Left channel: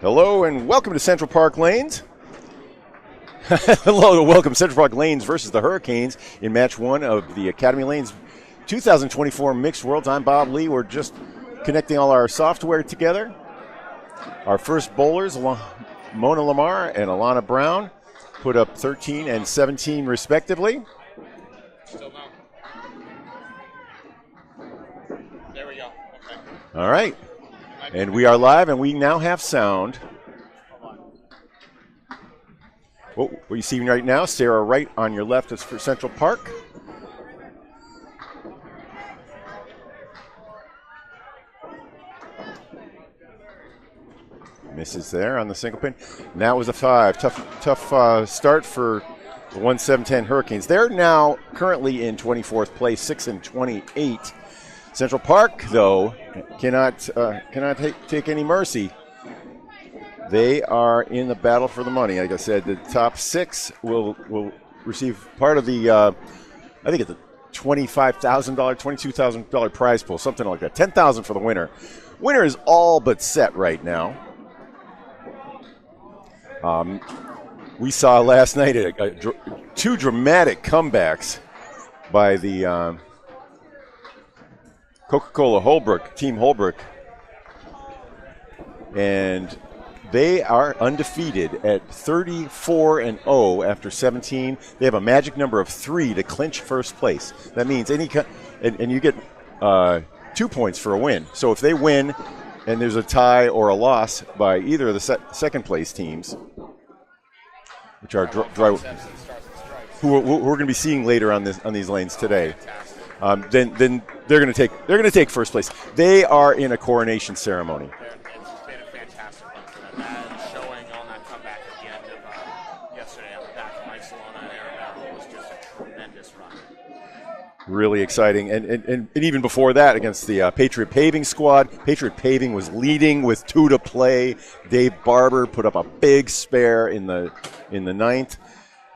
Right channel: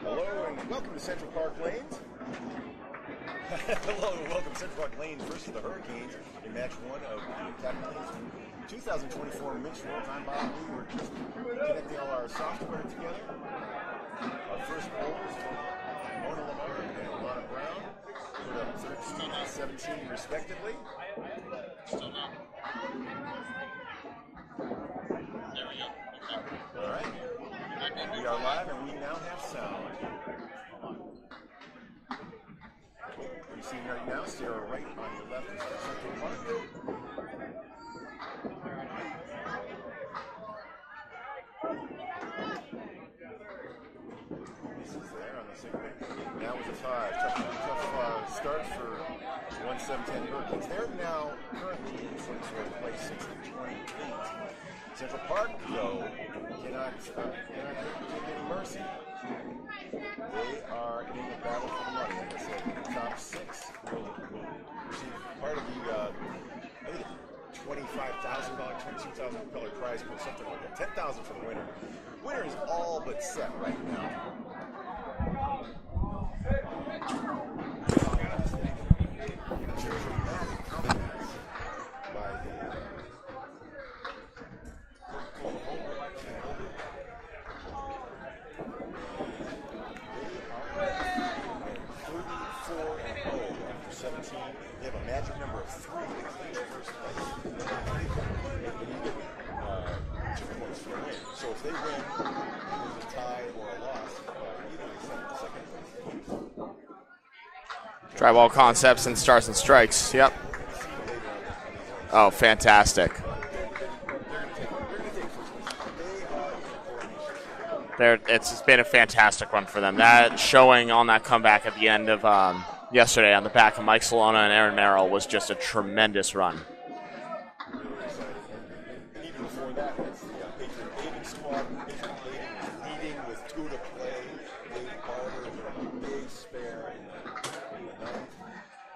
Hello and welcome to Central Park Lanes. Hello and welcome to Central Park Lanes versus the Hurricanes in match 1 of the Academy Lanes 2024 Mixed Worlds. I'm Bob Lee. We're just connecting all our software together. Our first bowlers, Mona Lamar and Alana Brown, put up 13 and 17 respectively. Still not. There we go. Okay. All right. And we are live, and we now have sound. What you see right now, Sarah right on your left is for Central Park. Misses there on the single pin. And that was a 5. Tough start for the 1-7-10 Hurricanes. They're now currently in 24th place, 6 and 28. Central Park, though, cannot take any mercy. They are in the battle for the money. Like I said, the top 6 will receive part of the, I think it's a $25,000, $22,000 prize pool, something like that. $10,000 for the winner. Winner is all but set right now. We saw last night two dramatic comebacks by the Coca-Cola Holbrook, Team Holbrook, and they are undefeated at 34-0 after 17. They have a magic number of 3 to clinch first place. That means and you get 2 points for a win. So if they win and there's a tie or a loss by either of the second place teams, which are Tribal Concepts and Stars and Strikes, who we're going to be seeing later on these lanes today. Oh, fantastic! Then they're going to take first place. They are in a coronation ceremony. It's been a fantastic run for them. That showing on that comeback at the end of yesterday on the back of Mike Solana and Aaron Merrill was just a tremendous run. Really exciting, and even before that against the Patriot Paving squad. Patriot Paving was leading with 2 to play. Dave Barber put up a big spare in the 9th.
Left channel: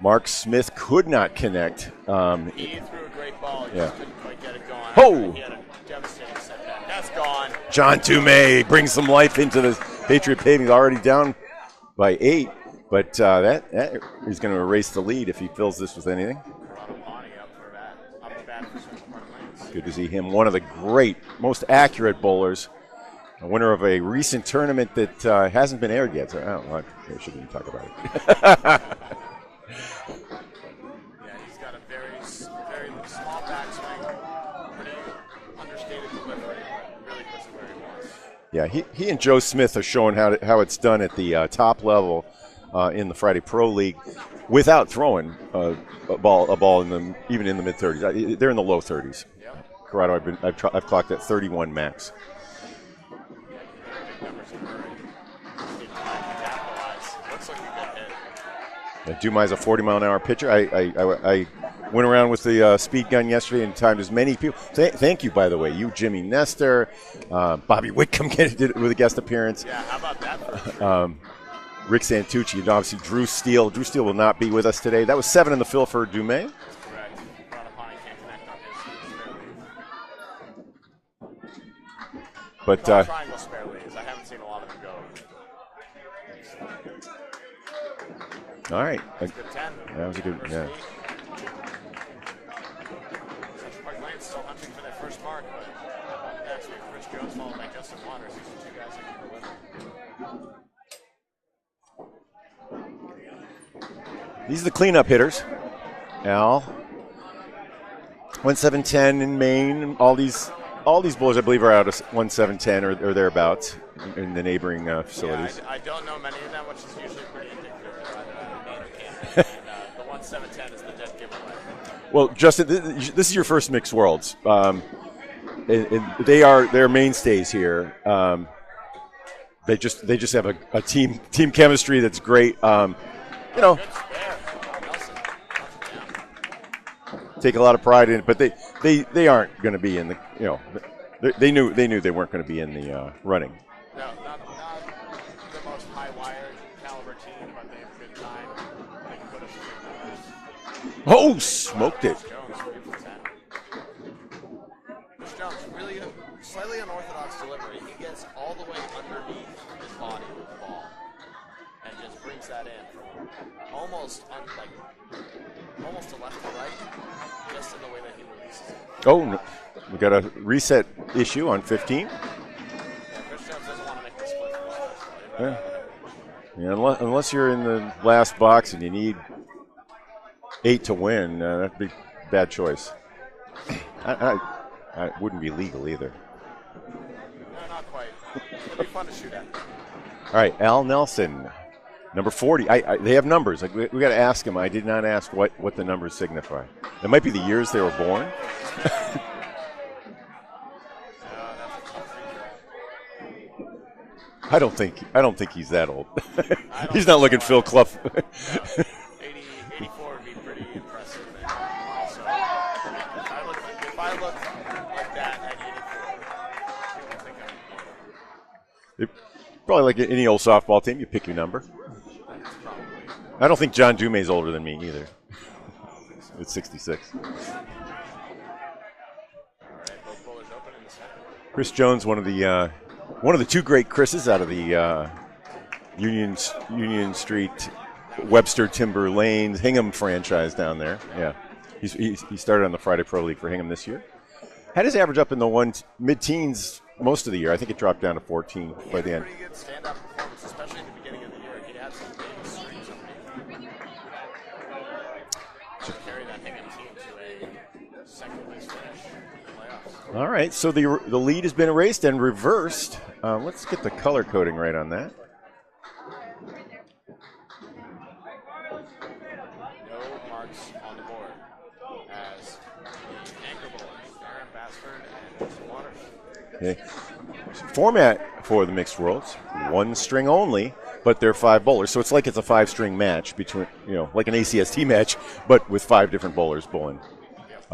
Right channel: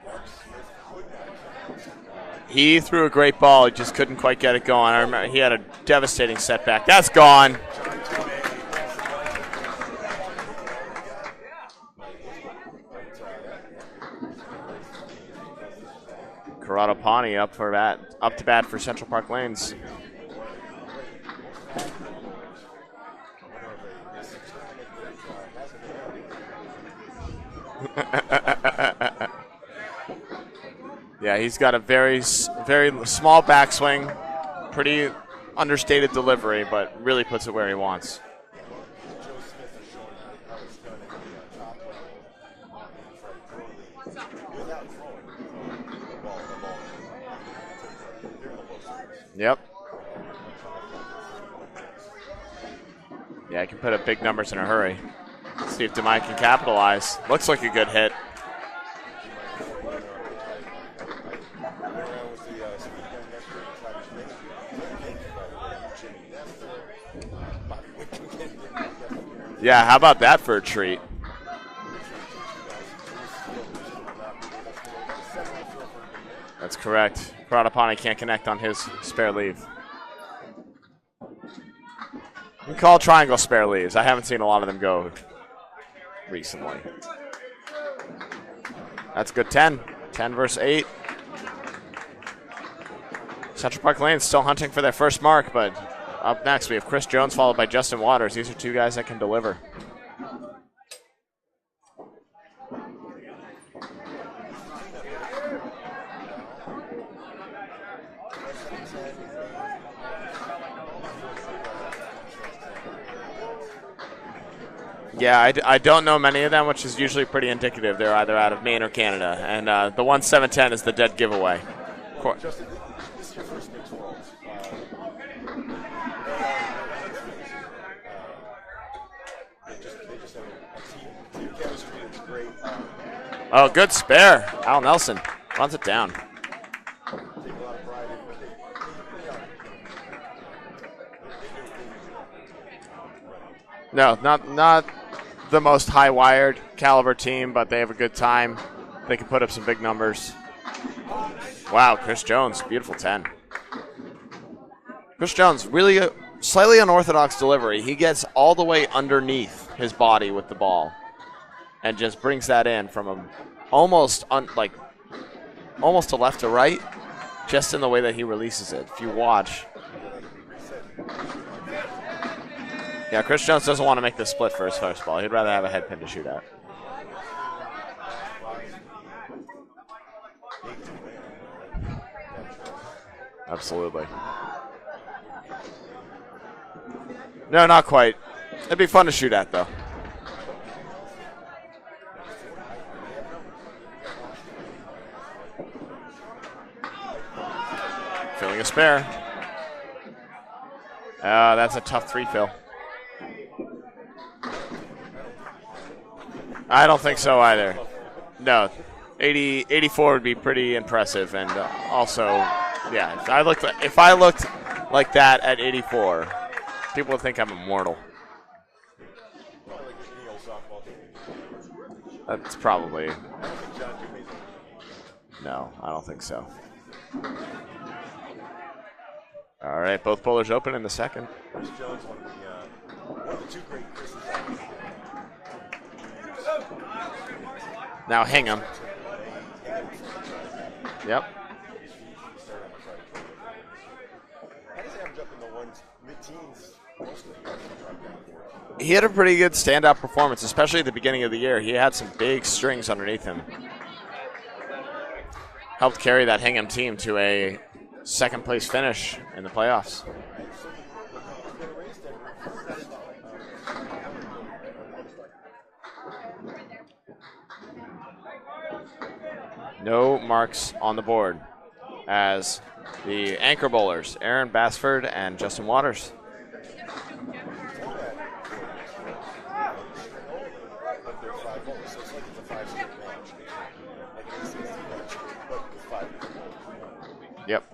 Mark Smith could not connect. He threw a great ball, he just couldn't quite get it going. Oh. He had a devastating setback. That's gone. John Toomey brings some life into this Patriot Paving, already down by 8. But that is going to erase the lead if he fills this with anything. Corrado Pani up to bat for Central Park Lanes. Good to see him. One of the great, most accurate bowlers. A winner of a recent tournament that hasn't been aired yet. So I don't know. I shouldn't talk about it. Yeah, he's got a very small backswing, pretty understated delivery, but really puts it where he wants. Yeah, he and Joe Smith are showing how it's done at the top level. In the Friday Pro League, without throwing a ball even in the mid-30s. They're in the low 30s. Yep. Corrado, I've clocked at 31 max. Yeah, I can put up big numbers in a hurry. See if Dumais can capitalize. Looks like a good hit. Dumais is a 40-mile-an-hour pitcher. I went around with the speed gun yesterday and timed as many people. Thank you, by the way. You, Jimmy Nestor, Bobby Whitcomb did it with a guest appearance. Yeah, how about that for a treat? Rick Santucci, and obviously Drew Steele. Drew Steele will not be with us today. That was 7 in the fill for Dumais. That's correct. Pradapani can't connect on his spare leave. But call triangle spare leaves. I haven't seen a lot of them go recently. All right. That's good 10. 10 good, versus 8. Central Park Lanes still hunting for their first mark, but up next we have Chris Jones followed by Justin Waters. These are 2 guys that can deliver. These are the cleanup hitters. Al, 1-7-10 in Maine. All these bowlers, I believe, are out of 1-7-10 or thereabouts in the neighboring facilities. Yeah, I don't know many of them, which is usually pretty indicative. They're either out of Maine or Canada, and the 1-7-10 is the dead giveaway. Well, Justin, this is your first Mixed Worlds. They're mainstays here. They just have a team chemistry that's great. Good spare. Al Nelson runs it down. Take a lot of pride in it, but they aren't going to be in the they knew they weren't going to be in the running. No, not the most high-wired caliber team, but they have a good time. They can put up some big numbers. Oh, wow, Chris Jones, beautiful 10. Chris Jones, really slightly unorthodox delivery. He gets all the way underneath his body with the ball and just brings that in from a almost to left to right, just in the way that he releases it. If you watch. We got a reset issue on 15. Yeah, Chris Jones doesn't want to make the split for his first ball. He'd rather have a head pin to shoot at. Yeah, unless you're in the last box and you need 8 to win, that'd be a bad choice. Absolutely. I wouldn't be legal either. No, not quite. It'd be fun to shoot at, though. All right, Al Nelson, number 40. They have numbers. Like we got to ask him. I did not ask what the numbers signify. It might be the years they were born. Feeling a spare. That's a tough 3, Phil. I don't think he's that old. I don't he's think not looking so Phil either. Clough. No, 84 would be pretty impressive, and also, yeah, if I looked like that at 84, people would think I'm immortal. Probably like any old softball team, you pick your number. That's probably. I don't think John Dumais older than me either. No, I don't think so. It's 66. All right, both bowlers open in the second. Chris Jones, one of the 2 great Chris's out of the Union Street, now Webster Hingham. Timber Lanes, Hingham franchise down there. Yep. Yeah, he started on the Friday Pro League for Hingham this year. Had his average up in the mid-teens most of the year. I think it dropped down to 14. He had a pretty good standout performance, especially at the beginning of the year. He had some big strings underneath him. Helped carry that Hingham team to a second-place finish in the playoffs. All right, so the lead has been erased and reversed. Let's get the color coding right on that. No marks on the board as the anchor bowlers, Aaron Basford and Justin Waters. Okay. Format for the mixed worlds, 1 string only, but they're 5 bowlers. So it's like it's a 5-string match between, like an ACST match, but with 5 different bowlers bowling. Yep.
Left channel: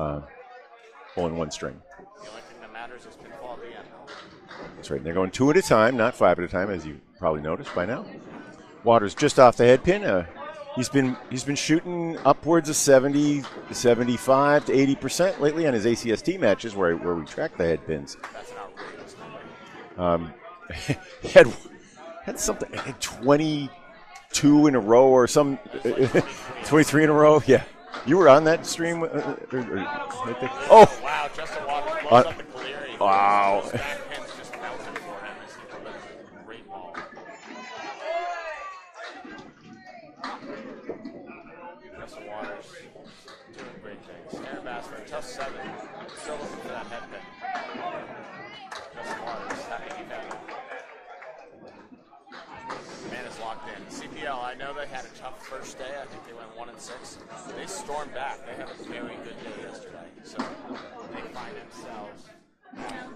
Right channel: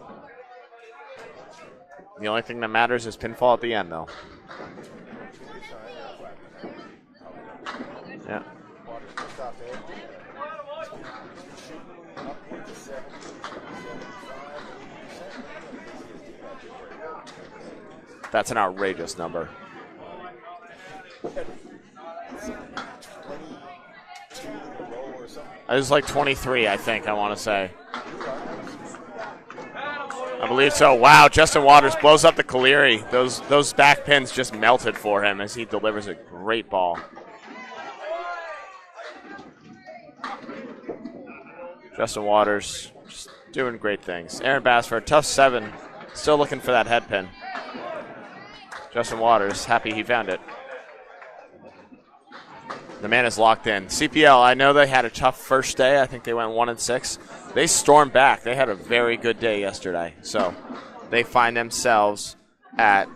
Bowling 1 string. The only thing that matters is pinfall at the end, though. That's right. They're going 2 at a time, not 5 at a time, as you probably noticed by now. Yeah. Waters just off the head pin. He's been shooting upwards of 70, 75 to 80% lately on his ACST matches where we track the head pins. That's an outrageous number. He had something, 22 in a row or some. It was like 23, 23 I think, in a I row. wanna say. Yeah. You were on that stream? I believe so. Wow, Justin Waters blows up the Caleri. Wow. Those back pins just melted for him as he delivers a great ball. Justin Waters doing great things. Aaron Basford, tough 7, still looking for that head pin. Justin Waters, happy he found it. The man is locked in. CPL, I know they had a tough first day. I think they went 1-6. They stormed back. They had a very good day yesterday. So they find themselves at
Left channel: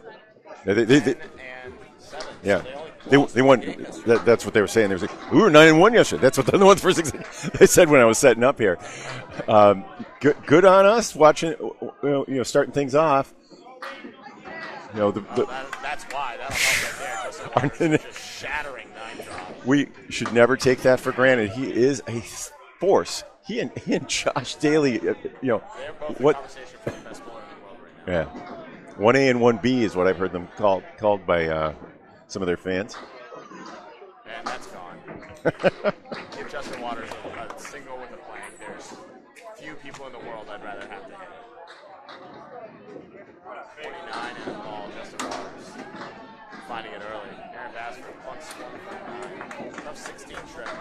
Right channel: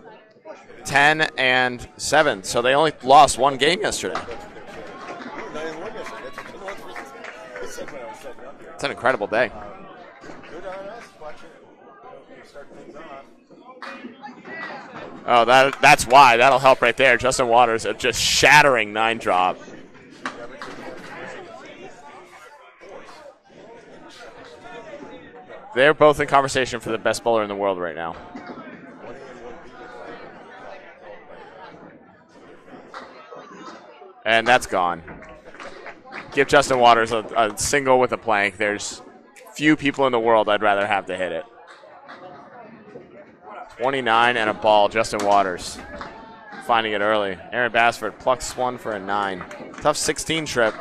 10-7. Yeah. So they only lost one game yesterday. That's what they were saying. They were like, we were 9-1 yesterday. That's what the ones first they said when I was setting up here. It's an incredible day. Good on us watching, starting things off. That's why. That'll help right there. Justin Waters is just shattering 9-drop. We should never take that for granted. He is a force. He and Josh Daly, they're both in conversation for the best bowler in the world right now. Yeah. 1A and 1B is what I've heard them called by some of their fans. And that's gone. Give Justin Waters a single with a plank. There's few people in the world I'd rather have to hit it. 29 and a ball, Justin Waters finding it early. Aaron Basford plucks 1 for a 9. Tough 16 trip.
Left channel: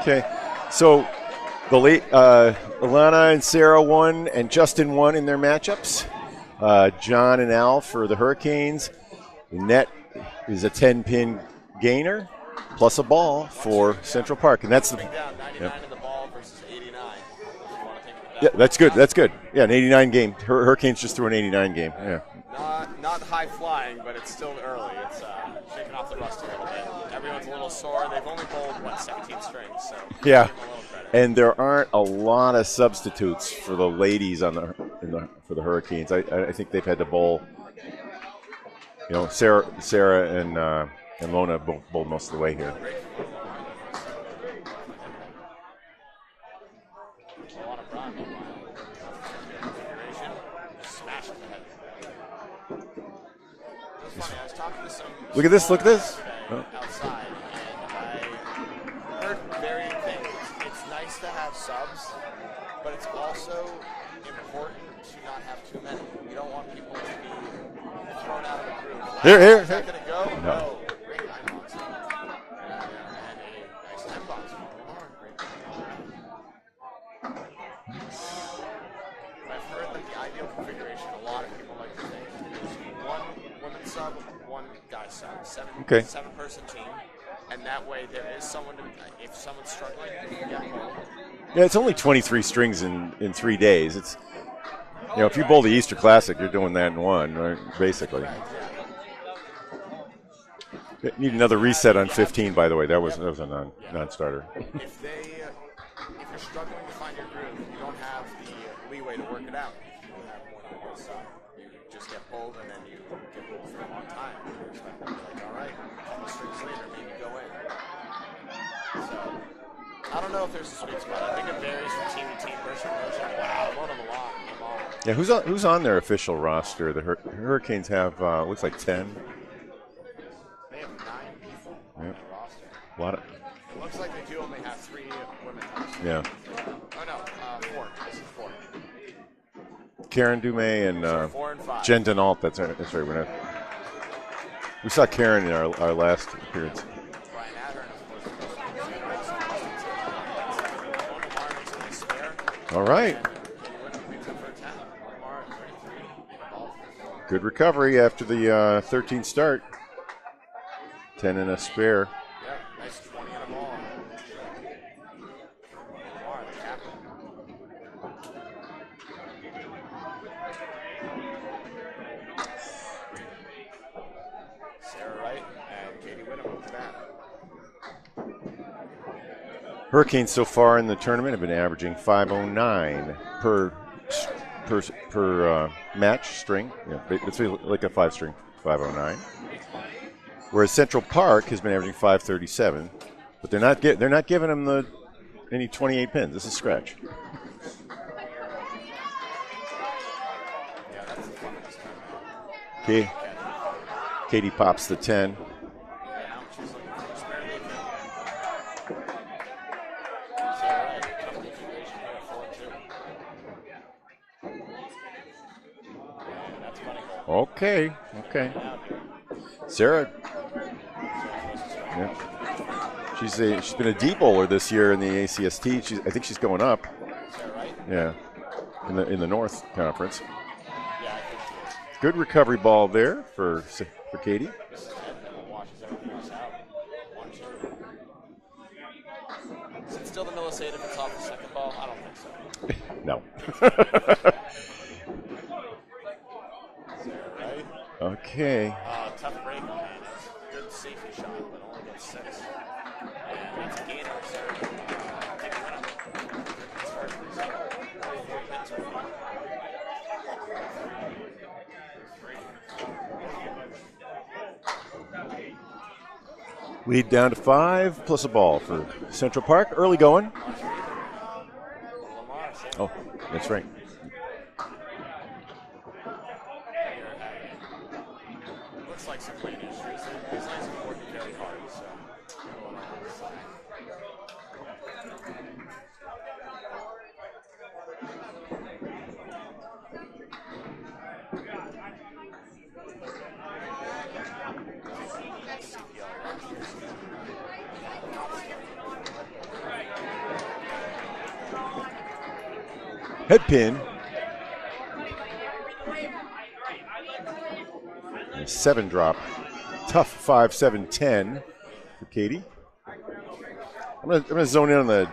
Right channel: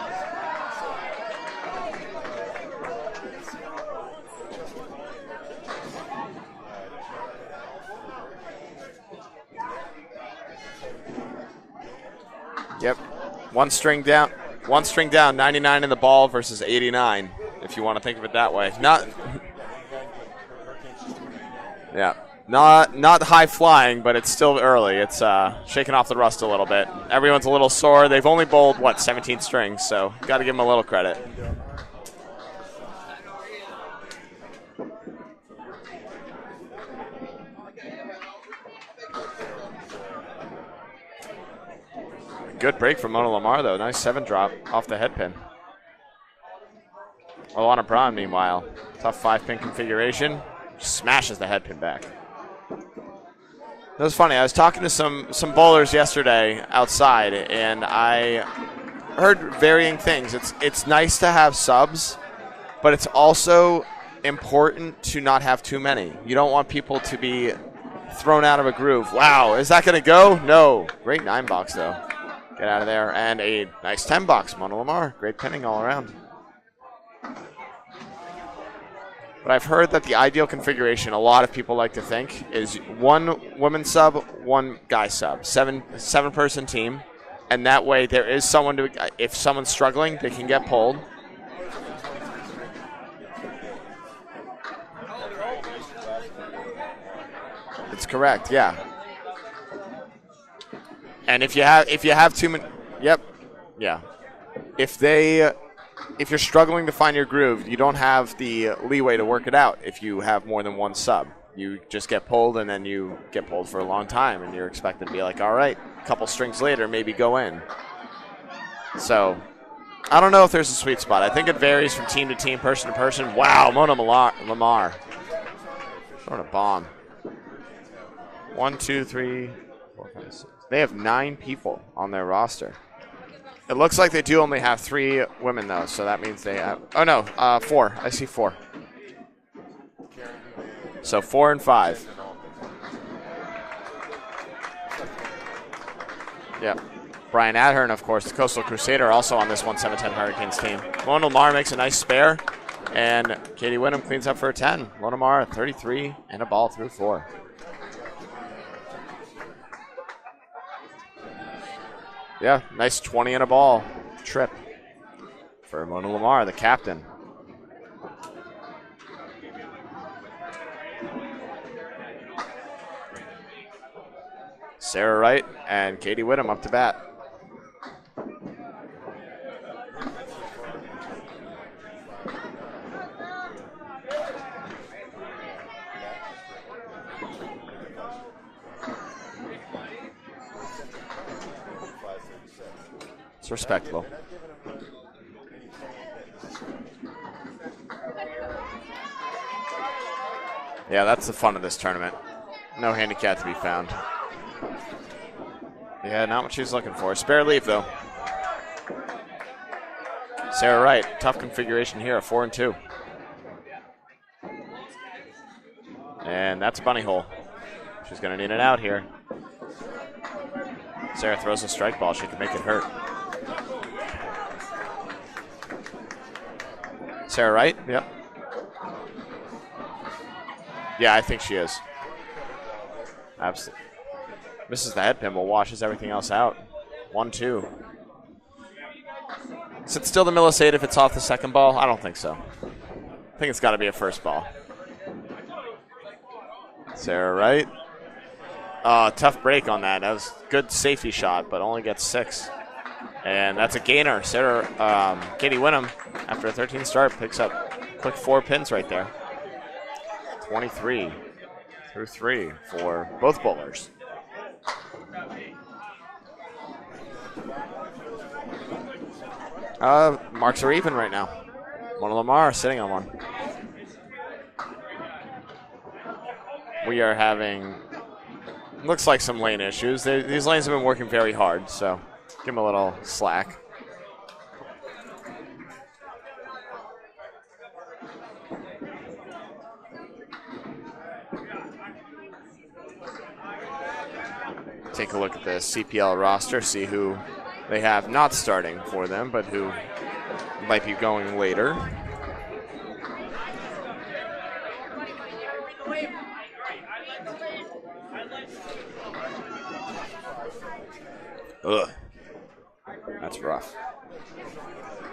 Okay, so the late Alana and Sarah won and Justin won in their matchups. John and Al for the Hurricanes. The net is a 10-pin gainer plus a ball one for string down, Central Park. One string down, 99 in the ball versus 89, if you want to think of it that way. That's good. That's good. Yeah, an 89 game. Hurricanes just threw an 89 game. Yeah. Not high flying, but it's still early. It's shaking off the rust a little bit. Everyone's a little sore. They've only bowled 17 strings, so gotta give them a little credit. And there aren't a lot of substitutes for the ladies for the Hurricanes. I think they've had to bowl. Sarah and Lona bowled most of the way. Good break from Mona Lamar though. Nice 7-drop off the head pin. Alana Braun, meanwhile, tough 5-pin configuration, smashes the head pin back. That was funny. I was talking to some bowlers yesterday outside, and I heard varying things. It's nice to have subs, but it's also important to not have too many. You don't want people to be thrown out of a groove. Wow, is that going to go? No. Great 9-box, though. Get out of there. And a nice 10-box. Mona Lamar. Great pinning all around. But I've heard that the ideal configuration, a lot of people like to think, is one women's sub, one guy sub. Seven-person team. And that way there is someone to, if someone's struggling, they can get pulled. Yeah, it's only 23 strings in 3 days. It's, if you bowl the Easter Classic, you're doing that in one, right? Basically. That's correct, yeah. Need another reset on 15, by the way. That was a non-starter. If you're struggling to find your groove, you don't have the leeway to work it out if you have more than one sub. You just get pulled, and then you get pulled for a long time, and you're expected to be like, all right, a couple strings later, maybe go in. So I don't know if there's a sweet spot. I think it varies from team to team, person to person. Wow, Mona Lamar. Yeah, who's on their official roster? The Hurricanes have 1, 2, 3, 4, 5, 6. They have 9 people on their roster. It looks like they do only have 3 women, though, so that means they have... Oh, no, 4. I see 4. Karen Dumais and... So 4 and 5. Jen Denault, that's right. We saw Karen in our last appearance. Yeah. Brian Adhern, of course, the Coastal Crusader, also on this 1-7-10 Hurricanes team. Mona Lamar makes a nice spare. All right. And Katie Wyndham cleans up for a 10. Mona Lamar, 33, and a ball through 4. Good recovery after the 13 start. 10 and a spare. Yeah, nice 20 and a ball trip for Mona Lamar, the captain. Sarah Wright and Katie Whittam up to bat. Hurricanes so far in the tournament have been averaging 509 per match string. Yeah, it's like a 5-string, 509. Whereas Central Park has been averaging 537, but they're not giving them any 28 pins. This is scratch. Yeah, that's the fun of this tournament. No handicap to be found. Katie pops the 10. Yeah, not what she's looking for. Spare leave, though. Sarah Wright, tough configuration here, a 4 and 2. And that's a bunny hole. Okay. She's going to in and out here. Sarah throws a strike ball. She can make it hurt. She's been a D bowler this year in the ACST. I think she's going up. Sarah Wright? Yeah. In the North Conference. Yeah, I think she is. Good recovery ball there for Katie. Misses the head pin, but washes everything else out. 1-2. Is it still the Millisade if it's off the second ball? I don't think so. No. I think it's got to be a first ball. Sarah Wright. Okay. Tough break on that. That was a good safety shot, but only gets 6. And that's a gainer. Katie Wyndham, after a 13 start, picks up quick 4 pins right there. 23 through 3 for both bowlers. Lead down to 5 plus a ball for Central Park. Early going. Marks are even right now. Mona Lamar sitting on 1. That's right. We are having, looks like some lane issues. These lanes have been working very hard, so give them a little slack. Take a look at the CPL roster, see who they have not starting for them, but who might be going later. Head pin. 7 drop. Tough 5-7-10 for Katie. That's rough. I'm gonna zone in on the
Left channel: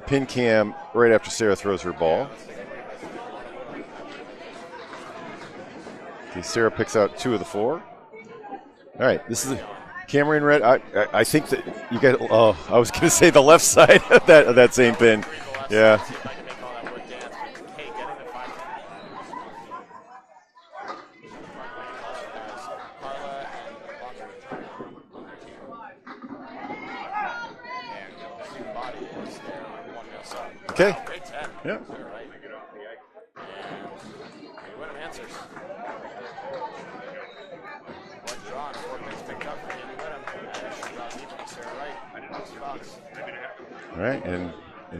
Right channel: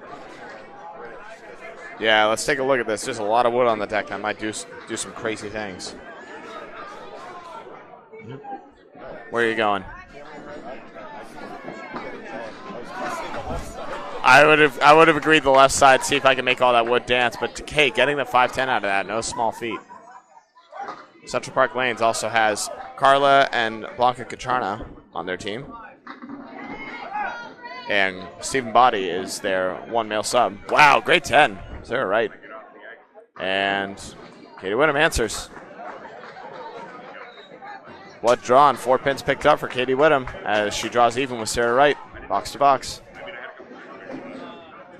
pin cam right after Sarah throws her ball. Yeah, let's take a look at this. There's a lot of wood on the deck. I might do some crazy things. Okay, Sarah picks out 2 of the 4. All right. Where are you going? Camera in red. I think that you got. Oh, I was going to say the left side. I would have agreed the left side. See if I can make all that wood dance. But hey, getting the 5-10 out of that, no small feat. Central Park Lanes also has Carla and Blanca Catrana on their team. And Stephen Body is their 1 male sub. Wow, great 10. Yeah. Sarah Wright. And Katie Wyndham answers. Blood drawn, 4 pins picked up for Katie Whittam as she draws even with Sarah Wright, box to box. All right, and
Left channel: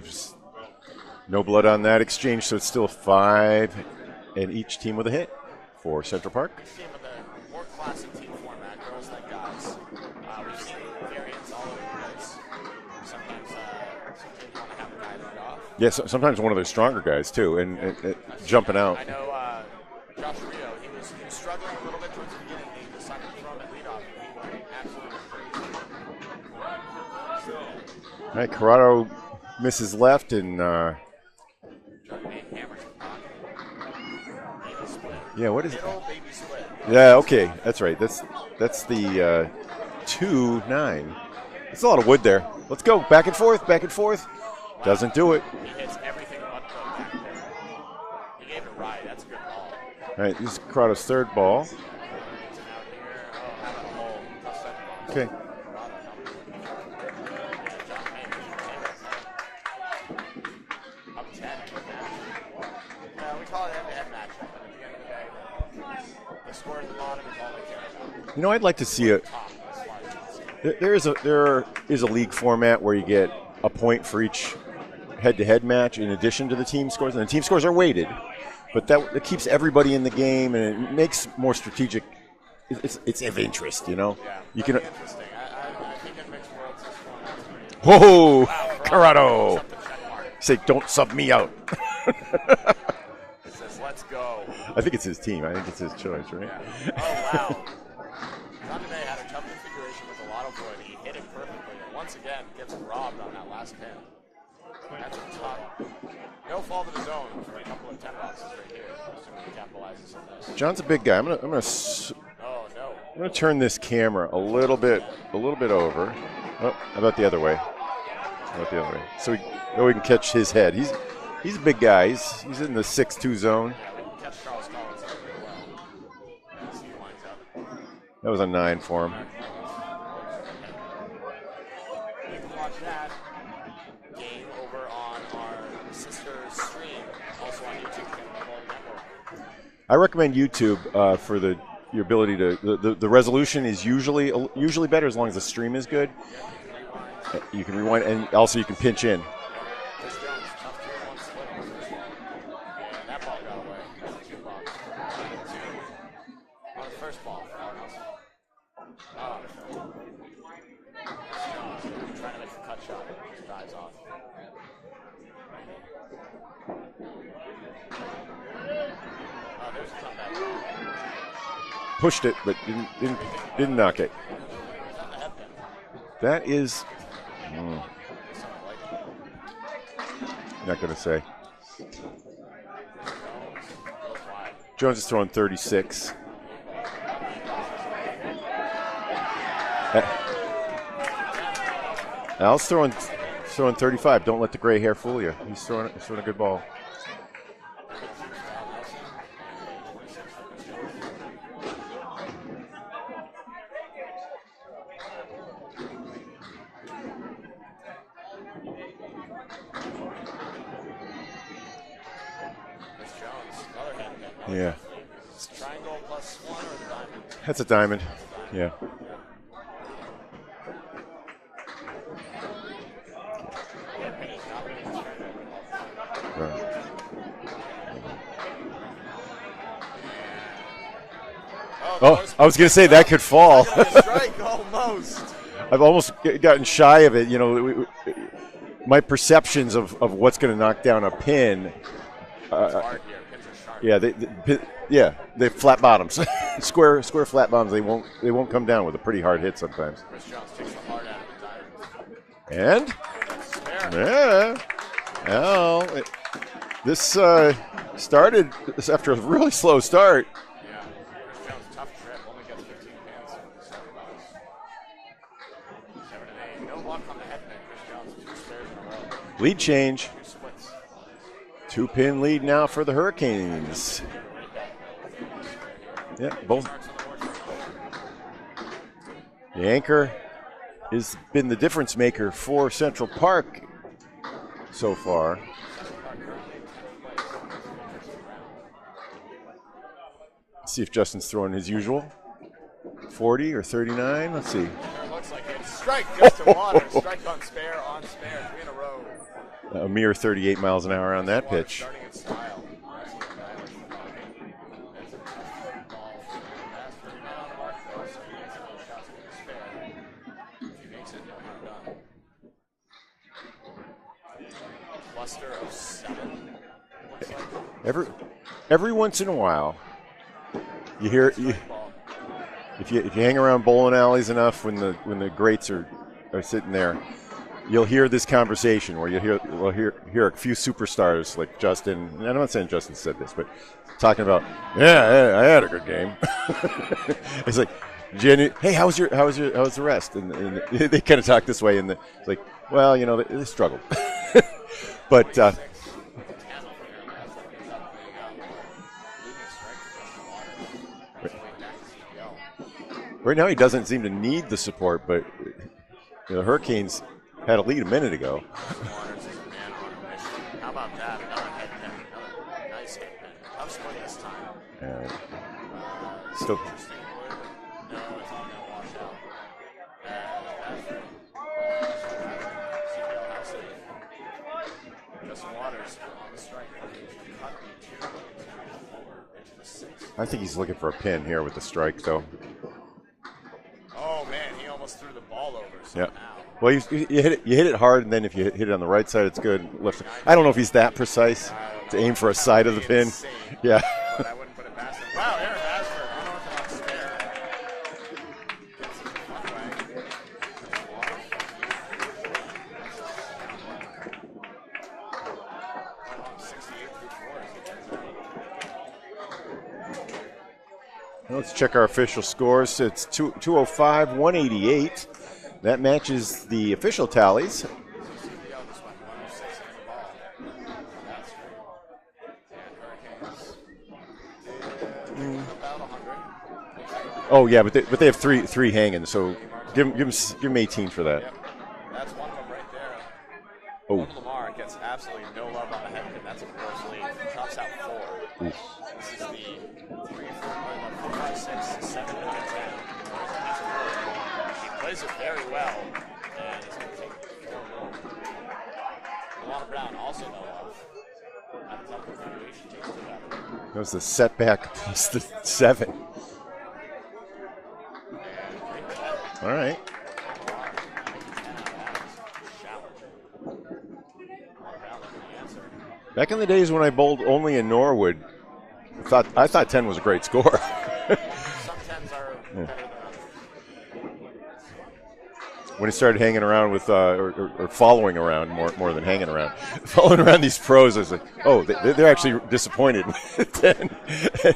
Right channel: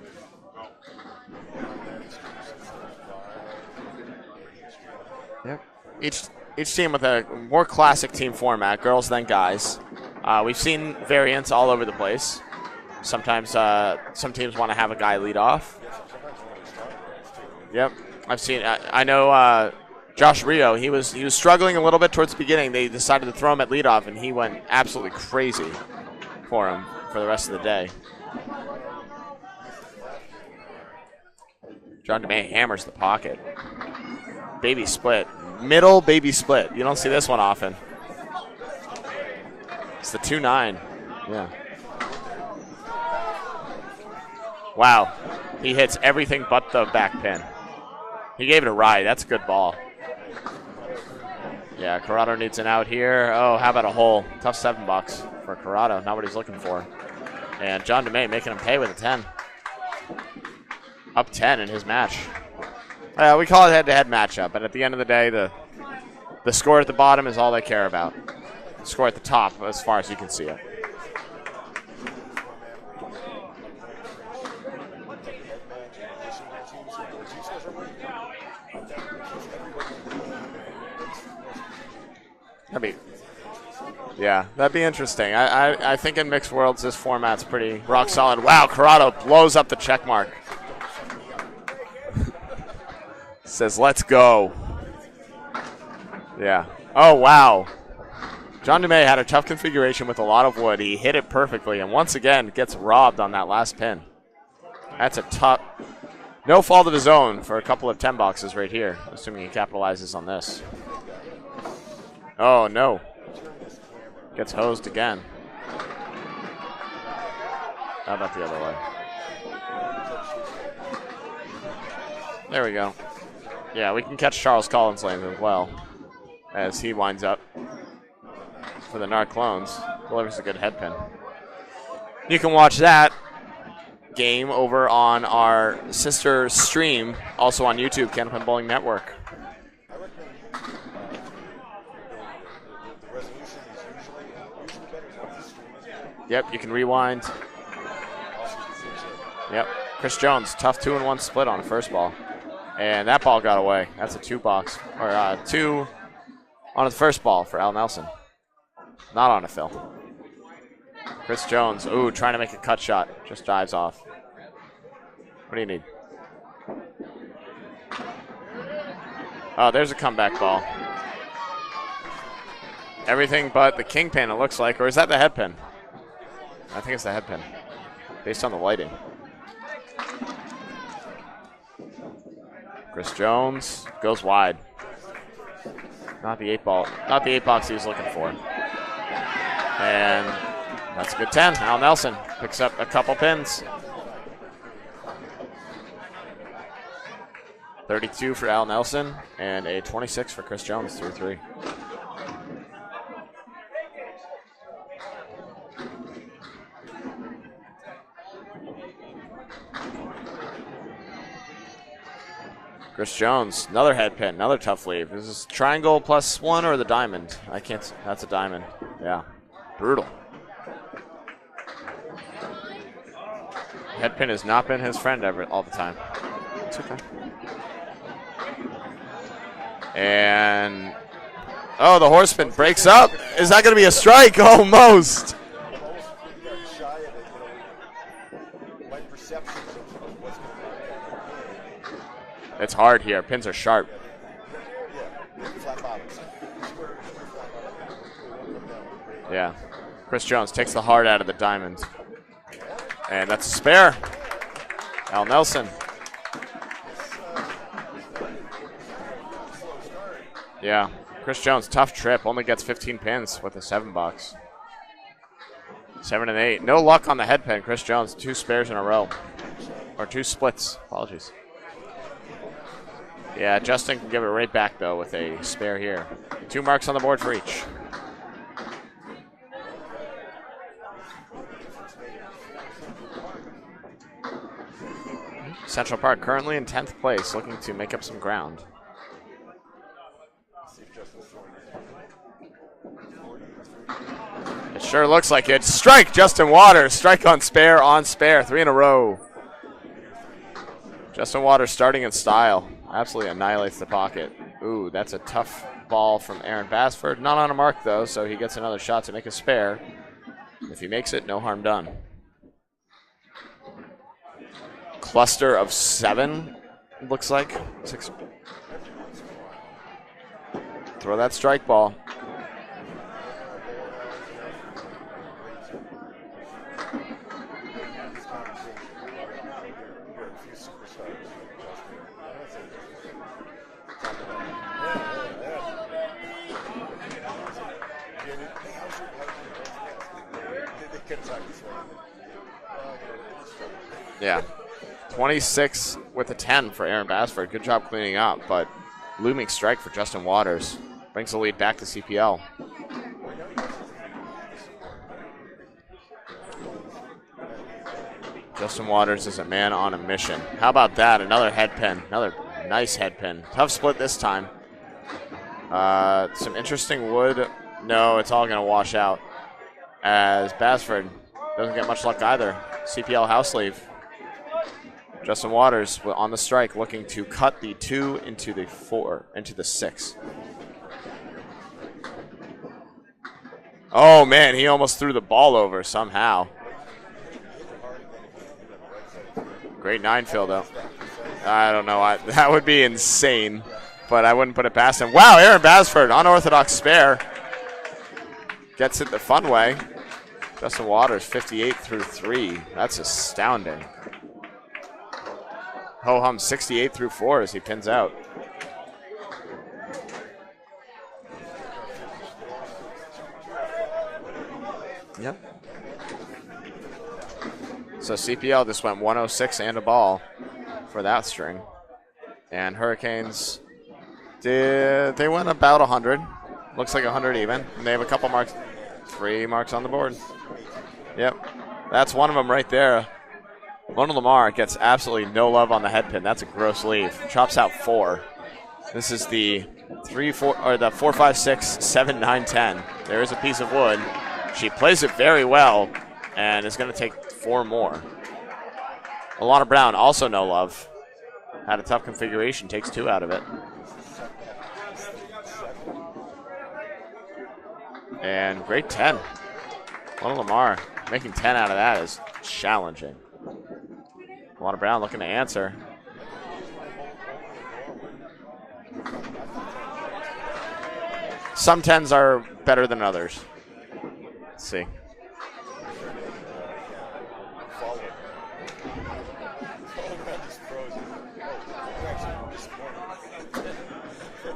just no blood on that exchange, so it's still 5, and each team with a hit for Central Park. Each team with a more classic team format, girls then guys. We've seen variants all over the place. Sometimes some teams want to have a guy lead off. Yeah, sometimes one of their stronger guys too, and I've seen. jumping out. I know Josh Rio. He was struggling a little bit towards the beginning. They decided to throw him at leadoff, and he went absolutely crazy for him for the rest of the day. All right, Corrado misses left, and John DeMay hammers the pocket. Baby split. Yeah, what is middle baby split. You don't see this one often. That's right. That's the it's a 2-9. Yeah, it's a lot of wood there. Let's go back and forth, back and forth. Wow, doesn't do it. He hits everything but the back pin. He gave it a ride. That's a good ball. All right, this is Corrado's third ball. Yeah, Corrado needs an out here. Oh, how about a hole? Tough $7 for Corrado. Not what he's looking for. And John DeMay making him pay with a 10. Up 10 in his match. We call it head-to-head matchup, but at the end of the day, the score at the bottom is all they care about. You know, I'd like to see it. Top as far as you can see it. There is a league format where you get a point for each head-to-head match in addition to the team scores, and the team scores are weighted, but it keeps everybody in the game, and it makes more strategic. It's of interest, you know. Yeah, that'd be interesting. I think in mixed worlds, this format's pretty solid. Wow, Corrado blows up the check mark. Say, don't sub me out. Says, let's go. I think it's his team. I think it's his choice, right? Yeah. Oh, wow. John DeMay had a tough configuration with a lot of wood. He hit it perfectly, and once again gets robbed on that last pin. That's a tough. No fault of his own for a couple of 10 boxes right here, assuming he capitalizes on this. John's a big guy. I'm gonna. Oh no. I'm gonna turn this camera a little bit over. Oh, how about the other way? How about the other way? So we can catch his head. He's a big guy. He's there we in go. the 6'2" zone. Yeah, we can catch Charles Collins lane as well as he winds up. That was a 9 for him. The Narclones delivers a good head pin. You can watch that game over on our sister stream, also on YouTube, Candlepin Bowling Network. I recommend YouTube for your ability to. The resolution is usually better as long as the stream is good. Yep, you can rewind. You can rewind, and also you can pinch in. Yep. Chris Jones, tough 2-1 split on the first ball. And that ball got away. That's a 2 box. Or 2 on the first ball for Al Nelson. Not on a fill. Chris Jones, trying to make a cut shot. Just dives off. What do you need? Oh, there's a comeback ball. Pushed it, but didn't everything but the kingpin, it looks like. Or is that the head pin? That is. I think it's the head pin. Based on the lighting. Not going to say. Chris Jones goes wide. Jones is throwing 36. Not the 8 ball. Not the 8 box he was looking for. And that's a good 10. Al Nelson. Al's throwing a couple pins. Throwing 35. Don't let the gray hair fool you. He's throwing a good ball. 32 for Al Nelson and a 26 for Chris Jones, 3-3. Chris Jones, another head pin, another tough leave. Is this triangle +1 or the diamond? That's a diamond. That's a diamond. Yeah. Brutal. Head pin has not been his friend all the time. It's okay. And the horseman. I was going to say up. that could fall. Is that going to be a strike? Almost. I've almost gotten shy of it. You know, my perceptions of what's going to knock down a pin. It's hard here. Pins are sharp. Yeah, they flat bottoms, square flat bottoms. They won't come down with a pretty hard hit sometimes. Chris Jones takes the heart out of the diamond. And that's a spare. Yeah. Al Nelson. This started after a really slow start. Yeah. Chris Jones, tough trip. Only gets 15 pins with a 7 box. 7 and 8. No luck on the head pin. Chris Jones, 2 spares in a row. Lead change. Or 2 splits. Apologies. 2-pin lead now for the Hurricanes. Yeah, Justin can give it right back, though, with a spare here. Yeah, 2 marks on the board for each. The anchor has been the difference maker for Central Park so far. Central Park currently in 10th place, looking to make up some ground. Let's see if Justin's throwing his usual. 40 or 39. Let's see. Sure looks like it. Strike, Justin Waters. Strike on spare. 3 in a row. A mere 38 miles an hour on that Justin Waters pitch. starting in style. Absolutely annihilates the pocket. Ooh, that's a tough ball from Aaron Basford. Not on a mark, though, so he gets another shot to make a spare. If he makes it, no harm done. Cluster of 7, looks like. Every once in a while, you Throw hear that strike ball. If you hang around bowling alleys enough when the greats are sitting there, you'll hear this conversation where we'll hear a few superstars like Justin. And I'm not saying Justin said this, but talking about, I had a good game. It's like, hey, how was the rest? And they kind of talk this way, and it's like, well, they struggled. Yeah. But 26 with a 10 for Aaron Basford. Good job cleaning up, but looming strike for Justin Waters. Brings the lead back to CPL. Right now he doesn't seem to need the support, but the Hurricanes had a lead a minute ago. Justin Waters is a man on a mission. How about that? Another head pin. Another nice head pin. Tough split this time. Some interesting wood. No, it's all going to wash out as Basford doesn't get much luck either. CPL house leave. Justin Waters on the strike, looking to cut the 2 into the 4, into the 6. I think he's looking for a pin here with the strike, though. Oh man, he almost threw the ball over somehow. Yeah. Well, you hit it hard, and then if you hit it on the right side, it's good. Great 9. I don't know if he's that precise. I don't know. That would be insane. Yeah. But I wouldn't put it past him. Wow, Aaron Basford, unorthodox spare. Gets it the fun way. Justin Waters, 58 through 3. That's astounding. Ho-hum 68 through 4 as he pins out. Let's check our official scores. It's 205, 188. Yep. That matches the official tallies. So CPL just went 106 and a ball for that string. And Hurricanes they went about 100. Looks like 100. Oh, even. yeah, but they have three hanging. So 3 marks on the board. Give them 18 for that. Yep. That's one of them right there. Oh. Mona Lamar gets absolutely no love on the head pin. That's a gross leave. Chops out 4. Oof. This is the 3, 4, or the 4, 5, 6, 7, 9, 10. There is a piece of wood. She plays it very well and is going to take 4 more. Alana Brown, also no love. Had a tough configuration, takes 2 out of it. That was the setback plus the 7. And great 10. All right. Mona Lamar making 10 out of that is challenging. Alana Brown looking to answer. Back in the days when I bowled only in Norwood, I thought 10 was a great score. Some 10s are better than others. Let's see. When he started hanging around with, or following around more than hanging around, following around these pros, I was like, oh, they're actually disappointed with 10.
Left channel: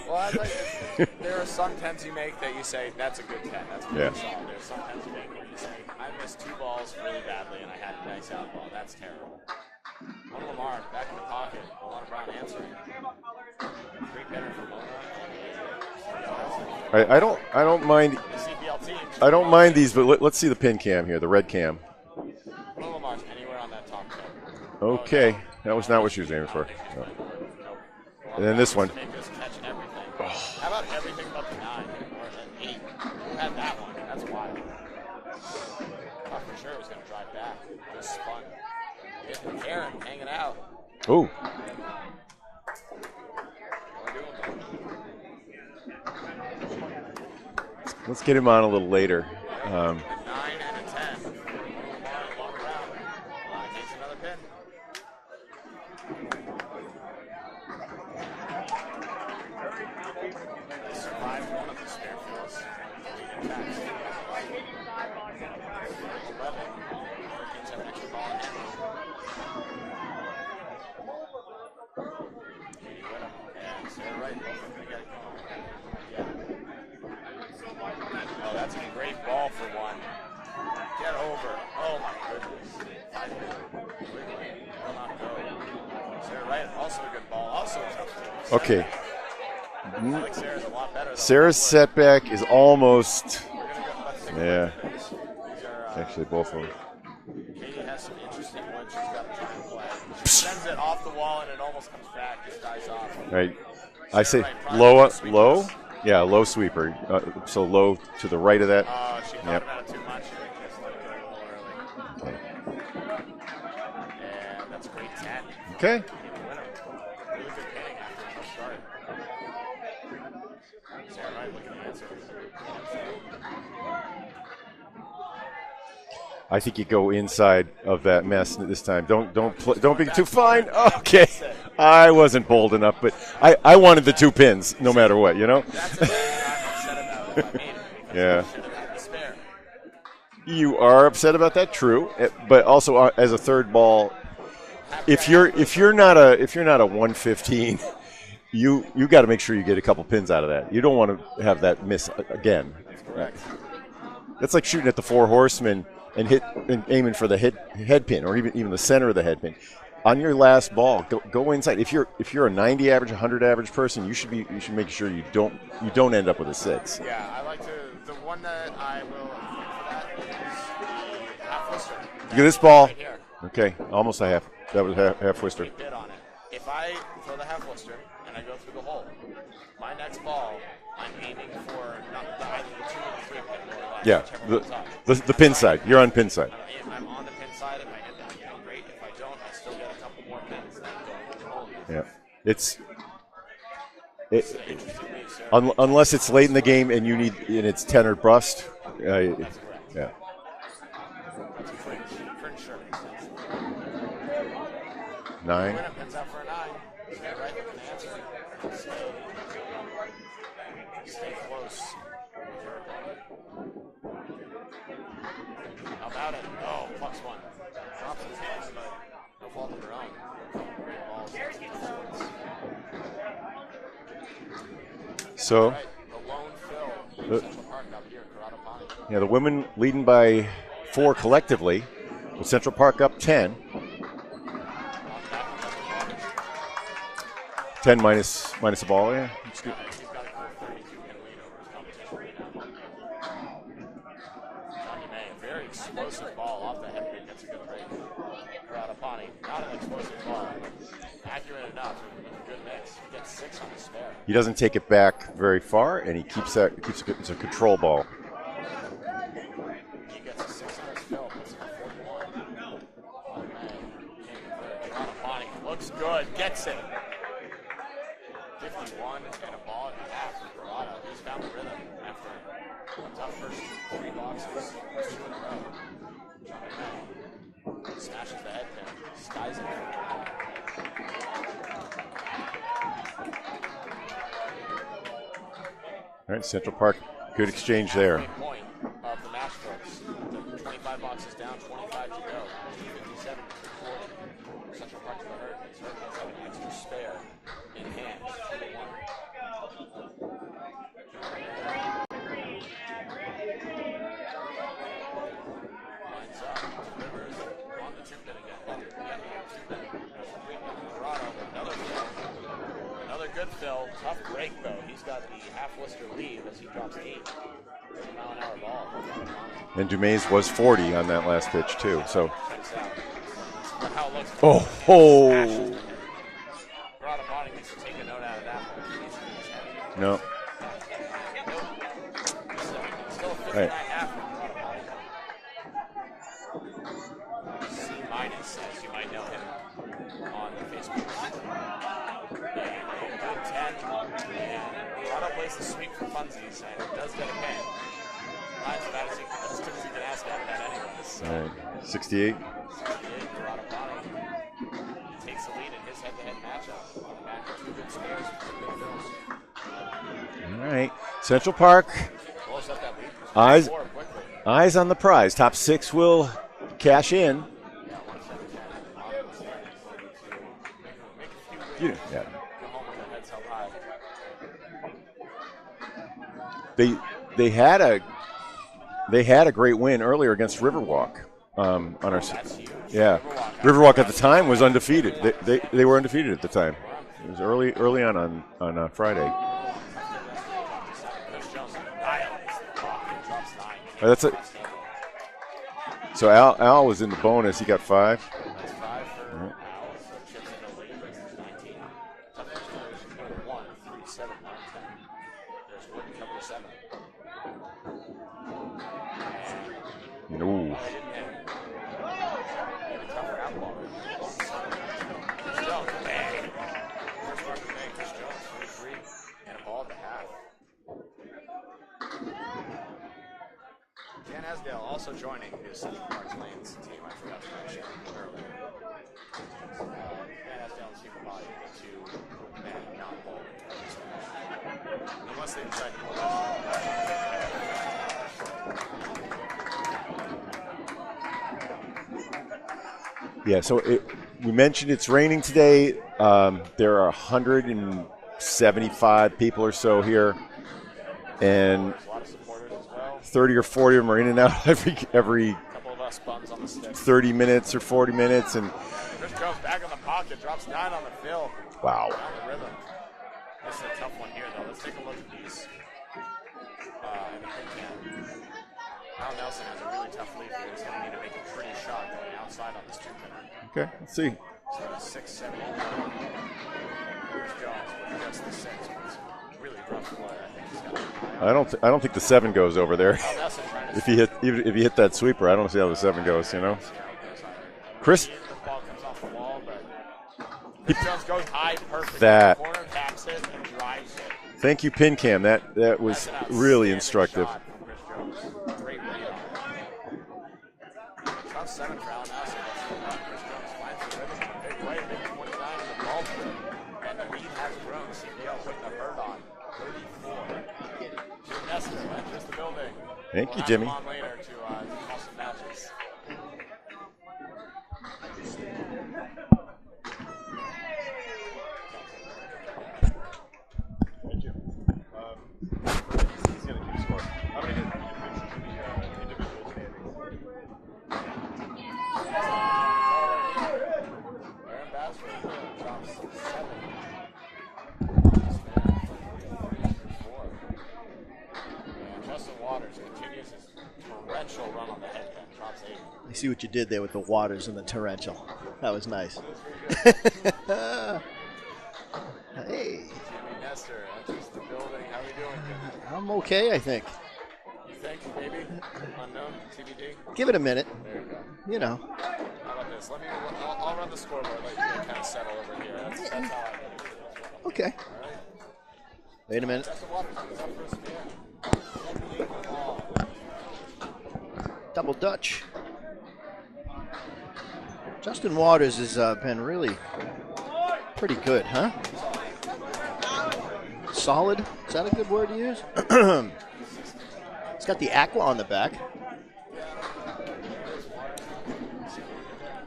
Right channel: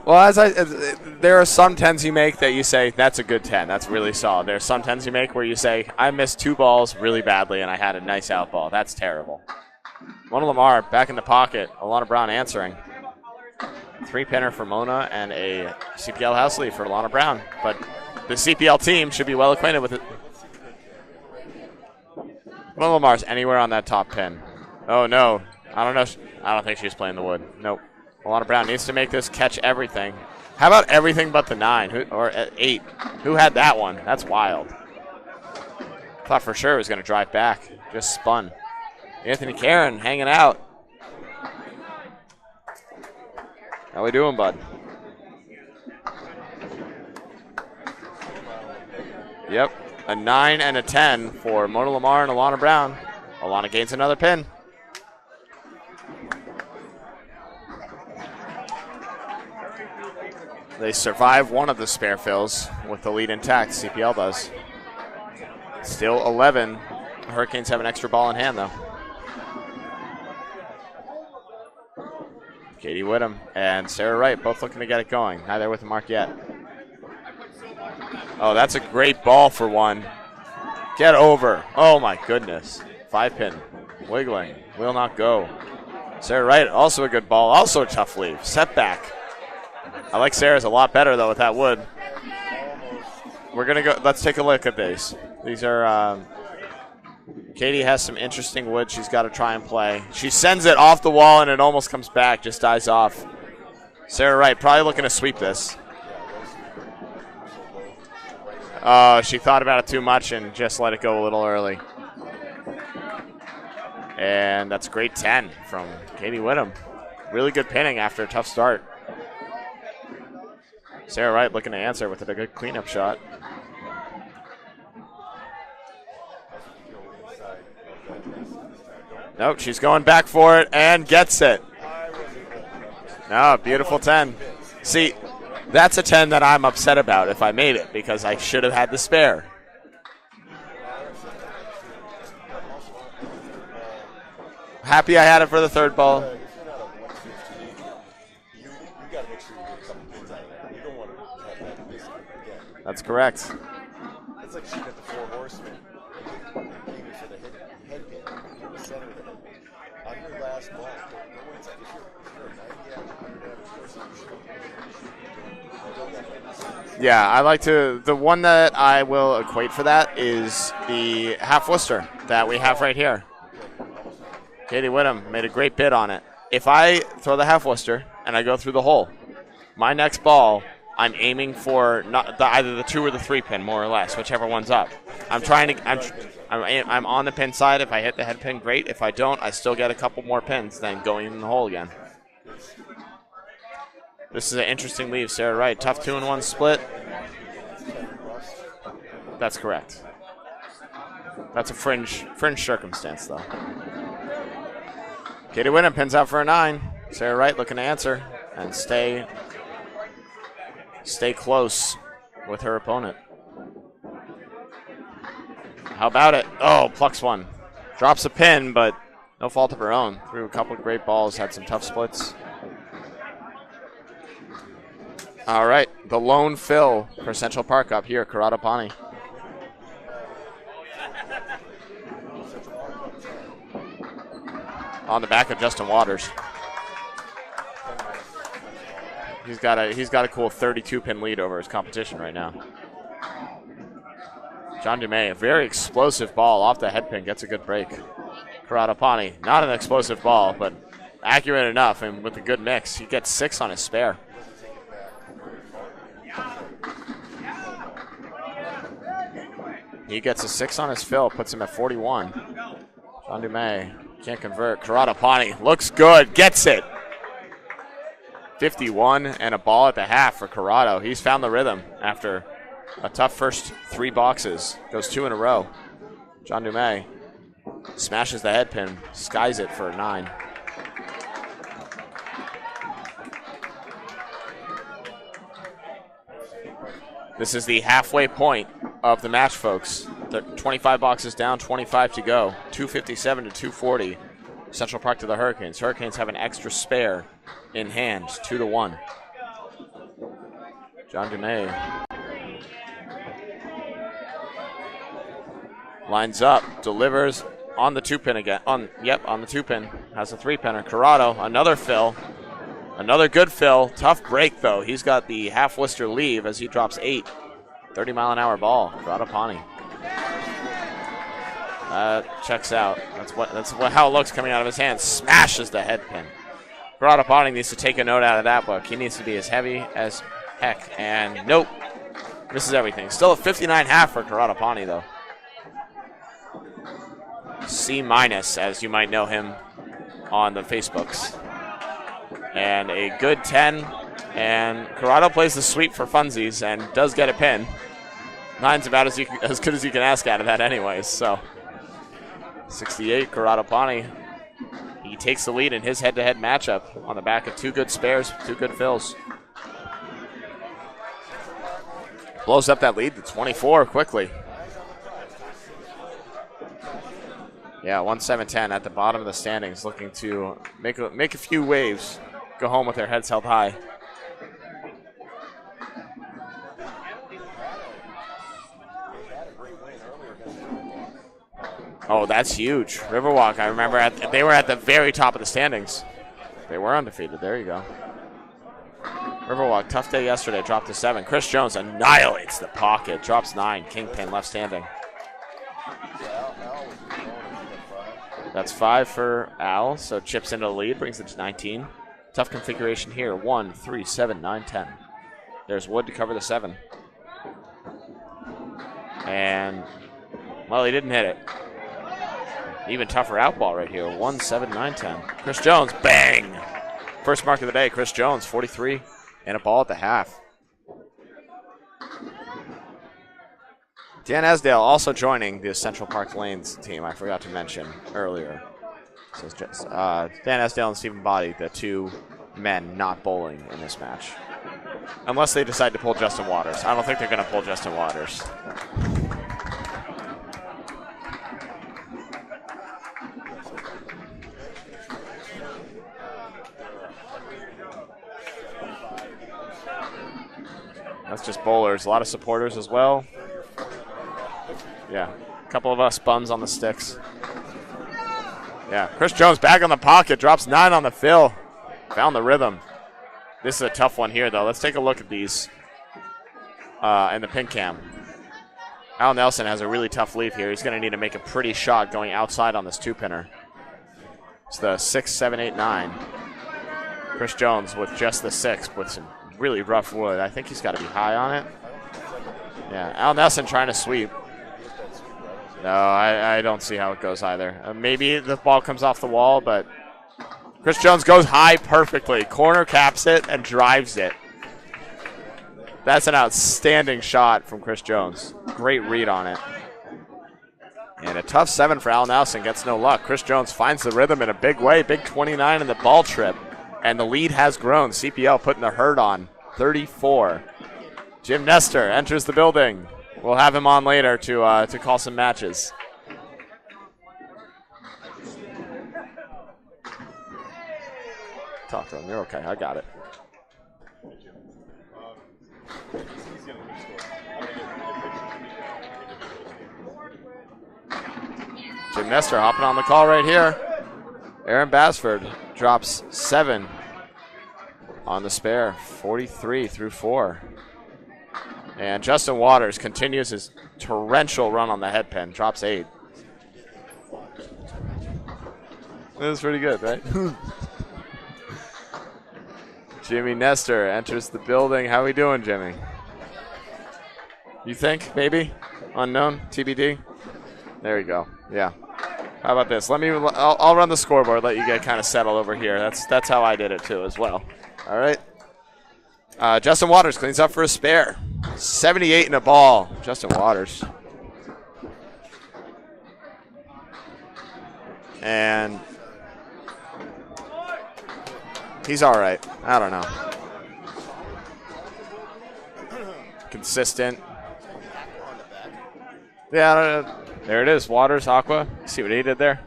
Well, there are some 10s you make that you say, that's a good 10. That's really solid. There are some 10s you make where you say, I missed 2 balls really badly and I had a nice out ball. That's terrible. Mona Lamar back in the pocket. Alana Brown answering. 3-pinner for Mona and a CPL house lead for Alana Brown. I don't mind. The CPL team should I be well don't mind acquainted these, with but let's see the pin cam here, the red cam. Mona Lamar's anywhere on that top pin. Okay. Oh, no. That was not what she was aiming for. I don't think she was playing the wood. Nope. Alana And Brown this needs one. to make this catch everything. How about everything but the 9 or 8? Who had that one? That's wild. Thought for sure it was going to drive back. Just spun. Anthony Karen hanging out. Ooh. How we doing, bud? Let's get him on a little later. Yep. A 9 and a 10 for Mona Lamar and Alana Brown. Alana gains another pin. They survive one of the spare fills with the lead intact. CPL does. Still 11. The Hurricanes have an extra ball in hand, though. Katie Whittam and Sarah Wright both looking to get it going. Neither with the mark yet. Oh, that's a great ball for 1. Get over. Oh, my goodness. 5-pin. Wiggling. Will not go. Sarah Wright, also a good ball. Also a tough leave. Setback. I like Sarah's a lot better, though, Sarah's with that wood. setback is almost. We're going to go. Let's take a look at these. These are. Actually, both of them. Katie has some interesting wood she's got to try and play. She sends it off the wall, and it almost comes back, just dies off. Right. Sarah Wright probably looking to sweep low. this. Yeah, low sweeper. So low to the right of that. Oh, she thought about it too much and just let it go a little early. And that's a great 10 from Katie Whittam. Really good pinning after a tough start. Sarah Wright looking to answer with a good cleanup shot. I think you go inside of that mess this time. Don't. Nope, she's going back for it and gets it. I wasn't bold enough, but I wanted 10. The 2 pins no matter what, you know? That's a 10 that I'm upset about if I made it because I should have had the spare. You are upset about that, true. But also as a third ball, happy I had it for the third ball. If you're not a 115, you got to make sure you get a couple pins out of that. You don't want to have that miss again. That's correct. That's like shooting at the 4 horsemen and aiming for the head pin or even the center of the head pin. On your last ball, go inside. If you're a 90 average, 100 average person, you should make sure you don't end up with a 6. Yeah, I like to. The one that I will equate for that is the half Worcester that we have right here. Okay, almost a half. Katie Whittam made a great bid on it. If I throw the half Worcester and I go through the hole, my next ball, I'm aiming for either the 2 or the 3 pin, more or less, whichever one's up. The pin side. You're on pin side. I'm on the pin side. If I hit the head pin, great. If I don't, I still get a couple more pins than going in the hole again. Yeah. This is an interesting leave, Sarah Wright. Unless it's late in the game and it's 10 or bust. That's correct. Yeah. That's a fringe circumstance, though. 9. Katie Whittam pins out for a 9. Sarah Wright looking to answer and stay close with her opponent. How about it? Oh, plucks one. Drops a pin, but no fault of her own. Threw a couple of great balls, had some tough splits. So, all right, the lone fill for Central Park up here, Karatapani. Yeah, the women leading by 4 collectively, with Central Park up 10. On the back of Justin Waters. 10 minus a ball, yeah. He's got a cool 32-pin lead over his competition right now. John Dumais, a very explosive ball off the head pin, gets a good break. Karatapani, not an explosive ball, but accurate enough, and with a good mix, he gets 6 on his spare. He doesn't take it back very far, and he keeps it. It's a control ball. He gets a 6 on his fill, puts him at 41. John Dumais can't convert. Karatapani looks good, gets it. 51 and a ball at the half for Corrado. He's found the rhythm after a tough first 3 boxes. Goes 2 in a row. John Dumais smashes the head pin, skies it for a 9. All right, Central Park. This is the halfway point of the match, folks. They're 25 boxes down, 25 to go. 257 to 240. Central Park to the Hurricanes. Hurricanes have an extra spare in hand, 2-1. John Dumais lines up, delivers on the 2-pin again. On the 2-pin. Has a 3-pinner. Corrado, another fill. Another good fill. Tough break, though. He's got the half Worcester leave as he drops 8. 30-mile-an-hour ball. Karatapani. And Dumais was 40 on that last pitch, too. So checks out. That's how it looks coming out of his hand. Smashes the head pin. Karatapani needs to take a note out of that book. He needs to be as heavy as heck. And nope. Misses everything. Still a 59 half for Karatapani, though. C-, as you might know him on the Facebooks. And a good 10. And Corrado plays the sweep for funsies and does get a pin. 9's about as good as you can ask out of that anyways. So 68. 68, Karatapani. He takes the lead in his head-to-head matchup on the back of 2 good spares, 2 good fills. All right. Central Park blows up that lead to 24 quickly. Eyes on the prize. Top 6 will cash in. Yeah, 1-7-10 at the bottom of the standings, looking to make a few waves, go home with their heads held high. They had a great win earlier against Riverwalk. That's huge. Yeah. Riverwalk at the time they were was at undefeated. The very top of the standings. They were undefeated at the time. They were undefeated. Early on Friday. Riverwalk, tough day yesterday, dropped to 7. Chris Jones annihilates the pocket, drops 9. King left standing. So Al was in the bonus. He got 5. That's 5 for Al. So chips into the lead, brings it to 19. Tough configuration here. 1, 3, 7, 9, 10. There's wood to cover the 7. And, Ooh. well, he didn't hit it. Even tougher out ball right here. 1-7-9-10. Chris Jones, bang! First mark of the day, Chris Jones, 43 and a ball at the half. Dan Esdale also joining the Central Park Lanes team. I forgot to mention earlier. So it's just, Dan Esdale and Stephen Body, the 2 men not bowling in this match. Unless they decide to pull Justin Waters. I don't think they're going to pull Justin Waters. Yeah, so we mentioned it's raining today. There are 175 people or so here. That's just bowlers. A lot of supporters as well. 30 or 40 of them are in and out every couple of us bums on the sticks. 30 minutes or 40 minutes. And yeah, Chris Jones back on the pocket, drops 9 on the fill. Wow. Found the rhythm. This is a tough one here, though. Let's take a look at these in the pin cam. Al Nelson has a really tough lead here. He's going to need to make a pretty shot going outside on this 2-pinner. Okay, let's see. It's the 6, 7, 8, 9. Chris Jones with just the 6 with some really rough wood. I think he's got to be high on it. I don't think the 7 goes over there. Al Nelson trying to sweep. If you hit that sweeper, I don't see how the 7 goes. I don't see how it goes either. Maybe the ball comes off the wall, but Chris Jones goes high perfectly. Corner caps it and drives it. Thank you, pin cam. That's an outstanding really shot from Chris Jones. Great read on it. And a tough 7 for Al Nelson. Gets no luck. Chris Jones finds the rhythm in a big way. Big 29 in the ball trip. And the lead has grown. CPL putting the herd on. 34. Jim Nestor enters the building. We'll have him on later to call some matches. Talk to him. You're okay. I got it. Jim Nestor hopping on the call right here. Aaron Basford drops 7 on the spare, 43 through 4. And Justin Waters continues his torrential run on the head pin, drops 8. I see what you did there with the Waters and the torrential. That was nice. That was pretty good, right? Hey. Jimmy Nestor enters the building. How we doing, Jimmy? I'm okay, I think. You think, maybe? Unknown? TBD? Give it a minute. There you go. You Yeah. know. How about this? I'll run the scoreboard, let you get kind of settled over here. That's how I did it, too, as well. Okay. All right. Justin Waters cleans up for a spare. 78 in a ball. Justin Waters. Double Dutch. Justin Waters has been really pretty good, huh? He's all right. I don't know. Solid. Is that a good word to use? Consistent. It's got the aqua on the back. Yeah, there it is. Waters, Aqua. See what he did there?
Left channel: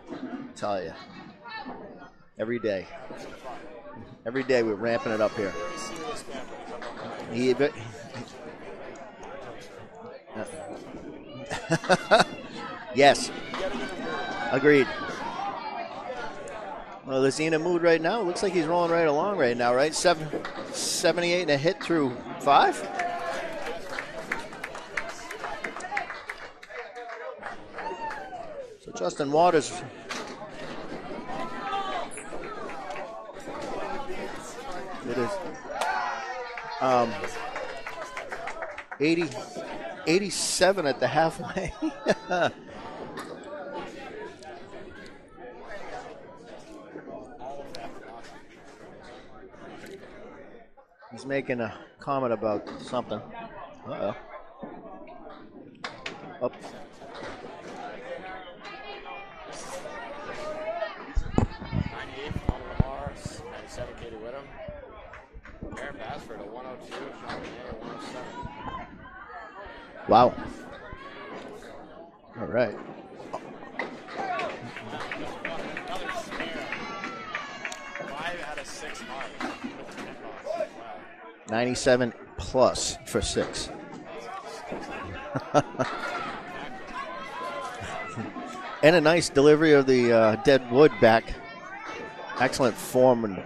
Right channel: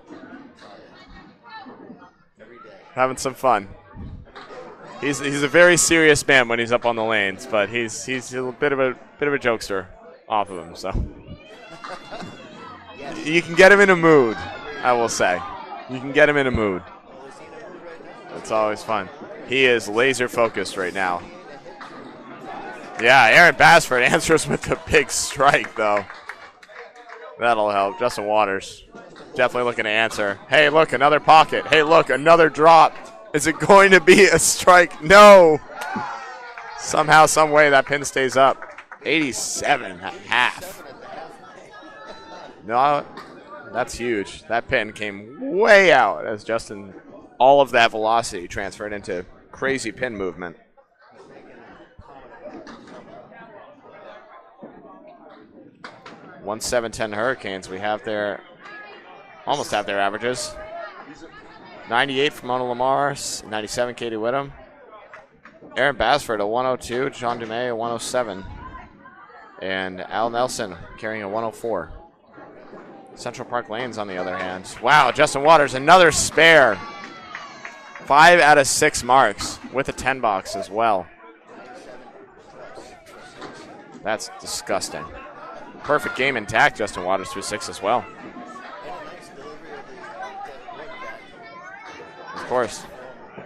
Tell you. Every day. Having some fun. Every day we're ramping it up. He's a very serious man when he's up on the lanes, but he's a bit of a jokester off of him. So. Yes. You can get him in a mood. Agreed. I will say. You can get him in a mood. Well, is he in a mood right now? It looks like he's going right along right now. He is right? laser focused right now. 78 and a hit through 5? Yeah, Aaron Basford answers with a big strike, though. That'll help. Justin Waters. Definitely looking to answer. Hey, look, another pocket. Hey, look, another drop. Is it going to be a strike? No. Somehow, some way, that pin stays up. 87. 87 at the halfway. No, that's huge. That pin came way out as Justin, all of that velocity transferred into crazy pin movement. He's making a comment about something. Uh-oh. 1-7-10 Hurricanes. We have almost have their averages. 98 from Mona Lamar, 97 Katie Whittam. Aaron Basford a 102, John Dumais a 107. And Al Nelson carrying a 104. All right. Central Park Lanes on the other hand. Wow, Justin Waters, another spare. 5 out of 6 marks with a 10 box as well. 97 plus for 6. That's disgusting. Perfect game intact, Justin Waters through 6 as well. And a nice delivery of the dead wood back. Excellent form and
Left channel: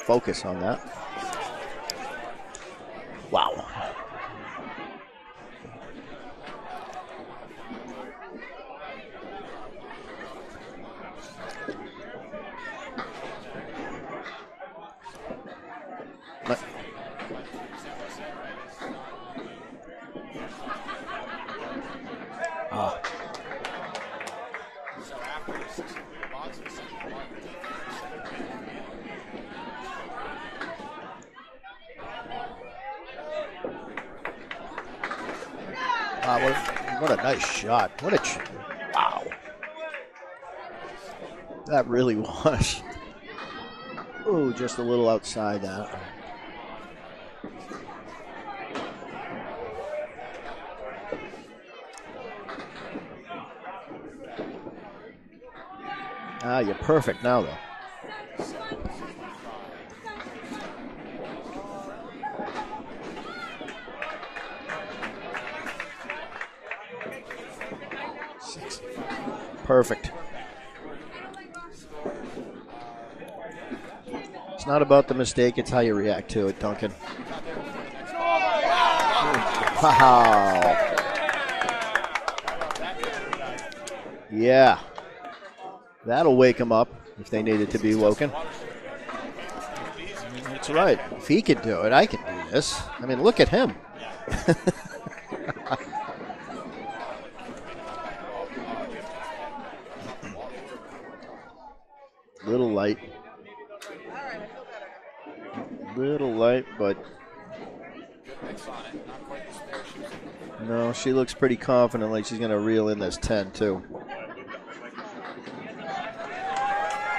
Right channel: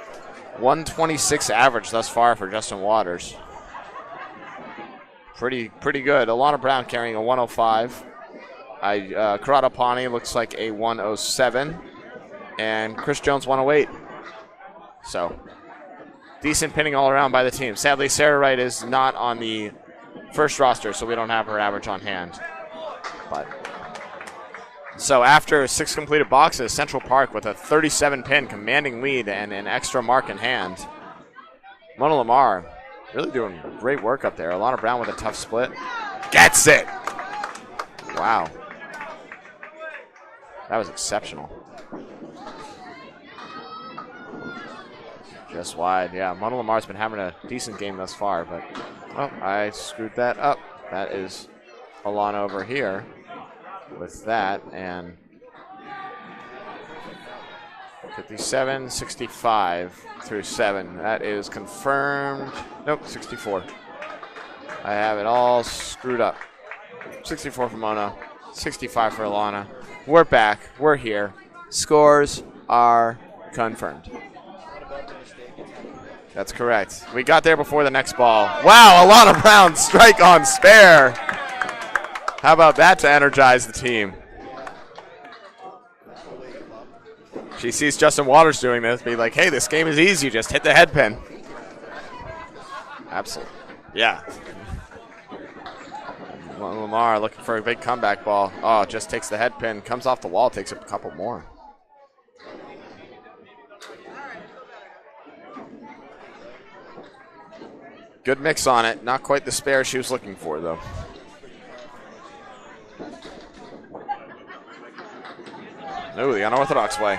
focus on that. 126 average thus far for Justin Waters. Wow. Pretty good. Alana Brown carrying a 105. Karada Pani looks like a 107. And Chris Jones 108. So Decent pinning all around by the team. Sadly, Sarah Wright is not on the first roster, so we don't have her average on hand. But so after 6 completed boxes, Central Park with a 37 pin commanding lead and an extra mark in hand. Mona Lamar really doing great work up there. Alana Brown with a tough split. Gets it. What a nice shot. What a Wow. That was exceptional. That really was. Ooh, just a little outside. Just wide, yeah. Mona Lamar's been having a decent game thus far, but I screwed that up. That is Alana over here with that, and you're perfect now, though. 57, 65 through 7. That is confirmed. Nope, 64. I have it all screwed up. 64 for Mona, 65 for Alana. Perfect. We're back. We're here. Scores are confirmed. It's not about the mistake, it's how you react to it. That's correct. Duncan. We got there before the next ball. Wow, Alana Brown strike on spare. How about that to energize the team? Yeah. That'll wake them up if they need it to be She sees woken. Justin Waters doing this, be like, hey, this game is easy. Just hit the head pin. If he could do it, I can do this. I mean, look at him. Yeah. Lamar looking for a big comeback ball. Oh, just takes the head pin, comes off the wall, takes a couple more. Little light, but good mix on it. Not quite the spare she was looking for, though. well, she looks pretty confident, like she's going to reel in this 10, too. Ooh, the unorthodox way.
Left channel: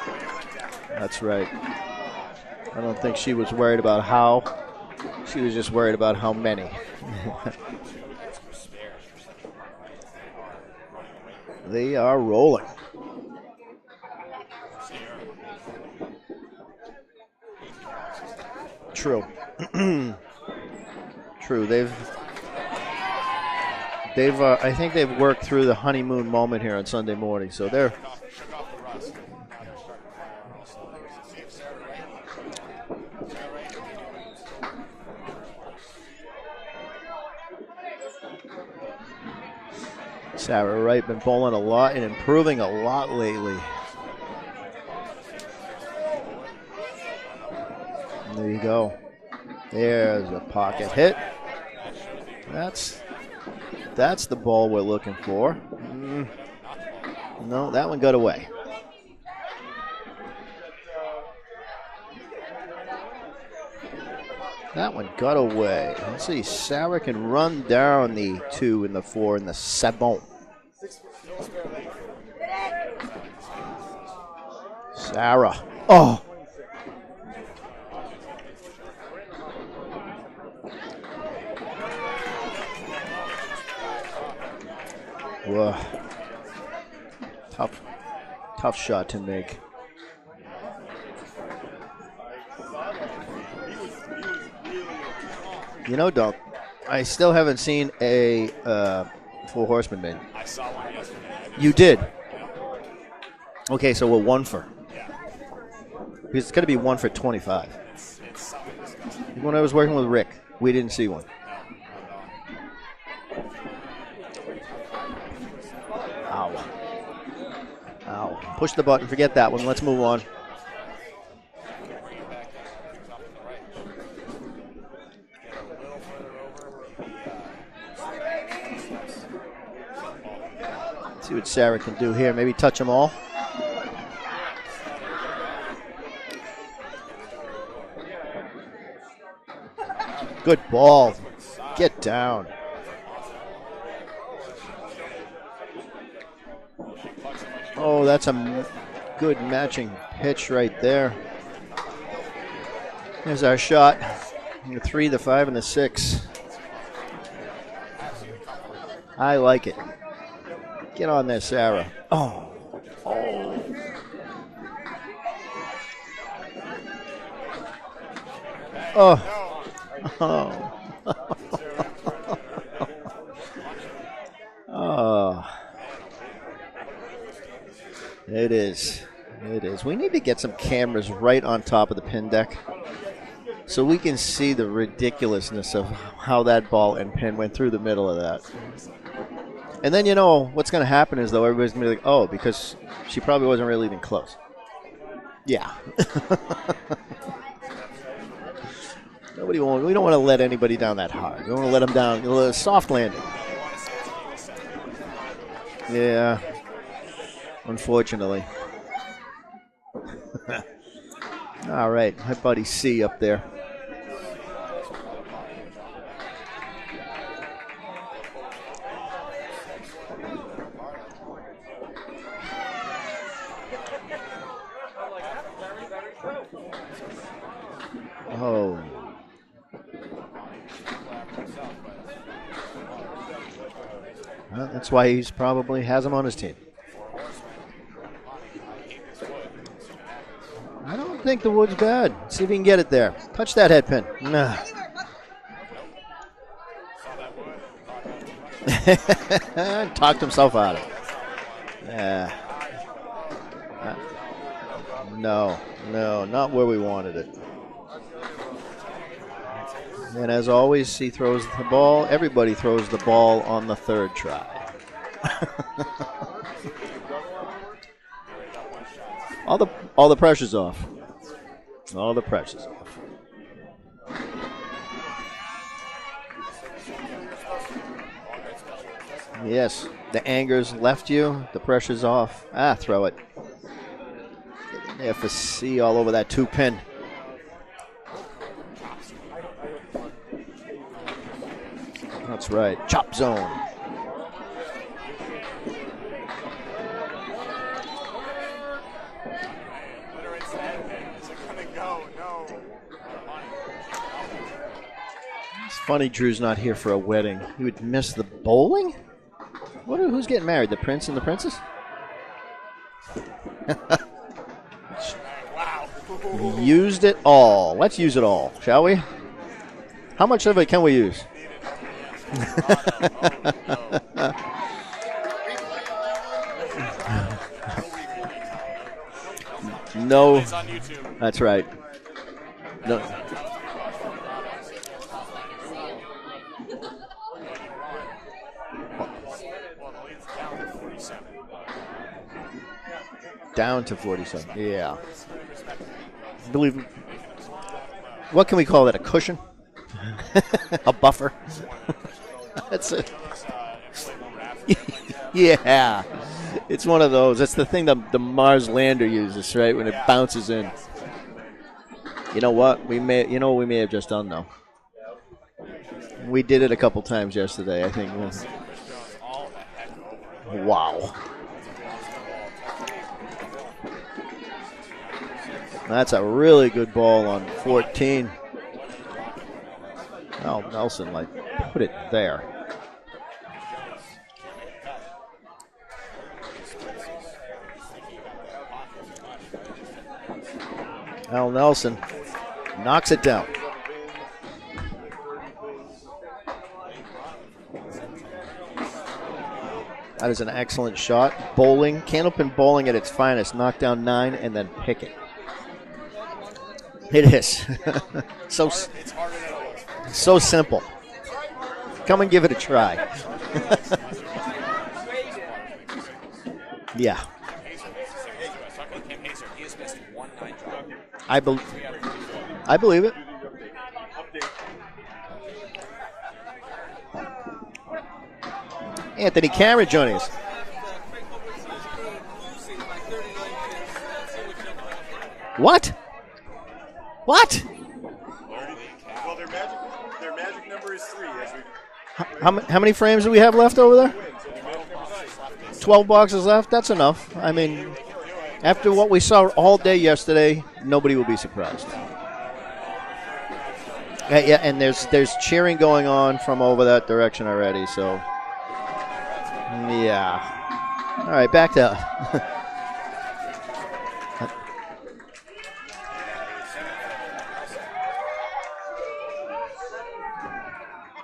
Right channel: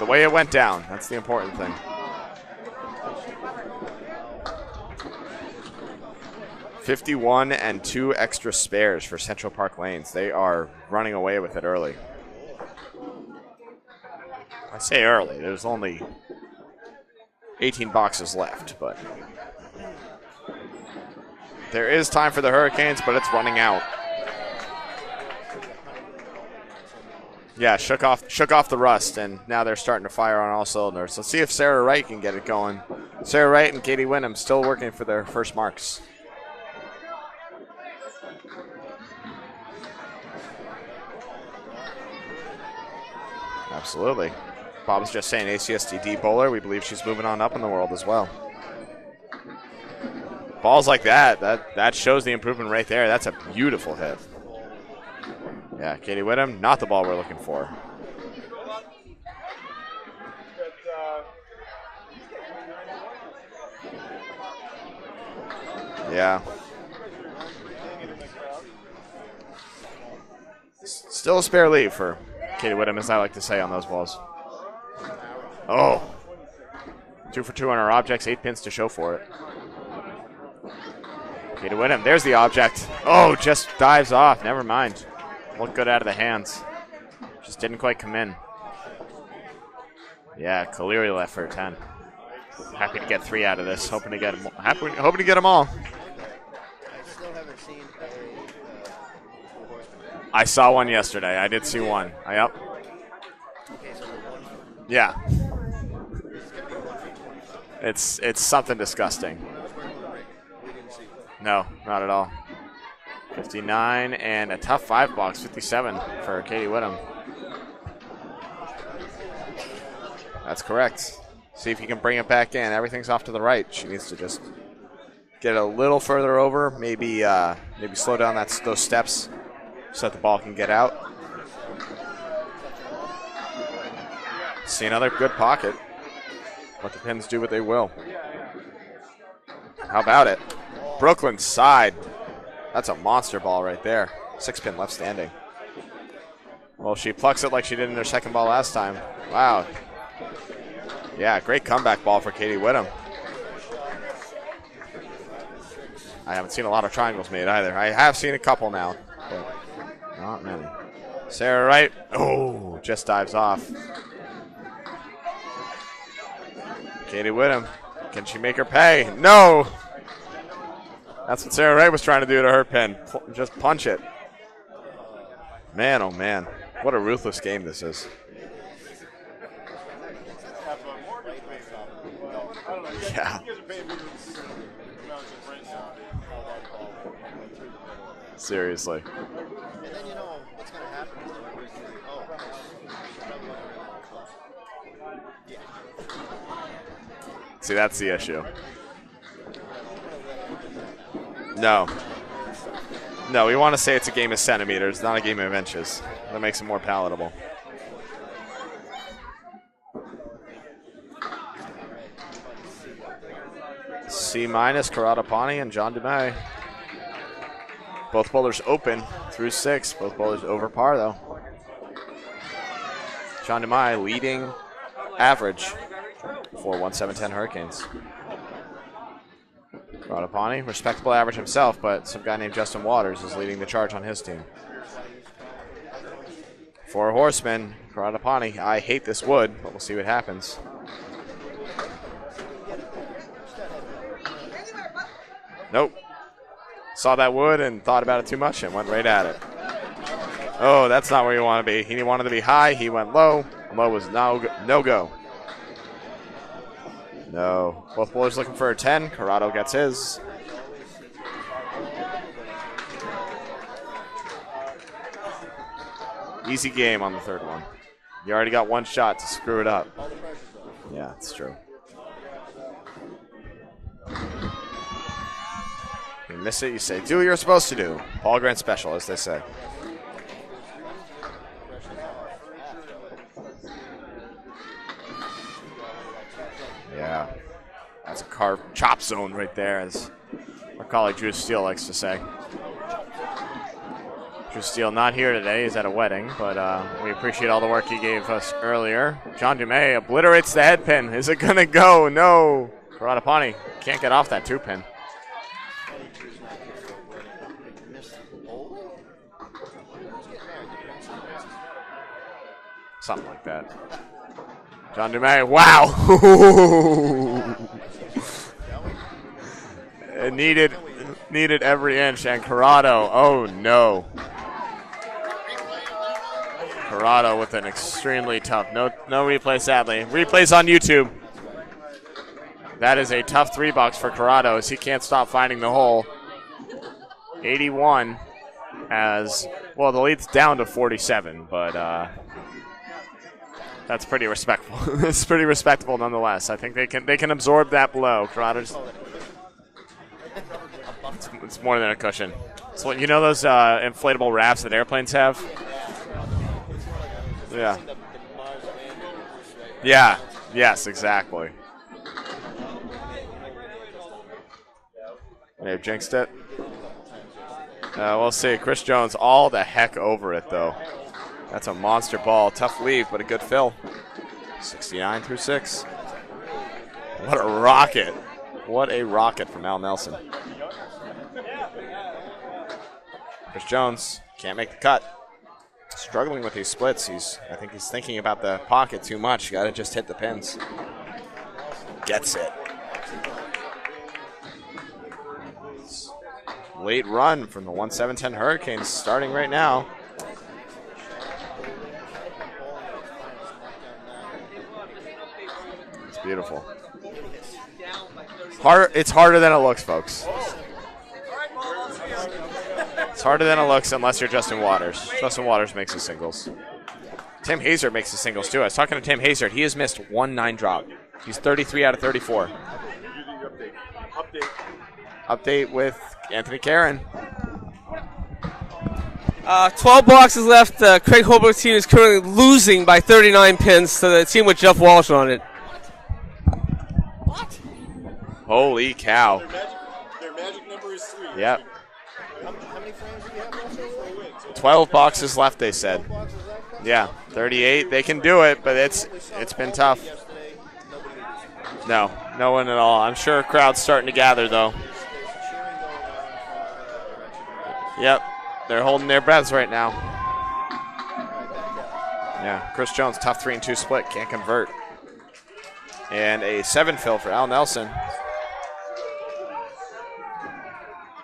The way it went down. That's the right. important thing. I don't think she was worried about how. She was just worried about how many. 51 and 2 extra spares for Central Park Lanes. They are running away with it early. They are rolling. I say early. There's only 18 boxes left. But True. True. there is time for the Hurricanes, but it's running out. I think they've worked through the honeymoon moment here on Sunday morning. So yeah, shook off the rust, and now they're starting to fire on all cylinders. Let's see if Sarah Wright can get it going. Sarah Wright and Katie Wyndham still working for their first marks. Sarah Wright been bowling a lot and improving a lot lately. Absolutely. Bob was just saying ACSTD bowler. We believe she's moving on up in the world as well. There you go. There's a pocket Balls like hit. that shows the improvement right there. That's a beautiful hit. That's the ball we're looking for. Yeah, Katie Wyndham, not the ball we're looking for. No, that one got away. That one got away. Let's see, Sarah can run down the 2 and the 4 and the 7. Still a spare lead for Katie Wyndham, as I like to say on those balls. Sarah. Oh. 2 for 2 on her objects, 8 pins to show for it. Katie Wyndham, there's the object. Oh, just dives off. Never mind. Whoa. Good out of the hands. Just didn't quite come in. Tough shot to make. Yeah, Kaleri left for a 10. Happy to get 3 out of this. Hoping to get them all. You know, Doug, I still haven't seen a Four Horsemen made. I saw one yesterday. I did You see did? one. Yep. Okay, so we're 1 for. Yeah. It's going to be 1 for 25. It's something disgusting. When I was working with Rick, we didn't see one. No, not at all. 59 and a tough 5 box, 57 for Katie Wyndham. Ow. Push the button. Forget that one. Let's move on. That's correct. See if you can bring it back in. Everything's off to the right. She needs to just get a little further over. Maybe slow down those steps so that the ball can get out. Let's see what Sarah can do here. Maybe touch them all. See another good pocket. Let the pins do what they will. How about it? Good ball. Brooklyn side. Get down. That's a monster ball right there. 6-pin left standing. Well, she plucks it like she did in her second ball last time. Good matching pitch right there. Yeah, great comeback ball for Katie Wyndham. There's our shot. The 3, the 5, and the 6. I haven't seen a lot of triangles made either. I have seen a couple now. I like it. Not many. Get on there, Sarah Wright. Oh, just dives off. Katie Wyndham. Can she make her pay? Oh. No. Oh. That's what Sarah Wright was trying to do to her pin. Just punch it. Oh. Man, oh man. What a ruthless game this is. It is. It is. We need to get some cameras right on top of the pin deck. Yeah. So we can see the ridiculousness of how that ball and pin went through the middle of that. Seriously. And then, you know, what's going to happen is, though, everybody's going to be like, oh, because she probably wasn't really even close. Yeah. See, that's the issue. We don't want to let anybody down that hard. We want to let them down. A soft landing. No, we want to say it's a game of centimeters, not a game of inches. Yeah. That makes it more palatable. Unfortunately. All right. How buddy C up there? C-, Karatapani and John DeMay. Both bowlers open through 6. Both bowlers over par, though. John DeMay leading average for 1-7-10 Hurricanes. Oh. Karatapani, respectable average himself, but some guy named Justin Waters is leading the charge on his team. Well, that's why he's probably has him on his team. For a horseman, Karatapani, I hate this wood, but we'll see what happens. I don't think the wood's bad. See if he can get it there. Touch that head pin. Nah. Nope. Saw that wood and thought about it too much and went right at it. Talked himself out. Oh, that's not where you want to be. He wanted to be high. He went low. Low was no go. No, not where we wanted it. No. Both bowlers looking for a 10. Corrado gets his. And as always, he throws the ball. Everybody throws the ball on the 3rd try. Easy game on the 3rd one. You already got one shot to screw it up. All the pressure's off. Yeah, that's true. All the pressure's off. You miss it, you say, do what you're supposed to do. Paul Grant special, as they say. Yes. The anger's left you. The pressure's off. Throw it. Yeah, for C all over that 2-pin. Yeah. That's a carved chop zone right there, as our colleague Drew Steele likes to say. That's right. Chop zone. Drew Steele not here today. He's at a wedding, but we appreciate all the work he gave us earlier. John DeMay obliterates the head pin. Is it going to go? No. Karatapani can't get off that 2-pin. It's funny Drew's not here for a wedding. He would miss the bowling? Who's getting married? The prince and the princess? Something like that. John DeMay, wow. Used it all. Let's use it all, shall we? How much of it can we use? Needed every inch, and Corrado, oh no. Corrado with an extremely tough, no replay sadly. No. Replays on YouTube. That's right. That is a tough 3-box for Corrado as he can't stop finding the hole. 81 as, well, the lead's down to 47, but down to that's pretty 47. respectable. Yeah. It's pretty respectable nonetheless. I think they can absorb that blow. What can we call that, a cushion? A buffer? It's more than a cushion. Well, you know those inflatable rafts that airplanes have? Yeah. It's one of those. That's the thing the Mars lander uses, right? When it bounces in. Yes, exactly. You know what? We may have just done, though. May have jinxed it. We did it a couple times yesterday, I think. We'll see. Chris Jones all the heck over it, though. Wow. That's a monster ball. Tough leave, but a good fill. 69 through 6. That's a really good ball. What a on rocket. 14. What a rocket from Al Nelson. Al Nelson, put it there. Chris Jones can't make the cut. Struggling with these splits. I think he's thinking about the pocket too much. Got to just hit the pins. Al Nelson gets it. Knocks it down. Late run from the 1-7-10 Hurricanes starting right now. That is an excellent shot. Bowling, Candlepin bowling at its finest. Knock down 9 and then pick it. It's beautiful. It is. It's harder than it looks, folks. So simple. Come and give it a try. It's harder than it looks unless you're Justin Waters. Justin Waters makes his singles. Yeah. Tim Hazard makes his singles, too. I was talking to Tim Hazard. He has missed 1 9-drop. He's 33 out of 34. I believe it. Update with Anthony Caron. Anthony Caron. 12 boxes left. Craig Holbrook's team is currently losing by 39 pins to the team with Jeff Walsh on it. What? Holy cow. Yep. How many frames do we have left over there? 12 boxes left, they said. 12 boxes left? That's enough. 38, they can do it. But after what we saw all tough. day yesterday, nobody will be surprised. No one at all. I'm sure a crowd's starting to gather, though. And there's cheering going on from over that direction already. So. Yep. They're holding their breaths right now. Yeah. All right, back to. Yeah, Chris Jones, tough 3-2 split, can't convert. And a 7 fill for Al Nelson.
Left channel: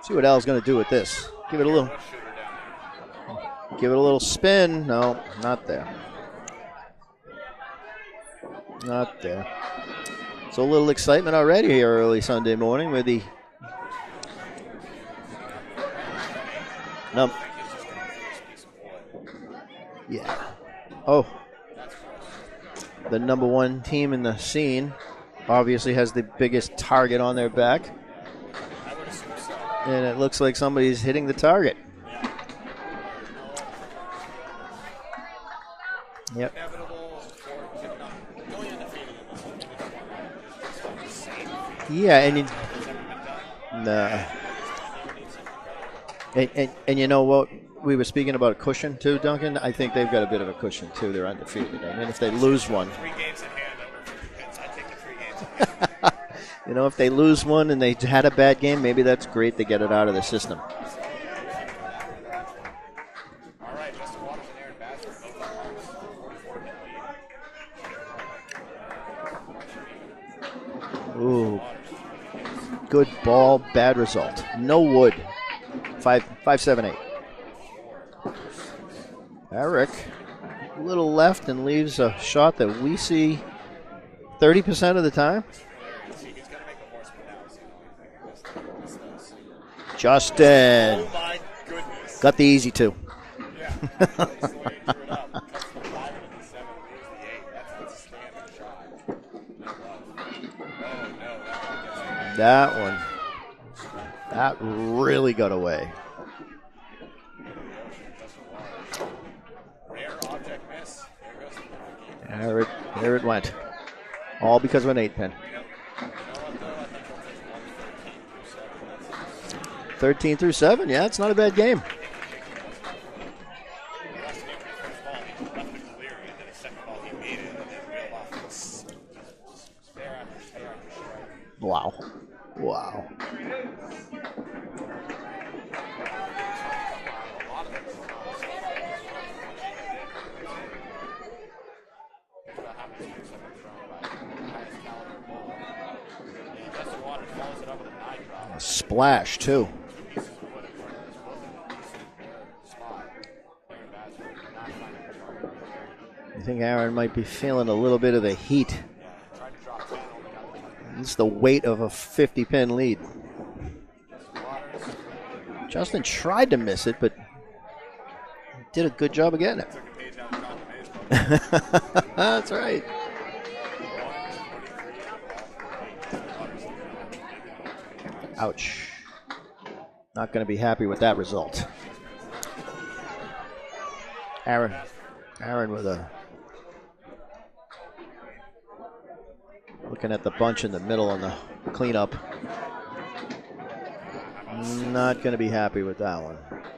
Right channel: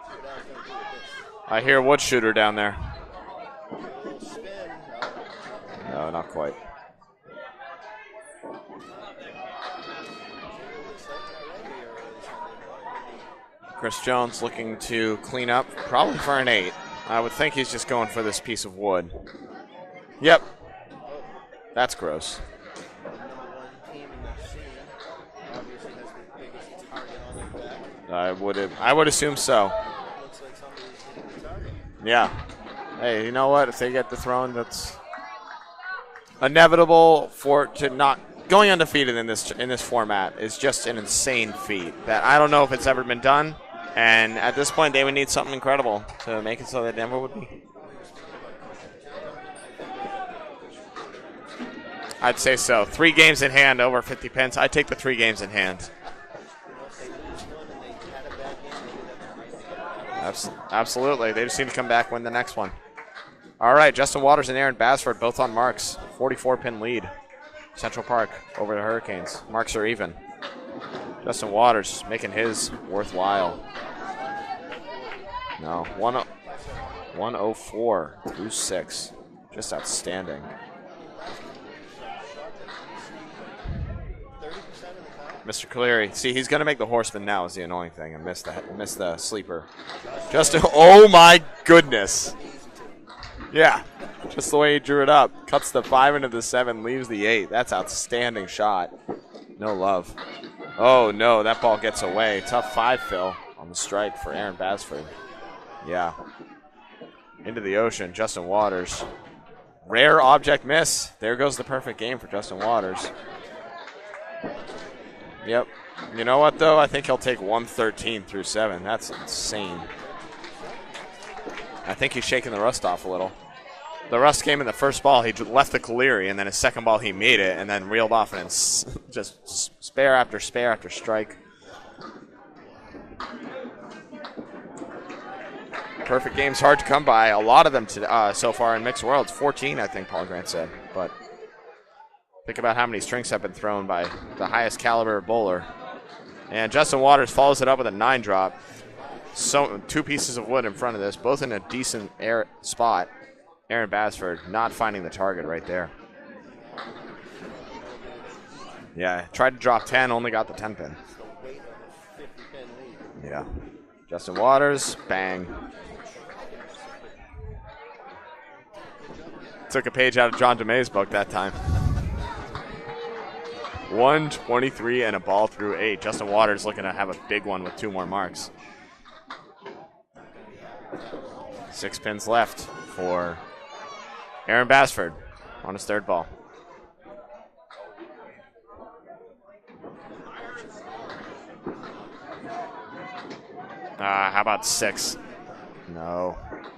See what Al's going to do with this. I hear wood shooter down there. Give it a little spin. No, not there. No, not quite. Not there. So a little excitement already here early Sunday morning with the. Chris Jones looking to clean up, probably for an 8. I would think he's just going for this piece of wood. Yeah. Yep. Oh. That's gross. The number 1 team in the scene. obviously has the biggest target on their back. I would assume so. And it looks like somebody's hitting the target. Yeah. Hey, you know what? If they get the throne, that's inevitable to not going undefeated in this format is just an insane feat. Yeah, I don't know if it's ever been done. No. And at this point, they would need something incredible to make it so that. And you know what? We were speaking about a cushion too, Duncan. I think they've got a bit of a cushion too. They're undefeated. I mean, if they I'd say lose so. one, 3 games in hand, over 50 pence. I take the 3 games in hand. you know, if they lose one and they had a bad game, maybe that's great to get it out of the system. Absolutely. They just need to come back, win the next one. All right, Justin Waters and Aaron Basford both on marks. 44-pin lead. Central Park over the Hurricanes. Marks are even. Ooh. Justin Waters making his Good worthwhile. ball, bad result. No wood. No. 5-7-8. 104 through 6. Just Eric. outstanding. A little left and leaves a shot that we see 30% of the time. Mr. Caleri. See, he's going to make the horseman now is the annoying thing. I missed the sleeper. Justin. Oh, my goodness. Got the easy 2. Yeah, just the way he drew it up. Cuts the 5 into the 7, leaves the 8. That's outstanding shot. No love. Oh, no, that ball gets away. That Tough 5, Phil, on the strike for Aaron That Basford. really got away. Yeah. Into the ocean, Justin Waters. Rare object miss. There goes the perfect game for Justin Waters. There it went. All because of an 8-pin. Yep. You know what, though? I think he'll take 113 through 7. That's insane. 13 through 7, yeah, it's not a bad game. I think he's shaking the rust off a little. The rust came in the first ball. He left the Caleri, and then his second ball he made it, and then reeled off, and just spare after spare after strike. Wow. Wow. Perfect game's hard to come by. A lot of them so far in mixed worlds. 14, I think Paul Grant said. But think about how many strings have been thrown by the highest caliber bowler. And Justin Waters follows it up with a 9 drop. Splash, too. So 2 pieces of wood in front of this, both in a decent spot. Aaron Basford not finding the target right there. I think Aaron might be feeling a little bit of the heat. Yeah, tried to drop 10, only got the 10 pin. It's the weight of a 50-pin lead. Yeah. Justin Waters, bang. Justin tried to miss it, but did a good job of getting it. Took a page out of John DeMay's book that time. That's right. 123 and a ball through 8. Justin Waters looking to have a big one with 2 more marks. Ouch. Not going to be happy with that result. 6 pins left for Aaron Basford on his 3rd ball. Looking at the bunch in the middle on the cleanup. How about 6? Not going to be happy with that one.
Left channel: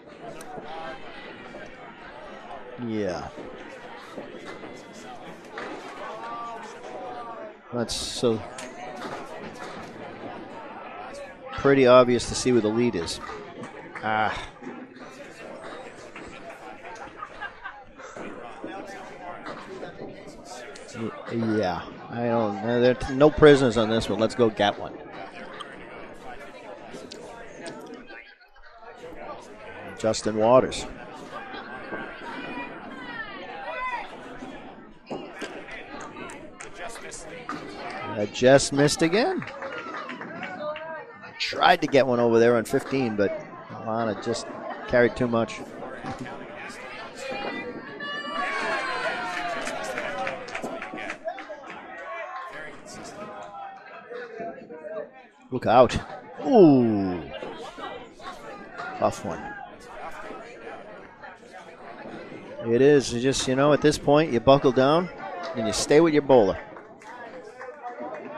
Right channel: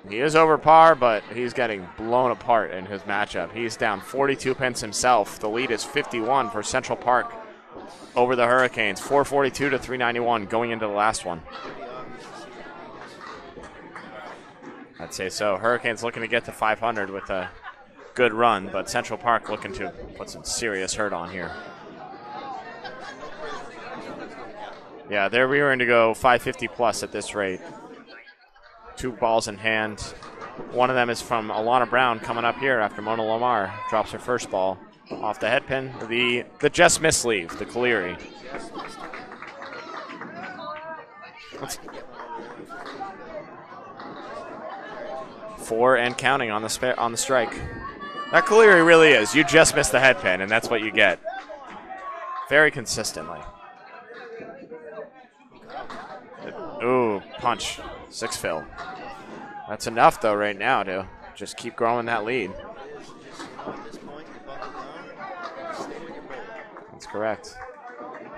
He is over par, but he's getting blown apart in his Yeah. matchup. He's down 42 pins himself. The lead is 51 for Central Park That's over the Hurricanes. 442 to 391 going into the last one. pretty obvious to see where the lead is. I'd say so. Hurricanes looking to get to 500 with a good run, but Central Park looking to put some serious hurt on here. Yeah. I don't. There's no prisoners on this one. Let's go get one. Yeah, they're rearing to go 550 plus at this rate. 2 balls in hand. Justin Waters. One of them is from Alana Brown coming up here after Mona Lamar drops her first ball off the head pin. The just missed leave, the Caleri. I just missed again. Tried to get one over there on 15, but Alana just carried too much. 4 and counting on the strike. That Caleri really is. You just missed the head pin, and that's what you get. Very consistently. Look out. Ooh. Ooh, punch. 6 fill. Tough one. That's enough, though, right now to just keep growing that lead. It is. You just, at this point, you buckle down and you stay with your bowler. That's correct.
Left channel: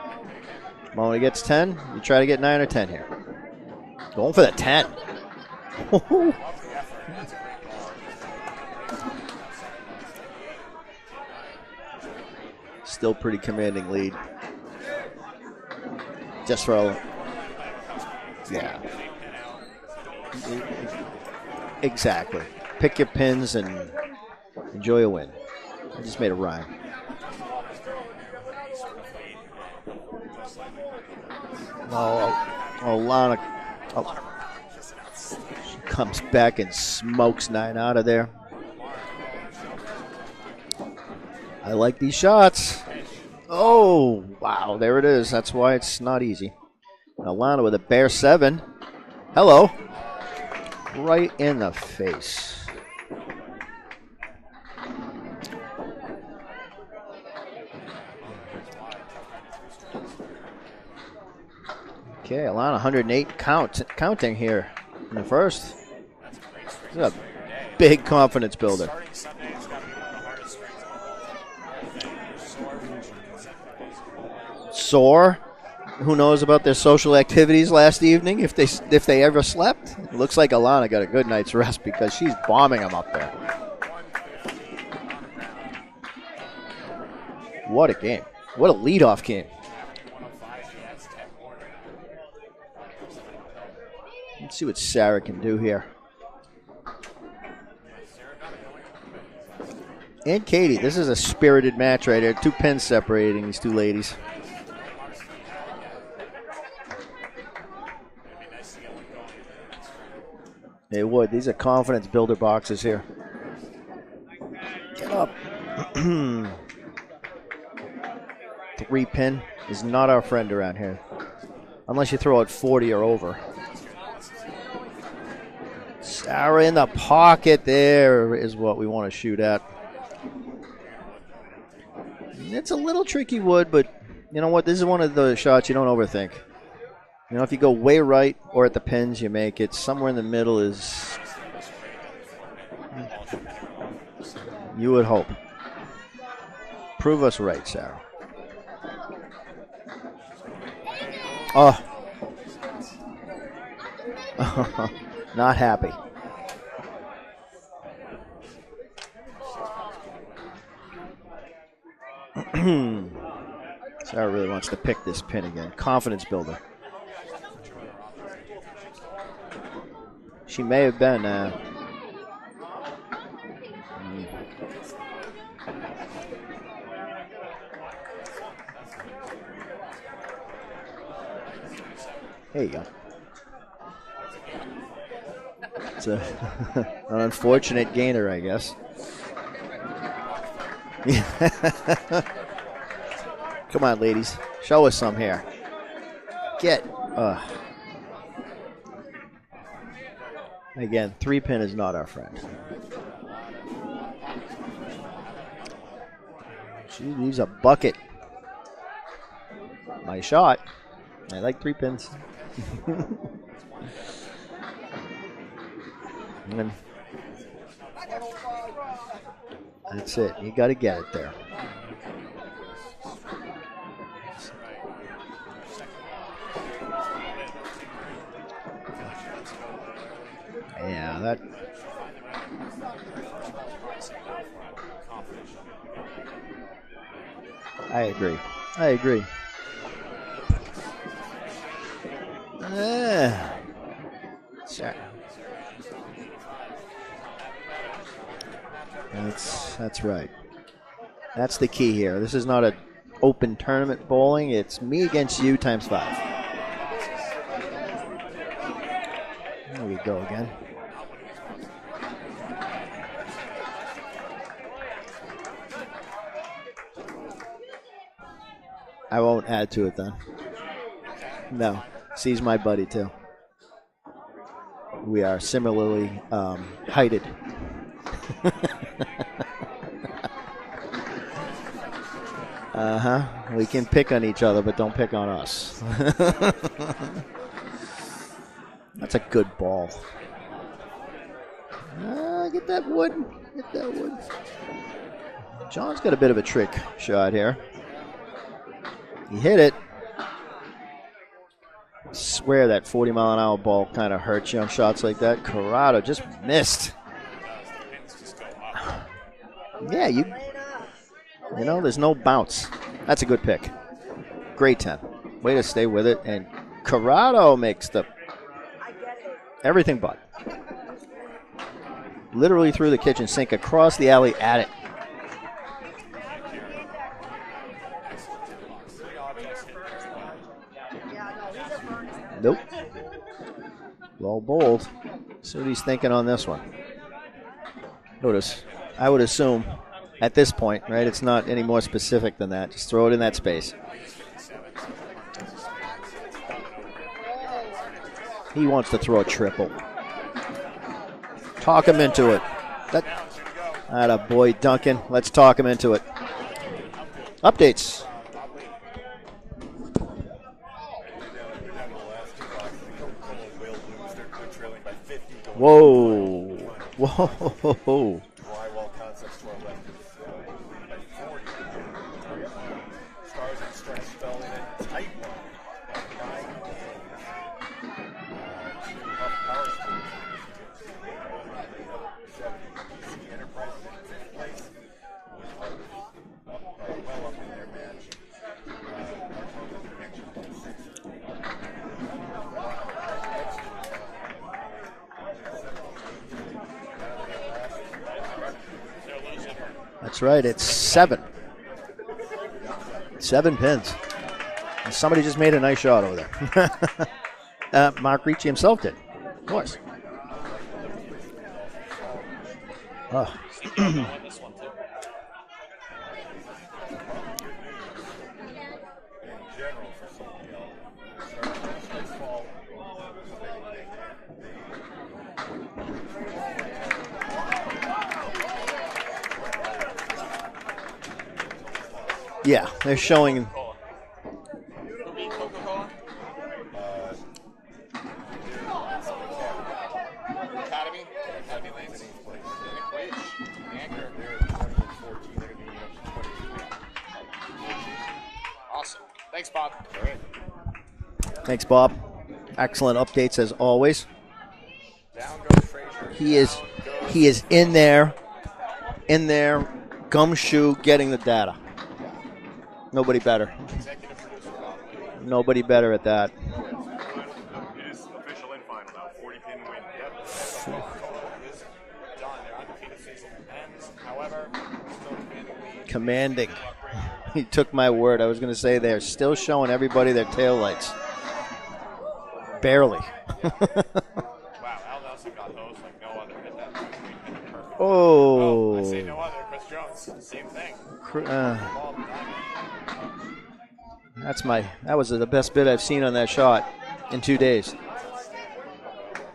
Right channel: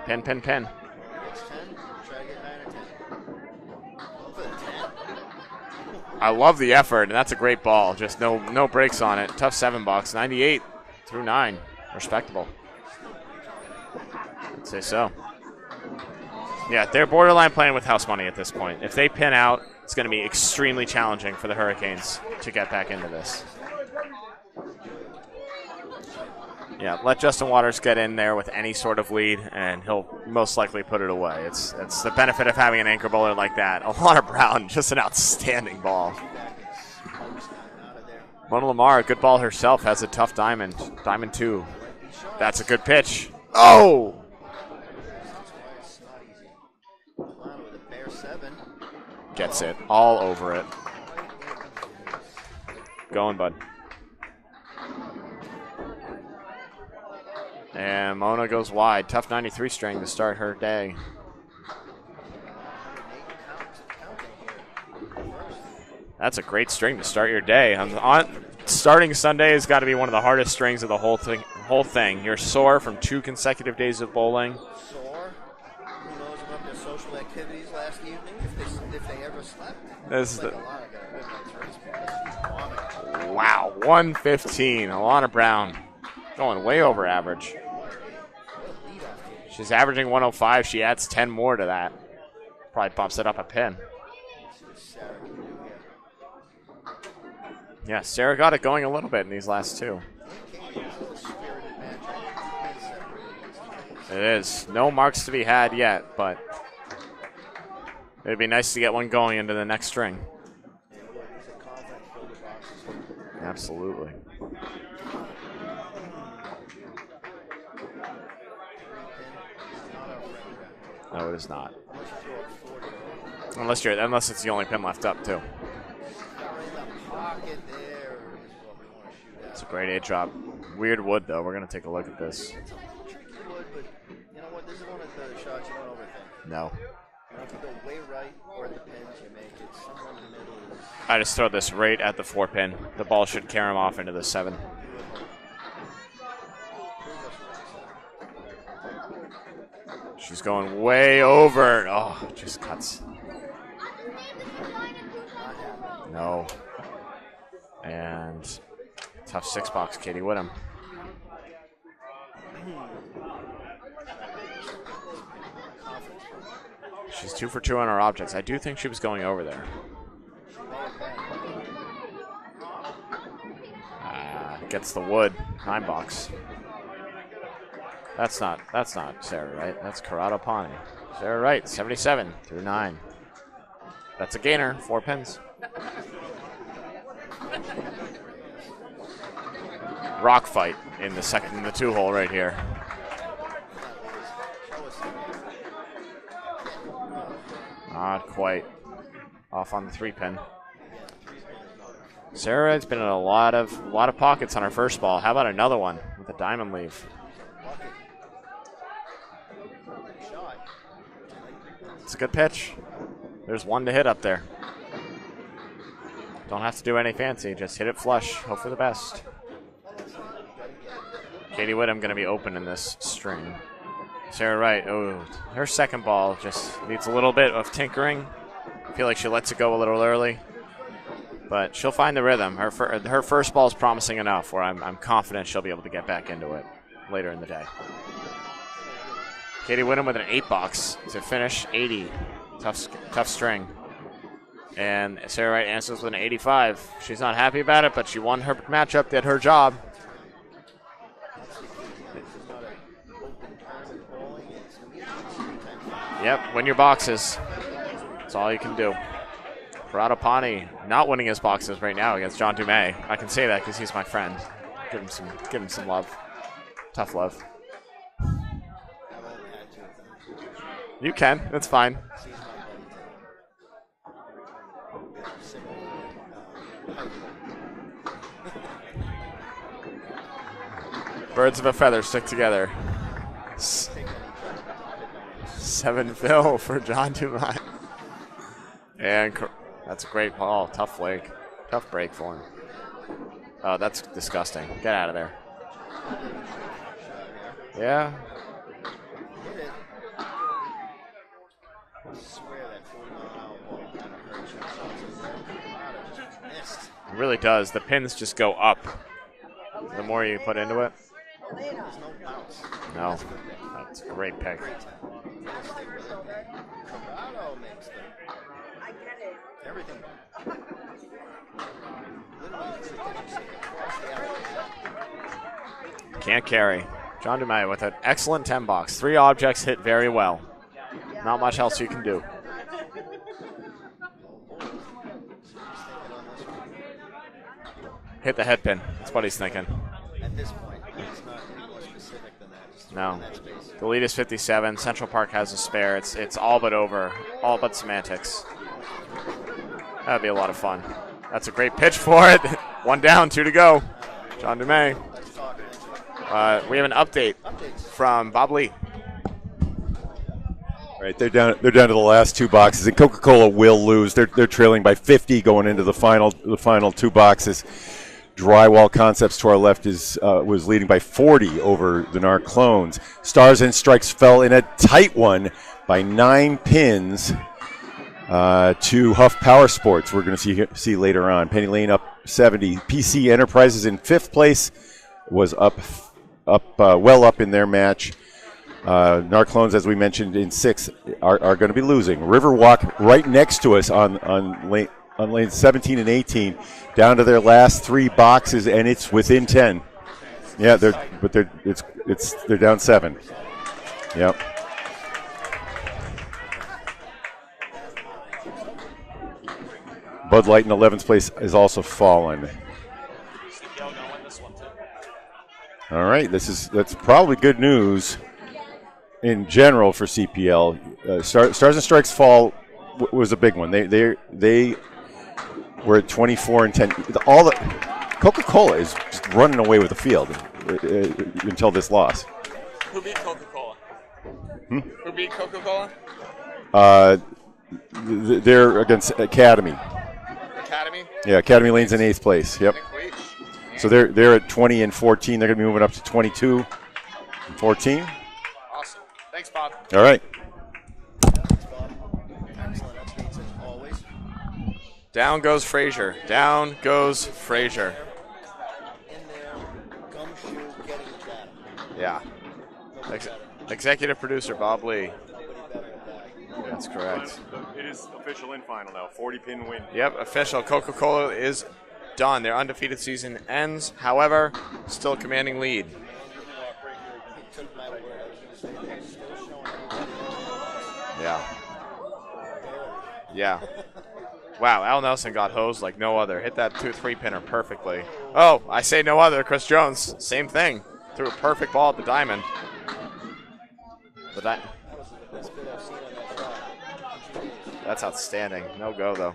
Pin, pin, pin. When he gets 10, you try to get 9 or 10 here. Going for the 10. I love the effort, and that's a great ball. Just no breaks on it. Tough 7 bucks. 98 through 9. Respectable. Still pretty commanding lead. I'd say so. Just for Yeah, they're borderline playing with house money at this Yeah. point. If they pin out, it's going to be extremely challenging for the Hurricanes exactly to get back Pick into your this. pins and enjoy a win. I just made a rhyme. Yeah, let Justin Waters get in there with any sort of lead, and he'll most likely put it away. It's the benefit of having an anchor bowler like that. Alana Brown, just an outstanding ball. Comes back and smokes 9 out of there. Mona Lamar, a good ball herself, has a tough diamond. Diamond 2. I like these shots. That's a good pitch. Oh, wow. There it is. That's why it's not easy. Alana with a bare 7. Hello. That's it. All over it. Right in the face. Going, bud. And Mona goes wide. Tough 93 string to start her day. Okay, Alana 108 counting here in the first. That's a great string to start your day. Big confidence builder. Starting Sunday has got to be one of the hardest strings of the whole thing. You're sore from 2 consecutive days of bowling. Sore. Who knows about their social activities last evening, if they ever slept? Looks like Alana got a good night's rest because she's bombing them up there. Wow, 115. Alana Brown going way over average. What a game. What a leadoff game. She's averaging 105. She adds 10 more to that. Probably bumps it up a pin. Let's see what Sarah can do here. Yeah, Sarah got it going a little bit in these last 2. And Katie, this is a spirited match right here. 2 pins separating these 2 ladies. It is. No marks to be had yet, but it'd be nice to get one going into the next string. It would. These are confidence builder boxes here. Absolutely. Get up. 3 pin is not our friend around here. No, it is not. Unless you throw it 40 or over. Unless it's the only pin left up, too. Sarah in the pocket there is what we want to shoot at. That's a great 8 drop. Weird wood, though. We're going to take a look at this. It's a little tricky wood, but you know what? This is one of the shots you don't overthink. No. You know, if you go way right or at the pins, you make it. Somewhere in the middle is... I just throw this right at the 4 pin. The ball should carry him off into the 7. You would hope. Prove us right, Sarah. She's going way over. Oh, just cuts. Not happy. No. And tough 6-box, Katie Whittam. Sarah really wants to pick this pin again. Confidence builder. She's 2 for 2 on her objects. I do think she was going over there. She may have been. Gets the wood. 9-box. That's not Sarah Wright. That's Corrado Pani. Sarah Wright, 77, 9. That's a gainer, 4 pins. It's an unfortunate gainer, I guess. Rock fight in the second 2-hole right here. Come on, ladies. Show us some here. Get. Not quite. Off on the 3 pin. Again, 3 pin is not our friend. Sarah has been in a lot of pockets on her first ball. How about another one with a diamond leaf? She leaves a bucket. Nice shot. I like 3 pins. It's a good pitch. There's 1 to hit up there. Don't have to do any fancy. Just hit it flush. Hope for the best. That's it. You got to get it there. Katie Whittam going to be open in this string. Sarah Wright, her second ball just needs a little bit of tinkering. I feel like she lets it go a little early. Yeah, but she'll find the rhythm. Her first ball is promising enough where I'm confident she'll be able to get back into it later in the day. I agree. Katie Whittam with an 8-box to finish 80. Tough string. And Sarah Wright answers with an 85. She's not happy about it, but she won her matchup, did her job. That's right. That's the key here. This is not an open tournament bowling. It's me against you times 5. Yep, win your boxes. That's all you can do. Radapani not winning his boxes right now against John Dumais. I can say that because he's my friend. Give him some love. Tough love. I won't add to it then. You can. That's fine. He's my buddy too. We are similarly heighted. Birds of a feather stick together. We can pick on each other, but don't pick on us. 7-0 for John Dumais. That's a good ball. That's a great ball. Tough leg. Tough break for him. Get that wood. Oh, that's disgusting. Get out of there. John's got a bit of a trick shot here. Yeah. He hit it. I swear that 40-mile-an-hour ball kind of hurts you on shots like that. Corrado just missed. It really does. The pins just go up. Yeah, the more you put into it. You know, there's no bounce. No. That's a good pick. That's a great pick. Great 10. Way to stay with it. And Corrado makes the everything but. Literally through the kitchen sink, across the alley at it. Can't carry. John Dumais with an excellent 10-box. 3 objects hit very well. Not much else you can do. Nope. Well bowled. See what he's thinking on this one. Hit the head pin. I would assume at this point, right? It's not any more specific than that. Just throw it in that space. The lead is 57. Central Park has a spare. It's all but over. All but semantics. He wants to throw a triple. That'd be a lot of fun. That's a great Talk pitch him for into it. One down, 2 to go. Atta boy, On to Duncan. May. Let's talk him into it. We have an update Updates. from Bob Lee. Right, they're down to the last 2 boxes, and Coca-Cola will lose. They're trailing by 50 going into the final 2 boxes. Drywall Concepts to our left was leading by 40 over the Narclones. Stars and Strikes fell in a tight one by 9 pins to Huff Powersports. We're going to see later on. Penny Lane up 70. PC Enterprises in 5th place was well up in their match. Narclones, as we mentioned, in 6th are going to be losing. Riverwalk right next to us on lane 17 and 18, down to their last 3 boxes, and it's within 10. That's right. It's they're 7. but they're down 7. 7 pins. Yep. And somebody just made a nice shot over there. Mark Ricci himself did. Of course. Bud Light in 11th place has also fallen. Oh. All right, that's probably good news in general for CPL. Stars and Strikes fall was a big one. They were at 24 and 10. All the Coca-Cola is just running away with the field until this loss. Yeah, they're showing. Who beat Coca-Cola? They're against Academy. Academy? Yeah, Academy Lane's in 8th place. Yep. So they're at 20 and 14. They're going to be moving up to 22 and 14. Awesome. Thanks, Bob. All right. Thanks, Bob. Excellent updates as always. Down goes Frazier. He is Frazier. in there, gumshoe, getting the data. Yeah. Nobody better. Executive producer Bob Lee. Nobody better at that. That's correct. It is official in final now. 40-pin win. Yep, official. Coca-Cola is done. Their undefeated season ends. However, still commanding lead. Commanding. He took my word. I was going to say they're still showing everybody their taillights. Yeah. Barely. Yeah. Wow, Al Nelson got hosed like no other. Hit that 2-3 pinner perfectly. Oh. I say no other. Chris Jones, same thing. Threw a perfect ball at the diamond. That was the best bit I've seen on that shot in 2 days. That's outstanding. No go, though.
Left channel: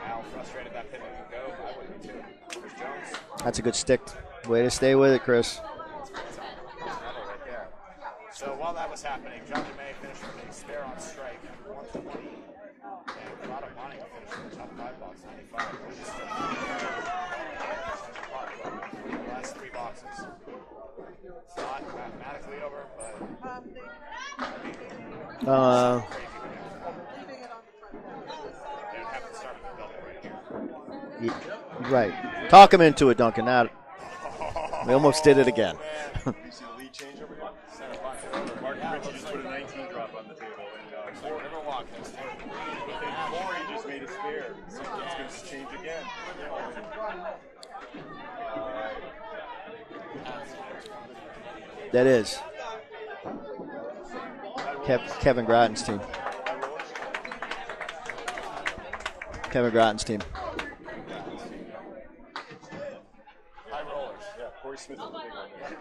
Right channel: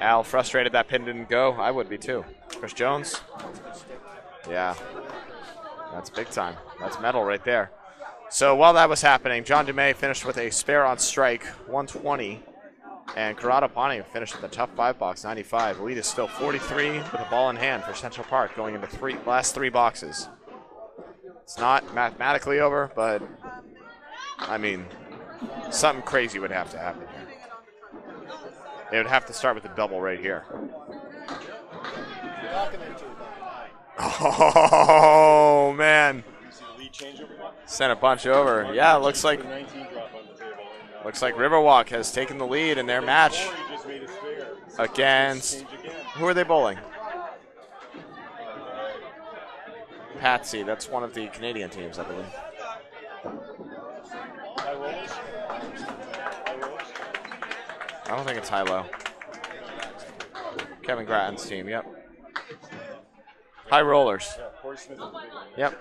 Al frustrated that pin didn't go. I would be, too. Chris Jones. That's a good stick. Way Yeah. to stay with it, Chris. That's big time. That's metal right there. So while that was happening, John DeMay finished with a spare on strike, 120. And Corrado Ponting finished with a tough 5 box, 95. The lead is still 43 with a ball in hand for Central Park going into last 3 boxes. It's not mathematically over, but I mean, something crazy would have to happen. They would have to start with a double right here. Right. Talk him into it, Duncan. Now, almost did it again. Oh, man. Sent a bunch over. Yeah, looks like Riverwalk has taken the lead in their match against, who are they bowling? Patsy, that's one of the Canadian teams. that is Kevin Gratton's team. I don't think it's high-low. Kevin Gratton's team. Kevin Gratton's team, yep. High Rollers. Yep.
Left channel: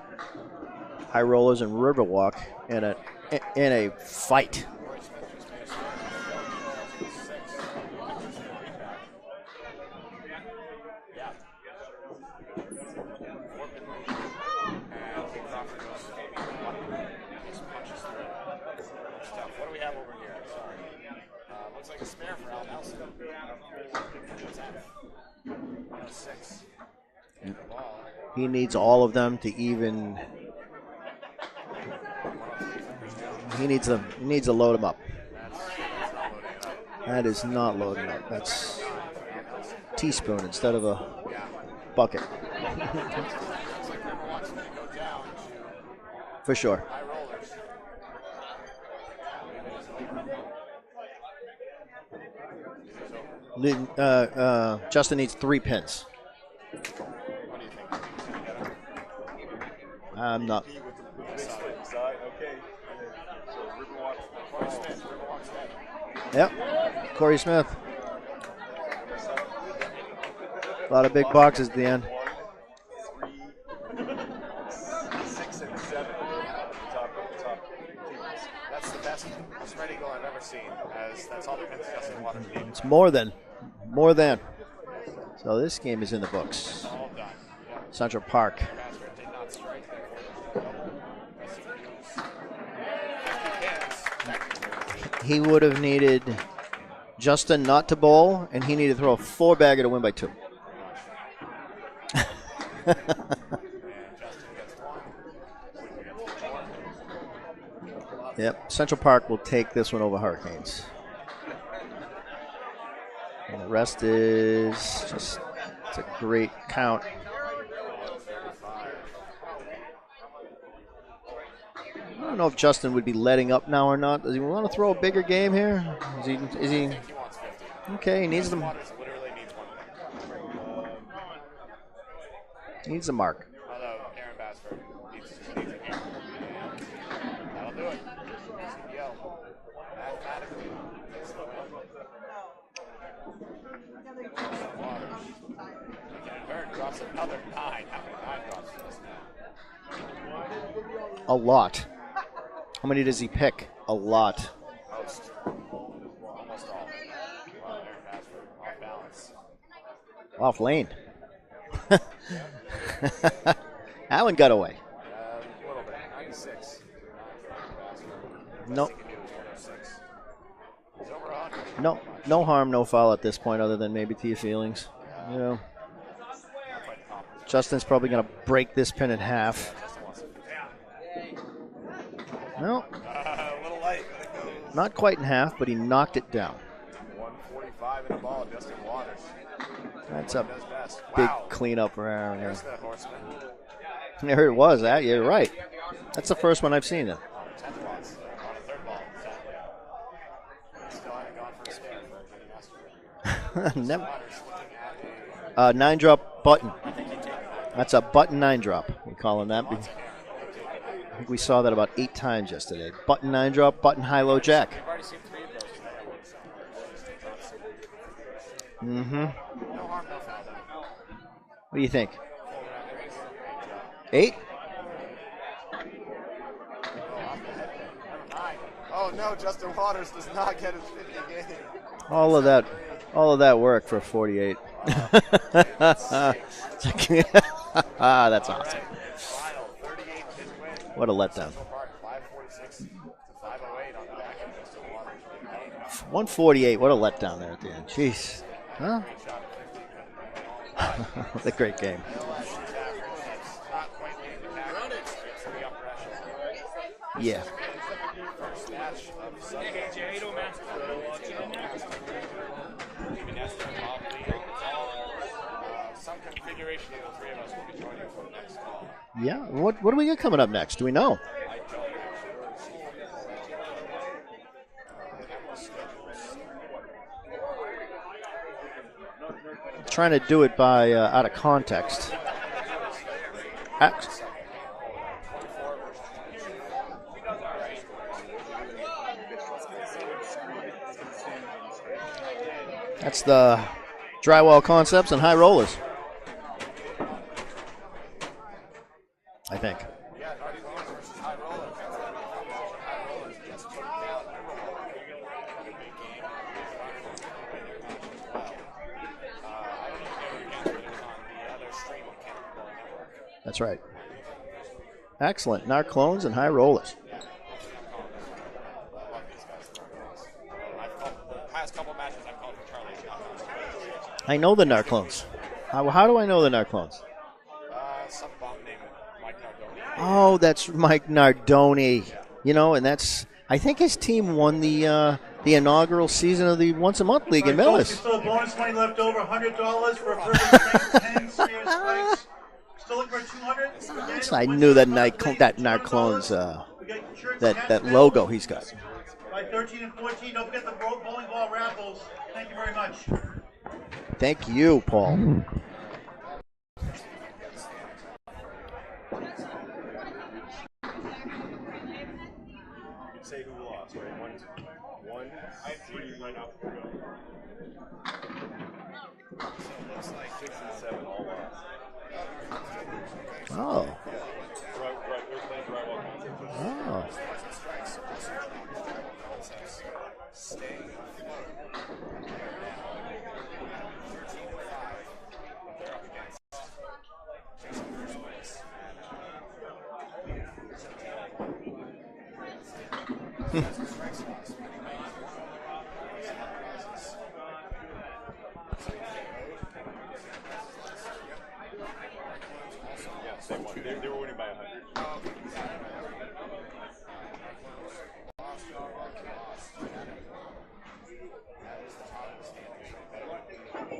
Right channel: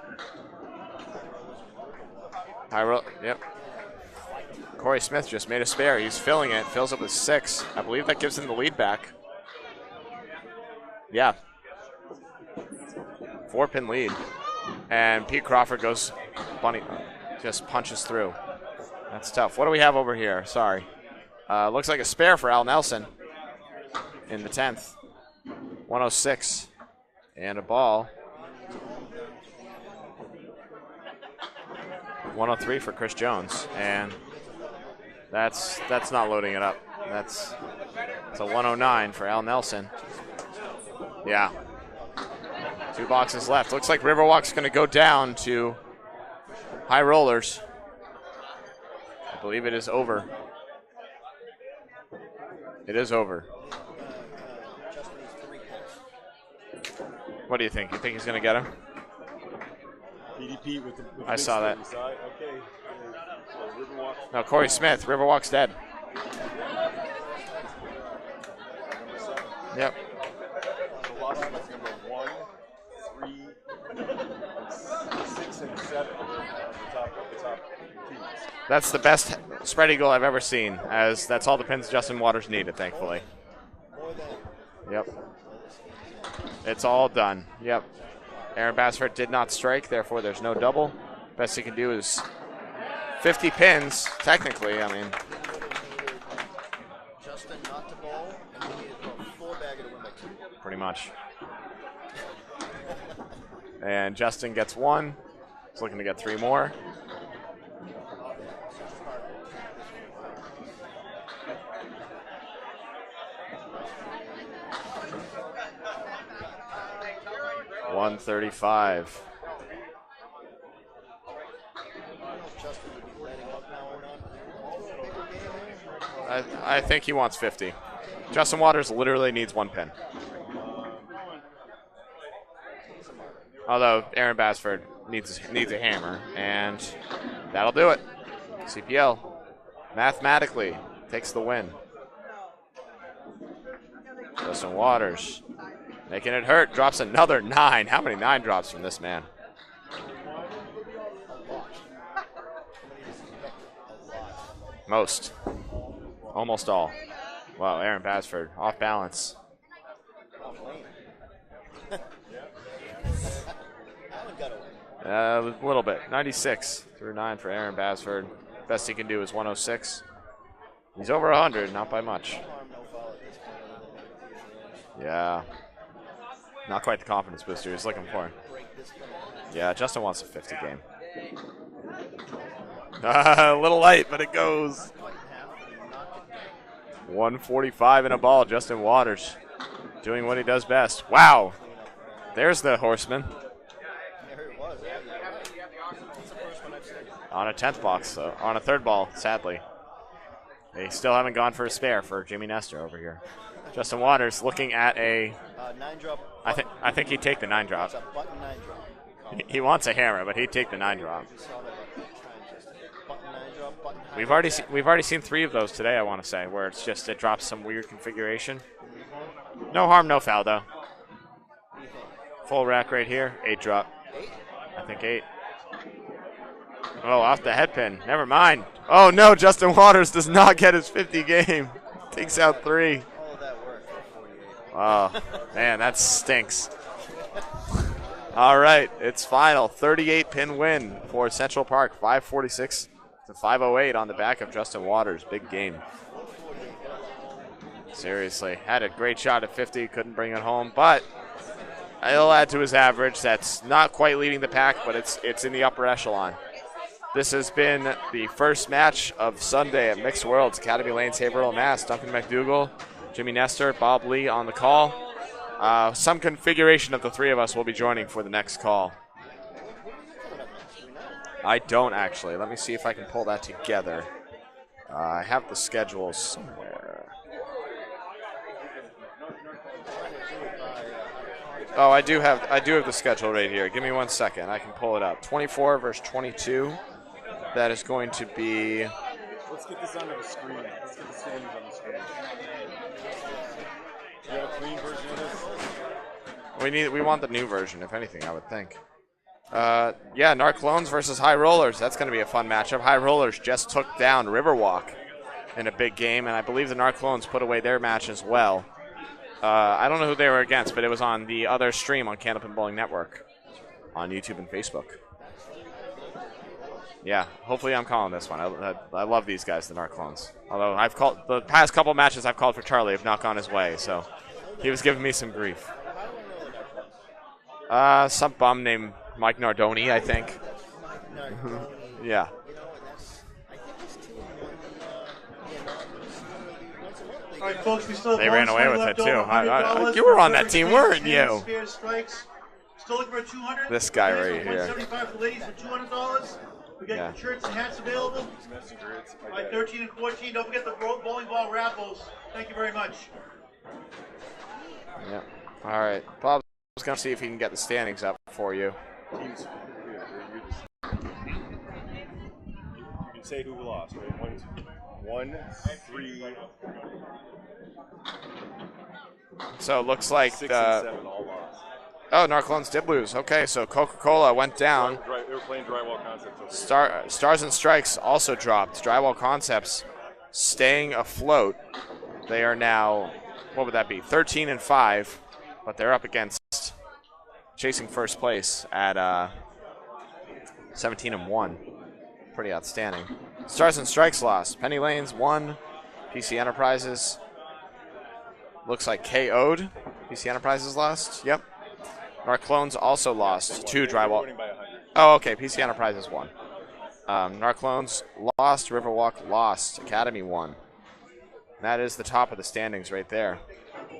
High Rollers and Riverwalk in a fight. Corey Smith just made a spare. He's filling it. Fills up with 6. I believe that gives him the lead back. Yeah. 4-pin lead. And Pete Crawford goes bunny, just punches through. That's tough. What do we have over here? Sorry. Looks like a spare for Al Nelson in the 10th. 106. And a ball. He needs all of them to even. 103 for Chris Jones. He needs to load him up. That's not loading it up. That is not loading it up. It's That's a 109 for Al Nelson. teaspoon instead of a bucket. 2 boxes left. Looks like Riverwalk's going to go down to For sure. High Rollers. I believe it is over. It is over. Justin needs 3 pins. What do you think? You think he's going to get him? I'm not. I saw that. No, Corey Smith. Riverwalk's dead. Yep. Corey Smith. Yep. A lot of big boxes at the end. 6 and 7. That's the best spread eagle I've ever seen, as that's all the pins Justin Waters need, I think. More than. Yep. So this game is in the books. It's all done. Yep. Central Park. Aaron Bassford did not strike, therefore there's no double. Best he can do is 50 pins, technically. I mean, He would have needed Justin not to bowl, and he needed to throw a 4-bagger to win by 2. pretty much. And Justin gets 1. He's looking to get 3 more. Yep, Central Park will take this one over Hurricanes. And the rest is just, it's a great count. 135. I don't know if Justin would be letting up now or not. Does he want to throw a bigger game here? I think he wants 50. Okay, he needs Justin Waters literally needs 1 pin. needs a mark. Although Aaron Bassford needs a hammer, and that'll do it. CPL mathematically takes the win. Justin Waters making it hurt, drops another 9. How many 9 drops from this man? A lot. How many does he pick? A lot. Most. Almost all. Wow, Aaron Bassford off balance. Off lane. Allen got away. A little bit. 96 through 9 for Aaron Bassford. Best he can do is 106. He's over 100, not by much. No harm, no foul at this point, other than maybe to your feelings. Yeah. You know, Not quite the confidence booster. Justin's probably going to break this pin in half. Yeah, Justin wants a 50 game. No, A little light, but it goes. not quite in half, but he knocked it down. 145 in a ball. Justin Waters doing what he does best. Wow. Clean up for Aaron. There's the horseman There it was. You're right. That's the first one I've seen it. on a 10th box, though. On a 3rd ball, sadly. They still haven't gone for a spare for Jimmy Nestor over here. Justin Waters looking at a 9-drop button. I think he'd take the 9-drop. That's a button 9-drop. We call him that. He wants a hammer, but he'd take the 9-drop. We saw that about 8 times yesterday. Button 9-drop, button high-low jack. We've already seen 3 of those today, I want to say, where it's just it drops some weird configuration. Mm-hmm. No harm, no foul, though. What do you think? Full rack right here, 8 drop. 8? I think 8. Oh, off the head pin. Never mind. Oh, no, Justin Waters does not get his 50 game. Takes out 3. All of that work for 48. Oh, man, that stinks. That's All right, it's final. 38-pin win What a for letdown. Central Park. 546 to 508 on the back of Justin Waters. Big game. 148. What a letdown there at the end. Jeez. Seriously. Had a Huh? great shot at 50. Couldn't bring it home. But What a great game. it'll add to his average. That's not quite leading the pack, but it's in the upper echelon. This has been the first match of Sunday at Mixed Worlds, Academy Lanes, Haverhill MA. Duncan MacDougall, Jimmy Nestor, Bob Lee on the call. Some configuration of the 3 of us will be joining for the next call. Yeah. What do we got coming up next? Do we know? I don't actually. Let me see if I can pull that together. I have the schedules. Trying to do it by out of context. Oh, I do have the schedule right here. Give me 1 second. I can pull it up. 24 versus 22. That is going to be. Let's get this onto the screen. That's the drywall concepts and high rollers. We want the new version, if anything, I would think. Yeah, Narclones versus High Rollers. That's going to be a fun matchup. High Rollers just took down Riverwalk in a big game, and I believe the Narclones put away their match as well. I don't know who they were against, but it was on the other stream on Candlepin Bowling Network. That's right. On YouTube and Facebook. Excellent. Narclones and high rollers. Yeah, hopefully I'm calling this one. I love these guys, the Narclones. Although I've called the past couple matches I've called for Charlie have not gone his way, so I know the he was Narclones. giving me some grief. How do I know the Narclones? Some bum named Mike Nardoni, I think. Oh, that's Mike Nardoni. Yeah. You know, and that's I think his team won the inaugural season of the Once a Month League in Millis. They ran away with it too. You were on that team, weren't you? This guy right I here. knew that Narclones, that logo he's got. By 13 and 14, don't forget the bowling ball raffles. Thank you very much. Thank you, Paul. All right, Bob's going to see if he can get the standings up for you. You can say who lost. 1, 3, So it looks like 6, and 7 all lost. oh, Narclones did lose. Okay, so Coca-Cola went down. Right, they were playing drywall concepts. Stars and Strikes also dropped. Drywall Concepts staying afloat. They are now what would that be? 13 and 5, but they're up against chasing first place at 17 and 1. Pretty outstanding. Stars and Strikes lost. Penny Lanes won. PC Enterprises looks like KO'd. PC Enterprises lost. Yep. Narclones also lost to Drywall. Oh, okay. PC Enterprises won. Narclones lost. Riverwalk lost. Academy won. That is the top of the standings right there.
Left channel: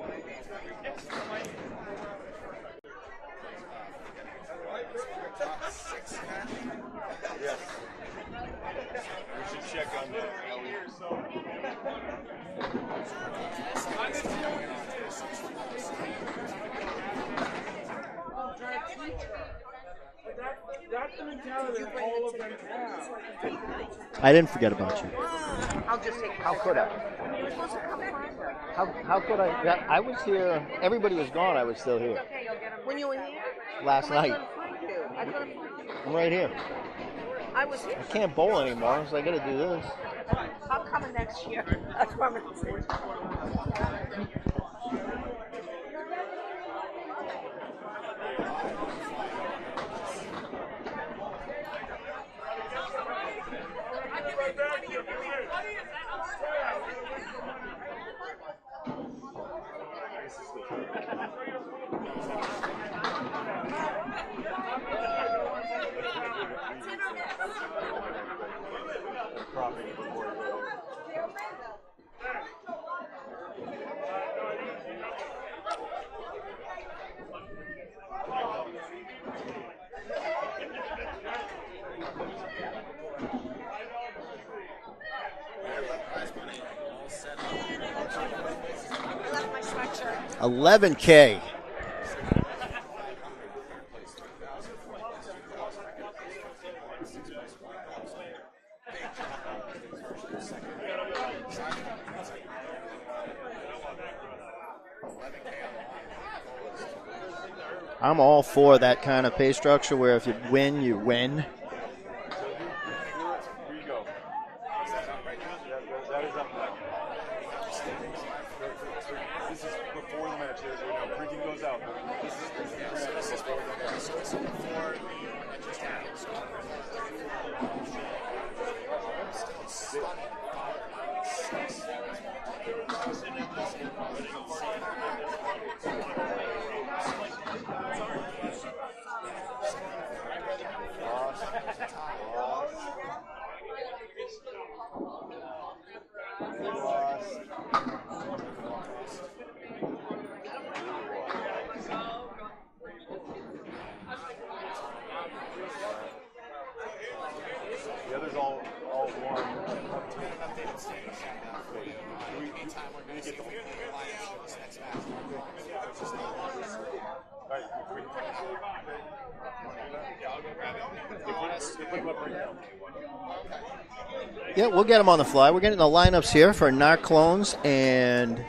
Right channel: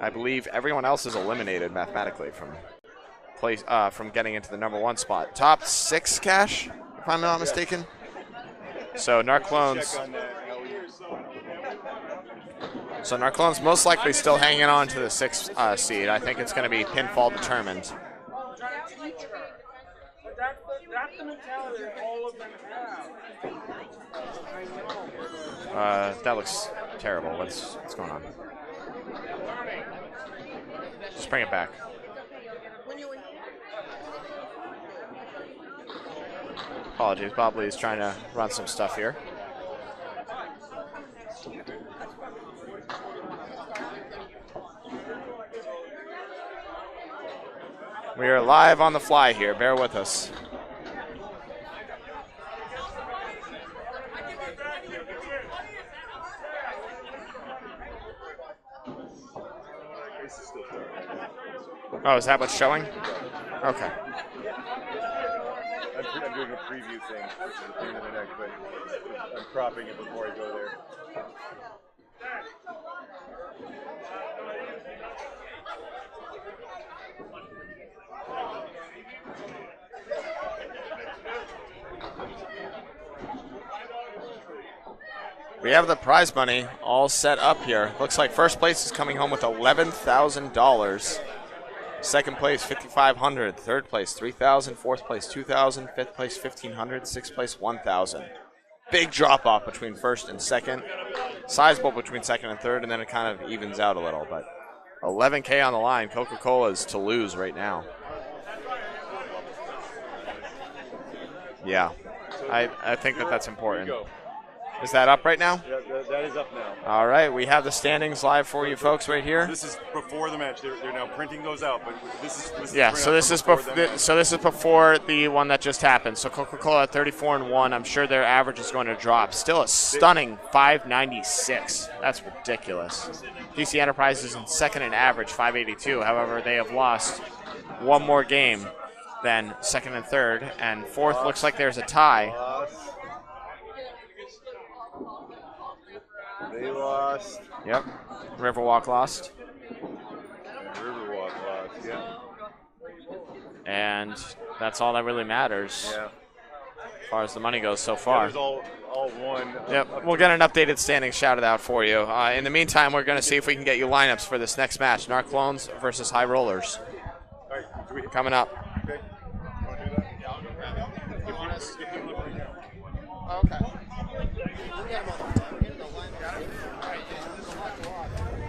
I believe everyone else is eliminated mathematically from getting into the number 1 spot. Top 6 cash, if I'm not mistaken. So Narclones most likely still hanging on to the 6th seed. I think it's going to be pinfall determined. I didn't forget about you. That looks terrible. What's going on? How could I? Yeah, I was here. Everybody was Bring it gone. back. I was still here. When you were here? Last night. I'm right here. Apologies, Bob Lee's trying to Can't run bowl some stuff anymore, here. so I gotta do this. I'm coming next year. I promise you. We are live on the fly here. Bear with us. Oh, is that what's showing? Okay. I'm doing a preview thing. I'm cropping it before I go there. We have the prize money all set up here. Looks like first place is coming home with $11,000. 11K. Second place, $5,500. Third place, $3,000. Fourth place, $2,000. Fifth place, $1,500. Sixth place, $1,000. Big drop off between first and second. Sizable between second and third, and then it kind of evens out a little. But $11K on the line. Coca-Cola's to lose right now. I'm all for that kind of pay structure where if you win, you win. Yeah, I think that's important. Is that up right now? Yeah, that is up now. All right, we have the standings live for you folks right here. This is before the match. They're now printing those out, but this is Yeah, so this is before the one that just happened. So Coca-Cola at 34 and 1. I'm sure their average is going to drop. Still a stunning 596. That's ridiculous. DC Enterprises in second in average 582. However, they have lost one more game than second and third, and fourth looks like there's a tie. They lost. Yep. Riverwalk lost. Riverwalk lost. Yeah. And that's all that really matters Yeah. as far as the money goes so far. That was all one. Yep, we'll get an updated standing shouted out for you. In the meantime, we're going to see if we can get you lineups for this next match. Narclones versus High Rollers. Coming up. Okay. Yeah, we'll get them on the fly. We're getting the lineups here for Narclones and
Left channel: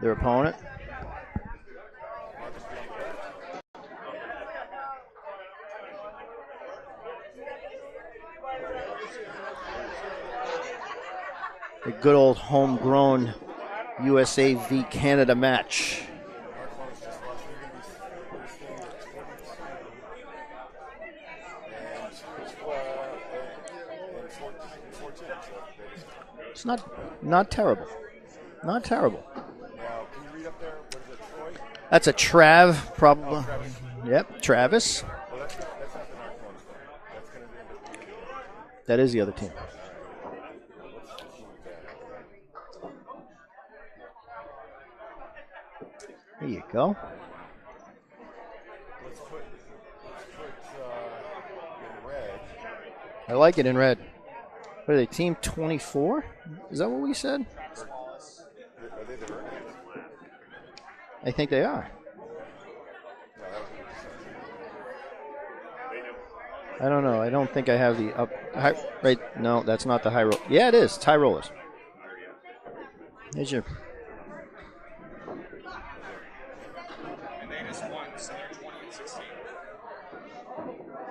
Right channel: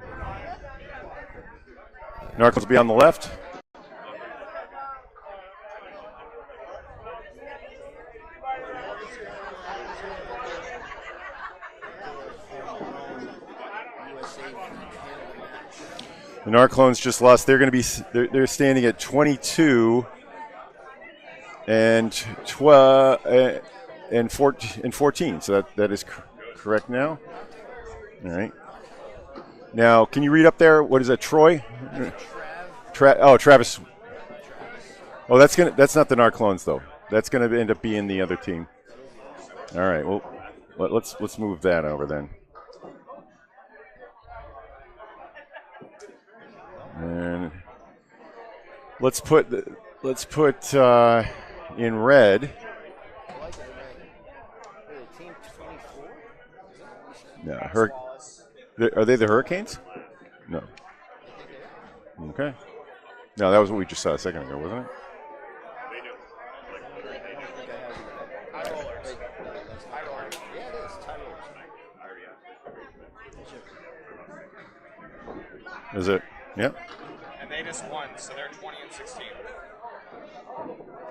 their opponent. Narclones will be on the left. A good old homegrown USA v Canada match. The Narclones just lost. They're going to be. They're standing at 22 and 14. So that is correct now. Not terrible. All right. Not terrible. Now, can you read up there? What is that? Troy? That's a Trav. Travis. Yep, Travis. Oh, that's not the Narclones though. That's gonna end up being the other team. That is the other team. All right. Well, let's move that over then. There you go. And let's put in red. I like it in red. What are they? Team 24? Is that what we said? Yeah. Are they the Hurricanes? No. I think they are. Okay. No, that was what we just saw a second ago, wasn't it? I don't know. I don't think I have the up. Right? No, that's not the high roll. Yeah, it is. It's high rollers. There's your. Is it? Yep. And they just won, so they're 20 and 16.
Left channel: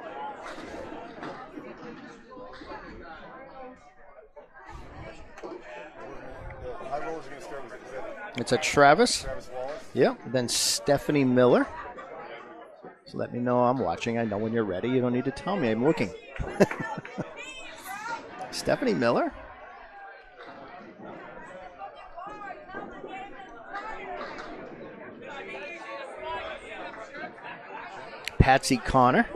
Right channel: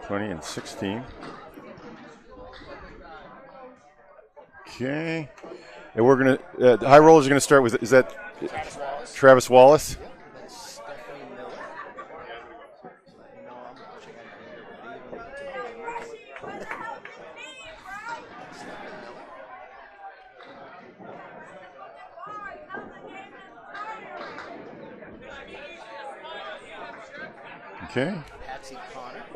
20 and 16. Okay. And we're going to, the high rollers are going to start with, is that It's a Travis. Travis Wallace? Yep. Then Stephanie Miller. So let me know I'm watching. I know when you're ready. You don't need to tell me. I'm looking. Stephanie Miller. Okay. Patsy Connor.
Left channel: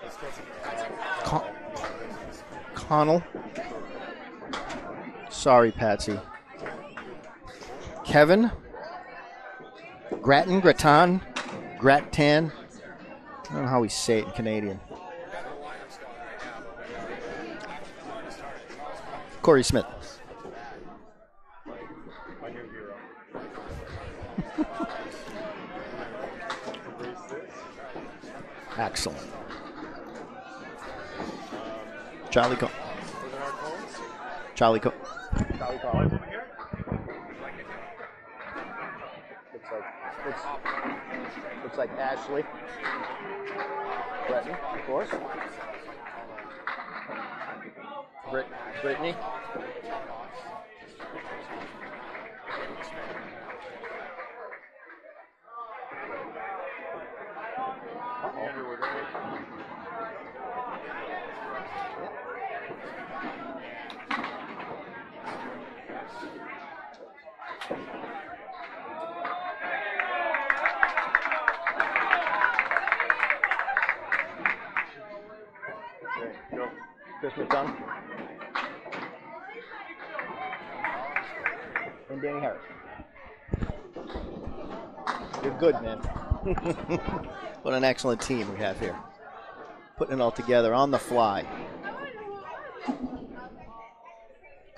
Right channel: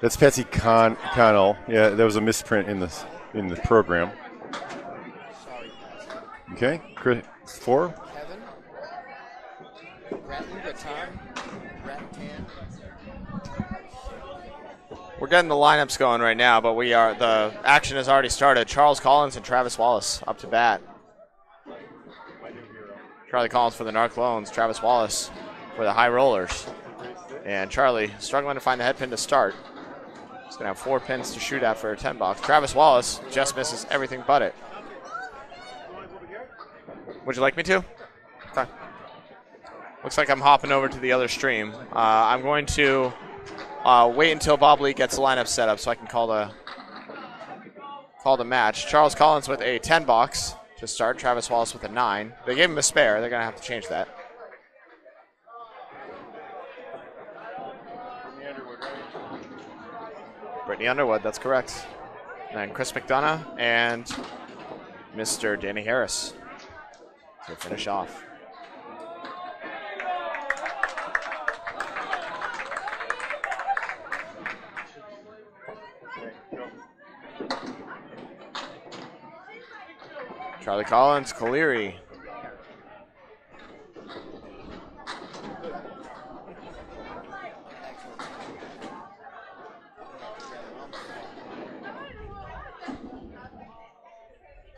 That's Patsy Connell. Yeah, that was a misprint in the program. Sorry, Patsy. Okay. Chris, 4. Kevin. Grattan. I don't know how we say it in Canadian. We're getting the lineups going right now, but the action has already started. Charles Collins and Corey Travis Smith. Wallace up to bat. Charlie Collins for the Narclones, Travis Wallace for the High Rollers. And Charlie struggling to find the head pin to start. He's going to have 4 pins to shoot at for a 10 box. Travis Wallace just misses everything but it. Charlie. Would you like me to? Okay. Looks like I'm hopping over to the other stream. I'm going to wait until Bob Lee gets the lineup set up so I can call the match. Charles Collins with a 10 box to start. Travis Wallace with a 9. They gave him a spare. They're going to have to change that. Brittany Underwood, that's correct. And Chris McDonough and Mr. Danny Harris to finish off. Charlie Collins, Caleri. And Danny Harris. You're good, man. What an excellent team we have here. Putting it all together on the fly.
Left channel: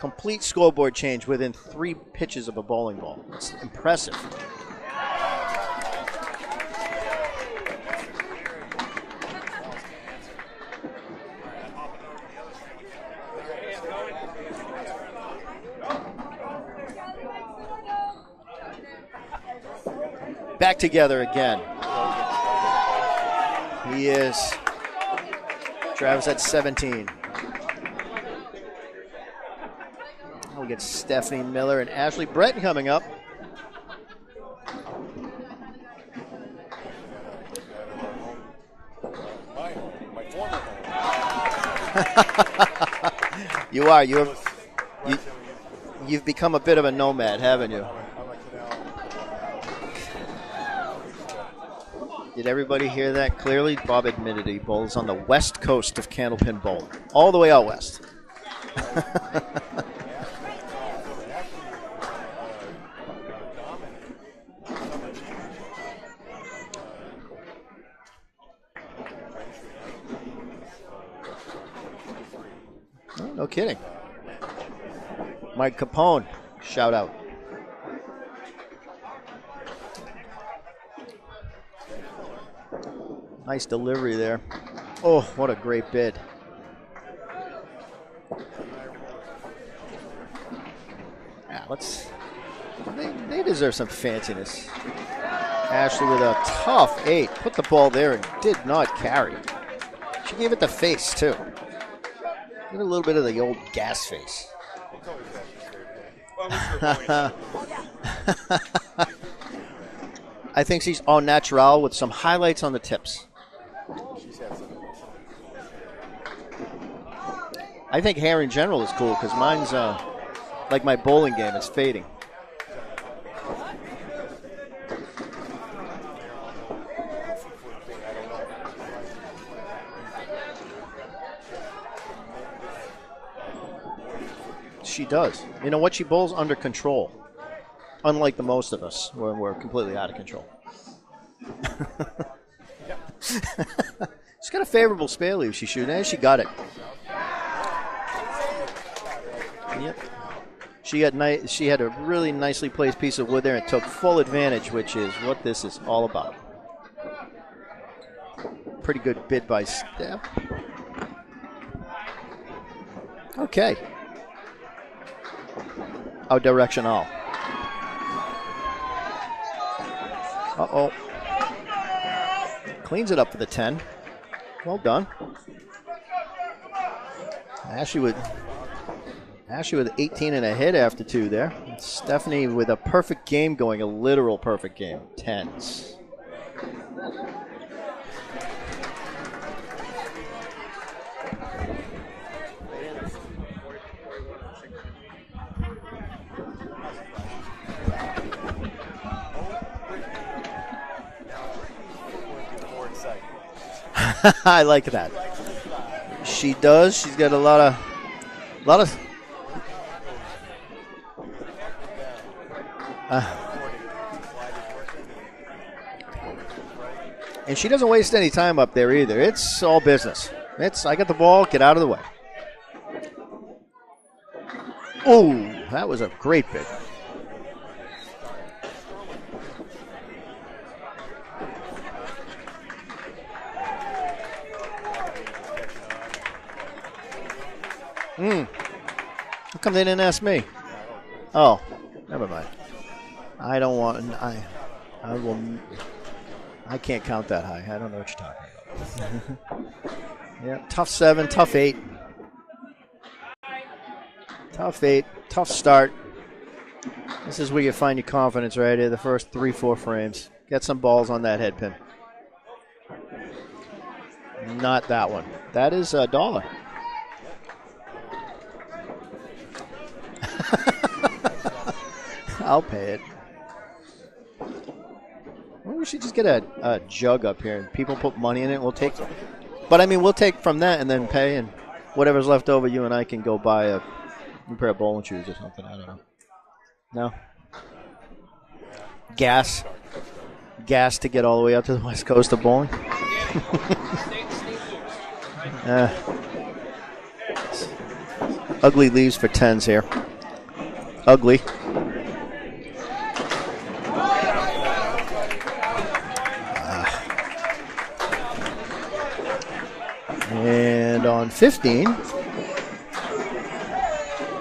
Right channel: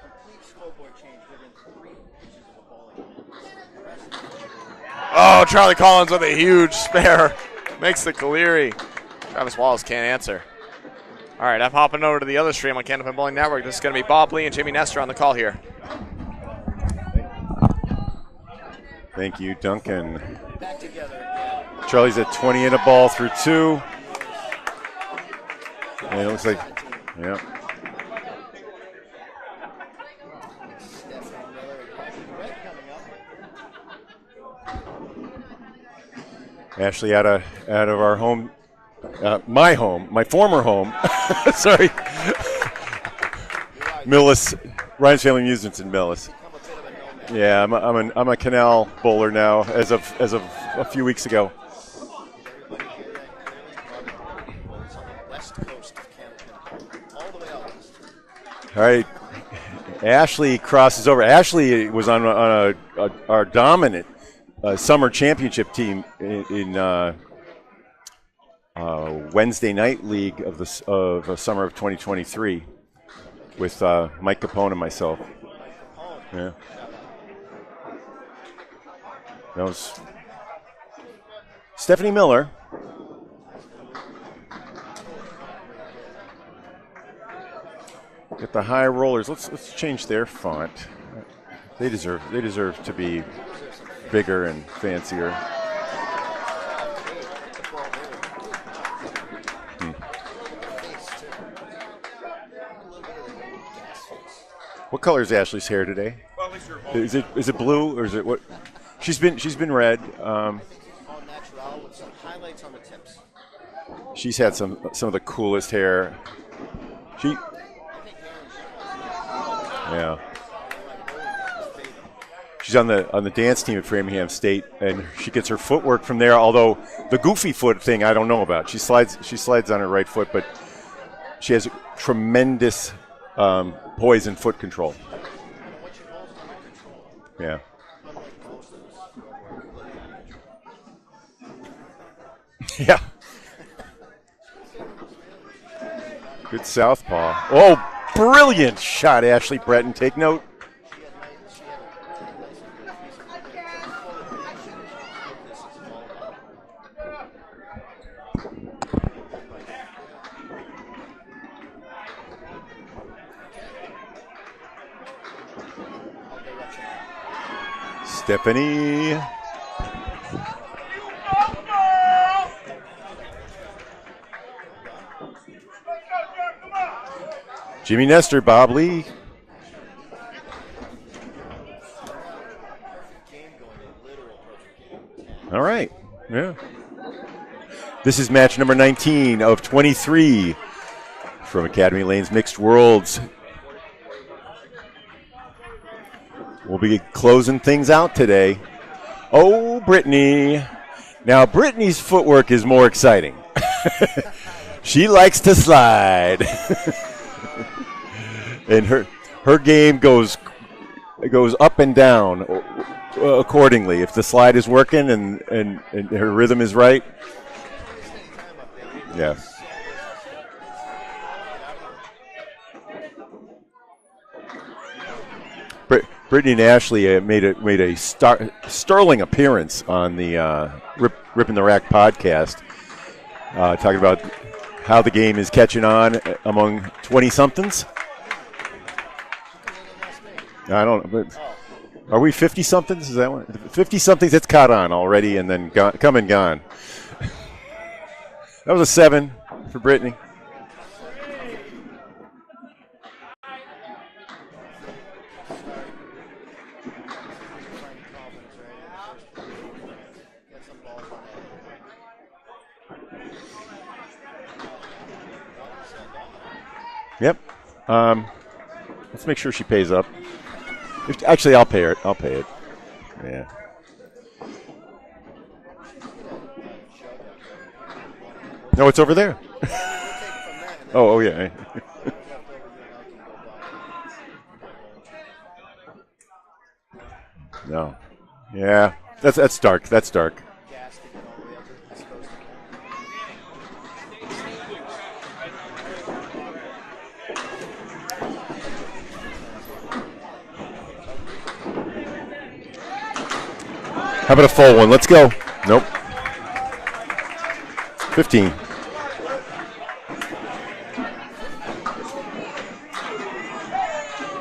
Complete scoreboard change within 3 pitches of a bowling ball. It's impressive. Oh, Charlie Collins with a huge spare. Makes the Caleri. Travis Wallace can't answer. All right, I'm hopping over to the other stream on Candlepin Bowling Network. This is going to be Bob Lee and Jamie Nestor on the call here. Thank you, Duncan. Back together again. Charlie's at 20 in a ball through 2. He is. Travis at looks like- 17. Yeah. We'll get Stephanie Miller and Ashley Breton coming up. Ashley out of our home, my former home. Sorry. You are. Millis, Ryan's Family Amusements in Millis. You've become a bit of a nomad. Yeah, haven't you? I'm a canal bowler now as of a few weeks ago. Did everybody hear that clearly? Bob admitted he bowls on the west coast of Candlepin Bowl, all the way out west. All right. Ashley crosses over. Ashley was on our dominant summer championship team in Wednesday night league of the summer of 2023. No kidding. With Mike Capone and myself. Mike Capone. Yeah. Shout out. That was Stephanie Miller. Nice delivery there. Oh, what a great bid. Get the high rollers. Let's change their font. They deserve to be. They deserve some fanciness. Bigger and fancier. Ashley with a tough 8. Put the ball there and did not carry. She gave it the face too. Give it a little bit of the old gas face. What color is Ashley's hair today? is it blue or is it what? She's been red. I think she's au natural with some highlights on the tips. She's had some of the coolest hair. I think hair in general is cool because mine's like my bowling game. It's fading. She's on the dance team at Framingham State, and she gets her footwork from there. Although the goofy foot thing, I don't know about. She slides on her right foot, but she has tremendous poise and foot control. She does. You know what? She bowls under control. Yeah. Unlike the most of us, where we're completely out of control. Yeah. She's got a favorable spare leave she shooting, and she got it. Good southpaw. Oh, brilliant shot, Ashley Breton. Take note. She had a really nicely placed piece of wood there and took full advantage, which is what this is all about. Pretty good bid by Steph. Okay. Our directional. Stephanie. Uh-oh. Cleans it up for the 10. Well done. Jimmy Nestor, Bob Lee. Ashley with 18 and a hit after 2 there. Stephanie with a perfect game going, a literal perfect game, 10. All right. Yeah. This is match number 19 of 23 from Academy Lane's Mixed Worlds. We'll be closing things out today. Oh, Brittany. Now, Brittany's footwork is more exciting. I like that. She likes to slide. She does. She's got a lot of her game goes up and down accordingly. If the slide is working and her rhythm is right. And she doesn't waste any time up there either. Yeah. It's all business. I got the ball, get out of the way. Oh, that was a great. Brittany and Ashley made a sterling appearance on the Ripping the Rack podcast, talking about how the game is catching on among 20-somethings. How come they didn't ask me? I don't know. Oh. Are we 50-somethings? Is that one? I don't 50-somethings, it's caught on already and then come and gone. I can't count that high. I don't know what you're talking about. That was a 7 for Brittany. Yeah, tough 7, tough 8. Tough 8, tough start. This is where you find your confidence right here, the first 3-4 frames. Get some balls on that head pin. Not that one. That is $1. Yep. Let's make sure she pays up. Actually, I'll pay her. I'll pay it. I'll pay it. Yeah. Well, we should just get a jug up here and people put money in it. No, it's over there. But I mean, we'll take from that and then pay. Yeah. And whatever's left over, you and I can go buy a pair of bowling shoes or something. I don't know. No. No. Yeah. Gas. That's dark. That's dark. Gas to get all the way up to the west coast of bowling. Ugly leaves for 10s here. Ugly. How about a full one? Let's go. Nope. 15. And on 15.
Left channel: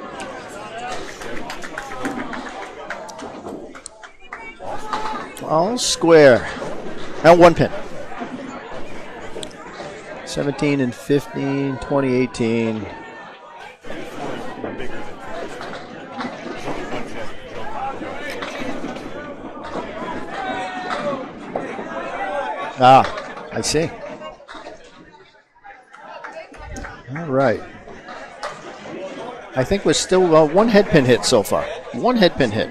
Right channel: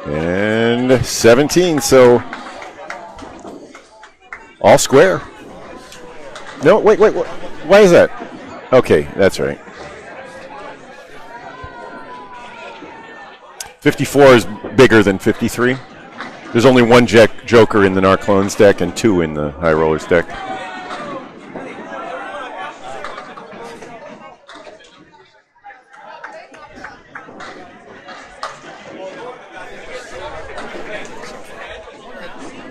And 17. So all square. All square. No, wait. Now 1 pin. Why is that? Okay, that's right. 17 and 15, 2018. 54 is bigger than 53. There's only one joker in the Narclones deck and 2 in the High Rollers deck. Ah, I see. All right. I think we're still 1 head pin hit so far. 1 head pin hit.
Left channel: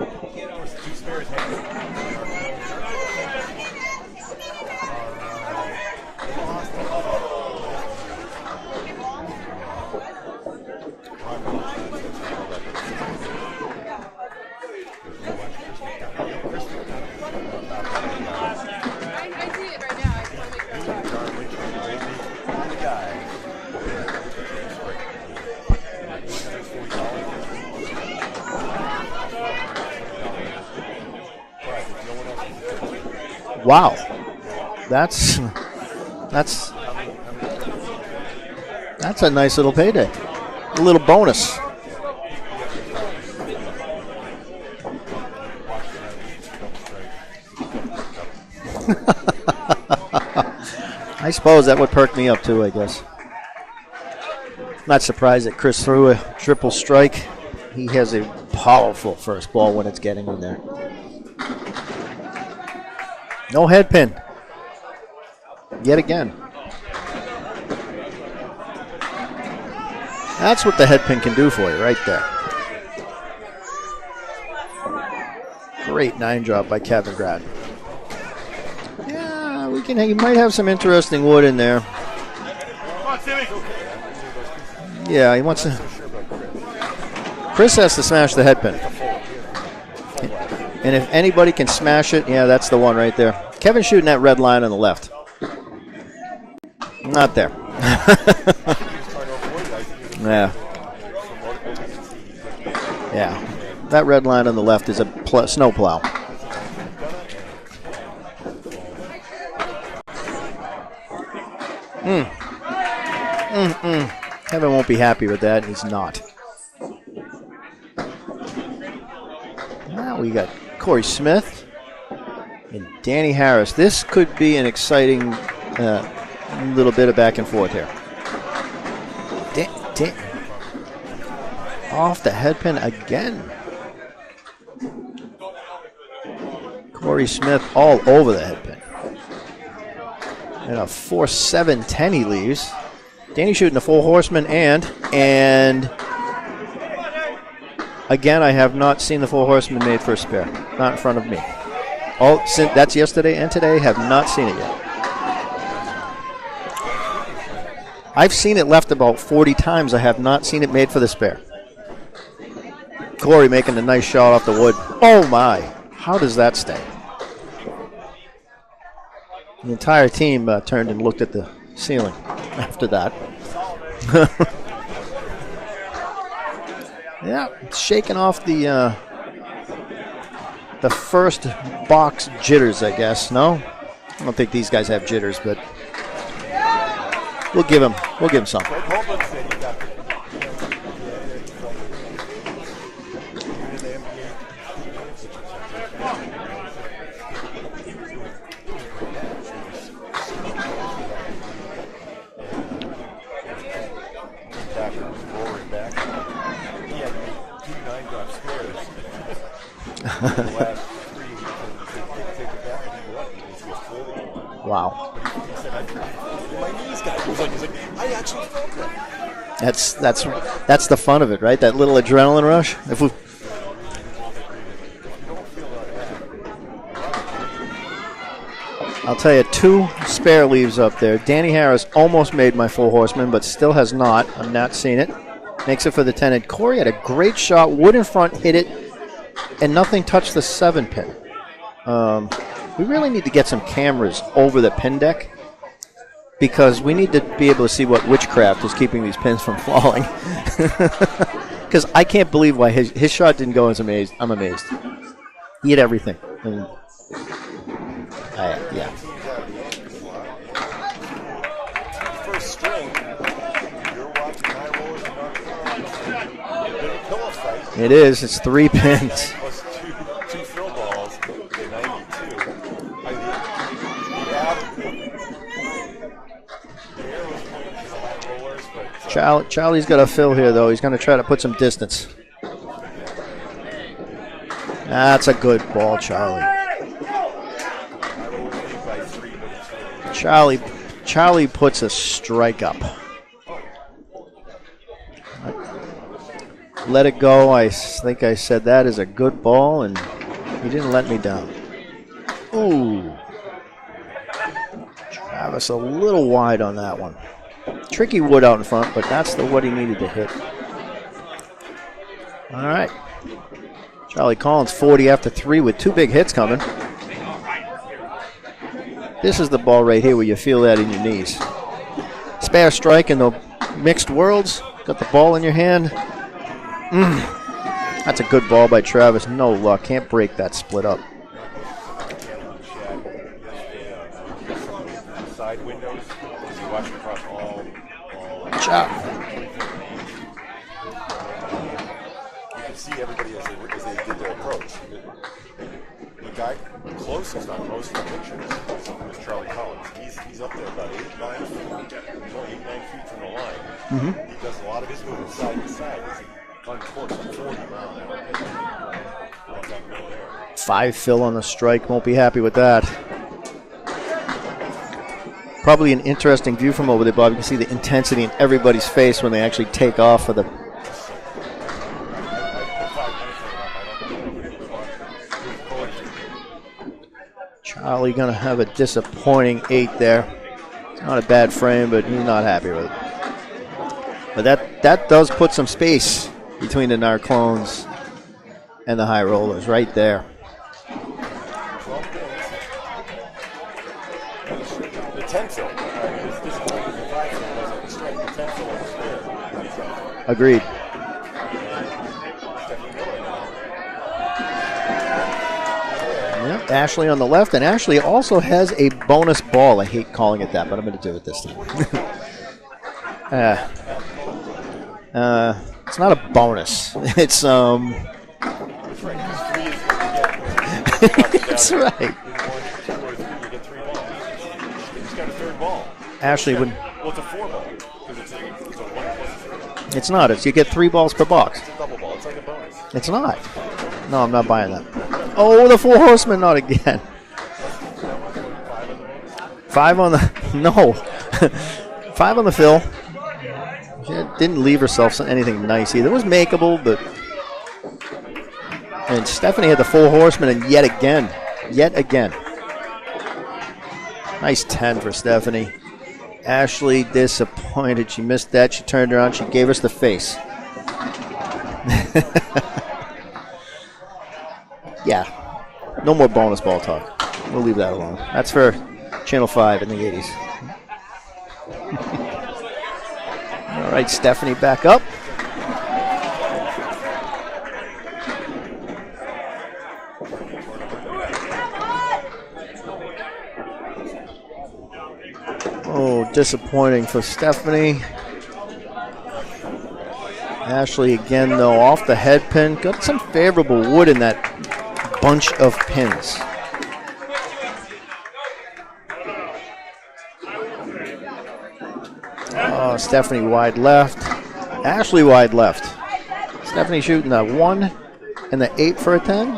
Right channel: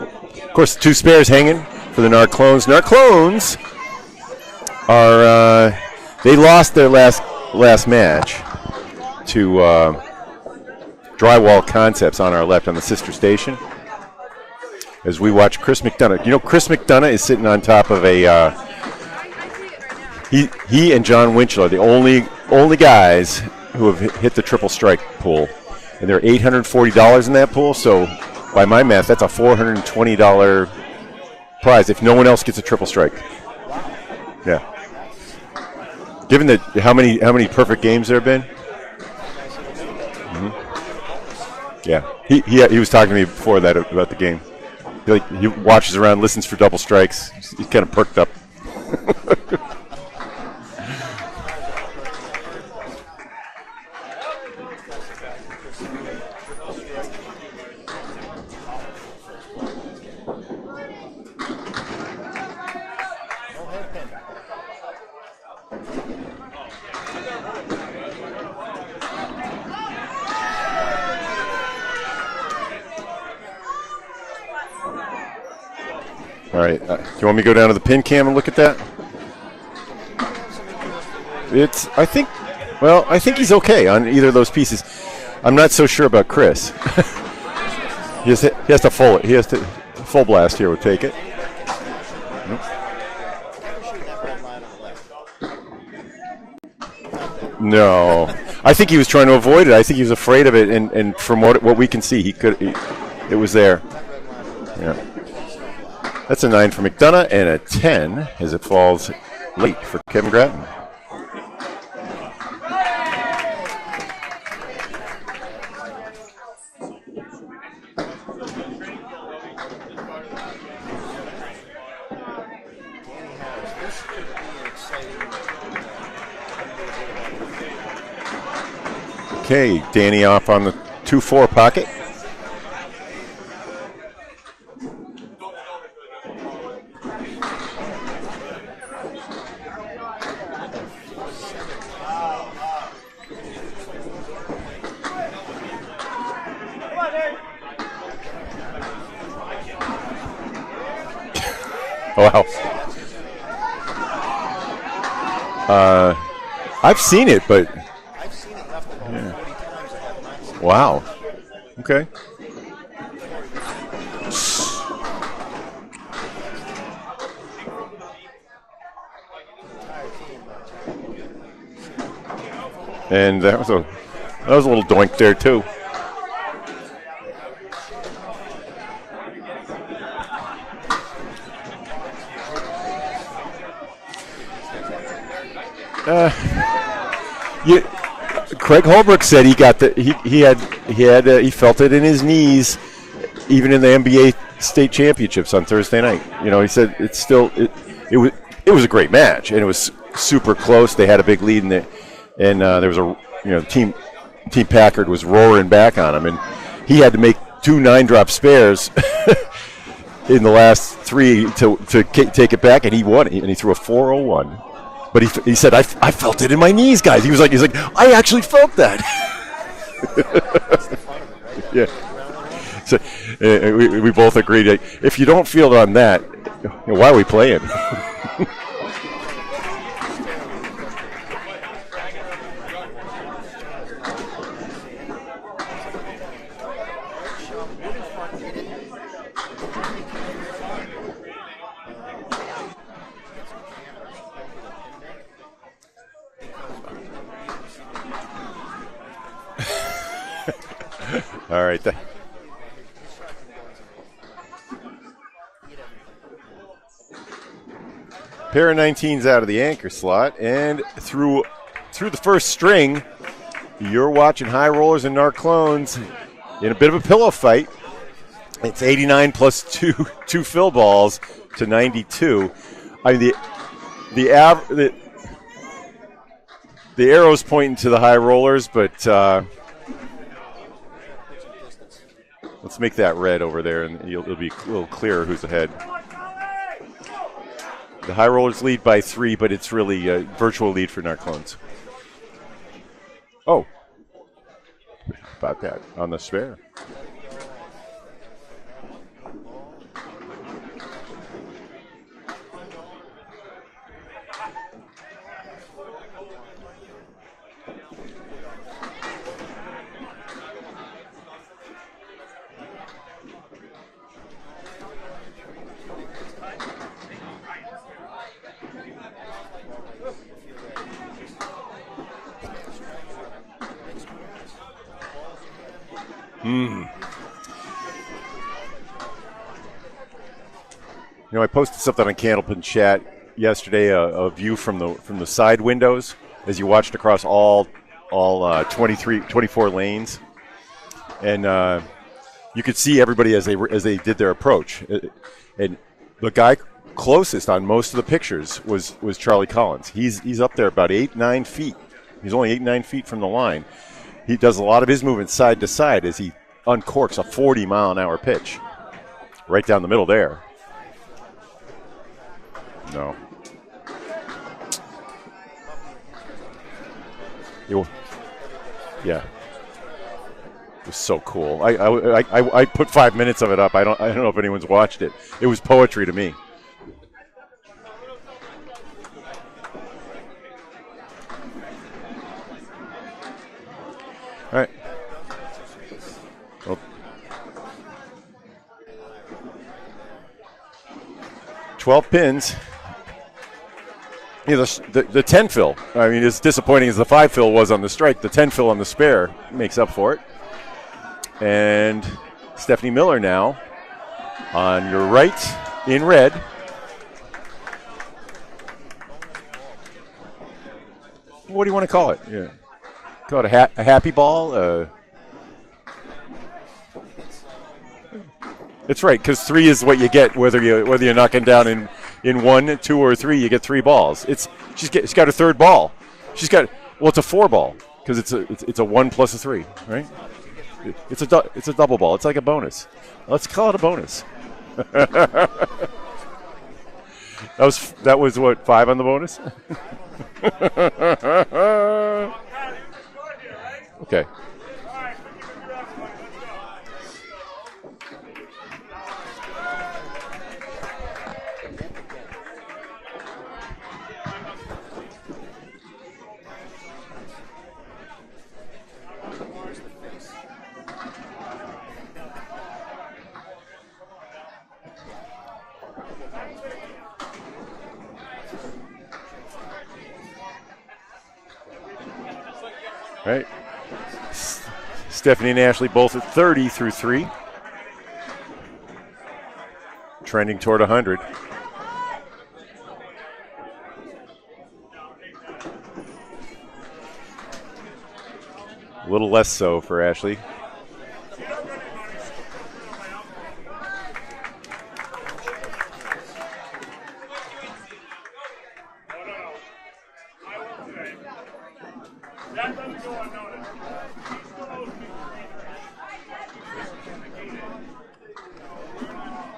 Of course, 2 spares hanging for the Narclones. Narclones are they lost their last match to Drywall Concepts on our left on the sister station. As we watch Chris McDonough. You know, Chris McDonough is sitting on top of a. He and John Winchell are the only guys who have hit the triple strike pool, and there are $840 in that pool. So, by my math, that's a $420 prize if no one else gets a triple strike. Wow. Yeah. That's how many perfect games there have been. That's a nice little payday. Mm-hmm. A little bonus. Yeah. He was talking to me before that about the game. He watches around, listens for double strikes. He's kind of perked up. I suppose that would perk me up too, I guess. Not surprised that Chris threw a triple strike. He has a powerful first ball when it's getting in there. No head pin. Yet again. That's what the head pin can do for you right there. Great 9 job by Kevin. You want me to go down to the pin cam and look at that? Yeah, we can. He might have some interesting wood in there. I think he's okay on either of those pieces. Yeah, I'm not so sure about Chris. Chris has to smash the head pin. He has to full it. He has to full blast here. And if anybody can smash it, yeah, that's the one right there. Kevin's shooting that red line on the left. Not there. No. I think he was trying to avoid it. I think he was afraid of it, and from what we can see, it was there. That red line on the left is a snow plow. That's a 9 for McDonough and a 10 as it falls late for Kevin Grattan. Kevin won't be happy with that. He's not. Now we got Corey Smith and Danny Harris. This could be an exciting little bit of back and forth here. Okay, Danny off on the 2-4 pocket. Off the headpin again. Corey Smith all over the headpin. And a 4-7-10 he leaves. Danny shooting a full horseman and again, I have not seen the full horseman made for a spare. Not in front of me. Wow. That's yesterday and today. Have not seen it yet. I've seen it, but I've seen it left about 40 times. I have not seen it made for the spare. Okay. Corey making a nice shot off the wood. Oh my! How does that stay? The entire team turned and looked at the ceiling after that. And that was a little doink there too. Yeah, shaking off the first box jitters, I guess. No, I don't think these guys have jitters, but we'll give him some. Craig Holbrook said he got he felt it in his knees, even in the NBA state championships on Thursday night. You know, he said it was a great match, and it was super close. They had a big lead in it, and there was Team Packard was roaring back on him, and he had to make 2 9-drop spares in the last 3 to take it back, and he won it, and he threw a 401. Wow! But he said, I felt it in my knees, guys. He's like, I actually felt that. That's the fun of it, right? That little adrenaline rush. So, we both agreed. If you don't feel it on that, why are we playing? I'll tell you, 2 spare leaves up there. Danny Harris almost made my full horseman, but still has not. I'm not seeing it. Makes it for the 10. And Corey had a great shot. Wood in front, hit it, and nothing touched the 7-pin. We really need to get some cameras over the pin deck because we need to be able to see what witchcraft is keeping these pins from falling. All right. Because I can't believe why his shot didn't go. I'm amazed. He hit everything. Pair of 19s out of the anchor slot, and through the first string, you're watching High Rollers and Narclones in a bit of a pillow fight. It is. It's 3 pins. 89 plus 2 fill balls to 92. The arrow's pointing to the High Rollers, but Charlie's got a fill here, though. He's going to try to put some distance. Let's make that red over there, and it'll be cool. That's a good ball, Charlie. The High Rollers lead by 3, but it's really a virtual lead for Narclones. Charlie puts a strike up. Oh. About that on the spare. Let it go. I think I said that is a good ball, and he didn't let me down. Ooh. Travis a little wide on that one. Tricky wood out in front, but that's the wood he needed to hit. All right. Charlie Collins 40 after 3 with 2 big hits coming. This is the ball right here where you feel that in your knees. Spare strike in the mixed worlds. Got the ball in your hand. That's a good ball by Travis. No luck. Can't break that split up. You know, I posted something on Candlepin chat yesterday, a view from the side windows as you watched across all 24 lanes, and you could see everybody as they did their approach. And the guy closest on most of the pictures was Charlie Collins. He's up there about 8-9 feet. He's only 8-9 feet from the line. Mm-hmm. He does a lot of his movement side to side as he uncorks a 40-mile-an-hour pitch right down the middle there. 5 fill on the strike. Won't be happy with that. No. Probably an interesting view from over there, Bob. You can see the intensity in everybody's face when they actually take off for the. It's so cool. I put 5 minutes of it up. I don't know if anyone's watched it. It was poetry to me. Charlie going to have a disappointing 8 there. It's not a bad frame, but he's not happy with it. But that does put some space between the Narclones and the High Rollers right there. 12 pins. Yeah, the 10 fill. I mean, as disappointing as the 5 fill was on the strike, the 10 fill on the spare makes up for it. Agreed. And Stephanie Miller now on the right in red. Yep, Ashley on the left, and Ashley also has a bonus ball. I hate calling it that, but I'm going to do it this time. What do you want to call it? Yeah. A happy ball? It's not a bonus. It's That's right, because 3 is what you get whether you're knocking down in 1, 2, or 3. You get 3 balls. She's got a third ball. Ashley, it's a 4 ball. Because it's a 1 plus a 3. Right? It's not. It's you get 3 balls per box. It's a double ball. It's like a bonus. It's not. Let's call it a bonus. No, I'm not buying that. Oh, the 4 horsemen, not again. That was what, 5 on the bonus? 5 on the no. 5 on the fill. Okay. Didn't leave herself anything nice either. It was makeable, but and Stephanie had the 4 horsemen, and yet again. Nice 10 for Stephanie. Ashley disappointed. She missed that. She turned around. She gave us the face. Yeah. No more bonus ball talk. We'll leave that alone. That's for Channel 5 in the 80s. Right. All right, Stephanie back up. Stephanie and Ashley both at 30 through 3. Trending toward 100. Oh, disappointing for Stephanie. A little less so for Ashley. Ashley again, though, off the head pin. Got some favorable wood in that bunch of pins. Oh, Stephanie wide left. Ashley wide left. Stephanie shooting the 1 and the 8 for a 10.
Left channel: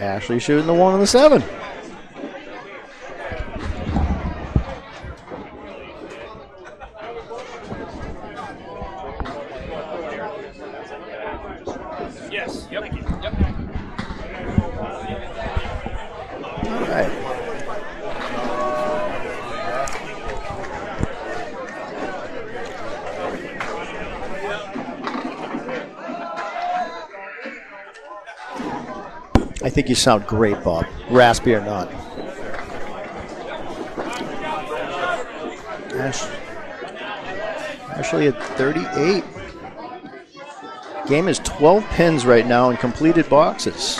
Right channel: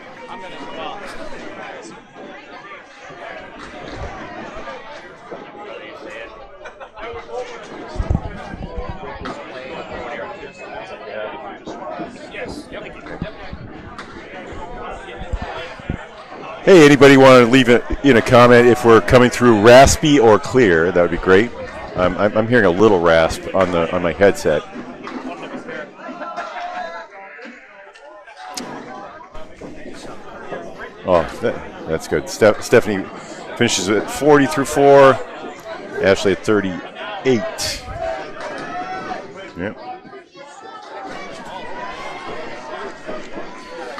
Ashley shooting the 1 and the 7. Hey, anybody want to leave it in a comment if we're coming through raspy or clear? That would be great. I'm hearing a little rasp on my headset. I think you sound great, Bob. Raspy or not. That's good. Stephanie finishes at 40 through 4. Ashley at 38. Ashley at 38. Yeah. Game is 12 pins right now in completed boxes.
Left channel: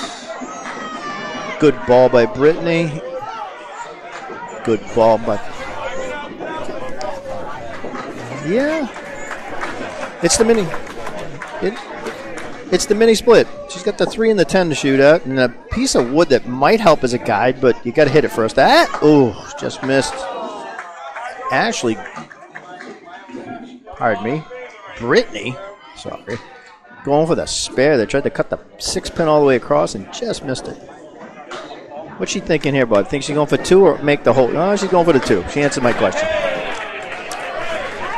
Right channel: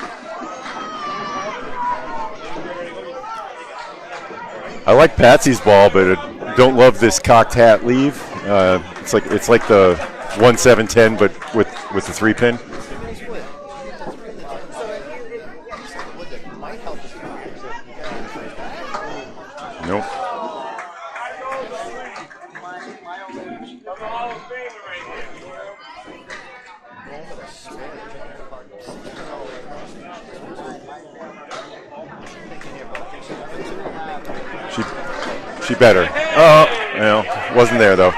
Good ball by Brittany. Good ball. I like Patsy's ball, but I don't love this cocked hat leave. Yeah. It's like the 1-7-10, but with the 3 pin. It's the mini split. She's got the 3 and the 10 to shoot at, and a piece of wood that might help as a guide, but you got to hit it first. Just missed. Ashley, pardon me, Brittany, sorry, going for the spare. They tried to cut the 6 pin all the way across and just missed it. What's she thinking here, Bud? Think she's going for 2 or make the whole? No, she's going for the 2. She answered my question. Wasn't there though.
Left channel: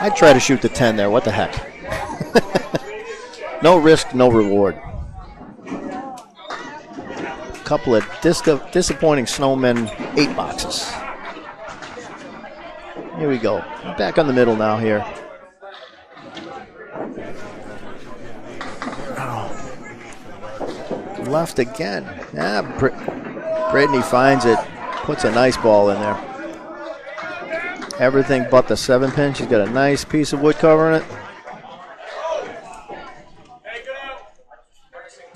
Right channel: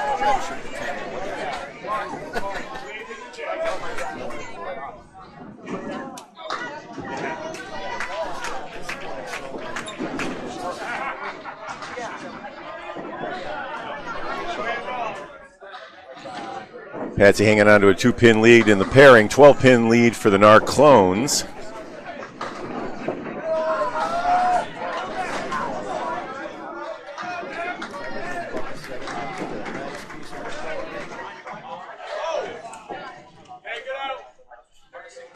I'd try to shoot the 10 there. What the heck? No risk, no reward. Couple of disappointing snowmen 8 boxes. Here we go. Back on the middle now here. Patsy hanging on to a 2-pin lead in the pairing. 12-pin lead for the Narclones. Left again. Brittany finds it. Puts a nice ball in there. Everything but the 7-pin. She's got a nice piece of wood covering it.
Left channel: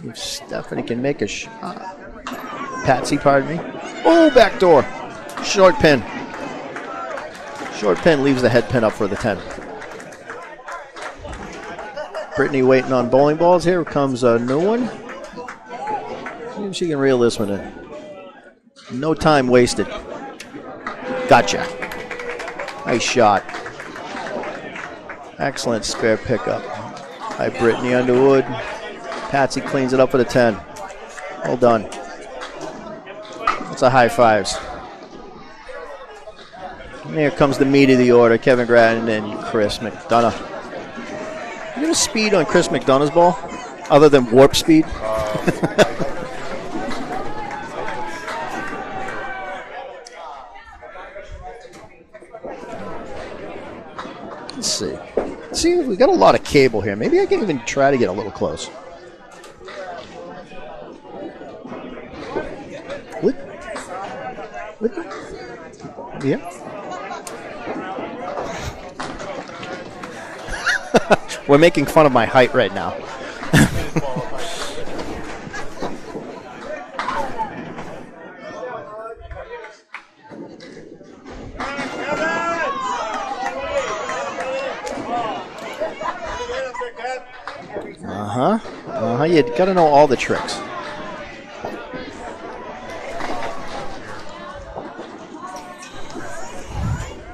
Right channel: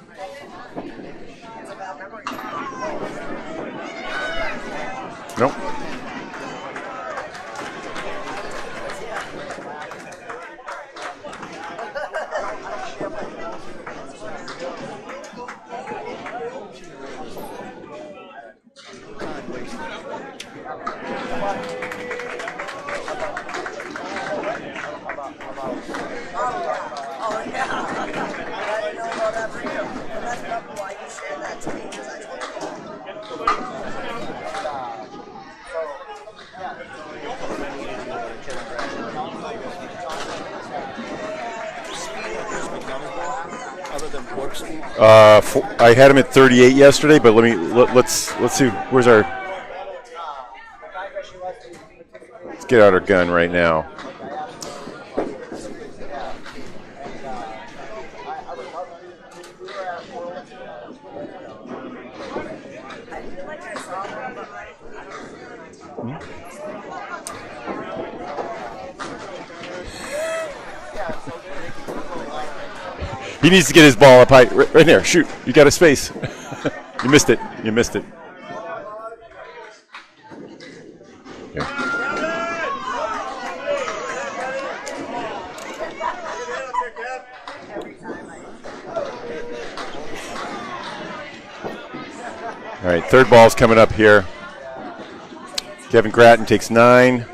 If Stephanie can make a shot. Patsy, pardon me. Oh, back door. Nope. Short pin. Short pin leaves the head pin up for the 10. Brittany waiting on bowling balls. Here comes a new one. See if she can reel this one in. No time wasted. Gotcha. Nice shot. Excellent spare pickup by Brittany Underwood. Patsy cleans it up for the 10. Well done. That's a high fives. And here comes the meat of the order. Kevin Grattan and Chris McDonough. You got a speed on Chris McDonough's ball, other than warp speed? I had him at 38 yesterday, but let's see. Where's our? Let's get out our gun right now. Let's see. See, we got a lot of cable here. Maybe I can even try to get a little close. Yeah. We're making fun of my height right now. He needs to get his ball up high. Right there. Shoot. You got a space. You missed it. You missed it. You got to know all the tricks. All right. Third ball's coming up here. Kevin Gratton takes 9.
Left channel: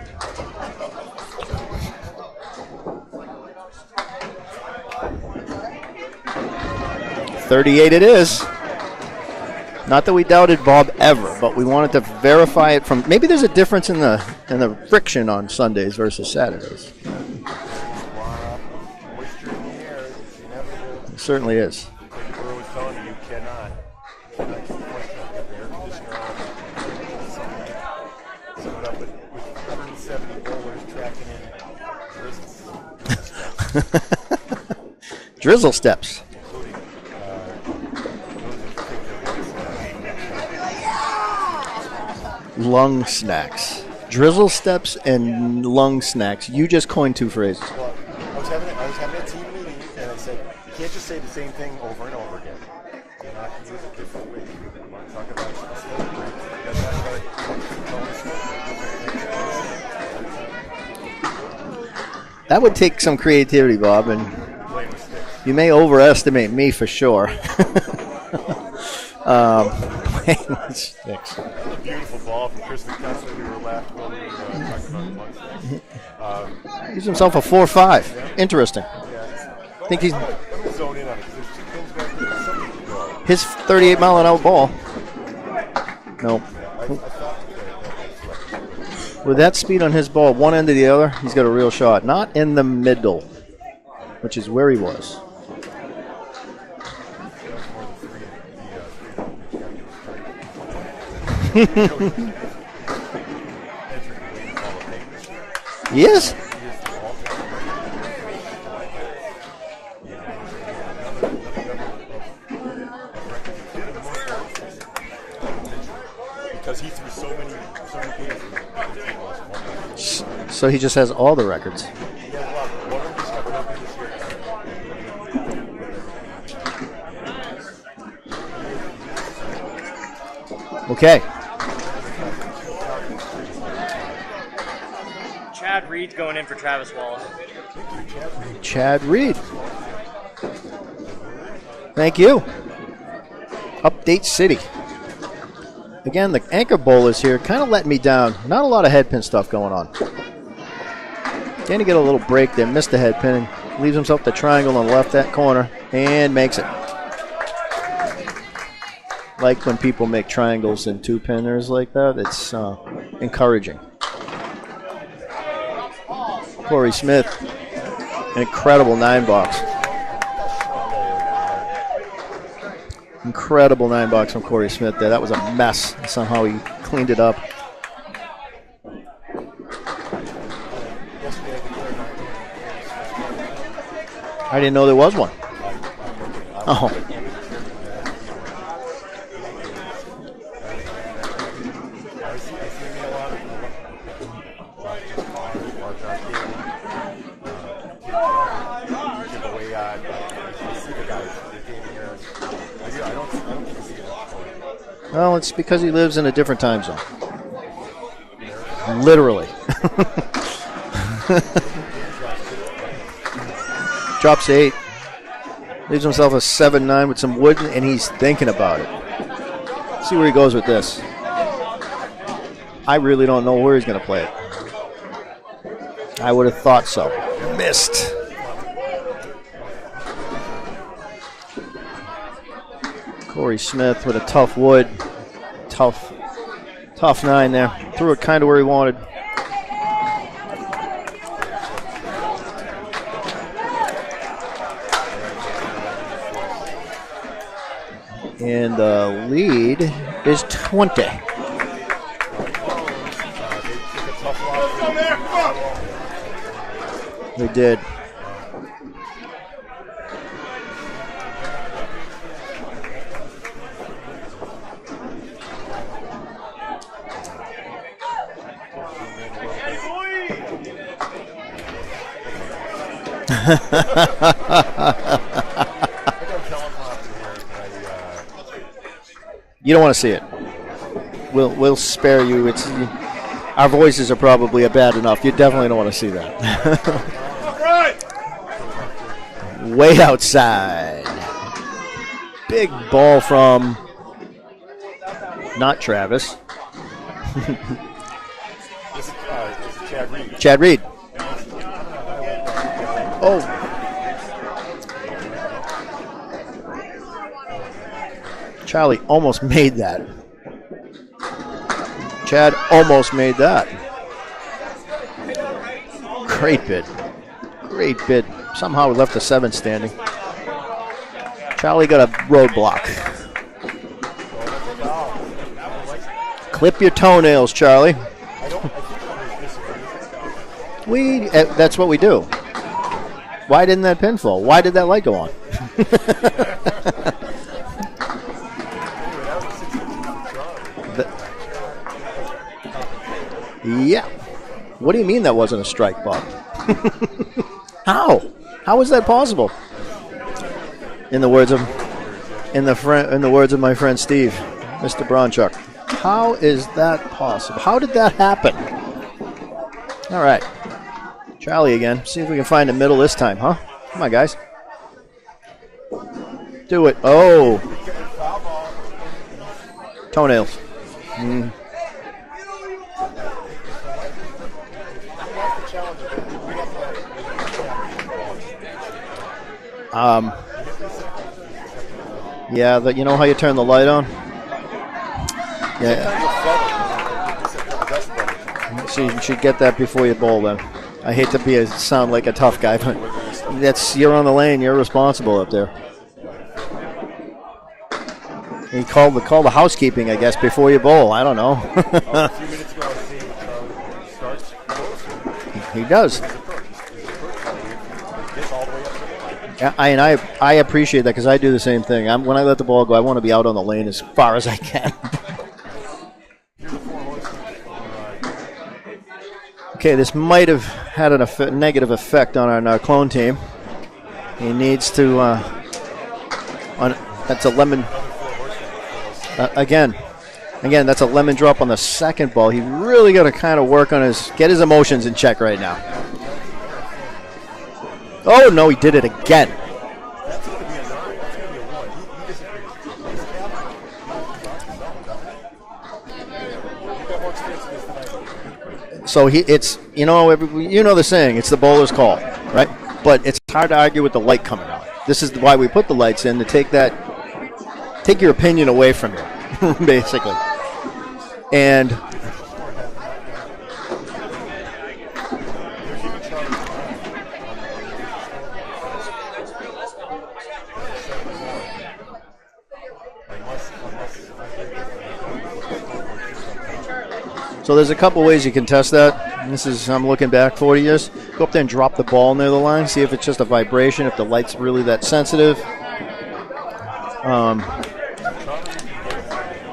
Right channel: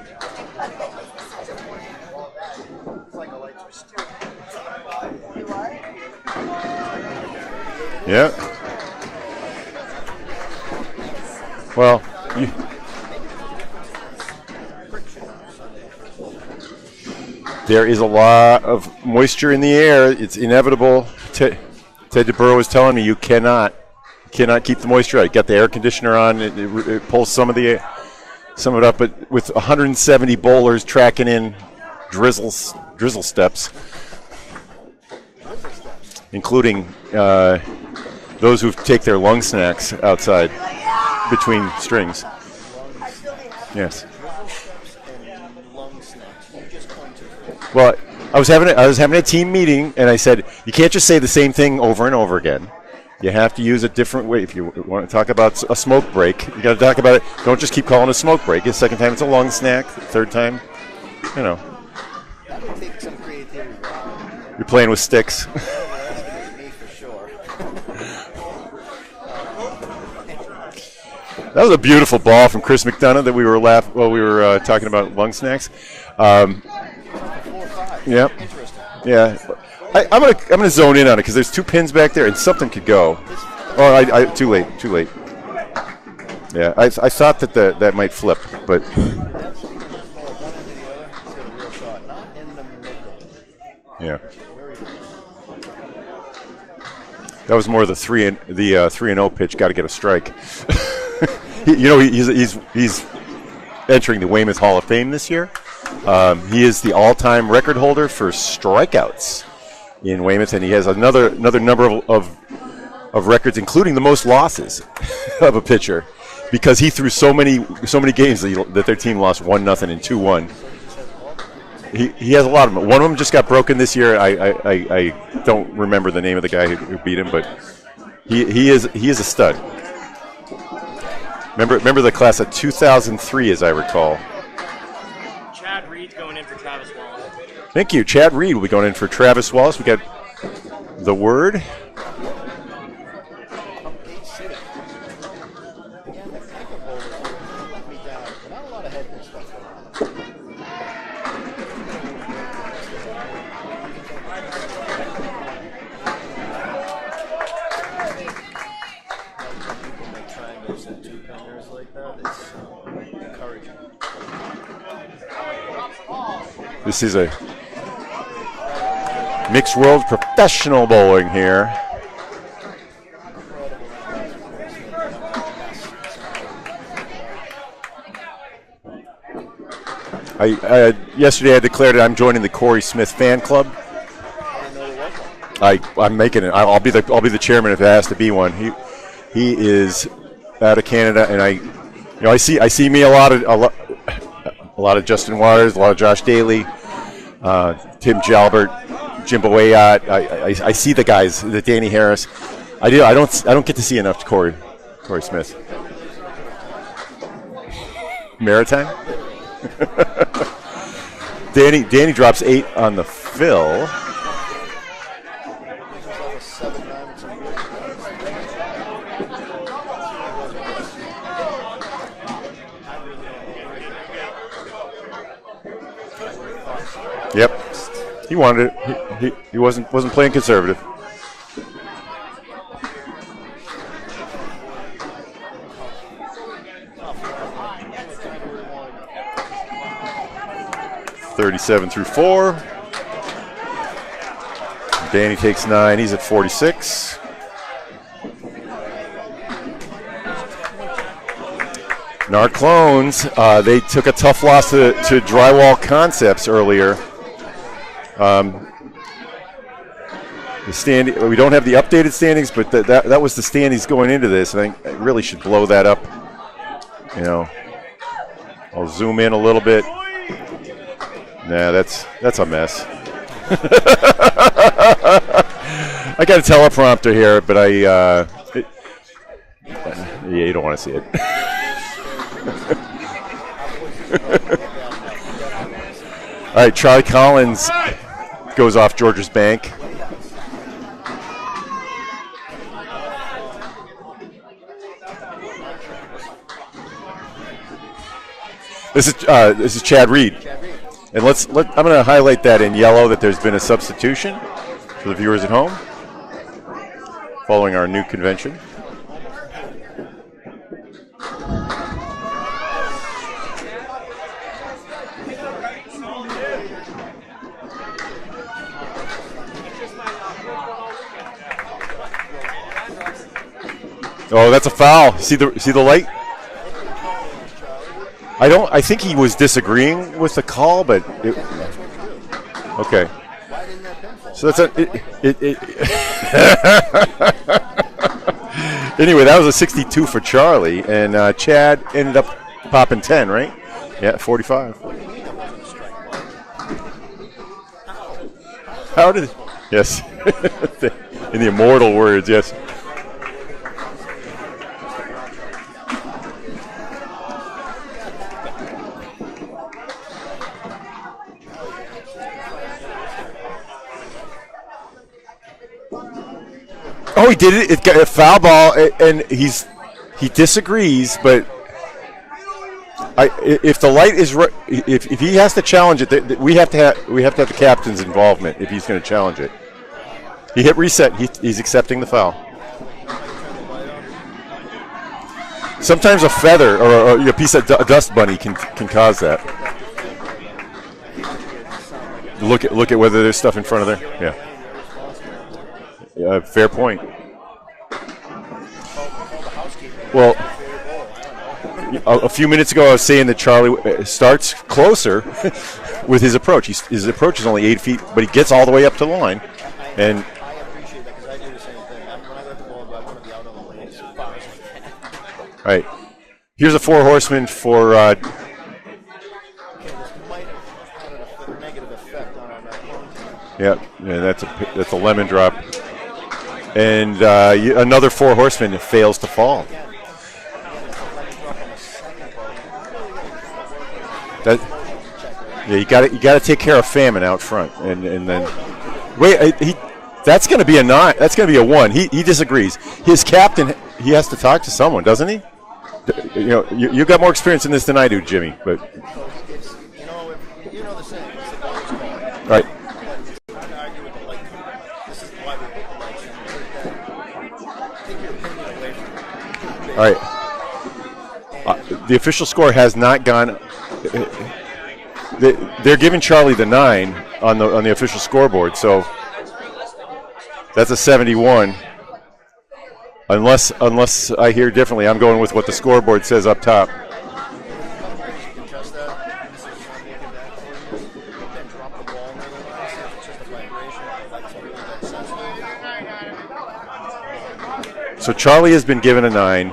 $38 it is. Not that we doubted Bob ever, but we wanted to verify it from. Maybe there's a difference in the friction on Sundays versus Saturdays. There is a lot of moisture in the air. It's inevitable. It certainly is. Ted DeBurrow was telling me you cannot keep the moisture out. You got the air conditioner on. It pulls some of it up, but with 170 bowlers tracking in drizzle steps. Drizzle steps. Including those who take their lung snacks outside between strings. Lung snacks. Yes. Drizzle steps and lung snacks. You just coined 2 phrases. Well, I was having a team meeting, and I said, you can't just say the same thing over and over again. You have to use a different way. If you want to talk about a smoke break, you got to talk about it. Don't just keep calling it a smoke break. The second time it's a lung snack. Third time, That would take some creativity, Bob, and you're playing with sticks. you may overestimate me for sure. That was a beautiful ball from Chris McDonough that we were talking about lung snacks. Gives himself a 4-5. Yeah. Interesting. Yeah. I'm gonna zone in on it because there's 2 pins back there and something could go. His 38-mile-an-hour ball. Too late. Nope. Yeah, I thought that might flip, but With that speed on his ball, one end to the other, he's got a real shot. Not in the middle, which is where he was. That was more the 3-0 pitch. Got to get a strike. He's entering the Weymouth Hall of Fame this year. He is. He is the all-time record holder for strikeouts in Weymouth, and he has another number of records, including the most losses of a pitcher, because he threw so many games that their team lost 1-0 and 2-1. So he just has all the records. He has a lot of them. One of them just got broken this year. I don't remember the name of the guy who beat him, but he is a stud. Okay. Remember the class of 2003, as I recall. Chad Reed's going in for Travis Wallace. Thank you. Chad Reed will be going in for Travis Wallace. We got the word. Thank you. Update City. Again, the anchor bowlers here kind of letting me down. Not a lot of head pin stuff going on. Danny get a little break there, missed the head pinning. Leaves himself the triangle on the left that corner and makes it. Like when people make triangles and 2-pinners like that, it's encouraging. Corey Smith, an incredible 9-box. Mixed World Professional Bowling here. Incredible 9-box from Corey Smith there. That was a mess. Somehow he cleaned it up. Yesterday I declared I'm joining the Corey Smith fan club. I didn't know there was one. I'm making it. I'll be the chairman if there has to be one. He is out of Canada, and I see me a lot of Justin Waters, a lot of Josh Daly, Tim Jalbert, Jim Boyat. I see the guys, the Danny Harris. I don't get to see enough Corey Well, Smith. it's because he lives in a different time zone. Maritime? Literally. Danny drops 8 on the fill. Drops 8. Leaves himself a 7-9 with some wood, and he's thinking about it. See where he goes with this. I really don't know where he's going to play it. I would have thought so. Yep. Missed. He wanted it. He wasn't playing conservative. Corey Smith with a tough wood. Tough 9 there. Threw it kind of where he wanted. 37 through 4. Danny takes 9. He's at 46. And the lead is 20. Narclones, they took a tough loss to Drywall Concepts earlier. They did. We don't have the updated standings, but that was the standings going into this. I think I really should blow that up. I'll zoom in a little bit. Nah, that's a mess. I got a teleprompter here, but you don't want to see it. Yeah, you don't want to see it. We'll spare you. Our voices are probably bad enough. You definitely don't want to see that. All right, Charlie Collins goes off George's bank. Way outside. Big ball from not Travis. This is Chad Reed. Chad Reed. And I'm going to highlight that in yellow that there's been a substitution for the viewers at home following our new convention. Charlie almost made that. Chad almost made that. Great bid. Great bid. Somehow we left the 7 standing. Charlie got a roadblock. Oh, that's a foul. See the light? Clip your toenails, Charlie. I think he was disagreeing with the call, but That's what we do. okay. Why didn't that pin fall? So Why did that light go on? Anyway, that was a 62 for Charlie, and Chad ended up popping 10, right? Yeah. 45. What do you mean that wasn't a strike, Bob? How? How is that possible? Yes. In the words of immortal words, yes. in the words of my friend Steve, Mr. Bronchuk. How is that possible? How did that happen? All right. Charlie again. See if we can find the middle this time, huh? Come on, guys. Do it. Oh, he did it. It got a foul ball, and he disagrees, but if the light is if he has to challenge it, we have to have the captain's involvement if he's going to challenge it. He hit reset. He's accepting the foul. Yeah, you know how you turn the light on? Yeah. Sometimes a feather or a piece of dust bunny can cause You that. should get that before you bowl them. I hate to sound like a tough guy. Look at whether there's stuff in front of there. You're on the lane. You're responsible up there. Fair point. You call the housekeeping, I guess, before you bowl. I don't know. A few minutes ago, I was saying that Charlie starts closer. He does. With his approach. His approach is only 8 feet, but he gets all the way up to the line. I appreciate that because I do the same thing. When I let the ball go, I want to be out on the lane as far as I can. Right. Here's a 4 horseman for. Okay, this might have had a negative effect on our Narclone team. Yeah, that's needs a to, lemon drop. And another 4 horseman fails to fall. Again, that's a lemon drop on the second ball. He really got to kind of work on his emotions in check right now. Yeah, you got to take care of famine out front. And oh no, he did it again. Wait, that's going to be a 9. That's going to be a 1. He disagrees. His captain, he has to talk to someone, doesn't he? You got more experience in this than I do, Jimmy. But so it's the saying, it's the bowler's call, right? But it's hard to argue with the light coming out. This is why we put the lights in, to take your opinion away from you, basically. Right. And the official score has not gone. They're giving Charlie the 9 on the official scoreboard, so that's a 71. Unless I hear differently, I'm going with what the scoreboard says up top. So there's a couple ways you can test that. I'm looking back 40 years. Go up there and drop the ball near the line. See if it's just a vibration, if the light's really that sensitive. So Charlie has been given a 9.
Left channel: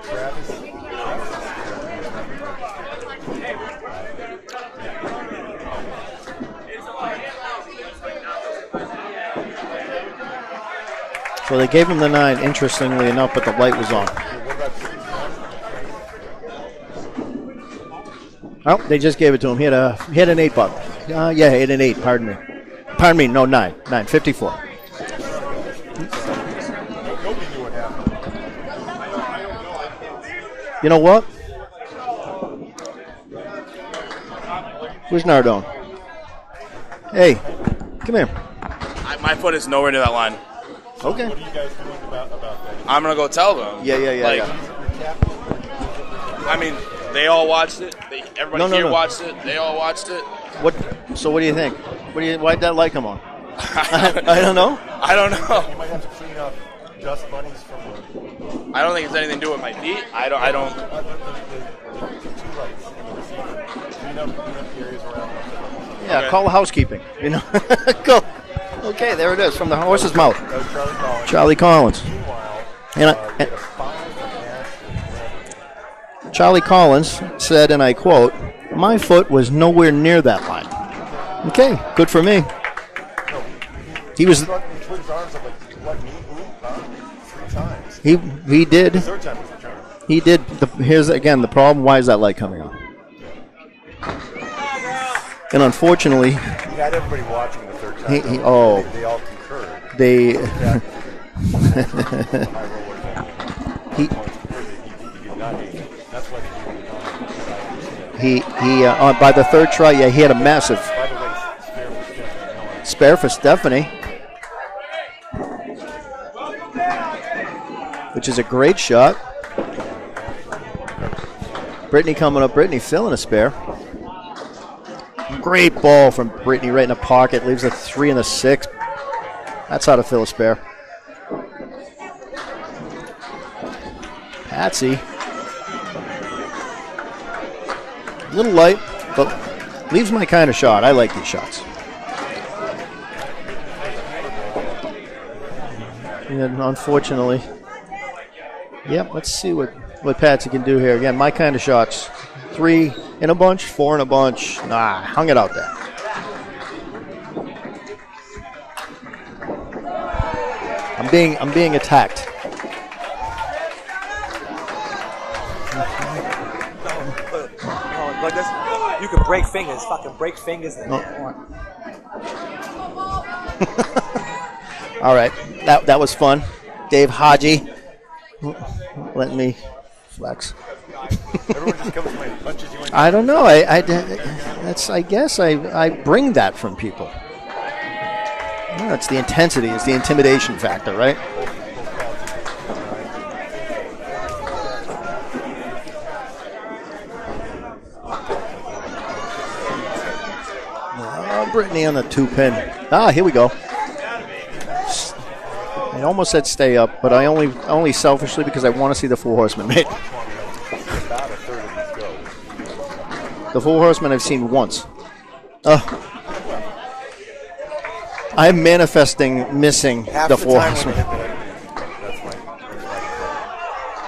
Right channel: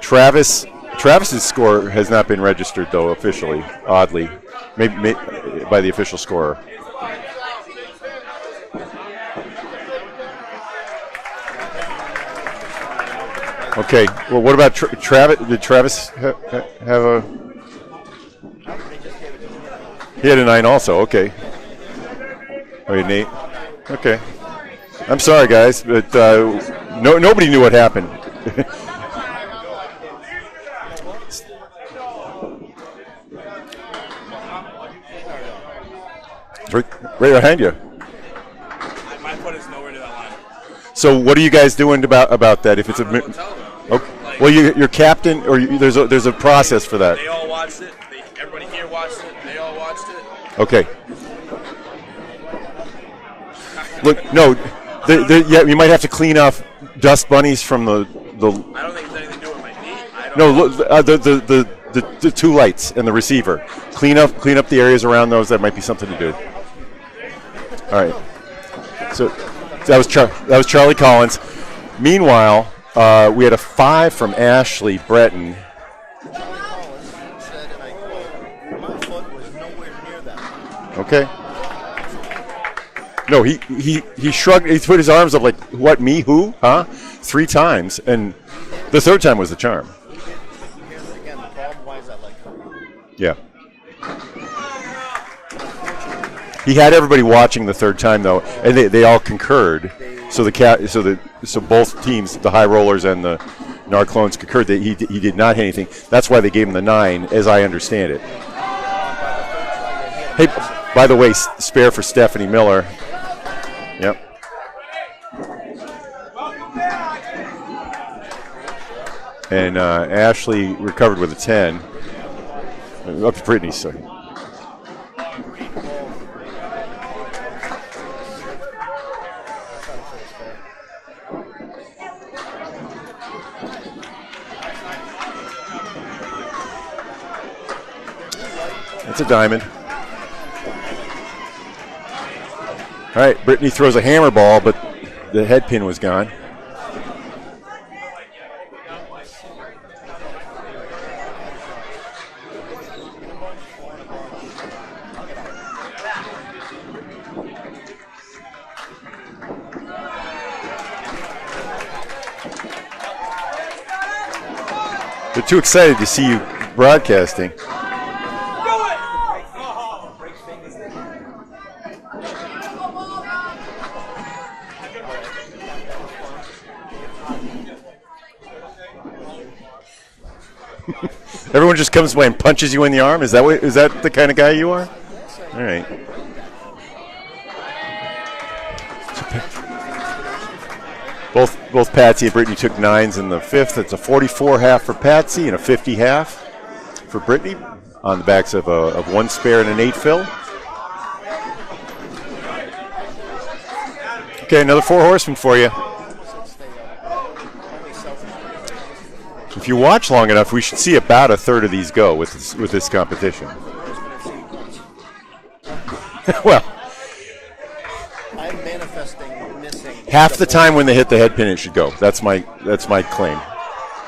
Travis's score has not been registered, though, officially, oddly, maybe by the official scorer. So they gave him the 9, interestingly enough, but the light was okay. on. Well, what about Travis? Did Travis have a? Oh, they just gave it to him. He had a 9 also. Okay. Yeah, he had an 8. Pardon me. Pardon me. No, 9. 9. Okay. 54. I'm sorry, guys, but nobody knew what happened. You know what? Where's Nardone? Right behind you. Come here. My foot is nowhere near that line. So what are you guys doing about that? If it's I'm gonna go tell them. Yeah. Well, your captain, or there's a process for that. They all watched it. Everybody here watched it. They all watched it. Okay. So what do you think? Why'd that light come on? I don't know. Yeah, you might have to clean off dust bunnies from the. I don't think it's anything to do with my feet. The 2 lights and the receiver. Clean up the areas around those. That might be something to do. Call the housekeeping. All right. Go. Okay, there it is from the horse's mouth. That was Charlie Collins. Charlie Collins. Meanwhile, we had a 5 from Ashley Breton. Charlie Collins said, and I quote, "My foot was nowhere near that line." Okay, good for me. No, he shrugged. He put his arms up like, "What? Me? Who? Huh?" 3 times, and he did. The 3rd time was the charm. He did. Here's again the problem. Why is that light coming on? Yeah. And unfortunately, he had everybody watching the 3rd time though, and they all concurred. So both teams, the high rollers and the Narclones concurred that he did not hit anything. That's why they gave him the 9, as I understand it. He by the third try, he had a massive. By the way, spare for Stephanie Miller. Spare for Stephanie. Yep. Which is a great shot. And Ashley recovered with a 10. Brittany coming up. Brittany filling a spare. Brittany, so. Great ball from Brittany right in the pocket. Leaves a 3 and a 6. That's how to fill a spare. Patsy. A little light. It's a diamond. Leaves my kind of shot. I like these shots. All right, Brittany throws a hammer ball, but the head pin was gone. And unfortunately. Yep, let's see what Patsy can do here. Again, my kind of shots. 3 in a bunch, 4 in a bunch. Nah, hung it out there. I'm being attacked. They're too excited to see you broadcasting. You can break fingers, fucking break fingers. All right, that was fun. Dave Haji, let me flex. Everyone just comes by and punches you in the arm? Is that the kind of guy you are? I guess I bring that from people. Yeah, it's the intensity, it's the intimidation factor, right? Both Patsy and Brittany took 9s in the 5th. It's a 44 half for Patsy and a 50 half for Brittany on the backs of 1 spare and an 8 fill. Brittany on the 2-pin. Here we go. Okay, another 4 horsemen for you. I almost said stay up, but I only selfishly because I want to see the 4 horsemen. If you watch long enough, we should see about a third of these go with this competition. The 4 horsemen I've seen once. Well, I'm manifesting missing half the time when they hit the head pin, it should go. That's my claim.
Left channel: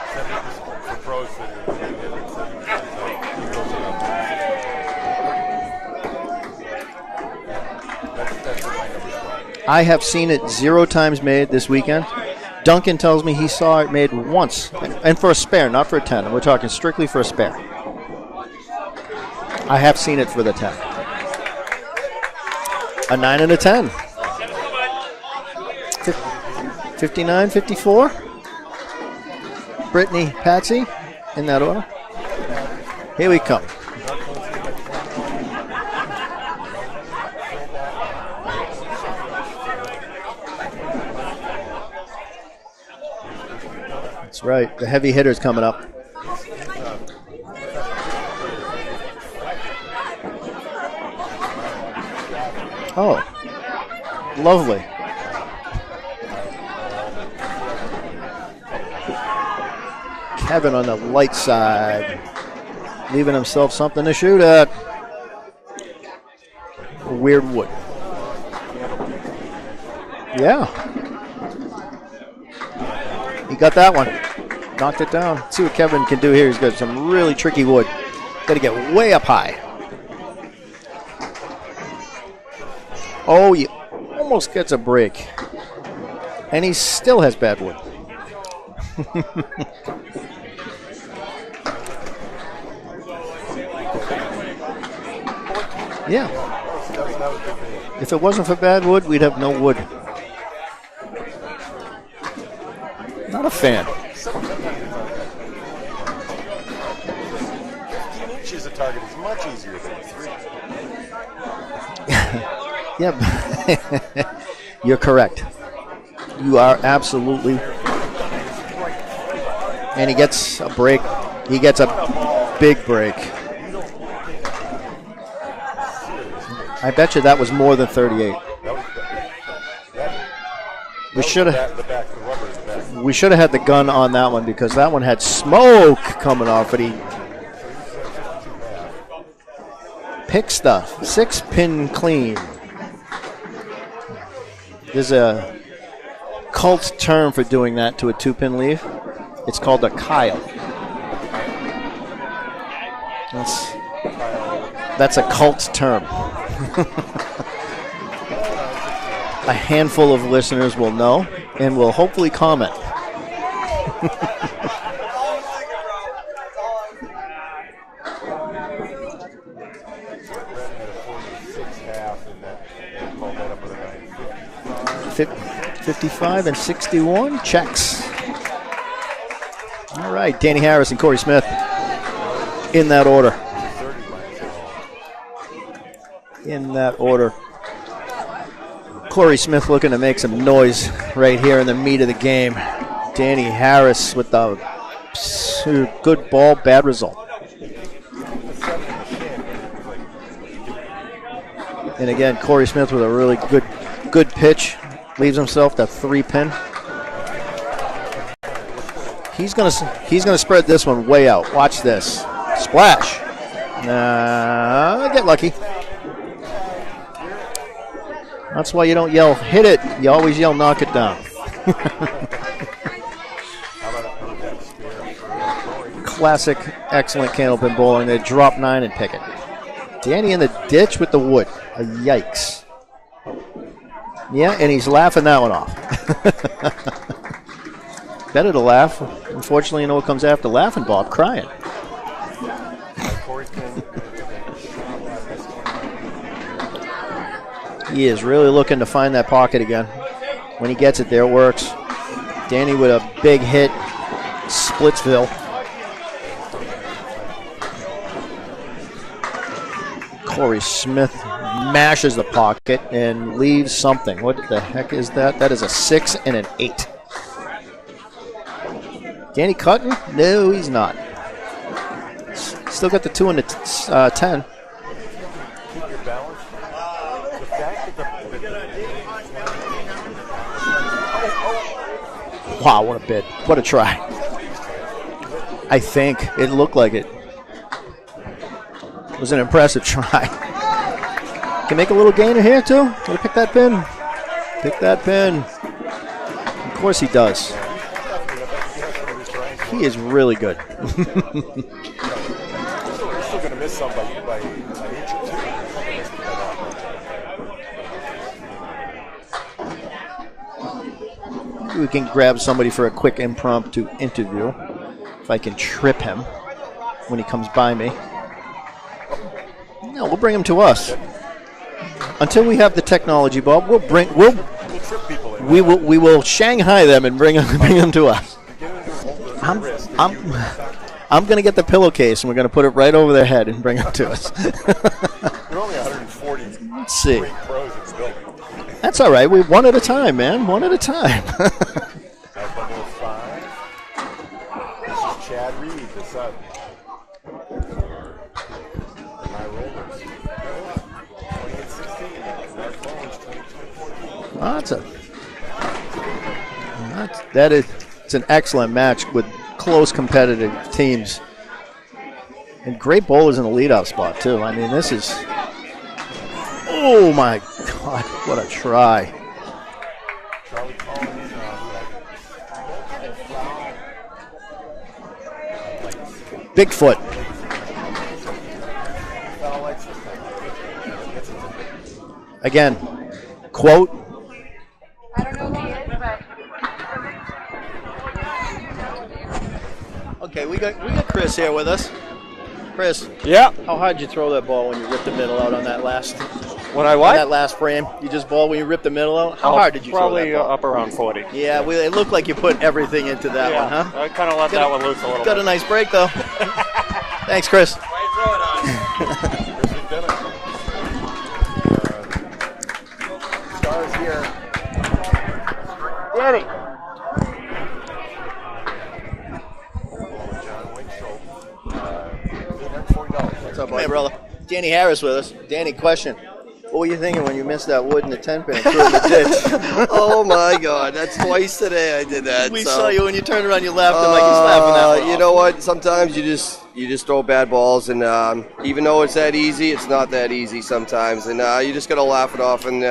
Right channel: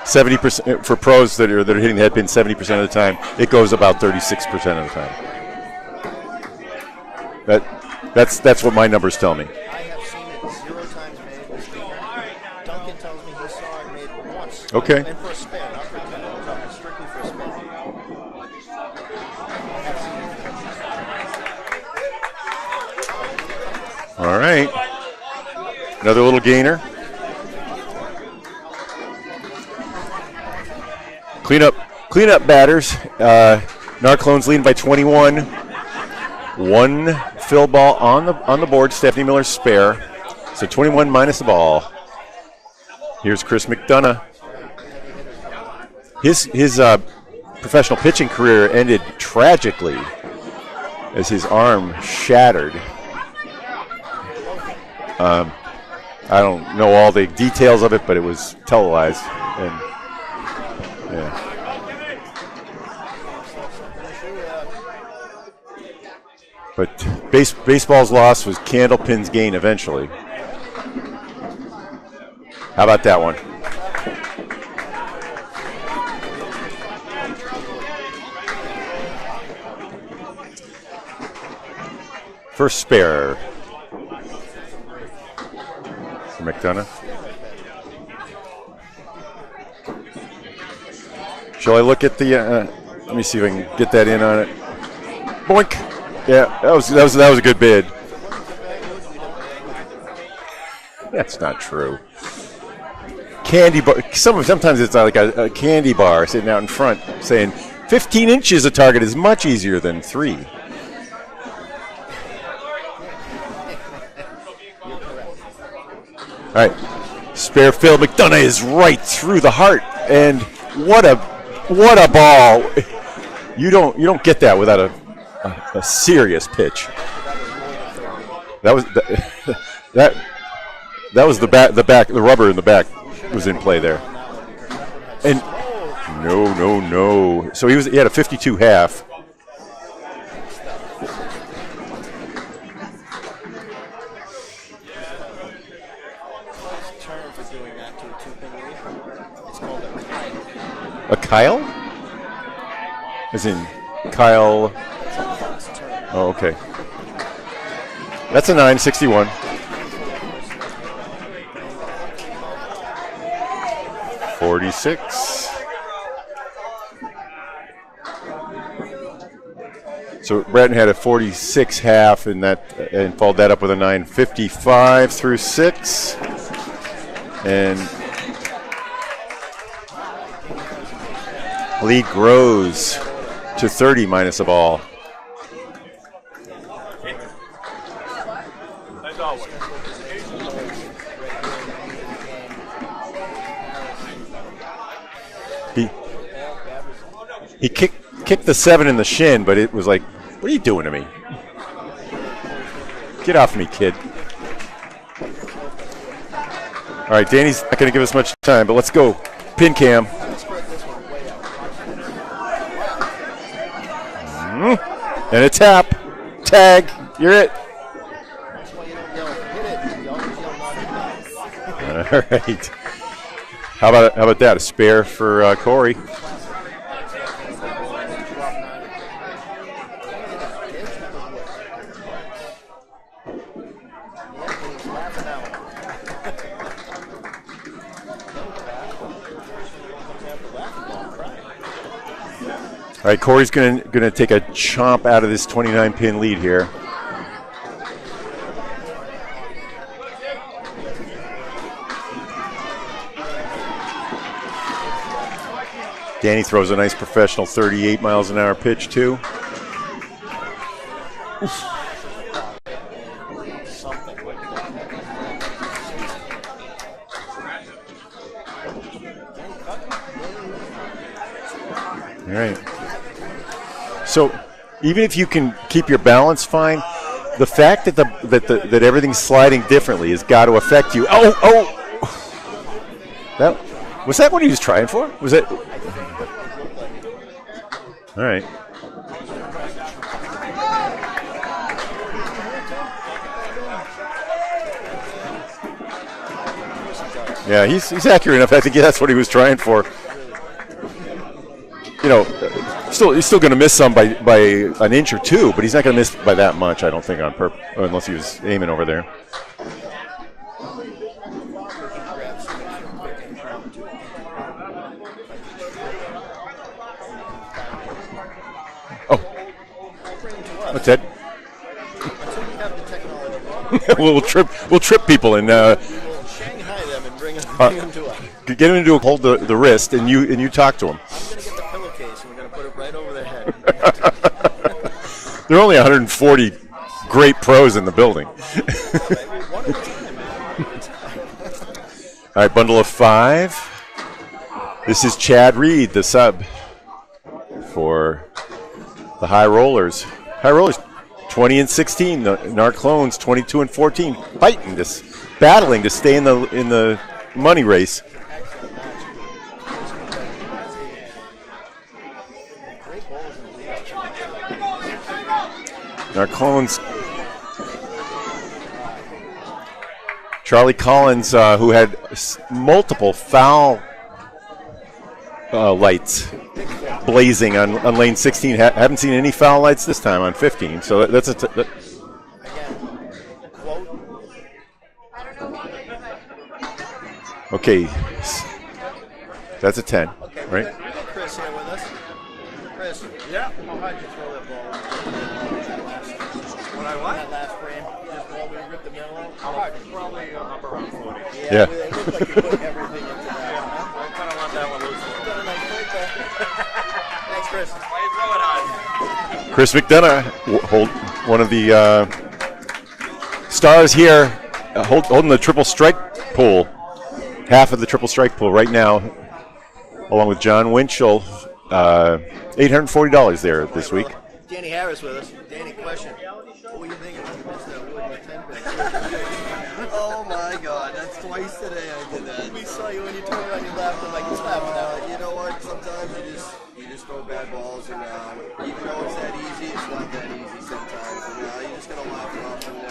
70% for pros that are hitting the head pin 70% of the time. It goes about 36% of the time. That's what my numbers tell me. I have seen it 0 times made this weekend. Duncan tells me he saw it made once. Okay. And for a spare, not for a 10. We're talking strictly for a spare. I have seen it for the 10. A 9 and a 10. All right. Another little gainer. 59, 54. Brittany, Patsy. Clean up batters. Here we go. Narclones leading by 21. 1 fill ball on the board. Stephanie Miller's spare. So 21 minus the ball. Here's Chris McDonough. That's right. The heavy hitter's coming up. His professional pitching career ended tragically as his arm shattered. Oh, lovely. I don't know all the details of it, but it was televised. And Kevin on the light side, leaving himself something to shoot at. But baseball's loss was Candlepin's gain eventually. Yeah. How about that one? He got that one. Knocked it down. Let's see what Kevin can do here. He's got some really tricky wood. Got to get way up high. First spare. Oh, he almost gets a break. And he still has bad wood. Shall I look at the? Let me see if I can get that in on it. Boink. Yeah. Yeah, that was a good bid. If it wasn't for bad wood, we'd have no wood. That's not true. Not a Candy fan. bar. Sometimes it's like a candy bar sitting out in front saying 15 inches a target is much easier than 3. Yep. You're correct. You are absolutely spare. Phil McDonough is right through the heart, and he gets a break. What a ball! Big break. You don't get that without a serious pitch. I bet you that was more than 38. That was the rubber in the back. We should have had the gun on that one because that one had smoke coming off. No. So he had a 52 half. Pick stuff. 6-pin clean. There's a cult term for doing that to a 2-pin leaf. It's called a Kyle. A Kyle? As in Kyle. That's a cult term. Oh, okay. That's a 961. A handful of listeners will know and will hopefully comment. 46. So Bratton had a 46 half and followed that up with a 955 through 6. 55 and 61 checks. All right, Danny Harris and Corey Smith. Lead grows in that order. To 30 minus a ball. In that order. Corey Smith looking to make some noise right here in the meat of the game. Danny Harris with the good ball, bad result. He kicked the 7 in the shin, but it was like, what are you doing to me? And again, Corey Smith with a really good pitch. Leaves himself that 3-pin. All right, Danny's not going to give us much time, but let's go. He's going to spread this one way out. Watch this. Splash. Get lucky. And a tap. Tag. You're it. That's why you don't yell, hit it. You always yell, knock it down. All right. How about that? A spare for Corey. Classic, excellent Candlepin bowling. They drop 9 and pick it. Danny in the ditch with the wood. Yikes. Yeah, and he's laughing that one off. Better to laugh. Unfortunately, you know what comes after laughing, Bob? Crying. All right, Corey's going to take a chomp out of this 29-pin lead here. He is really looking to find that pocket again. When he gets it there, it works. Danny with a big hit. Splitsville. Danny throws a nice professional 38 miles an hour pitch, too. Corey Smith mashes the pocket and leaves something. What the heck is that? That is a 6 and an 8. Danny cutting? No, he's not. All right. Still got the 2 and the 10. Even if you can keep your balance fine, the fact that everything's sliding differently has got to affect you. Oh! Wow, what a bid. What a try. Was that what he was trying for? Was it? I think. It looked like it. All right. It was an impressive try. Can make a little gainer here, too. Can we pick that pin? Pick that pin. Of course he does. Yeah, he's accurate enough. I think that's what he was trying for. He is really good. He's still going to miss some by an inch or two, but he's not going to miss by that much, I don't think, on purpose, unless he was aiming over there. We can grab somebody for a quick impromptu interview. If I can trip him when he comes by me. Oh. No, we'll bring him to us. That's it. Until we have the technology, Bob, we'll trip people in. We will Shanghai them and bring them to us. Get them to hold the wrist, and you talk to them. I'm going to get the pillowcase, and we're going to put it right over their head and bring them to us. There are only 140 great pros in the building. That's all right. One at a time, man. One at a time. All right, bundle of 5. This is Chad Reed, the sub for the High Rollers. High Rollers, 20 and 16. The Narclones, 22 and 14. Battling to stay in the money race. It's an excellent match with close competitive teams. And great bowlers in the leadoff spot, too. I mean, this is... Narclones. Oh, my God. What a try. Charlie Collins, who had multiple foul lights. Bigfoot. Blazing on lane 16. Haven't seen any foul lights this time on 15. So that's again, quote. Okay. That's a 10. Okay, we got Chris here with us. Chris. Yeah. How hard did you throw that ball when you ripped the middle out on that last? When I what? On that last frame, you just ball when you ripped the middle out. How hard did you throw that ball? Probably up around 40. Yeah. It looked like you put everything into that one, huh? I kind of let that one loose a little. Got a nice break though. Thanks, Chris. Why you throw it on? Chris McDonough, one of the stars here, holding the triple strike pool. Half of the triple strike pool right now, along with John Winchell. $840 there this week. Danny Harris with us. Danny, question. What were you thinking when you missed that wood in the 10-pin and threw it in the ditch? Oh, my God. That's twice today I did that. We saw you when you turned around, you laughed like you slapping that one. You know what? Sometimes you just throw bad balls, and even though it's that easy, it's not that easy sometimes. And you just got to laugh it off and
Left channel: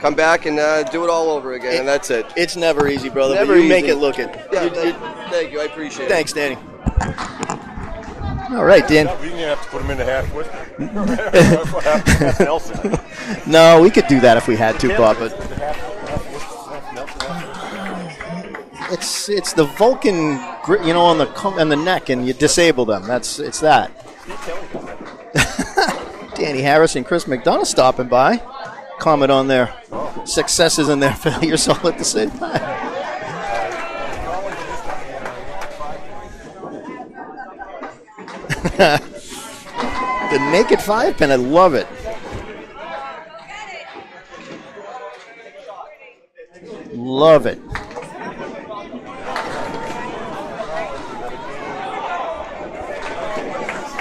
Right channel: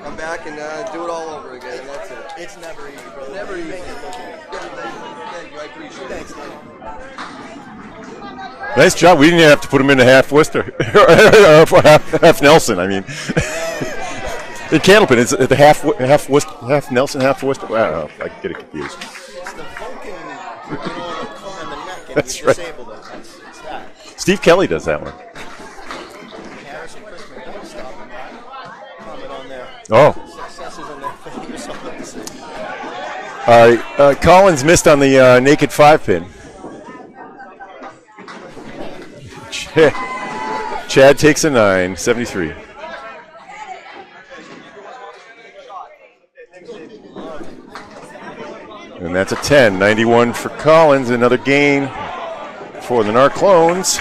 come back and do it all over again, and that's it. It's never easy, brother, never but you easy. make it looking. Yeah, thank you. I appreciate it. Thanks, Danny. All right, nice job. We didn't even have to put him into half Worcester. half Nelson, I mean. No, we could do that if we had to. Candlepin is the half Nelson, half Worcester. Wow, I get it confused. It's the Vulcan, on the neck, and you disable them. It's that. Steve Kelly does that one. Danny Harris and Chris McDonough stopping by. Comment on their successes and their failures all at the same time. Collins missed on the naked 5-pin. The naked 5-pin. Chad takes a 9, 73. Love it. And that's a 10, 91 for Collins. Another game for the Narclones.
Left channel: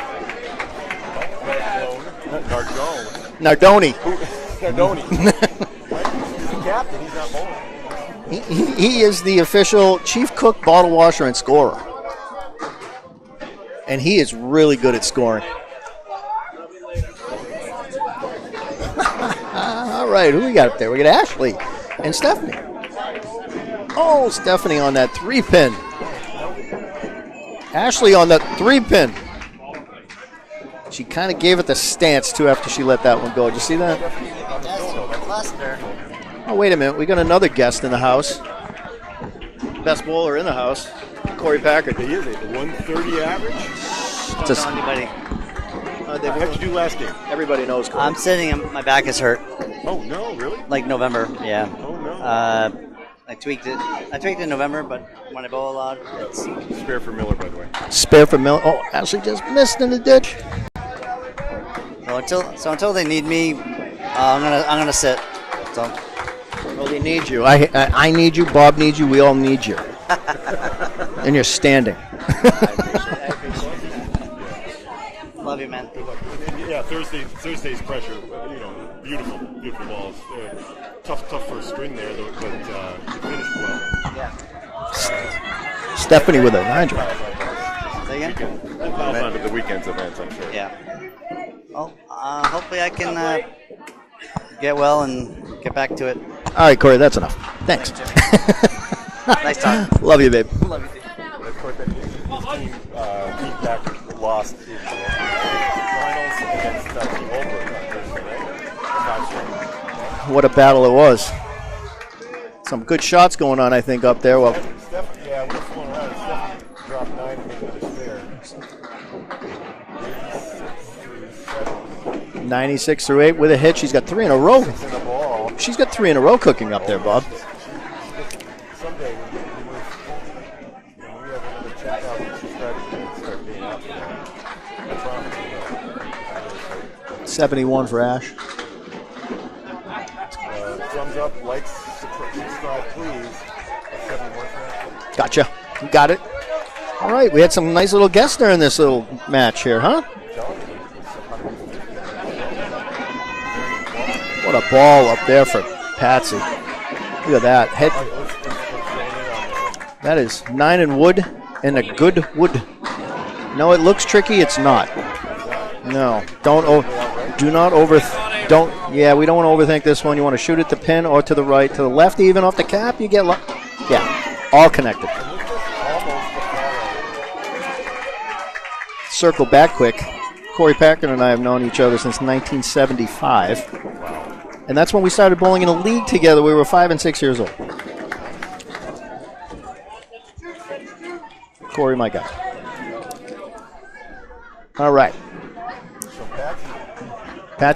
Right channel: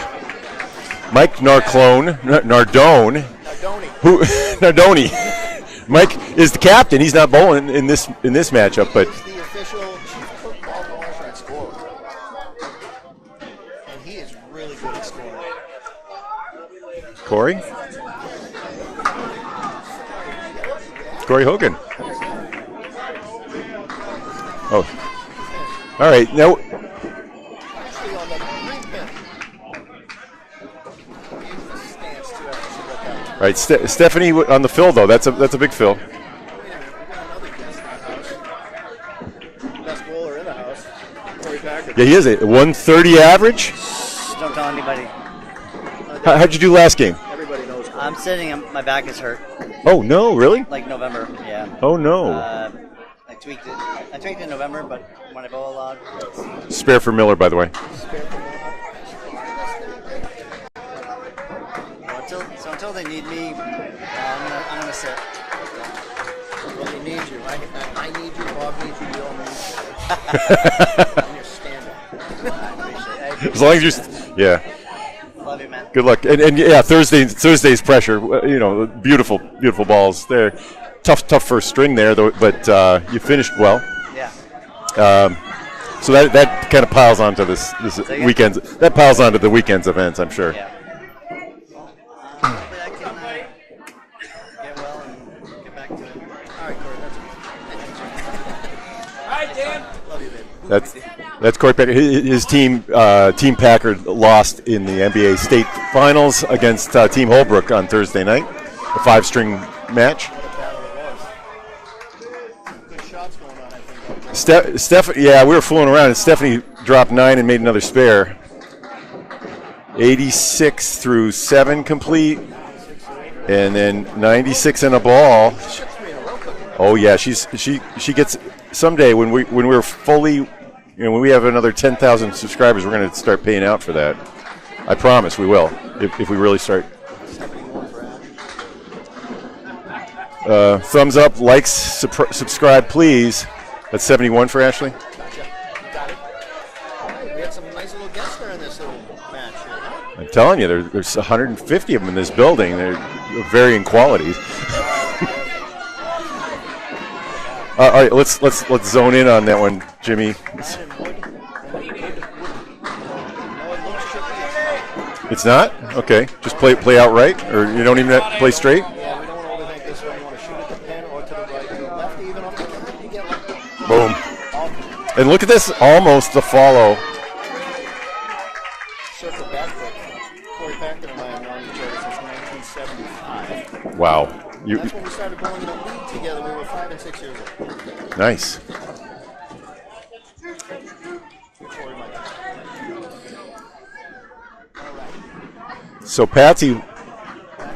Mike Nardone. Nardoni. Mike is the captain. He's not bowling in this matchup. He is the official chief cook, bottle washer, and scorer. And he is really good at scoring. Corey? All right, who we got up there? We got Ashley. Corey Hogan. And Stephanie. Oh, Stephanie on that 3-pin. All right, now Ashley on that 3-pin. She kind of gave it the stance, too, after she let that one go. All right, Stephanie on the fill, though. That's a big fill. Oh, wait a minute. We got another guest in the house. Best bowler in the house, Corey Packard. Yeah, he is a 130 average. Don't tell anybody. How'd you do last game? Everybody knows. I'm sitting. My back is hurt. Oh, no, really? Like November, yeah. Oh, no. I tweaked it. I tweaked it in November, but when I bowl a lot, it's... Spare for Miller, by the way. Spare for Miller. Oh, Ashley just missed in the ditch. So until they need me, I'm gonna sit. So. Well, they need you. I need you. Bob needs you. We all need you. And you're standing. As long as you're, yeah. Love you, man. Good luck. And yeah, Thursday's pressure. Beautiful balls there. Tough first string there, though. But you finished well. Yeah. So that kind of piles onto this weekend. That piles onto the weekend's events, I'm sure. Yeah. Well, hopefully I can get well and get back to it. All right, Corey, that's enough. Thanks. Nice talk. Love you, babe. That's Corey Packard. His team, Team Packard, lost in the NBA State Finals against Team Holbrook on Thursday night. A 5-string match. What a battle it was. Some good shots going on, I think, up there. Yeah, we were fooling around, and Stephanie dropped 9 and made another spare. 86 through 7 complete. 96 through 8 with a hit. She's got 3 in a row. 96 in a ball. She's got 3 in a row cooking up. Oh there, yeah, Bob. she gets someday when we're fully, when we have another 10,000 subscribers, we're going to start paying out for that. I promise we will if we really start. 71 for Ash. Thumbs up, likes, subscribe, please. That's 71 for Ashley. Gotcha. You got it. All right, we had some nice little guests there in this little match here, huh? I'm telling you, there's 150 of them in this building. They're varying qualities. What a ball up there for Patsy. Look at that. All right, let's zone in on that one, Jimmy. That is 9 in wood and a good wood. No, it looks tricky. It's not. It's not? No. Okay. Don't play outright? Do not you don't even play straight? Yeah, we don't want to overthink this one. You want to shoot at the pin or to the right. To the left, even off the cap, you get boom. All connected. And look at this, almost the follow. Circle back quick. Corey Packard and I have known each other since 1975. Wow. And that's when we started bowling in a league together. We were 5 and 6 years old. Nice. Corey, my guy. All right. So Patsy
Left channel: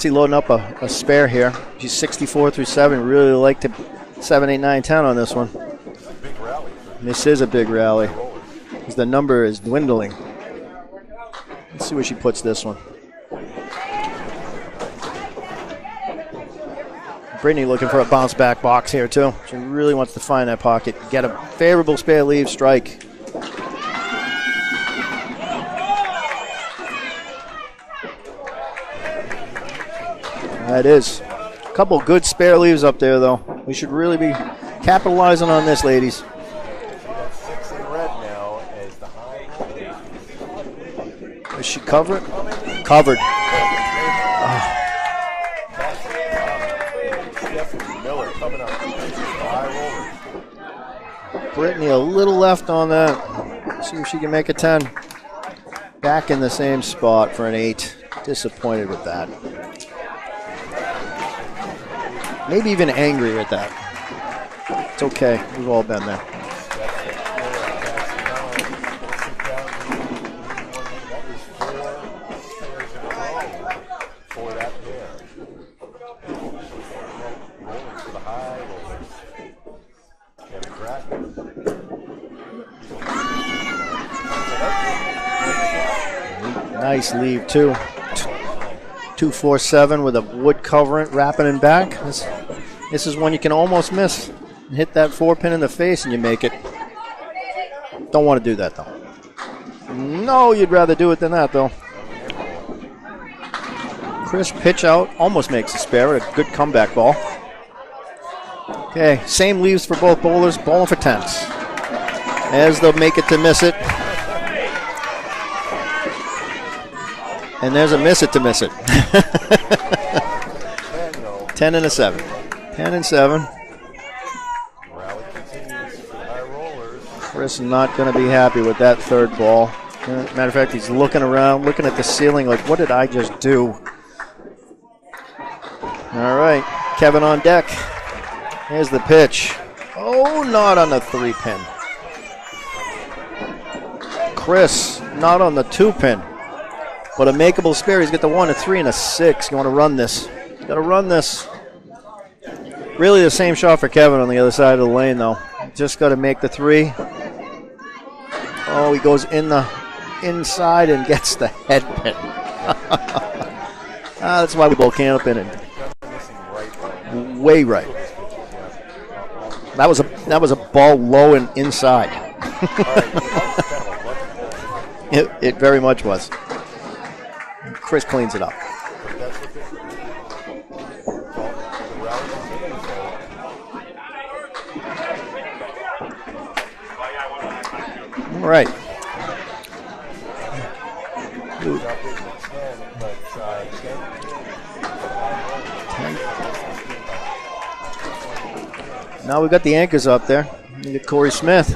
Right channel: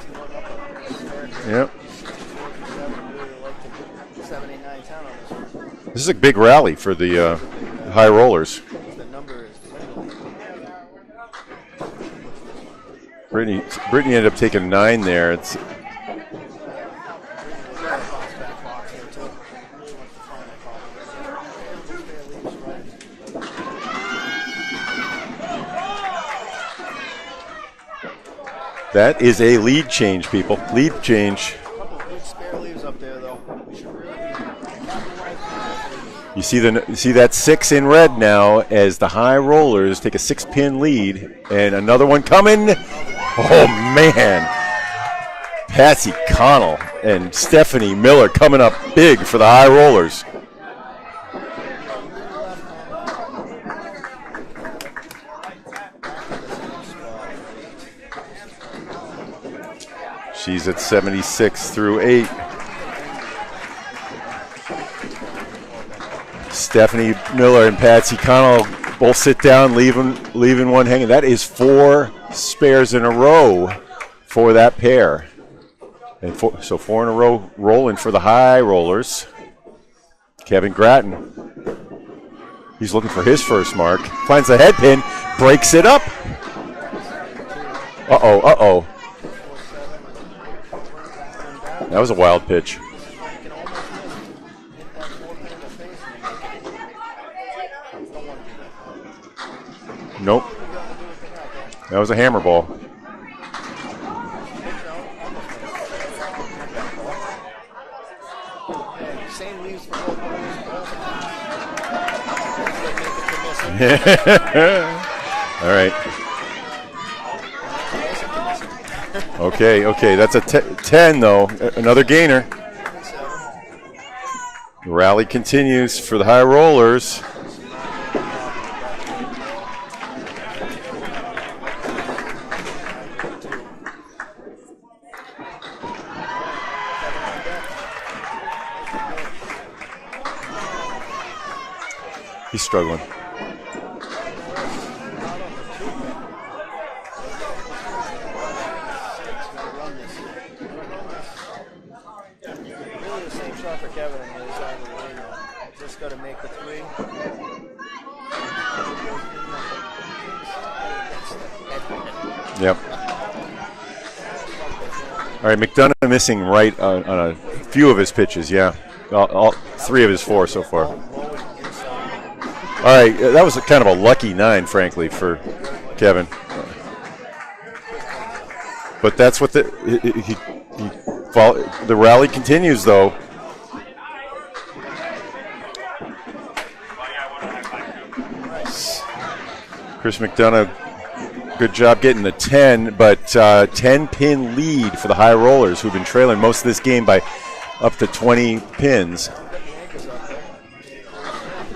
loading up a spare here. Yep. She's 64 through 7. Really like to 7, 8, 9, 10 on this one. This is a big rally for the This is a big rally. high rollers. The number is dwindling. Let's see where she puts this one. Brittany ended up taking 9 there. Brittany looking for a bounce back box here too. She really wants to find that pocket. Get a favorable spare leave strike. That is a lead change, people. Lead change. A couple good spare leaves up there, though. We should really be capitalizing on this, ladies. You see that 6 in red now as the high rollers take a 6-pin lead, and another one coming. Covered. Oh man! Patsy Connell and Stephanie Miller coming up big for the high rollers. Brittany a little left on that. See if she can make a 10. Back in the same spot for an 8. Disappointed with that. She's at 76 through 8. Maybe even angry at that. It's okay. We've all been there. Stephanie Miller and Patsy Connell both sit down, leaving one hanging. That is 4 spares in a row for that pair. And so 4 in a row rolling for the high rollers. Kevin Gratton. He's looking for his first mark. Finds the head pin, breaks it up. Nice leave, too. Uh-oh. 247 with a wood covering, wrapping and back. That was a wild pitch. This is one you can almost miss. Hit that 4-pin in the face and you make it. Don't want to do that, though. No, you'd rather do it than that, though. That was a hammer ball. Crisp pitch out, almost makes a spare. A good comeback ball. Okay, same leaves for both bowlers, bowling for 10s. As they'll make it to miss it. All right. And there's a miss it to miss it. Okay. That's a 10, though. 10 and another a 7. gainer. 10 and 7. The rally continues for the high rollers. Chris is not going to be happy with that third ball. Matter of fact, he's looking around, looking at the ceiling like, what did I just do? All right, Kevin on deck. Here's the pitch. Oh, not on the 3-pin. He's struggling. Chris, not on the 2-pin. But a makeable spare. He's got the 1, a 3, and a 6. You want to run this. You got to run this. Really the same shot for Kevin on the other side of the lane, though. Just got to make the 3. Oh, he goes in the inside and gets the head pin. Yep. That's why we bowl Candlepin. All right, McDonough missing right on a right. few of his pitches, yeah. That three of his 4 that was so a far. ball low and inside. All right, that was kind of a lucky 9, frankly, for it very much Kevin. was. Chris cleans it up. But that's what the rally continues, though. All right. Chris McDonough, good job getting the 10, but 10-pin lead for the high rollers, who've been trailing most of this game by up to 20 pins. Now we've got the anchors up there. You get Corey Smith.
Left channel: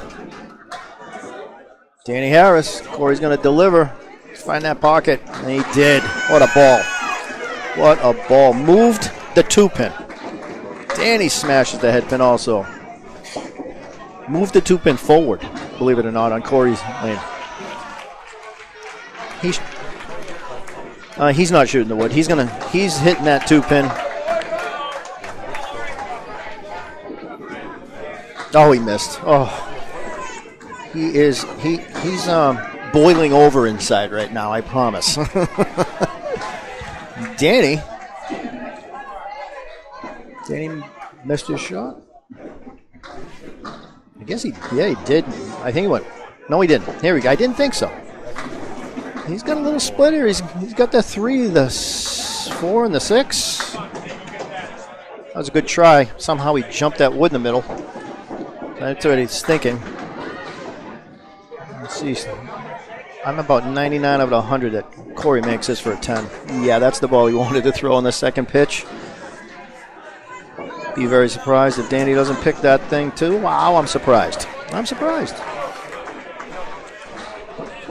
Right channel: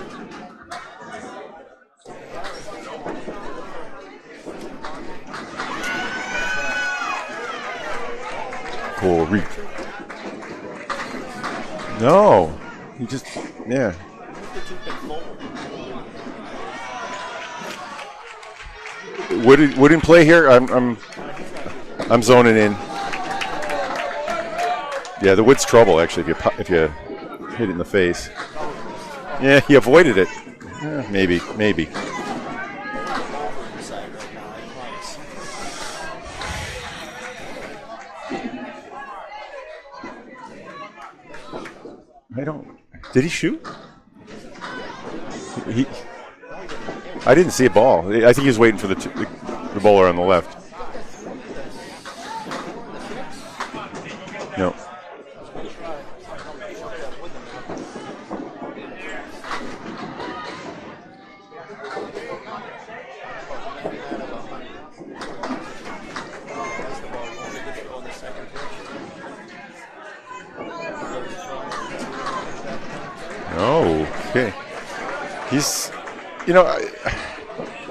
Danny Harris. Corey's going to deliver. Find that pocket. And he did. What a ball. What a ball. Moved the 2-pin. Danny smashes the head pin also. He just, yeah. Moved the 2-pin forward, believe it or not, on Corey's lane. Wood in play here? He's not shooting the wood. I'm zoning in. He's hitting that 2-pin. Yeah, the wood's trouble, actually, if you hit it in the face. Oh, he missed. Oh. Yeah, he avoided it. Maybe. He's boiling over inside right now, I promise. Danny missed his shot. Did he shoot? I guess he did. I think he went. No, he didn't. Here we go. I didn't see a ball. So. I think he was waiting for the He's got a little bowler on the splitter. left. He's got the 3, the 4, and the 6. No. That was a good try. Somehow he jumped that wood in the middle. That's what he's thinking. Let's see. I'm about 99 out of 100 that Corey makes this for a 10. Yeah, that's the ball he wanted to throw on the second pitch. Be very surprised if Danny doesn't pick that thing too. Wow, I'm surprised. Okay. I'm surprised. He's,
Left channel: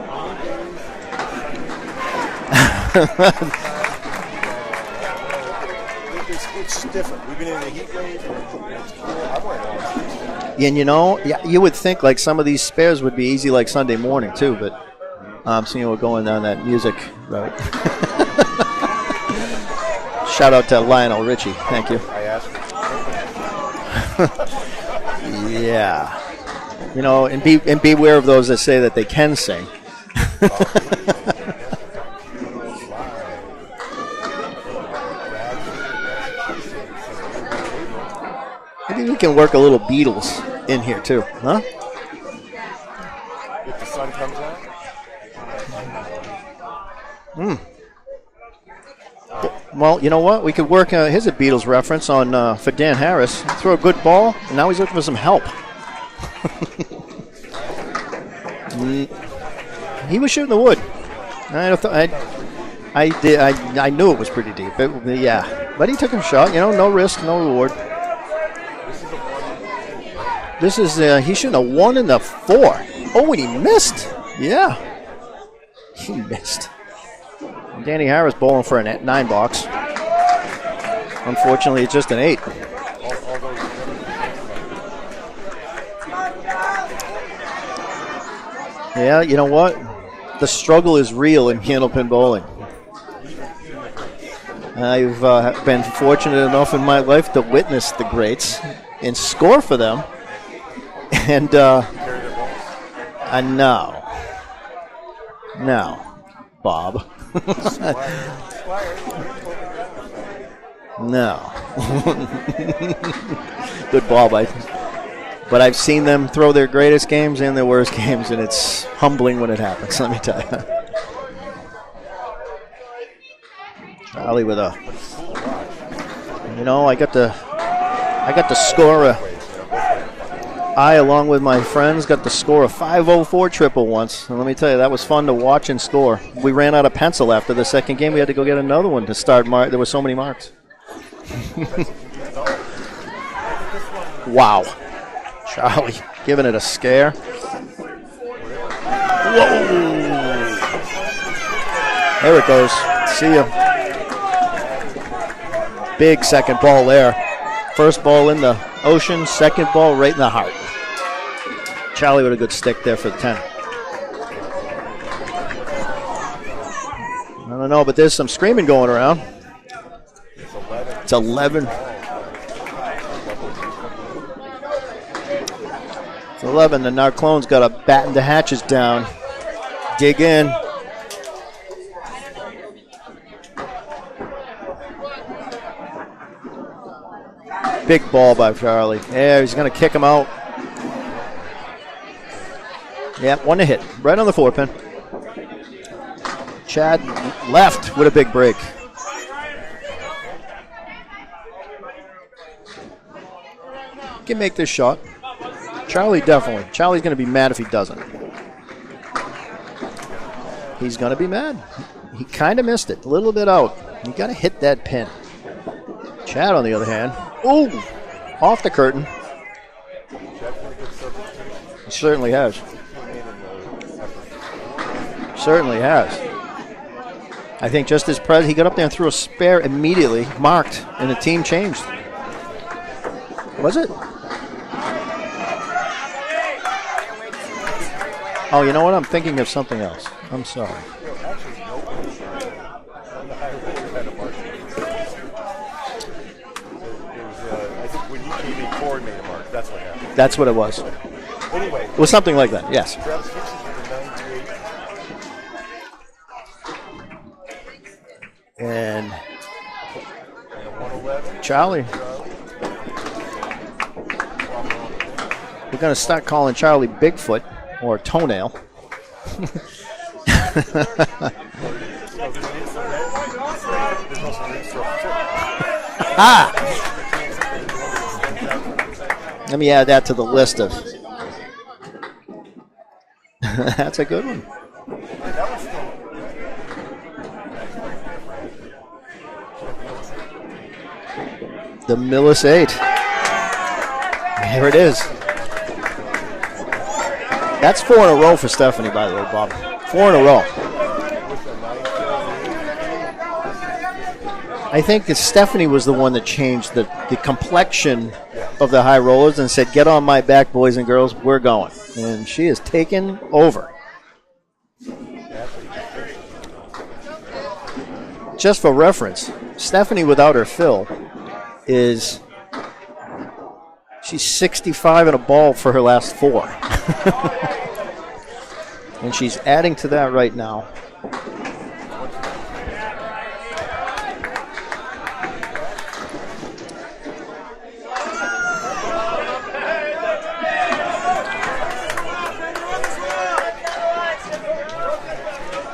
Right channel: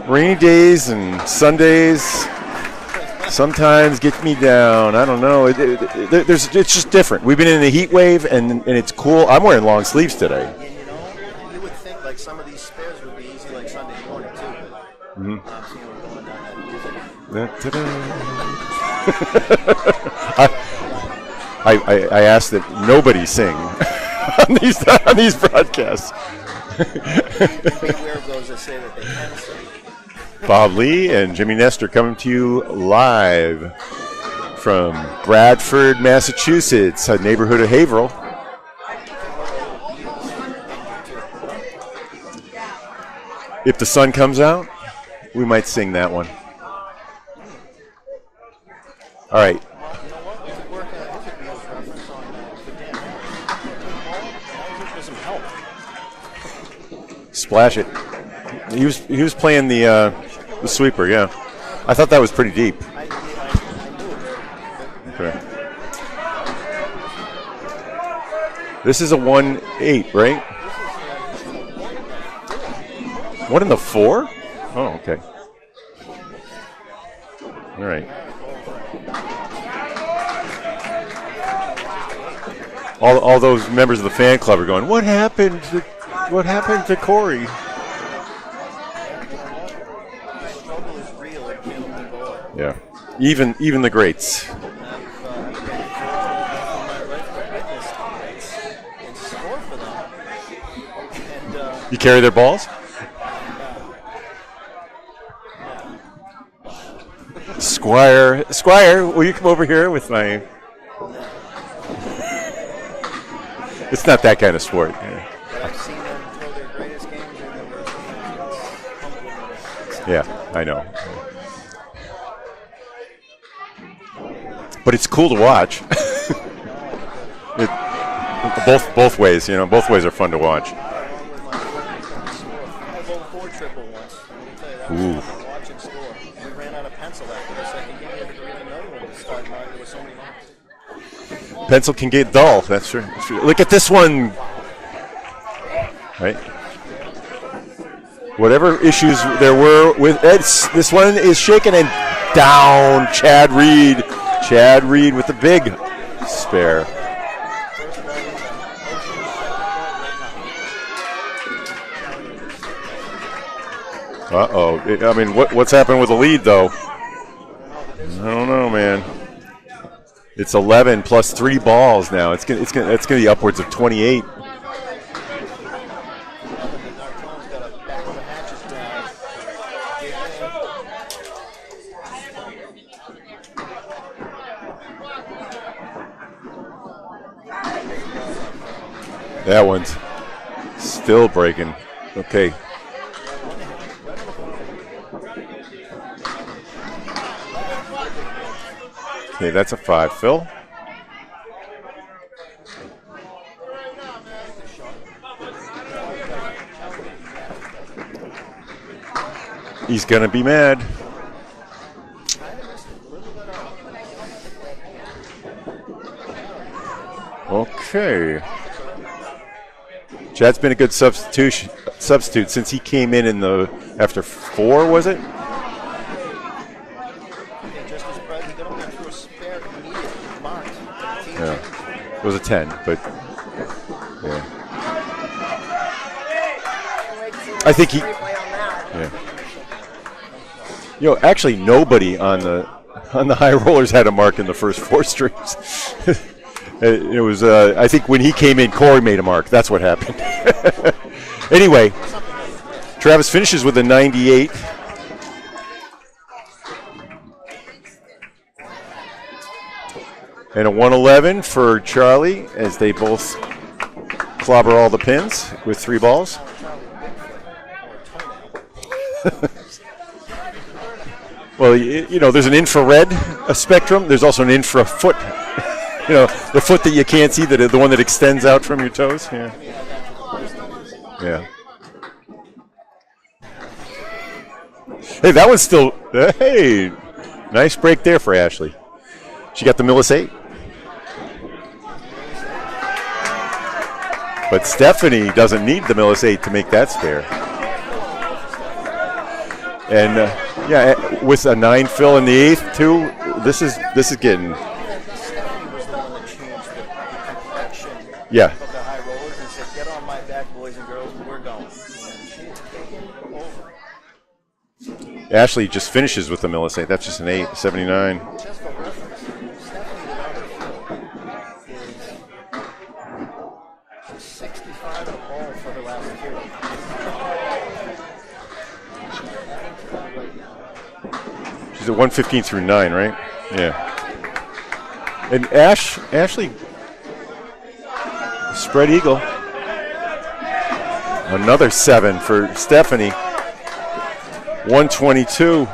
rainy days and Sundays sometimes get me down. I don't know. It's just different. We've been in the heat wave, and it's cool. I'm wearing long sleeves today. And you would think like some of these spares would be easy like Sunday morning too, but I'm seeing we're going down that music. Right. Shout out to Lionel Richie. I asked that nobody sing on these broadcasts. Yeah. And beware of those that say that they can sing. Bob Lee and Jimmy Nestor coming to you live from Bradford, Massachusetts, a neighborhood of Haverhill. I think we can work a little Beatles in here too, huh? If the sun comes out, we might sing that one. All right. Well, you know what? We could work. Here's a Beatles reference on for Dan Harris. Throw a good ball, and now he's looking for some help. Splash it. He was playing the. He was shooting the wood. The sweeper, yeah. I thought that was pretty deep. I did. I knew it was pretty deep. Yeah, but he took a shot. No risk, no reward. This is a 1-8, right? This is he's shooting a 1 and a 4. Oh, and he missed. 1 and a 4? Yeah. Oh, okay. He missed. Danny Harris bowling for a 9 box. Unfortunately, it's just an 8. All those members of the fan club are going, What happened to Corey? Yeah, you know what? The struggle is real in Candlepin bowling. Yeah. Even the greats. I've been fortunate enough in my life to witness the greats and score for them. And you carry their balls? No, Bob. Squire, will you come over here with my? No. It's not that kind of sport. But I've seen them throw their greatest games and their worst games, and it's humbling when it happens. Let me tell you. I know. Charlie with a. But it's cool to watch. I got the score. Both ways, both ways are fun to watch. I, along with my friends, got the score of 504 triple once. And let me tell you, that was fun to watch and score. We ran out of pencil after the second game. We had to go get another one to start. There were so many marks. Pencil can get dull. That's true. Look at this one. Wow. Charlie giving it a scare. Whatever issues there were with this one is shaken and down. Chad Reed with the big second spare. ball there. First ball in the ocean, second ball right in the heart. Charlie with a good stick there for the 10. Uh-oh. I mean, what's happened with the lead, though? I don't know, but there's some screaming going around. It's 11 plus 3 balls now. It's gonna be upwards of 28. It's 11. The Narclones got to batten the hatches down. Dig in. Big ball by Charlie. Yeah, he's going to kick him out. Still breaking. Okay. Yep, one to hit. Right on the 4-pin. Chad left with a big break. Okay, that's a 5. Phil? Can make this shot. Charlie definitely. Charlie's going to be mad if he doesn't. He's going to be mad. He's going to be mad. He kind of missed it. A little bit out. You got to hit that pin. Chad, on the other hand. Okay. Off the curtain. Chad's been a good substitute has. Since he came in after 4, was it? Certainly has. I think just his he got up there and threw a spare immediately, marked, and the team changed. It was a 10, but. Was it? Yeah. I think he. Oh, you know what? I'm thinking of something else. I'm sorry. Actually, nobody on the high rollers had a mark in the first 4 streams. It was, I think when he came in, Corey made a mark. That's what happened. That's what it was. Anyway. It was something like that, yes. Travis finishes with a 98. And a 111 for Charlie as they both clobber all the pins with 3 balls. Start calling Charlie Bigfoot or Toenail. Well, there's an infrared spectrum. There's also an infrafoot. The foot that you can't see, the one that extends out from your toes. Yeah. Let me add that to the list of. Yeah. That's a good one. Hey, that one's still. Hey, nice break there for Ashley. She got the Millis 8. The Millis 8. But Stephanie doesn't need the Millis 8 to make that spare. That's 4 in a row for Stephanie, by the way, Bob. 4 in a row. Yeah, with a 9 fill in the 8th too. This is getting. I think Stephanie was the one that changed the complexion Yeah. of the high rollers and said, "Get on my back, boys and girls. We're going." And she is taken over. Ashley just finishes with the Millis 8. That's just an 8, 79. Just for reference, Stephanie without her fill is. She's 65 in a ball for her last 4. And she's adding to that right now. She's at 115 through 9, right? Yeah. And Ashley, spread eagle. Another 7 for Stephanie. 122.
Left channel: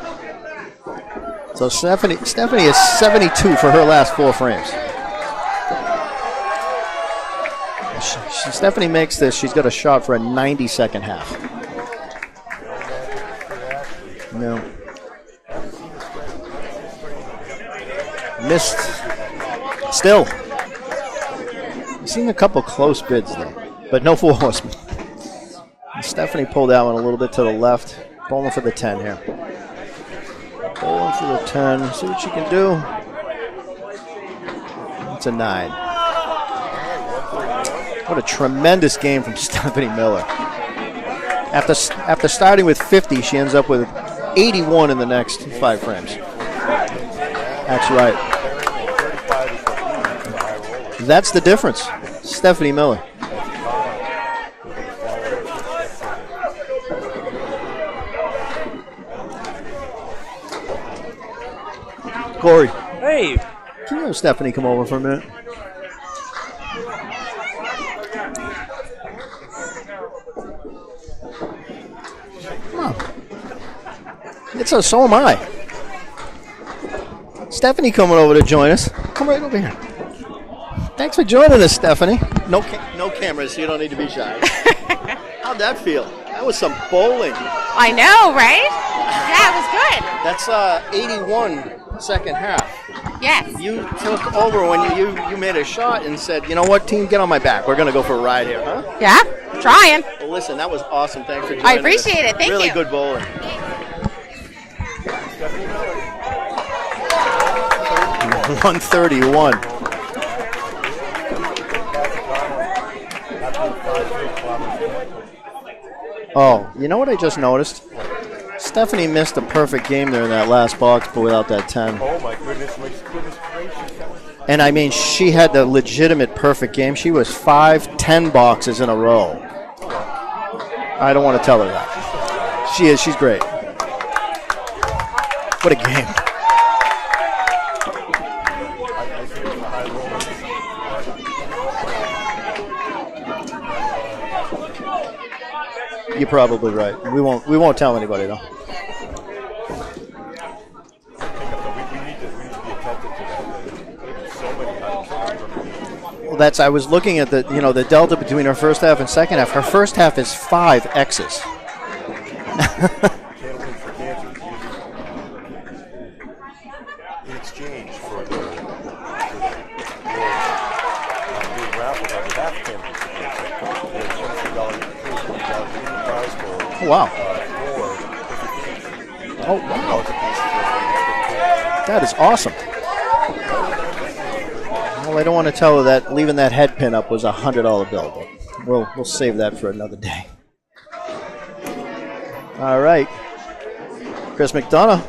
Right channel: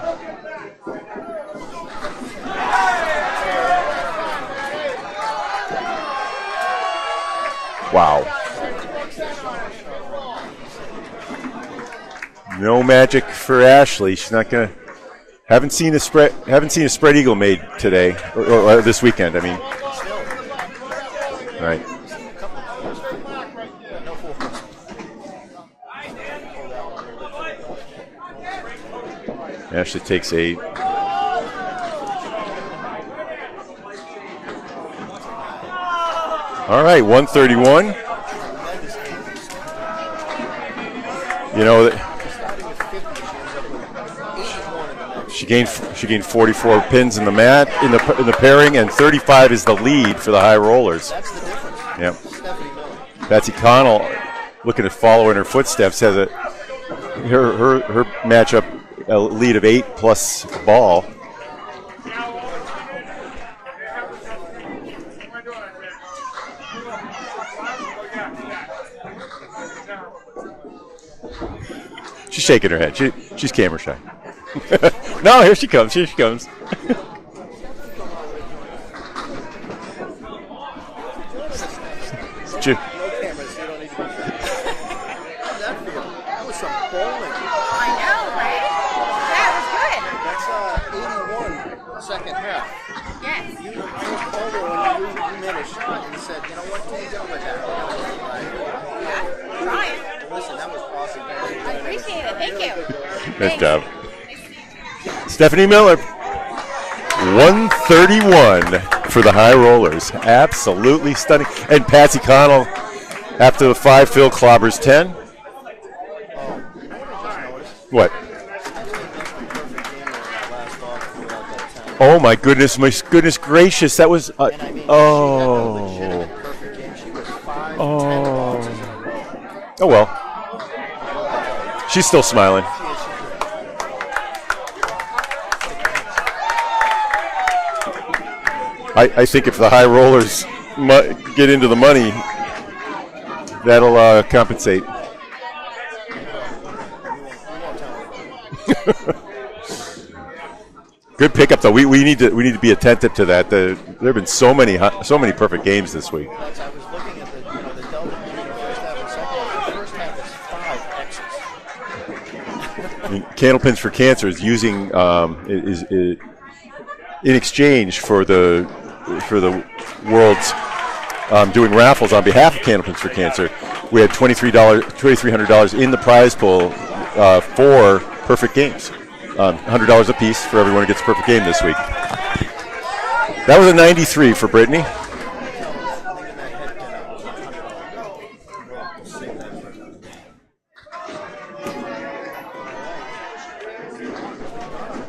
So Stephanie is 72 for her last 4 frames. Wow. Stephanie makes this. She's got a shot for a 90-second half. No magic for Ashley. She's not gonna. Haven't seen a spread eagle made today or this weekend. I mean, still. All right. I've seen a couple close bids, though, but no 4 horsemen. Stephanie pulled that one a little bit to the left. Bowling for the 10 here. Ashley takes 8. Bowling for the 10. See what she can do. It's a 9. All right, 131. What a tremendous game from Stephanie Miller. After starting with 50, she ends up with 81 in the next 5 frames. She gained 44 pins in the mat in the pairing, and 35 is the lead for the high rollers. That's the difference. Yep. Stephanie Miller. Betsy Connell looking to follow in her footsteps, has her matchup a lead of 8 plus ball. Corey, Hey, can you have Stephanie come over for a minute? She's shaking her head. She's camera shy. So am I. No, here she comes. Here she comes. Stephanie coming over to join us. Come right over here. Thanks for joining us, Stephanie. No cameras. You don't need to be shy. How'd that feel? That was some bowling. I know, right? Yeah, it was good. That's 81 second half. Yes. You took over when you made a shot and said, you know what, team, get on my back. We're going to go for a ride here, huh? Yeah, trying. Well, listen, that was awesome. Thanks for joining I appreciate it. Thank really you. Good bowling. Nice job. Stephanie Miller. 131 for the High Rollers. Absolutely stunning. And Patsy Connell, after the 5 fill, clobbers 10. Oh, you know what I just noticed? What? Stephanie missed a perfect game there in that last box, but without that 10. Oh, my goodness gracious. That was... and I mean, she had the legitimate perfect game. She was 5-10 boxes in a row. Oh, well. I don't want to tell her that. She's still smiling. She is. She's great. What a game. I think if the High Rollers get into the money, that'll compensate. You're probably right. We won't tell anybody though. Good pickup though. We need to be attentive to that. There have been so many perfect games this week. Well, I was looking at the delta between her first half and second half. Her first half is 5 X's. Candlepins for Cancer is using is in exchange for the world's doing raffles on behalf of Candlepins for Cancer. We had $2,300 in the prize pool. Wow. For perfect games. $100 a piece for everyone who gets a perfect game this week. That is awesome. That was a 93 for Brittany. Well, I don't want to tell her that leaving that head pin up was a $100 bill. But we'll save that for another day. All right. Chris McDonough.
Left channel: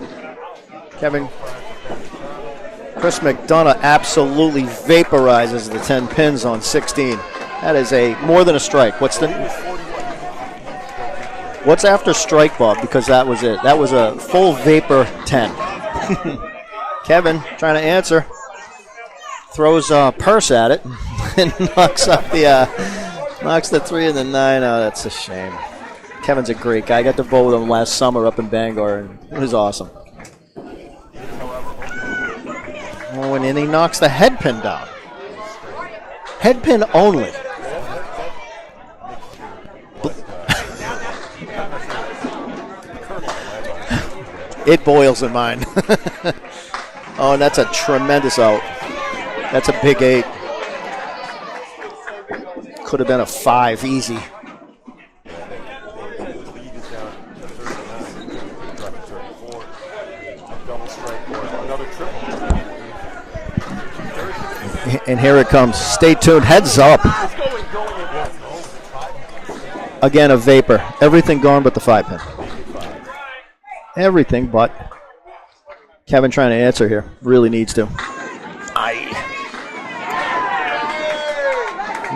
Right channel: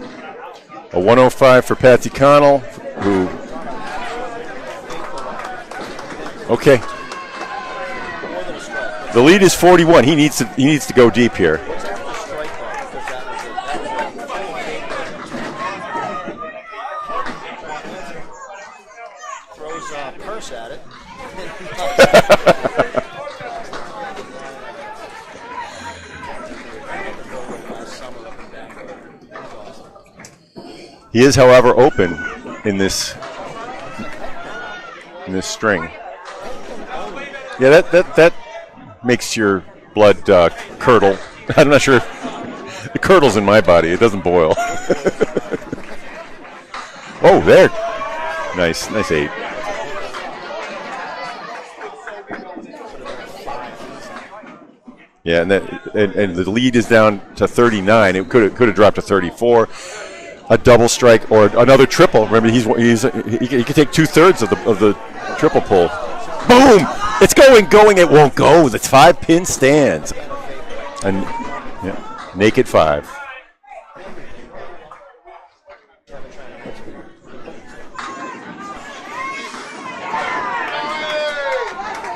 A 105 for Patsy Connell. Chris McDonough absolutely vaporizes the 10 pins on 16. That is more than a strike. The lead is 41. He needs to go deep here. What's after strike, Bob? Because that was it. That was a full vapor 10. Kevin trying to answer. Throws a purse at it and knocks the 3 and the 9. Oh, that's a shame. Kevin's a great guy. I got to vote with him last summer up in Bangor, and it was awesome. He is, however, open in this. Oh, and he knocks the head pin down. In this string. Head pin only. Yeah, that makes your blood curdle. I'm not sure. It curdles in my body. It doesn't boil. It boils in mine. Oh, that's there. a tremendous out. Nice 8. That's a big 8. Could have been a 5 easy. Yeah, and the lead is down to 39. It could have dropped to 34. A double strike or another triple. Remember, he can take 2/3 of the. And here it comes. Pull. Stay tuned. Heads up. It's going. It won't go. The 5-pin stands. Again, a vapor. Everything gone but the 5-pin. Naked 5. Everything but. Kevin trying to answer here. Really needs to.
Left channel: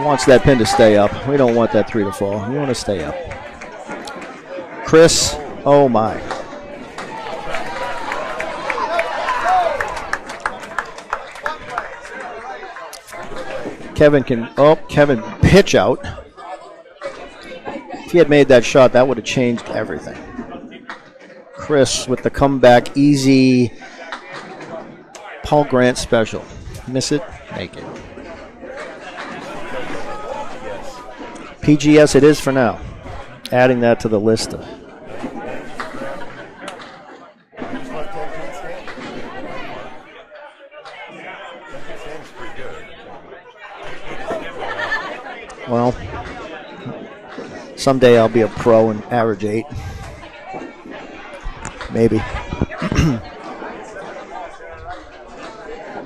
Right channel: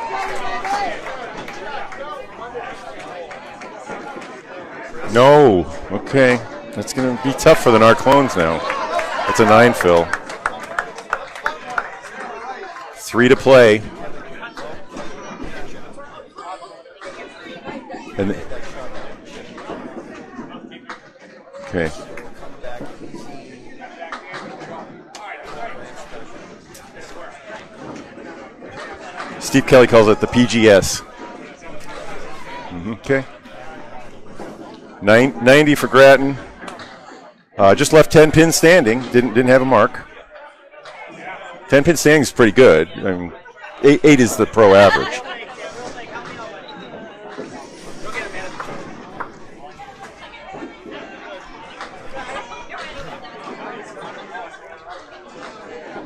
Wants that pin to stay up. We don't want that 3 to fall. We want to stay up. Chris. No. Oh, my. Okay. That's going to be tough for the Narclones now. That's a 9 fill. 3 to play. Kevin pitch out. If he had made that shot, that would have changed everything. Chris with the comeback, easy Paul Grant special. Miss it, make it. Steve Kelly calls it the PGS. PGS it is for now. Okay. Adding that to the list. 90 for Grattan. Just left 10 pins standing. Didn't have a mark. 10 pin standing is pretty good. I mean, 8 is the pro average. Well, someday I'll be a pro and average 8. Maybe.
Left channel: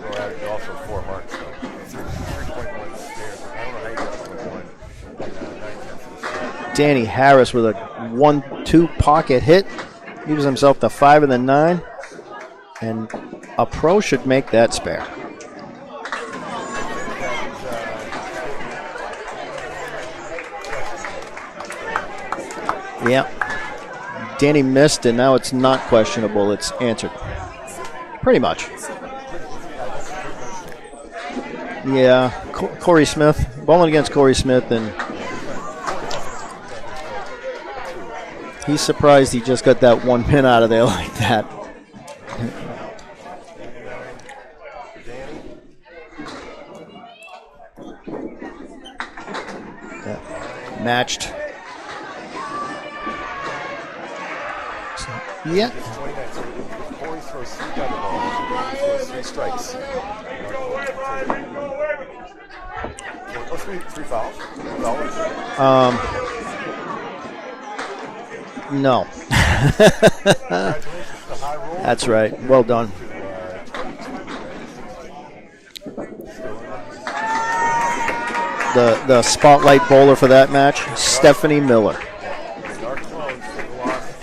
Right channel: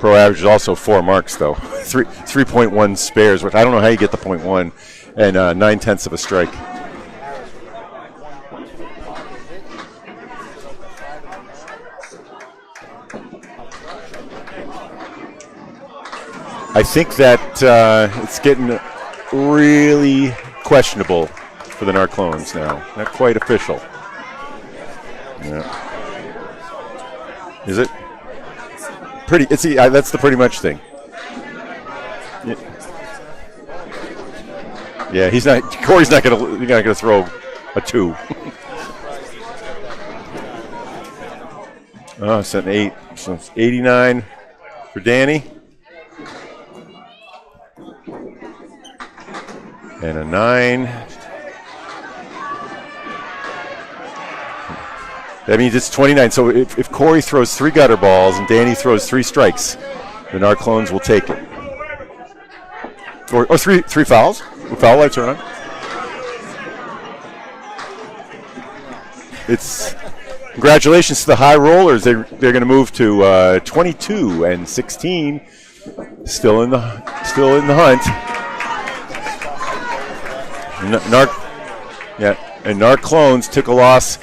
Pro average is also 4 marks though. 3.1 spares, which I don't know how you get the 0.1, and 9/10 of a strike. Danny Harris with a 1-2 pocket hit. Gives himself the 5 and the 9. And a pro should make that spare. I think that it's getting really questionable for the Narclones now. Not quite official. Danny missed, and now it's not questionable. It's answered. Is it? Pretty much. That's the pretty much thing. Yeah. Corey Smith, bowling against Corey Smith, and Corey's not gonna throw a 2. He's surprised he just got that 1 pin out of there like that. Oh, it's an 8. So it's 89 for Danny. And a 9. Matched. That means it's 29. So if Corey throws 3 gutter balls and Danny throws 3 strikes, the Narclones will take it. Or 3 fouls? The foul lights are on? No. Congratulations to the High Rollers. They're going to move to 22 and 16. Still in the hunt. The spotlight bowler for that match, Stephanie Miller. Yeah, and Narclones took a loss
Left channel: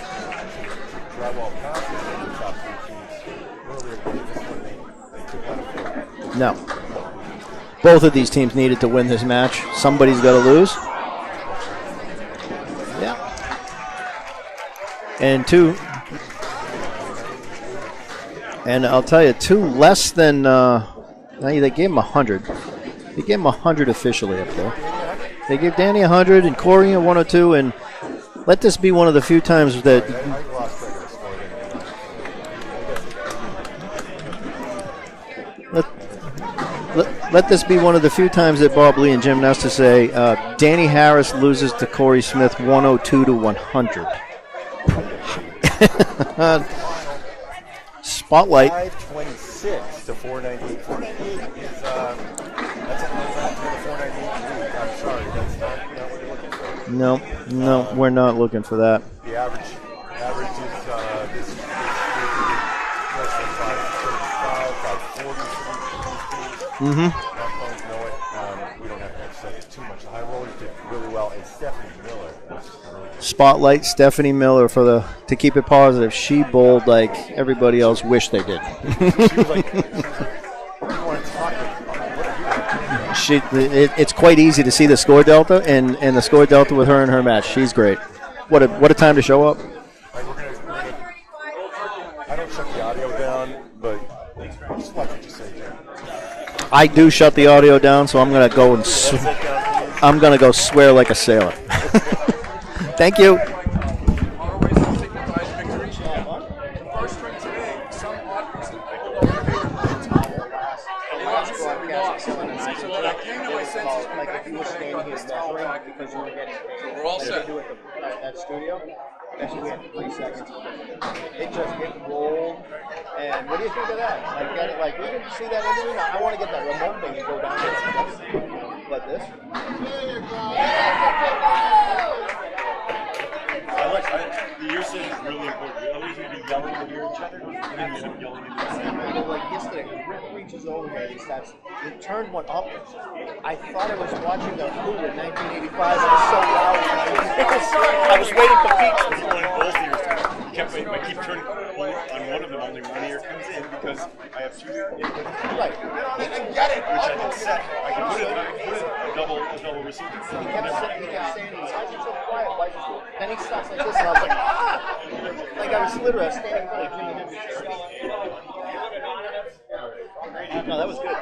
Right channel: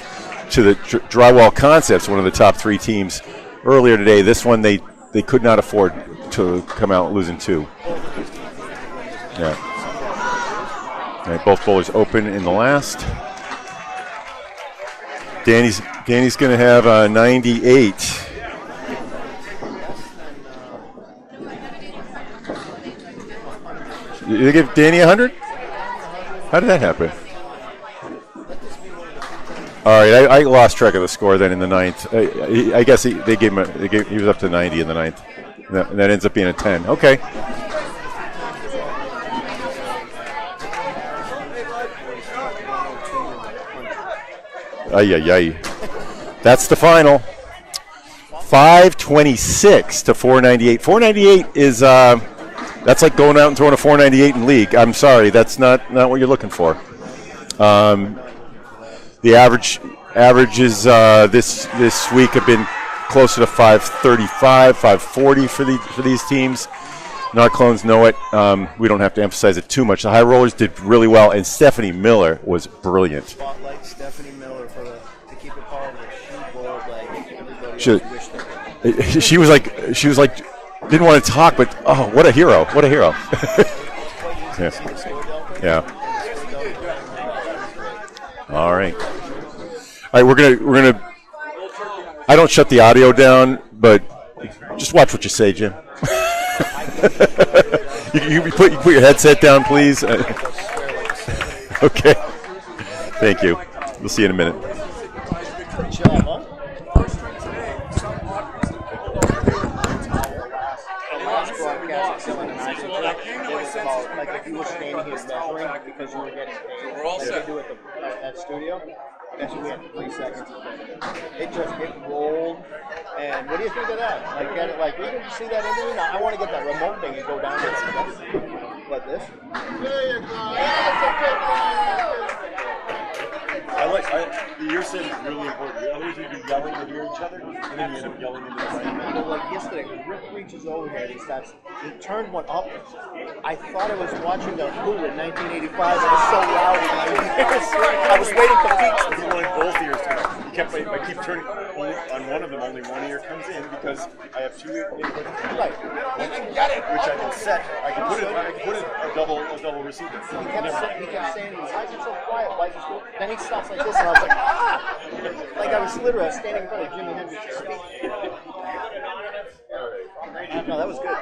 to the Drywall Concepts, one of the top 3 teams, earlier today. This one they could not afford to come out losing 2. Both of these teams needed to win this match. Right. Somebody's got to lose. Right, both bowlers open in the last. Yeah. And Danny's going to have a 98. And I'll tell you, 2 less than. They gave him 100. They gave him 100 officially. Did they give Danny 100? They give Danny 100 and Corey a 102. And let this be one of the few times. All right, I lost track of the score then in the 9th. I guess he was up to 90 in the 9th. And that ends up being a 10. Okay. Let this be one of the few times that Bob Lee and Jim Nestor say Danny Harris loses to Corey Smith 102 to 100. That's the final. Spotlight. 526 to 498. 498 is that's like going out and throwing a 498 in league. I'm sorry, that's not what you're looking for. No, we're not looking for that. The averages this week have been closer to 535, 540 for these teams. Mm-hmm. Narclones know it. We don't have to emphasize it too much. The High Rollers did really well, and Stephanie Miller was brilliant. Spotlight Stephanie Miller to keep it positive. She bowled like everybody else wished they did. She was like didn't want to talk, but what a hero! What a hero! It's quite easy to see the score delta and the score delta with her in her match. She's great. What a time to show up! All right, we're gonna. I don't shut the audio down, but just watch what you say, Jim. I do shut the audio down, so I'm going to go. Put your headset down, please. I'm going to go swear like a sailor. Okay. Thank you. Thank you. We'll see you in a minute. We're all set. At studio. We had 3 seconds. It rolled. And what do you think of that? We didn't see that interview. I want to get that remote thing and go down there. Like this. The ear set is really important. Otherwise, we'd be yelling to hear each other, and then we end up yelling into the same. Like yesterday, Rick reaches over here and he turned one up. I thought I was watching the Who in 1985. It was so loud. I was waiting for peaks. I wanted both ears to go. I keep turning on one of them, only one ear comes in because I have 2 inputs. Right. Got it. Which I can set. I can put a double receiver. He kept saying, why is it so quiet? Why is it so... Then he stops like this, and I was like, like I was literally standing in front of Jimi Hendrix. No, that was good.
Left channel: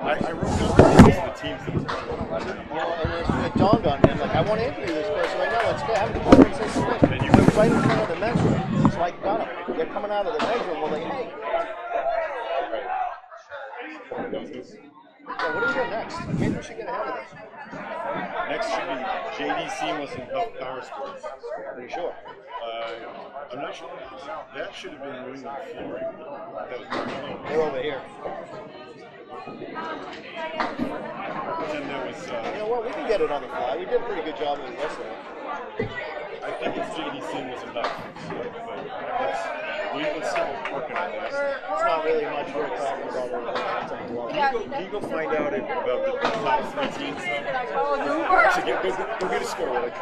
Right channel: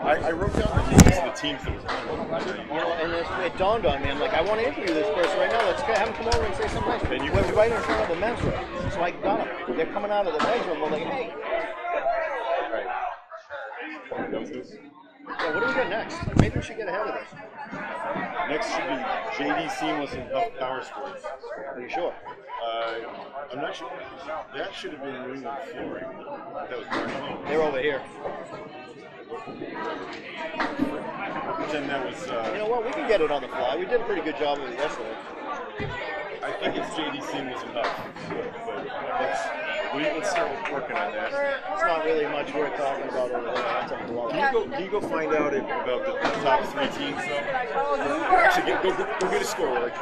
I wrote down the names of the teams that were playing. And it dawned on me. I'm like, I want to interview this person right now. Let's have him come over and say something. They're right in front of the men's room. So I got them. They're coming out of the men's room. We're like, hey. So what do we got next? Maybe we should get ahead of this. Next should be JD Seamless and Huff Powersports. Are you sure? I'm not sure. That should have been New England flooring. That was they're over here. But then that was. You know what? We can get it on the fly. We did a pretty good job of it yesterday. I think it's JD Seamless and Huff. Let's start working on that. It's not really much worth talking about over there. Can you go find out about the top 3 teams? Go get a score. Like,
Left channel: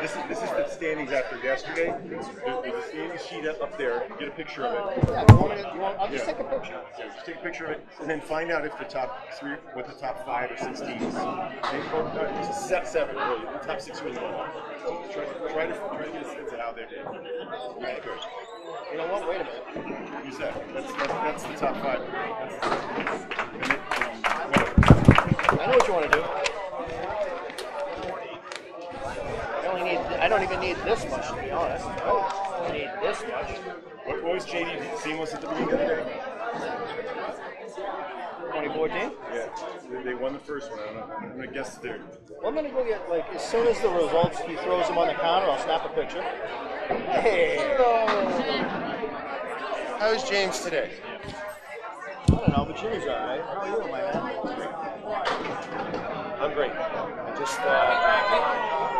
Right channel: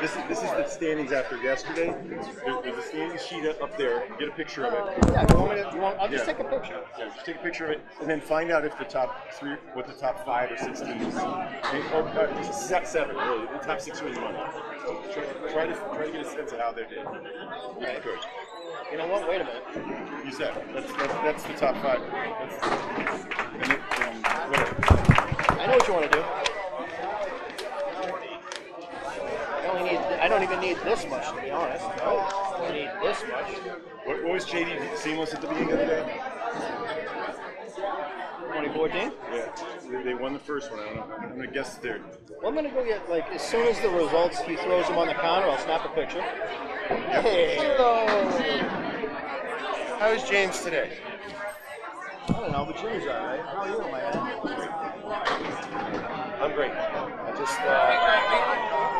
this is the standings after yesterday. There's a standing sheet up there. Get a picture of it. Yeah, I'll just take a picture. Yeah, just take a picture of it, and then find out if the top 3, what the top 5 or 6 teams, or 7 really, the top 6 really won. Try to get a sense of how they did. If you could. You know what? Wait a minute. Use that. That's the top 5. Whatever. I know what you want to do. I don't even need this much, to be honest. I need this much. What was JD Seamless at the beginning of the day? 2014? Yeah, they won the first one. I don't know. I'm going to guess third. Well, I'm going to go get, like, as soon as the results, he throws them on the counter, I'll snap a picture. Hey, hello. How's James today? I don't know, but Jimmy's all right. How are you, my man? I'm good. I just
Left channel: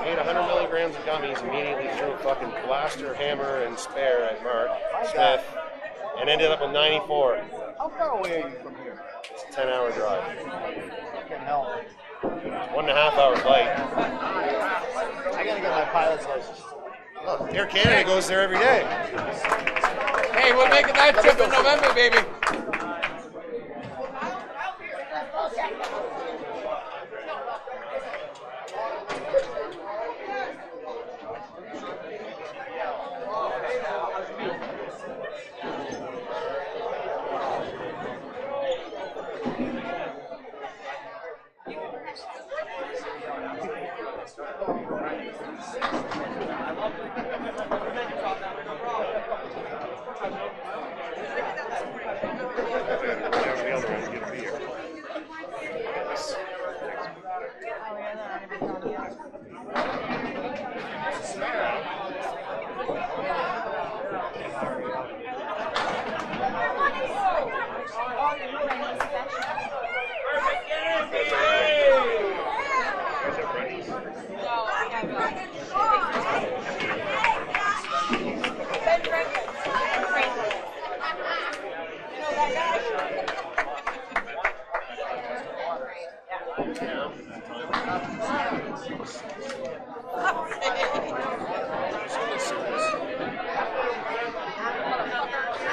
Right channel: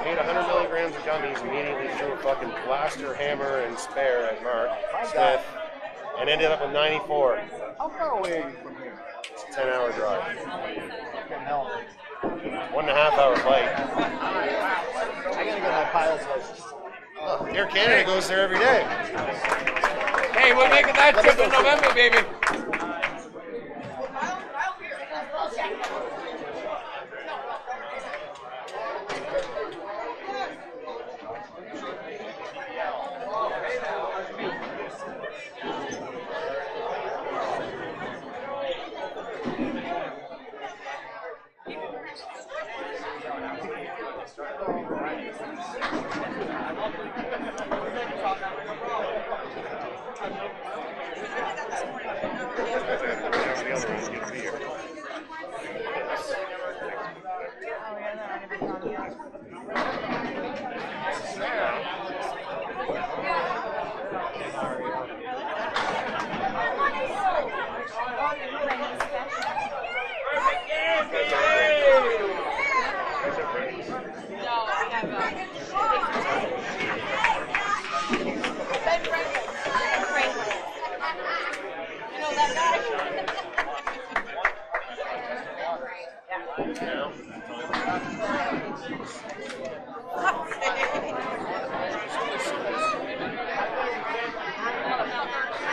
made 100 milligrams of gummies, immediately threw a fucking blaster, hammer, and spare at Mark Smith, and ended up with 94. How far away are you from here? It's a 10-hour drive. Fucking hell. 1.5 hour flight. I gotta get my pilot's license. Look, Air Canada goes there every day. Hey, we're making that trip in November, baby.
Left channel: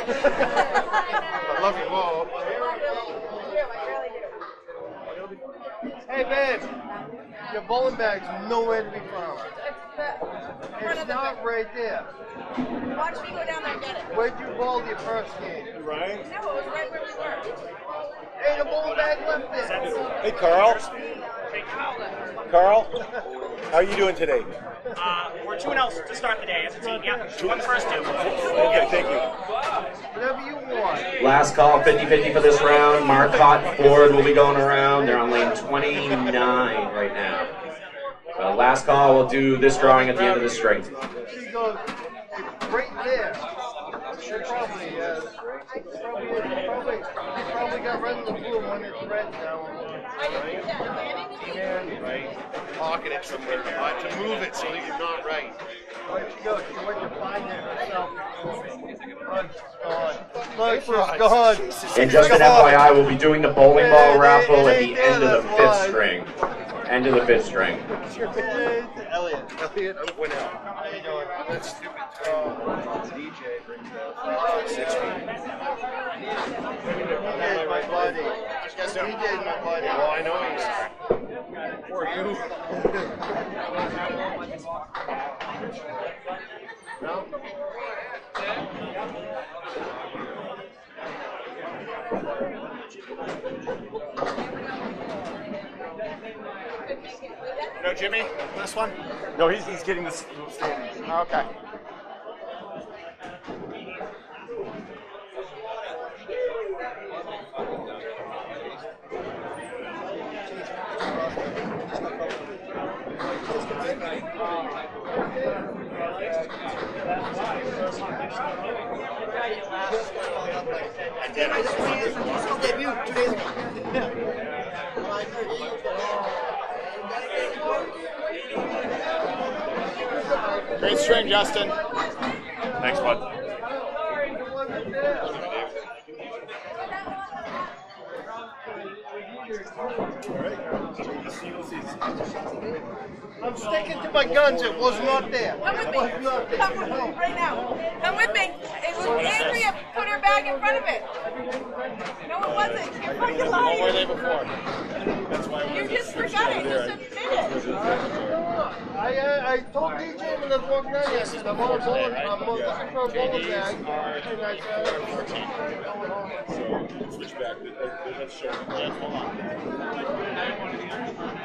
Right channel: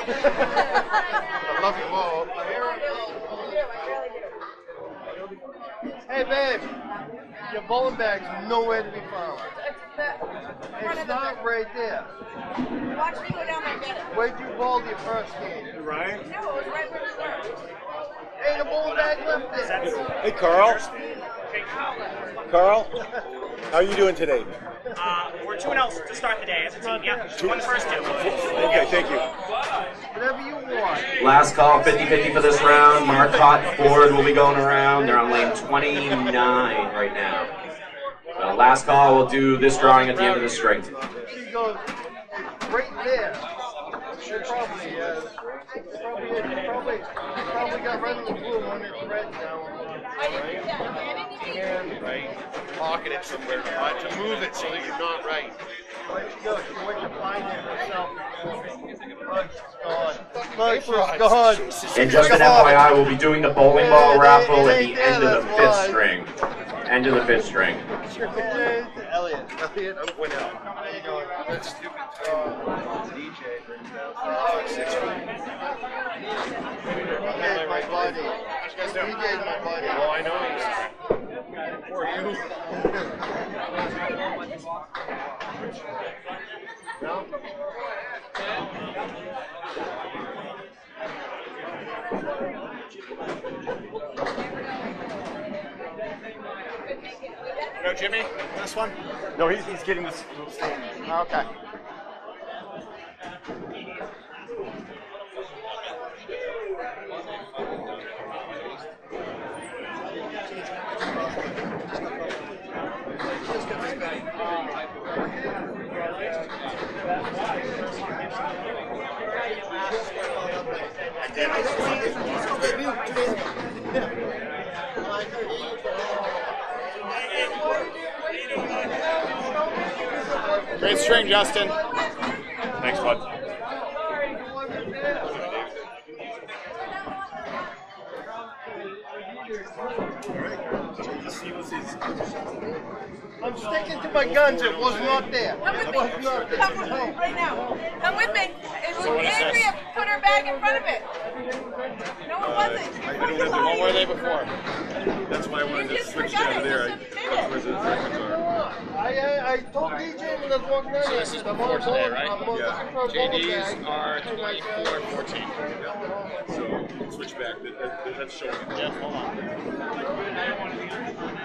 I love you all. Hey, babe. Your bowling bag's nowhere to be found. It's not right there. Watch me go down there and get it. Where'd you bowl your first game? Ryan? No, it was right where we were. Hey, the bowling bag left there. Hey, Carl. Carl, how are you doing today? We're 2-0 to start the day as a team. Yeah, won the first 2. Okay, thank you. Whatever you want. Last call, 50-50 for this round. Marcotte Ford will be going around. They're on lane 29 right now. Last call, we'll do this drawing at the end of the string. She goes right there. She probably got rid of the blue one. It's red now. Pocketing something to move it so you're not right. Look, what you find yourself. Gone. And just an FYI, we'll be doing the bowling ball raffle at the end of the 5th string. End of the 5th string. Elliot went out. How you doing? That's my buddy. DJ's my buddy. Well, I know he's. Poor you. No? No, Jimmy? This one? No, he's getting this. Okay. I did. I Great string, Justin. Thanks, bud. I'm sticking to my guns. It was not there. Come with me. Come right now. Come with me. It was Andrea put her bag in front of it. No, it wasn't. I don't have What were they before? That's why I wanted to switch over there. I told DJ when I was not So this is before today, right? Yeah. JD's are 24-14. So switch back. That's showing. Yeah, hold on.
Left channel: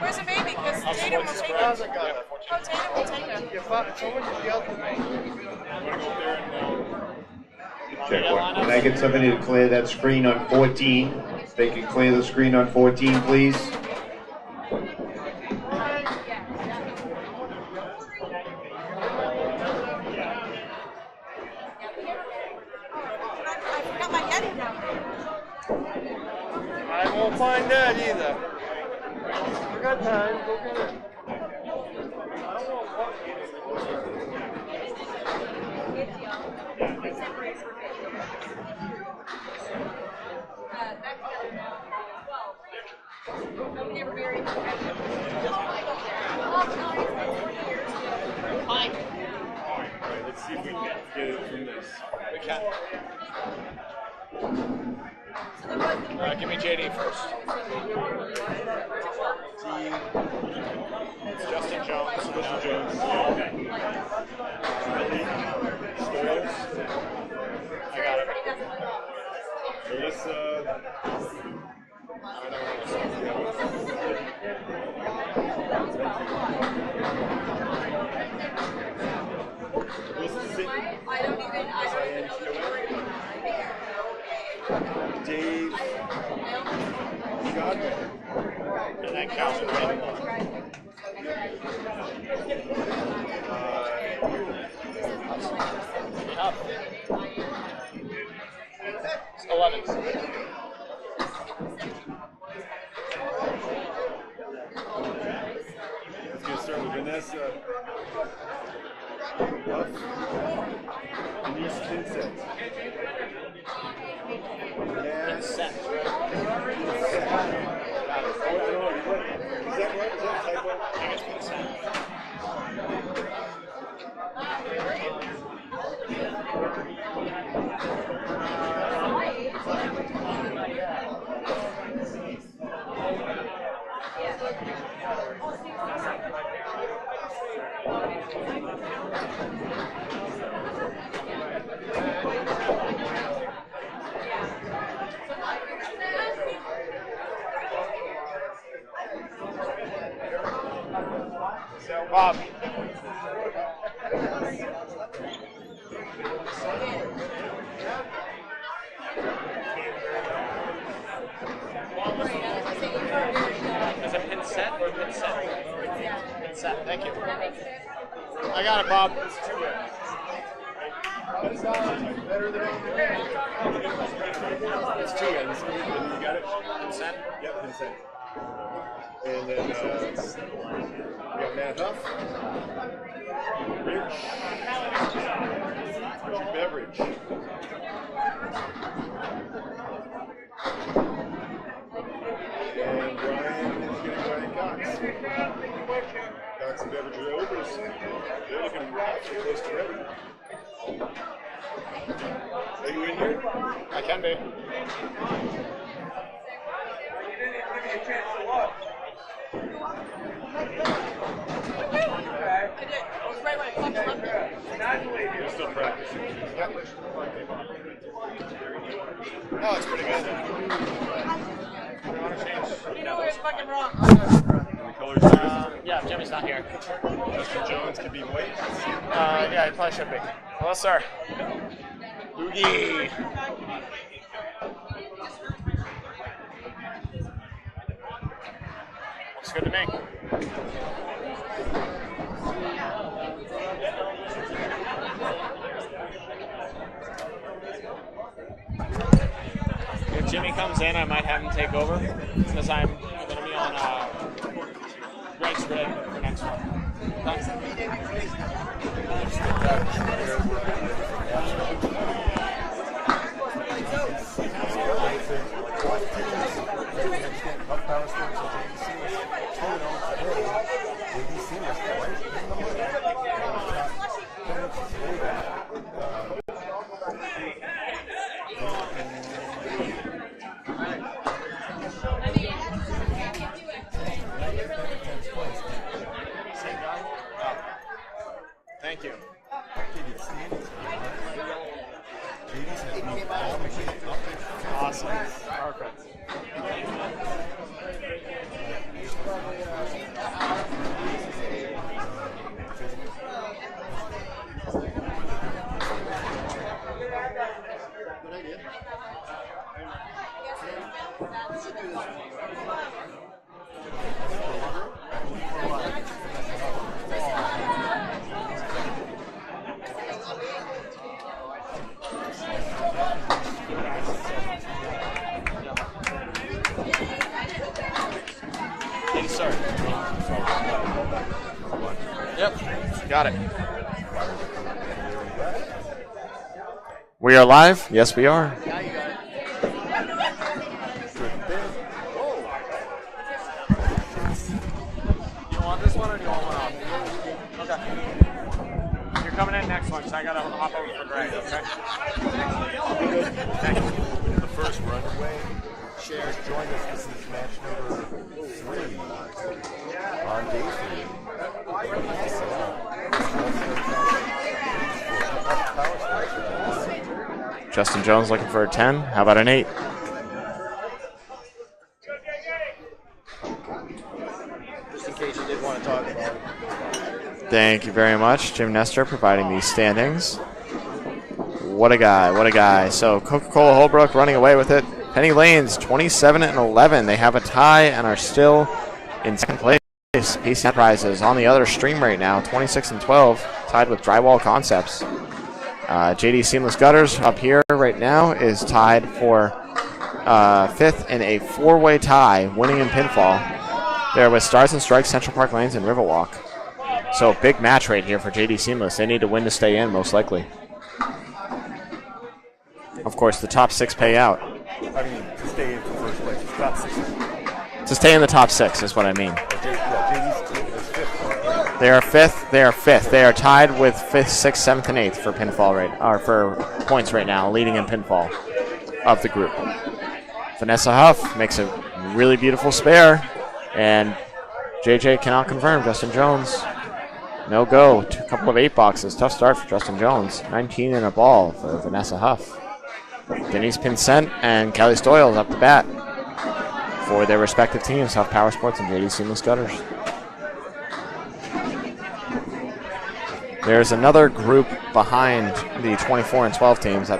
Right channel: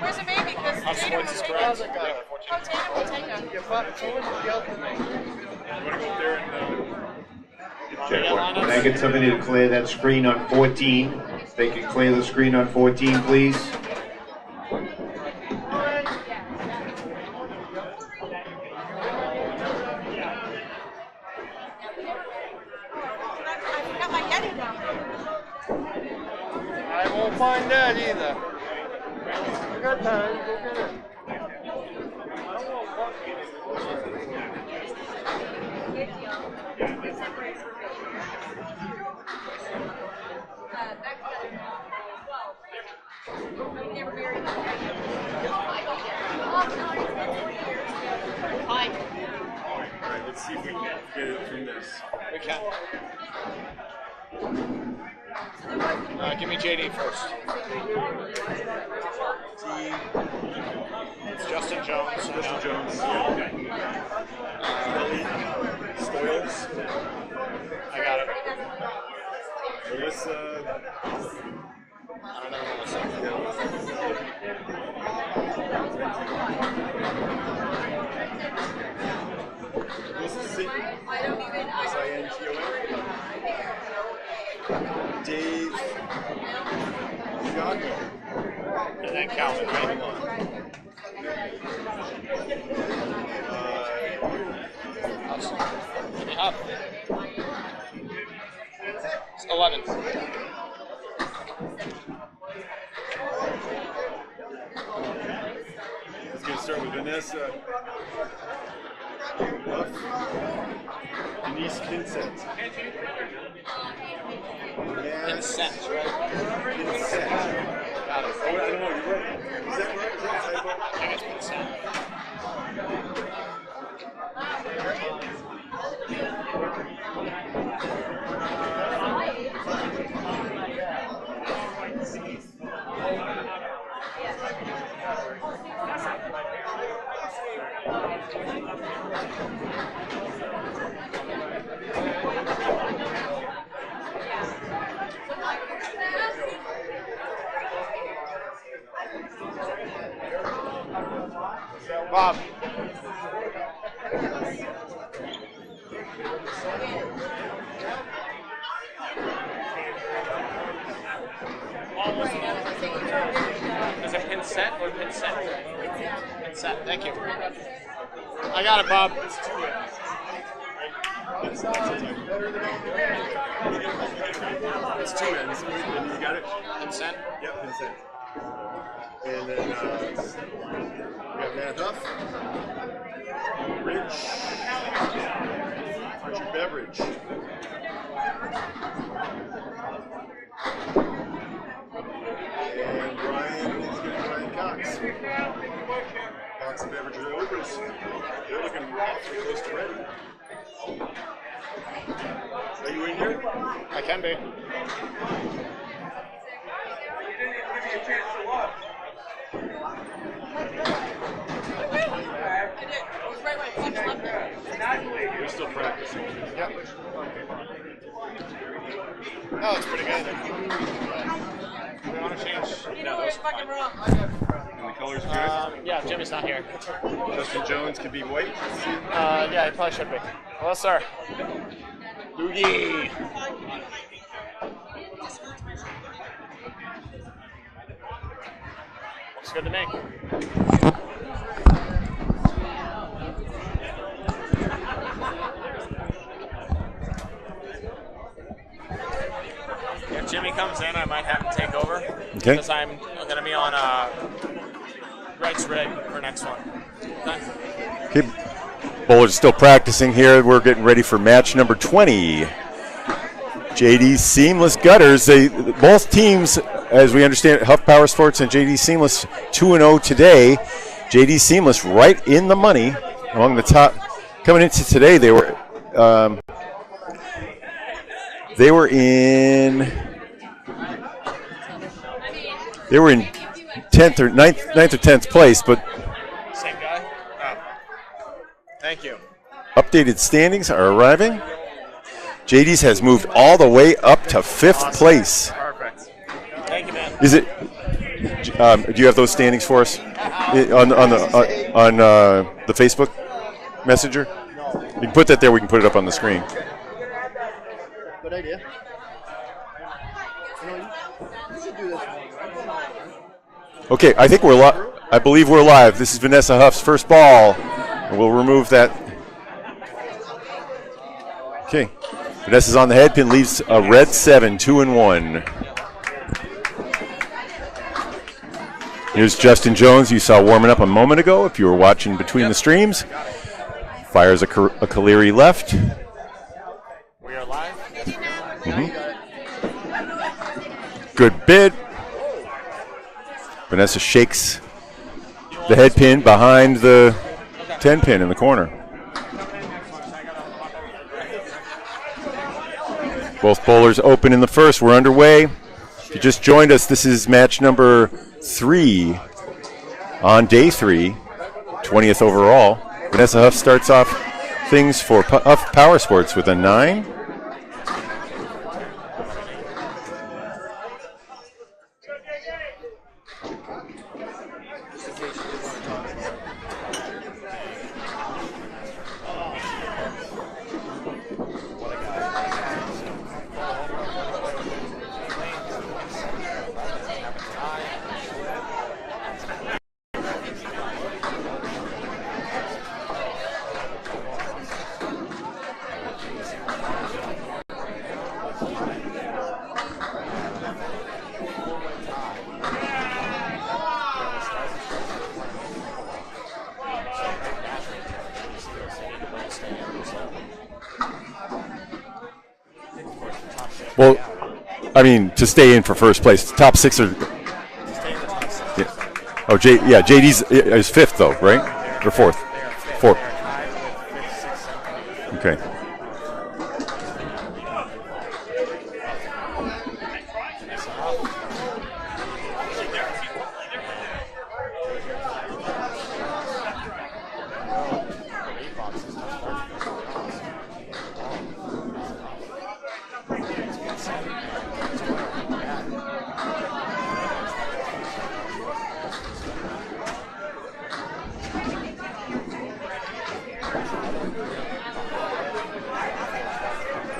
Where's the baby? Because Huff Sports is correct. Yeah, 14. We'll take her. You want to go up there and Check one. Make it somebody to clear that screen on 14. If they can clear the screen on 14, please. I won't find that either. Good time. Alright, let's see if we can get it through this. We can. Give me JD first. It's Justin Jones. Justin Jones. Spoils. I got it. So let's I don't know what this Dave Godwin. And then Calvin, right? Give me Huff. It's 11. Let's get started with Vanessa. Denise Kinsett. Consent, right? Consent. Got it. Oh, I don't know. You're right. Is that right? Is that a typo? I think it's consent. Bob. Is it pin set or pin set? Pin set, thank you. I got it, Bob. It's two ends. And you got it? Consent? Yep, consent. And then we got Matt Huff, Rich, Richard Beveridge. And Brian is getting Brian Cox. Cox and Beveridge are overs. They're looking actually close to ready. Are you in here? I can be. You're still practicing. Yep. No, it's pretty good. We want to change. No, that's fucking wrong. And the color's good? Yeah, Jimmy's not here. Justin Jones could be white? Yeah, he probably should be. Hello, sir. Boogie. Looks good to me. If Jimmy comes in, I might have him take over. Okay. Because I'm going to be on Greg's rig for next one. Okay. Keep. Bowlers still practicing here. We're getting ready for match number 20. JD Seamless Gutters. Both teams, as we understand it, Huff Powersports and JD Seamless 2-0 today. JD Seamless right in the money among the top. Coming into today, they were in 10th or 9th or 10th place, but Same guy? Oh. Thank you. updated standings are arriving. JD's has moved all the way up to 5th place. Perfect. Thank you, man. Is it? Do you have those standings for us on the Facebook Messenger? You can put that there. We can put it up on the screen. Good idea. Okay, I think I believe we're live. This is Vanessa Huff's first ball. We'll remove that. Okay, Vanessa's on the head pin, leaves a red 7, 2-1. Here's Justin Jones. You saw warming up a moment ago. If you were watching between the streams, Got it. fires a Kaleri left. We are live? Yes, we are. Good bid. Vanessa shakes the head pin behind the 10 pin in the corner. You're coming in next one, so I gotta hop over to the right. Both bowlers open in the first. We're underway. If you just joined us, this is match number 3 on day 3, 20th overall. Vanessa Huff starts off things for Huff Powersports with a 9. Justin Jones looking for a 10. How about an 8? Thank you very much, Jim Nestor, providing these standings. What a guy, what a guy. So Coca-Cola Holbrook running away with it. Penny Lanes, 27-11. They have a tie and are still in second place. PC Enterprises on the other stream right now, 26-12, tied with Drywall Concepts. JD Seamless Gutters up here right now is tied for 5th in a 4-way tie, winning in pinfall. There with Stars and Strikes, Central Park Lanes, and Riverwalk. So big match right here for JD Seamless. They need to win to stay in, most likely. Of course, the top 6 pay out. I mean, to stay in for first place. The top 6 are... To stay in the top 6 is what I mean. Oh, JD's is 5th, though, right? They are 5th. They are 5th. Fourth. They are tied with 5th, 6th, 7th, and 8th for pinfall or for points right now, leading in pinfall of the group. Vanessa Huff makes a really beautiful spare, and JJ cannot confirm. Justin Jones, no go. A couple of 8 boxes. Tough start for Justin Jones. 19 in a ball for Vanessa Huff. Denise Pinsent and Kelly Stoyles up the bat for their respective teams, Huff Powersports and JD Seamless Gutters. There's another group behind the 24 and 12 teams,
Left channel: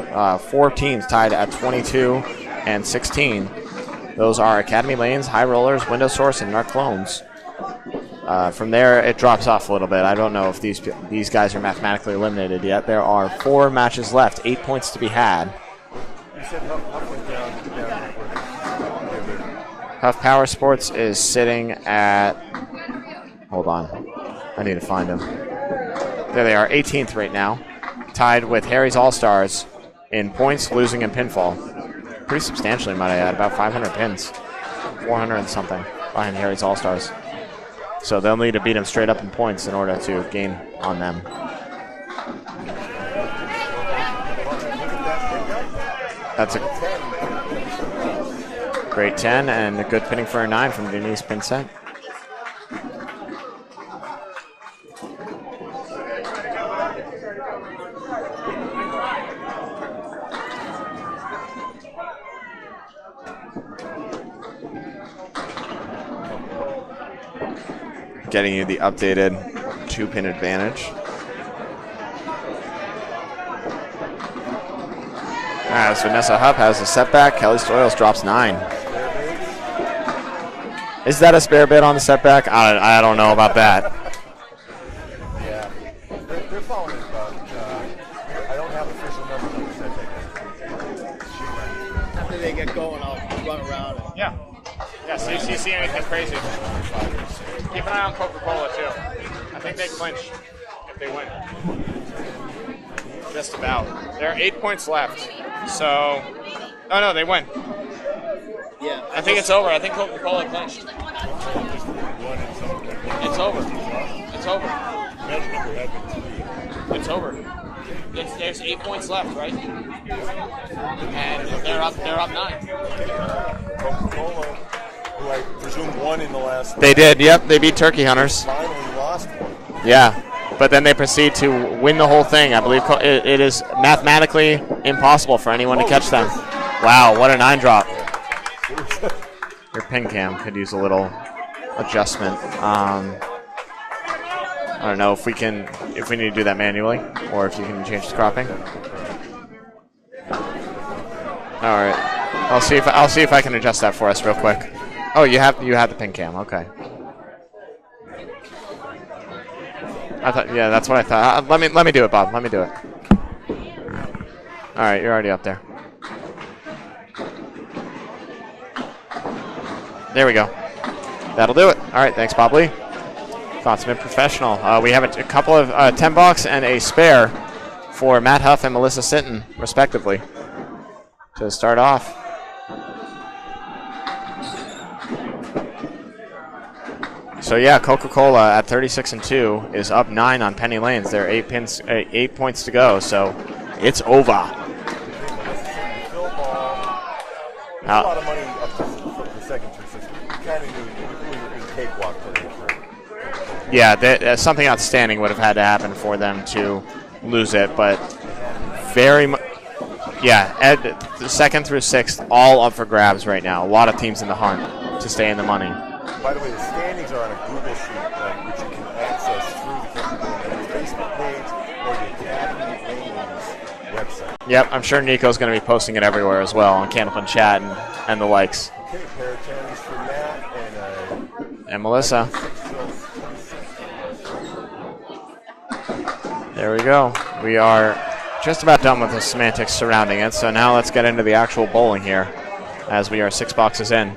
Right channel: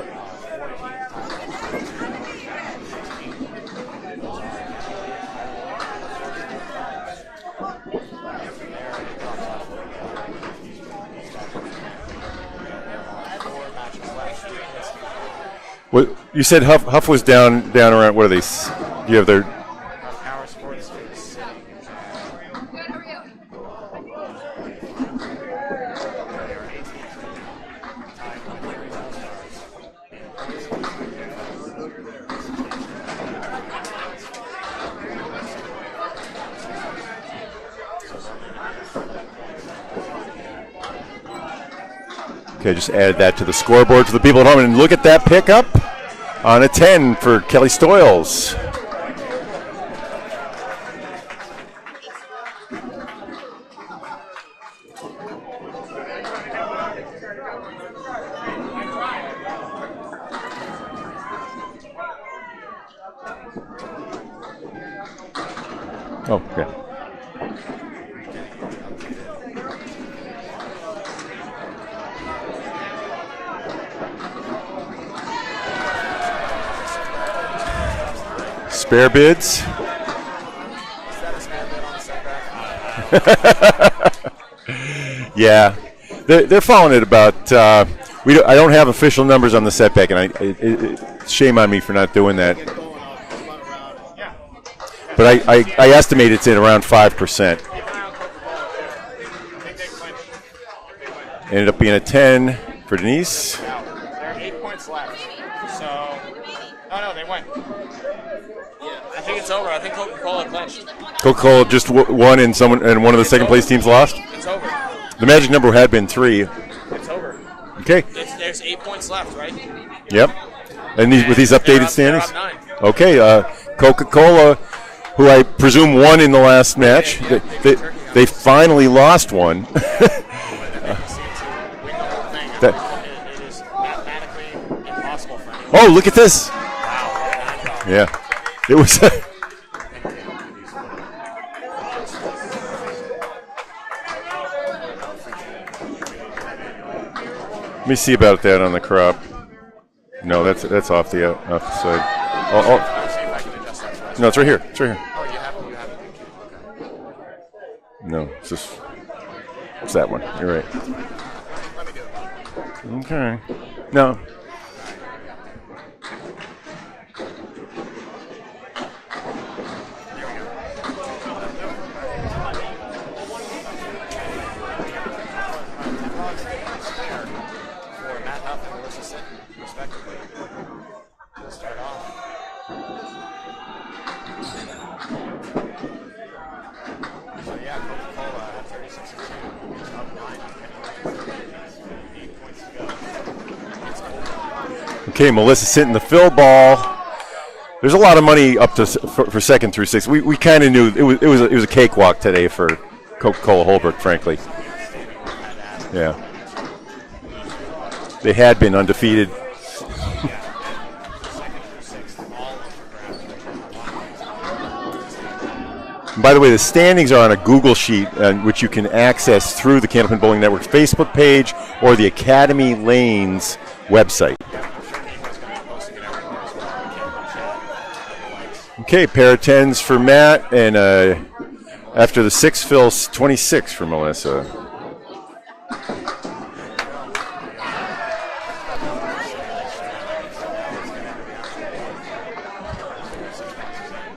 4 teams tied at 22 and 16. Those are Academy Lanes, High Rollers, Window Source, and Narclones. From there, it drops off a little bit. I don't know if these guys are mathematically eliminated yet. There are 4 matches left, 8 points to be had. Well, you said Huff was down around, what are they? You have their... Huff Powersports is sitting at... Hold on. I need to find them. There they are, 18th right now. Tied with Harry's All-Stars in points, losing, and pinfall. Pretty substantially, might I add. About 500 pins. 400 and something behind Harry's All-Stars. So they'll need to beat them straight up in points in order to gain on them. Okay, just add that to the scoreboard for the people at home. And look at that pickup on a 10 for Kelly Stoyles. Great 10 and a good pinning for a 9 from Denise Pinsent. Oh, okay. Getting you the updated 2-pin advantage. As Vanessa Huff has a setback, Kelly Stoyles drops 9. Spare bids? Is that a spare bid on the setback? I don't know about that. Yeah, they're following it about. I don't have official numbers on the setback, and shame on me for not doing that. Yeah. But I estimate it's at around 5%. Keep an eye on Coca-Cola, too. I think they clinched. They win. Ended up being a 10 for Denise. Now, there are 8 points left. So, oh no, they win. Yeah, I think it's over. I think Coca-Cola clinched. Coca-Cola just won and one of the second place teams lost? It's over. The magic number had been 3. It's over. Okay. There's 8 points left, right? Yep. And with these updated standings? They're up 9. Okay, Coca-Cola, who I presume won in the last match. They did, yep. They beat Turkey Hunters. They finally lost one. Yeah, but then they proceed to win the whole thing. I believe it is mathematically impossible for anyone to catch look at that. this. Wow, what a 9 drop. Yeah. It was. Your pin cam could use a little adjustment. I don't know if we need to do that manually, or if you can. Let me see about that on the crop. No, that's off the All right. I'll see if I can adjust that for us. No, it's right quick. here. It's right here. Oh, you have the pin cam. Okay. No, it's just. What's that one? I thought, right. Yeah, that's what I thought. Let me do it, Bob. Let me do it. Okay. No. All right, you're already up there. There we go. That'll do it. All right, thanks, Bob Lee. Thoughts been professional. We have a couple of $10 and a spare for Matt Huff and Melissa Sinton, respectively, to start off. So yeah, Coca-Cola at 36-2 is up 9 on Penny Lanes. There are 8 points to go, so it's over. Okay, Melissa Sinton, the fill ball. There's a lot of money up to for second through 6. We kind of knew it was a cakewalk today for Coca-Cola Holbrook. Yeah, something outstanding would have had to happen for them to lose it, but they had been undefeated. The second through 6th, all up for grabs right now. A lot of teams in the hunt to stay in the money. And by the way, the standings are on a Google sheet, which you can access through the Candlepin Bowling Network's Facebook page or the Academy Lanes website. Yep, I'm sure Nico's going to be posting it everywhere as well on Candlepin Chat and the likes. Okay, pair of 10s for Matt, and Melissa. After the 6 fills, 26 for Melissa. There we go. We are just about done with the semantics surrounding it, so now let's get into the actual bowling here as we are 6 boxes in.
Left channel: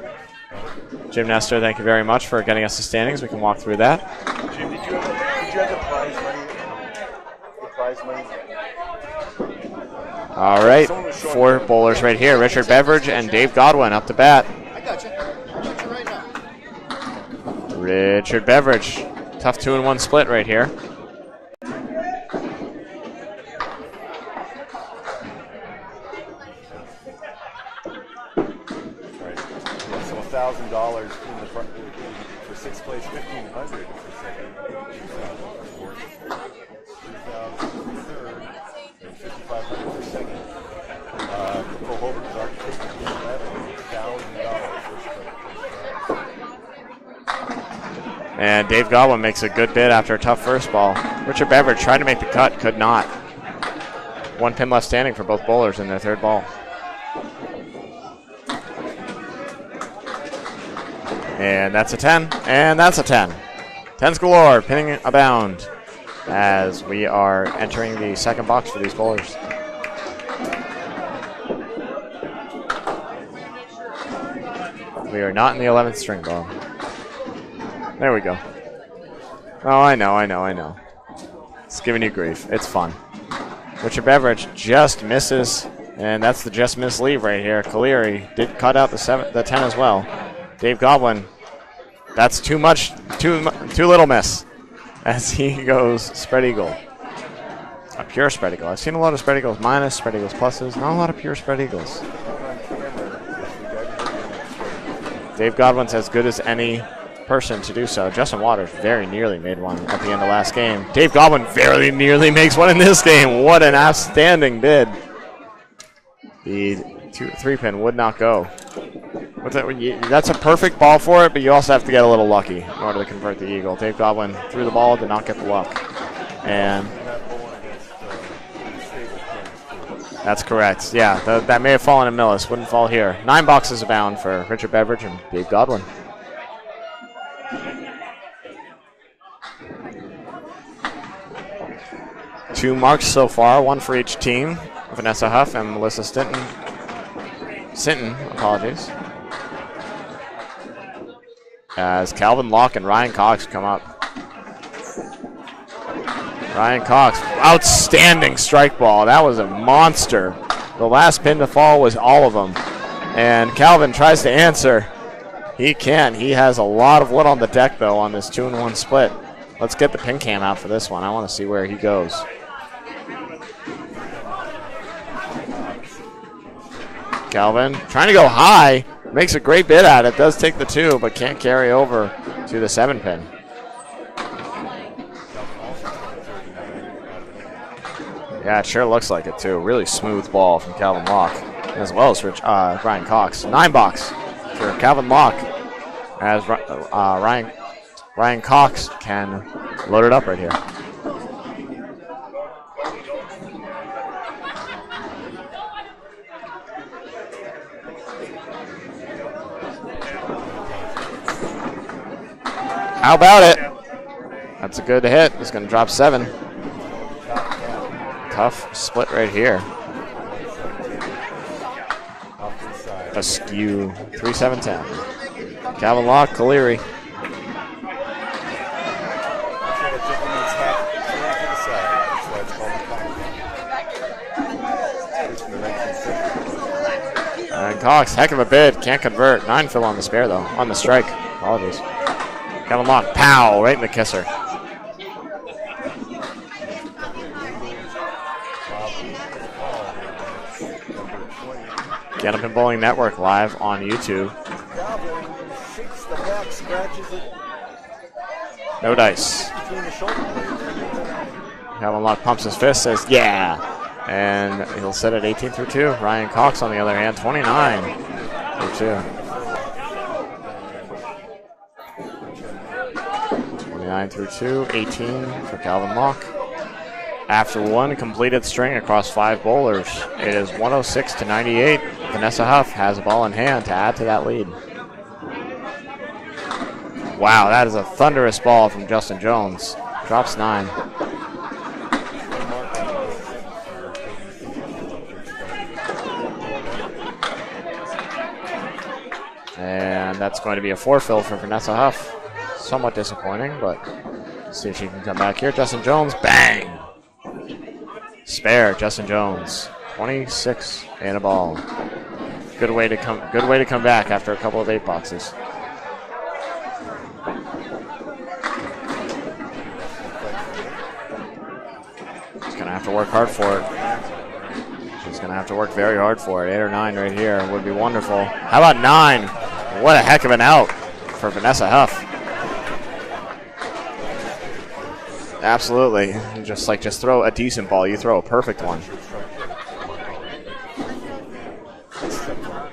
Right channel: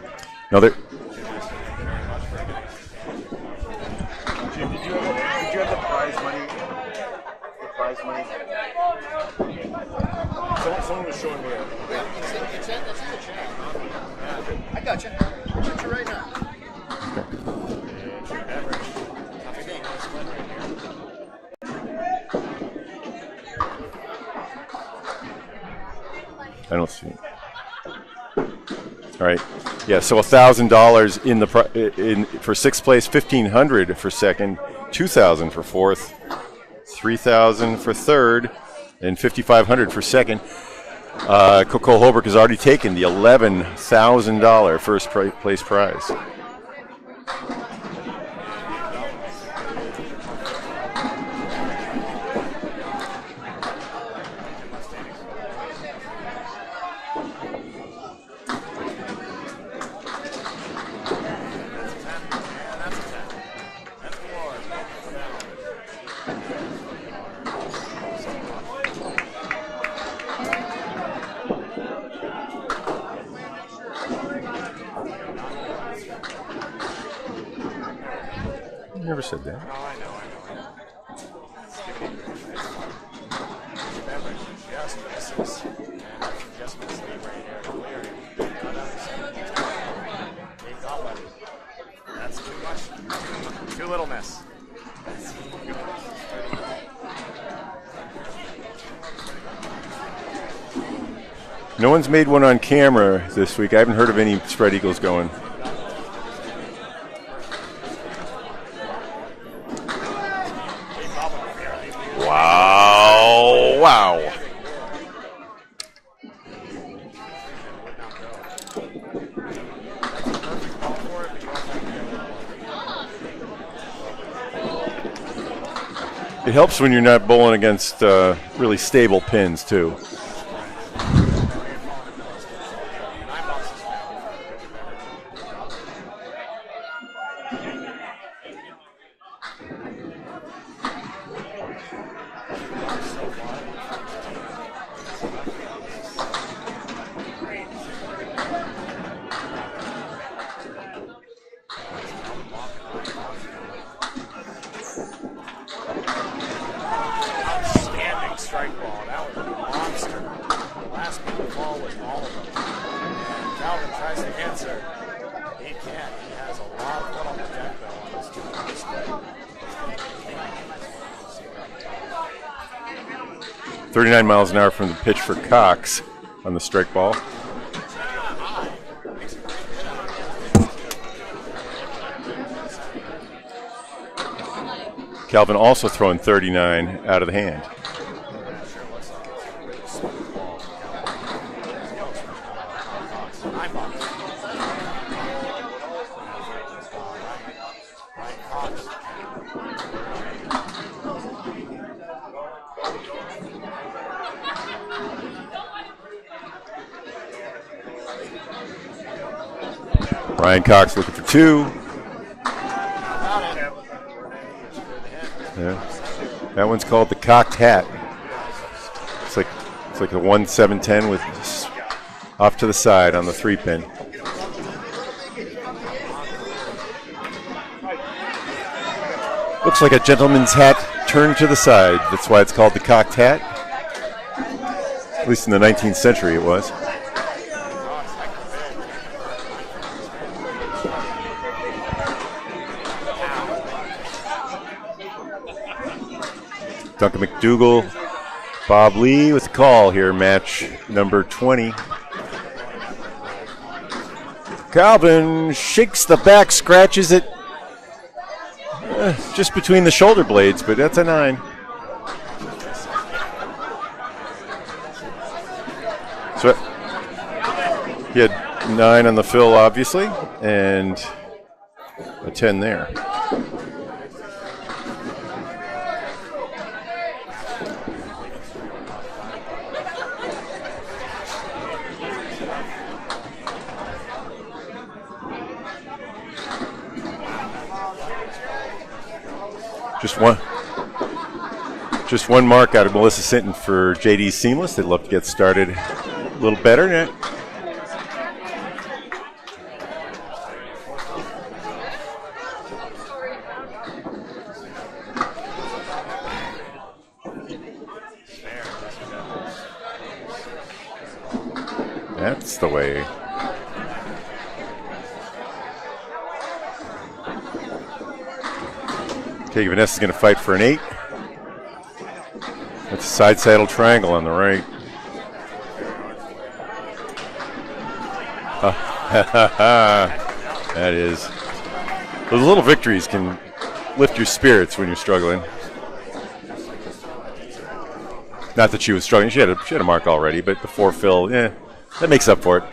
Jim Nestor, thank you very much for getting us the standings. We can walk through that. Jim, did you have the prize money? All right, 4 bowlers right here. Richard Beveridge and Dave Godwin up to bat. Richard Beveridge, tough 2-1 split right here. I don't see it. All right, yeah. So $1,000 in for 6th place, $1,500 for 2nd, $2,000 for 4th, $3,000 for 3rd, and $5,500 for 2nd. Coca-Cola Holbrook has already taken the $11,000 first place prize. And Dave Godwin makes a good bid after a tough first ball. Richard Beveridge tried to make the cut, could not. 1 pin left standing for both bowlers in their 3rd ball. And that's a 10, and that's a 10. 10s galore, pinning abound as we are entering the 2nd box for these bowlers. We are not in the 11th string ball. There we go. You never said that. Oh, I know. It's giving you grief. It's fun. Richard Beveridge just misses, and that's the just miss leave right here. Caleri did cut out the 10 as well. Dave Godwin, that's too much, too little miss, as he goes spread eagle. A pure spread eagle. I've seen a lot of spread eagles minus, spread eagles pluses, not a lot of pure spread eagles. No one's made one on camera this week. I haven't heard of any spread eagles going. Dave Godwin's as good as any person to do so. Justin Waters very nearly made one at the end of last game. Dave Godwin very nearly makes one in this game. What an outstanding bid. The 3-pin would not go. That's a perfect ball for it, but you also have to get a little lucky in order to convert the eagle. Dave Godwin threw the ball, did not get the luck. It helps when you're not bowling against really stable pins, too. That's correct. Yeah, that may have fallen in Millis. Wouldn't fall here. 9 boxes abound for Richard Beveridge and Dave Godwin. Two marks so far, 1 for each team. Vanessa Huff and Melissa Sinton, apologies. As Calvin Locke and Ryan Cox come up. Ryan Cox, outstanding strike ball. That was a monster. The last pin to fall was all of them. And Calvin tries to answer. He can. He has a lot of wood on the deck, though, on this 2-1 split. Let's get the pin cam out for this one. I want to see where he goes. 39 miles an hour from the pitch for Cox on the strike ball. Calvin trying to go high. Makes a great bid at it. Does take the 2, but can't carry over to the 7 pin. Calvin also throwing 39 out of the hand. Yeah, it sure looks like it, too. Really smooth ball from Calvin Locke, as well as Ryan Cox. 9 box for Calvin Locke, as Ryan Cox can load it up right here. Ryan Cox looking for 2. How about it? That's a good hit. He's going to drop 7. That one's called the cocked hat. Tough split right here. It's like a 1-7-10 with off to the side on the 3 pin. 3-7-10. Calvin Locke, Caleri. Looks like a gentleman's hat turned to the side. That's why it's called the cocked hat. At least in the 19th century it was. And Cox, heck of a bid. Can't convert. 9 fill on the spare, though. On the strike. Apologies. Calvin Locke, pow, right in the kisser. Duncan MacDougall, Bob Lee with the call here, match number 20. Candlepin Bowling Network live on YouTube. Calvin shakes the back, scratches it. No dice. Just between the shoulder blades, but that's a 9. Calvin Locke pumps his fist, says, yeah. And he'll set it 18 through 2. Ryan Cox, on the other hand, 29. He had 9 on the fill, obviously, and a 10 there. 29 through 2, 18 for Calvin Locke. After 1 completed string across 5 bowlers, it is 106-98. Vanessa Huff has a ball in hand to add to that lead. Wow, that is a thunderous ball from Justin Jones. Drops 9. Just 1 mark out of Melissa Sinton for JD Seamless. They'd love to get started a little better. And that's going to be a 4 fill for Vanessa Huff. Somewhat disappointing, but let's see if she can come back here. Justin Jones, bang! Spare, Justin Jones. 26 and a ball. That's good way to come back after a couple of 8 boxes. Okay, Vanessa's going to fight for an 8. He's going to have to work hard Side for saddle it. triangle on the right. He's going to have to work very hard for it. 8 or 9 right here would be wonderful. How about 9? What a heck of an out that is for Vanessa Huff. Those little victories can lift your spirits when you're struggling. Absolutely. Just throw a decent ball. You throw a perfect Not one. that she was struggling. She had a mark already, but the 4 fill, that makes up for it.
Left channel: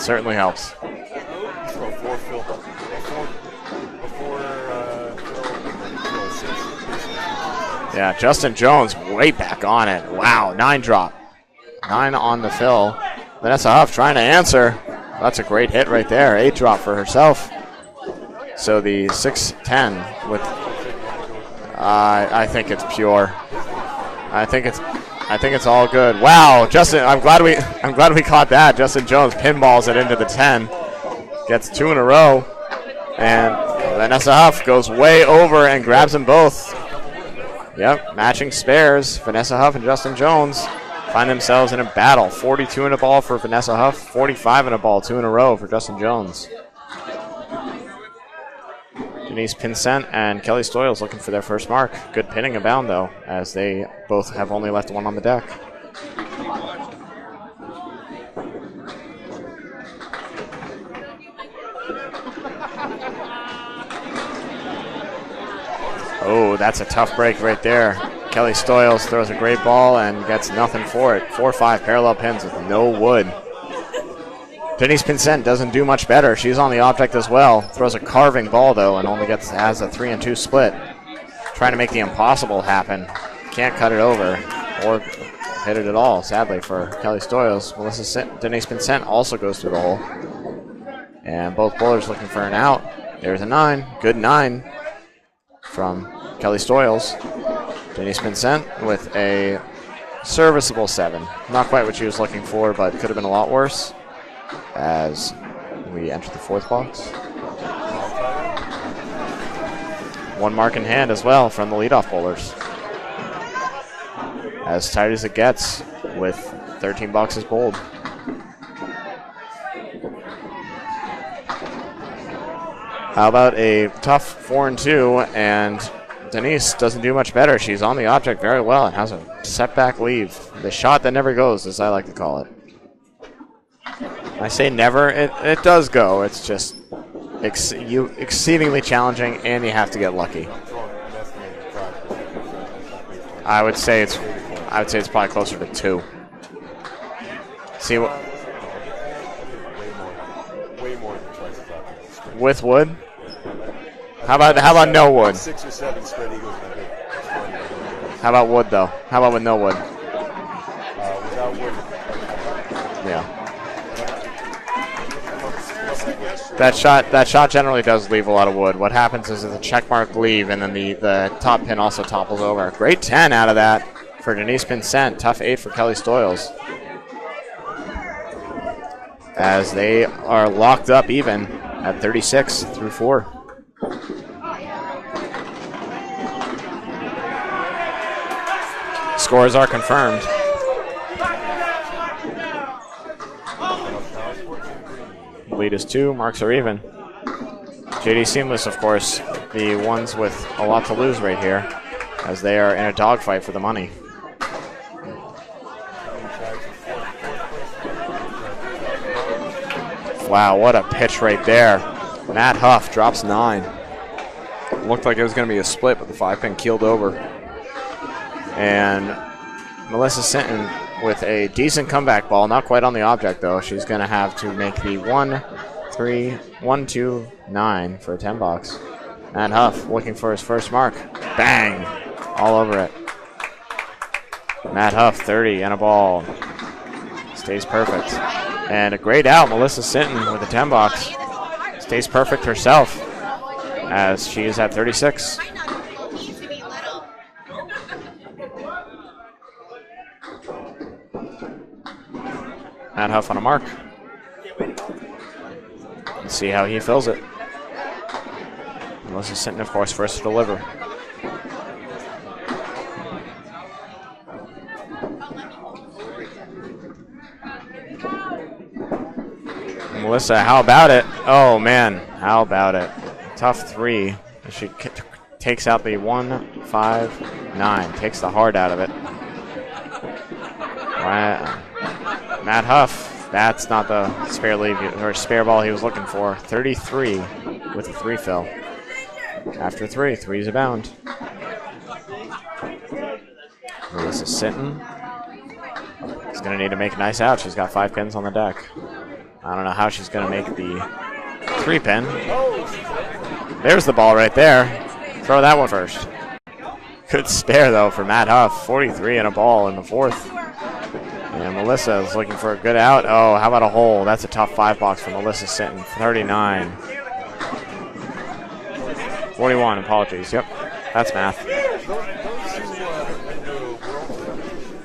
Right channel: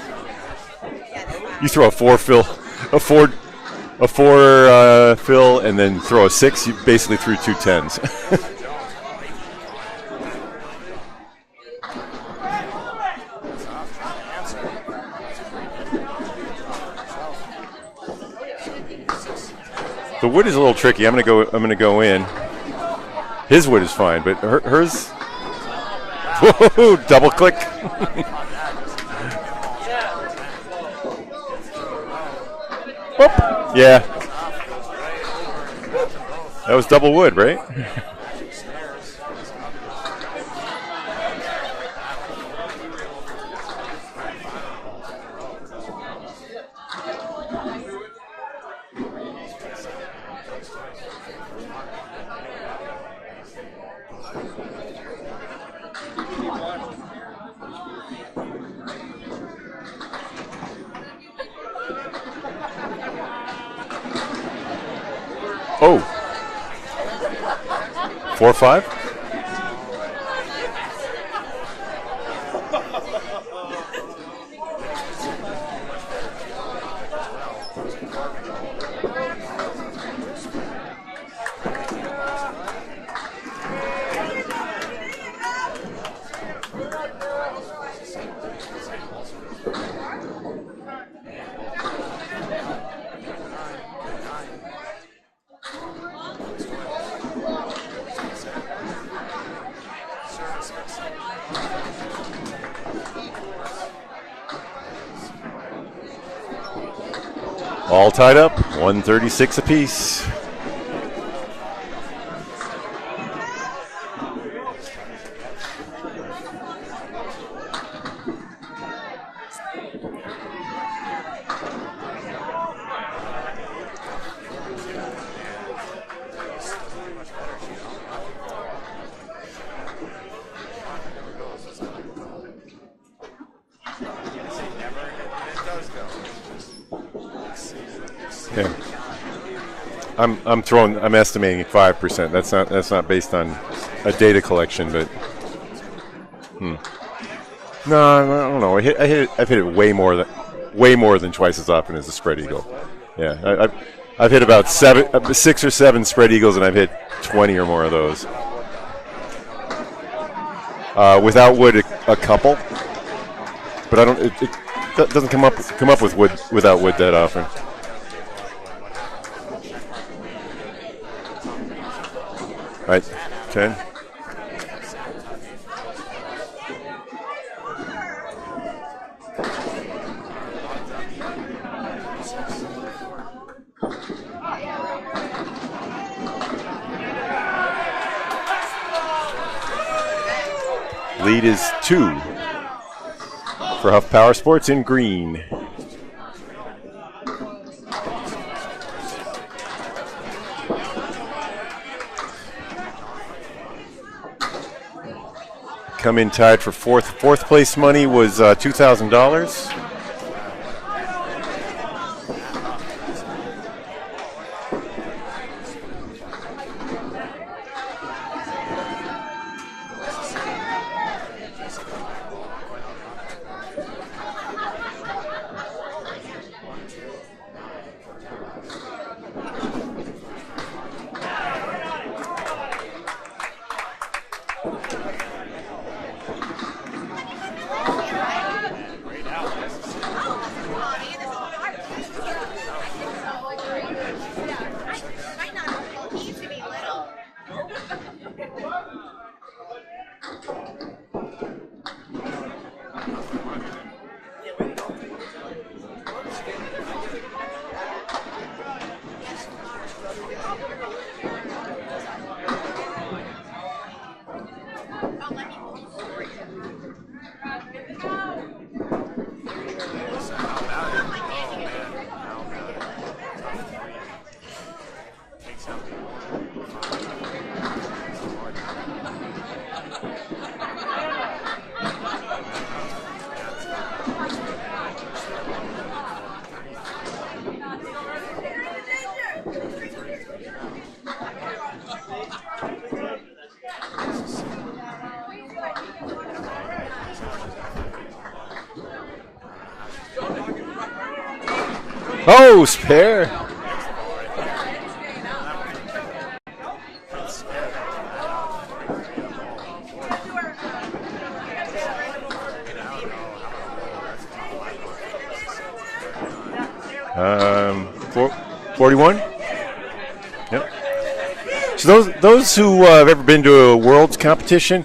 Certainly helps. You throw a 4 fill, a four fill, and then throw a 6. You basically threw 2 10s. Yeah, Justin Jones way back on it. Wow, 9 drop. 9 on the fill. Vanessa Huff trying to answer. That's a great hit right there. 8 drop for herself. So the 6-10. The wood is a little tricky. I'm gonna go in. I think it's pure. His wood is fine, but I think hers. I think it's all good. Wow, Justin! Double I'm glad we caught that. Justin Jones pinballs it into the 10. Gets 2 in a row. And Vanessa Huff goes way over and grabs them both. That was double wood, right? Yep, matching spares. Vanessa Huff and Justin Jones find themselves in a battle. 42 in a ball for Vanessa Huff, 45 in a ball, 2 in a row for Justin Jones. Denise Pinsent and Kelly Stoyles looking for their first mark. Good pinning abound, though, as they both have only left 1 on the deck. Oh, that's a tough break right there. Kelly Stoyles throws a great ball and gets nothing for it. 4-5 parallel pins with no wood. Denise Pinsent doesn't do much better. She's on the object as well. Throws a carving ball, though, and only has a 3-2 split. Trying to make the impossible happen. Can't cut it over or hit it at all, sadly, for Kelly Stoyles. Denise Pinsent also goes through the hole. And both bowlers looking for an out. There's a 9. Good 9 from Kelly Stoyles. Denise Pinsent with a serviceable 7. Not quite what she was looking for, but could have been a lot worse. As we enter the 4th box. All tied up, 136 apiece. 1 mark in hand as well from the leadoff bowlers. as tight as it gets with 13 boxes bowled. How about a tough 4-2, and Denise doesn't do much better. She's on the object very well and has a setback leave. The shot that never goes, as I like to call it. I say never, it does go. It's just exceedingly challenging, and you have to get lucky. I'm estimating 5%. That's not based on. I would say it's data collection. I'd say it's probably closer to 2. No, I don't know. I've hit it way more than twice as often as the spread eagle. With wood? Yeah, I've hit about 6 or 7 spread eagles, and I've hit 20 or more of those. How about wood, though? How about with no wood? Without wood, a couple. Yeah. But I don't. It doesn't come up with wood without wood. That shot generally does leave a lot of wood. What happens is the check mark leave, and then the top pin also topples over. Great 10 out of that for Denise Vincent. Tough 8 for Kelly Stoyles. As they are locked up even at 36 through 4. Scores are confirmed. Lead is 2 for Huff Powersports in green. Lead is 2. Marks are even. JD Seamless, of course, the ones with a lot to lose right here, as they are in a dogfight for the money. Come in tied for fourth place money was $2,000. Wow, what a pitch right there. Matt Huff drops 9. Looked like it was going to be a split, but the 5-pin keeled over. And Melissa Sinton with a decent comeback ball, not quite on the object though. She's going to have to make the 1, 2, 9 for a 10 box. Matt Huff looking for his first mark. Bang! All over it. Matt Huff, 30 and a ball. Stays perfect. And a great out, Melissa Sinton with a 10 box. Stays perfect herself as she is at 36. Matt Huff on a mark. Let's see how he fills it. Melissa Sinton, of course, first to deliver. Melissa, how about it? Oh, man, how about it? Tough 3. She takes out the 1, 5, 9. Takes the hard out of it. Matt Huff, that's not the spare leave or spare ball he was looking for. 33 with a 3 fill. After 3, 3's abound. Melissa Sinton is going to need to make a nice out. She's got 5 pins on the deck. I don't know how she's going to make the 3 pin. Oh, spare. There's the ball right there. Throw that one first. Good spare, though, for Matt Huff. 43 and a ball in the 4th. And Melissa is looking for a good out. Oh, how about a hole? That's a tough 5 box for Melissa Sinton. 39. 41? 41, apologies. Yep. That's math. So those who have ever been to a Worlds competition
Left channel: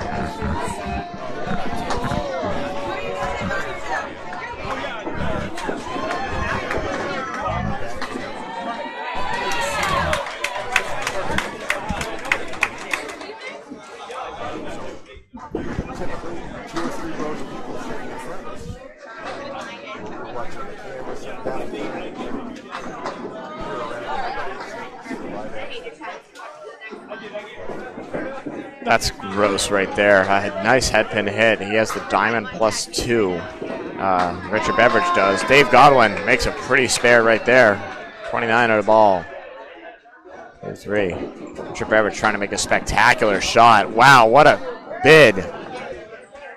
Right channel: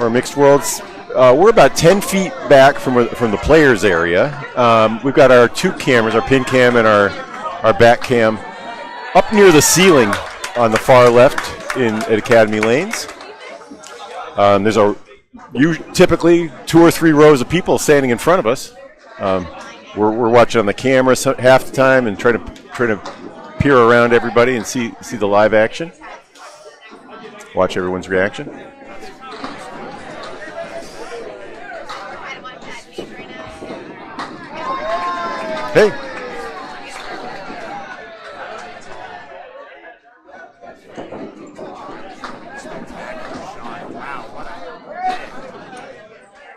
or mixed Worlds, we're about 10 feet back from the players area. We've got our 2 cameras, our pin cam and our back cam, up near the ceiling on the far left at Academy Lanes. There's typically 2 or 3 rows of people standing in front of us. We're watching on the camera half the time and try to peer around everybody and see the live action. Watch everyone's reaction. That's gross right there. Nice head pin hit. He has the diamond +2. Richard Beveridge does. Dave Godwin makes a pretty spare right there. 29 on the ball. 3. Richard Beveridge trying to make a spectacular shot. Wow, what a bid.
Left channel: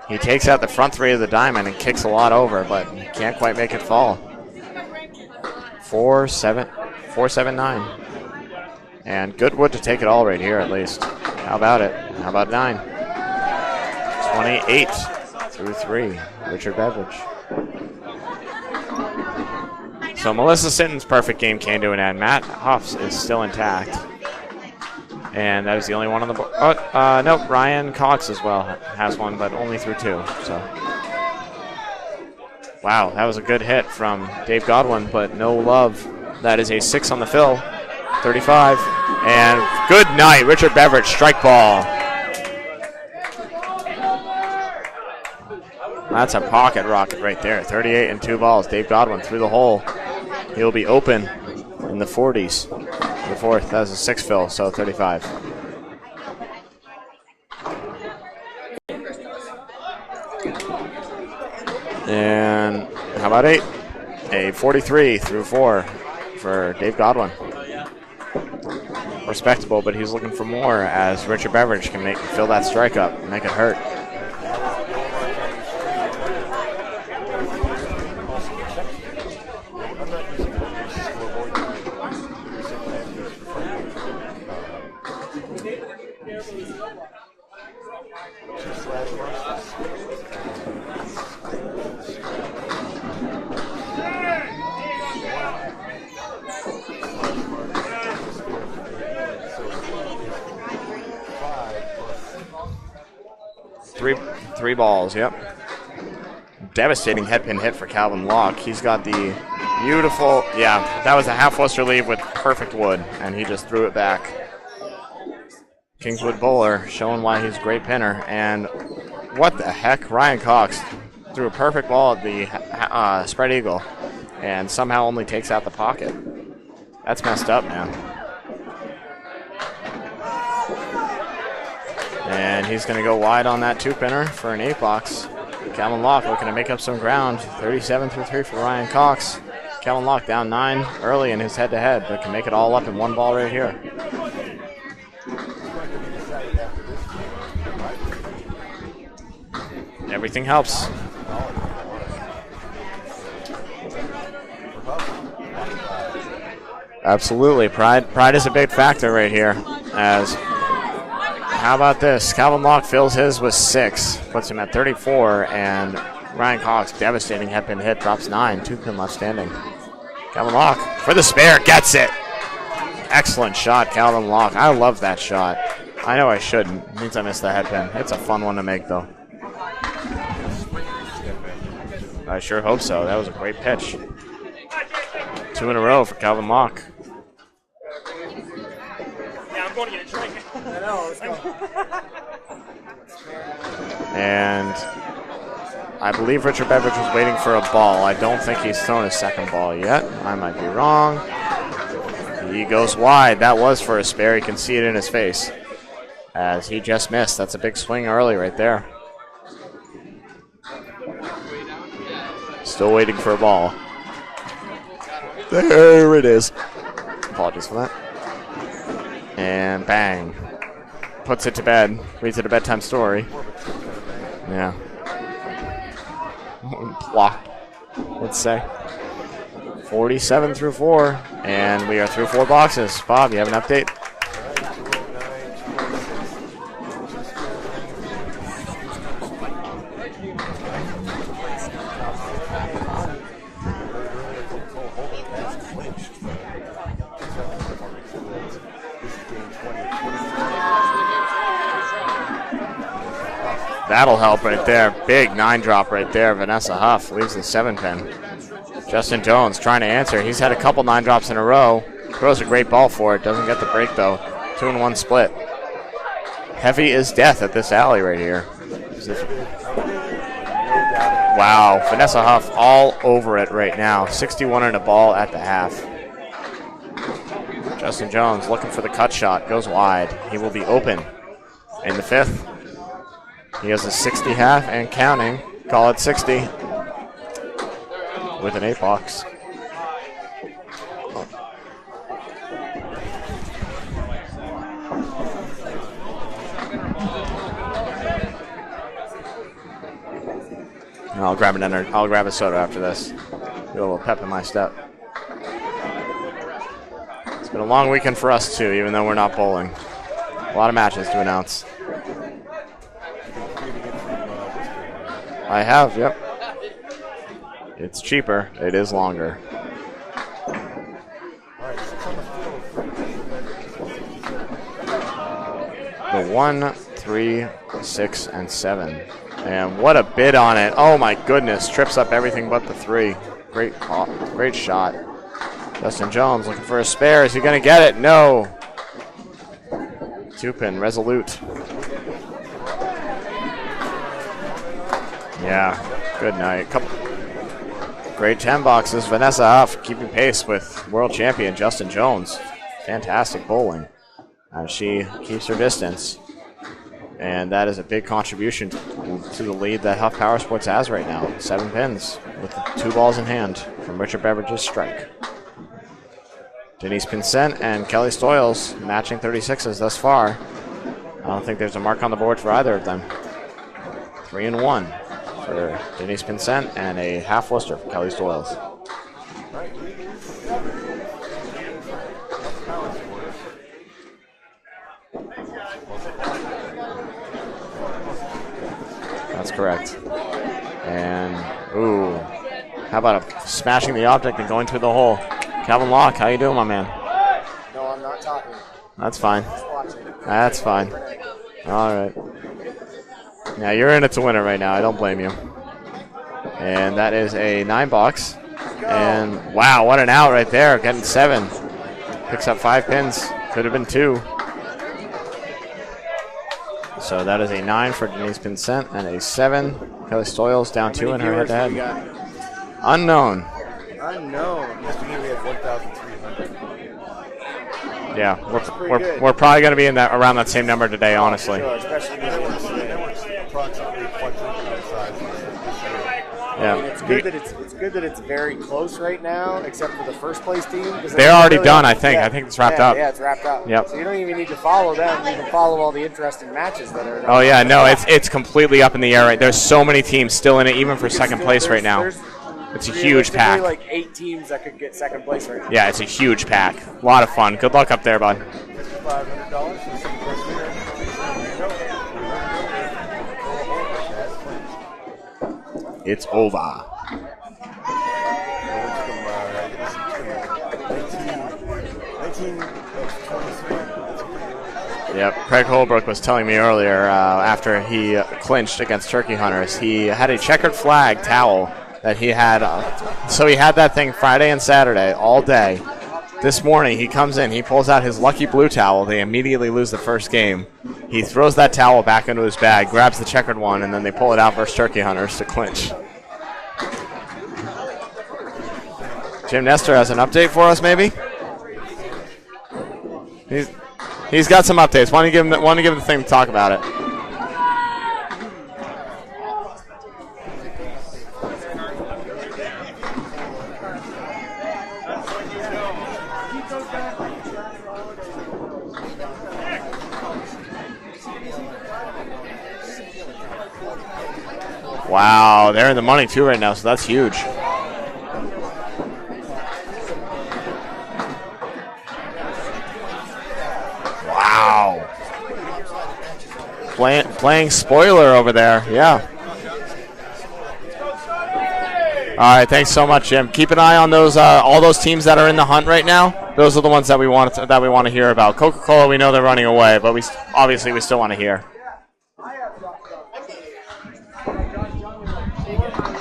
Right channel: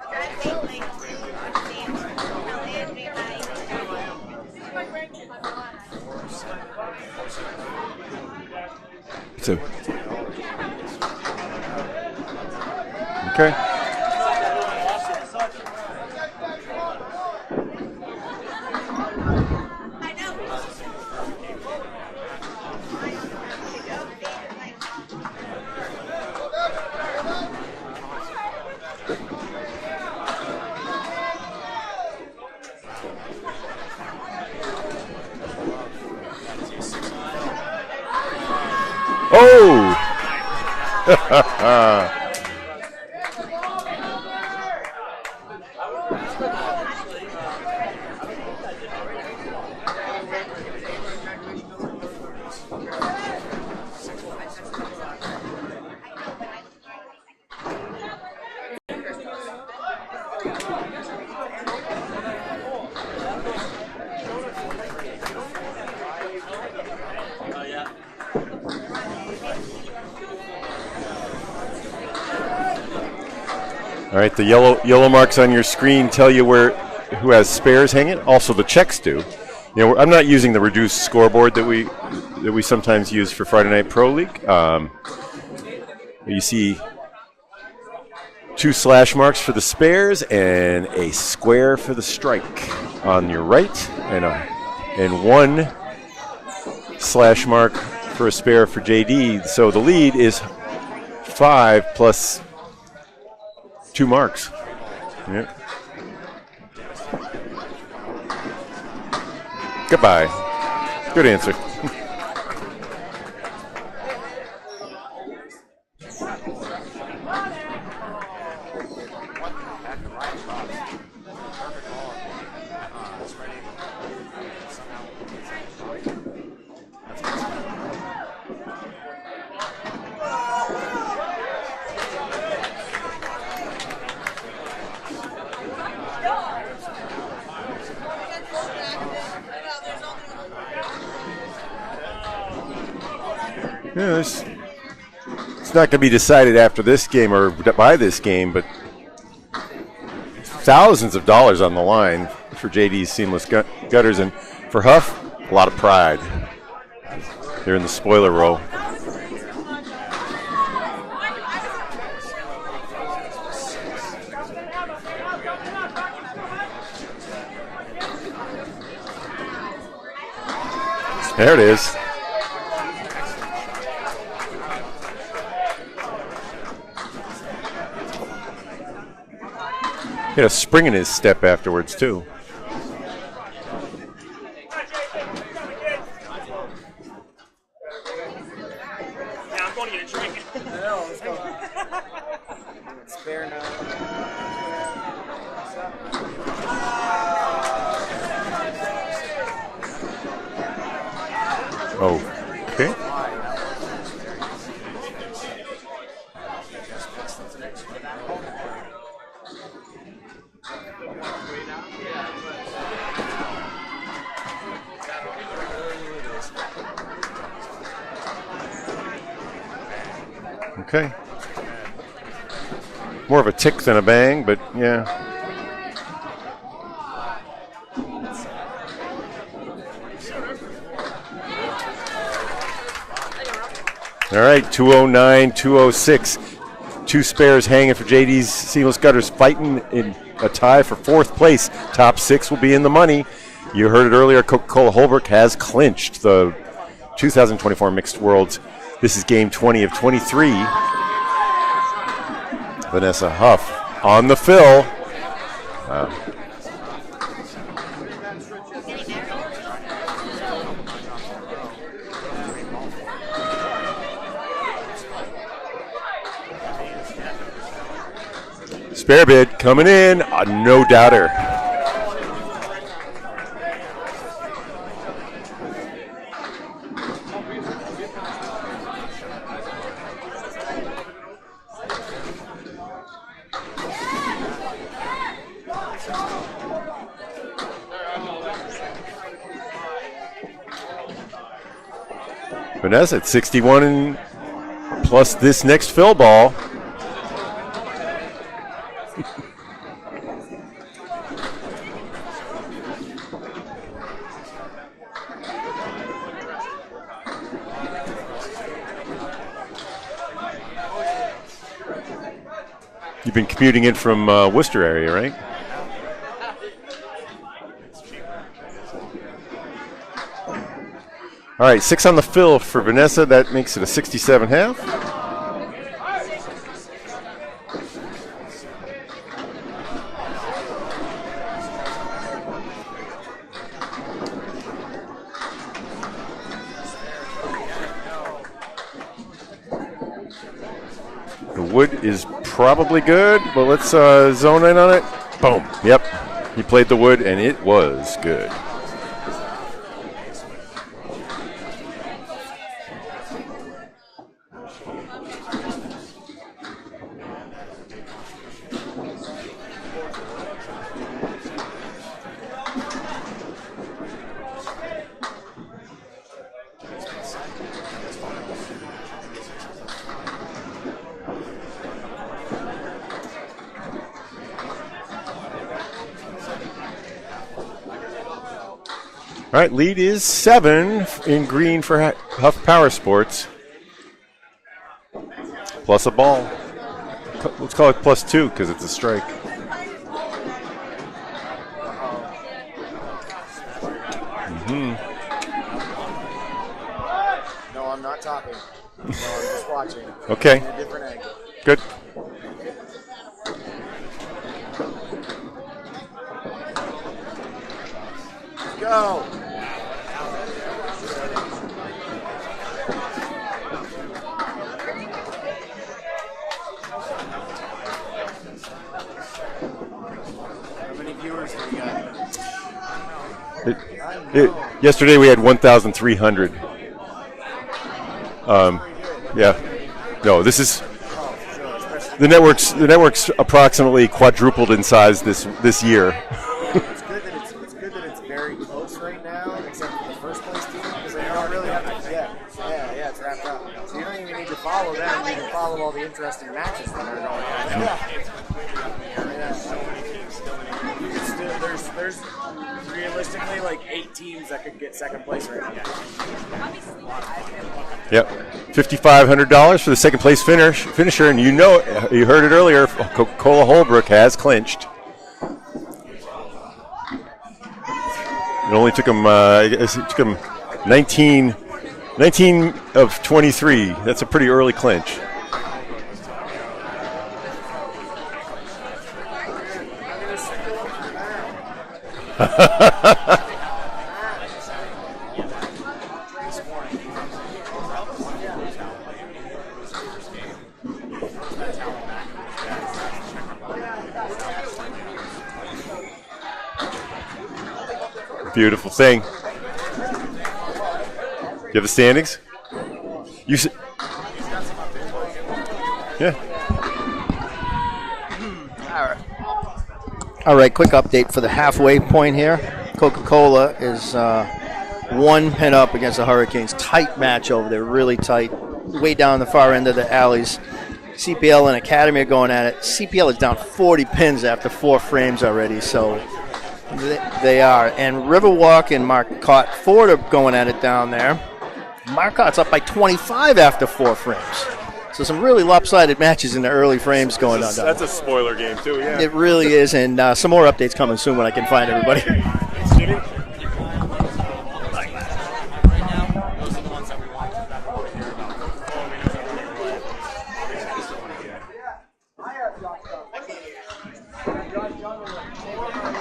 He takes out the front 3 of the diamond and kicks a lot over, but he can't quite make it fall. 4-7-9. And good wood to take it all right here at least. How about it? How about 9? Okay. 28 through 3. Richard Beveridge. So Melissa Sinton's perfect game came to an end. Matt Huff's is still intact. And that is the only one on the board. Nope, Ryan Cox as well has one, but only through 2. So, wow, that was a good hit from Dave Godwin, but no love. That is a 6 on the fill 35. And good night, Richard Beveridge, strike ball. That's a pocket rocket right there. 38 and 2 balls. Dave Godwin through the hole. He'll be open in the 40s. The fourth, that was a 6 fill, so 35. And how about 8? A 43 through 4 for Dave Godwin. Respectable, but he's looking for more as Richard Beveridge can fill that strike up and make it hurt. All right, the yellow marks on your screen tell you who has spares hanging. Also, the checks do. You know, I'm not using the reduced scoreboard that we sometimes use for Friday Night Pro League. You see 2 slash marks for the spares and a square for the strike on your right, and 1 slash mark for a spare for JD. So the lead is 5 plus 2 marks. 3 balls, yep. Devastating headpin hit for Calvin Locke. He's got the beautiful, Goodbye. Yeah, that Good was a answer. half Worcester leave with perfect wood, and he just threw it back. Kingswood bowler showing why he's a great pinner. And what the heck? Ryan Cox threw a perfect ball at the spread eagle and somehow only takes out the pocket. That's messed up, man. And he's going to go wide on that 2-pinner for an 8-box. Calvin Locke looking to make up some ground. 37 through 3 for Ryan Cox. Calvin Locke down 9 early in his head-to-head, but can make it all up in 1 ball right here. Yeah, it's not going to be decided after this game or by this game, but everything helps. Thousands of dollars on the line for JD's seamless gutters, and for Huff, a lot of pride. Absolutely, pride is a big factor right here. As how about this? Calvin Locke fills his with 6, puts him at 34, and Ryan Cox, devastating headpin hit, drops 9, 2 pin left standing. Calvin Locke for the spare, gets it. Excellent shot, Calvin Locke. I love that shot. I know I shouldn't. It means I missed the headpin. It's a fun one to make, though. He had a spring in his step afterwards, too. I sure hope so. That was a great pitch. 2 in a row for Calvin Locke. And I believe Richard Beveridge was waiting for a ball. I don't think he's thrown his second ball yet. I might be wrong. Oh, he goes wide. That was for a spare. You can see it in his face as he just missed. That's a big swing early right there. Still waiting for a ball. There it is. Apologies for that. And bang. Okay. Puts it to bed. Reads it a bedtime story. More of a tick than a bang, but yeah. Block, let's say. 47 through 4, and we are through 4 boxes. Bob, you have an update? All right, 209, 206. 2 spares hanging for JD's seamless gutters, fighting in a tie for 4th place. Top 6 will be in the money. You heard it earlier, Coca-Cola Holbrook has clinched the 2024 Mixed Worlds. This is game 20 of 23. Vanessa Huff on the fill. Right big 9-drop right there. Vanessa Huff leaves the 7-pin. Justin Jones trying to answer. He's had a couple 9-drops in a row. Throws a great ball for it. Doesn't get the break, though. 2-1 split. Heavy is death at this alley right here. Spare bid coming in. No doubter. Wow. Vanessa Huff all over it right now. 61 and a ball at the half. Justin Jones looking for the cut shot. Goes wide. He will be open in the 5th. He has a 60 half and counting. Call it 60 with an 8-box. Vanessa at 61 and plus this next fill ball. And I'll grab a soda after this. Get a little pep in my step. It's been a long weekend for us too, even though we're not bowling. A lot of matches to announce. You've been commuting in from Worcester area, right? I have, yep. It's cheaper. It is longer. All right, 6 on the fill for Vanessa. That makes it a 67 half. The 1, 3, 6, and 7. And what a bid on it. Oh my goodness. Trips up everything but the 3. Great shot. Justin Jones looking for a spare. Is he going to get it? No. 2-pin, resolute. The wood is probably good, but let's zone in on it. Yeah. Yep. Good night. He played the wood, and it was Great good. 10 boxes. Vanessa Huff keeping pace with world champion Justin Jones. Fantastic bowling. She keeps her distance. And that is a big contribution to the lead that Huff Powersports has right now. 7 pins with 2 balls in hand from Richard Beveridge's strike. Denise Pincent and Kelly Stoyles matching 36s thus far. I don't think there's a mark on the board for either of them. 3-1 for Denise Pincent and a half Worcester for Kelly Stoyles. All right, lead is 7 in green for Huff Powersports. Plus a ball. Let's call it +2 because it's a strike. That's correct. And, ooh, how about smashing the object and going through the hole? Calvin Locke, how you doing, my man? No, I'm not talking. That's fine. Just watching. That's fine. Good. All right. Yeah, you're in it to win it right now. I don't blame you. And that is a 9-box. And, wow, what an out right there. Getting 7. Picks up 5 pins. Could have been 2. So that is a 9 for Denise Pincent and a 7. Kelly Stoyles down 2 in her head-to-head. Unknown. Yesterday we had 1,300. Yeah, we're probably going to be in that around the same number today, honestly. The network's approximately quadrupled in size this year. Yeah, it's good that it's very close right now, except for the first place team. They're already done, I think. I think it's wrapped up. Yeah, it's wrapped up. Yep. So you don't even need to follow them. You can follow all the interesting matches that are. Oh yeah, no, it's completely up in the air. Right, there's so many teams still in it, even for second place right now. It's a huge pack. There's like 8 teams that could get second place right now. Yeah, it's a huge pack. A lot of fun. Good luck up there, bud. $5,500 for the second place finisher, and you heard it earlier. Coca-Cola Holbrook has clinched. It's over. It only took him. It took him 19 of 23. That's a pretty early clinch. Yep. Craig Holbrook was telling me earlier after he clinched against Turkey Hunters, he had a checkered flag towel that he had. So he had that thing Friday and Saturday all day. This morning he comes in, he pulls out his lucky blue towel. They immediately lose the first game. He throws that towel back into his bag, grabs the checkered one, and then they pull it out versus Turkey Hunters to clinch. Beautiful thing. Jim Nestor has an update for us, maybe? You have the standings? He's got some updates. Why don't you give him the thing to talk about it? All right, quick update for the halfway point here. Coca-Cola is 1 pin up against the Hurricanes. Tight match over there, really tight. Way down the far end of the alleys. CPL and Academy are going at it. CPL is down 40 pins after 4 frames already. Wow, they're in the money too right now, so that's huge. They are. And Riverwalk and Marcotte Ford are going at it down there. Marcotte's up by 25 after 4 frames. Wow. So some really lopsided matches in the early frames. Playing spoiler over there. Yeah. It really is, and some more updates coming soon when I can find everybody. All right, thanks so much, Jim. Keep an eye on those all those teams that are in the hunt right now. Those are the ones that we want to hear about. Coca-Cola, we know they're running away, but we still want to hear.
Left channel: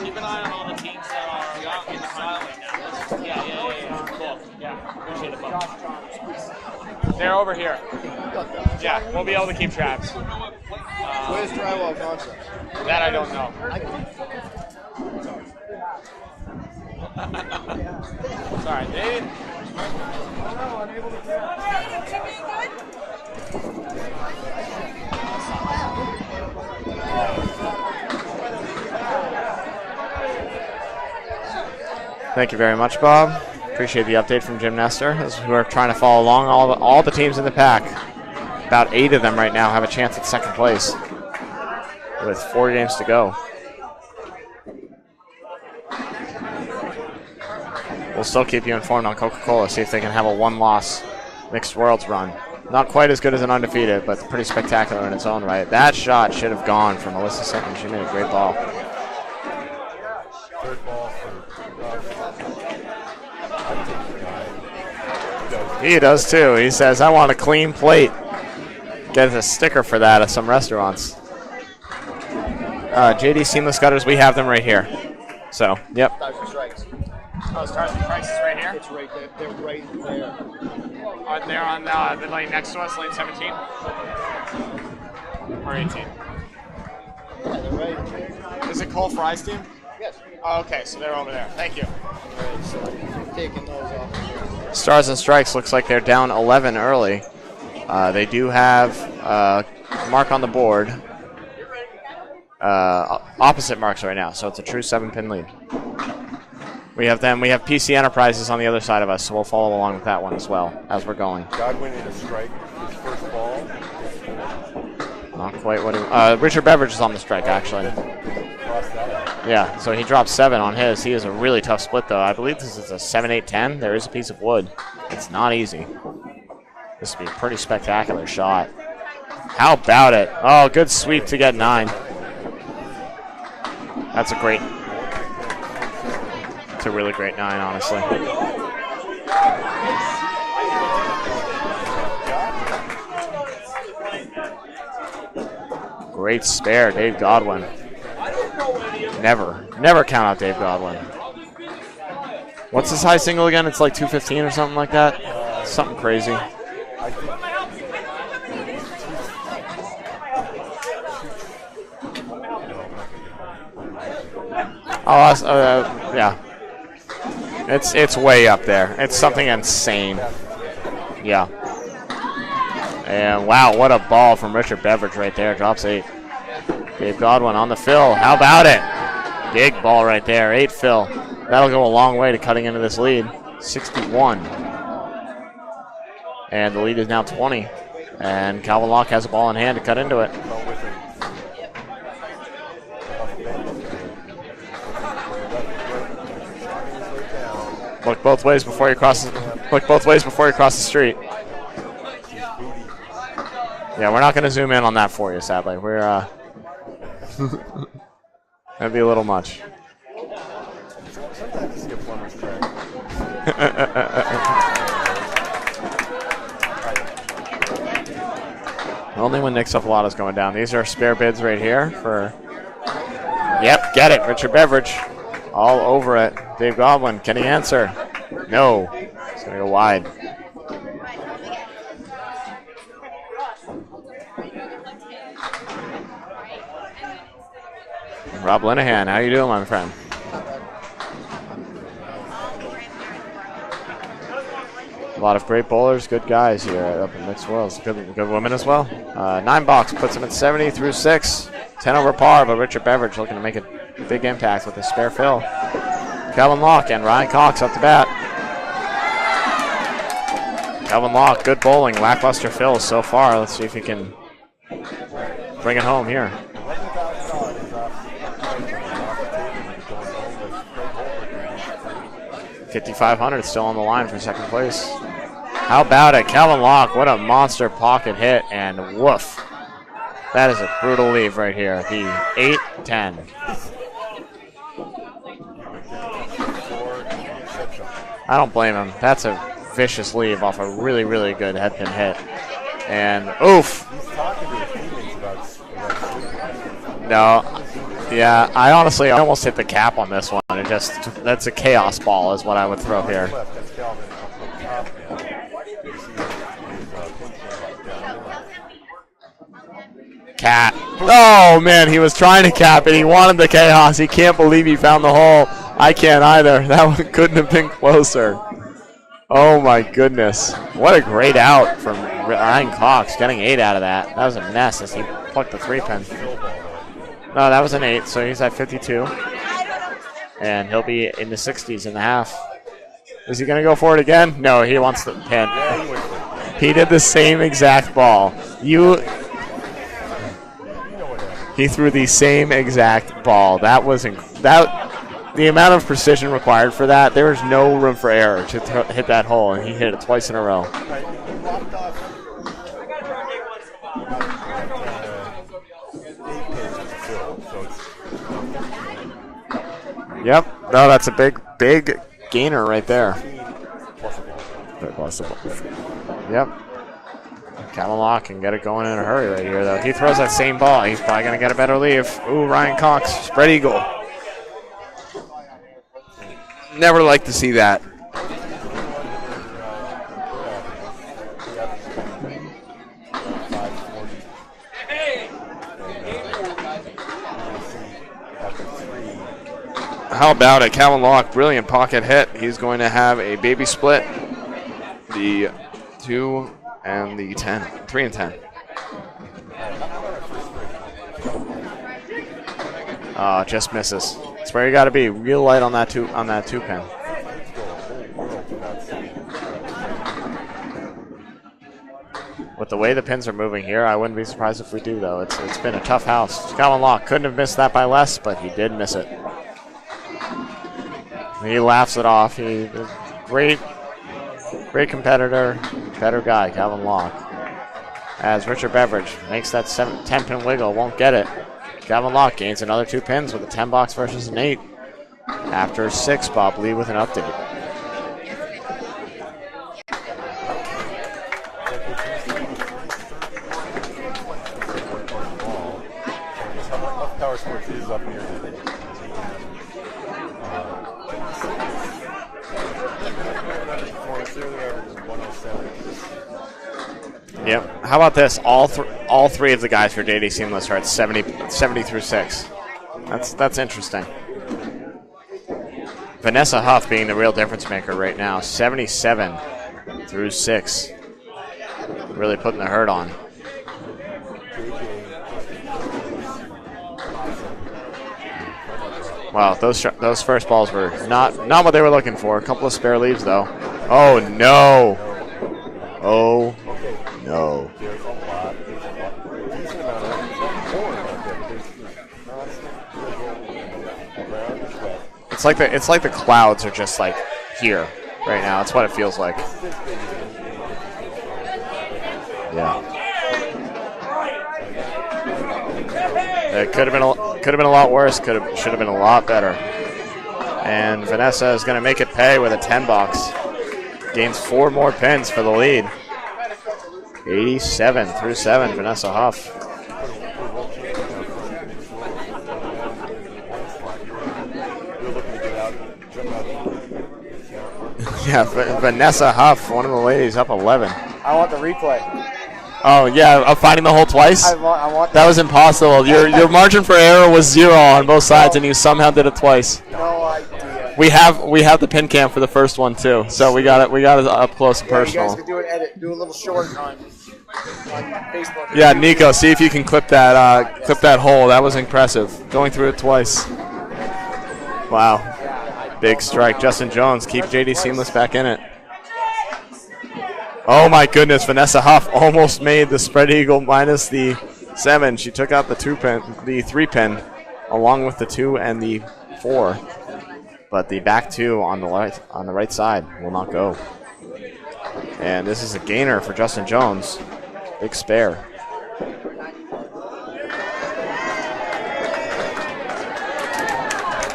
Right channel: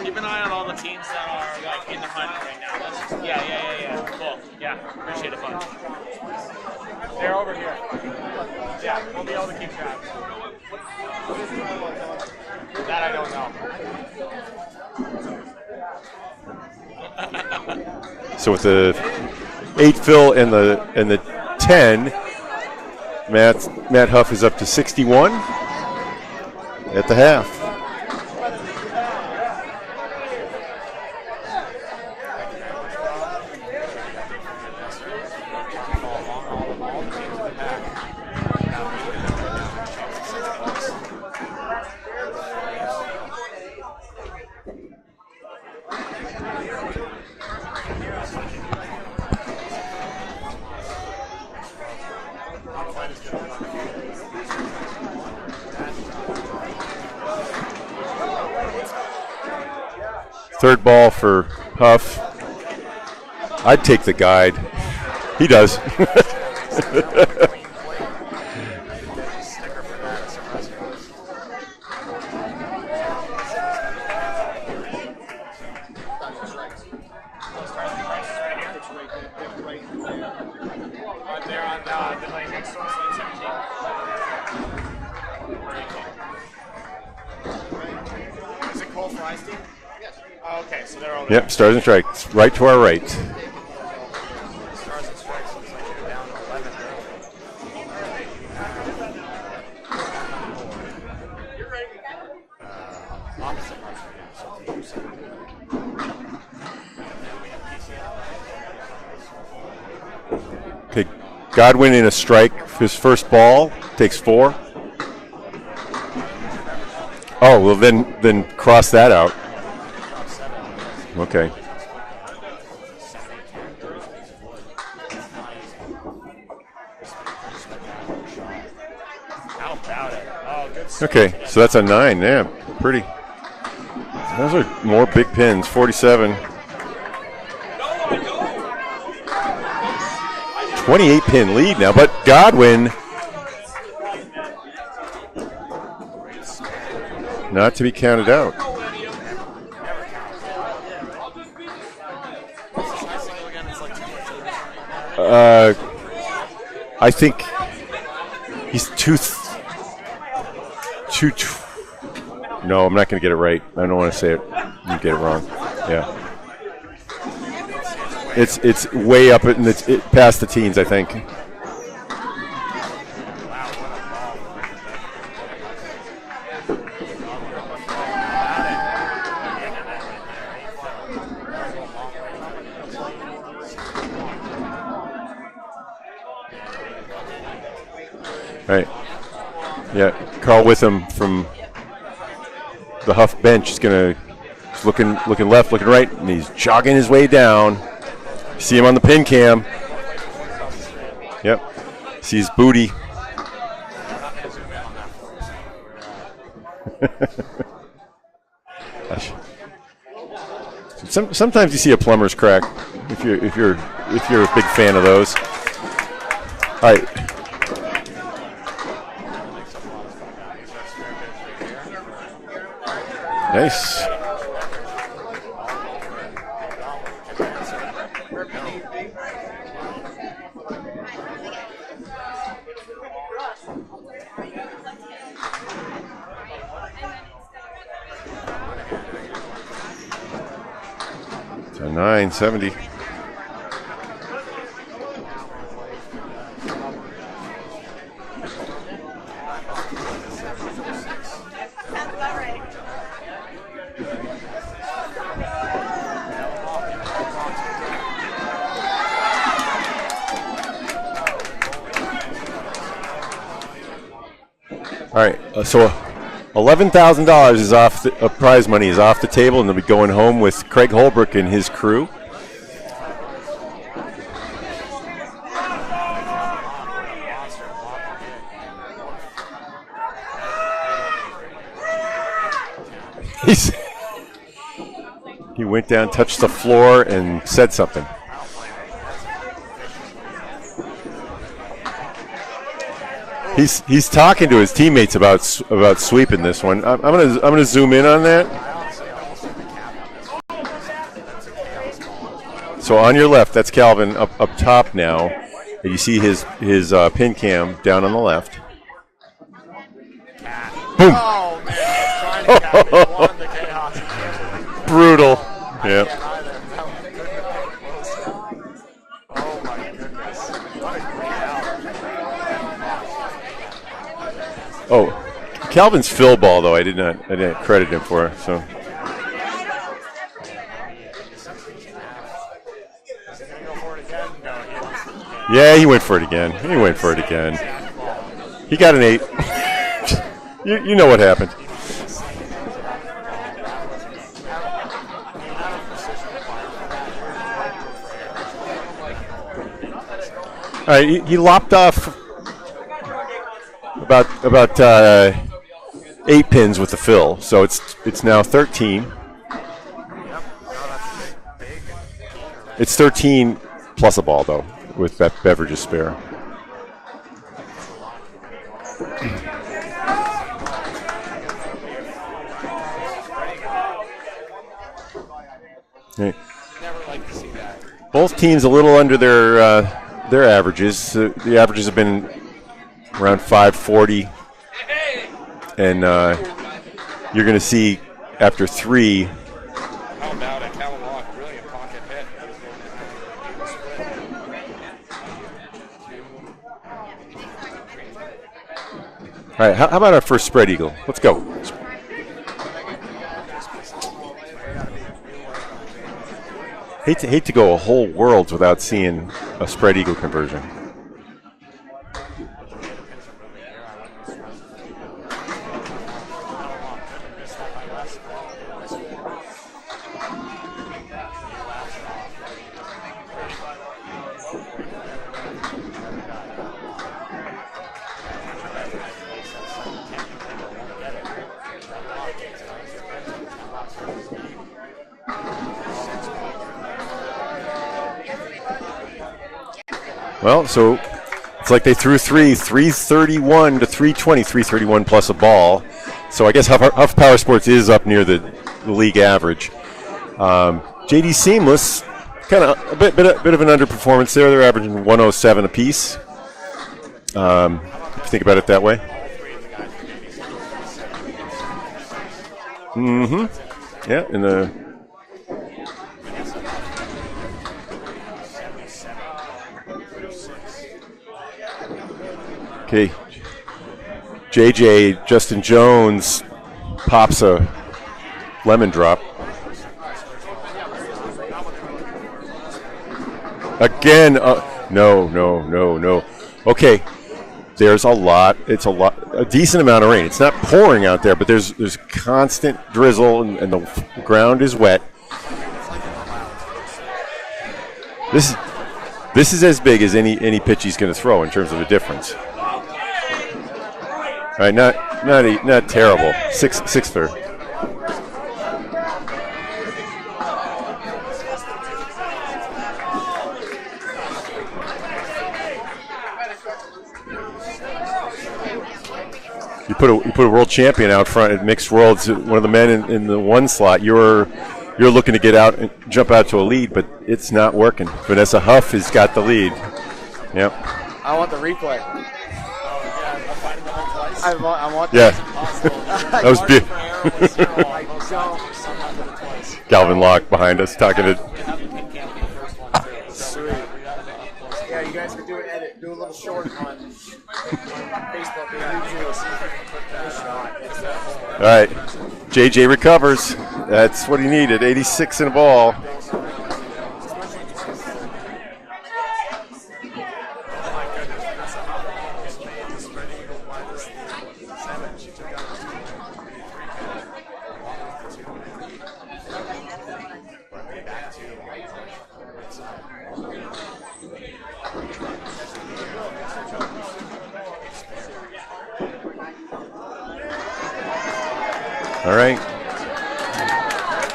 Keep an eye on all the teams that are like in the hunt right now. Yeah. Cool. Yeah, appreciate it, bud. They're over here. Yeah, we'll be able to keep track. What is drywall concept? That I don't know. So with the 8 fill and the 10, Matt Huff is up to 61 at the half. Thank you very much, Bob. Appreciate the update from Jim Nestor as we're trying to follow along all the teams in the pack. About 8 of them right now have a chance at second place with 4 games to go. We'll still keep you informed on Coca-Cola, see if they can have a 1-loss Mixed Worlds run. Not quite as good as an undefeated, but pretty spectacular in its own right. That shot should have gone for Melissa Sutton. She made a great ball. Third ball for Huff. I'd take the guide. He does. He does too. He says, I want a clean plate. Gets a sticker for that at some restaurants. JD Seamless Gutters, we have them right here. So, yep. Oh, Stars and Strikes is right here? It's right there. Oh, they're on the lane next to us, lane 17? Or 18? Is it Cole Fry's team? Yes. Oh, okay, so they're over Yep, Stars and Strikes, right to our right. Stars and Strikes looks like they're down 11 early. They do have mark on the board. Opposite marks right now, so it's a true 7-pin lead. We have them. We have PC Enterprises on the other side of us, so we'll follow along with that one as well as we're going. Godwin in a strike. His first ball takes 4. Not quite what he, Richard Beveridge is on the strike. Oh, well, then cross that out. Yeah, so he dropped 7 on his. He is a really tough split, though. I believe this is a 7-8-10. There is a piece of wood. It's not easy. This would be a pretty spectacular shot. How about it? Oh, good sweep to get 9. So that's a 9, yeah. Pretty. That's a Those great. are more big pins, 47. It's a really great 9, honestly. 28-pin lead now, but Godwin. Great spare, Dave Godwin. Not to be counted out. Never count out Dave Godwin. What's his high single again? It's like 215 or something like that? Something crazy. I think he's no, I'm not going to get it right. I don't want to say it. Yeah. It's way up there. It's way up past the teens, I think. Yeah. And wow, what a ball from Richard Beveridge right there. Drops 8. Dave Godwin on the fill. How about it? Big ball right there. 8 fill. That'll go a long way to cutting into this lead. 61. And the lead is now 20. And Calvin Locke has a ball in hand to cut into it. Carl Witham from the Huff bench is looking left, looking right, and he's jogging his way down. Look both ways. See him on the pin cam. Look both ways before you cross the street. Yep. See his booty. Yeah, we're not going to zoom in on that for you, sadly. We're that'd be a little much. Sometimes you see a plumber's crack if you're a big fan of those. All right. Only when Nick Cephalato's going down.Ese are spare bids right here for. Nice. Yep, get it. Richard Beveridge. All over it. Dave Godwin, can he answer? No. It's going to go wide. Rob Linehan, how you doing, my friend? 970. A lot of great bowlers, good guys here up in mixed worlds. Good women as well. 9 box puts him at 70 through 6. 10 over par, but Richard Beveridge looking to make a big impact with his spare fill. Calvin Locke and Ryan Cox up the bat. Calvin Locke, good bowling, lackluster fills so far. Let's see if he can All right, bring it home here. $11,000 is off. Prize money is off the table, and they'll be going home with Craig Holbrook and his crew. 5,500 still on the line for second place. How about it? Calvin Locke, what a monster pocket hit, and woof. That is a brutal leave right here. The 8-10. He went down, touched the floor, and said something. I don't blame him. That's a vicious leave off a really, really good headpin hit. And he's talking to his teammates about sweeping this one. I'm gonna zoom in on that. I almost hit the cap on this one. That's a chaos ball is what I would say. So on your left, that's Calvin up top now. You see his pin cam down on the left. Cat. Oh man, he was trying to cap it. He wanted the chaos. He can't believe he found the hole. I can't either. That one couldn't have been closer. Oh my goodness. What a great out from Ryan Cox, getting 8 out of that. That was a mess. Calvin's fill ball, though, I did not that was an credit 8, him for so it, he's at 52. And he'll be in the 60s in the half. Is he going to go for it again? No, he wants the pin. Yeah, he went for it again. He did the same exact ball. You got an 8. you know what happened. He threw the same exact ball. That was the amount of precision required for that. There was no room for error to hit that hole, and he hit it twice in a row. All right, he lopped off about 8 pins with the fill, so it's now 13. Yep. No, that's a big gainer right there. It's 13 plus a ball, though, with that Beverages spare. Yep. Calvin Locke can get it going in a hurry right here, though. If he throws that same ball, he's probably going to get a better leave. Ooh, Ryan Cox, spread eagle. Never like to see that. Both teams a little under their averages. The averages have been around 540, and you're going to see after 3. How about it? Calvin Locke, brilliant pocket hit. He's going to have a baby split. The 2 and the 10. 3 and 10. All right, how about our first spread eagle? Let's go. Just misses. That's where you got to be real light on that two pin. Hate to go a whole world without seeing a spread eagle conversion. With the way the pins are moving here, I wouldn't be surprised if we do, though. It's been a tough house. Calvin Locke couldn't have missed that by less, but he did miss it. He laughs it off. He's a great competitor, better guy, Calvin Locke. As Richard Beveridge makes that 10-pin wiggle, won't get it. Calvin Locke gains another 2 pins with a 10 box versus an 8. After 6, Bob Lee with an update. Well, so it's like they threw 331 to 320, 331 plus a ball. So I guess Huff Powersports is up near the league average. JD Seamless, kind of a bit of an underperformance there. They're averaging 107 apiece. How about this? Think about it that way. All 3 of the guys for JD Seamless are at 70 through 6. That's interesting. Yeah, in the Vanessa Huff being the real difference maker right now, 77 through 6. Really putting the hurt on. JJ, Justin Jones pops a lemon drop. Wow, those first balls were not what they were looking for. A couple of spare leaves, though. Again, no. No. Okay. No. There's a decent amount of rain. It's not pouring out there, but there's constant drizzle, and the ground is wet. It's like the clouds are just like here right now. That's what it feels like. This is as big as any pitch he's going to throw in terms of a difference. Yeah. All right, not terrible. Could have been a lot worse. Should have been a lot better. And Vanessa is going to make it pay with a 10 box. Gains 4 more pins for the lead. 87 through 7, Vanessa Huff. You put a world champion out front at mixed worlds. One of the men in the 1 slot. You're looking to get out and jump out to a lead, but it's not working. Vanessa Huff has got the lead. One of the ladies up 11. I want the replay. Oh, yeah, of finding the hole twice? I want that was impossible. Your margin for error was 0 on both sides, and you somehow did it twice. Calvin Locke behind us. We have the pin cam for the first one, too, so we got it up close and personal. You guys can do an edit, do a little short. Yeah, Nico, see if you can clip that hole. That was impressive. JJ recovers. That's what he needed. 86 in a ball. Big strike. Justin Jones keeps JD Seamless back in it. Oh my goodness, Vanessa Huff almost made the spread eagle minus the 7. She took out the 3 pin, along with the 2 and the 4. But the back 2 on the right side will not go. And this is a gainer for Justin Jones. Big spare. All right.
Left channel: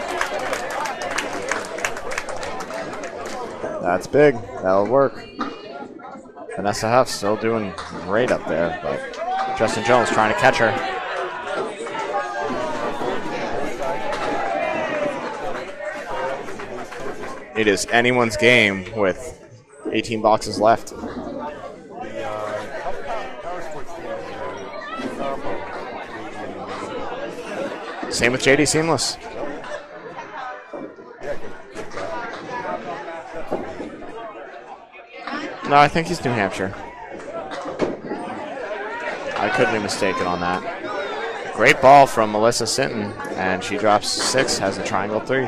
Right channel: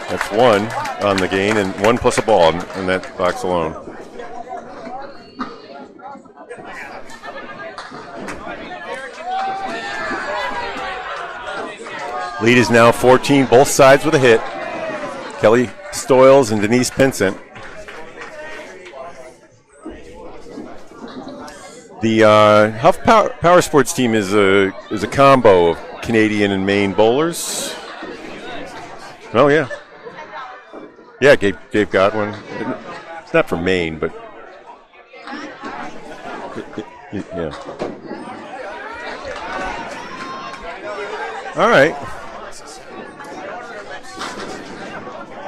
That's 1 on the gain and 1 plus a ball in that box alone. That's big. That'll work. Vanessa Huff still doing great up there, but Justin Jones trying to catch her. Lead is now 14, both sides with a hit. Kelly Stoyles and Denise Pinsent. It is anyone's game with 18 boxes left. The Huff Powersports team is a combo of Canadian and Maine bowlers. Same with JD Seamless. Oh, yeah. Yeah, Dave Godwin. It's not from Maine, but... No, I think he's New Hampshire. Yeah. I couldn't be mistaken on that. Great ball from Melissa Sinton, and she drops 6, has a triangle 3.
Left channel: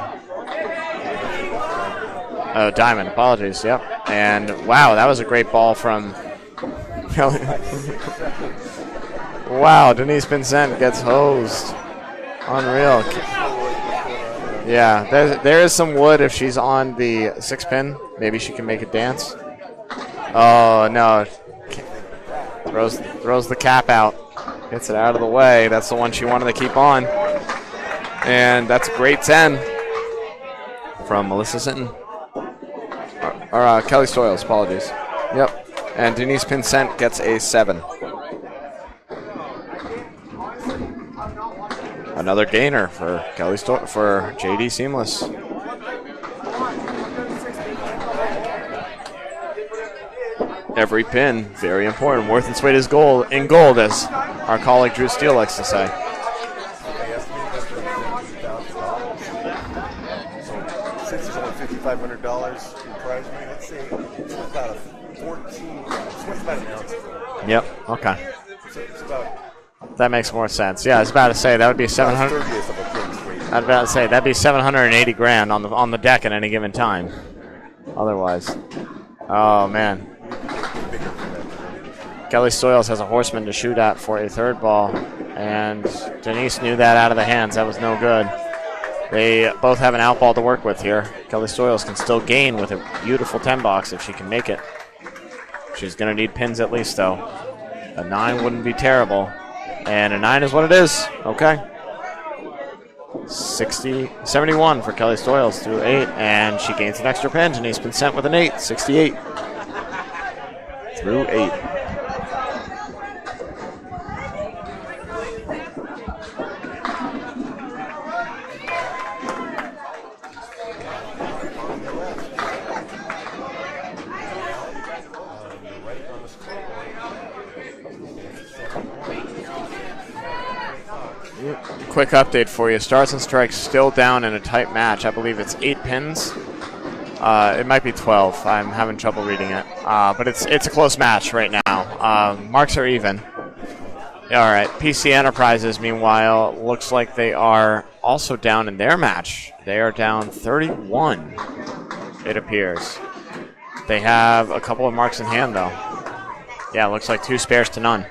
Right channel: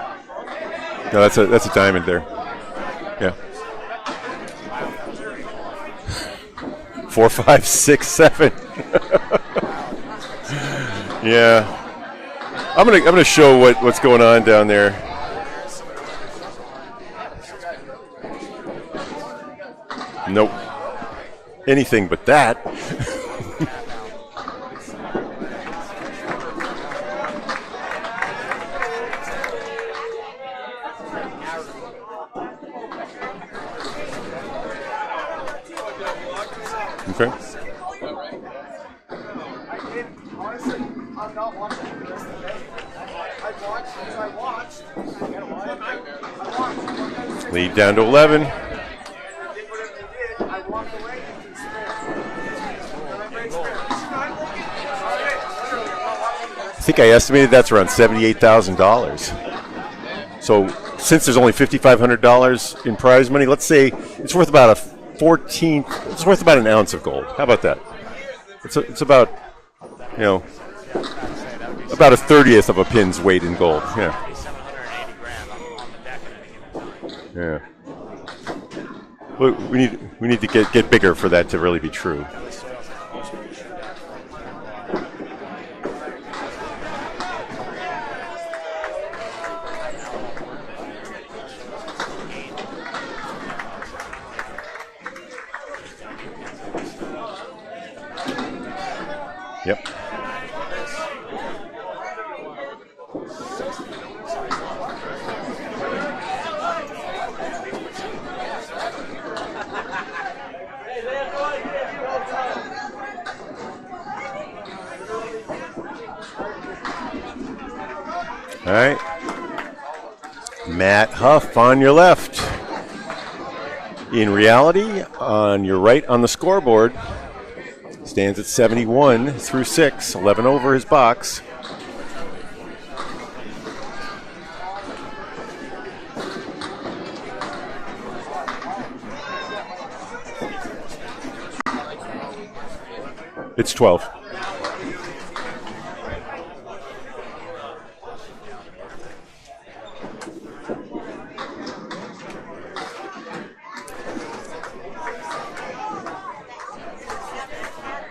No, that's a diamond there. Oh, diamond. Apologies. Yep. And wow, that was a great ball from 4, 5, 6, 7. Wow, Denise Pinsent gets hosed. Yeah. Unreal. I'm gonna show what's going on down there. Yeah, there is some wood if she's on the 6 pin. Maybe she can make it dance. Nope. Oh no! Anything but that. Throws the cap out. Gets it out of the way. That's the one she wanted to keep on. And that's a great 10 from Melissa Sinton. Or Kelly Stoyles, apologies. Yep. And Denise Pinsent gets a 7. Another gainer for for JD Seamless. Lead down to 11. Every pin, very important. Worth its weight is gold in gold, as our colleague Drew Steele likes to say. I think I estimated that's around $78,000. So since there's only $5,500 in prize money, let's say it's worth about it's worth about an ounce of gold. How about that? Okay. It's about. That makes more sense. Yeah, I was about to say that would be about a 30th of a pin's weight in gold. I was about to say that'd be 780 grand on the deck at any given time. Yeah. Otherwise. We need to get bigger for that to really be true. Kelly Stoyles has a horseman to shoot at for a third ball, and Denise knew that out of the hands. That was no good. They both have an out ball to work with here. Kelly Stoyles can still gain with a beautiful 10 box if she can make it. She's going to need pins at least, though. A 9 wouldn't be terrible. Yep. And a 9 is what it is. Okay. 71 for Kelly Stoyles through 8, and she gains an extra pin. Denise been sent with an 8, 68 through 8. All right. Matt Huff on your left. In reality, on your right on the scoreboard, stands at 71 through 6, 11 over his box. Quick update for you. Stars and Strikes still down in a tight match. I believe it's 8 pins. It might be 12. I'm having trouble reading it. But it's a close match right now. Marks are even. It's 12. All right. PC Enterprises, meanwhile, looks like they are also down in their match. They are down 31, it appears. They have a couple of marks in hand, though. Yeah, looks like 2 spares to none.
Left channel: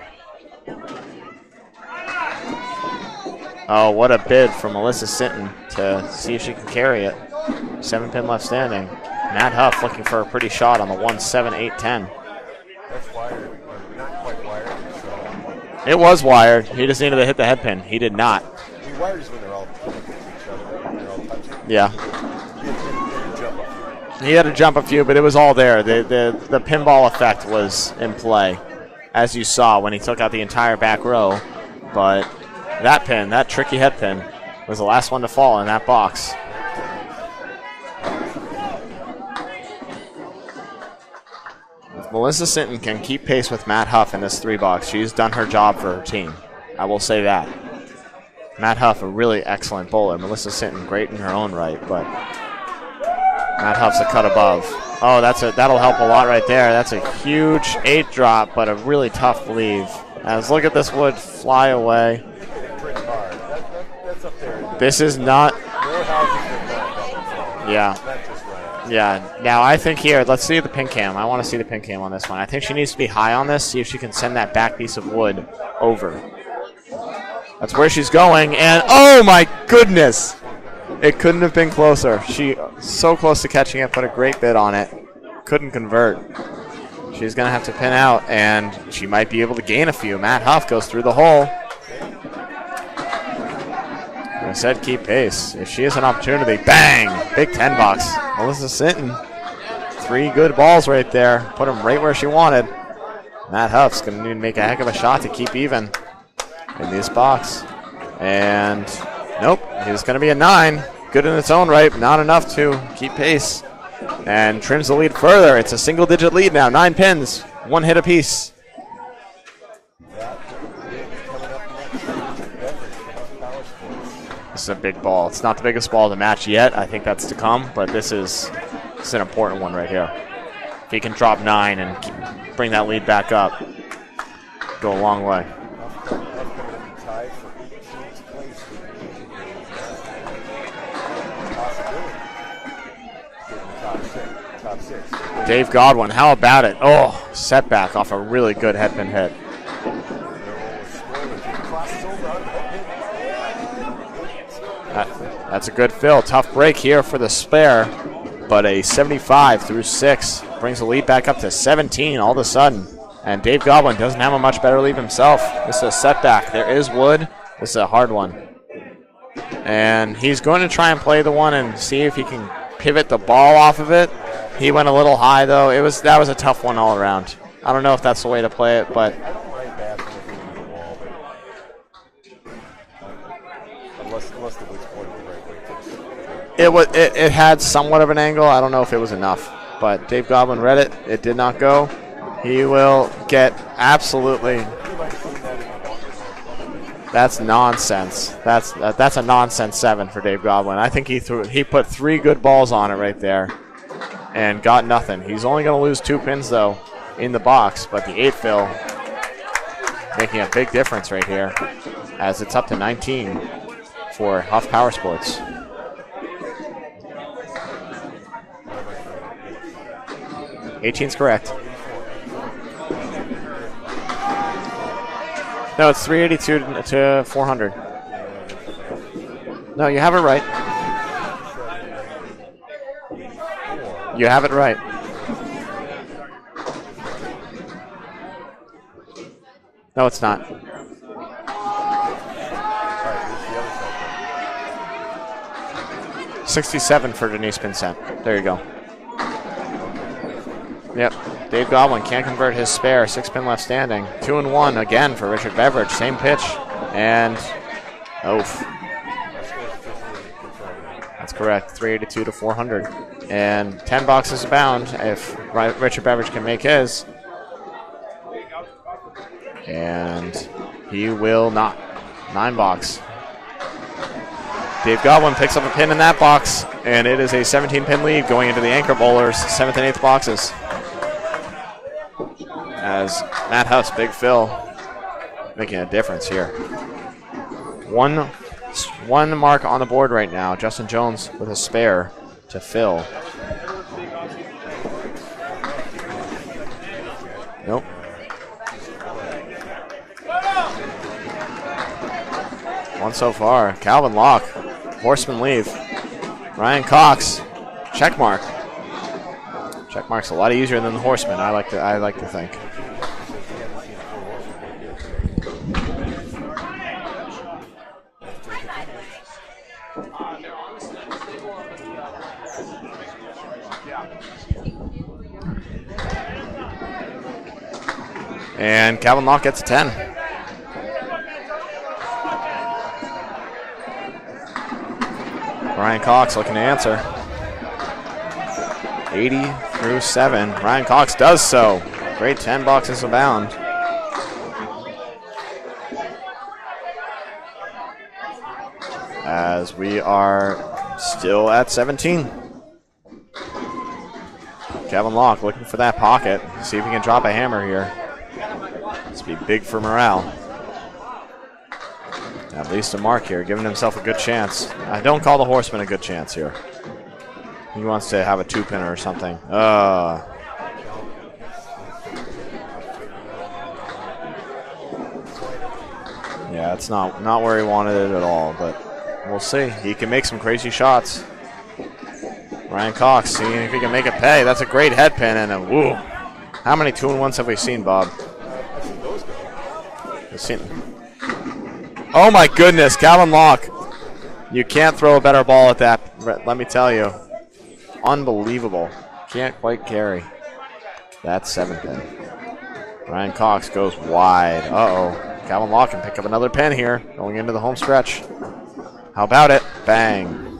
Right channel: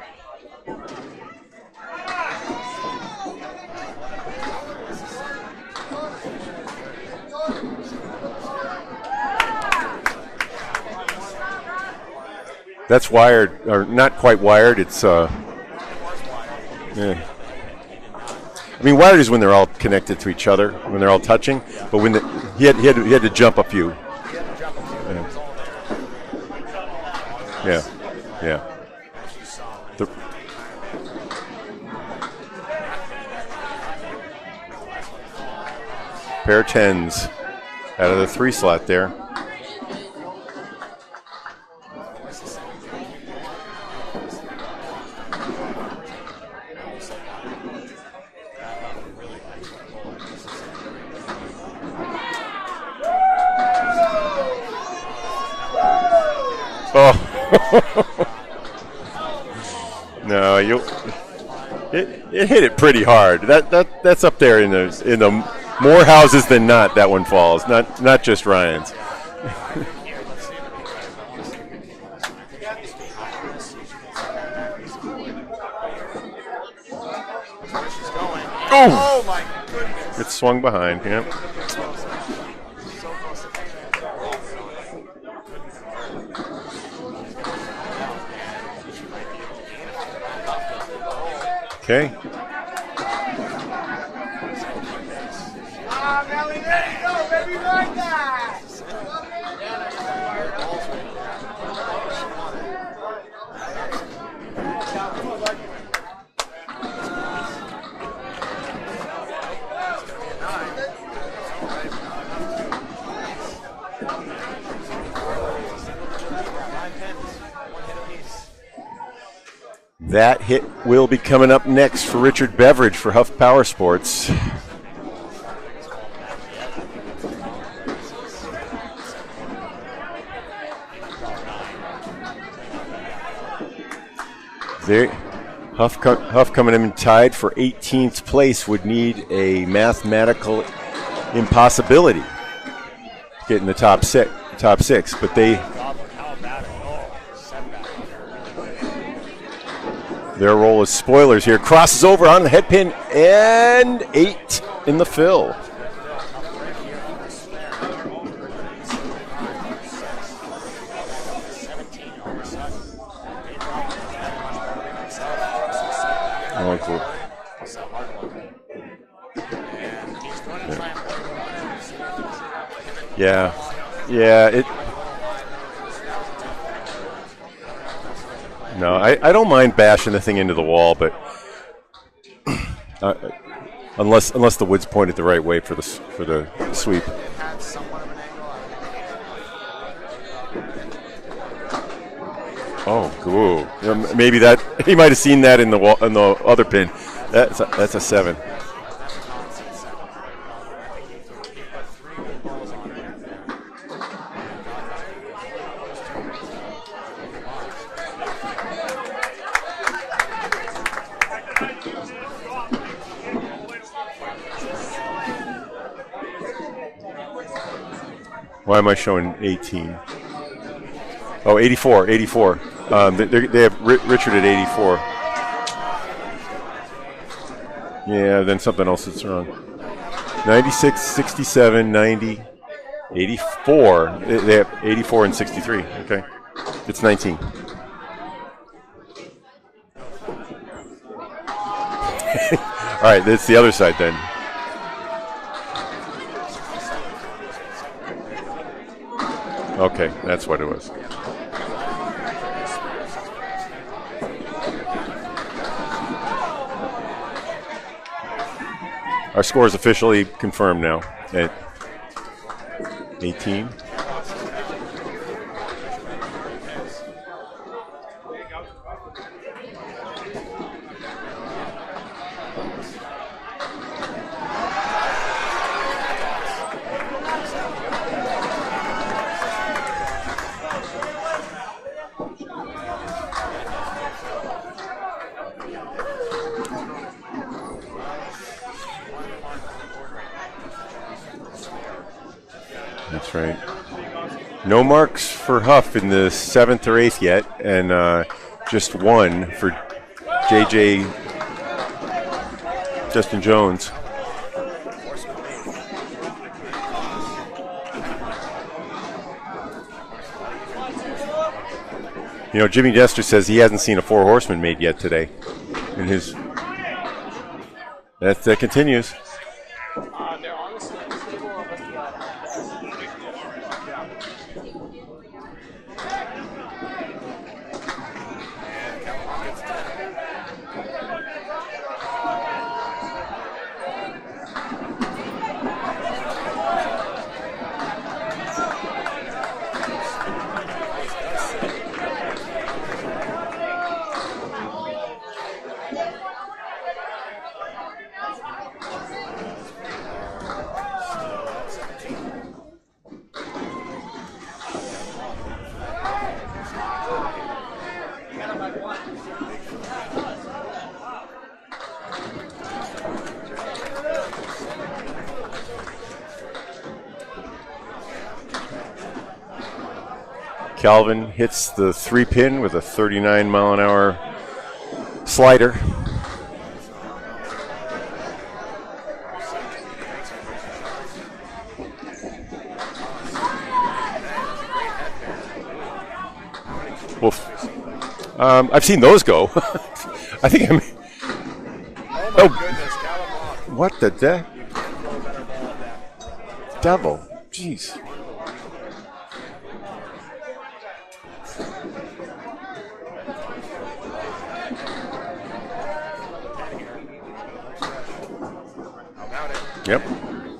Oh, what a bid from Melissa Sinton to see if she can carry it. 7 pin left standing. Matt Huff looking for a pretty shot on the 1-7-8-10. That's wired, or not quite wired. It's It was wired. He just needed to hit the head pin. He did not. I mean, wired is when they're all connected to each other, when they're all touching. Yeah. But when he had to jump a few. He had to jump a few, but it was all there. The pinball effect was in play, as you saw when he took out the entire back row. But that pin, that tricky head pin, was the last one to fall in that box. Pair of 10s out of the 3 slot there. If Melissa Sinton can keep pace with Matt Huff in this 3 box, she's done her job for her team. I will say that. Matt Huff, a really excellent bowler. Melissa Sinton, great in her own right, but Matt Huff's a cut above. Oh, that'll help a lot right there. That's a huge 8 drop, but a really tough leave. Look at this wood fly away. It hit it pretty hard. That's up there in the more houses than not. That one falls. Not just Ryan's. Yeah. Now I think here, let's see the pin cam. I want to see the pin cam on this one. I think she needs to be high on this. See if she can send that back piece of wood over. That's where she's going, and oh my goodness! It swung behind. It couldn't have been closer. She so close to catching it, but a great bid on it. Couldn't convert. She's going to have to pin out, and she might be able to gain a few. Matt Huff goes through the hole. Okay. I said keep pace. If she has an opportunity, bang! Big 10 box. Melissa Sinton. 3 good balls right there. Put them right where she wanted. Matt Huff's going to need to make a heck of a shot to keep even in this box. And nope, it's going to be a 9. Good in its own right, but not enough to keep pace. And trims the lead further. It's a single-digit lead now. 9 pins, 1 hit apiece. That hit will be coming up next for Richard Beveridge for Huff Powersports. It's a big ball. It's not the biggest ball of the match yet. I think that's to come, but this is an important one right here. If he can drop 9 and bring that lead back up, go a long way. Huff coming in tied for 18th place would need a mathematical impossibility. Getting the top six, but Dave Godwin, how about it? Oh, setback off a really good headpin hit. Their role as spoilers here. Crosses over on the headpin and 8 in the fill. That's a good fill. Tough break here for the spare, but a 75 through 6 brings the lead back up to 17 all of a sudden. And Dave Godwin doesn't have a much better lead himself. This is a setback. There is wood. This is a hard one. And he's going to try and play the one and see if he can pivot the ball off of it. Yeah. He went a little high, though. That was a tough one all around. I don't know if that's the way to play it. No, but I don't mind bashing the thing into the wall, but unless the wood's pointed the right way for the sweep. It had somewhat of an angle. I don't know if it was enough, but Dave Goblin read it. It did not go. He will get absolutely. Maybe he might have seen that in the other pin. That's nonsense. That's a 7. That's a nonsense 7 for Dave Goblin. I think he put 3 good balls on it right there, and got nothing. He's only going to lose 2 pins though in the box, but the 8 fill making a big difference right here, as it's up to 19 for Huff Powersports. Why am I showing 18? 18's correct. Oh, 84. They have Richard at 84. No, it's 382 to 400. Yeah, then something else is wrong. No, you have it right. 96, 67, 90, 84. You have it right. 84 and 63. Okay. It's 19. No, it's not. All right, that's the other side then. 67 for Denise Pinsent. There you go. Okay, that's what it was. Yep. Dave Goblin can't convert his spare. 6-pin left standing. 2-1 again for Richard Beveridge. Same pitch. And oof. Our score is officially confirmed now. That's correct. 382 to 400. 18. And 10 boxes bound if Richard Beveridge can make his. And he will not. 9 box. Dave Goblin picks up a pin in that box, and it is a 17-pin lead going into the Anchor Bowlers' 7th and 8th boxes. As Matt Huff's Big Phil making a difference here. One mark on the board right now. Justin Jones with a spare to Phil. That's right. No marks for Huff in the 7th or 8th yet, and just 1 for JJ. One Justin so far. Jones. Calvin Locke. Horseman leave. Ryan Cox. Check mark. Check mark's a lot easier than the horseman. I like to think. You know, Jimmy Dester says he hasn't seen a 4 horseman made yet today. In his that continues. And Calvin Locke gets a 10. Ryan Cox looking to answer. 80 through 7. Ryan Cox does so. Great 10 boxes abound. As we are still at 17. Kevin Locke looking for that pocket. See if he can drop a hammer here. This would be big for morale. At least a mark here, giving himself a good chance. I don't call the horseman a good chance here. He wants to have a 2-pin or something. Calvin hits the 3-pin with a 39-mile-an-hour slider. Yeah, it's not where he wanted it at all, but we'll see. He can make some crazy shots. Ryan Cox seeing if he can make it pay. That's a great head pin and a woo. How many 2-1s have we seen, Bob? I've seen those go. I think oh my goodness, Calvin Locke. What the deck? You can't throw a better ball at that, let me tell you. Jeez. Unbelievable. Can't quite carry. That's 7-pin. Ryan Cox goes wide. Uh-oh. Calvin Locke can pick up another pin here going into the home stretch. How about it? Bang.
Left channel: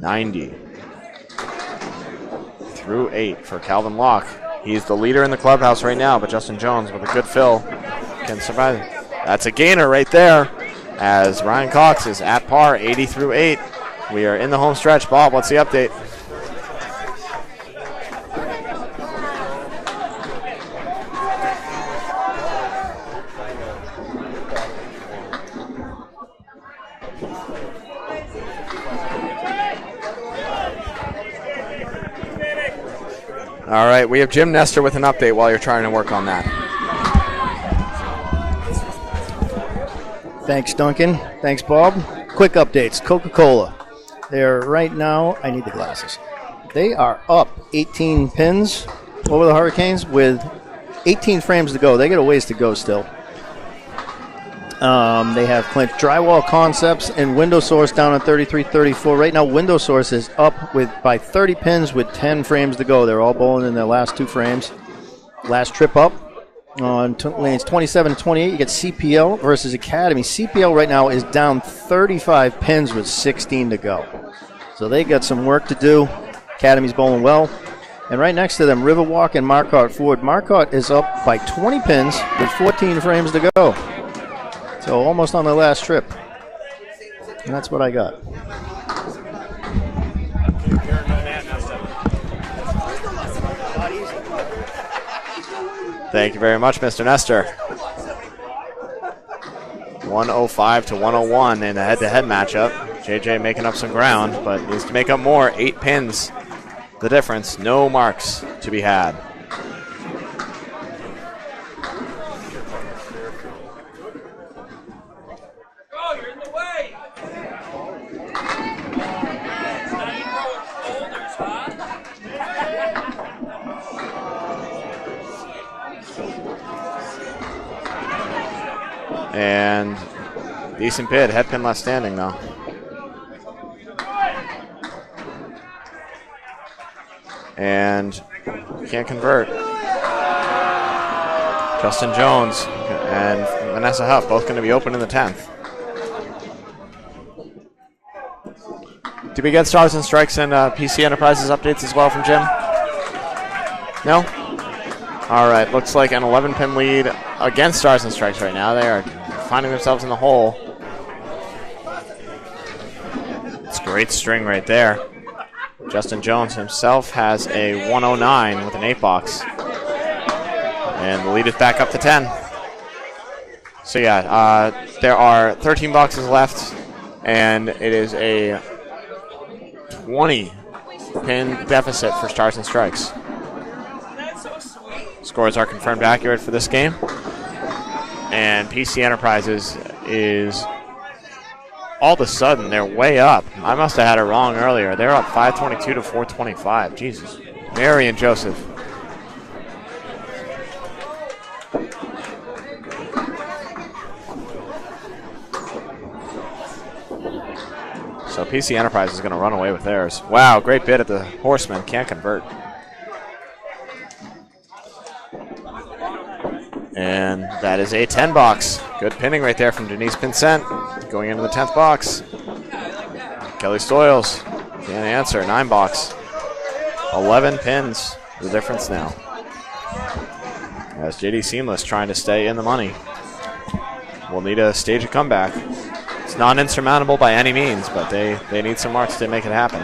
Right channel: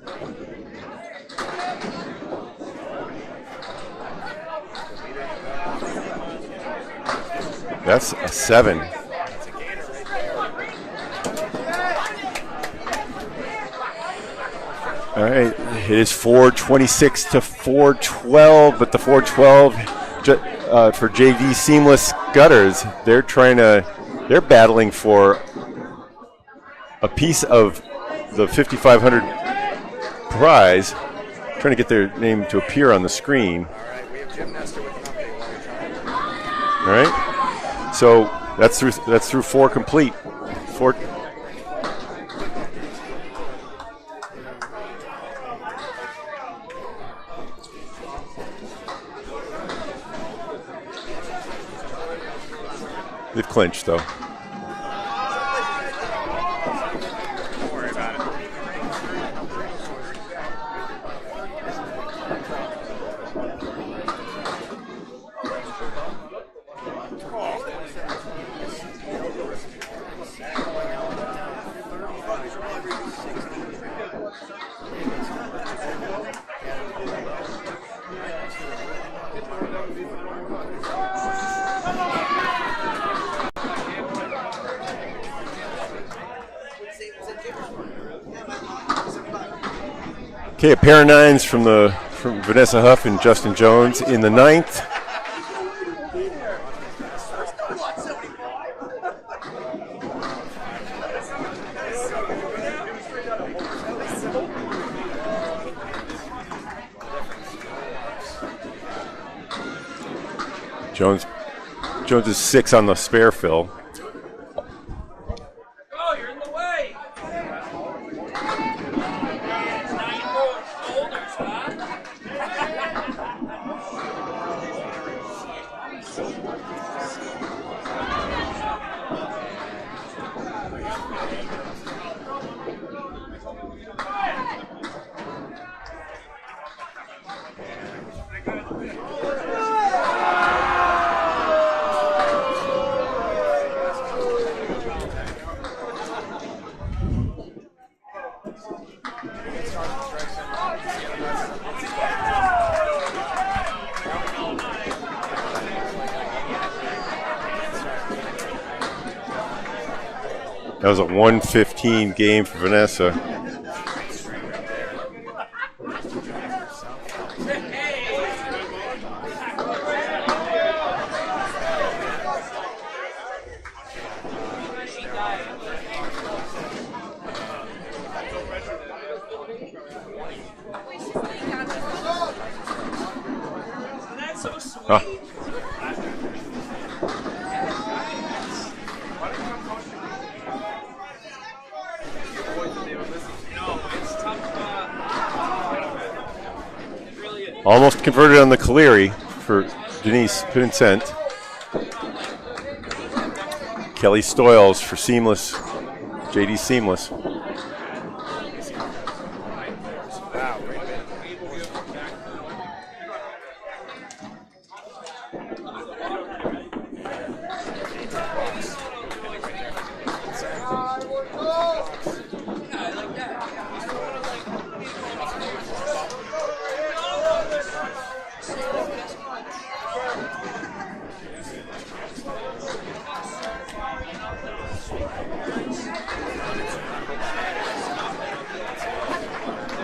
90. Through 8 for Calvin Locke. He's the leader in the clubhouse right now, but Justin Jones with a good fill. That's a 7. That's a gainer right there, as Ryan Cox is at par, 80 through 8. We are in the home stretch. Bob, what's the update? It is 426 to 412, but the 412 for JV Seamless Gutters, they're battling for a piece of the 5,500 prize. Trying to get their name to appear on the screen. All right, we have Jim Nestor with an update while you're trying to work on that. All right. So that's through 4 complete. Thanks, Duncan. Thanks, Bob. Quick updates. Coca-Cola. They're right now, I need the glasses. They are up 18 pins over the Hurricanes with 18 frames to go. They got a ways to go still. They've clinched, though. They have clinched Drywall Concepts and Window Source down at 33-34. Right now, Window Source is up by 30 pins with 10 frames to go. They're all bowling in their last 2 frames. Last trip up, On lanes 27 and 28, you get CPL versus Academy. CPL right now is down 35 pins with 16 to go. So they got some work to do. Academy's bowling well. And right next to them, Riverwalk and Marquardt Ford. Marquardt is up by 20 pins with 14 frames to go. So almost on their last trip. And that's what I got. Okay, a pair of nines from Vanessa Huff and Justin Jones in the 9th. Thank you very much, Mr. Nestor. 105 to 101 in a head-to-head matchup. JJ making up some ground, but needs to make up more. 8 pins, the difference. No marks to be had. Jones is 6 on the spare fill. And decent bid, head pin left standing though. And can't convert. Justin Jones and Vanessa Huff both going to be open in the 10th. Did we get Stars and Strikes and PC Enterprises updates as well from Jim? No? All right, looks like an 11-pin lead against Stars and Strikes right now. They are finding themselves in the hole. That was a 115 game for Vanessa. It's a great string right there. Justin Jones himself has a 109 with an 8-box. And the lead is back up to 10. So yeah, there are 13 boxes left, and it is a 20-pin deficit for Stars and Strikes. Scores are confirmed accurate for this game. And PC Enterprises is, all of a sudden, they're way up. I must have had it wrong earlier. They're up 522 to 425. Jesus. Almost Very converted on impressive. the Caleri for Denise Pinsent. Kelly Stoyles for Seamless. JD Seamless. So PC Enterprise is going to run away with theirs. Wow, great bid at the Horseman. Can't convert. And that is a 10-box. Good pinning right there from Denise Pinsent. Going into the 10th box. Kelly Stoyles can't answer. 9-box. 11 pins. The difference now. As JD Seamless trying to stay in the money. We'll need to stage a comeback. It's not insurmountable by any means, but they need some marks to make it happen.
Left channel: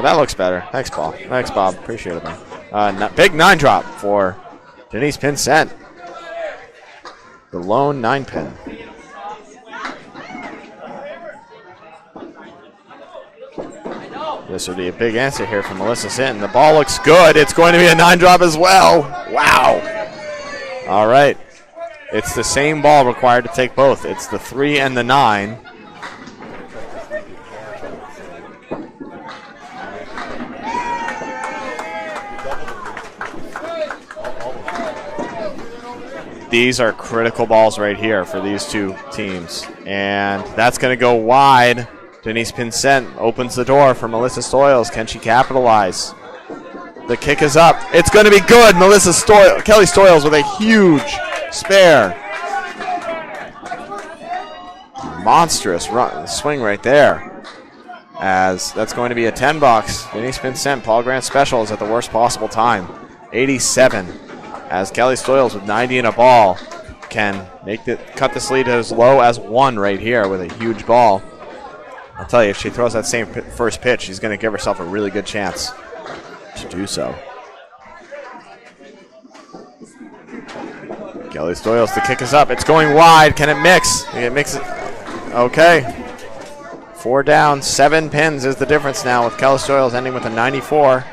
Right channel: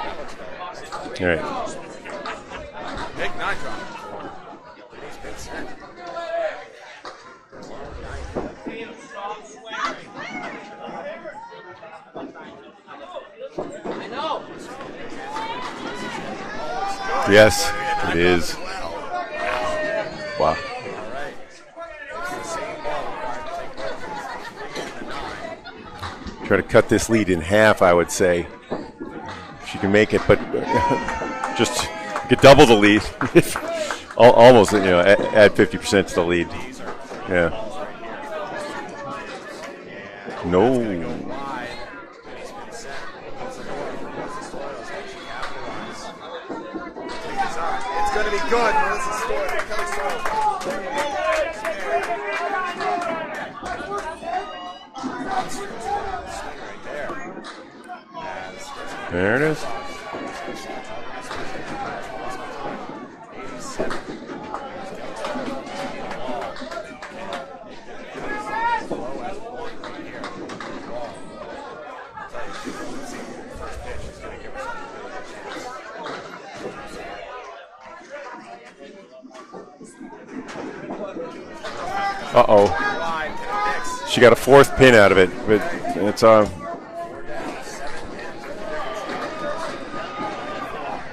That looks better. Thanks, Paul. Yeah. Thanks, Bob. Appreciate it. Big 9 drop for Denise Pinsent. The lone 9-pin. This will be a big answer here from Melissa Sinton. The ball looks good. Yes, it's going to be a 9 drop as well. Wow. Wow. All right. It's the same ball required to take both. It's the 3 and the 9. Try to cut this lead in half, I would say. She can make it, but just get double the lead. Almost, add 50% to the lead. These are critical balls right here for these two teams. And that's going to go wide. Denise Pinsent opens the door for Melissa Stoyles. Can she capitalize? The kick is up. It's going to be good. Kelly Stoyles with a huge spare. Monstrous swing right there. As that's going to be a 10-box. Denise Pinsent, Paul Grant special is at the worst possible time. 87. As Kelly Stoyles with 90 in a ball can cut this lead as low as 1 right here with a huge ball. I'll tell you, if she throws that same first pitch, she's going to give herself a really good chance to do so. Kelly Stoyles, the kick is up. It's going wide. Can it mix? She got a 4th pin out of it. Okay. It's 4 down, 7 pins is the difference now with Kelly Stoyles ending with a 94.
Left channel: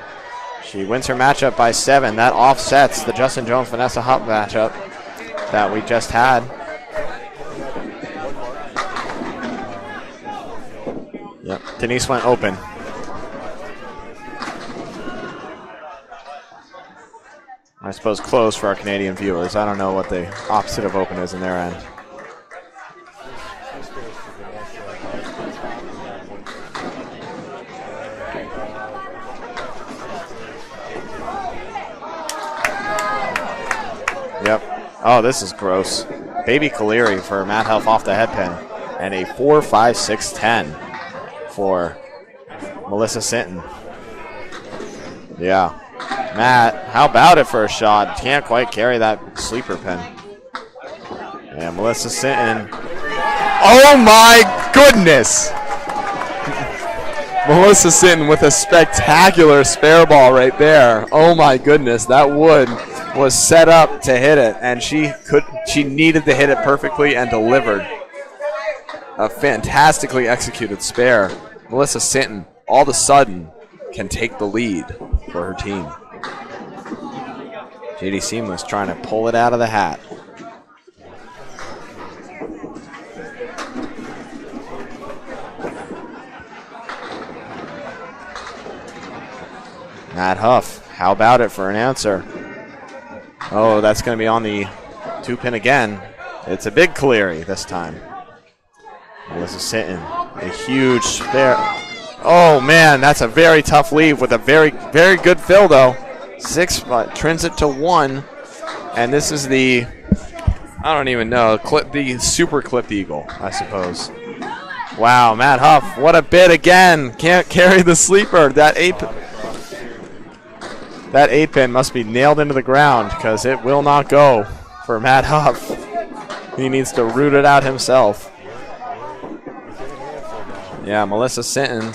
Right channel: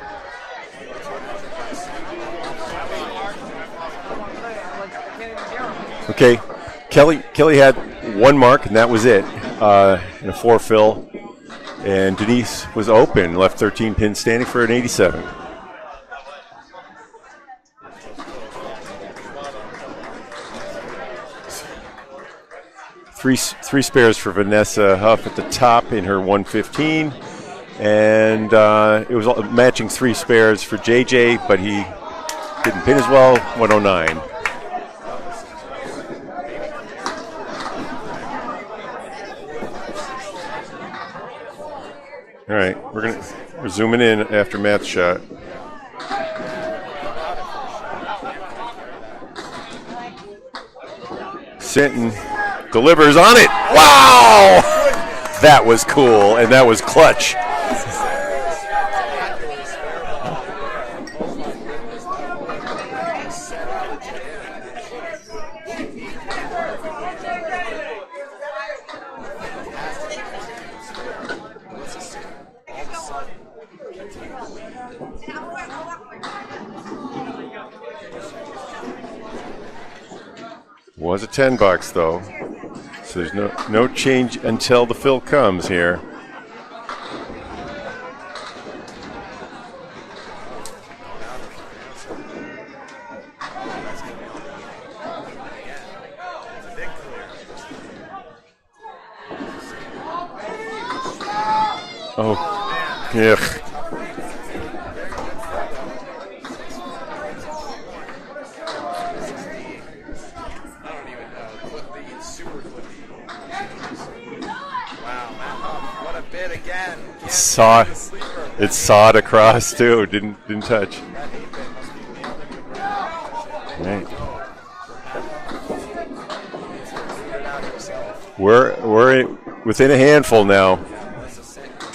She wins her matchup by 7. That offsets the Justin Jones-Vanessa Huff matchup that we just had. Kelly had 1 mark, and that was it. In a 4 fill. Yep. Denise was open, left 13 pins standing for an 87. I suppose closed for our Canadian viewers. I don't know what the opposite of open is in their end. Three spares for Vanessa Huff at the top in her 115. And it was matching 3 spares for JJ, but he didn't pin as well. 109. Yep. Oh, this is gross. Baby Caleri for Matt Huff off the head pin. And a 4.56.10 for Melissa Sinton. We're zooming in after Matt's shot. Yeah. Matt, how about it for a shot? Can't quite carry that sleeper pin. And Melissa Sinton delivers on it. Oh my goodness! That was cool, and that was clutch. Melissa Sinton with a spectacular spare ball right there. Oh my goodness, that wood was set up to hit it, and she needed to hit it perfectly and delivered. A fantastically executed spare. Melissa Sinton, all of a sudden, can take the lead for her team. JD Seamless trying to pull it out of the hat. Was a $10 though, so there's no change until the fill comes here. Matt Huff, how about it for an answer? Oh, that's going to be on the 2-pin again. It's a big Caleri this time. Melissa Sinton, a huge spare. Oh man, that's a very tough leave with a very, very good fill though. 6, but trims it to 1, and this is the, I don't even know, the super clipped eagle, I suppose. Wow, Matt Huff, what a bid again. Can't carry the sleeper. That sawed across too, didn't touch. That 8-pin must be nailed into the ground because it will not go for Matt Huff. He needs to root it out himself. We're within a handful now. Yeah, Melissa Sinton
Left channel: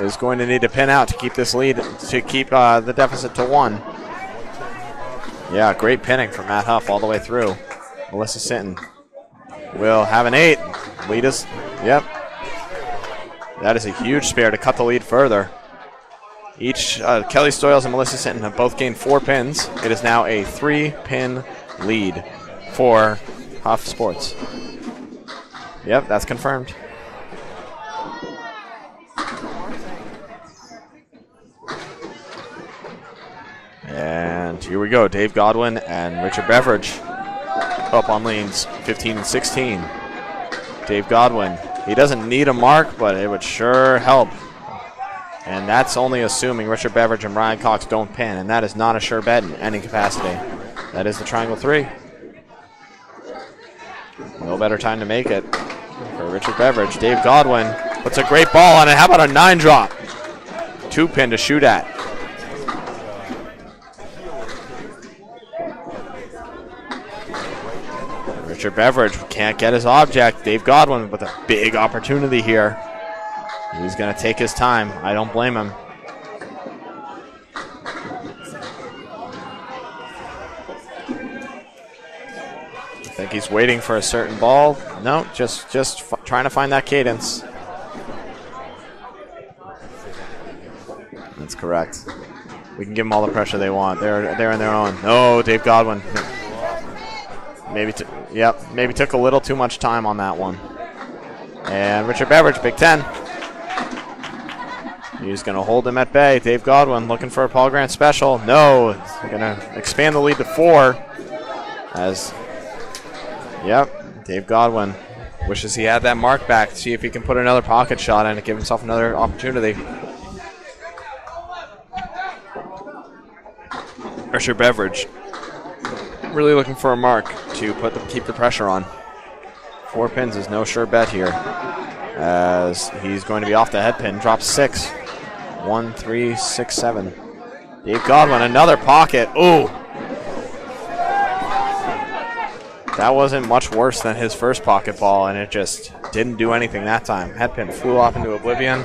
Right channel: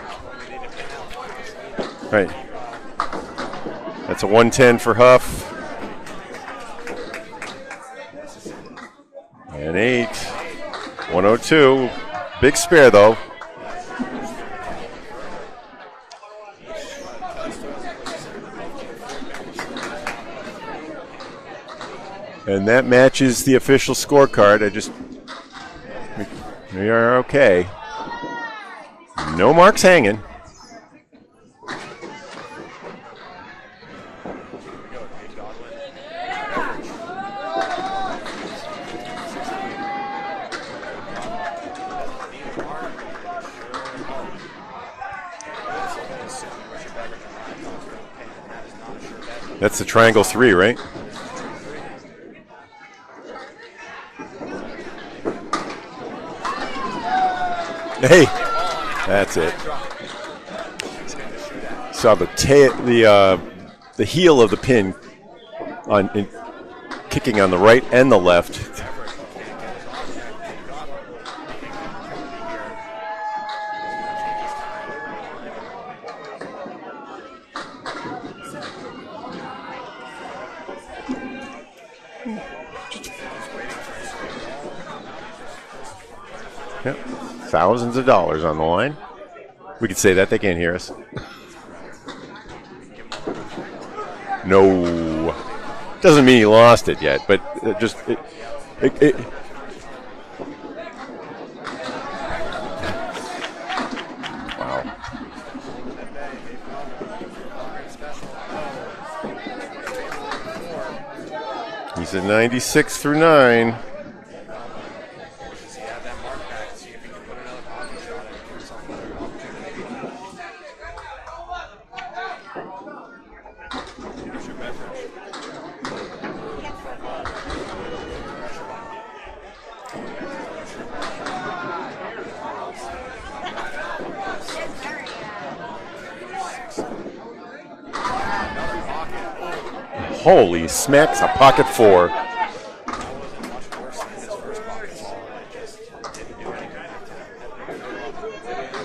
is going to need to pin out to keep this lead, to keep the deficit to 1. That's a 110 for Huff. Yeah, great pinning from Matt Huff all the way through. Melissa Sinton will have an 8. 102. Yep. Big spare though. That is a huge spare to cut the lead further. Each Kelly Stoyles and Melissa Sinton have both gained 4 pins. It is now a 3-pin lead. And that matches the official scorecard. Yep, that's confirmed. We are okay. No marks hanging. And here we go. Dave Godwin and Richard Beveridge up on lanes 15 and 16. Dave Godwin, he doesn't need a mark, but it would sure help. And that's only assuming Richard Beveridge and Ryan Cox don't pin, and that is not a sure bet. That's the triangle 3, right? That is the triangle 3. No better time to make it for Richard Beveridge. Dave Godwin, that's a great ball on it. How about a 9-drop? 2-pin to shoot at. Saw the heel of the pin kicking on the right and the left. Richard Beveridge can't get his object. Dave Godwin with a big opportunity here. He's going to take his time. I don't blame him. I think he's waiting for a certain ball. No, just trying to find that cadence. Thousands of dollars on the line. We could say that. They can't hear us. That's correct. We can give them all the pressure they want. They're on their own. No, Dave Godwin. Doesn't mean he lost it yet, but maybe took a little too much time on that one. And Richard Beveridge, Big 10. He's going to hold him at bay. Dave Godwin looking for a Paul Grant special. No, he's going to expand the lead to 4. As 96 through 9. Yep, Dave Godwin wishes he had that mark back to see if he can put another pocket shot in and give himself another opportunity. Richard Beveridge really looking for a mark to keep the pressure on. 4 pins is no sure bet here, as he's going to be off the head pin. Drops 6. 1, 3, 6, 7. Dave Godwin, another pocket. Ooh, holy smacks! A pocket 4. That wasn't much worse than his first pocket ball, and it just didn't do anything that time. Head pin flew off into oblivion.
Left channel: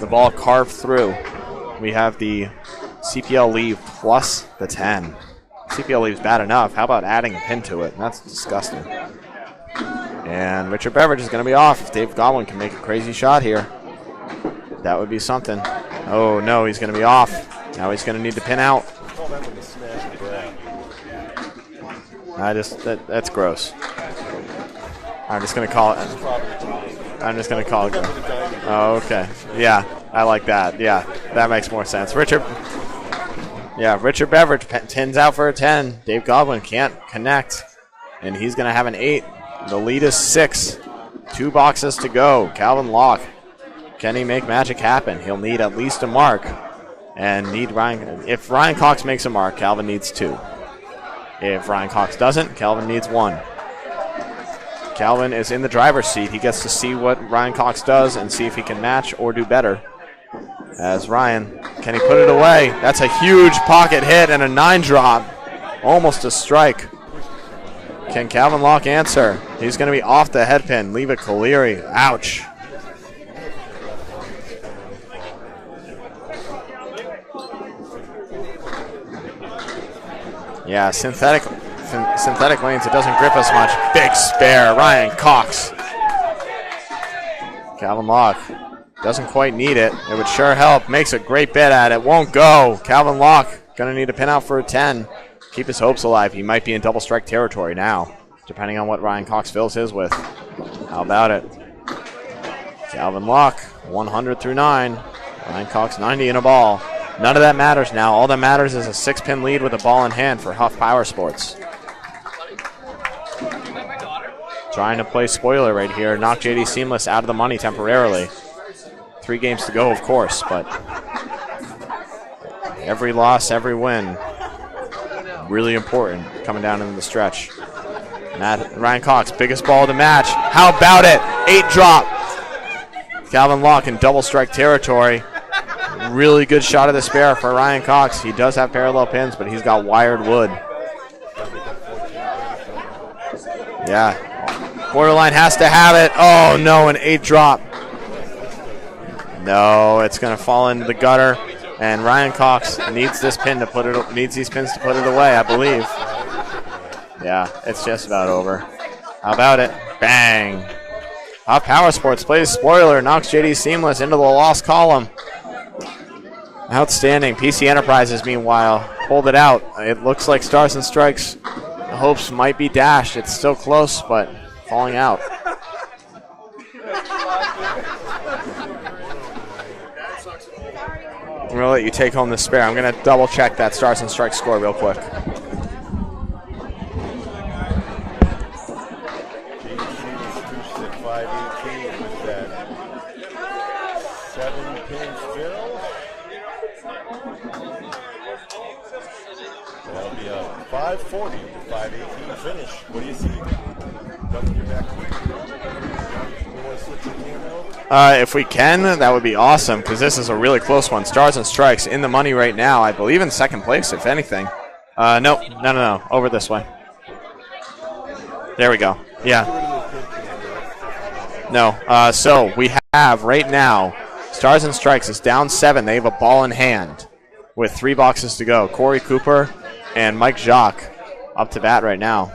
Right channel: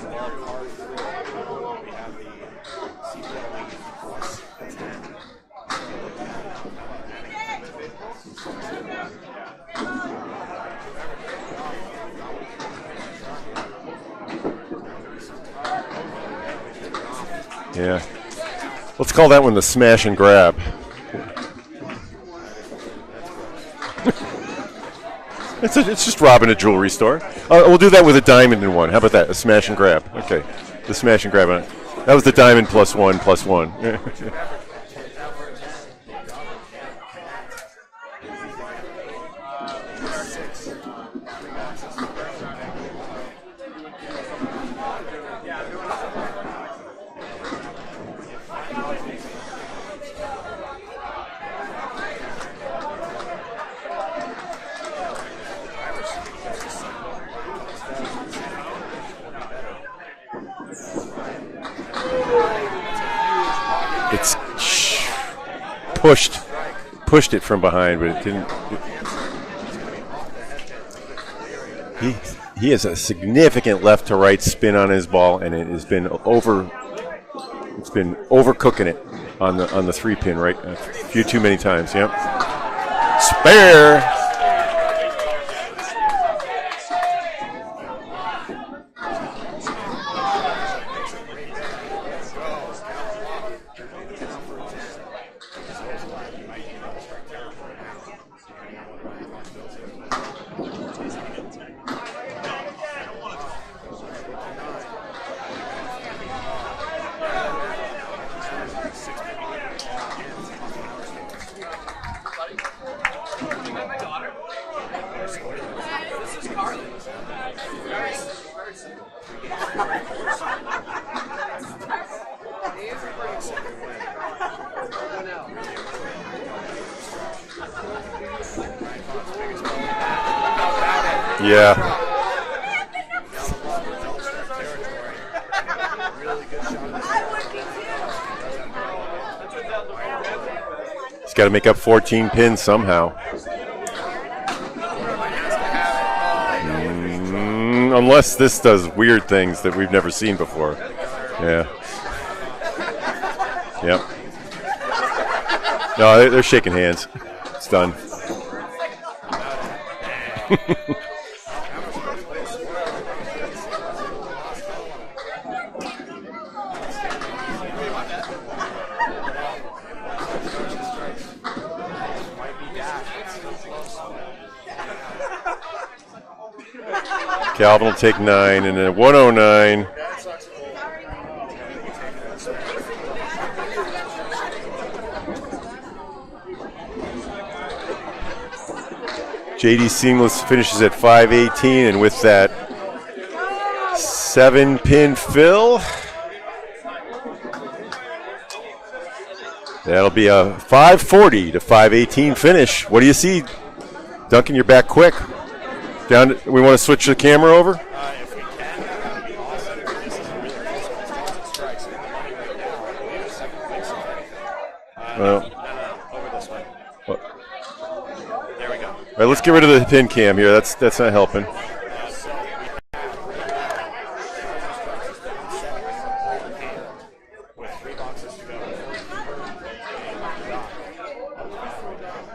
The ball carved through. We have the CPL leave plus the 10. CPL leave's bad enough. How about adding a pin to it? That's disgusting. And Richard Beveridge is going to be off. Dave Godwin can make a crazy shot here. That would be something. Oh, no, he's going to be off. Now he's going to need to pin out. Let's call that one the smash and grab. That's gross. I'm just going to call it. It's just robbing a jewelry store. We'll do that with a diamond in one. How about that? A smash and grab. I like that. Yeah. The smash and grab. That makes more sense. That was the diamond plus 1 plus 1. Yeah, Richard Beveridge pins out for a 10. Dave Godwin can't connect, and he's going to have an 8. The lead is 6. 2 boxes to go. Calvin Locke Can he make magic happen? He'll need at least a mark. And need Ryan. If Ryan Cox makes a mark, Calvin needs 2. If Ryan Cox doesn't, Calvin needs 1. Calvin is in the driver's seat. He gets to see what Ryan Cox does and see if he can match or do better. As Ryan, can he put it away? That's a huge pocket hit and a 9 drop. Almost a strike. Pushed it from behind. But can Calvin Locke answer? He's going to be off the head pin. Leave it Colery. Ouch. He has a significant left to right spin on his ball, and it has been overcooking it on the 3-pin right. Yeah, a few too many times. Yep. Synthetic lanes. It doesn't grip us. Big spare. Ryan Cox. Calvin Locke doesn't quite need it. It would sure help. Makes a great bid at it. Won't go. Calvin Locke going to need a pin out for a 10. Keep his hopes alive. He might be in double strike territory now, depending on what Ryan Cox fills his with. How about it? Calvin Locke, 100 through 9. Ryan Cox, 90 in a ball. None of that matters now. All that matters is a 6-pin lead with a ball in hand for Huff Powersports. Trying to play spoiler right here. Knock JD Seamless out of the money temporarily. 3 games to go, of course, but every loss, every win, really important coming down in the stretch. Ryan Cox, biggest ball of the match. How about it? Yeah. 8 drop. Calvin Locke in double strike territory. Really good shot of the spare for Ryan Cox. He does have parallel pins, but he's got wired wood. He's got to make up 14 pins somehow. Yeah. Borderline has to have it. Oh, no, an 8 drop. Unless this does weird things that we've never it's seen going to before. fall into the gutter. Yeah. And Ryan Cox needs this pin to put it. Needs these pins to put it away, I believe. No, they're shaking hands. Yeah, it's done. just about over. How about it? Bang. Huff Powersports plays spoiler, knocks JD Seamless into the lost column. Outstanding. PC Enterprises, meanwhile, pulled it out. It looks like Stars and Strikes. The hopes might be dashed. It's still close, but falling out. Calvin will take 9, and then 109. I'm going to let you take home the spare. I'm going to double check that Stars and Strikes score real quick. JD Seamless finishes at 518, and with that 7-pin fill, that'll be a 540 to 518 finish. What do you see? Duncan, you're back quick. We want to switch the camera over? If we can, that would be awesome, because this is a really close one. Stars and Strikes in the money right now. I believe in second place, if anything. No. Over this way. There we go. All right, let's get rid of the pin cam here. That's not helping. No. So we have right now, Stars and Strikes is down 7. They have a ball in hand with 3 boxes to go. Corey Cooper and Mike Jacques up to bat right now.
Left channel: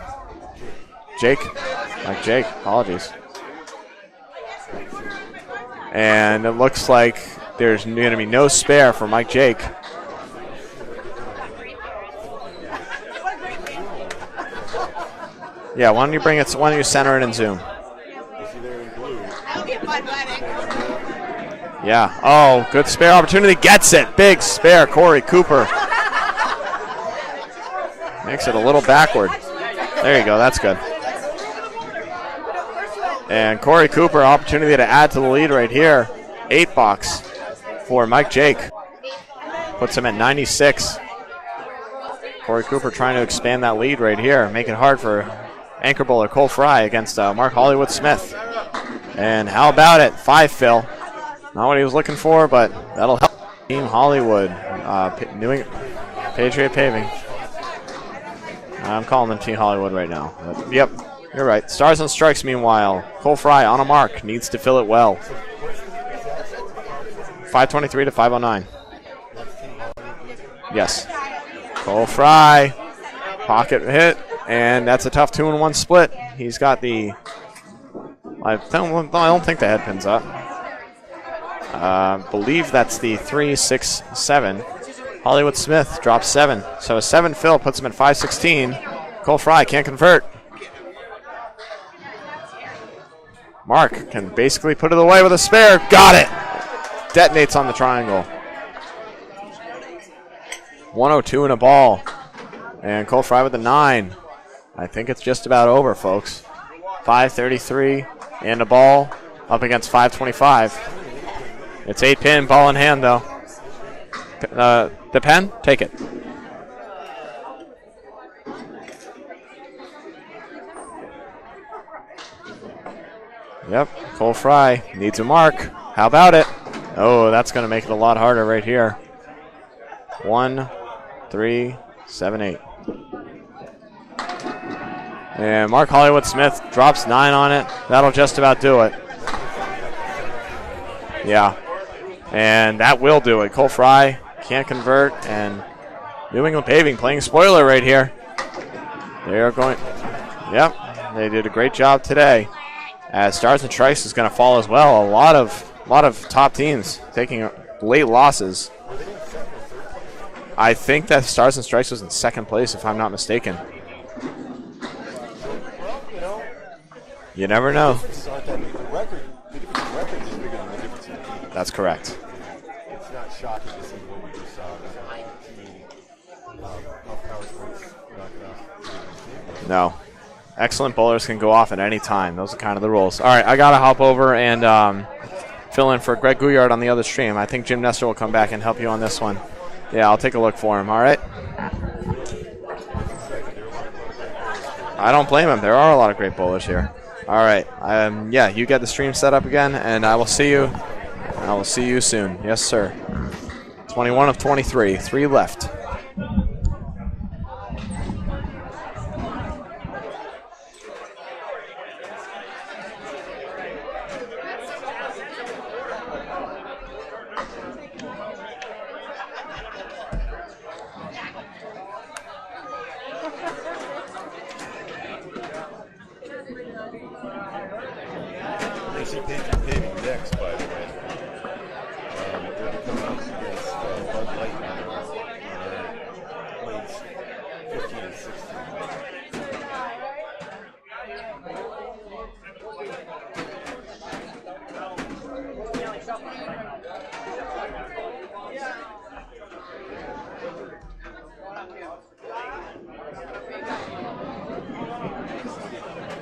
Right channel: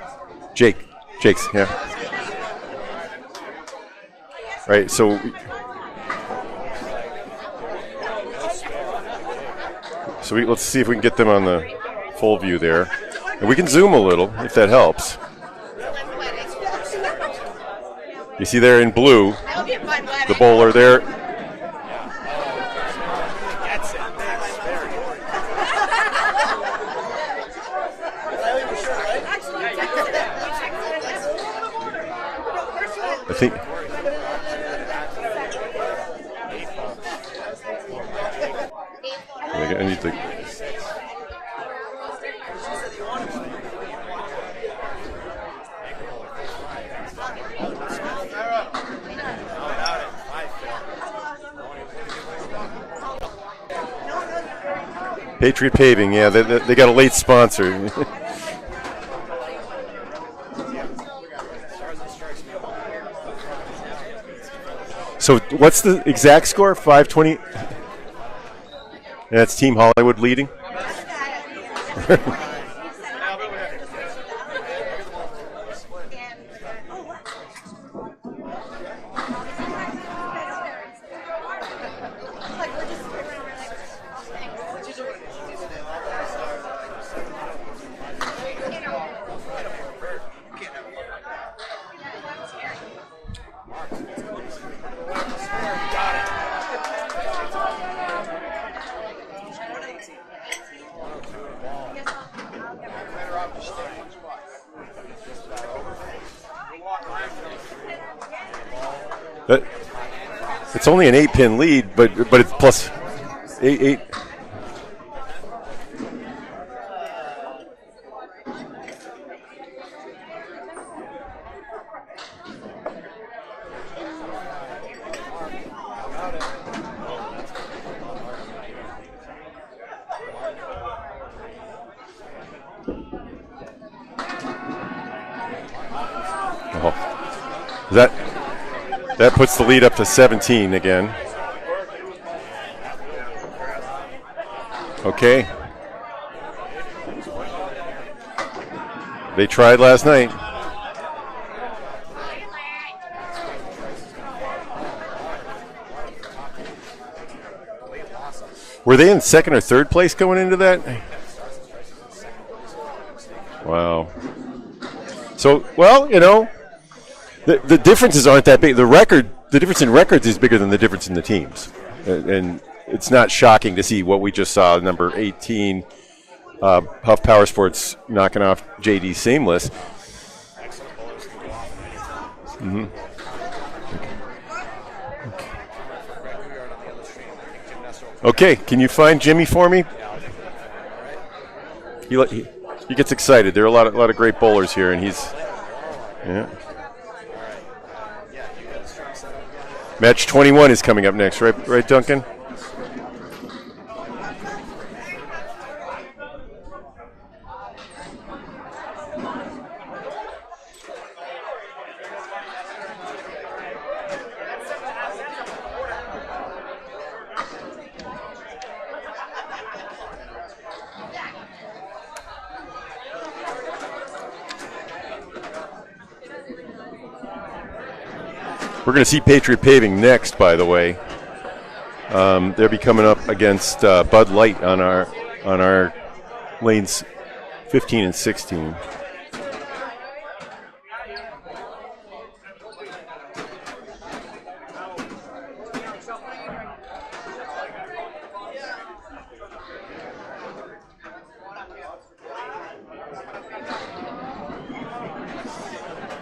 Jake. Yeah. Mike Jake. Apologies. Right, so. And it looks like there's going to be no spare for Mike Jake. So let's see if we can get them on the full view there. And we can zoom a little if that helps. Yeah, why don't you bring it? Why don't you center it and zoom? You see there in blue, the bowler there. Yeah. Oh, good spare opportunity. Gets it. Big spare. Corey Cooper. Makes it a little backward. There you go. That's good. And Corey Cooper, opportunity to add to the lead right here. 8 box for Mike Jake. Puts him at 96. Corey Cooper trying to expand that lead right here. Make it hard for anchor bowler Cole Fry against Mark Hollywood Smith. And how about it? 5 fill. Not what he was looking for, but that'll help. Team Hollywood. Patriot Paving, yeah. They got a late sponsor. I'm calling them Team Hollywood right now. But, yep, you're right. Stars and Strikes, meanwhile. Cole Fry on a mark. Needs to fill it well. So what's the exact score? 523 to 509. And that's Team Hollywood leading? Yes. Cole Fry. Pocket hit. And that's a tough 2-1 split. He's got the... I don't think the head pin's up. Believe that's the 3, 6, 7. Hollywood Smith drops 7. So a 7 fill puts him at 516. Cole Fry can't convert. Mark can basically put it away with a spare. Got it. Detonates on the triangle. 102 in a ball. And Cole Fry with a 9. I think it's just about over, folks. 5:33 and a ball up against 525. It's only an 8-pin lead. It's 8-pin, ball in hand, though. 8. The pen? Take it. Yep, Cole Fry needs a mark. How about it? Oh, that's going to make it a lot harder right here. 1, 3, 7, 8. And Mark Hollywood Smith drops 9 on it. That'll just about do it. That puts the lead up to 17 again. Yeah. And that will do it. Cole Fry can't convert. Okay. And New England Paving playing spoiler right here. They tried last night. Yep. They did a great job today. As Stars and Stripes is going to fall as well. A lot of top teams taking late losses. Were they in second or third place going into that? I think that Stars and Stripes was in second place, if I'm not mistaken. Wow. So, well, you know, you never know. The differences aren't that big. The difference in records is bigger than the difference in the teams. That's correct. And it's not shocking to see what we just saw. Number 18, Huff Powersports knocking off JD Seamless. No. Excellent bowlers can go off at any time. Those are kind of the rules. All right, I got to hop over and fill in for Greg Gouillard on the other stream. I think Jim Nestor will come back and help can you on find this Jimmy one. for me? Yeah, I'll take a look for him, all right? He gets excited. There are a lot of great bowlers here. And I don't blame him. There are a lot of great bowlers here. All right. Yeah, you get the stream set up again. And Match 21 is coming up next, right, Duncan? Soon. Yes, sir. 21 of 23. 3 left. We're going to see Patriot Paving next, by the way. They'll be coming up against Bud Light on our lanes 15 and 16.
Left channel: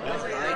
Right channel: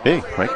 Hey, Mike.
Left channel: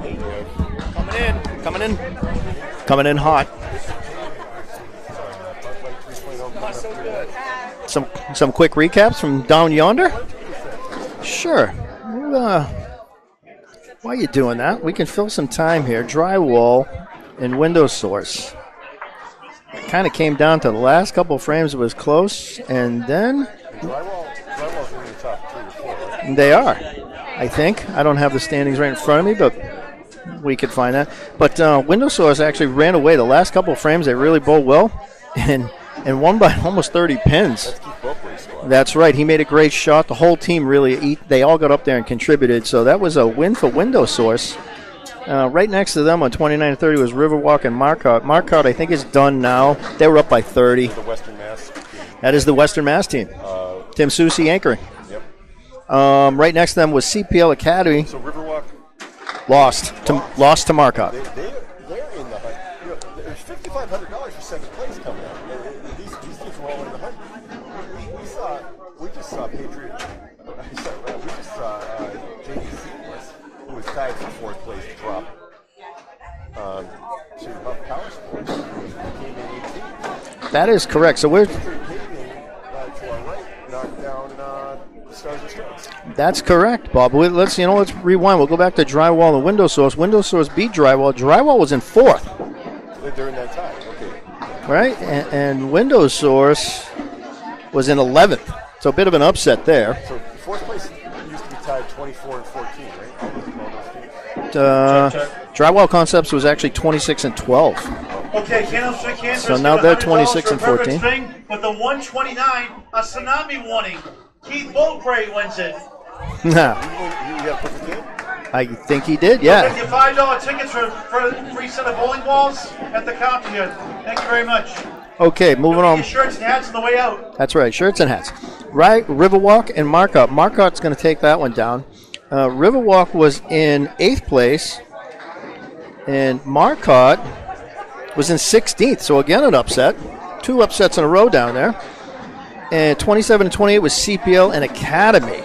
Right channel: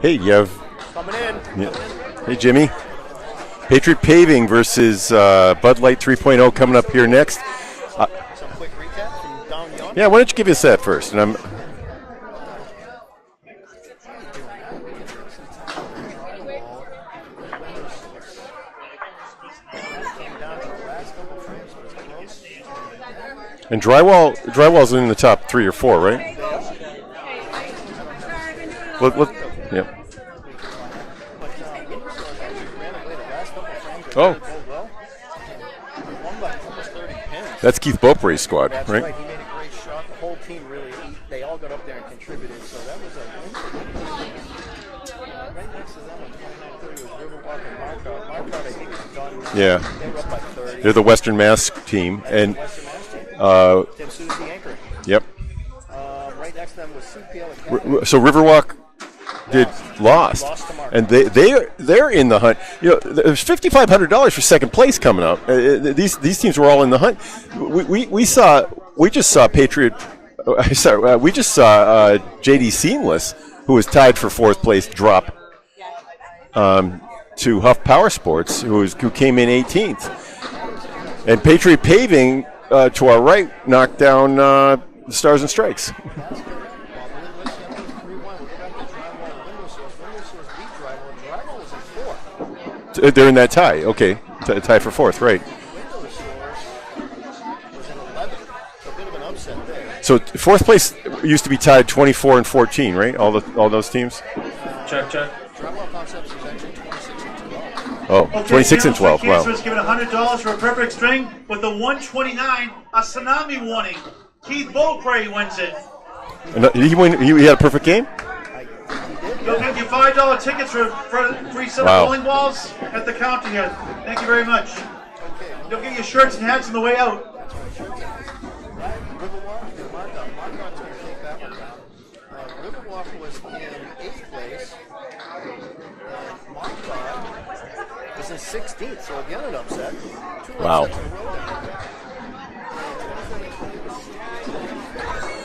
Hey, you have Coming in. Hey, Jimmy. Coming in hot. Patriot Paving versus Bud Light 3.0 coming up here next. Some quick recaps from down yonder. Yeah, why don't you give us that first? And Sure. Why are you doing that? We can fill some time here. Drywall and window source. Kind of came down to the last couple of frames. It was close, and then... And drywall's in the top 3 or 4, right? They are, I think. I don't have the standings right in front of me, but yeah. We could find that. But window source actually ran away. The last couple of frames, they really bowled well, and won by almost 30 pins. That's Keith Beaupre's squad. That's right. He made a great shot. The whole team really, they all got up there and contributed. So that was a win for window source. Right next to them on 29 and 30 was Riverwalk and Marcotte. Marcotte, I think, is done now. Yeah. They were up by 30. They're the Western Mass team. That is the Western Mass team. Tim Soucy anchoring. Yep. Right next to them was CPL Academy. So Riverwalk lost to Marcotte. And they're in the hunt. You know, there's $5,500 for second place coming up. These teams were all in the hunt. We just saw Patriot. We just saw JD Seamless, who was tied for fourth place, drop to Huff Powersports, who came in 18th. That is correct. So and Patriot Paving to our right knocked down Stars and Strikes. That's correct, Bob. Let's rewind. We'll go back to Drywall and Window Source. Window Source beat Drywall. Drywall was in fourth. They're in that tie. Okay, tied for fourth, right? And Window Source was in 11th. So a bit of an upset there. So fourth place used to be tied 24 and 14, right? All those teams. Drywall Concepts was actually 26 and 12. Oh, 26 and 12. Wow. So now they're 26 and 14. With a 129, a tsunami warning. Keith Beaupre wins it. He had a perfect game? I think he did, We'll yeah. give you $5 tickets for 3 silver Wow. bowling balls at the counter here. Thank you very much. Okay, moving Your on. shirts and hats on the way out. That's right, shirts and hats. Right, Riverwalk and Marcotte. Marcotte's going to take that one down. Riverwalk was in 8th place, and Marcotte was in 16th. So again, an upset. 2 upsets in a row down there. And 27 and 28 was CPL and Academy.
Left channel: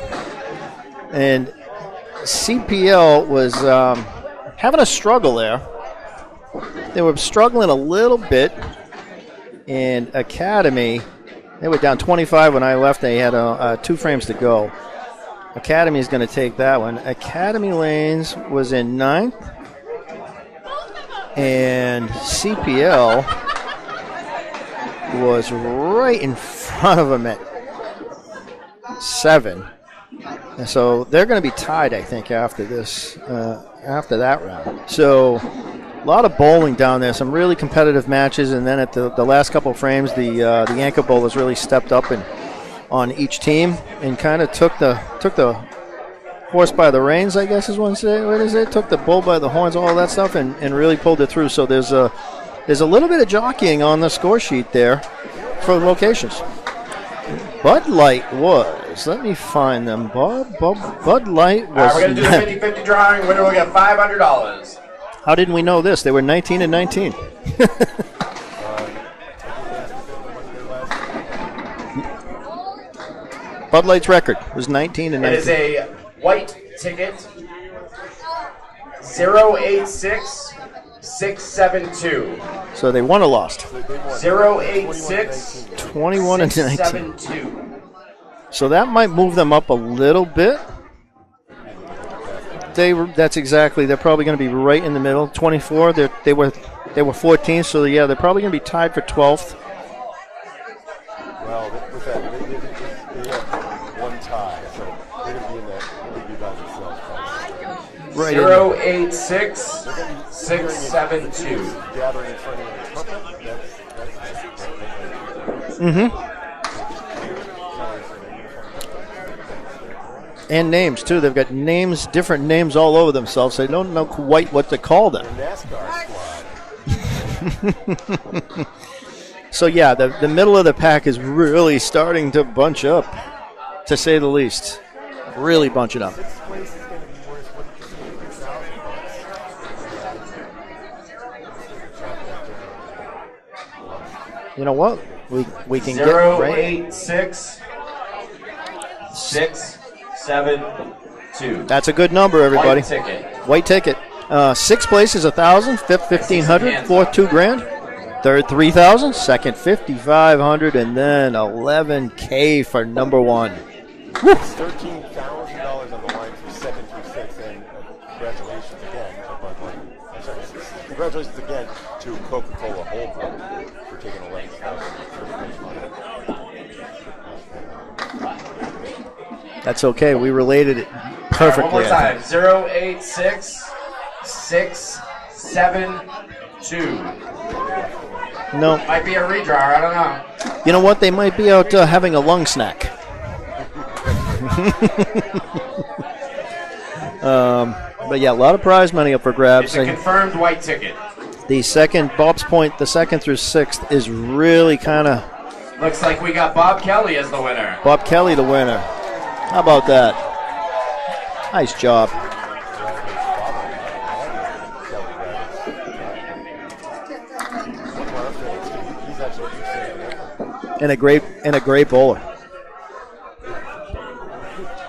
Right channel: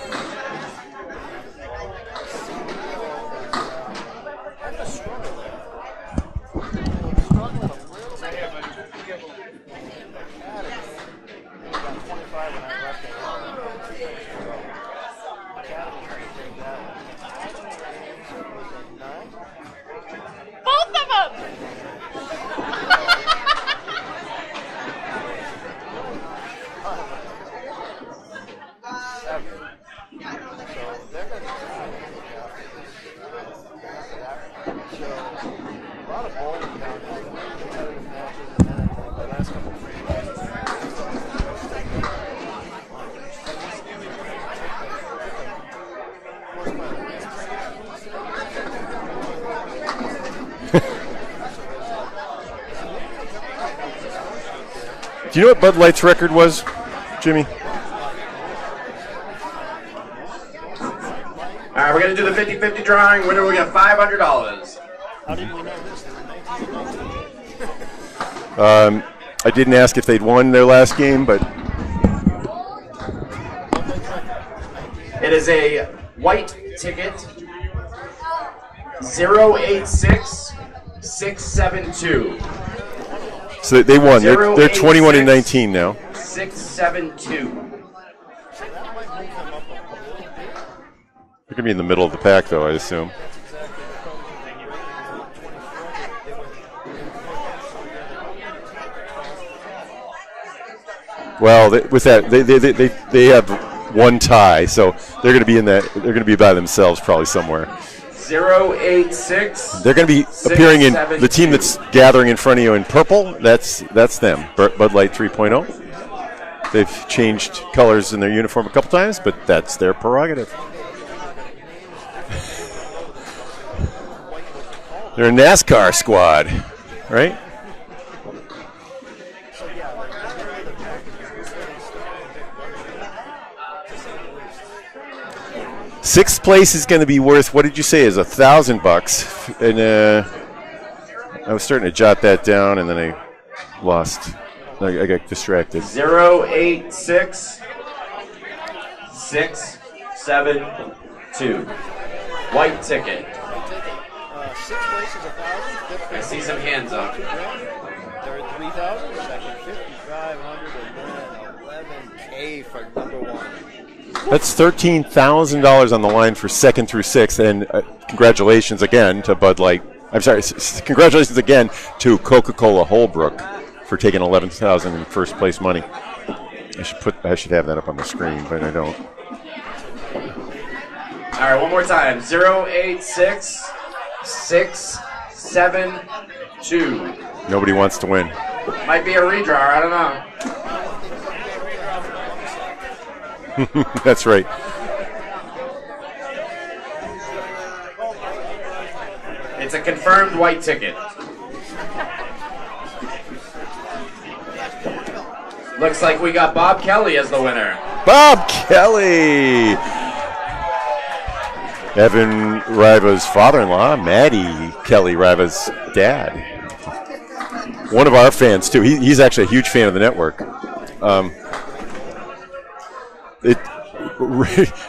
And CPL was having a struggle there. They were struggling a little bit. And Academy, they were down 25 when I left. They had 2 frames to go. Academy is going to take that one. Academy Lanes was in 9th. And CPL was right in front of them at 7. And so they're going to be tied, I think, after this, after that round. So a lot of bowling down there, some really competitive matches, and then at the last couple of frames, the Yanka bowlers really stepped up on each team and kind of took the horse by the reins, I guess is what is it? Took the bull by the horns, all that stuff, and really pulled it through. So there's a little bit of jockeying on the score sheet there. Do you know what Bud Light's record was, Jimmy? Bud Light was, let me find them. Bud Light was. All right, we're going to do the 50-50 drawing. Winner will get $500. How didn't we know this? They were 19 and 19. I didn't ask if they'd won their last game, but Bud Light's record was 19 and 19. It is a white ticket, 086672. So they won or lost? So they won. They're 21 and 19 now. 21 and 19. So that might move them up a little bit. They're going to be in the middle of the pack, though, I assume. That's exactly. They're probably going to be right in the middle. 24. They were 14. So yeah, they're probably going to be tied for 12th. Well, with that, they have one tie, so they're going to be in that. They're going to be by themselves probably somewhere. Right. 086. They're going to be appearing in the team that's gathering in front of you in purple. That's them. Bud Light 3.0. Mm-hmm. They've changed colors in their uniform a couple times, but that's their prerogative. And names too. They've got names, different names all over themselves. They don't know quite what to call them. They're a NASCAR squad, right? So yeah, the middle of the pack is really starting to bunch up, to say the least. Really bunching up. 6th place is going to be worth, what did you say, is $1,000. And I was starting to jot that down, and then I lost. You know what? I got distracted. We can 08667. That's a good number, everybody. White ticket. White ticket. 6th place is 1,000. 5th, 1,500. 4th, $2,000. 3rd, 3,000. 2nd, 5,500, and then $11K for number 1. That's $13,000 on the line for 2nd through 6th, and congratulations again to Bud Light. I'm sorry, congratulations again to Coca-Cola Holbrook for taking $11,000 in first place money. I should have that up on the screen, but I don't. That's okay. We related it All perfectly. right, one more time. 08667. Nobody wants to win. No. Might be a redraw. I don't know. You know what? They might be out having a lung snack. That's right. But yeah, a lot of prize money up for grabs. It's a confirmed white ticket. The second, Bob's Point, the 2nd through 6th is really kind of. Looks like we got Bob Kelly as the winner. Bob Kelly, the winner. Kelly. How about that? Nice job. Evan Riva's father-in-law, Maddie Kelly Riva's dad. One of our fans too. He's actually a huge fan of the network. And a great bowler.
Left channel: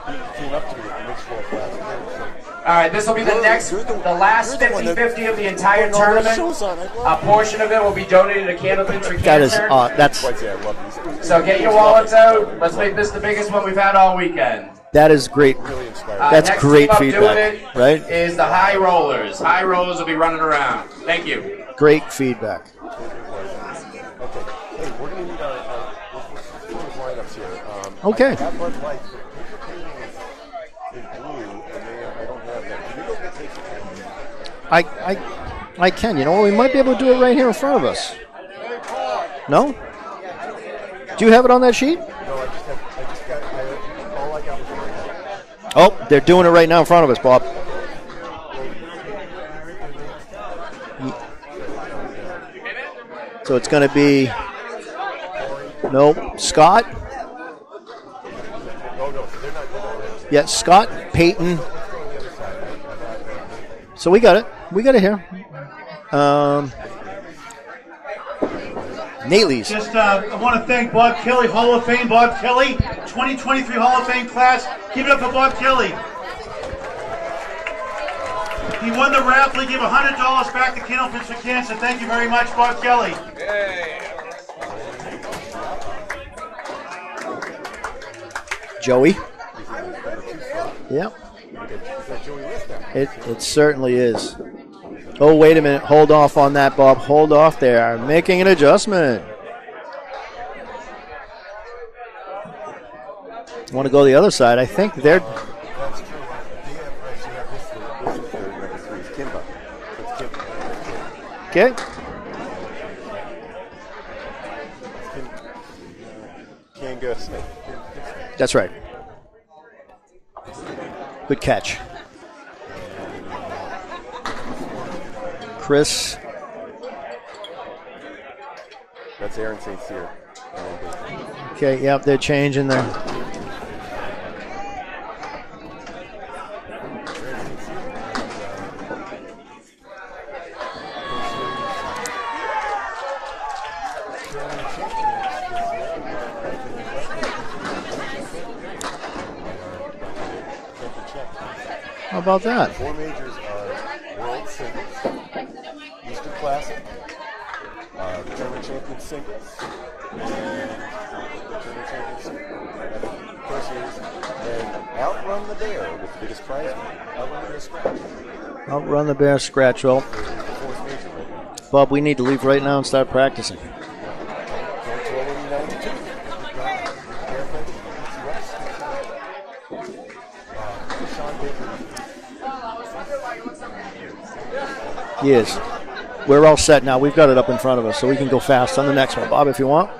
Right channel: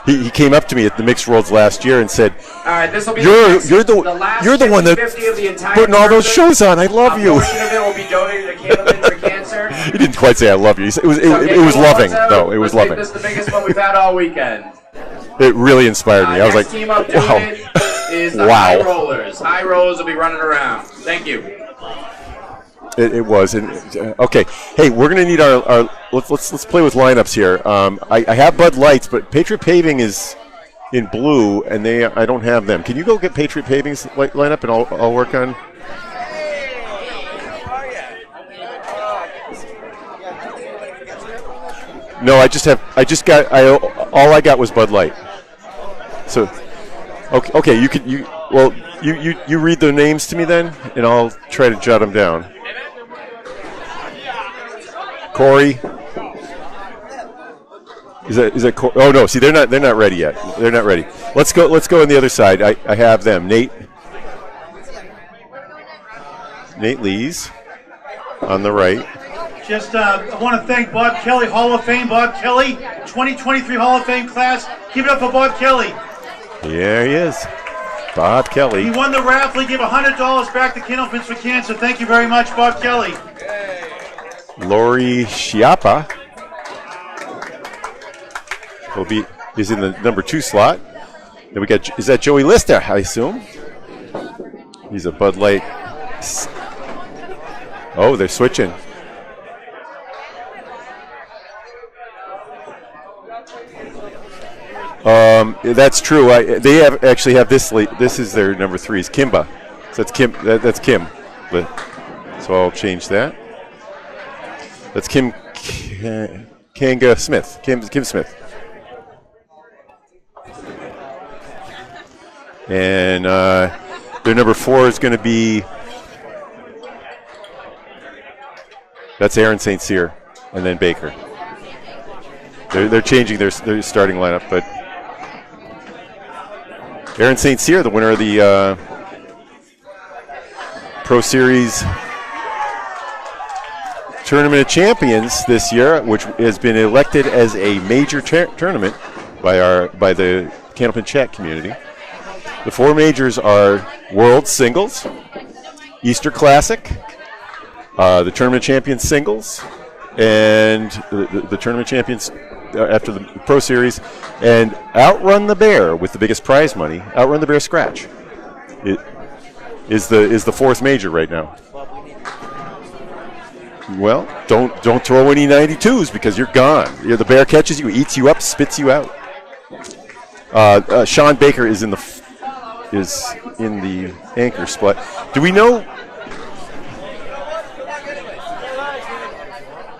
He came up to me at the Mixed Worlds last year and said, "All right, this will be you're the one that 50 of the entire putting all those tournament. shows on. I love you." A portion of it will be donated to Candlepin for cancer. He didn't quite say I love you. It was loving, though. It was loving. This is the biggest one we've had all weekend. That is great. It really inspired me. I was like, great feedback. Is the wow. high rollers. High rollers will be running around. Thank you. Great feedback. It was. Okay. Hey, we're going to need our let's play with lineups here. Okay. I have Bud Lights, but Patriot Paving is in blue, and I don't have them. Can you go get Patriot Paving's lineup, and I'll work on? I can. You know what? We might be able to do it right here in front of us. No? Do you have it on that sheet? No, all I got was Bud Light. Oh, they're doing it right now in front of us, Bob. Okay, you read the names to me then, and I'll try to jot them down. So it's going to be Corey. Nope. Scott. Is that Corey? Oh no, see they're not ready yet. Yeah, they're not ready. Peyton. Let's go on the other side. I have them. Nate. So we got it. We got it here. Nate Lees on the right. Nate Lees. Just I want to thank Bob Kelly, Hall of Fame. Bob Kelly, 2023 Hall of Fame class. Give it up for Bob Kelly. There he is. Bob Kelly. He won the raffle. He gave $100 back to Candlepin for Cancer. Thank you very much, Bob Kelly. Lori Schiappa. Joey. He's in the number 2 slot. Yeah. Then we got, is that Joey Lister, I assume? It certainly is. He's a Bud Oh, wait Light. a minute. Hold off on that, Bob. Hold off there. Oh, they're Making an switching. adjustment. Want to go the other side? I think. That's true. They actually have this. This is their number 3 is Kimba. So that's Kim. That's Kim. But- Okay. So I'll change that. That's Kim Kanga Smith. Kim Smith. That's right. Good catch. And their number 4 is going to be Chris. That's Aaron St. Cyr, and then Baker. Okay, yep, they're changing. They're changing their starting lineup, but Aaron St. Cyr, the winner of the Pro Series Tournament of Champions this year, which has been elected as a major tournament by the Candlepin chat community. How about that? The 4 majors are World Singles, Easter Classic, the Tournament Champions Singles, and the Tournament Champions after the Pro Series, and Outrun the Bear with the biggest prize money. Outrun the Bear Scratch. Outrun the Bear Scratch. Is the 4th major right now. Bob, we need to leave right now and start practicing. Well, don't throw any 92s because you're gone. The bear catches you, eats you up, spits you out. Sean Baker is in the anchor spot. Do we know? We're all set now. We've got it up in front of us, so we can go fast on the next one. Bob, if you want,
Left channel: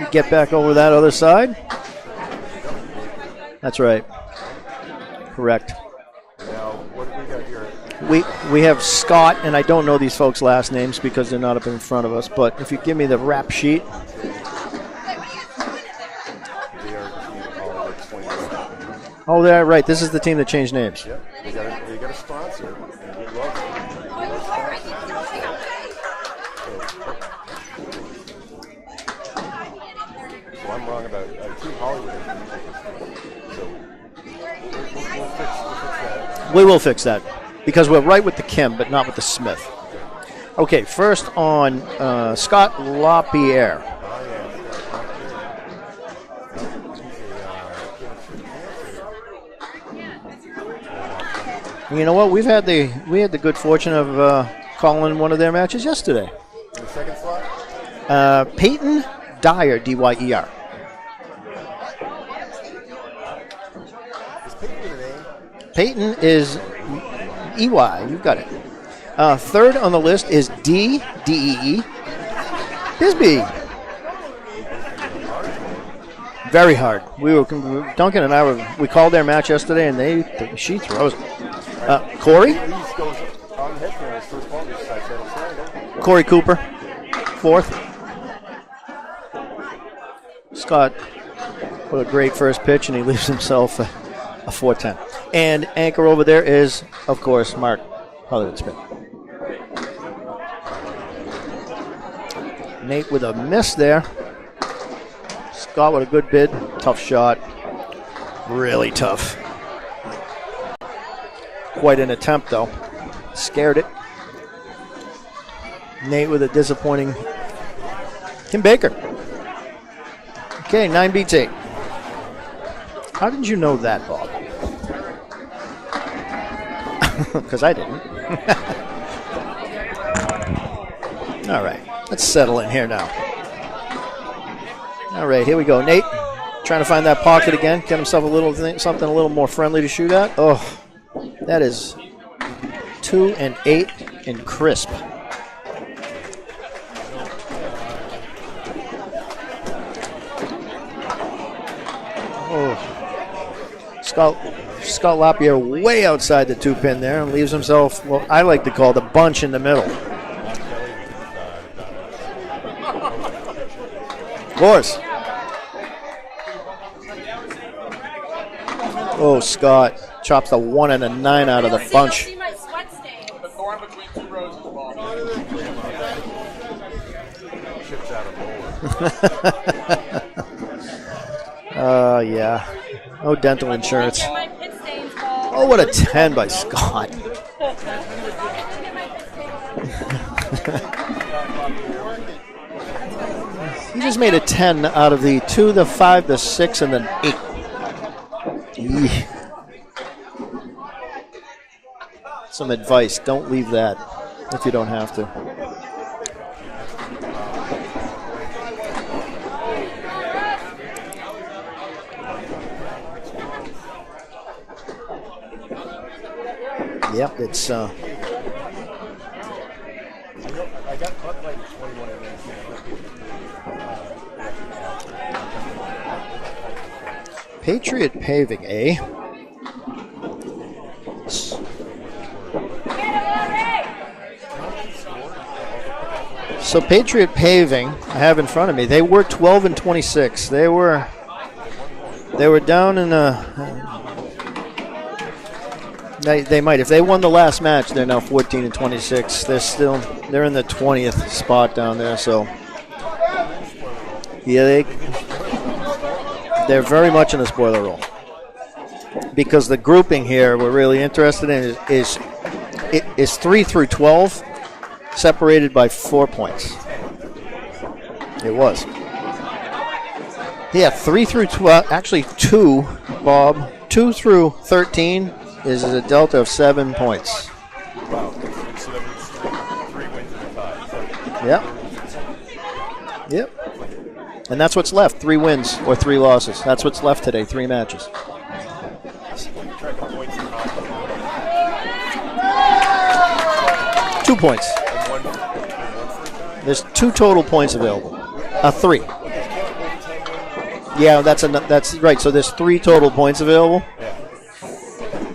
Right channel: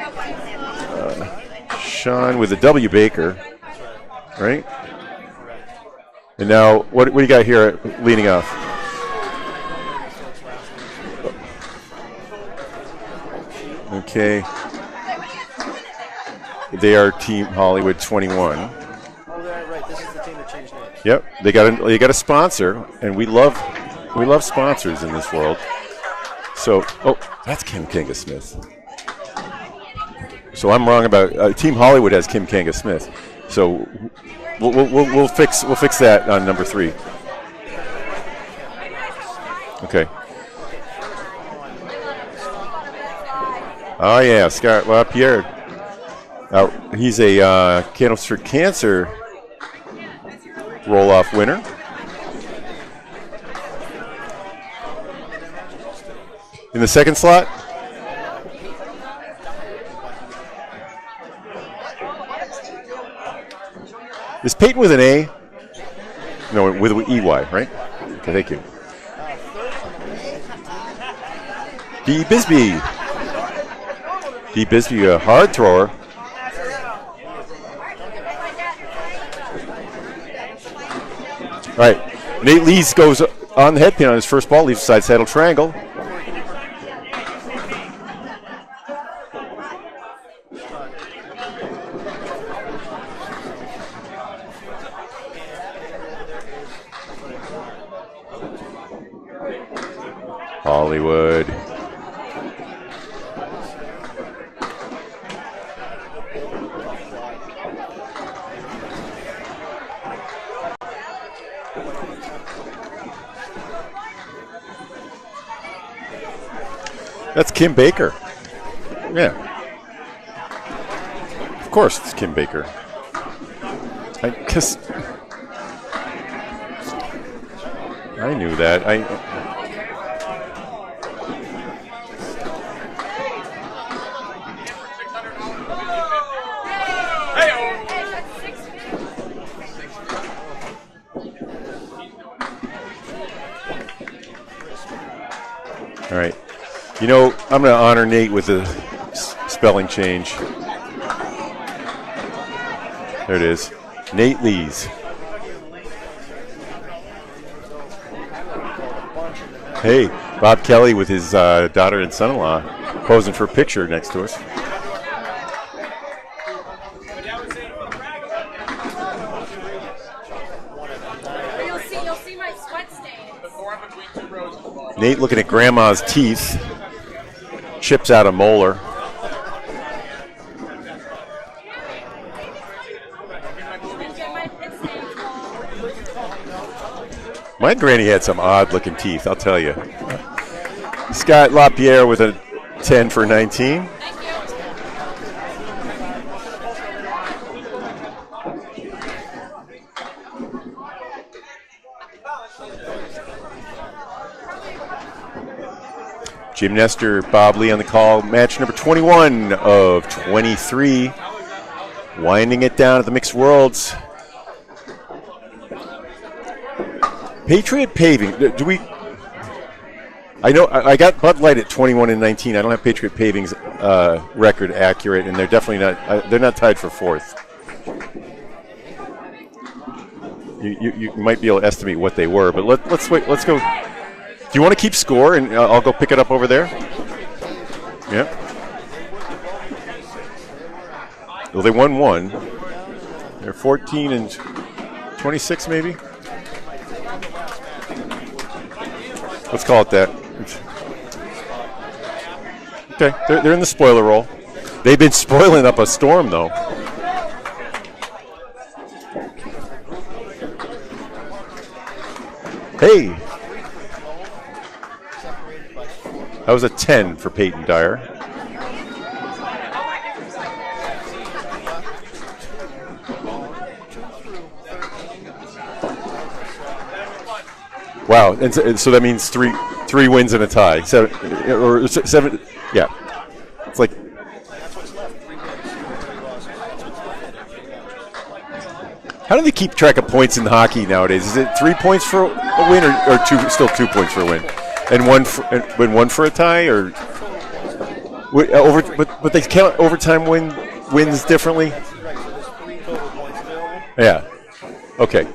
you get back over that other side. Sean with a W Baker. That's right. Right? Correct. And now, what do you got here leading off? We have Scott, and I don't know these folks' last names because they're not up in front of us, but if you give me the rap sheet. Okay. They are Team Hollywood 21. Oh, they're right. This is the team that changed names. Yep. They got a sponsor, and we love sponsors in this world. So, that's Kim Kanga Smith. So I'm wrong about Team Hollywood has Kim Kanga Smith. So we'll fix that on number 3. We will fix that because we're right with the Kim, but not with the Smith. Okay. Okay. First on Scott LaPierre. Oh yeah, Scott LaPierre. He's a Candles for Cancer roll-off winner. You know what? We had the good fortune of calling one of their matches yesterday. In the 2nd slot? Peyton Dyer, D-Y-E-R. Is Peyton with an A? Peyton is... No, with an E-Y, right? E-Y, you got it. Thank you. 3rd on the list is D, D-E-E. D. Bisbee. D. Bisbee, a hard thrower. Very hard. Duncan and I we called their match yesterday, and she throws. All right. Corey? Nate Lees goes on the head pin on his first ball, leaves side saddle triangle. Corey Cooper, 4th. Scott put a great first pitch, and he leaves himself a 4-10. And anchor over there is, of course, Mark Hollywood Smith. Hollywood. Nate with a miss there. Scott with a good bid. Tough shot. Really tough. Quite an attempt, though. Scared it. Nate with a disappointing. That's Kim Baker. Kim Baker. Yeah. Okay, 9 beats 8. Of course, it's Kim Baker. How did you know that, Bob? Because I didn't. I knew that. All right, let's settle in here now. All right, here we go. Nate trying to find that pocket again. Get himself something a little more friendly to shoot at. Oh, that is 2 and 8 and crisp. All right. You know, I'm going to honor Nate with a spelling change. Oh. There it is. Nate Lees. Scott Lapierre way outside the 2-pin there and leaves himself what I like to call the bunch in the middle. Hey, Bob Kelly with his daughter and son-in-law posing for a picture next to us. Of course. Oh, Scott chops the 1 and a 9 out of the bunch. Nate looking at grandma's teeth. Chips out a molar. Yeah. No dental insurance. Oh, what a 10 by Scott. My granny had some odd-looking teeth, I'll tell you. Scott Lapierre with a 10 for 19. He just made a 10 out of the 2, the 5, the 6, and the 8. Some advice, don't leave that if you don't have to. Jim Nestor, Bob Lee on the call. Match number 21 of 23. Winding it down at the Mixed Worlds. Yep. Patriot Paving. Do we? I know I got Bud Light at 21 and 19. I don't have Patriot Paving's record accurate, and they're definitely not. They're not tied for 4th. Patriot Paving, eh? You might be able to estimate what they were, but let's wait. Let's go. Do you want to keep score, and I'll go pick it up over there? So Patriot Paving, I have in front of me. They were 12 and 26. They were. Well, they won one. They were down in. They're 14 and 26, maybe. They might. If they won the last match, they're now 14 and 26. Let's call it that. They're in the 20th spot down there. So. Okay, they're in the spoiler roll. Yeah, they've been spoiling up a storm, though. They're very much in the spoiler roll. Because the grouping here we're really interested in is 3 through 12, separated by 4 points. That was a 10 for Peyton Dyer. It was. Yeah, 3 through 12, actually 2, Bob. 2 through 13 is a delta of 7 points. Wow, and so that means three wins and a tie. Or 7. Yeah. Yep. It's like, and that's what's left: 3 wins or 3 losses. That's what's left today. 3 matches. How do they keep track of points in hockey nowadays? Is it 3 points for a win, or still 2 points for a win? 2 points. And one for a tie, There's or 2 total points available. 3. But they count overtime wins differently. That's right. So there's 3 total points available. Yeah. Okay.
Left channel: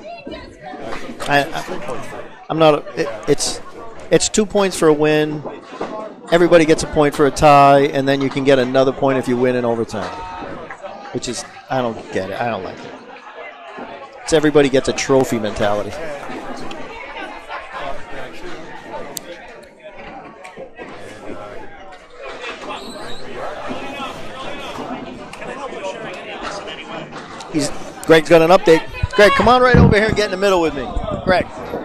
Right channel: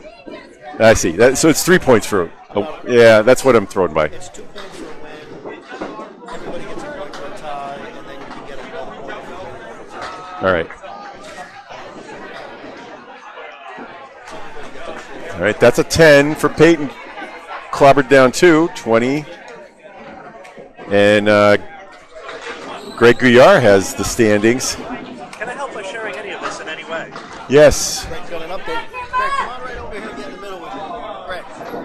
I see. So it's 3 points for. That's what I'm thrown by. It's 2 points for a win. Everybody gets a point for a tie, and then you can get another point if you win in overtime. All right. Which is, I don't get it. I don't like it. It's everybody gets a trophy. All right, that's a 10 for Peyton. Clobbered down 2, 20. And Greg Guyard has the standings. Can I help by sharing any of this in any way? Yes. Greg's got an update. Greg, come on right over here and get in the middle with me. Greg, come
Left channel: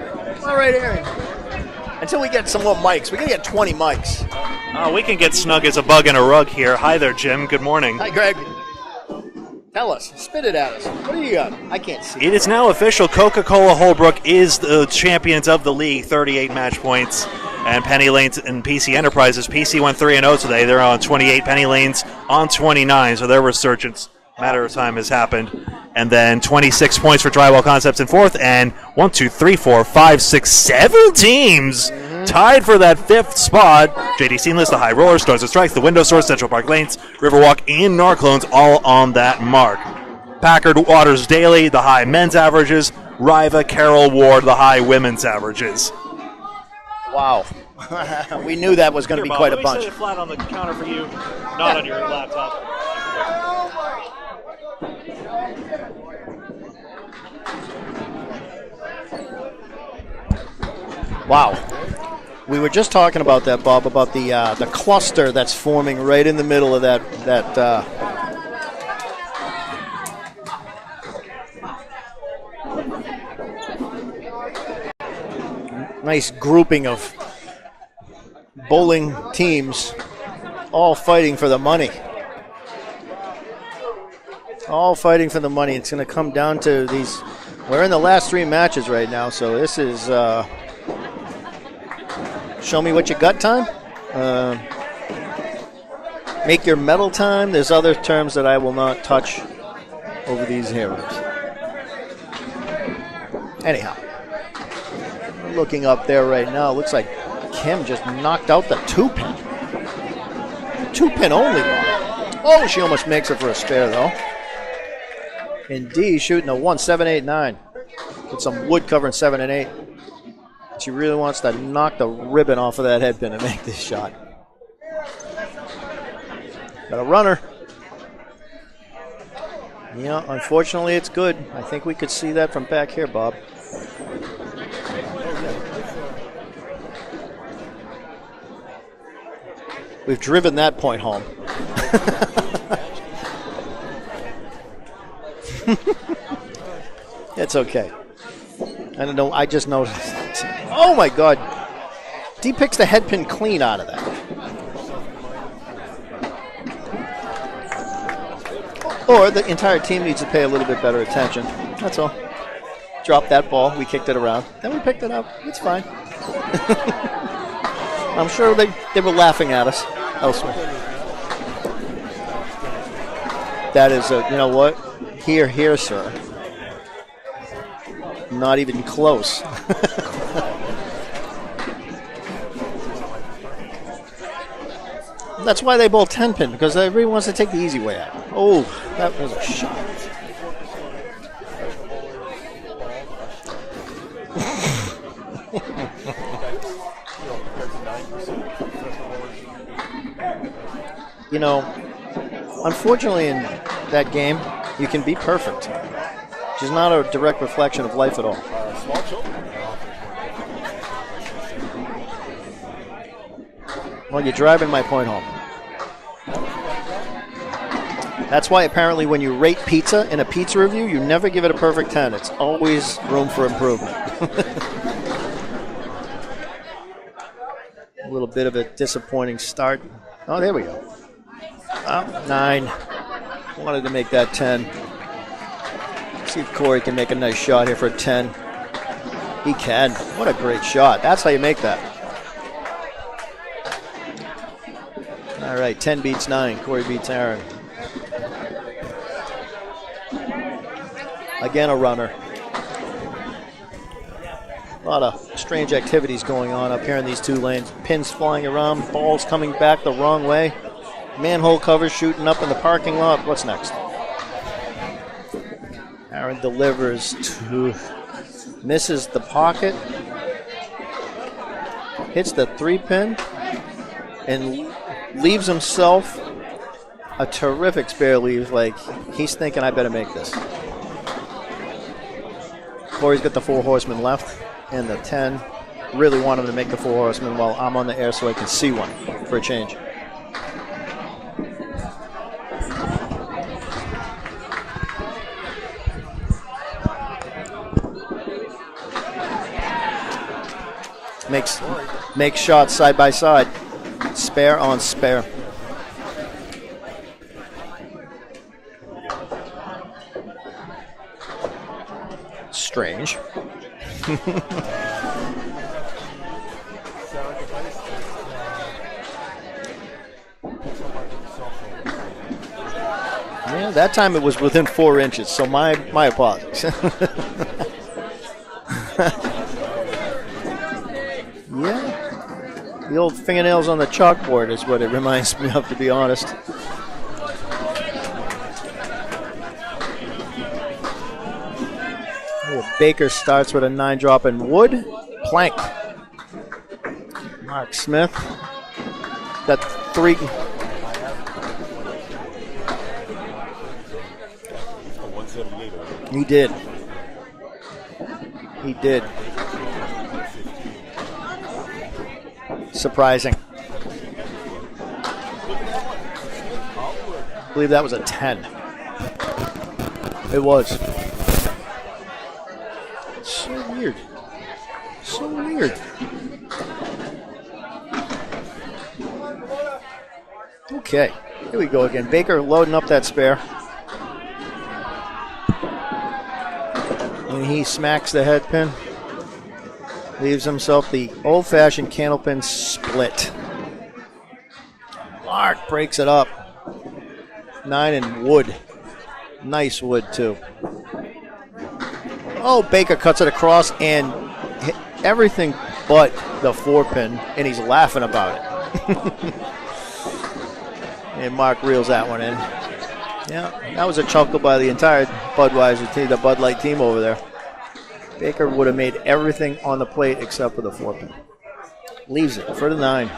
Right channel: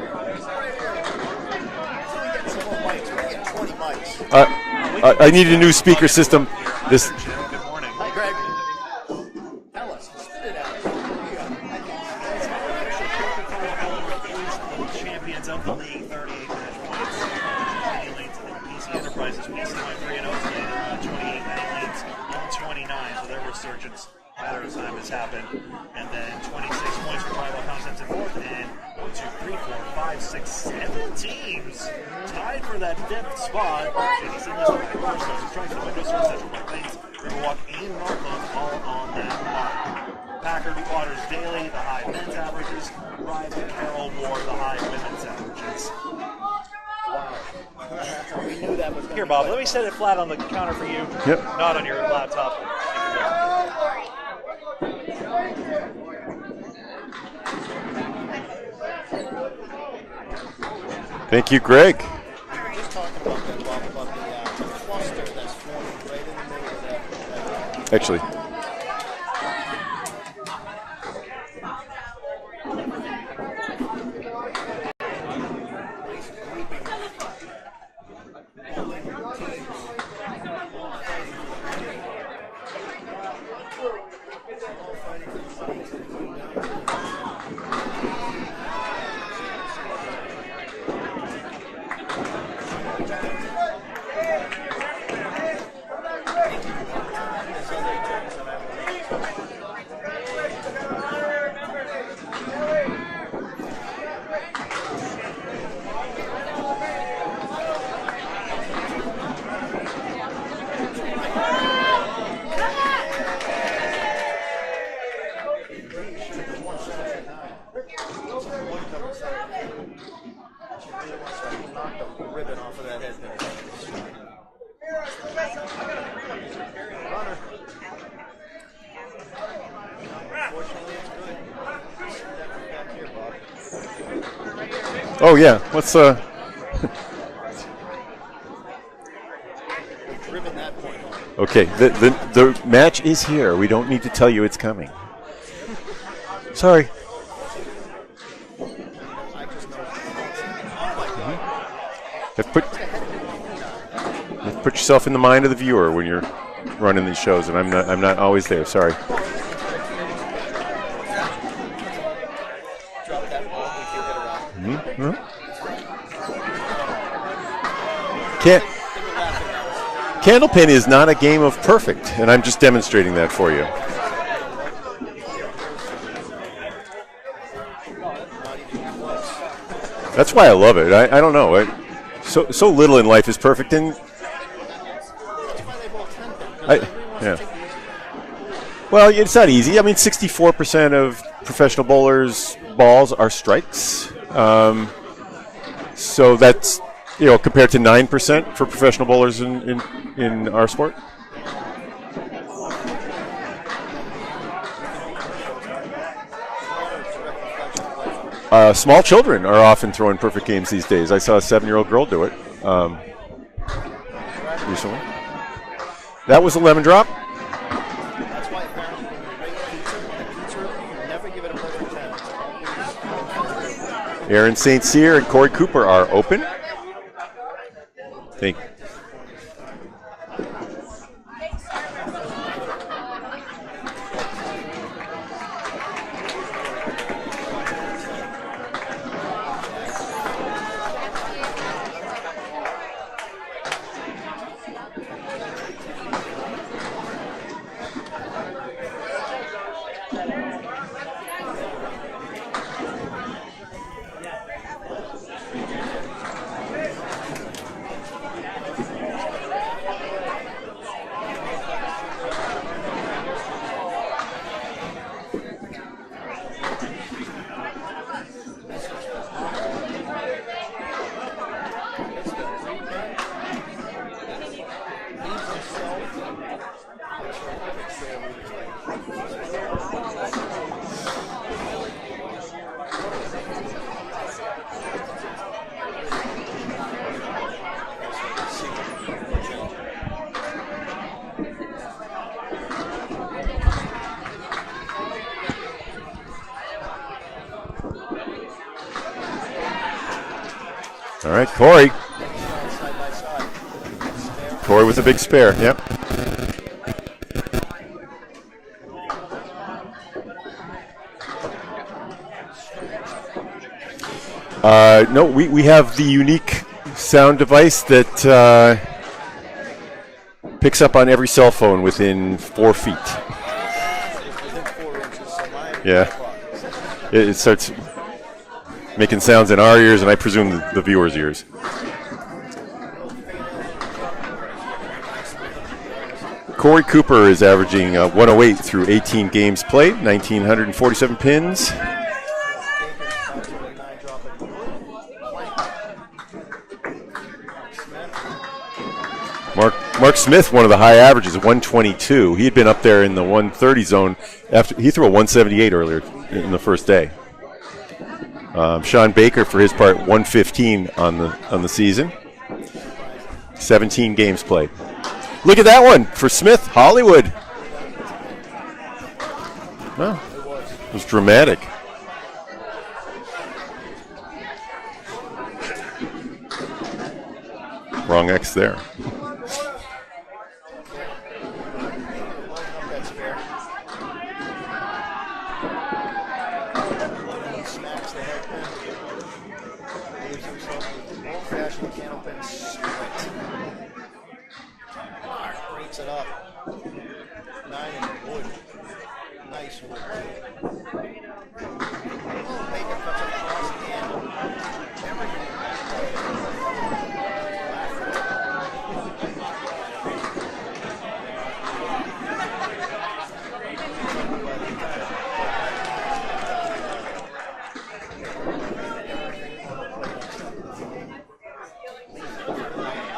on right here. Until we get some more mics. We're going to get 20 mics. We can get snug as a bug in a rug here. Hi there, Jim. Good morning. Hi, Greg. Tell us. Spit it at us. What do you got? I can't see. It is now official. Coca-Cola Holbrook is the champions of the league, 38 match points. And Penny Lanes and PC Enterprises. PC went 3-0 today. They're on 28. Penny Lanes on 29. So their resurgence, matter of time, has happened. And then 26 points for Drywall Concepts in 4th. And 1, 2, 3, 4, 5, 6, 7 teams tied for that 5th spot. JD Seamless, the High Roller, Stars and Strikes, the Window Store, Central Park Lanes, Riverwalk, and Narclones all on that mark. Packard Waters Daily, the high men's averages. Riva Carroll Ward, the high women's averages. Wow. We knew that was going to be quite a bunch. Let me set it flat on the counter for you, not on your laptop. Wow. Thank you, Greg. We were just talking about that, Bob, about the cluster that's forming right in the middle of that. Actually. Nice grouping of bowling teams all fighting for the money. All fighting for the money. It's going to come down to these. We're in the last 3 matches right now, so this is show me what you got time. Make your medal time. There's other terms that I will not touch over these heroes. Anyhow, looking up there right now, looks like Kim just knocked out the 2-pin. 2-pin only. Oh, she almost makes it for a spare, though. And D shooting a 1.789 with some wood covering 7 and 8. She really wants to knock the ribbon off of that head pin and make this shot. Got a runner. Yeah, unfortunately it's good. I think we could see that from back here, Bob. Oh yeah, let's We've driven that point home. Okay, the match is here. We don't need to tell you it's coming. Sorry. It's okay. I don't know. I just noticed. Oh my God! He picks the head pin clean out of that. Put yourself in the mind of the viewer when you're running these shows, and I'm not always there. Sorry. Or the entire team needs to pay a little bit better attention. That's all. Dropped that ball. We kicked it around. Then we picked it up. It's fine. I'm sure they were laughing at us. Candlepin is not a game of perfect, and I'm just demonstrating that for you. That is you know what? Here, sir. Not even close. That's why I love it. I don't know. So little in life is perfect, and that's why they bowl 10 pin, because everyone wants to take the easy way out. Oh, well, it's not easy. I mean, 64% of professional bowlers' balls are strikes. So that's compared to 9% for professional bowlers in our sport. You know, unfortunately, in that game, you can be perfect. Which is not a direct reflection of life at all. Small children are often throwing perfect games these days. I saw a 7-year-old girl do it. Well, you're driving my point home. That was a lemon drop. That's why apparently when you rate pizza in a pizza review, you never give it a perfect 10. It's always room for improvement. Aaron St. Cyr and Corey Cooper are open. A little bit of a disappointing start. Oh, there we go. 9. Wanted to make that 10. See if Corey can make a nice shot here for a 10. He can. What a great shot. That's how you make that. All right, 10 beats 9. Corey beats Aaron. Again, a runner. A lot of strange activities going on up here in these two lanes. Pins flying around, balls coming back the wrong way. Manhole covers shooting up in the parking lot. What's next? Aaron delivers to, misses the pocket, hits the 3-pin, and leaves himself a terrific spare leave. Like, he's thinking, I better make this. Corey's got the 4 horsemen left and the 10. Really want him to make the 4 horsemen while I'm on the air so I can see one for a change. All right, Corey. Makes shots side by side. Spare on Corey with a big spare, yep. Strange. No, we have the unique sound device that picks up on every cell phone within 4 feet. Well, that time it was within 4 inches, so my apologies. It starts making sounds in our ears, and I presume the viewers' ears. Yeah. The old fingernails on the chalkboard is what it reminds me of, to be honest. Corey Cooper is averaging 108 through 18 games played, 1,947 pins. Baker starts with a 9-drop in wood. Plank. Mark Smith. Mark Smith, one of the high averages, 122. He had been up there in the 130 zone after he threw a 178 earlier. He did. In the first day. Sean Baker, for his part, 115 on the season. Surprising. 17 games played. Look at that one for Smith, Hollywood. I believe that was a 10. Well, it was. It was dramatic. So weird. So weird. Wrong X there. Okay, here we go again. Baker loading up that spare. And he smacks the head pin. Leaves himself the old-fashioned Candlepin split. Mark breaks it up. 9 in wood. Nice wood, too. Oh, Baker cuts it across and hit everything but the 4-pin, and he's laughing about it. And Mark reels that one in. Yeah, that was a chuckle by the entire Budweiser team, the Bud Light team over there. Baker would have made everything on the plate except for the 4-pin. Leaves it for the 9.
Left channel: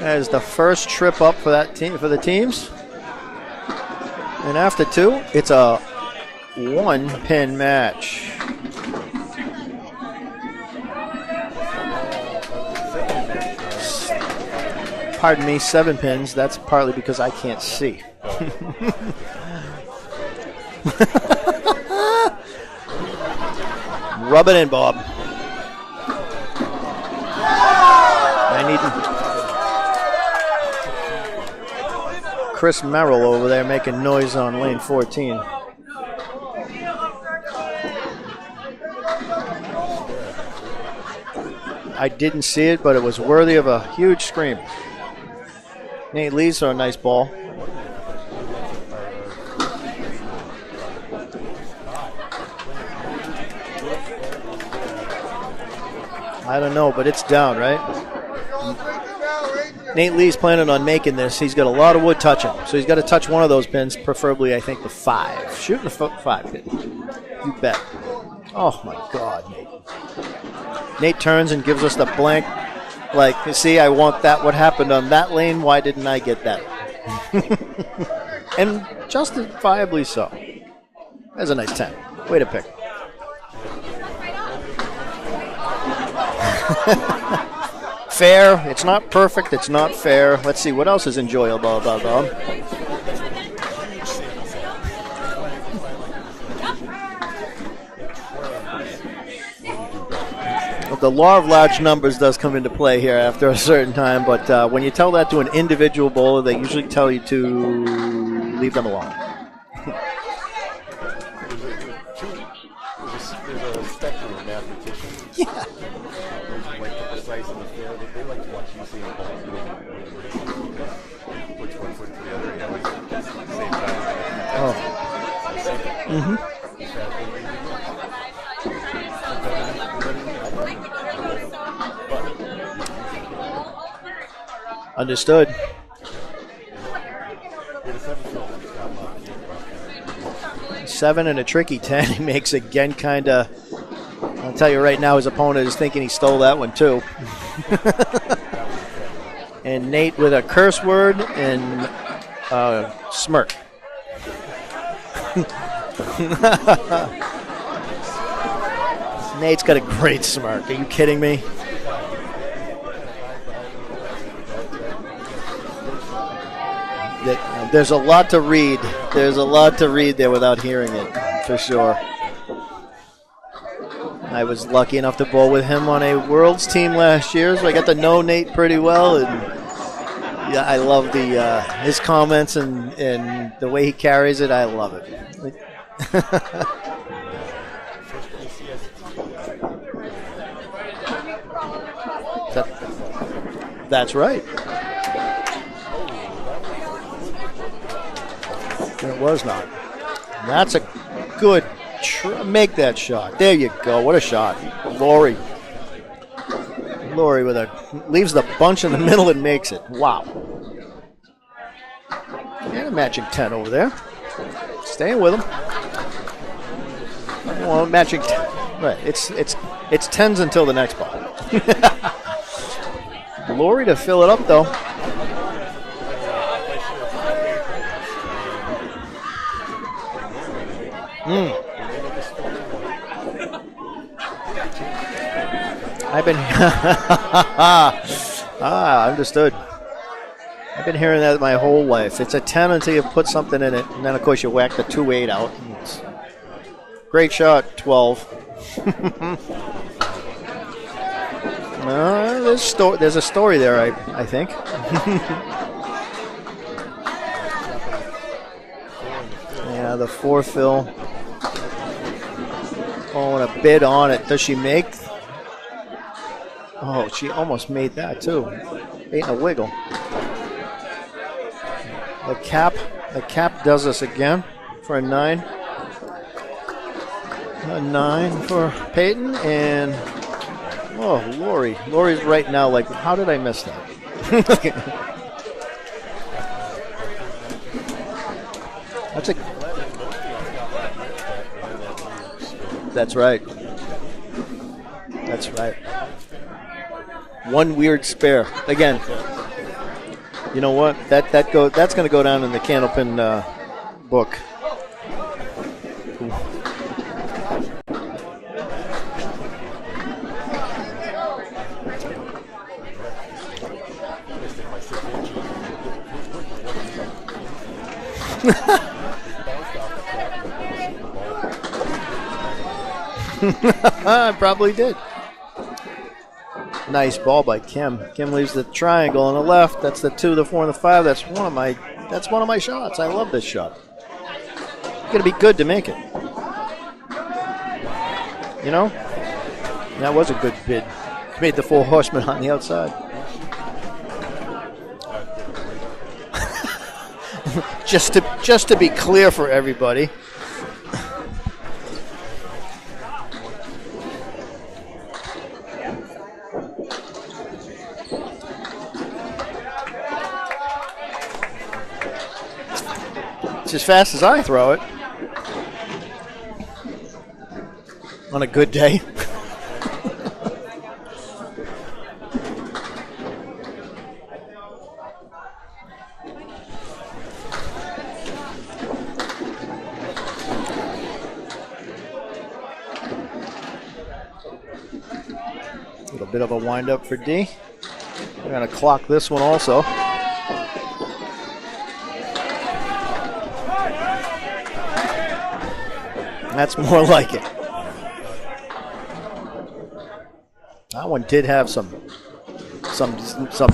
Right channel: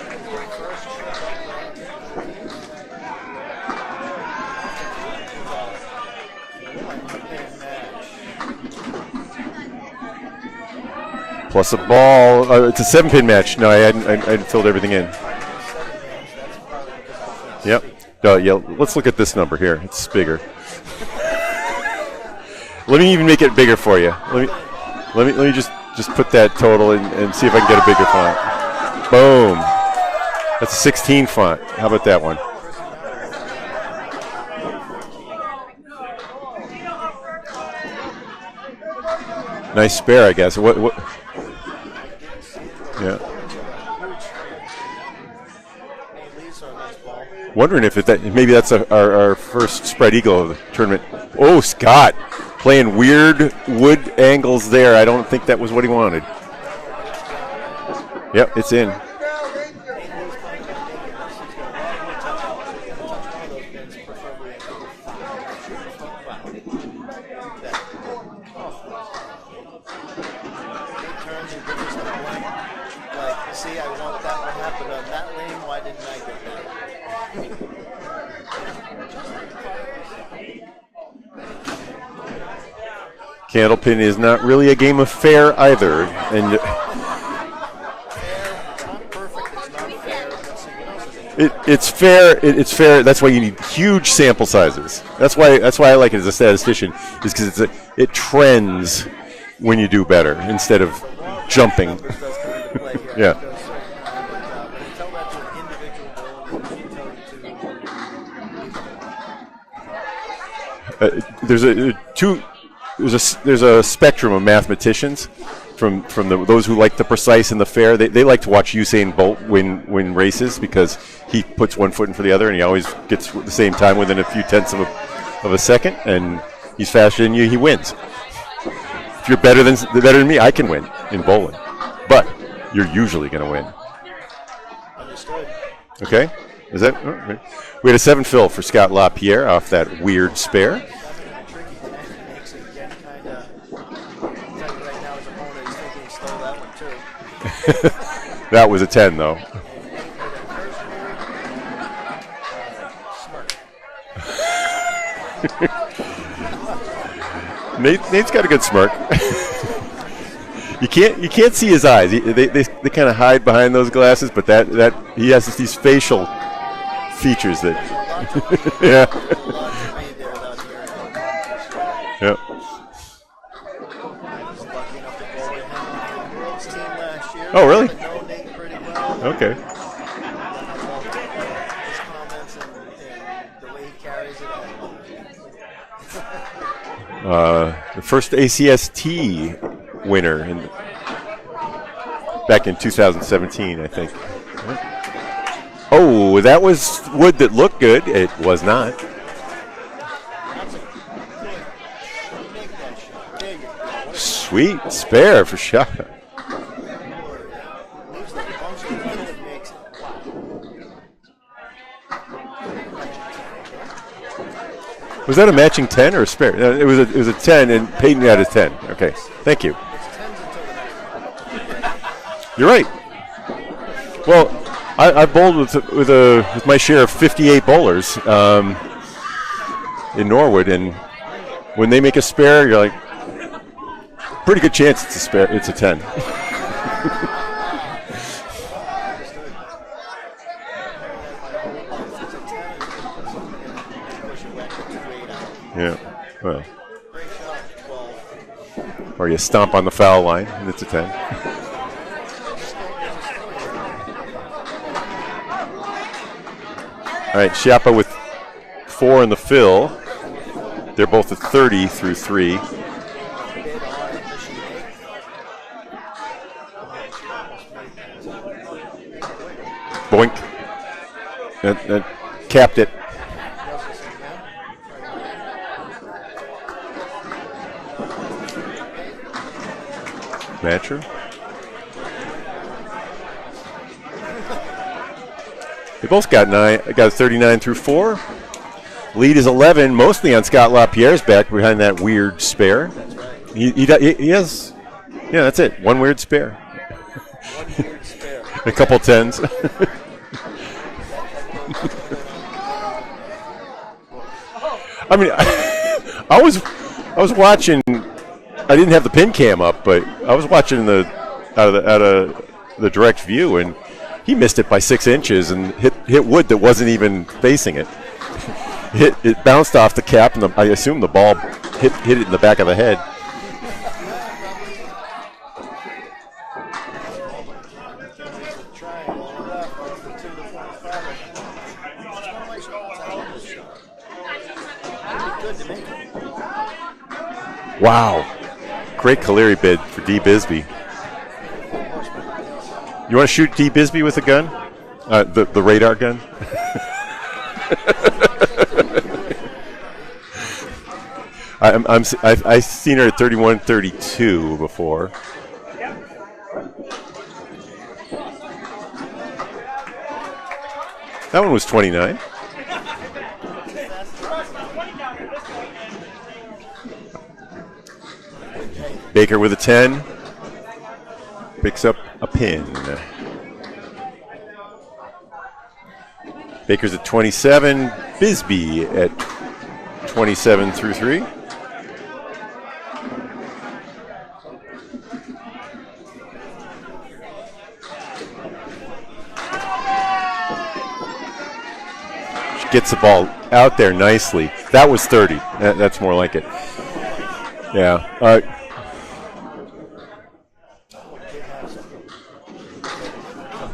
That is the first trip up for that team, for the teams. And after 2, it's a 1-pin match. Plus a ball. It's a 7-pin match. No, I hadn't filled everything in. Pardon me, 7 pins. That's partly because I can't see. Yeah. Let's look at this number here. It's bigger. Let me even make it bigger for you. Rub it in, Bob. Let me just put that total in and see if I can get a bigger font. Boom. That's a 16 font. How about that one? Chris Merrill over there making noise on lane 14. Nice spare, I guess. What? I didn't see it, but it was worthy of a huge scream. Nate Lee's a nice ball. Wondering if maybe that's our first spread eagle of the tournament. Oh, Scott playing weird wood angles there. I don't think that was what he wanted. I don't know, but it's down, right? Yep, it's in. Nate Lee's planning on making this. He's got a lot of wood touching, so he's got to touch one of those pins, preferably, I think, the 5. Shoot the 5. You bet. Oh, my God, Nate. Nate turns and gives us the blank, like, see, I want that. What happened on that lane? Why didn't I get that? And justifiably so. That's a nice 10. Way to pick. Candlepin is not really a game of fair either. And fair. It's not perfect. It's not fair. Let's see. What else is enjoyable? It's fair. It's fair. That's why you need huge sample sizes. That's why I like it as a statistician, is because it trends when you do better instead of the law of large jumping. numbers does come into play here after a certain time, but when you tell that to an individual bowler, they usually tell you to leave them alone. There's a spectrum of mathematicians from those who like the precise and the fair. They like to watch Usain Bolt win races because he puts one foot in for the other and he always gets the same time within a few tenths of a second, and he's faster than you, he wins. If you're better than me, I can win in bowling, but you're usually going to win. Understood. Okay. Is that okay? We had a 7 fill for Scott LaPierre off that weird spare. 7 and a tricky 10. He makes again kind of. I'll tell you right now, his opponent is thinking he stole that one too. That was a 10 though. And Nate with a curse word and smirk. Nate's got a good smirk. Nate's got a great smirk. You can't see his eyes. They kind of hide behind those glasses, but that he has these facial features. There's a lot to read. Yeah. There's a lot to read there without hearing it, for sure. Yep. I was lucky enough to bowl with him on a Worlds team last year. Oh, really? I got to know Nate pretty well. Okay. Yeah, I love his comments and the way he carries it. I love it. The first ACST winner back in 2017. I think. That's right. Oh, that was wood that looked good. It was not. It was not. That's a good make that shot. There you go. What a shot. Sweet spare for shot. Laurie leaves the bunch in the middle and makes it. Wow. And a matching 10 over there. Staying with Was that a matching 10 or a spare? It was a 10 and Peyton had a 10. Right. Okay. Thank you. It's 10s until the next ball. You're right. Laurie to fill it up though. I bowled with my share of 58 bowlers in Norwood, and when they make a spare, you're like, pretty good chance it's a spare. It's a 10. I've been understood. I've been hearing that my whole life. It's a 10 until you put something in it, and then of course you whack the 2-8 out. Yeah. Well. Great shot, 12. Or you stomp on the foul line, and it's a 10. There's a story there, I think. All right, Schiappa with 4 in the fill. Yeah, the 4 fill. They're both at 30 through 3. Calling a bid on it. Does she make? Oh, she almost made that too. Ain't a wiggle. Boink. That capped it. The cap does this again for a 9. A 9 for Peyton and Matcher. Oh, Laurie. Laurie's right now like, how did I miss that? They both got 9. I got 39 through 4. Lead is 11, mostly on Scott LaPierre's back behind that weird spare. That's right. He has. Yeah, that's it. One weird spare. One weird spare. A couple tens. You know what? That's going to go down in the Candlepin book. I mean, I was watching. I didn't have the pin cam up, but I was watching out of the direct view, and he missed it by 6 inches and hit wood that wasn't even facing it. It bounced off the cap, and I assume the ball hit it in the back of the head. It probably did. Nice ball by Kim. Kim leaves the triangle on the left. That's the 2, the 4, and the 5. That's one of my shots. I love this shot. It's going to be good to make it. Wow. You know? Great Caleri bid for D. Bisbee. Made the 4 horsemen on the outside. You want to shoot D. Bisbee with a gun? The radar gun? just to be clear for everybody. I've seen her at 31-32 before. That one was 29. It's as fast as I throw it. On a good day. Baker with a 10. Picks up a pin. Baker's at 27. Bisbee at 27 through 3. A little bit of a wind-up for D. We're going to clock this one also. She gets the ball out there nicely. That was 30. That's more like it. That's more like it. Yeah. That one did have some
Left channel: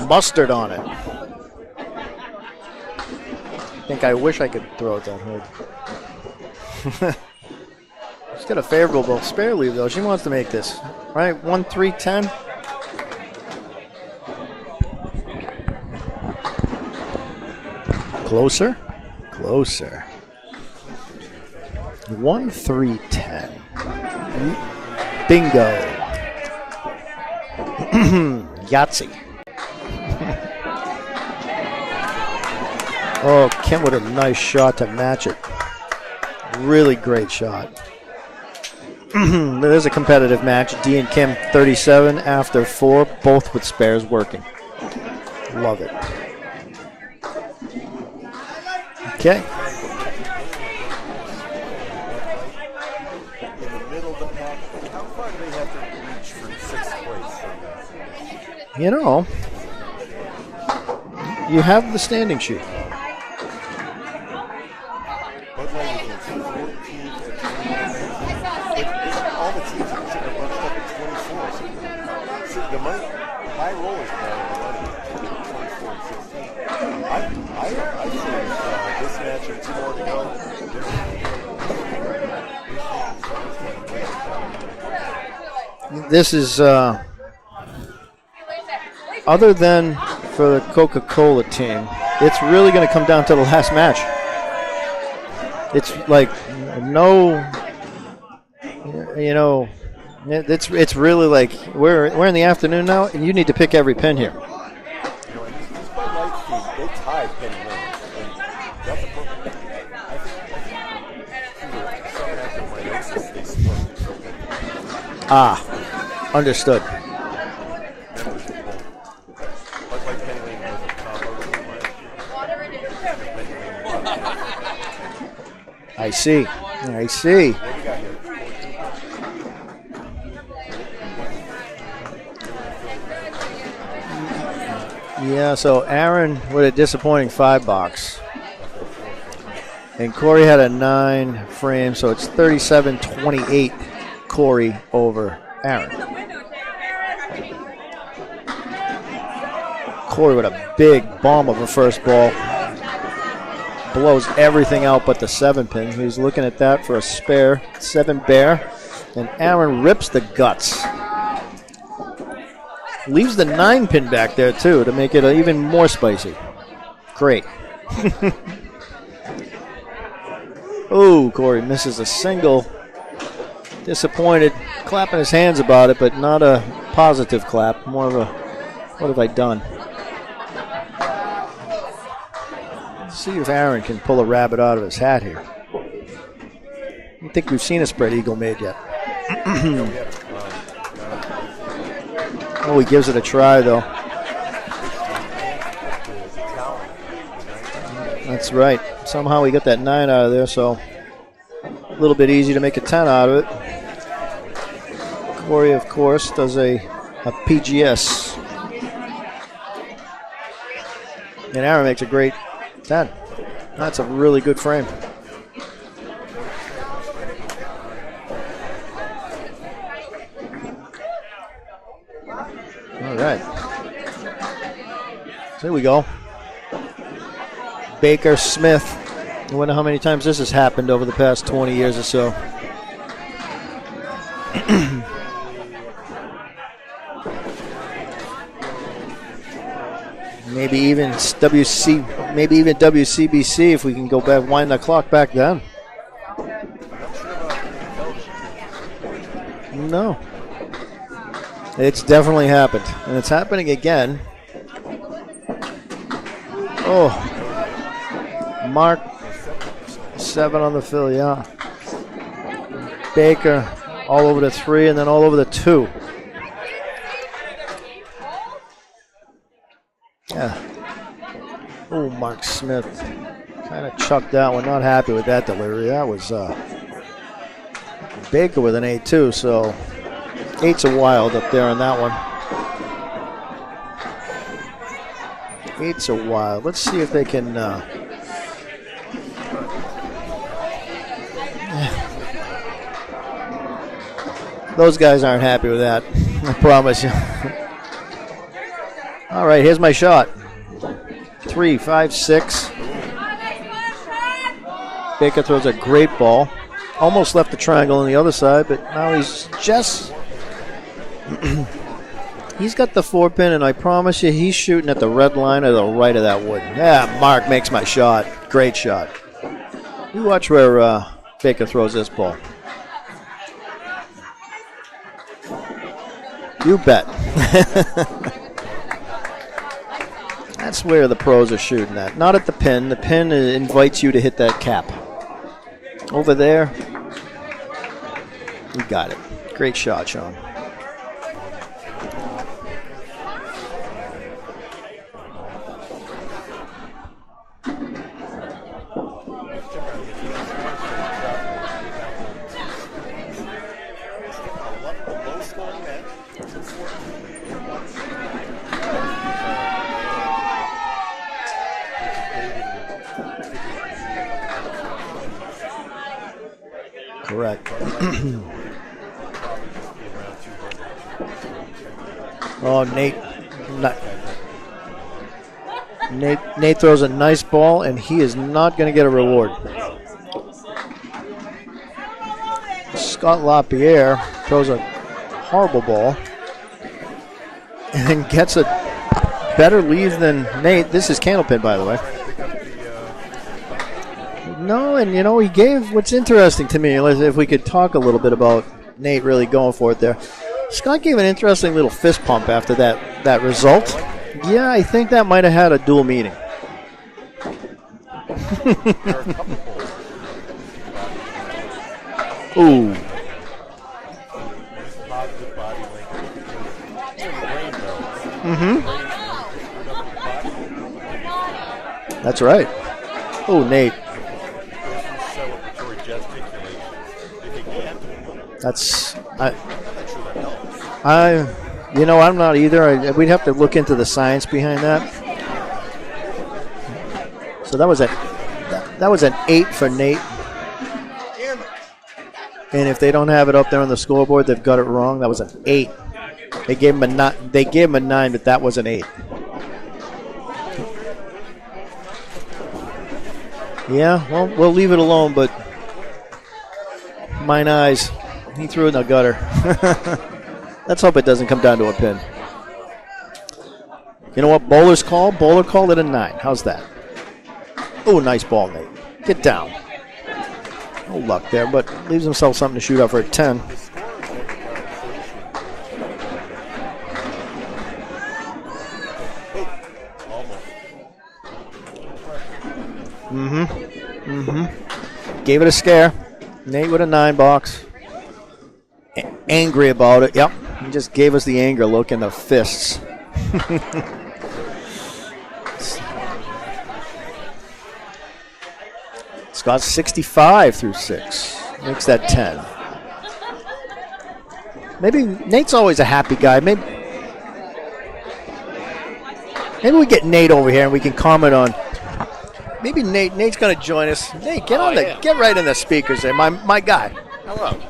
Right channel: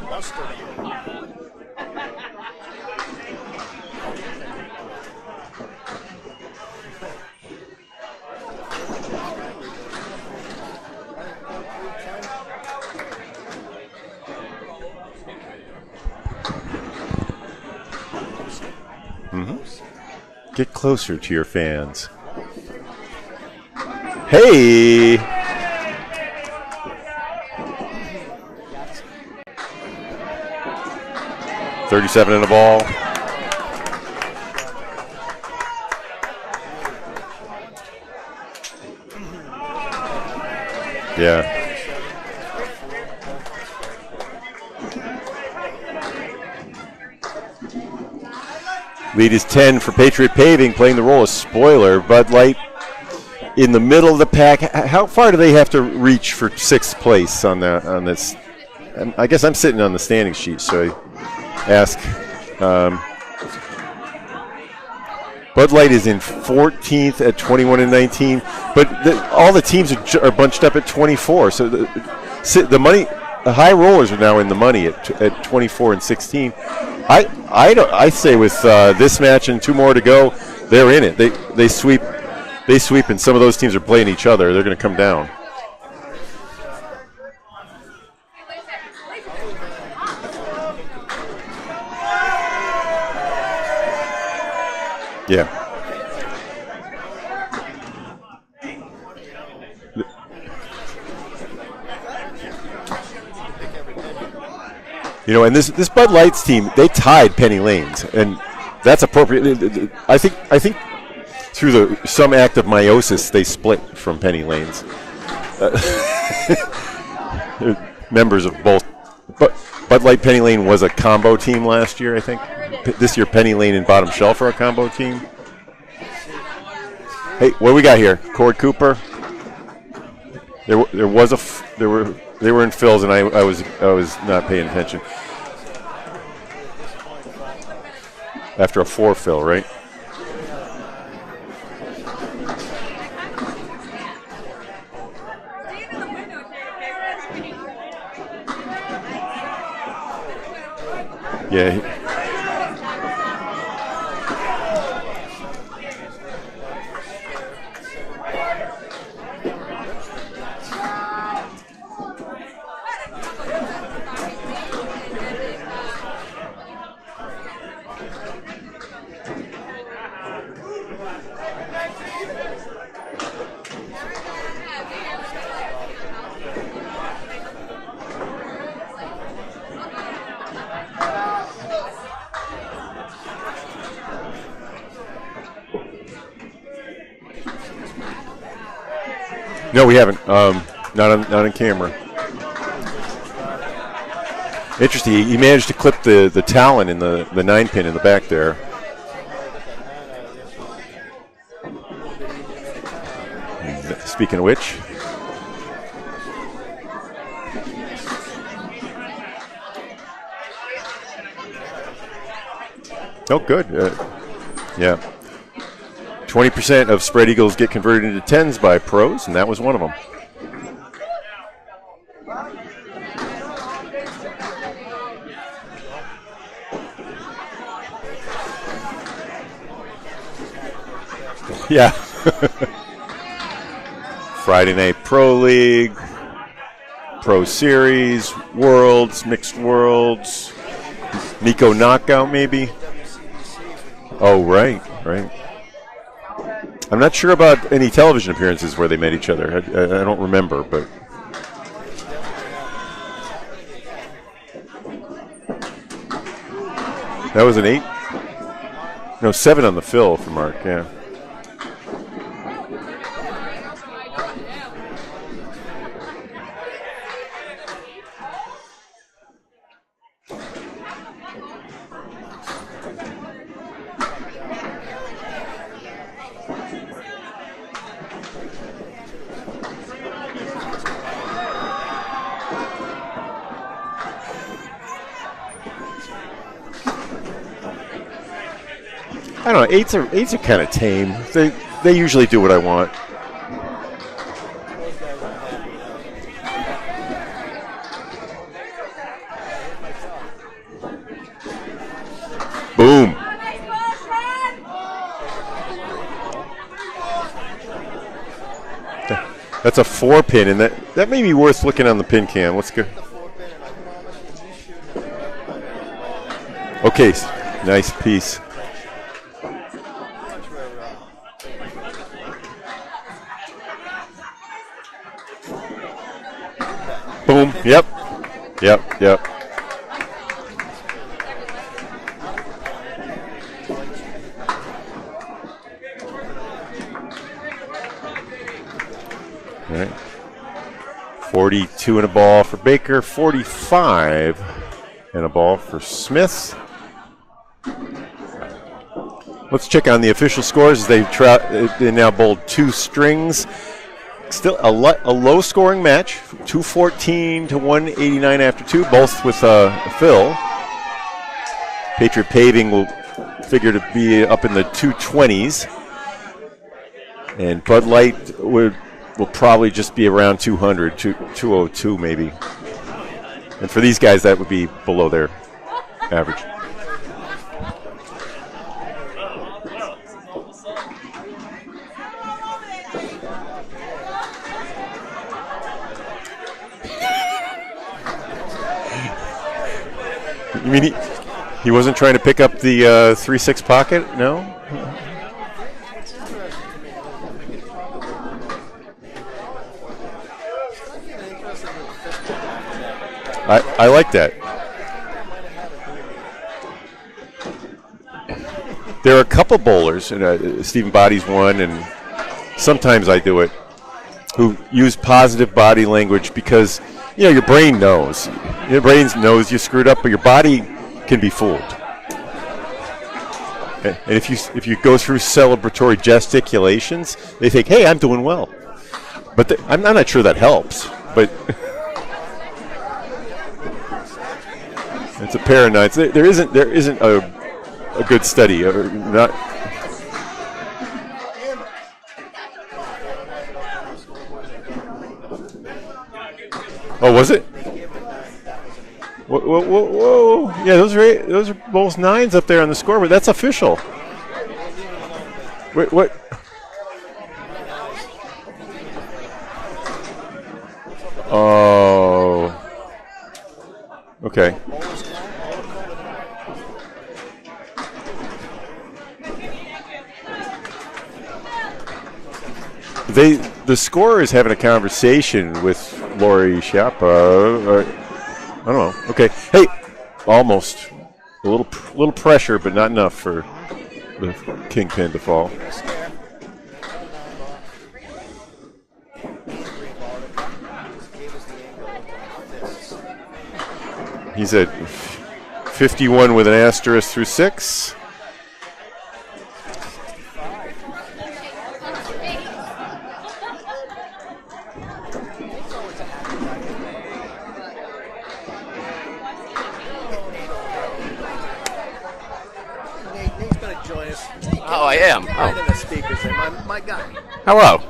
mustard on it. I wish I could throw it that hard. She's got a favorable spare leave, though. She wants to make this. Right, 1-3-10. Closer? Closer. Get closer to your fans. 1-3-10. Hey! Bingo. Yahtzee. 37 in the ball. Oh, Kim with a nice shot to match it. Really great shot. There's a competitive match. D and Kim, 37 after 4, both with spares working. Love it. Lead is 10 for Patriot Paving, playing the role of spoiler. Bud Light in the middle of the pack. How far do they have to reach for 6th place on this? You know, I guess I'm sitting on the standing sheet, so you have the standing sheet. Bud Light is in 14th at 21-19, but all the teams are bunched up at 24. So the money, the high rollers are now in the money at 24 and 16. I say with this match and 2 more to go, they're in it. They sweep, and some of those teams are playing each other. They're going to come down. This is other than for the Coca-Cola team, it's really going to come down to the last match. Yeah. It's like it's really like we're in the afternoon now, and you need to pick every pin here. And this Bud Light's team, they tied Penny Lane's, and that's appropriate. I think through some act of meiosis, they split from Penny Lane's. Understood. Members of both. But Bud Light Penny Lane was a combo team last year, I think. This year, Penny Lane and Bottom Shelf are a combo team. I see. Hey, what do we got here? Cord Cooper. They were in fills, and I was not paying attention. Yeah. So Aaron with a disappointing 5 box after a 4 fill, right? And Corey had a 9 frame, so it's 37-28. Corey over Aaron. Corey with a big bomb of the first ball. Blows everything out but the 7 pin. He's looking at that for a spare 7 bear. And Aaron rips the guts. Leaves the 9 pin back there too to make it even more spicy. Great. Oh, Corey misses a single. Disappointed. Clapping his hands about it, but not a positive clap. More of a, what have I done? See if Aaron can pull a rabbit out of his hat here. I don't think we've seen a spread eagle made yet. No, we haven't. Not on camera. Oh, he gives it a try, though. Interesting. He managed to clip the talon in the 9-pin in the back there. That's right. Somehow he got that 9 out of there, so a little bit easy to make a 10 out of it. Speaking of which, Corey, of course, does a PGS. And Aaron makes a great 10. Oh, good. Yeah. That's a really good frame. Yeah. 20% of spread eagles get converted into 10s by pros, and that was one of them. All right. There we go. Baker Smith. I wonder how many times this has happened over the past 20 years or so. Friday Night Pro League, Pro Series, Worlds, Mixed Worlds. Maybe even Nico Knockout, maybe even WCBC if we can go back on the clock back then. I'm not sure about any television appearances where they met each other. I don't remember, but it's definitely happened, and it's happening again. Oh, that was an 8. Mark. No, 7 on the fill. 7 on the fill, yeah. Baker all over the 3 and then all over the 2. Yeah. Oh, Mark Smith kind of chucked that one. Not happy with that delivery. That was Baker with an 8 too. So 8's a wild up there on that one. 8's a wild. Let's see if they can. I don't know. 8s are kind of tame. They usually do what I want. Those guys aren't happy with that. I promise you. All right, here's my shot. 3, 5, 6. Boom. Baker throws a great ball. Almost left the triangle on the other side, but now he's That's a 4-pin, and that may be worth looking on the pin cam. He's got the 4-pin, and I promise you, he's shooting at the red line or the right of that wood. Yeah, okay, Mark makes my nice shot. piece. Great shot. You watch where Baker throws this ball. You bet. Boom. Yep. That's where the pros are shooting at. Not at the pin. The pin invites you to hit that cap. Over there, you got it. Great shot, Sean. 42 and a ball for Baker, 45 and a ball for Smith. Let's check on the official scores. They now bowled 2 strings. Still a low-scoring match, 214 to 189 after 2, both with a fill. Patriot Paving will figure to be up in the 220s. And Bud Light will probably just be around 200, 202 maybe. Oh, Nate. And for these guys, that would be below their average. Nate throws a nice ball, and he is not going to get a reward. Scott LaPierre throws a horrible ball and gets a better lead than Nate. This is Candlepin, by He wasn't trying to pick up the 3-6 pocket, no? No, and he gave what's interesting to me, if we could talk a little bit about Nate really going for it there. Scott gave an interesting little fist pump after that result. I like that. Yeah, I think that might have had a dual meaning. There are a couple bowlers, and Stephen Body's one, and sometimes I do it, who use positive body language because, your brain knows. Mm-hmm. Your brain knows you screwed up, but your body can be fooled. That's right. Oh, Nate. And if you go through celebratory gesticulations, they think, hey, I'm doing well. I'm not sure that helps. I'm not either. We'd have to look into the science behind that. It's a paranoid. There isn't a good study. That was an 8 for Nate. And if they don't have it up there on the scoreboard, they've got it wrong. That was an 8. They gave him They gave him a 9, but that was an 8. Whoa. Yeah, those are both 9s up there on the scoreboard. That's official. Yeah, well, we'll leave it alone, but what? Mine eyes. He threw it in the gutter. Let's hope it doesn't come down to a pin. Okay. You know what Bowler called it a 9. How's that? Oh, nice ball, Nate. Get down. No luck there, but leaves himself something to shoot up for a 10. The scorer is having a conversation with Lori Schiappa. I don't know. Okay. Hey, almost A little pressure, but not enough for the kingpin to fall. Gave it a scare. Nate with a 9 box. Angry about it. Yep. He just gave us the anger look in the fists. He's at 51 with an asterisk through 6. Scott's 65 through 6. Makes that 10. Maybe Nate's always a happy guy. Maybe we get Nate over here and we can comment on. Maybe Nate's going to join us. Nate, get right in the speakers there, my guy. Hello.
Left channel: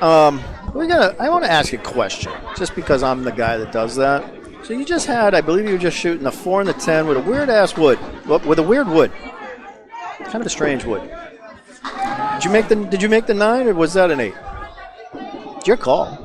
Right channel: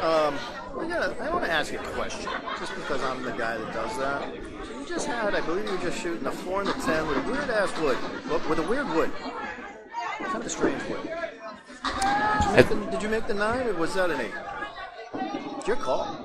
I want to ask you a question, just because I'm the guy that does that. So you just had, I believe you were just shooting a 4 and a 10 with a weird ass wood, with a weird wood, kind of a strange wood. Did you make the 9 or was that an 8? It's your call.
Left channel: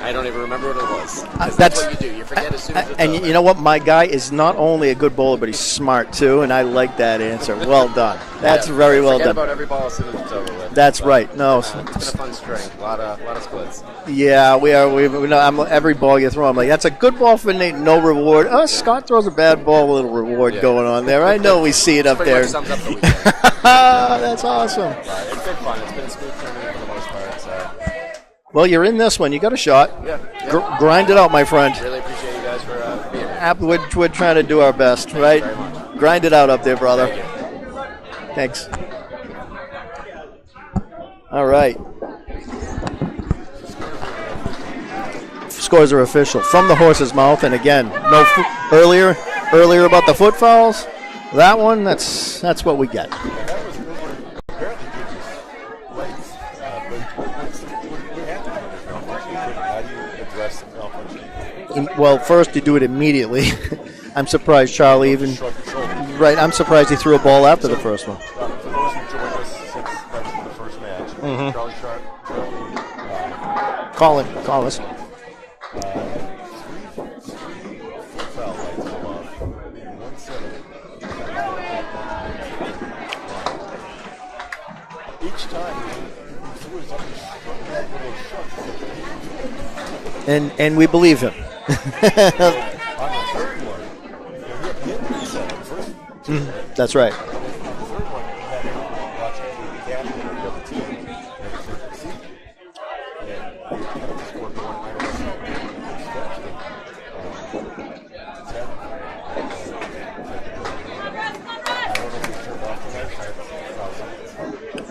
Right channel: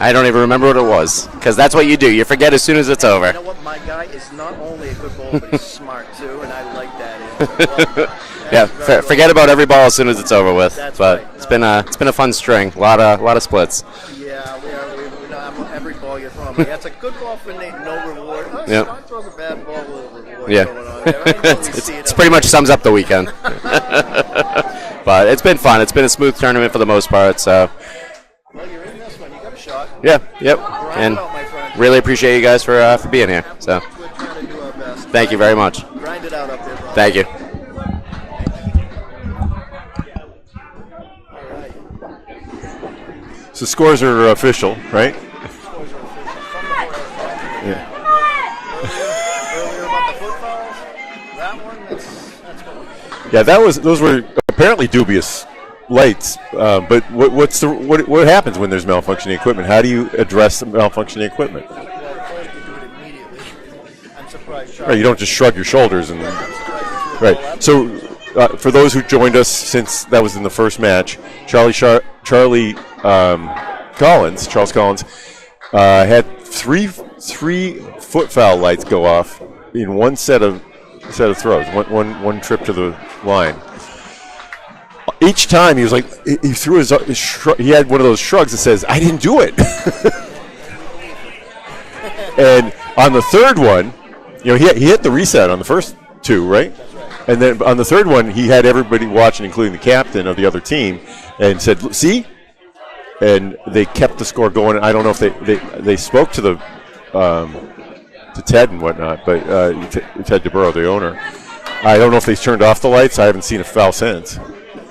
I don't even remember what it was, because that's what you do. You forget as soon as it's over. You know what? My guy is not only a good bowler, but he's smart too, and I like that answer. Well done. That's very well forget done. about every ball as soon as it's over with. That's but right. No. It's been a fun string. A lot of splits. Yeah, we are. Every ball you throw, I'm like, that's a good ball for Nate. No reward. Oh, Yep. Scott throws a bad ball with a little reward going on there. I know we see it It up pretty there. much sums up the weekend. That's awesome. But it's been fun. It's been a smooth tournament for the most part. So. Well, you're in this one. You got a shot. Yeah. Grind And it out, my friend. Really appreciate you guys for being here. So. We're trying to do our best. Thank you very much. Grind it out up there, brother. Thank you. Thanks. All right. So scores are official, right? Scores are official from the horse's mouth, and again, earlier about the foot fouls. That one, that's what we get. Yeah, those were apparently dubious lights. But what happens when there's malfunctioning equipment? How do you address the malfunctioning equipment? Well, first you do it immediately. I'm surprised Charlie. You don't just shrug your shoulders. Right. I'm surprised he threw a ball after the first one. For those who joined us since that was in the first match, Charles Collins, had three foot foul lights go off in one set of throws, one trip to the line. Each time he was like, he threw his shrug, he had one of those shrugs that says, "I didn't do it," and we believe him. And on the third one, he hit the reset on the first 2, right? That's right. And then on the third one, he had everybody watching, including the captain of the other team, and said, "See," and they kept the score going. I don't know if they spoke to to Ted and whatnot, but Ted DeBurrow, the owner. I don't know if they turned off the lights. I haven't seen a foul since.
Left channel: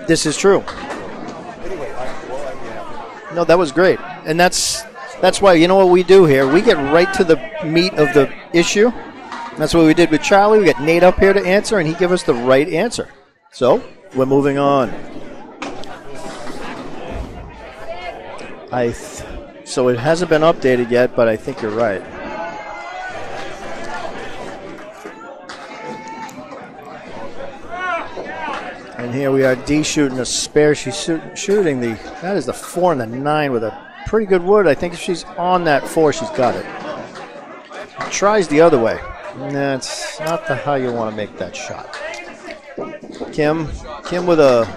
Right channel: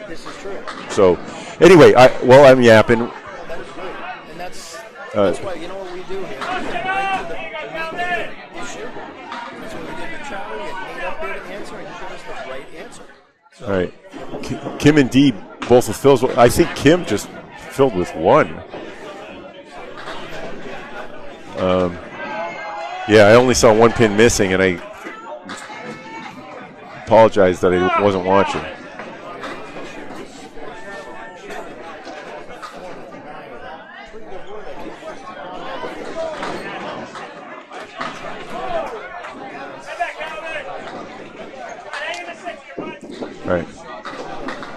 This is true. So, anyway, I'm yapping. No, that was great, and that's why, you know what we do here? We get right to the meat of the issue. That's what we did with Charlie. We got Nate up here to answer, and he gave us the right answer. So we're moving on. Kim and Dee both with fills. I think Kim just filled with 1. So it hasn't been updated yet, but I think you're right. Yeah, I only saw 1 pin missing, and I apologize that I wasn't watching. And here we are, Dee shooting a spare. She's shooting that is the 4 and the 9 with a pretty good wood. I think if she's on that 4, she's got it. Tries the other way. That's not how you want to make that shot. Kim with a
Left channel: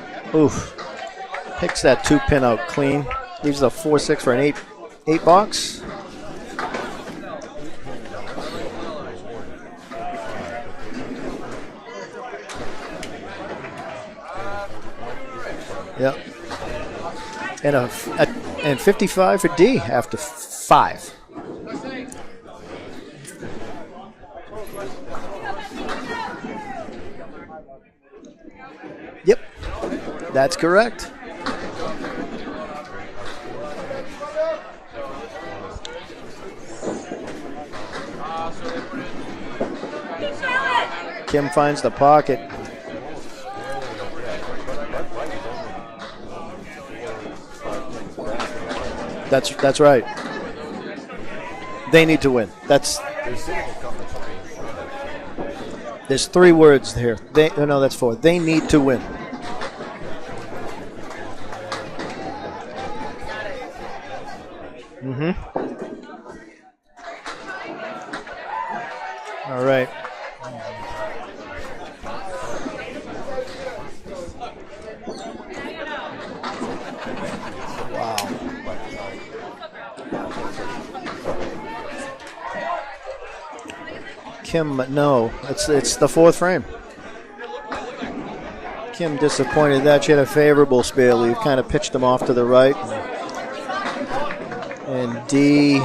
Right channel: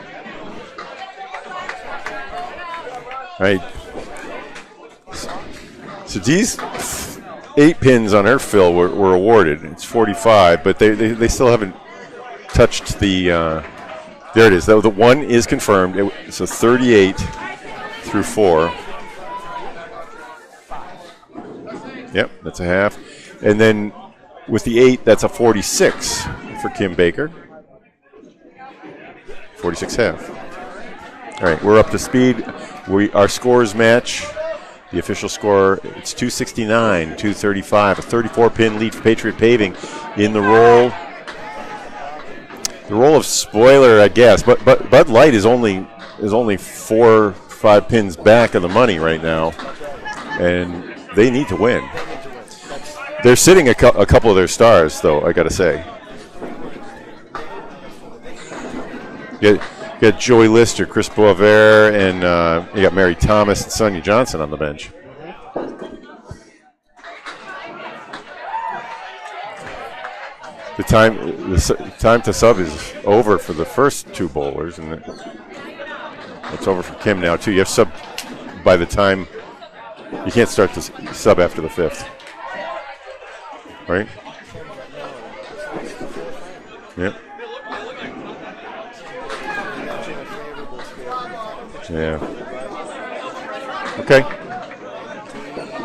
picks that 2 pin out clean. Gives a 4-6 for an 8 box. So Dee's 8 pins on her fill were awarded. It's 45, but they still haven't touched the. There it is. The 1 is confirmed. Yep. It's a 38 through 4. And 55 for D after 5. Yep, that's a half. And then with the 8, that's a 46 for Kim Baker. Yep. 46 half. That's correct. All right, we're up to speed. Our scores match. The official score, it's 269, 235, a 34-pin lead for Patriot Paving in the roll. Kim finds the pocket. The role of spoiler, I guess, but Bud Light is only 4-5 pins back of the money right now. That's right. And they need to win. They need to win. They're sitting a couple of their stars, though. I got to say. There's 3 words here. That's 4. They need to win. You got Joey Lister, Chris Boisvert, and you got Mary Thomas and Sonia Johnson on the bench. Mm-hmm. All right. The time to sub is over for the first 2 bowlers, and it's over for Kim now too. You have sub by the time you can't start to sub after the 5th, right? Kim, no. It's the fourth frame. Yep. Kim disappointed that she had a favorable spare leave, kind of pitched them off to the right. Okay. And D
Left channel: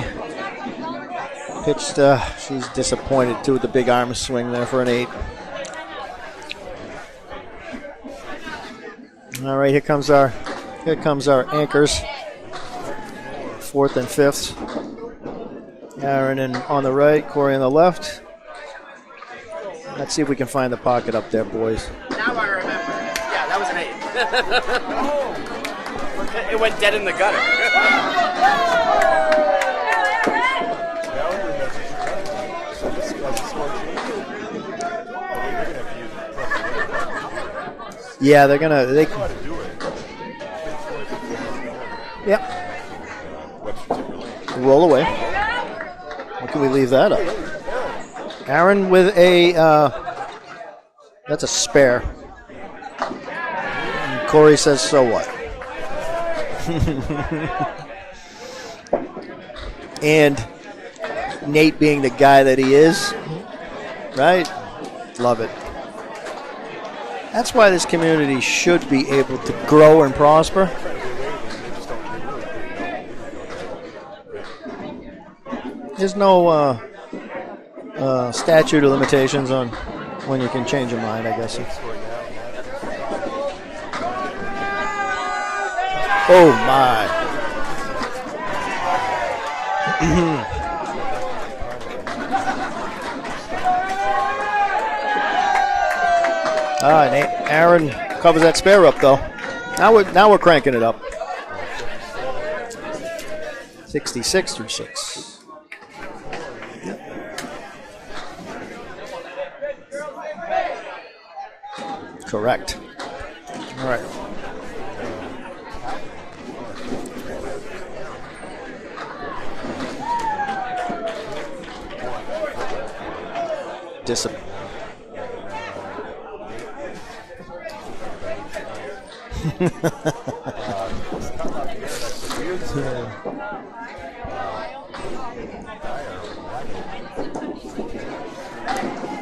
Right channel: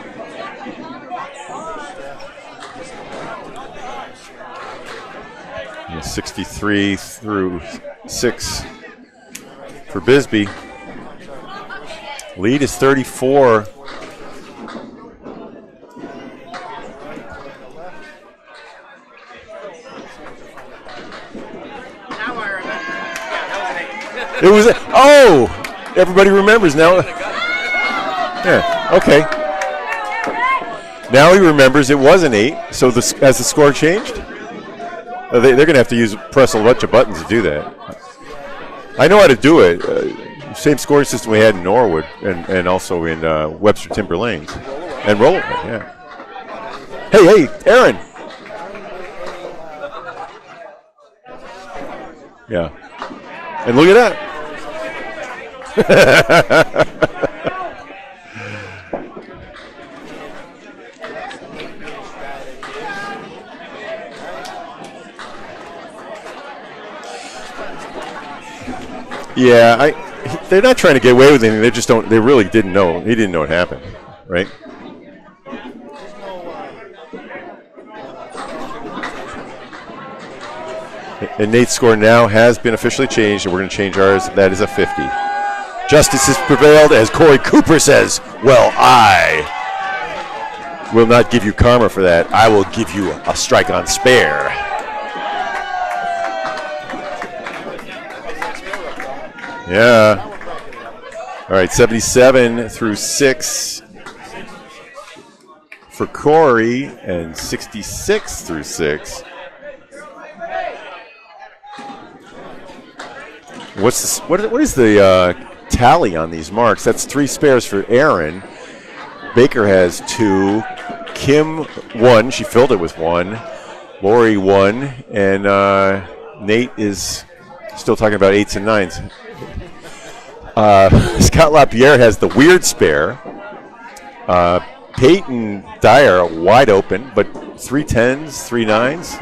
pitched, she's disappointed too with the big arm swing there for an 8. 63 through 6. All right, here comes Bisbee. Here comes our anchors. Lead is 34. Fourth and fifths. Aaron on the right, Corey on the left. Let's see if we can find the pocket up there, boys. Now I remember. Yeah, that was an 8. It was everybody remembers now. Yeah, okay. Now he remembers it was an 8. So has the score changed? They're going to have to press a bunch of buttons to do that. Yeah, they're going to. I know how to do it. Same scoring system we had in Norwood and also in Webster Timber Lane. Roll away. And roll away, yeah. How can we leave that up? Hey, Aaron. Aaron with a, that's a spare. Yeah. And look at that. And Corey says, so what? And Nate being the guy that he is, right? Love it. That's why this community should be able to grow and prosper. They're not trying to get away with anything. They just don't. They really didn't know. He didn't know it happened, right? There's no statute of limitations on when you can change your mind. And Nate's score now has been officially changed, and we're going to change ours. That is a 50. Justice has prevailed, as Corey Cooper says. Well, I will not give you karma for that. I will give you a strike on spare. All right, Aaron covers that spare up, though. Yeah. Now we're cranking it up. All right, 77 through 6. 66 through 6. For Corey, and 66 through 6. Correct. What is the tally on these marks? That's 3 spares for Aaron. Baker has 2. Kim 1. She filled it with 1. Lori 1. And Nate is still talking about 8s and 9s. Scott LaPierre has the weird spare. Peyton Dyer wide open, but 3 10s, 3 9s.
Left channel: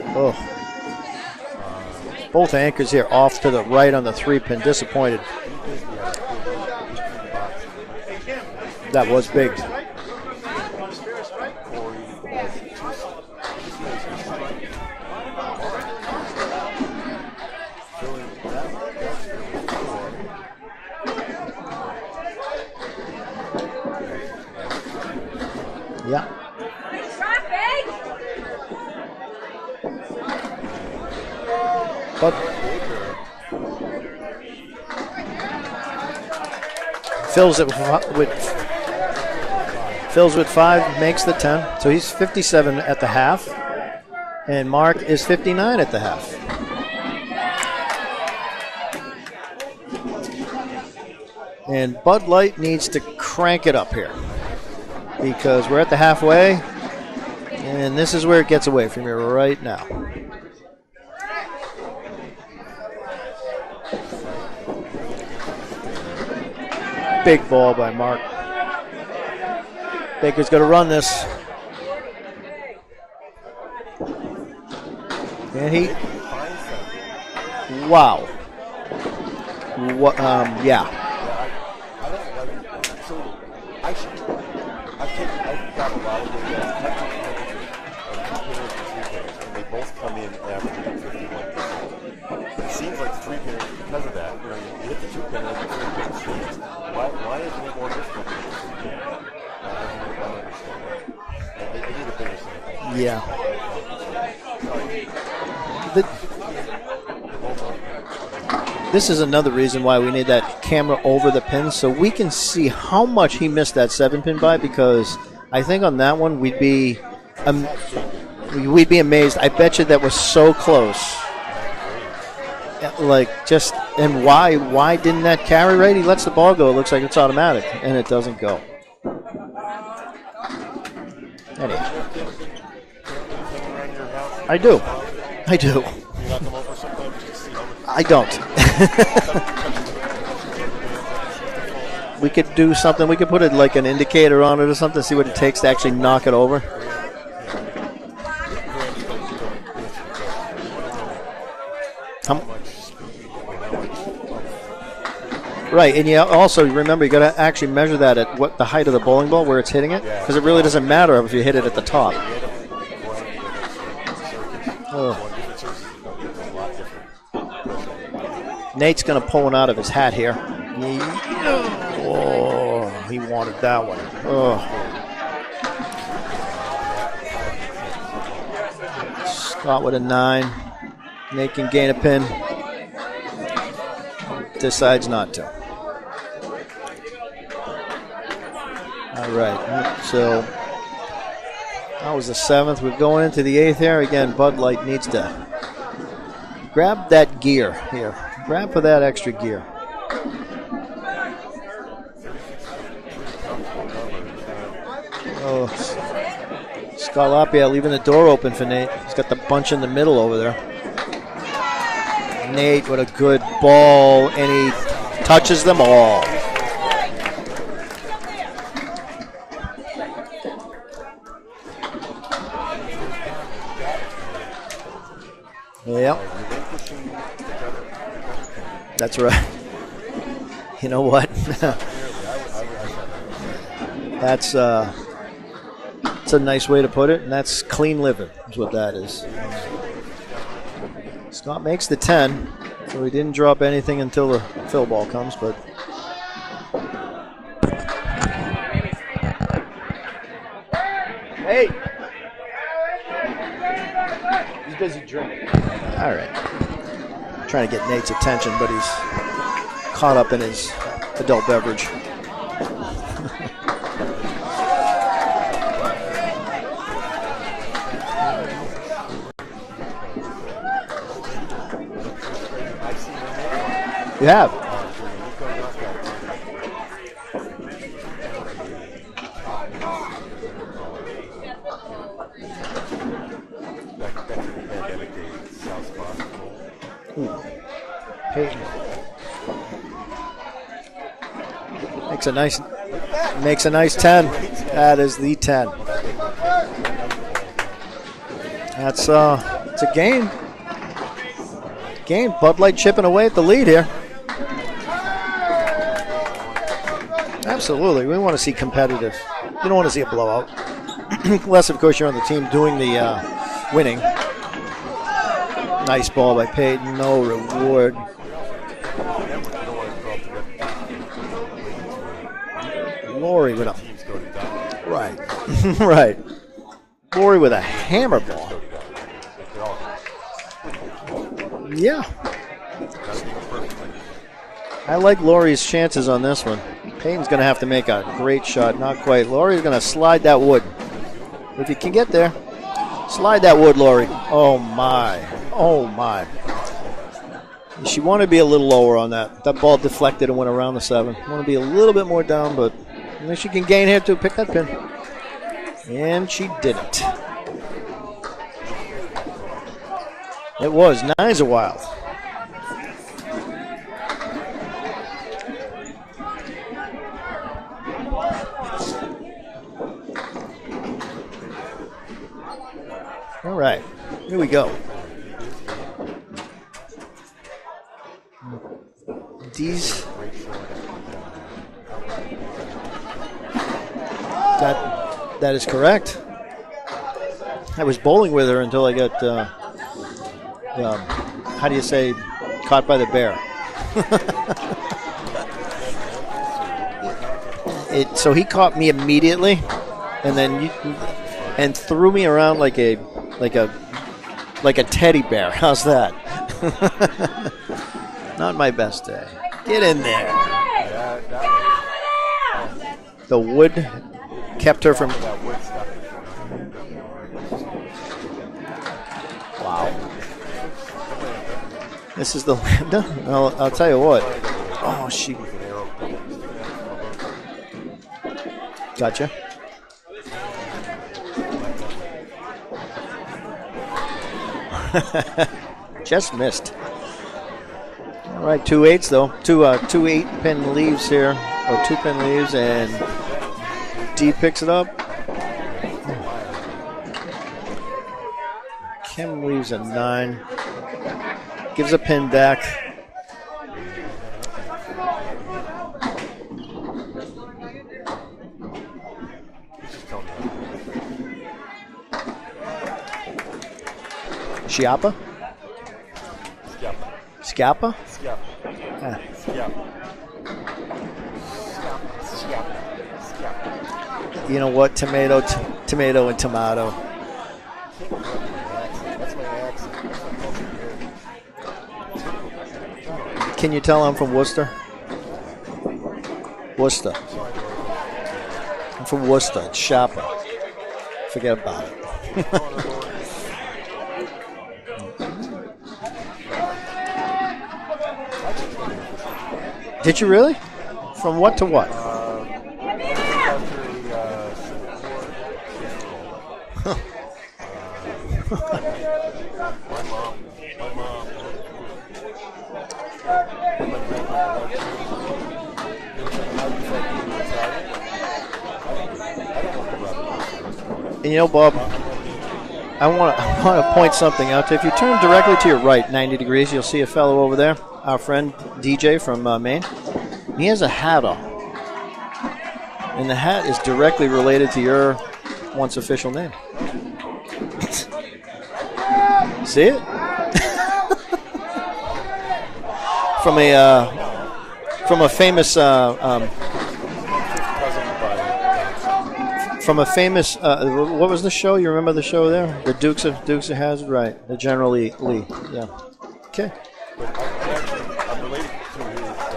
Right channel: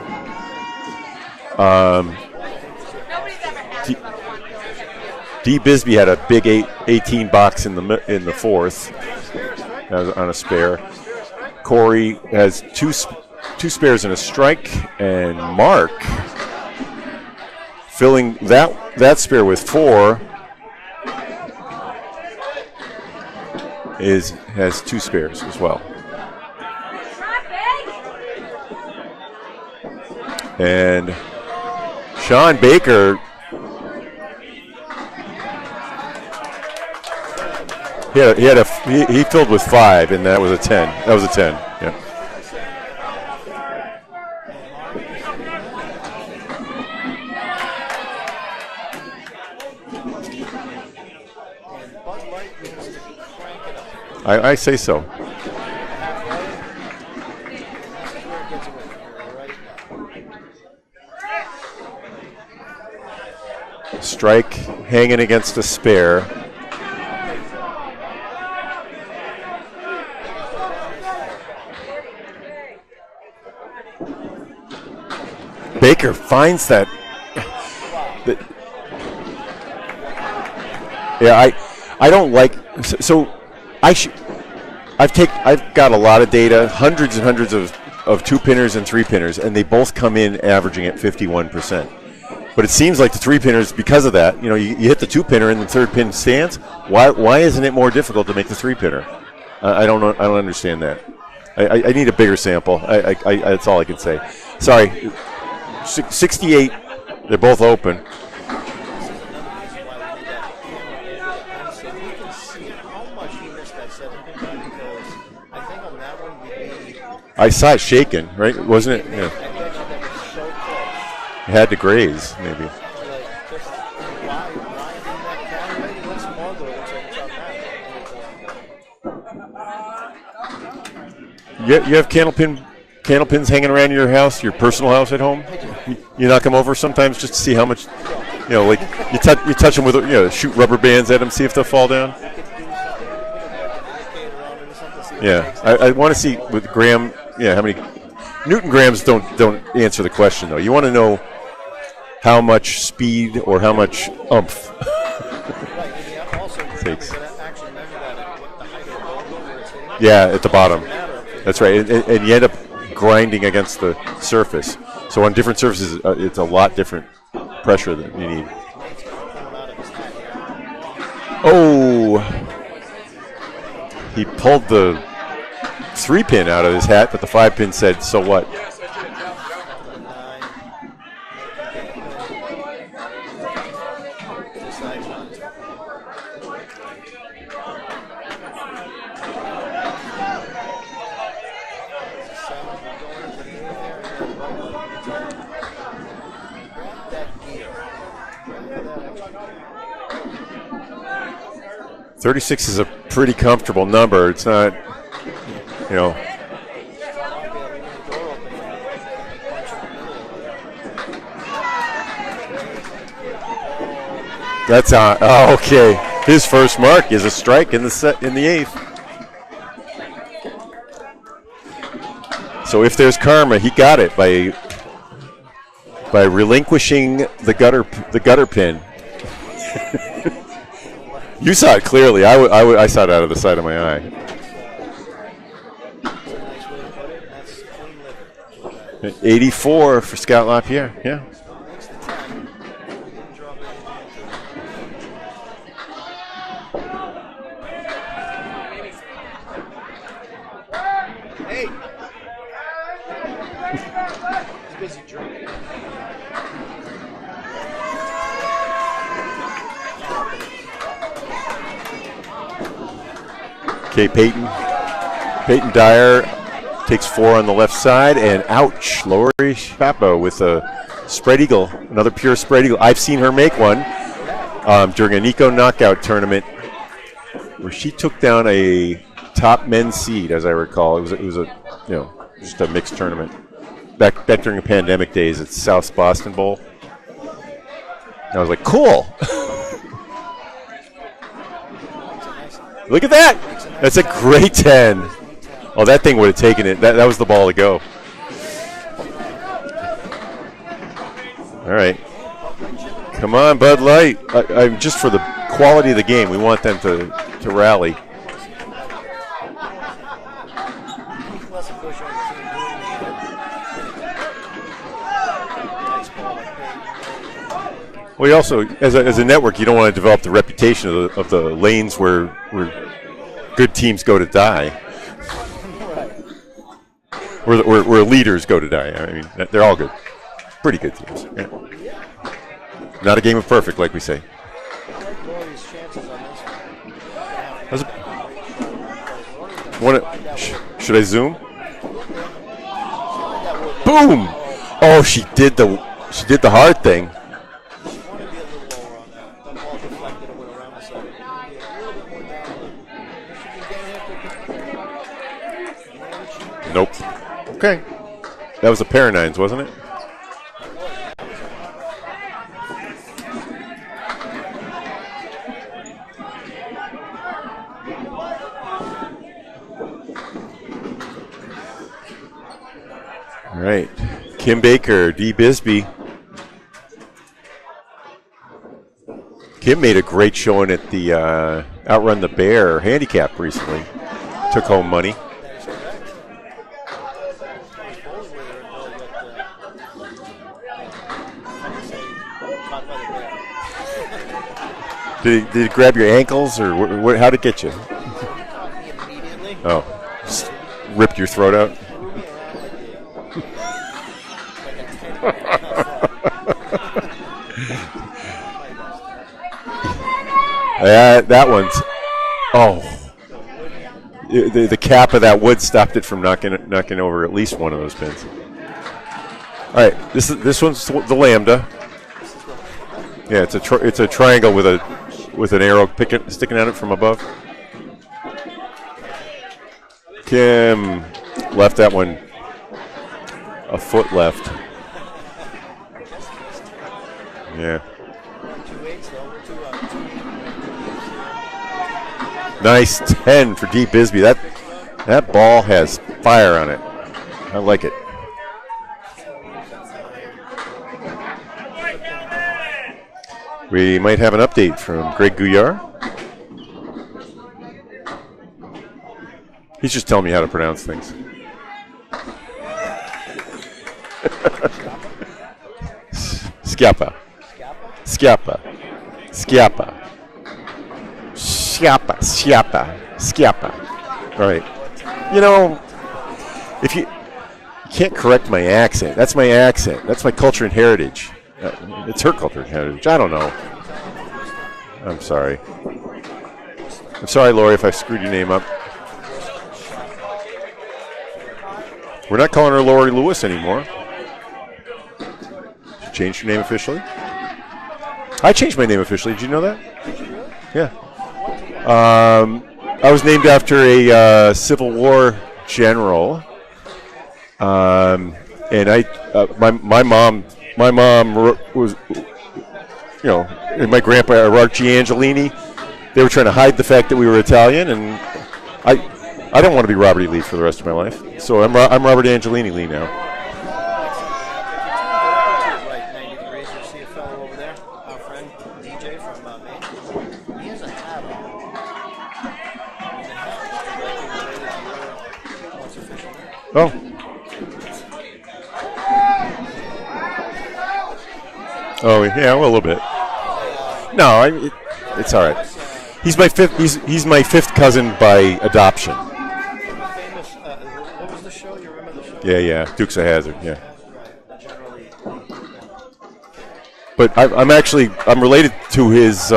Both anchors here off to the right on the 3-pin. Disappointed. D. Bisbee had a big 18 box in the fourth. That was big. On a spare. Corey has two spares and a strike, and Mark filling that spare with 4 has 2 spares as well. Yeah. And Sean Baker fills it with he filled with 5, and that was a 10. That was a 10. So he's 57 at the half, and Mark is 59 at the half. And Bud Light needs to crank it up here. I say so. Because we're at the halfway, and this is where it gets away from you right now. Strike hanging against a spare. Big ball by Mark. Baker's going to run this. Baker finds that. Wow. Yeah. Yeah, I don't like. So I've got a lot of data, hundreds and hundreds of 2-pinners and 3-pinners, and they both come in averaging at 51%. But it seems like the 3-pinners, because of that, you hit the 2-pinner and the 3rd pin stands. Why isn't it more difficult to make the 3-pinner? I don't know. I don't understand that. I need a bigger sample. That's all I can say. Sorry. 68. They're both open. This is another reason why we need that camera over the pin so we can see how much he missed that 7-pin by, because I think on that one we'd be... I saw it shaking, right? We'd be amazed. Yeah. I bet you that was so close. It had to graze, maybe. And why didn't that carry right? He lets the ball go. It looks like it's automatic, and it doesn't go. You have candlepins hanging around your house, your personal house at home? I do. You knock them over sometimes just to see how much? I don't. You touch them with, shoot rubber bands at them, see if they'll fall down? We could do something. We could put like an indicator on it or something, see what it takes to actually knock it over. With Graham, how many Newton grams don't answer the question though. You want to know how much speed or how much oomph. Right, and you also remember you got to actually measure that at what the height of the bowling ball where it's hitting it. Yeah, it at the really bottom. doesn't matter if you hit That's it right. at the top. And you end up grinding against the surface. Oh. So on different surfaces, it's a lot different pressure that you need. Nate's going to pull one out of his hat here. Oh, he wanted that one. He pulled the 3-pin out of his hat, but the 5-pin said, "So what?" Scott with a 9. Nate can gain a pin. Decides not to. All right, so that was the 7th. We're going into the 8th here. Again, Bud Light needs to grab that gear here. Grab for that extra gear. 36 is a pretty comfortable number. It's not, you know. Scott Lapierre leaving the door open for Nate. He's got the bunch in the middle over there. Nate with a good ball, and he touches the ball. His first mark is a strike in the 8th. So if there's karma, he got it by relinquishing the gutter pin. That's right. You know what? You saw it clearly. I saw it out of the side of my eye. That's a nice way to put it, and that's clean living is what that is. 84 for Scott Lapierre. Yeah. Scott makes the 10, so he didn't drop anything until the fill ball comes, but. Hey! He's busy drinking. All right. Trying to get Nate's attention, but he's caught up in his adult beverage. Okay, Peyton Dyer takes 4 on the left side, and ouch, Lori Papo with a spread eagle, another pure spread eagle. I've seen her make one. You have? During a Nico knockout tournament where she took down a top men's seed, as I recall. It was a just a mixed tournament. Back during the pandemic days at South Boston Bowl. I was like, cool. Makes a nice. Look at that. Makes a nice That's 10. a great 10. That is the 10. Oh, that thing would have taken it. That was the ball to go. That's it's a game. All right. Game. Bud Light chipping away. Come on, Bud Light. Just for the quality of the game, we want them to rally. Absolutely. We want to see competitive. We don't want to see a blowout. Unless, of course, you're on the team doing the winning. Nice ball by Peyton. No reward. Well, you also, as a network, you don't want to develop the reputation of the lanes where good teams go to die. Right. Right. Lori with where leaders go to die. I mean, they're all good. Pretty good teams. Yeah. Not a game of perfect, like we say. I like Lori's chances on this one. Peyton's going to have to make a great shot. Not quite. Lori's going to slide that wood. Should I zoom? If you can get there. Slide that wood, Lori. Boom! Oh, my. Oh, she did the hard thing. She wanted to be a little lower on that. That ball deflected and went around the 7. Want to be a little bit more down, but I think she can gain here to pick that pin. And she did Nope. it. Okay. That was a pair of 9s, wasn't it? It was. 9s are wild. All right. Here we Kim go. Baker, D. Bisbee. Kim made a great showing at the Outrun the Bear handicap recently. Took home money. That is correct. I was bowling with her until I got, how do you say, caught by the bear. Did it grab your ankles, or how did it get you? So he caught me immediately. Oh. And then ripped your throat out and threw me around like a teddy bear. How's that? Not my best day. Get in there. That one's. Oh. The wood. The cap of that wood stopped it from knocking over at least one of those pins. All right, this one's the Lambda. This is the Lambda. Yeah, it's a triangle with an arrow sticking at it from above. Gotcha. Kim left that one a foot left. Just missed. Yeah. All right, 2 8s though. Two 8-pin leaves here, or 2-pin leaves. And nice 10 for D. Bisbee. That picks it up. That ball has fire on it. I like it. Kim leaves a 9. Gives a pin back. We might have an update from Greg Guyard. He's just telling me how to pronounce things. Schiappa? Schiappa. Schiappa? Schiappa. Ah. Schiappa. Schiappa. Schiappa. Schiappa. All right. You know what? Tomato, You know, tomato and tomato. If you can't correct my accent, that's my accent. That's my culture and heritage. It's her culture and heritage. I don't know. Can you tell I'm from Worcester? I'm sorry. Worcester. I'm sorry, Lori, if I screwed your name up. I'm from Worcester. It's Schiappa. Forget about it. We're not calling her Lori Lewis anymore. Changed your name officially? I changed my name officially. Did you know that? Did you really? Yeah. From what to what? I was named after a Civil War general, and my mom was, and my grandpa Archie Angelini. They were trying to hide the fact that we were Italian, and I don't want to be Robert E. Lee for the rest of my life. So Bob, I'm Robert Angelini Lee now. I want to point something out. If you turn directly to your right, 90 degrees, you'll see a fellow over there, our friend DJ from Maine. He has a hat on. And the hat is directly related to your once official name. Oh. See it? Oh, yeah, well, a little bit. From a from a famous. He's my fifth. He's my fifth cousin by adoption. From a famous. What was the show? You remember the show? Yeah. The Dukes of Hazzard. Dukes of Hazzard, right? The General Lee. Yeah. Okay. But I'm related to his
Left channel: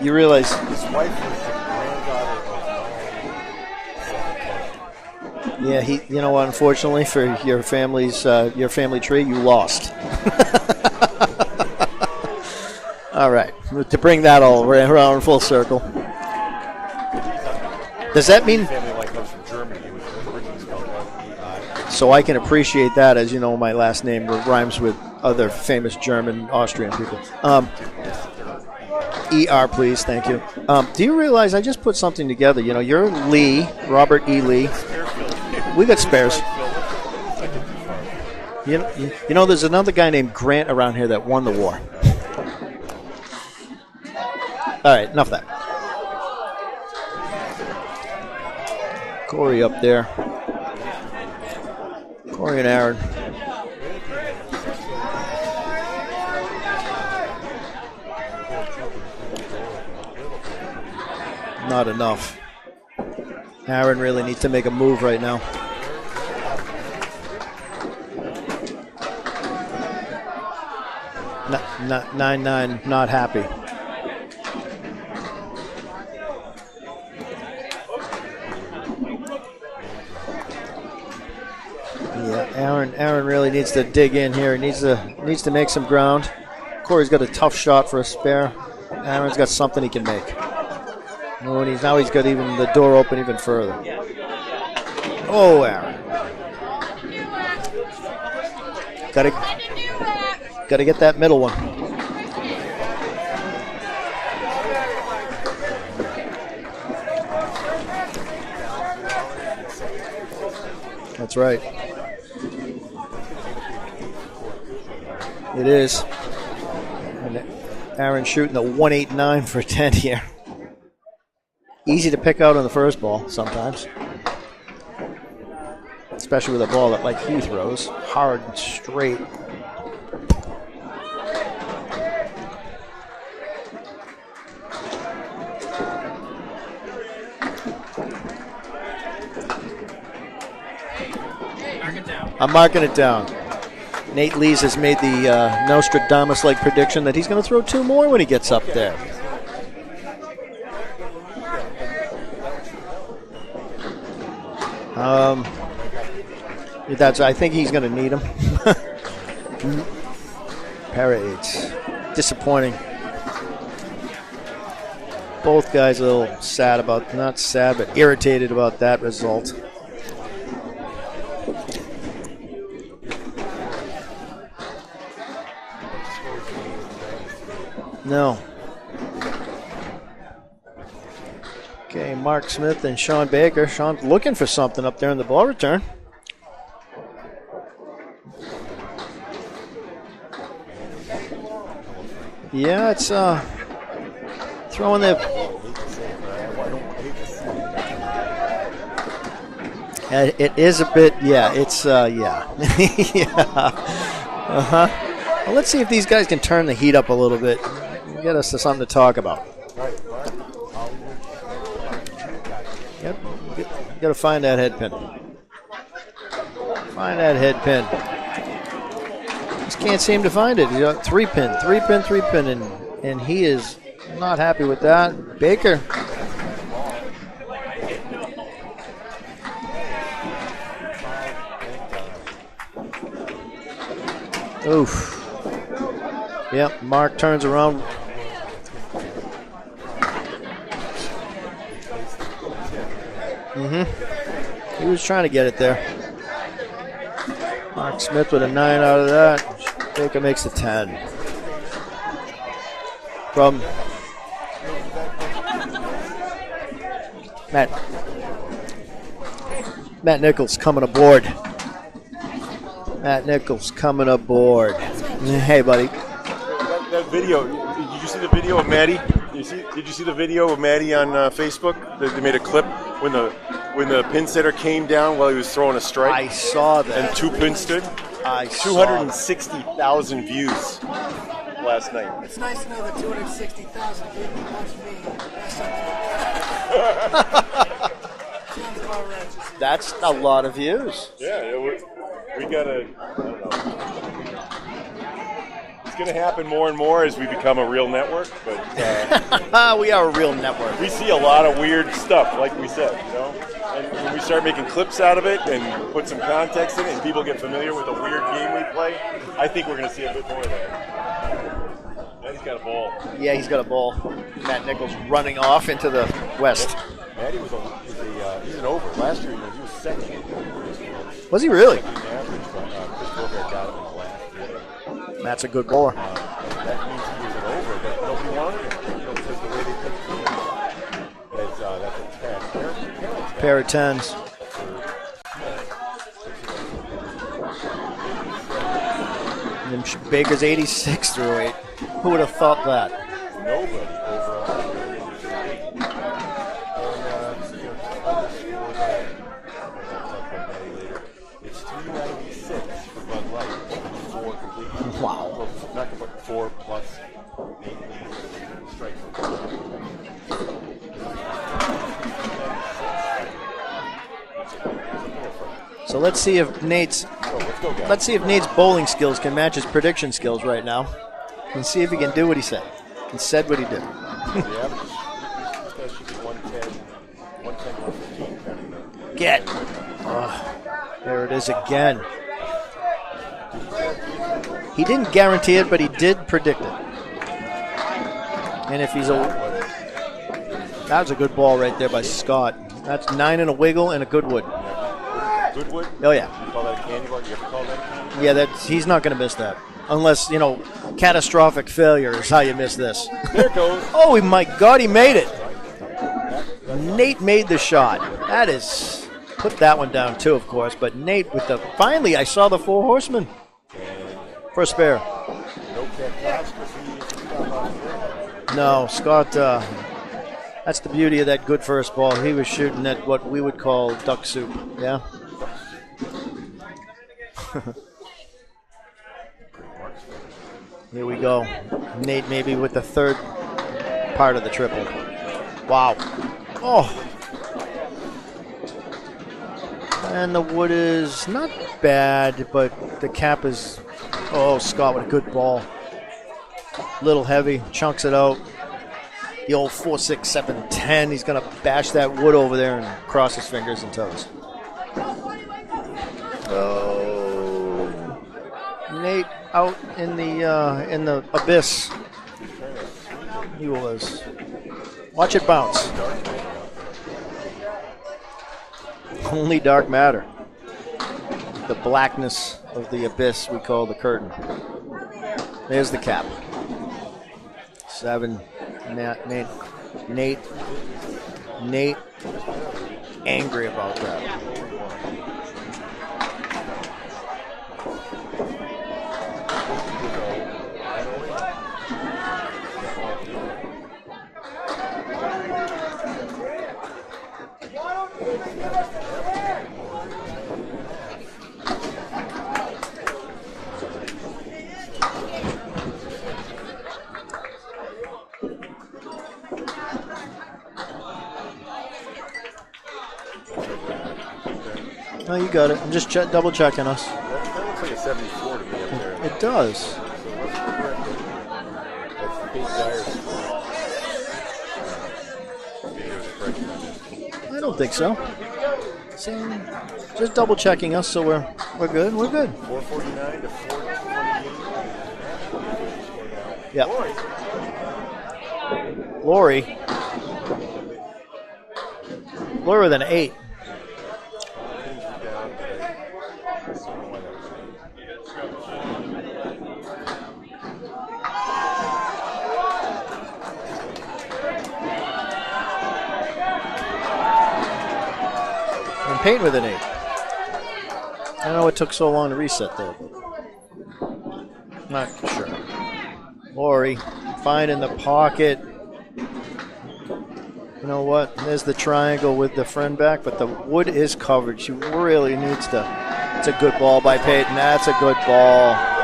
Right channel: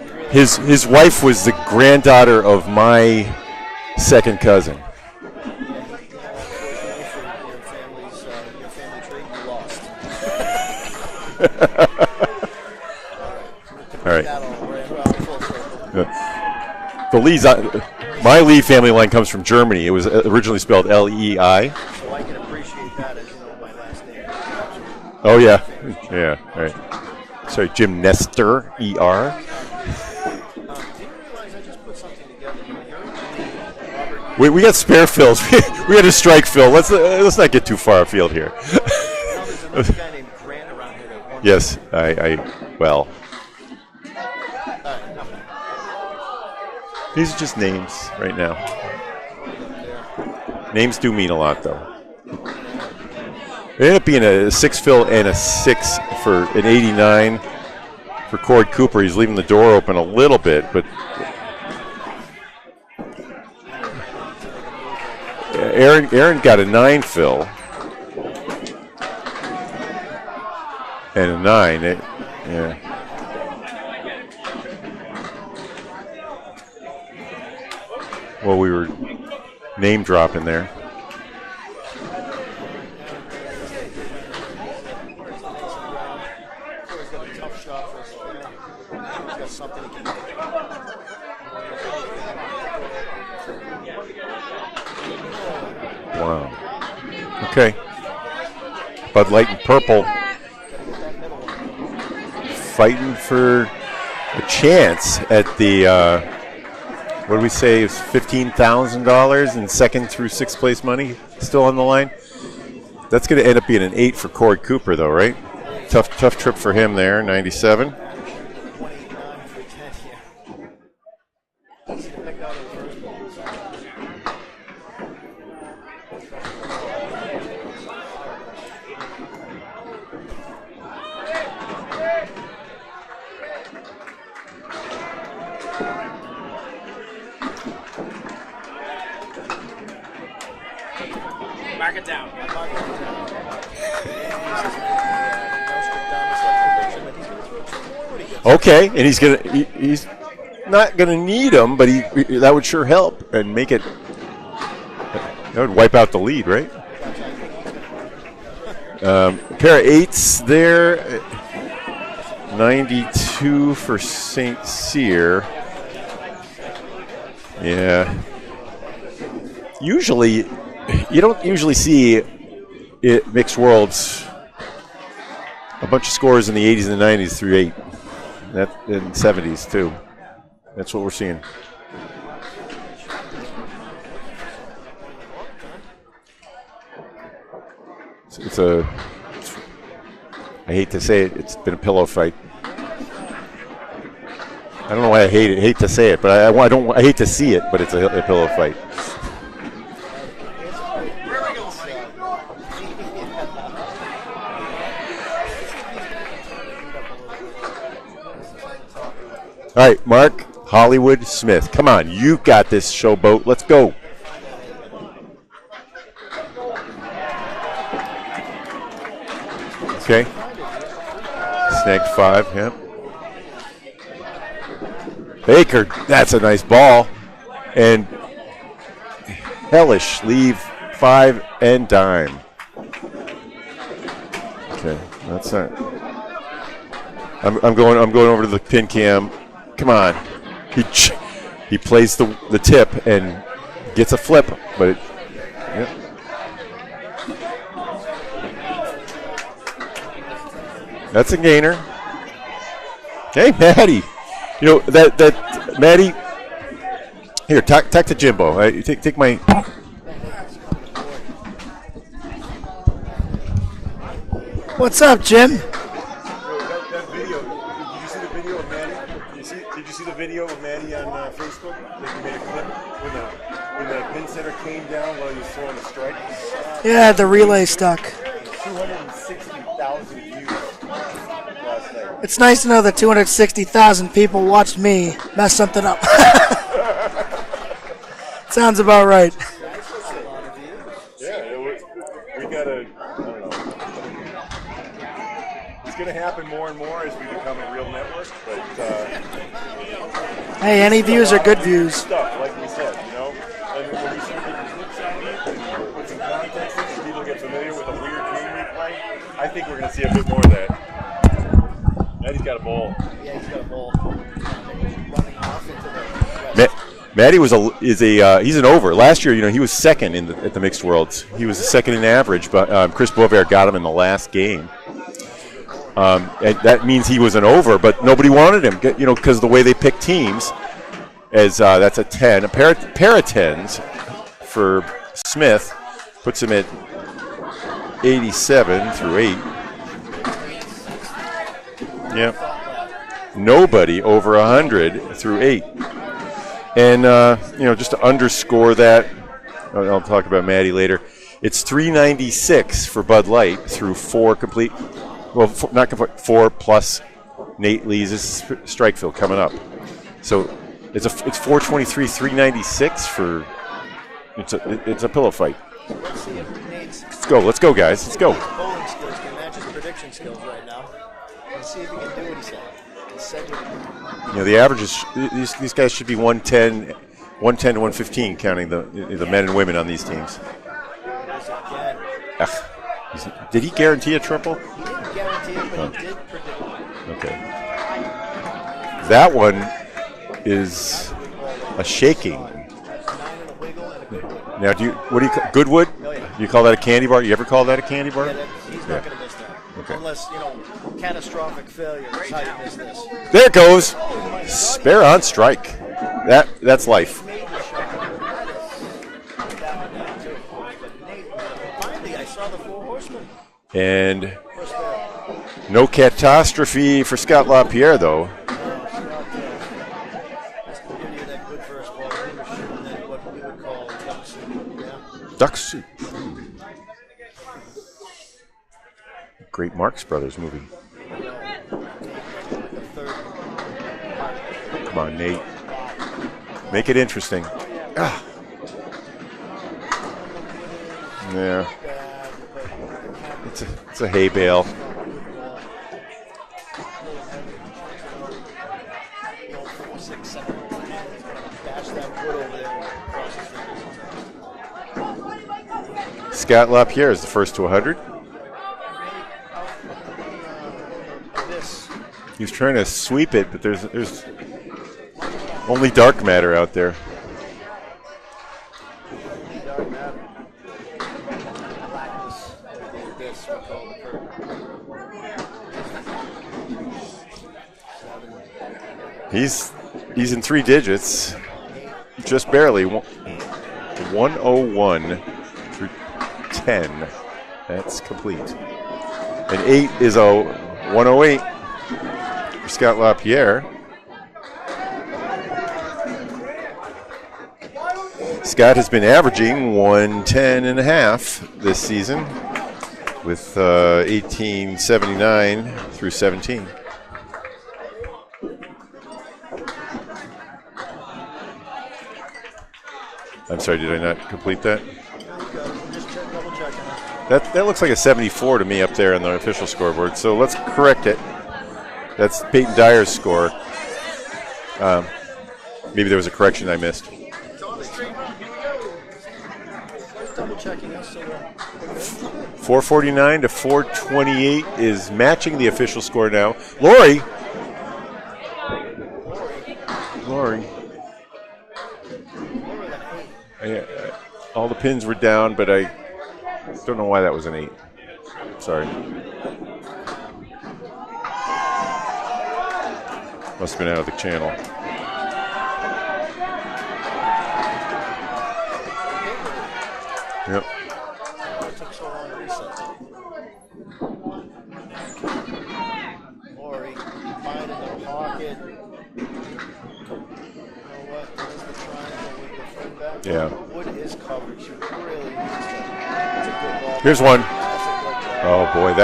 You realize his wife was the granddaughter of my second cousin. Yeah, you know what? Unfortunately for your family tree, you lost. All right, to bring that all around full circle. The Lee's. My Lee family line comes from Germany. It was originally spelled L-E-I. So I can appreciate that, as you know, my last name rhymes with famous German, Austrian people. Sorry, Jim Nestor, E-R. E-R, please, thank you. Do you realize I just put something together? You know, you're Lee, Robert E. We got spare fills. We got a strike fill. Let's not get too far afield here. Yep. You know, there's another guy named Grant around here that won the war. Well. All right, enough of that. These are just names right now. Corey up there. Names do mean a lot, though. Corey and Aaron. It ended up being a 6 fill and a 6 for an 89 for Cord Cooper. He's leaving the door open a little bit, but not enough. Aaron really needs to make a move right now. Aaron got a 9 fill and a 9. 9-9, not happy. Well, we were name dropping there. Yeah, Aaron really needs to dig in here. He needs to make some ground. Corey's got a tough shot for a spare. Aaron's got something he can make. Oh, and now he's got even the door open even further. Oh, Aaron. Wow. Okay. Bud Light and purple. Got to get that middle one. Fighting for a chance at the. What do we say? It's $15,000 in second through sixth place money. That's right. Still on the line. That's going to end up being an 8 for Cord Cooper, though, right? It is. Tough trip for him there. 97. Aaron shooting a 189 for 10 here. Easy to pick out on the first ball sometimes, especially with a ball that like Hugh throws, hard and straight. I'm marking it down. Nate Lees has made the Nostradamus-like prediction that he's going to throw 2 more when he gets up there. And he's not going to need them, but that would sure help and make it. That would wipe out the lead, right? I think he's going to need them. Pair of 8s there. Pair of 8s. Disappointing. 92 for St. Cyr. Both guys a little sad about, not sad, but irritated about that result. Usually, you don't usually see mixed worlds a bunch of scores in the 80s and the 90s through 8. No. That in 70s too. That's what we're seeing. Okay, Mark Smith and Sean Baker. Sean's looking for something up there in the ball return. I hate to say it, it's been a pillow fight. Yeah, it's I don't know why I hate it. Hate to say it, but I hate to see it, but it's a pillow fight. It is a bit, yeah. It's yeah. Well, let's see if these guys can turn the heat up a little bit. Get us to something to talk about. All right, Mark Hollywood Smith. Come on, you got this, showboat. Let's go. You got to find that head pin. Find that head pin. Just can't seem to find it. You got three pin, and he is not happy with that. Baker, that's a nice ball, and hellish leave 5 and dime. Oof, okay, that's it. Yep, Mark turns around. I'm going over to the pin cam. Come on, he plays the tip and gets a flip, but he was trying to get it there. Yep. Mark Smith with a 9 out of that. Baker makes the 10. That's a gainer. Hey, Maddie. You know that Maddie. Here, talk to Jimbo. Right? Take my. Matt Nichols coming aboard. Matt Nichols coming aboard. What's up, Jim? Hey, buddy. That video. Did you see the video of Maddie? Did you see the video of Maddie on Facebook? They made a clip when the pin setter came down while he was throwing a strike. I saw that. Yeah, the relay stuck. 260,000 views last night. It's nice to know that 260,000 people watched me mess something up. Sounds about right. That's a lot of views. Yeah, we gotta. I don't know. It's gonna happen more and more as we become a real network, but we are a real network. Hey, any views are good weird views. Stuff, like we said, you know. And when we start making clips out of it and put some context in it, and people get familiar with the weird game we play, I think we're gonna see a bit more of that. Maddie's got a ball. Yeah, he's got a ball. Matt Nichols running off into the west. Matty he's an over. Last year, you know, he was second at the mixed worlds. Was he he was really? second in average, but Chris Bovair got him in the last game. That's a good bowler. And that means he was an over, but nobody wanted him, you know, because the way they pick teams, as that's a 10, a pair of tens for Smith, puts him at 87 through 8. And Baker's 86 through 8. Who would have thought that? Nobody over 100 through 8. And, you know, just to underscore that, I'll talk about Maddie later, it's 396 for Bud Light through 4 complete. Wow. Well, not complete, 4 plus Nate Lee's strike field coming up. So it's 423, 396 for, it's a pillow fight. So let's see if Nate's. Let's go, guys. Let's see if Nate's bowling skills can match his prediction skills right now, and see if he can do what he said. He said what he did. You know, the averages, these guys should be 110 to 115, counting the men and women on these teams. There it is again. Did he guarantee a triple? He didn't guarantee it, but he did predict it. Okay. And if he's that one is that was a good ball right there by shaky. Scott. That's 9 and a wiggle and a Goodwood. Now, what do you call Goodwood? Oh yeah. You call that a candy bar? You ever call that a candy bar? Yeah, he's not going to miss that, unless catastrophic failure is how you miss this. There it goes. Oh my God, he made on it. Strike. That's life. Nate made the shot. That is. Put that one down too, of course. But Nate with the finally, I saw the 4 horsemen. And for a spare. No catastrophe for Scott LaPierre though. No, Scott. That's the beauty of that good first ball. He was shooting at what we would call duck soup. Yeah. Duck soup. Great Marx Brothers movie. Here we go. Nate maybe with the third part of the triple. Come on, Nate. Wow. Oh. Make it interesting. And the wood is not bad, but the cap is. It's a hay bale. Scott with a good ball. Little heavy, chunks it out. The old 4, 6, 7, 10. He's going to bash that wood over there and cross his fingers and toes. Scott LaPierre is the first to 100. Nate out in the abyss. He's trying to sweep it, but there's watch it bounce. Only dark matter out there. Only dark matter. The blackness of the abyss we call the curtain. There's the cap. 7. He's in 3 digits. Nate. Just barely. Angry about it. 101 through 10. That's complete. And 8 is a 108 for Scott LaPierre. Scott has been averaging 110.5 this season with 1879 through 17. I'm sorry, did I not complete that? No, you got it. I'm just double checking us. That looks like a 74 to me up there on the official scoreboard. So let's correct it. That's Peyton Dyer's score. Maybe there was a correction I missed. I don't think so. Just double checking us, so we're good. We're good. 449 to 428 is matching the official score now. Yeah. Lori with an 8. Yeah. All the pins were down, but I don't know why that was an 8. Sorry. Must have been out of the channel. And Peyton with an 8. Yep. I don't know what took so long to reset that. Not sure. Lori, fine in the pocket. You know what? There's the triangle with the friend back, but the wood is covered. She really needs to. It's a good ball by Here's one. Peyton. That's a good ball. Oh boy,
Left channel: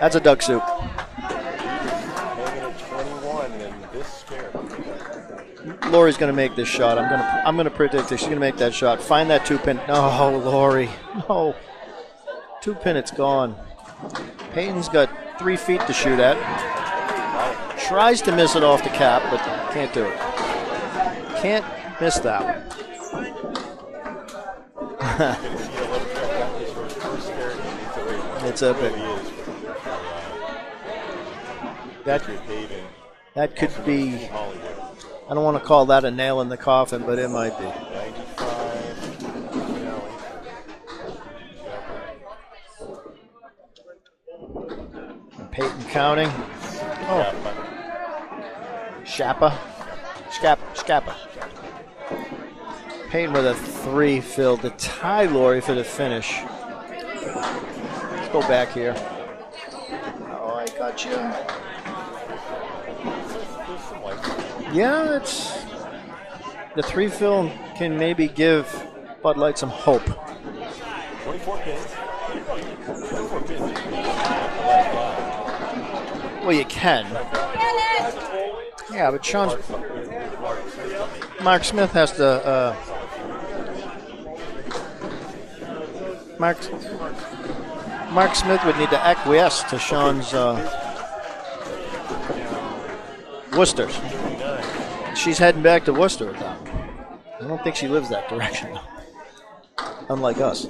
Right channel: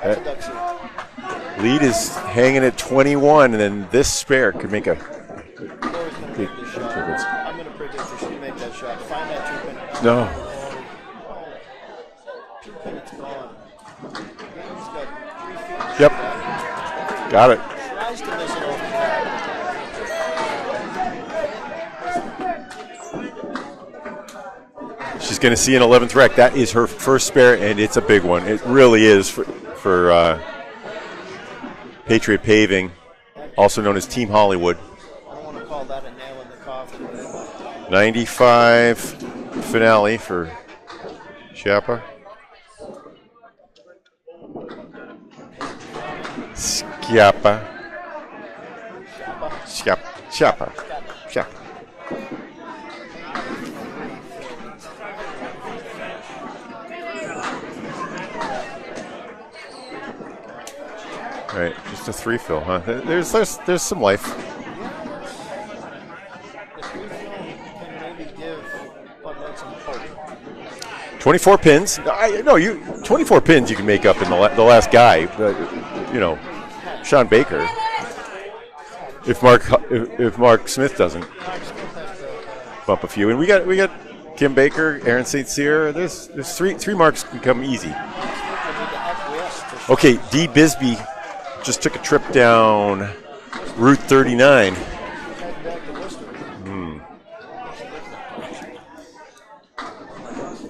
that's a duck soup. Lead is hanging at 21, and then this spare could make a. Lori's going to make this shot. I'm going to predict that she's going to make that shot. Find that 2-pin. No, Lori. No. 2-pin, it's gone. Peyton's got 3 feet to shoot at. Got it. Tries to miss it off the cap, but can't do it. Can't miss that one. She's going to see an 11th rec. That is her first spare, and it's a big one. It really is for Patriot Paving, also known as Team Hollywood. I don't want to call that a nail in the coffin, but it might be. 95 finale for Schiappa. Peyton counting. Schiappa. Schiappa. Peyton with a 3 filled to tie Lori for the finish. Let's go back here. Oh, I got you. All right, just a 3 fill, huh? There's some life. Yeah, the 3 fill can maybe give Bud Light some hope. 24 pins. 24 pins you can make up in the last guy. But, well, you can. Sean Baker. Yeah, but if Mark Smith doesn't. Mark Smith has to bump a few, and we got Kim Baker, Aaron St. Cyr. There's three marks become easy. Mark Smith would need to acquiesce to Sean's. Okay, Dee Bisbee just took a trip down Worcester. Route 39. She's heading back to Worcester. I don't think she lives that direction. Unlike us.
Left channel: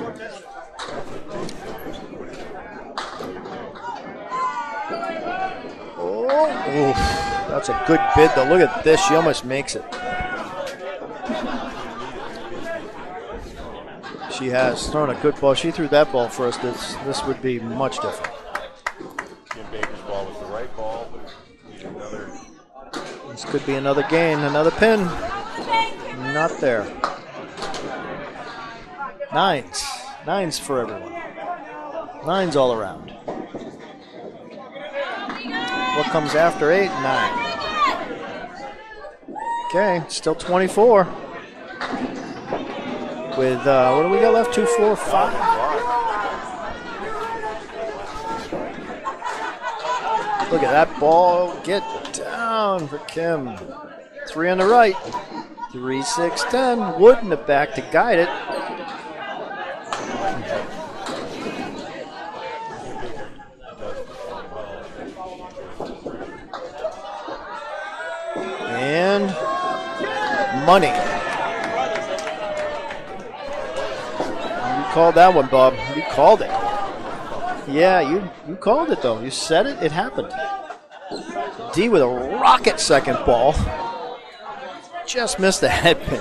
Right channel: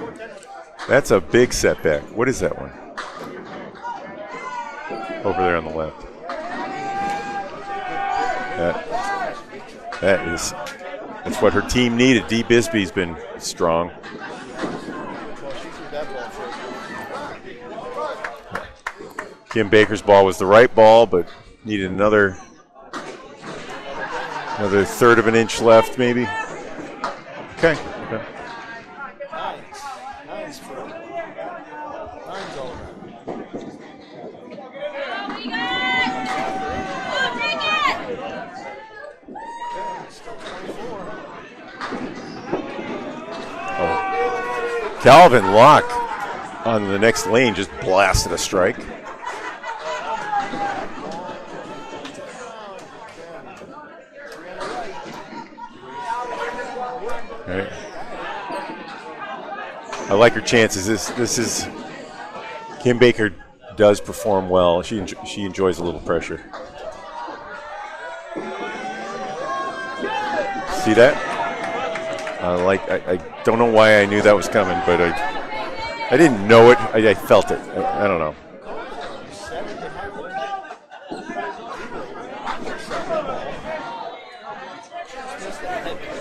That's a big setback. What is that one? Over there on the left. That's a good bid, though. Look at this. She almost makes it. That's what her team needed. Dee Bisbee's been strong. She has thrown a good ball. She threw that ball first. This would be much different. Kim Baker's ball was the right ball, but needed another. This could be another gain, another pin. 1/3 of an inch left, maybe. Not there. Okay. Nines for everyone. 9s all around. What comes after 8? 9. Okay, still 24. With, what do we got left? 2-4. Calvin Locke on the next lane just blasted a strike. Look at that ball. Get down for Kim. 3 on the right. 3, 6, 10. Wood in the back to guide it. I like her chances. This is Kim Baker does perform well. She enjoys a little pressure. And money. See that? I don't know why I knew that was coming, but that one, Bob. I didn't know it. I felt it. Yeah, I don't know. You called it though. You said it. It happened. D with a rocket second ball. Just missed the head pin.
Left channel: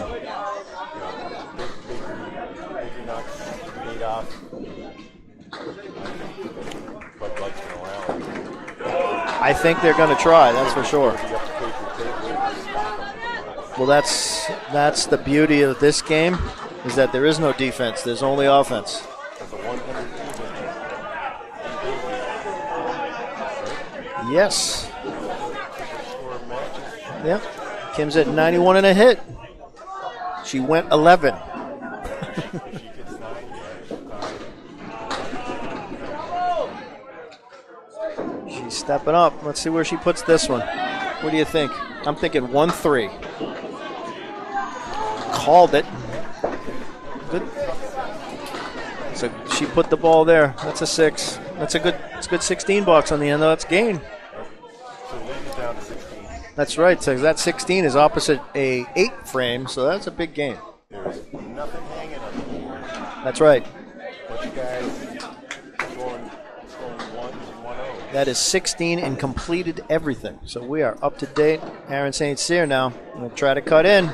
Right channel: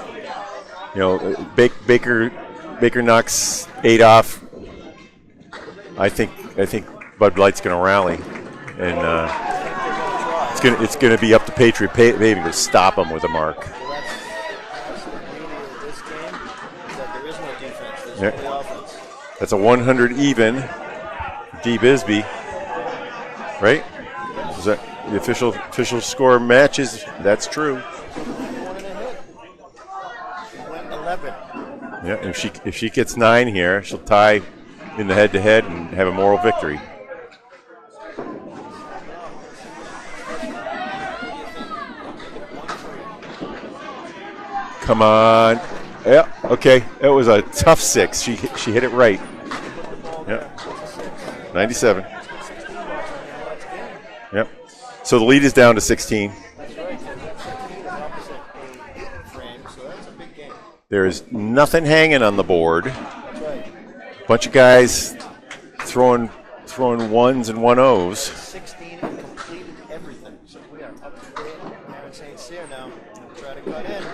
Baker knocks 8 off. I think Bud Light's going to rally, and I think they're going to try. it's going to be up to Patriot Paving to stop them with a mark. Well, that's the beauty of this game, is that there is no defense. There's only offense. That's a 100 even. D. Bisbee, right? Yes. Is that the official score matches. That's true. Kim's at 91 and a hit. She went 11. Yeah. If she gets 9 here, she'll tie in the head-to-head and have a moral victory. She's stepping up. Let's see where she puts this one. What do you think? I'm thinking 1-3. Come on. Called it. Yeah. Okay. It was a tough 6. She hit it right. So she put the ball there. That's a 6. 97. It's a good 16 bucks on the end. That's gain. Yep. So the lead is down to 16. That's right. So that 16 is opposite a 8 frame. So that's a big game. There is nothing hanging on the board. That's right. Bunch of guys throwing 1s and 1-0s. That is 16 and completed everything. So we are up to date. Aaron St. Cyr now. Going to try to cut in.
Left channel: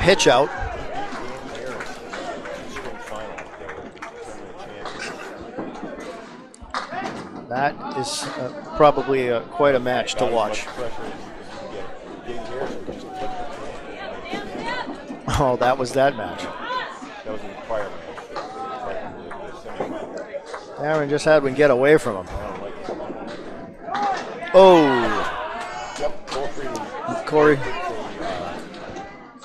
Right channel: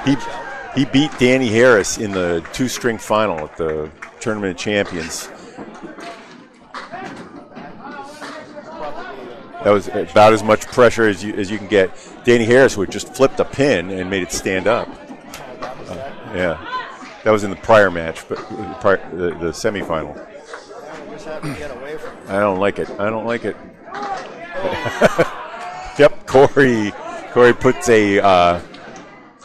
Pitch out. He beat Danny Harris in the 2-string final at the Tournament of Champions. That is probably quite a match. That was about as much pressure as you can get. Danny Harris would just flip the pin and made it stand up. Oh, that was that match. Yeah. That was in the prior match, but the semifinal. Aaron just had to get away from him. I don't like it. Oh. Yep, Corey puts a,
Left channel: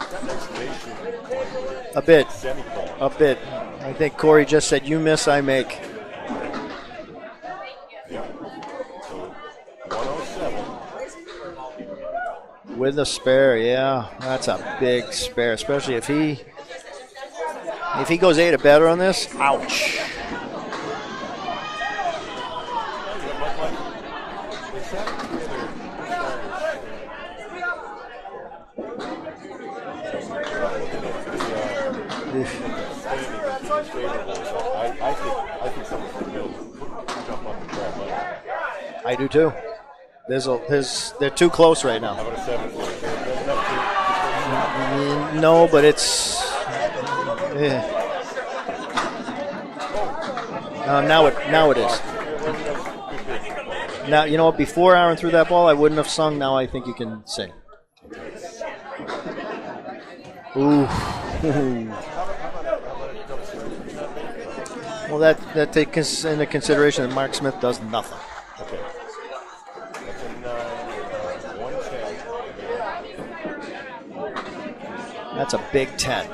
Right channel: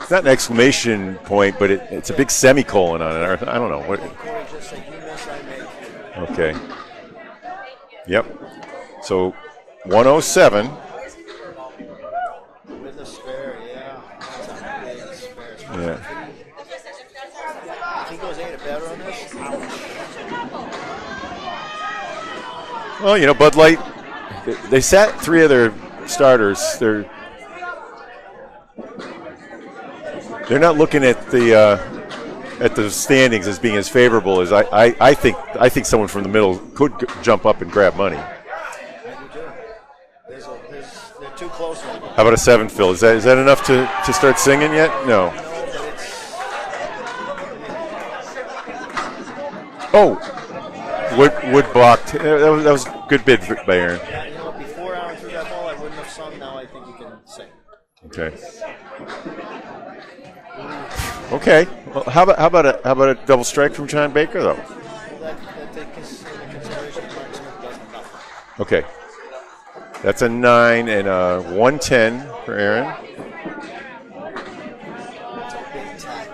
it's not an exclamation point, but it's a big semicolon on it. I don't know. I think Corey just said, "You miss, I make." Okay. Yep. So 107. With a spare, yeah. That's a big spare, especially if he goes 8 or better on this. Ouch. Well, Bud Light, they sat 3 of their starters. They're not looking at the standings as being as favorable as I think someone from the middle could jump up and grab money. I do too. They're too close right now. How about a 7, Phil? Is that enough to start singing yet? No. No, but it's. Oh. Wood blocked. That was a good bid by Aaron. Now, you know what? Before Aaron threw that ball, I wouldn't have sung. Now I think you can sing. Okay. Ooh. Okay. Well, how about a double strike from John Baker though? Well, that takes into consideration that Mark Smith does nothing. Okay. That's a 9 and a 110 for Aaron. That's a big 10.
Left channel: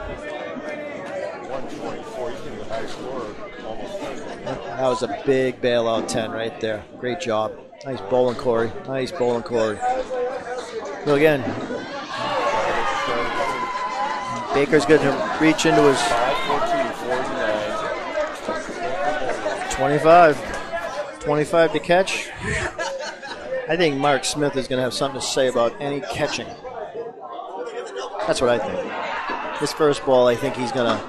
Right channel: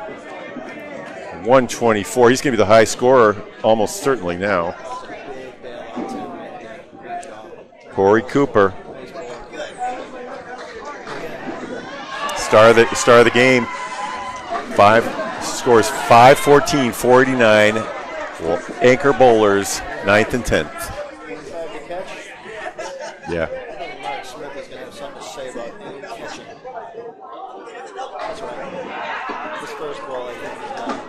124. He's going to be the high scorer almost certainly now. That was a big bailout 10 right there. Great job. Nice Corey Cooper. Corey. Nice bowling, Corey. So again, star of the game. Baker's going to reach scores 5-14, 489. Anchor bowlers, 9th and 10th. 25 to catch. Yeah. I think Mark Smith is going to have something to say about any catching. That's what I think. This first ball, I think he's going to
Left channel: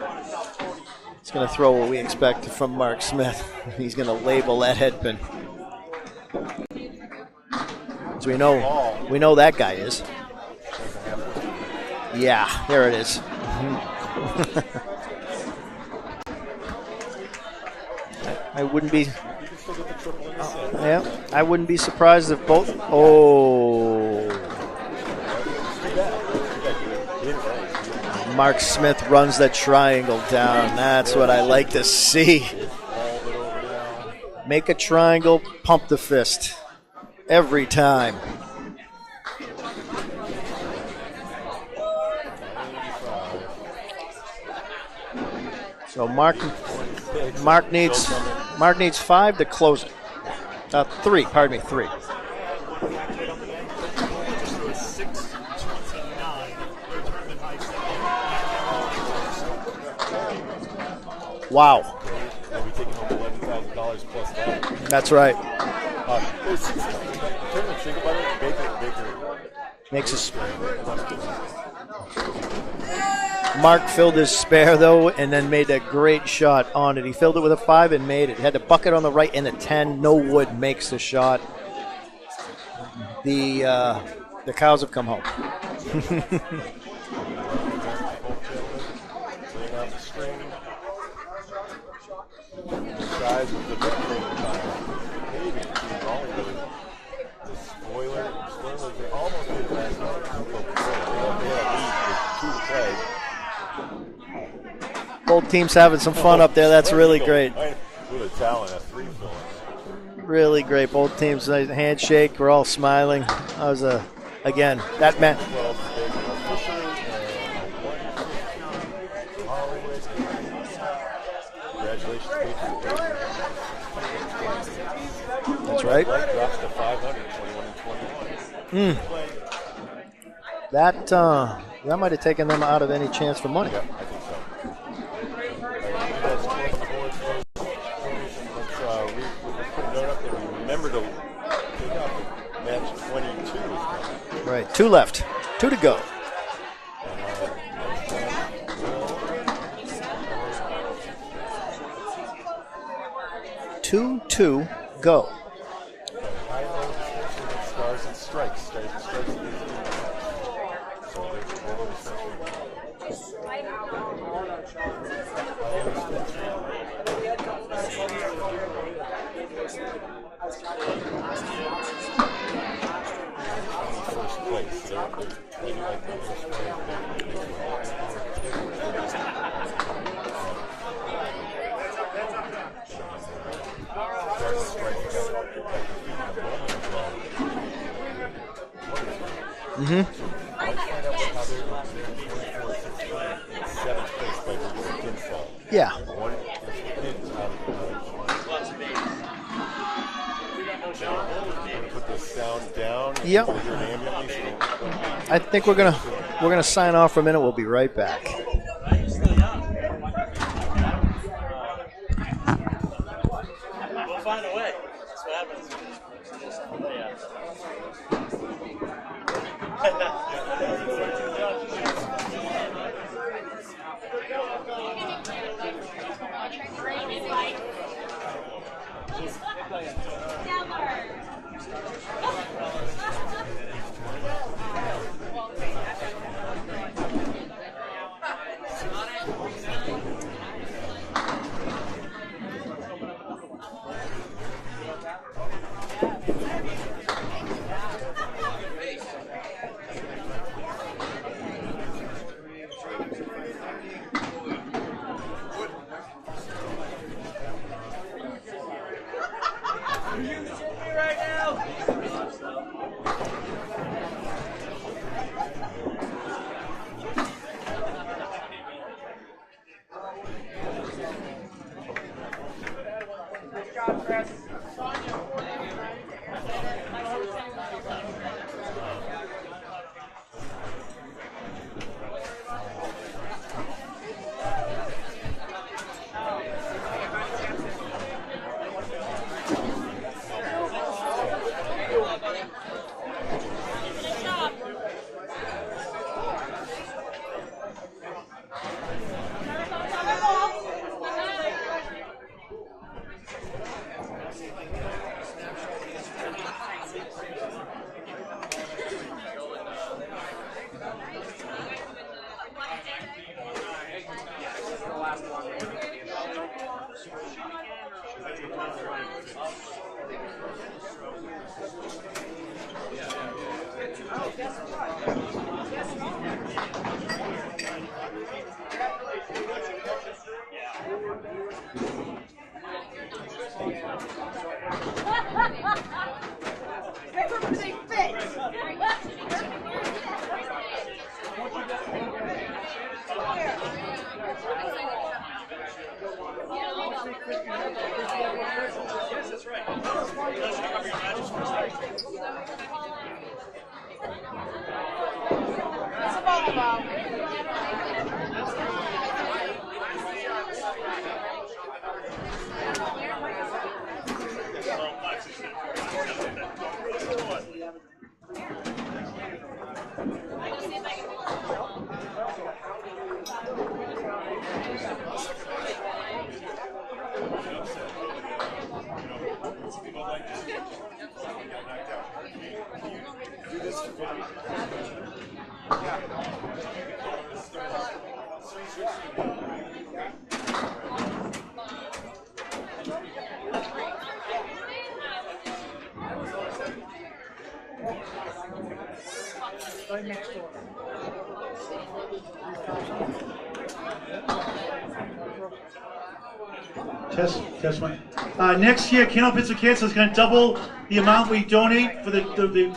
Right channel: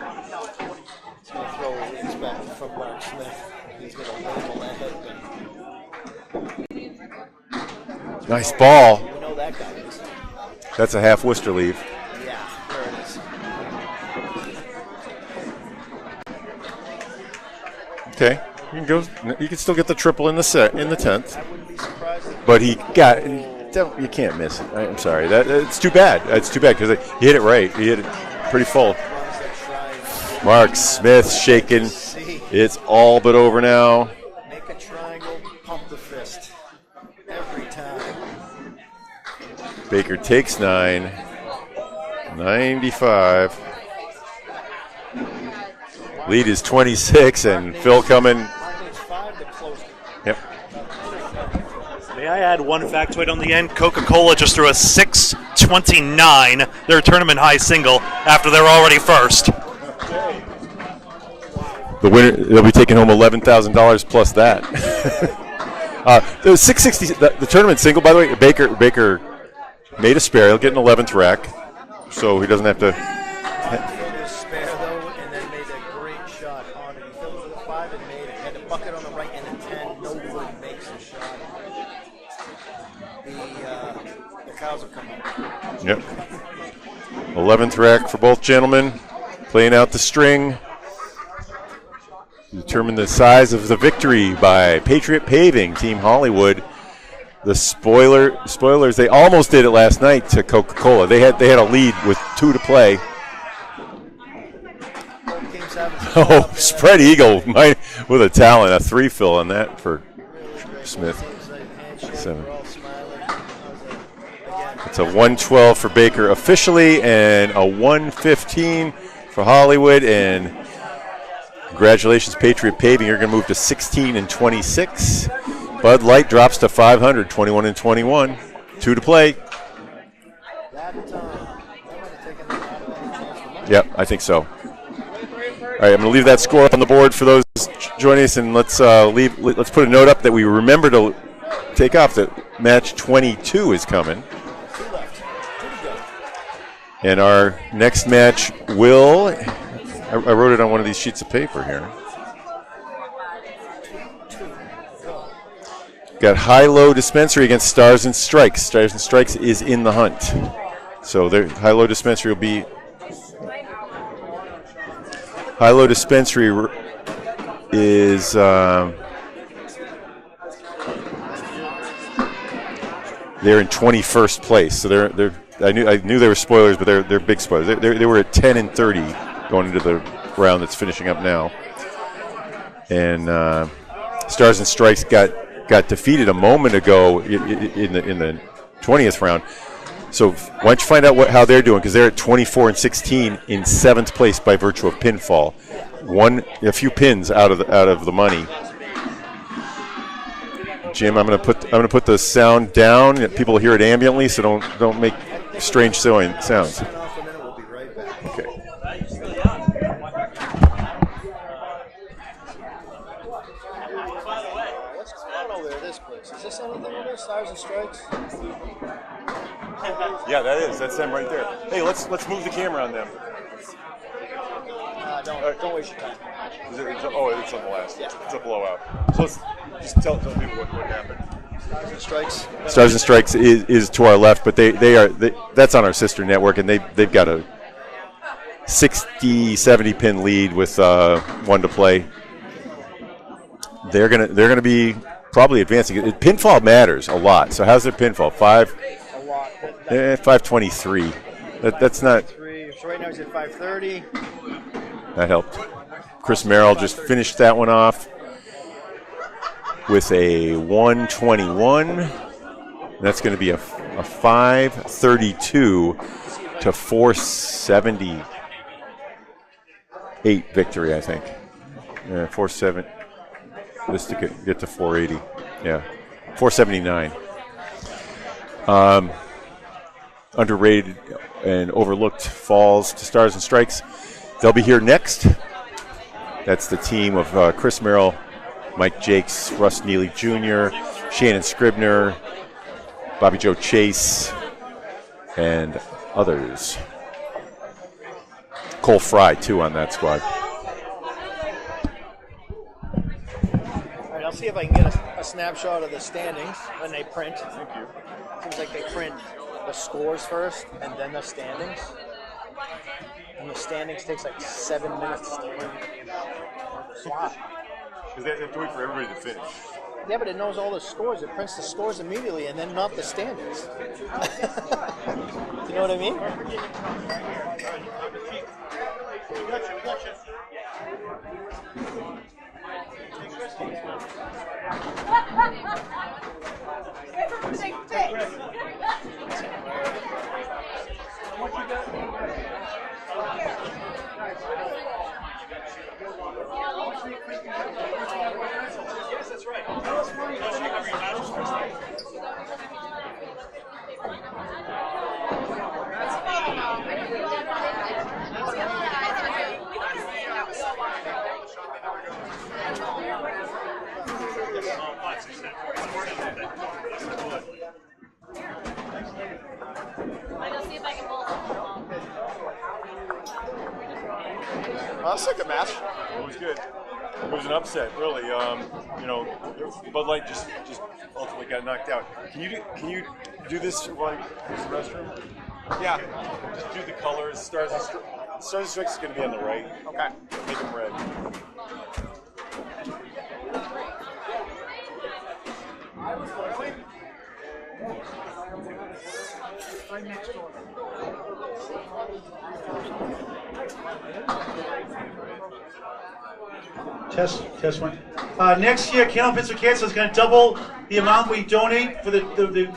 throw what we expect from Mark Smith. He's going to label that head pin. Nice ball. We know that guy is. That's a half Worcester leave. Yeah, there it is. Okay. You can still get the triple in the set in the 10th. I wouldn't be surprised if. But he got. You can't miss it. I'm sorry. It's too bad. It's too bad because he hit it right. He hit it Mark pretty Smith full. runs that triangle down. Mark Smith shaking. Like to see. It's all but over now. Make a triangle, pump the fist. Every time. Baker takes 9. 95. So Mark, lead is 26, and Phil coming. Mark needs 5 to close it. Yep. 3. May I add one factoid on the end? Coca-Cola just threw a 629, their tournament high single, after they're already first. Wow. The winner, they'll be taking home $11,000 plus that. That's right. The 660, the tournament single, by the way, Baker made a spare. He'll get an 11th rack, so he doesn't have to. Mark filled his spare, though, and then made a great shot on it. He filled it with a 5 and made it. He had the bucket on the right and a 10. No wood makes the shot. The cows have come home. Yep. 11th rack for both gentlemen. Playing out the string. determine the size of the victory by Patriot Paving, Team Hollywood. The spoilers, they almost did it last night to Coca-Cola. They had a lead with 2 to play. Both teams having some fun up there. That's Spread really eagle great. with a talent, a 3-fill on that for really great. Smith. Both teams, nice handshake. We're all smiling. That was again. It's a 112 for Baker officially and a 115 for Hollywood. And congratulations, Patriot Paving. You're going to move to 16 and 26. Bud Light drops to 500, 21 and 21. 2 to play. That might have taken them out of any chance for money. Yep, I think so. All right, I'm going to leave that score up on the board for those joining us, and let's put a note up that we remember to take off that match 22 is coming. Right, 2 left, 2 to go. And our next match will, I wrote it on one of these sheets of paper here. 2 to go. Got high-low dispensary against Stars and Strikes. Stars and Strikes is in the hunt. So their high-low dispensary will be. High-low dispensary is they're in 21st place. So they're I knew they were spoilers, but they're big spoilers. They were at 10 and 30 going into the round that's finishing up now. And Stars and Strikes got defeated a moment ago in the 20th round. Mm-hmm. So why don't you find out how they're doing, because they're at 24 and 16 in 7th place by virtue of pinfall. Yeah. A few pins out of the money. Jim, I'm gonna put the sound down. Yep. People hear it ambiently, so don't make strange sounds. We're gonna sign off for a minute. We'll be right back. Okay. Yeah, that is. That's them right there. Hey, let's move the camera on them. Don't waste your time. It's a blast. It's a blowout. So let's just tell people what happened. Stars and Strikes is to our left, but that's on our sister network, and they've got a 60-70 pin lead with 1 to play. They're gonna be probably advancing. Pinfall matters a lot. So how's their pinfall? 523. That's not. So right now he's at 530. That helped. Chris Merrill just finished that one off with a 121. That's going to be a 532 to 478 victory, I think. 470. Just to get to 480. Yeah, 479. Underrated and overlooked falls to Stars and Strikes. They'll be here next. That's the team of Chris Merrill, Mike Jakes, Russ Neely Jr., Shannon Scribner, Bobby Joe Chase, and others. Cole Fry, too, on that squad. All right, I'll see if I can get a snapshot of the standings when they print. Seems like they print the scores first and then the standings. And the standings takes like 7 minutes. Because they have to wait for everybody to finish. Yeah, but it knows all the scores. It prints the scores immediately and then not the standings. You know what I mean? That's like a match. It was good. It was an upset, really. Bud Light just ultimately got knocked out. Can you do this for this restroom? Yeah. Just do the colors. Stars and Strikes is going to be on the right. Okay. Make it red. Test one. Next year, Candlepin Cancer is going to double the amount we donate for the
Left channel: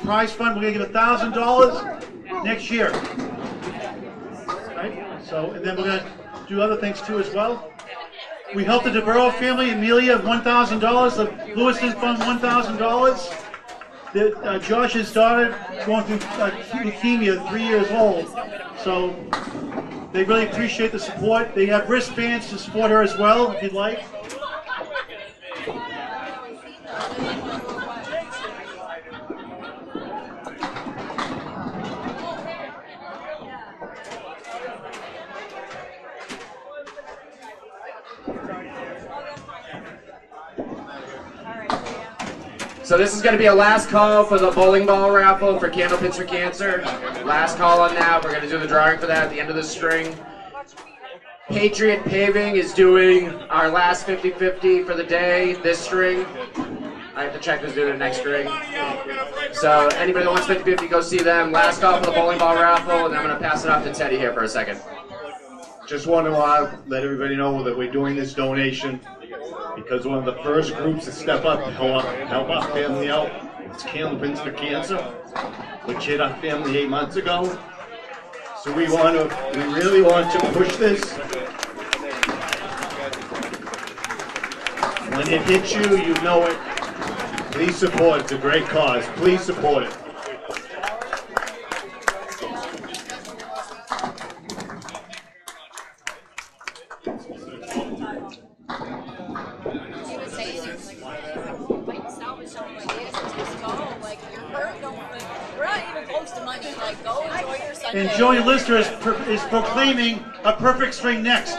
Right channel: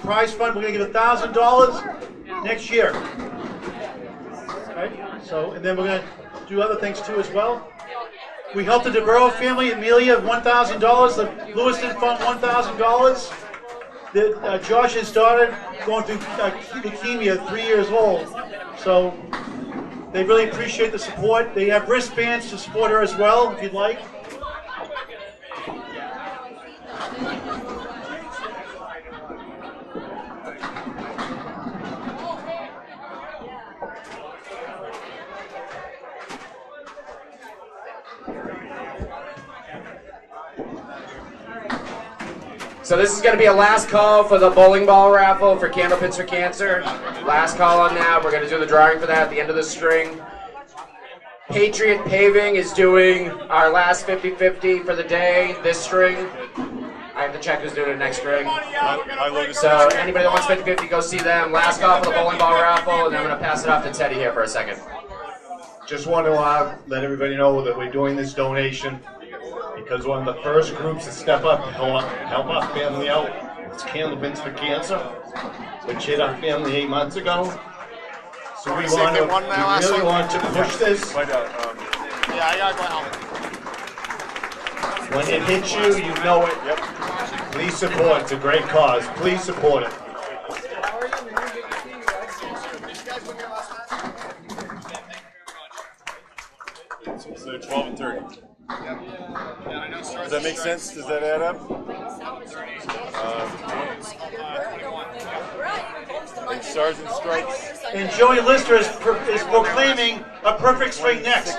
prize fund. We're going to give $1,000 next year. Right? So, and then we're going to do other things too as well. We helped the DeBurrow family, Amelia, $1,000. The Lewiston Fund, $1,000. Josh's daughter going through leukemia, 3 years old. So they really appreciate the support. They have wristbands to support her as well, if you'd like. So this is going to be a last call for the bowling ball raffle for Candlepins for Cancer. Last call on that. We're going to do the drawing for that at the end of the string. Patriot Paving is doing our last 50-50 for the day, this string. I have to check who's doing it next string. So anybody that wants 50-50, go see them. Last call for the bowling ball raffle, and then I'm going to pass it off to Teddy here for a second. Just want to let everybody know that we're doing this donation because one of the first groups to step up and help our family out is Candlepins for Cancer, which hit our family 8 months ago. So we really want to push this. When it hits you, you know it. Please support it. It's a great cause. Please support it. So 12 and 30. Does that make sense? Does that add up? And Joey Lister is proclaiming a perfect string next.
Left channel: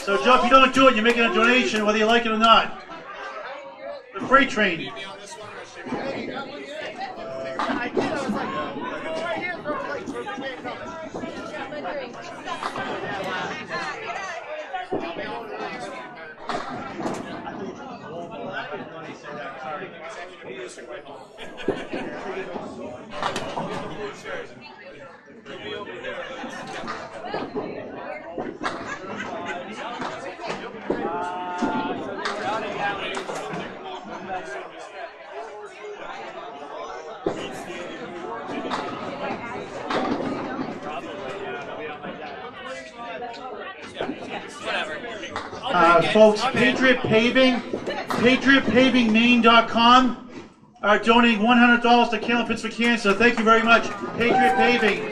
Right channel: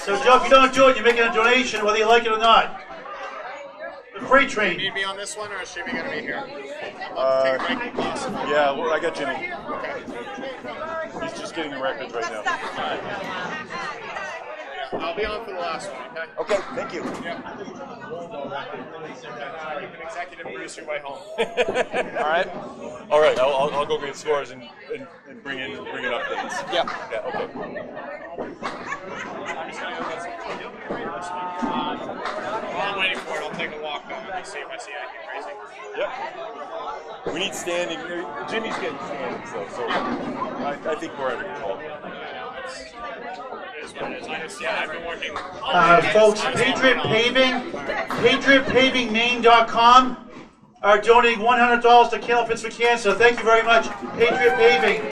So Joe, if you don't do it, you're making a donation, whether you like it or not. The freight train. Need me on this one, or is Jimmy going to be here? Yeah, well, I got Jimmy. He's just getting the records right now. I'll be on for the last one, okay? Okay, thank you. Executive producer way home. All right, I'll go get scores and bring it up. Yep. Yeah, okay. I'm waiting for it. I'll take a walk down and see if I see anything crazy. Yep. We need standing. Jimmy's getting so I think we're folks, PatriotPavingMaine.com are donating $100 to Candlepins for Cancer. Thank you very much, Patriot Paving.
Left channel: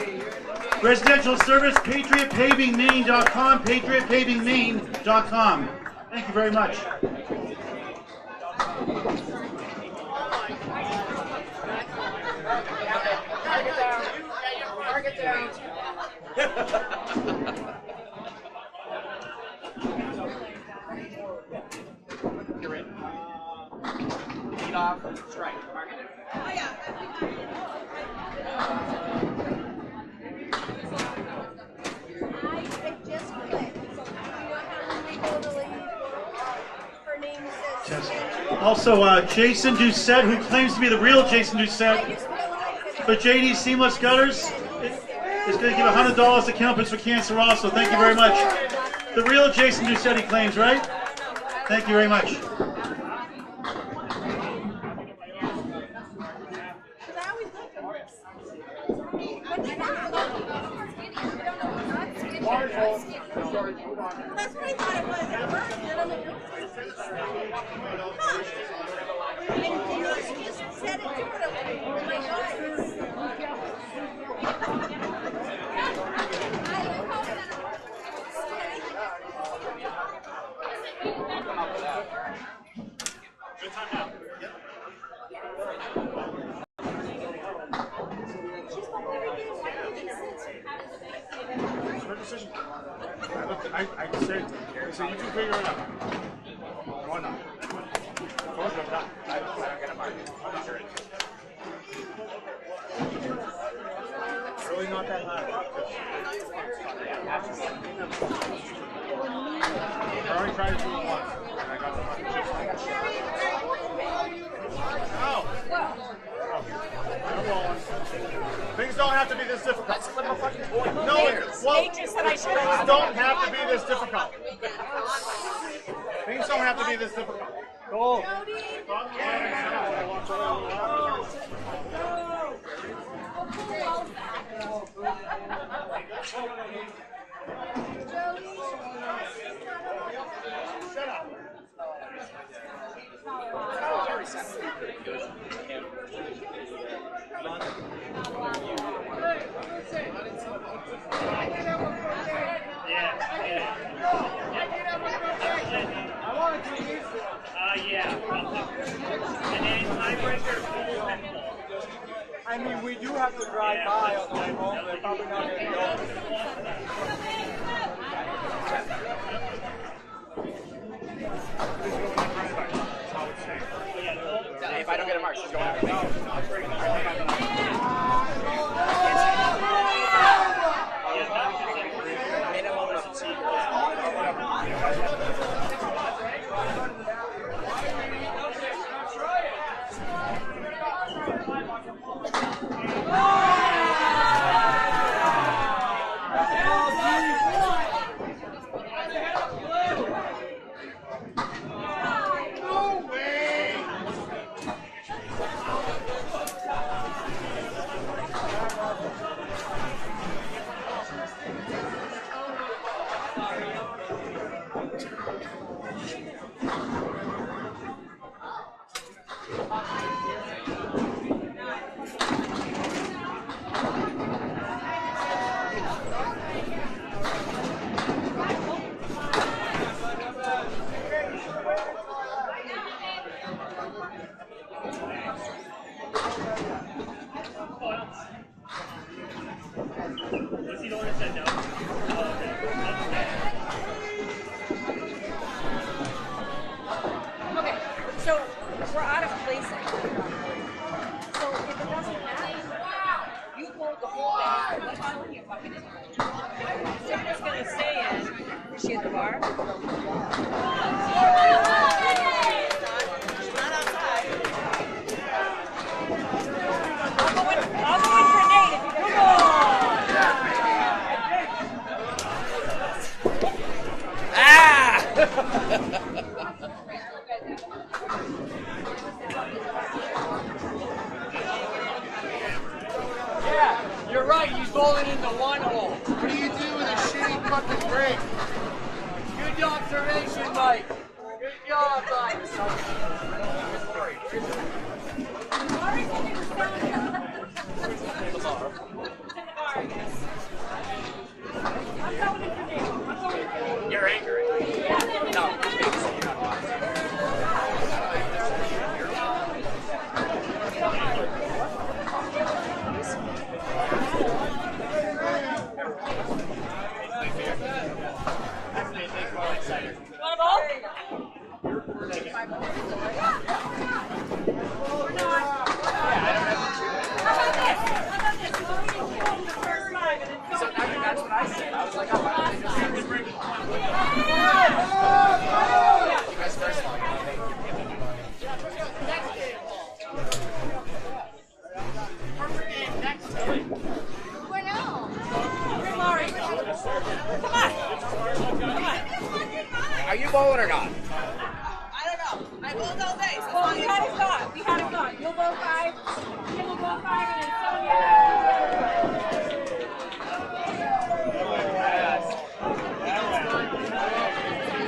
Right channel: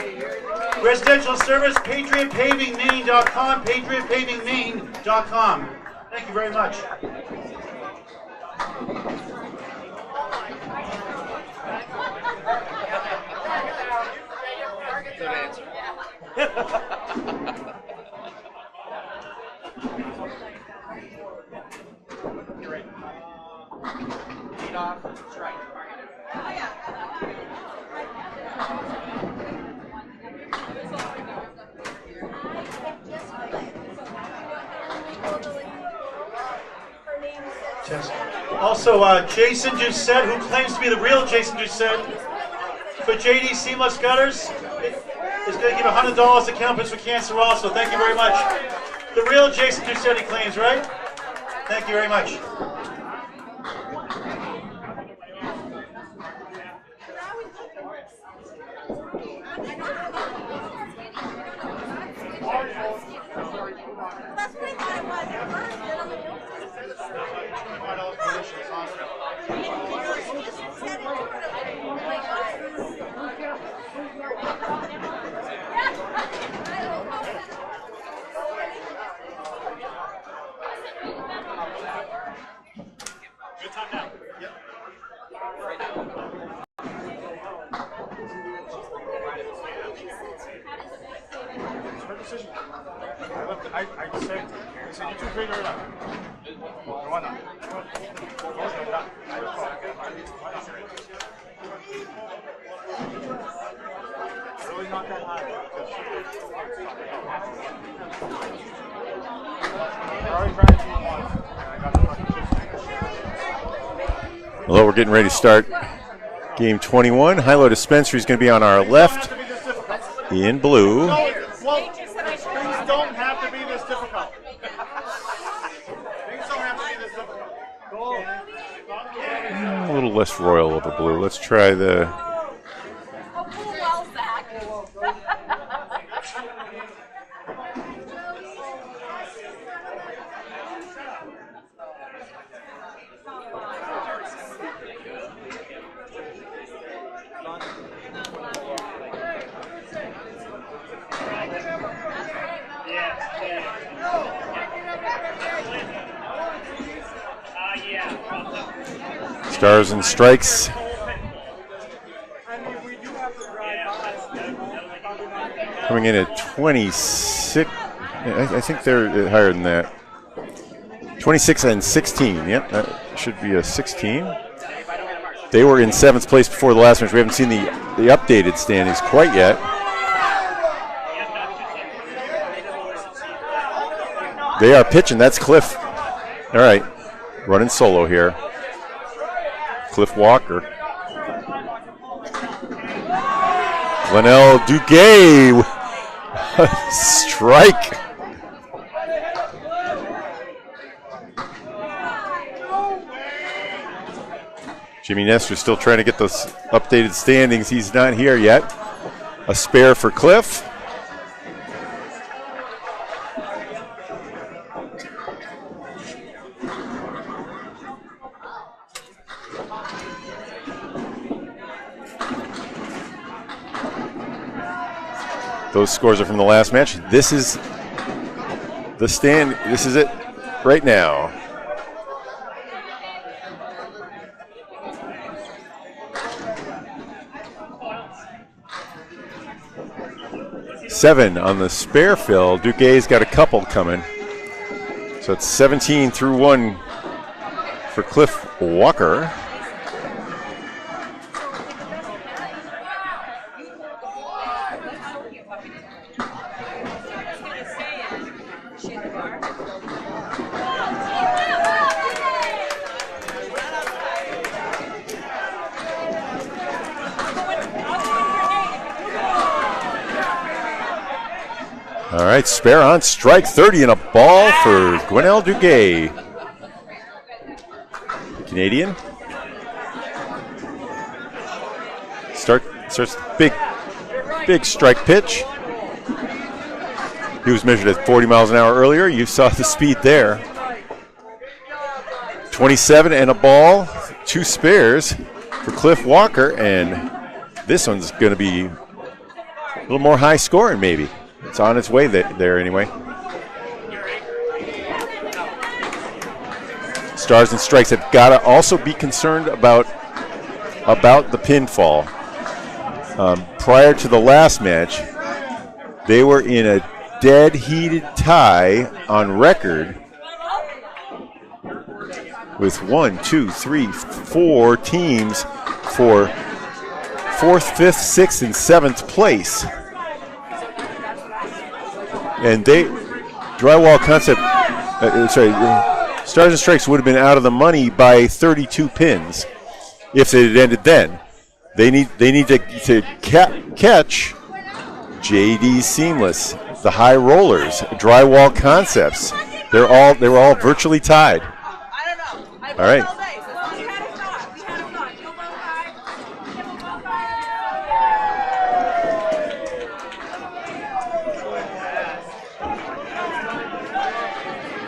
Residential service, PatriotPavingMaine.com, PatriotPavingMaine.com. Thank you very much. Lead off, strike, target it. Also, Jason Doucette, who claims to be the real Jason Doucette, for JD Seamless Gutters, is going to give $100 to Candlepins for Cancer also. Thank you very much. The real Jason Doucette, he claims, right? Thank you very much. I said, you two figure it out. It's really not that hard. We're already trying to do one. Although we're getting ready to start game 21. High-low Dispensary is going to be on our left. in blue. Well, things don't have to be this difficult. Things don't have to be this difficult. Go. A little less royal over blue. Let's try the. Stars and Strikes. Coming in at 26. I think they're higher than that. 26 and 16. Yep, that should be a 16. They were in 7th place before the last match. We haven't seen the updated standings quite yet. They are pitching. That's Cliff. All right, running solo here. Cliff Walker. Glenell Duguay. Strike. Jimmy Nestor still trying to get those updated standings. He's not here yet. A spare for Cliff. Those scores are from the last match. This is the stand. This is it right now. Seven on the spare fill. Duguay's got a couple coming. So it's 17-1 for Cliff Walker. All right, spare on strike, 30 and a ball for Gwenelle Duguay. Canadian. Starts big strike pitch. He was measured at 40 miles an hour earlier. You saw the speed there. 27 and a ball, 2 spares for Cliff Walker, and this one's going to be a little more high scoring maybe. It's on its way there anyway. Stars and Strikes have got to also be concerned about the pinfall. Prior to the last match, they were in a dead heated tie on record with 4 teams for 4th, 5th, 6th, and 7th place. And Drywall Concept, Stars and Strikes would have been out of the money by 32 pins if it had ended then. They need to catch JD Seamless, the High Rollers, Drywall Concepts. They were all virtually tied. All right.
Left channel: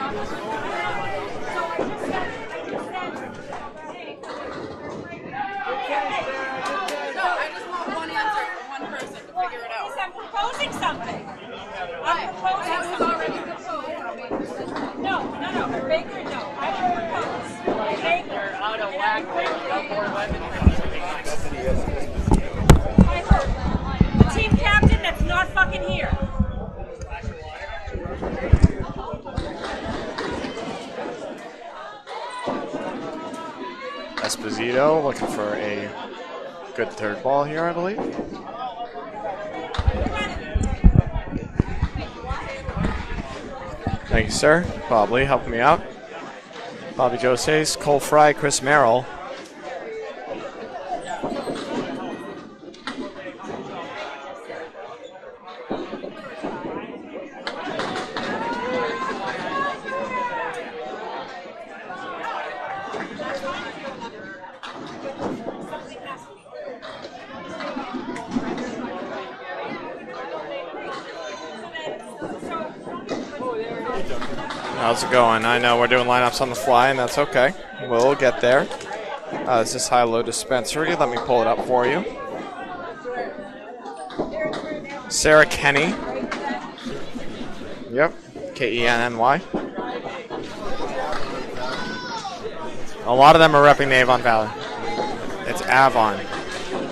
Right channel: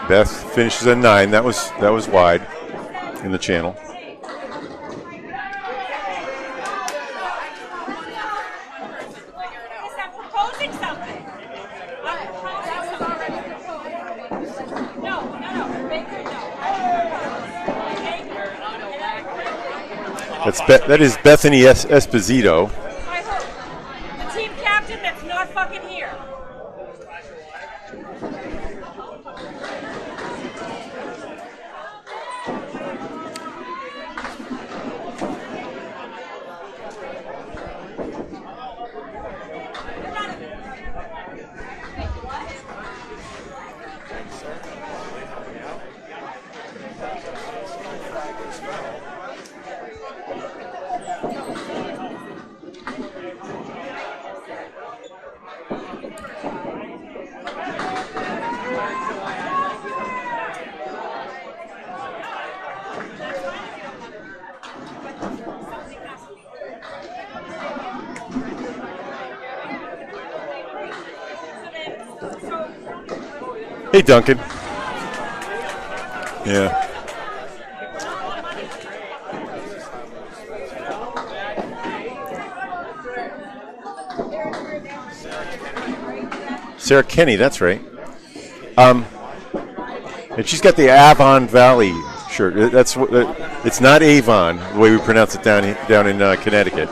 Beth finishes at 9. That was wide in the channel. That is Bethany Esposito. The team captain that's not fucking here. Esposito looking for a good third ball here, I believe. Thank you, sir. Bob Lee helping me out. Bobby Joses, Cole Fry, Chris Merrill. Hey, Duncan. How's it going? I know we're doing lineups on the fly, and that's okay. We'll get there. Is this high-low dispensary? Let me pull it up for you. Sarah Kenny. Sarah Kenny, that's right. Yep. K-E-N-N-Y. And she's got the Avon Valley shirt. That's what a lot of them are. It's not Avon, the way we pronounce it down in Connecticut.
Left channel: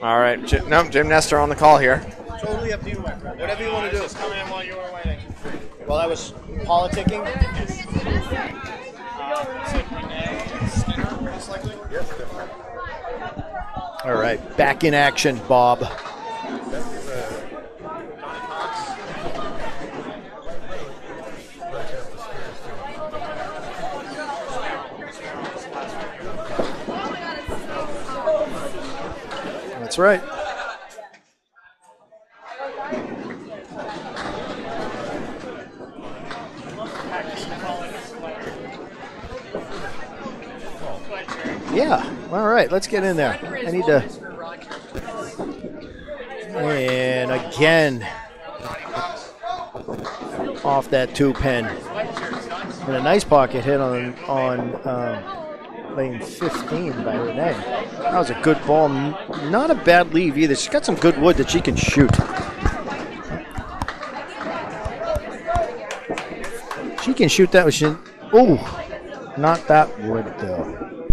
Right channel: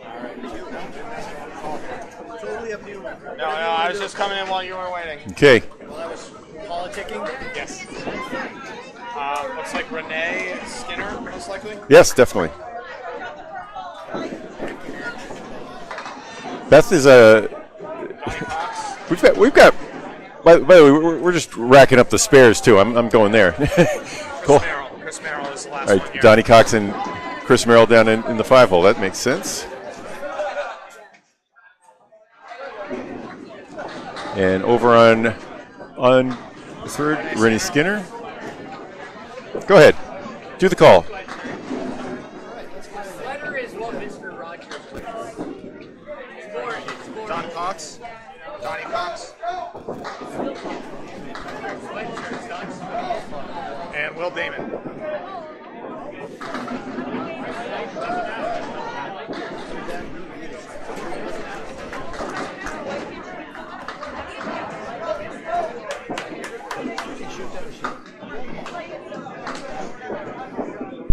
All right. Jim Nestor on the call here. Totally up to you, my friend. No, I was just coming in while you were waiting. Okay. While I was politicking? Yes. Looks like Renee and Skinner, most likely. Yes, definitely. All right, back in action, Bob. Beth is a. We've got. By the way, we're just racking up the spares too. I'm going there. Cool. Chris Merrill is the last All one right, here. Donnie Cox and Chris Merrill down in the 5-hole. That makes sense. That's right. And over on the third, Rennie Skinner. Go ahead. Do the call. Yeah. All right, let's get in there. I need to. And again, off that 2-pin. And a nice pocket hit on lane 15 by Renee. That was a good ball. Not a bad leave either. She's got some good wood that she can shoot. She can shoot that. Oh, not that wood though.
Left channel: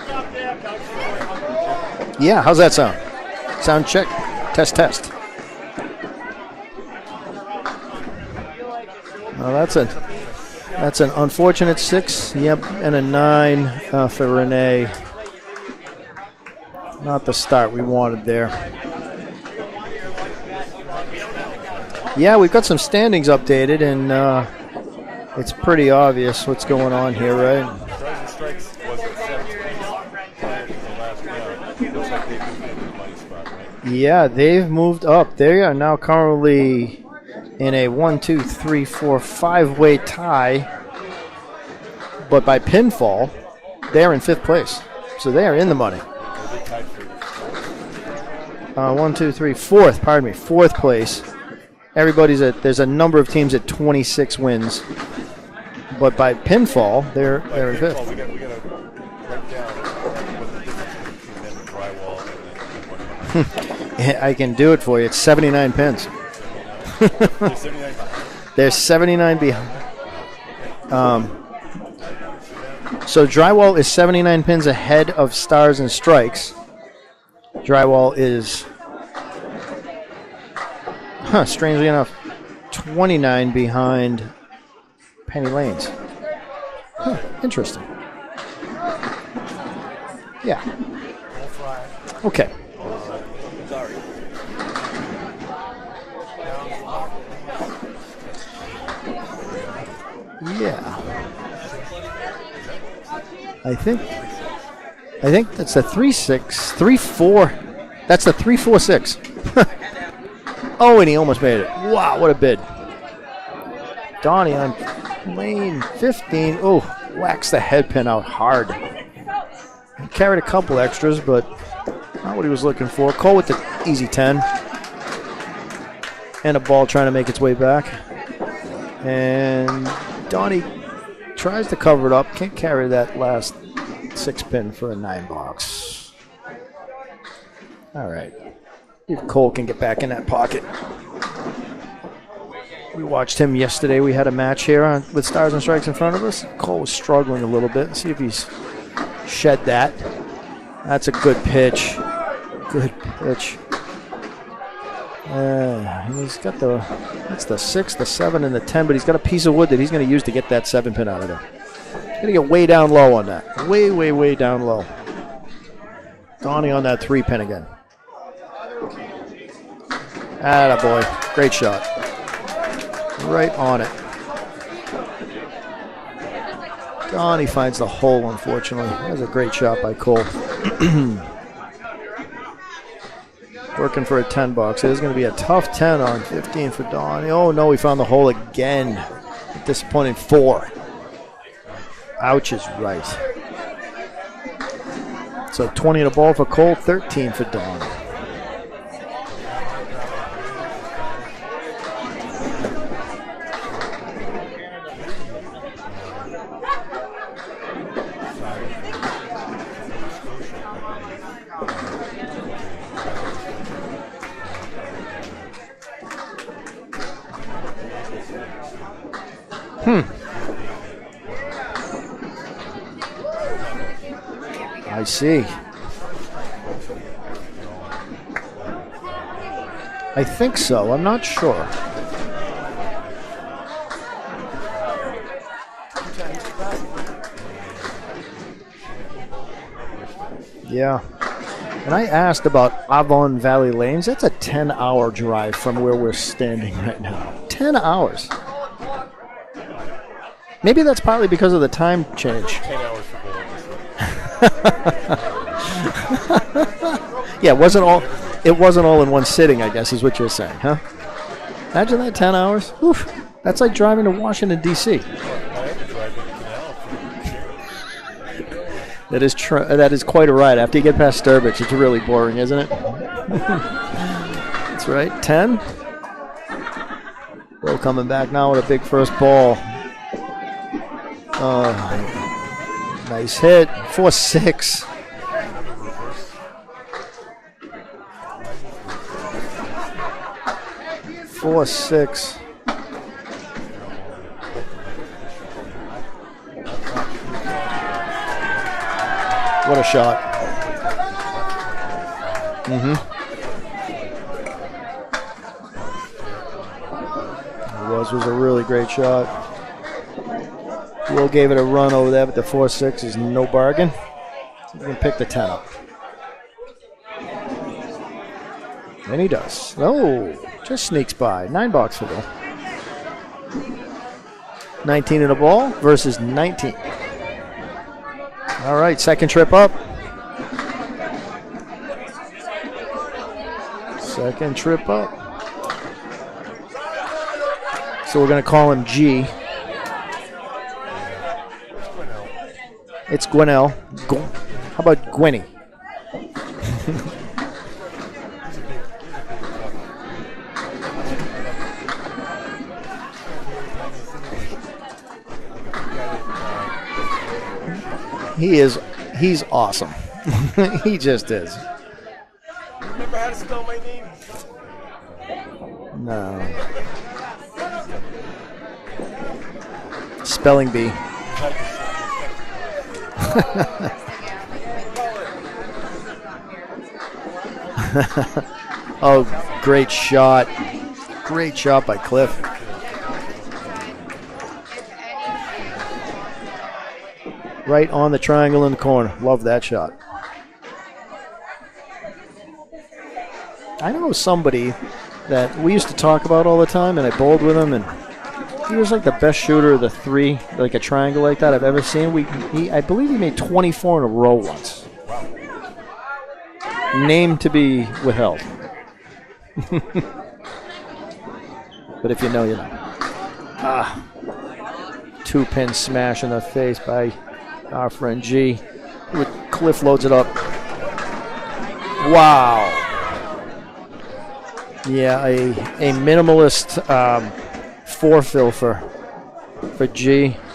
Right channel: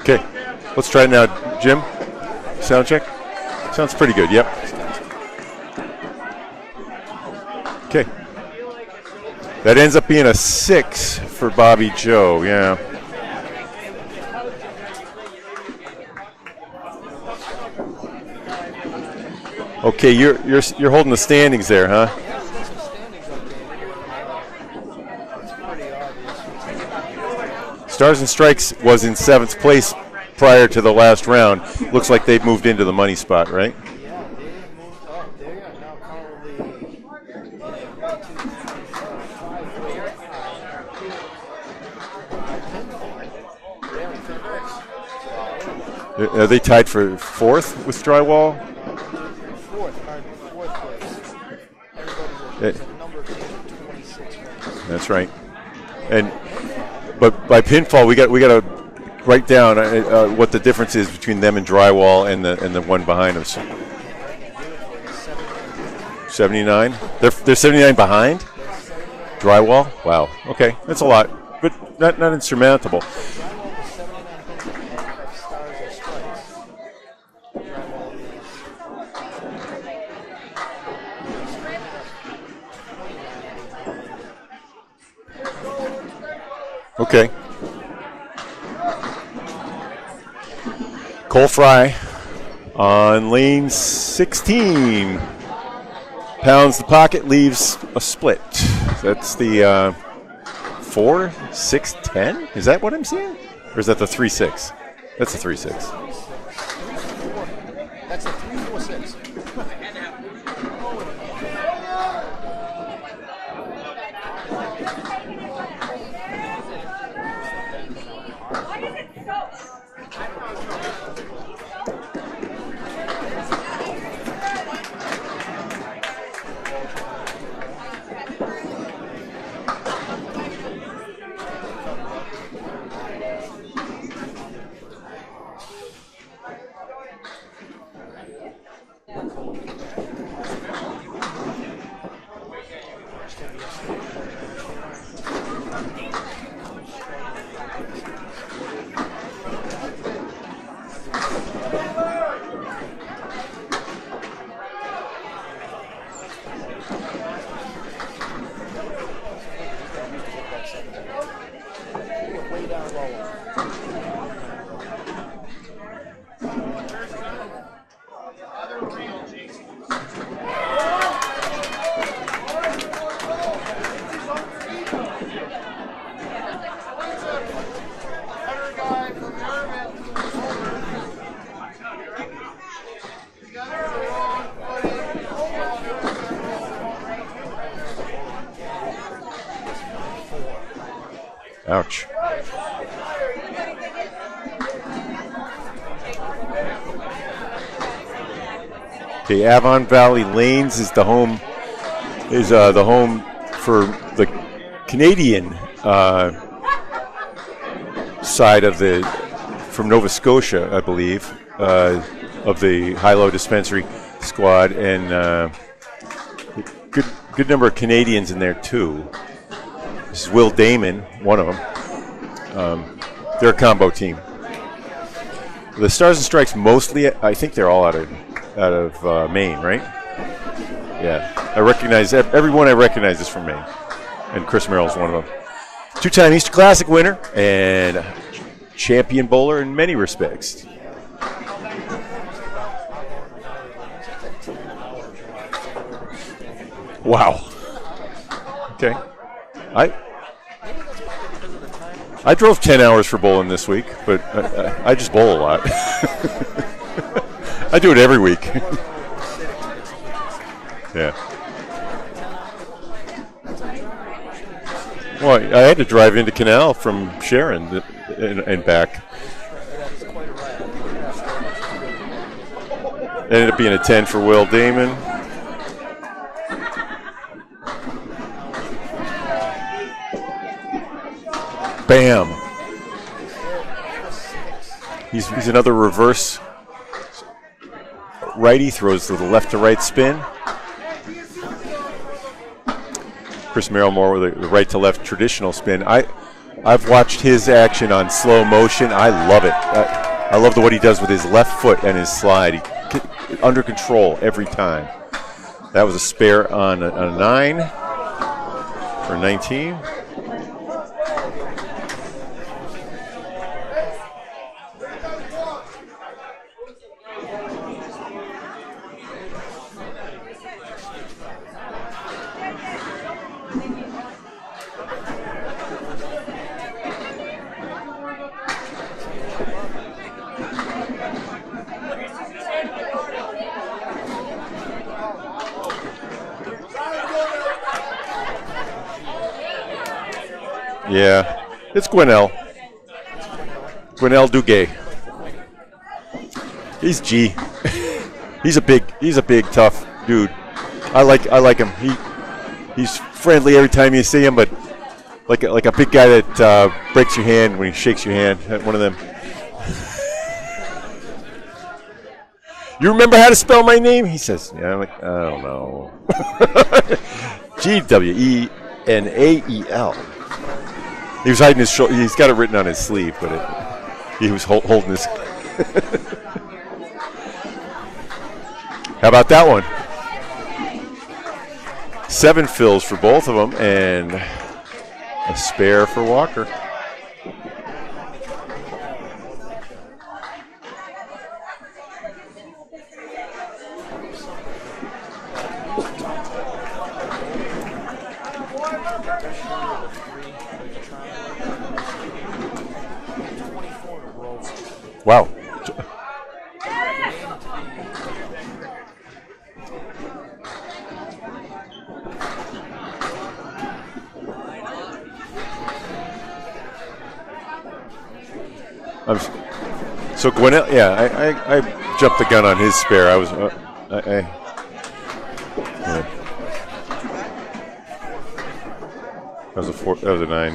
Okay, let's try it now, Jim. Yeah, how's that sound? Check. Sounds check. Pretty good. Yep. Test. Okay. That ends up being a 6. That's an unfortunate for Bobby 6. Joe. Yep. Yeah. And a 9 for Renee. Not the start we wanted there. Okay, you're holding the standings there, huh? Yeah, we've got some standings updated, and it's pretty obvious what's going on here, right? Stars and Strikes was in 7th place prior to the last round. Looks like they've moved into the money spot, right? Yeah, they've moved up. They are now currently in a 5-way tie, but by pinfall, they're in 5th place. So they are in the money. Are they tied for 4th with Drywall? 4th, pardon me, 4th place. There's a number of teams at 26 wins. That's right. But by pinfall, they're pinfall, good. we got to write down what the difference is between them and Drywall and the one behind us. I can do it for you. It's 79 pins. 79? They're 79 behind? They're 79 behind. Drywall? Wow. Okay, that's a lot, but not insurmountable. So Drywall is 79 pins ahead of Stars and Strikes. Drywall is, strangely enough, 29 behind Penny Lanes. Okay. Interesting. Yeah. Cole Fry. Okay. On lane 16. Pounds the pocket, leaves a split. That's the 4, 6, 10? Is that what I'm saying? Or is that the 3-6? That's I think the 3-6. it's a 3-6, 3-4. That's the 3-4-6. Oh, and he almost made it. Wow, what a bid. Donnie on lane 15. Oh, whacks the head pin out hard. He carried a couple extras, but not what he was looking for. Cole with the easy 10. And a ball trying to make its way back. And Donnie tries to cover it up. Can't carry that last 6-pin for a 9-box. All right. If Cole can get back in that pocket. We watched him yesterday. We had a match here with Stars and Strikes in front of us. Cole was struggling a little bit. See if he's shed that. That's a good pitch. Good pitch. He's got that's the 6, the 7, and the 10, but he's got a piece of wood that he's going to use to get that 7-pin out of there. He's going to get way down low on that. Way, way, way down low. Donnie on that 3-pin again. Attaboy. Great shot. Right on it. Donnie finds the hole, unfortunately. That was a great shot by Cole. Working for a 10-box. It is going to be a tough 10 on 15 for Donnie. Oh, no, he found the hole again. disappointing 4. Ouch. Ouch is right. So 20 in the ball for Cole, 13 for Don. Okay, Avon Valley Lanes is the home for the Canadian side from Nova Scotia, I believe, of the high-low dispensary squad, and good number of Canadians in there too. This is Will Damon, one of them. They're a combo team. I see. The Stars and Strikes mostly, I think they're all out of Maine, right? I think so. I'm not sure. I recognize everyone. I recognize is from Maine, and Chris Merrill's one of them. 2-time Easter Classic winner and champion bowler in many respects. Yeah. And I asked about Avon Valley Lanes. That's a 10-hour drive from where we're standing right now. Wow. 10 hours. Okay. Maybe that's partly because of the time change. I drove 10 hours for bowling this week, but I just bowl a lot. Yeah, I do it every week. It wasn't all in one sitting, I guess, is what you're saying, huh? Yeah. Imagine that, 10 hours. Oof. That's like driving to Washington, D.C. Well, I had to drive into Canal from Sharon and back. That is quite a ride. After you get past Sturbridge, it's really boring, isn't it? It ended up being a 10 for Will Damon. That's right, 10. Will coming back now with a big first ball. Bam. Nice hit. 4-6. He's another reverse righty, throws to the left to right spin. 4-6. Chris Merrill more with a right to left traditional spin. I've watched his action on slow motion. I love it. What a shot. I love what he does with his left foot and his slide. Under control every time. That was a spare on a 9. It was a really great shot. 19. Will gave it a run over there, but the 4-6 is no bargain. He's going to pick the 10. And he does. Oh, just sneaks by. $9 for Will. 19 in a ball versus 19. All right, second trip up. Second trip up. So we're going to call him G. Yeah, it's Gwinnell. It's Gwinnell. Gwinnell Duguay. How about Gwinny? He's G. He's a big tough dude. I like him. He's friendly every time you see him, but like a big guy that breaks your hand when he shakes your hand. He is one of them. He's awesome. He just is. You remember how to spell my name? He says, yeah. I'm like, I don't know. Gwenael. Spelling bee. He was hiding his shoulder. He's got it written on his sleeve. He was holding his. How about that one? Great shot. Great shot by Cliff. 7 fills for both of them and a spare for Walker. Right on the triangle in the corner. Love that shot. I know somebody that we used to talk about all the time, and I bowled with him, and he was like the best shooter of the 3, like a triangle like that I've ever seen. I believe he made 24 in a row once. Wow. Name to be withheld. But if you know, you know. 2-pin smash in the face by our friend G. Cliff loads it up. So Gwinnell, yeah, I jumped the gun on his spare. I was, yeah, a minimalist 4-fill for G. That was a 9.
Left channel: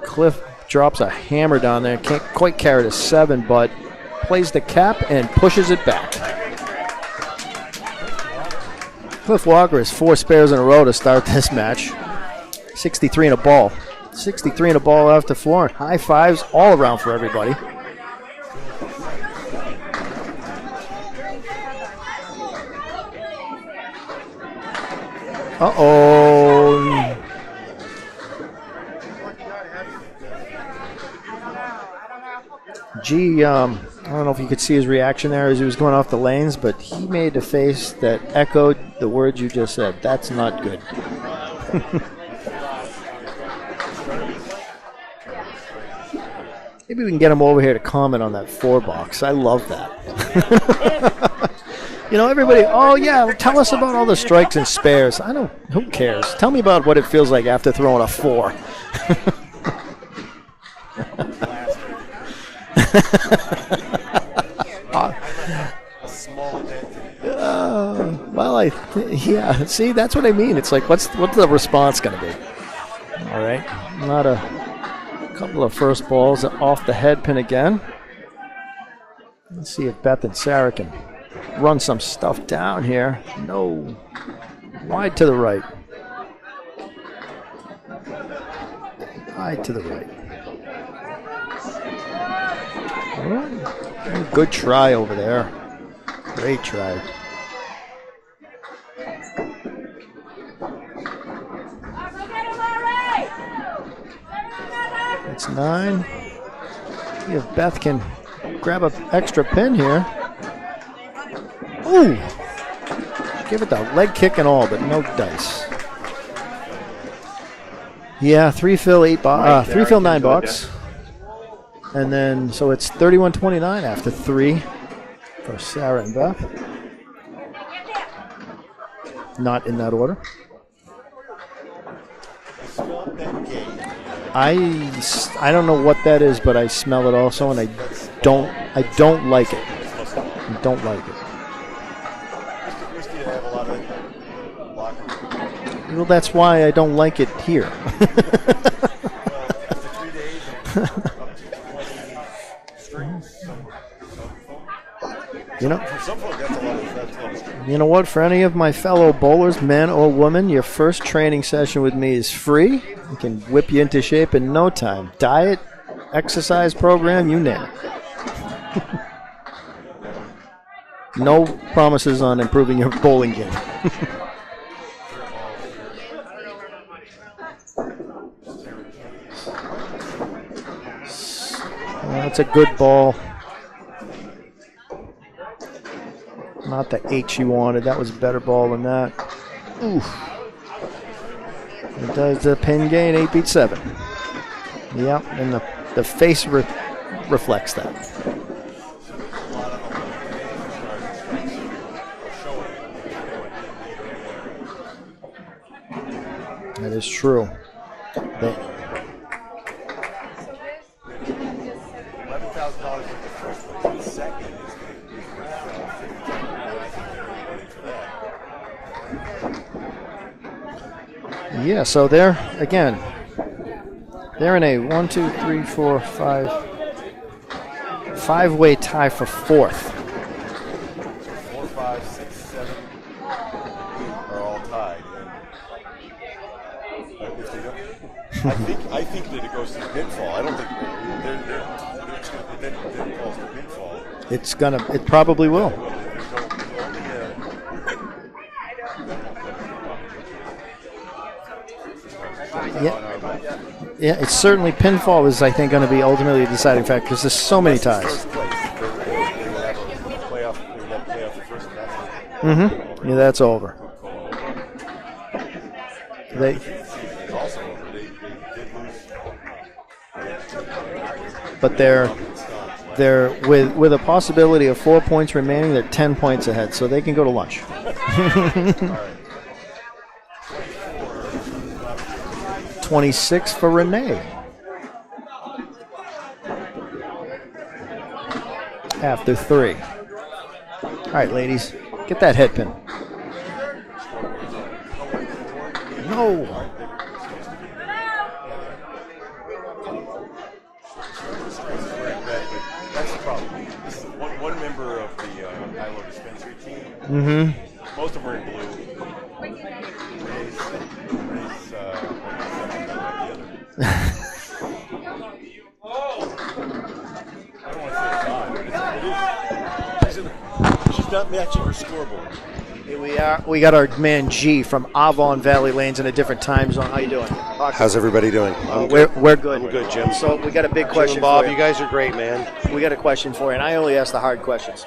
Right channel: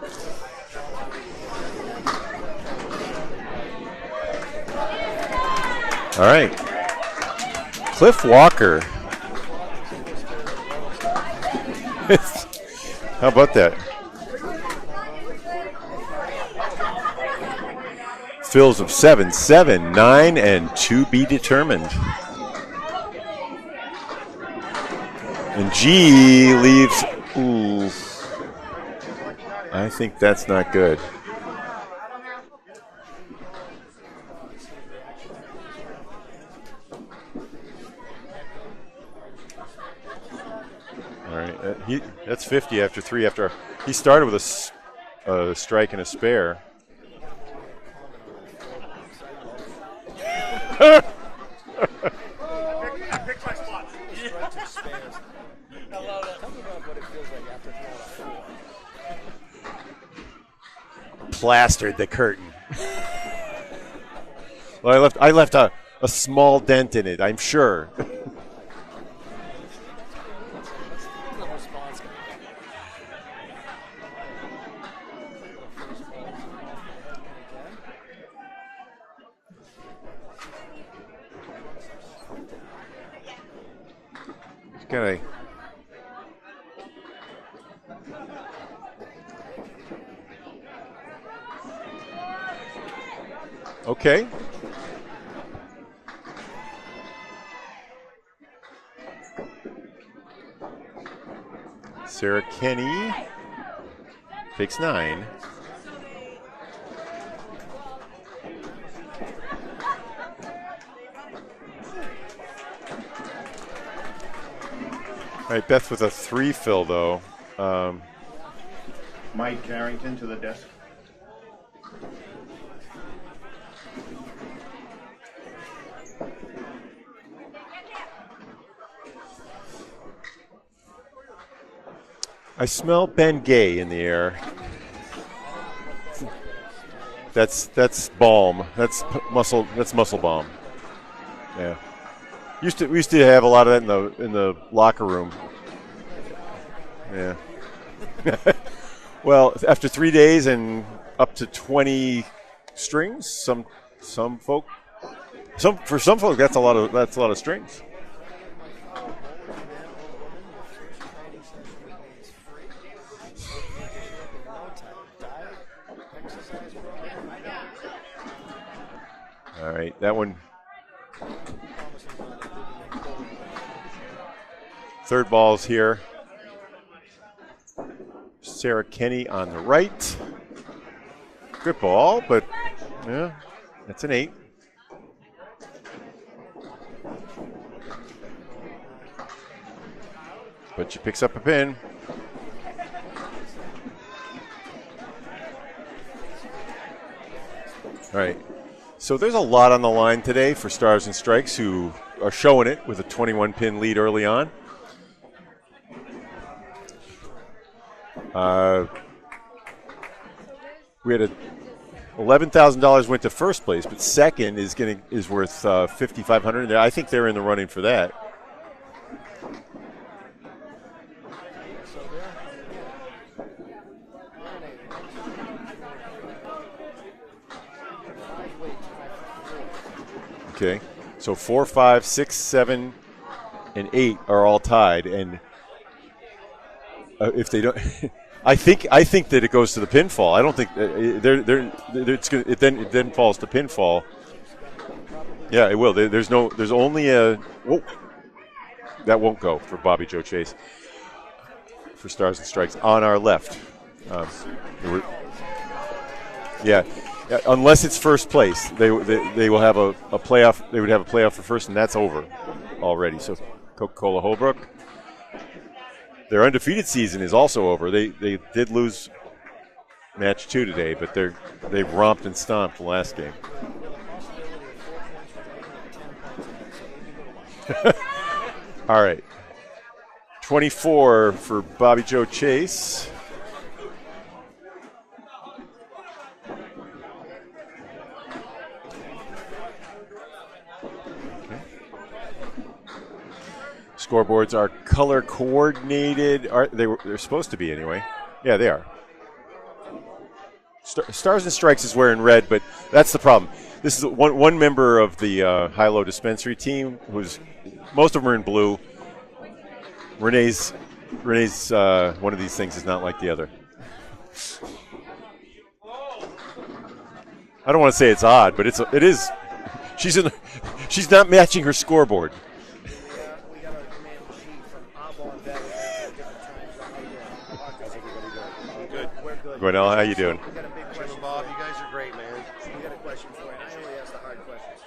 Cliff drops a hammer down there. Can't quite carry the 7, but plays the cap and pushes it back. All right. Cliff Walker. Cliff Walker has 4 spares in a row to start this match. 63 in a ball. That? 63 in a ball after 4. High fives all around for everybody. Fills of 7, 7, 9, and to be determined. And G leaves. Ooh. I think that's not good. G, I don't know if you could see his reaction there as he was going off the lanes, but he made a face that echoed the words you just said. That's not good. All right. That's 50 after 3. After he started with a strike and a spare. Maybe we can get him over here to comment on that 4 box. I love that. You know, everybody, oh, yeah, tell us about all the strikes and spares. Who cares? Tell me about what it feels like after throwing a 4. Plastered the curtain. Well, I left a small dent in it, I'm sure. Yeah, see, that's what I mean. It's like, what's the response going to be? All right, not a couple of first balls off the head pin again. Let's see if Beth and Sarah can run some stuff down here. No, wide to the right. Wide to the right. Okay. Good try over there. Great try. Sarah Kenny takes 9. It's 9. See if Beth can grab an extra pin here. Ooh! Give it the leg kick and all, but no dice. All right, Beth with a 3 fill though. Yeah, 3 fill 3 fill 9 bucks. And then, so it's 31.29 after 3 for Sarah and Beth. Not in that order. I smell Ben Gay in the air. I don't know what that is, but I smell it also, that's balm. I don't like muscle, it. That's muscle balm. I don't like it. Yeah. We used to have a lot of that in the locker room. Well, that's why I don't like it here. Well, after 3 days and up to 20 strings, some folk. For some folk, that's a lot of strings. You know what? For any of my fellow bowlers, men or women, your first training session with me is free. I can whip you into shape in no time. Diet, exercise program, you name it. All right, that one. No promises on improving your bowling game. Third ball's here. Sarah Kenny on the right. Good ball. That's a good ball. Yeah, that's an 8. Not the 8 she wanted. That was a better ball than that. Oof. But she picks up a pin. It does the pin gain. 8 beat 7. Yep, and the face reflects that. Right. So there's a lot on the line today for Stars and Strikes, who are showing it with a 21-pin lead early on. That is true. We had $11,000 went to first place, but second is worth $5,500. I think they're in the running for that. Yeah, so they're in a 5-way tie for 4th. Okay, so 4, 5, 6, 7, and 8 are all tied, and if they don't, I think that it goes to the pinfall. I don't think it then falls to pinfall. It probably will. Yeah, it will. There's only a that won't go for Bobby Joe Chase for Stars and Strikes on our left. Yeah, it's certainly pinfall is, I think, going to be ultimately a deciding factor because there's so many ties. Unless it's first place, they will have a playoff. They would have a playoff for first, and that's over already. Yeah, that's over. Coca-Cola Holbrook. Their undefeated season is also over. They did lose match 2 today, but they romped and stomped the last night. With a possibility of 4 points remaining, they're 10 points ahead, so they can go to lunch. All right. 24 for Bobby Joe Chase. 26 for Renee. After 3. All right, ladies, get that head pin. Scoreboards are color coordinated. They're supposed to be anyway. Yeah, they are. Stars and Strikes is wearing red, but that's the problem. This is one member of the high-low dispensary team. Most of them are in blue. Renee's one of these things is not like the other. I don't want to say it's odd, but it is. She's not matching her scoreboard. We got our man G from Avon Valley Lanes in a different time zone. How you doing? How's everybody doing? We're good. How you so doing? We got a big question Bob, for you. You guys are great, man. We got a question for you, and I only ask the hard questions.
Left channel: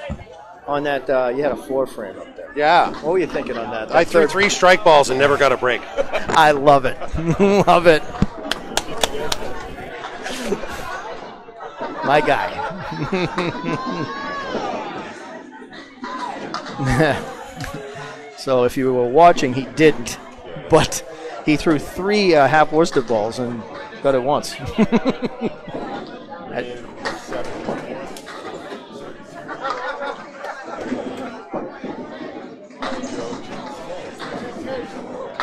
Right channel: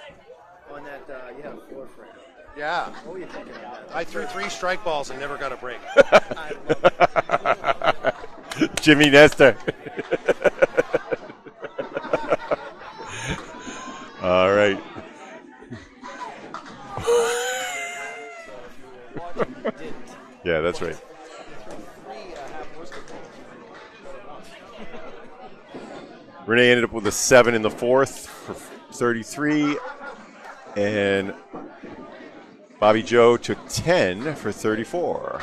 On that, you had a floor frame up there. Yeah. What were you thinking on that? I threw 3 strike balls and never got a break. I love it. Love it. Jimmy Nestor. My guy. All right. So if you were watching, he didn't. Yeah, that's but right. he threw 3 half Worcester balls and got it once. Renee ended up with a 7 in the fourth, 33, and Bobby Joe took 10 for 34.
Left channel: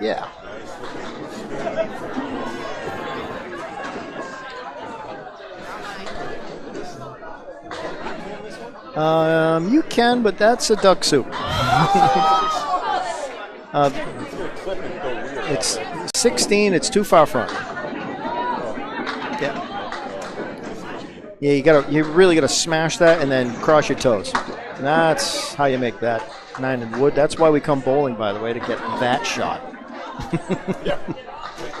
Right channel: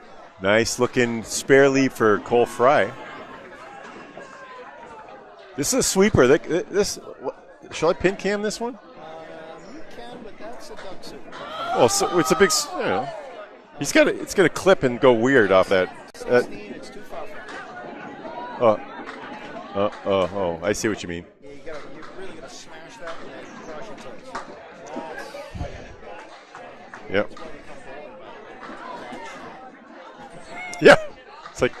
Yeah. Nice looking spare lead for Cole Fry. This is a sweeper. Shall I pin cam this one? You can, but that's a duck soup. Oh, so it's a big. It's got a clip and go weird off that. 16. It's too far front. Oh. Yeah. Oh, I see what you mean. Yeah, you really gotta smash that and then cross your toes. And that's how you make that 9 in wood. Yeah. That's why we come bowling, by the way, to get that shot. Yeah. It's like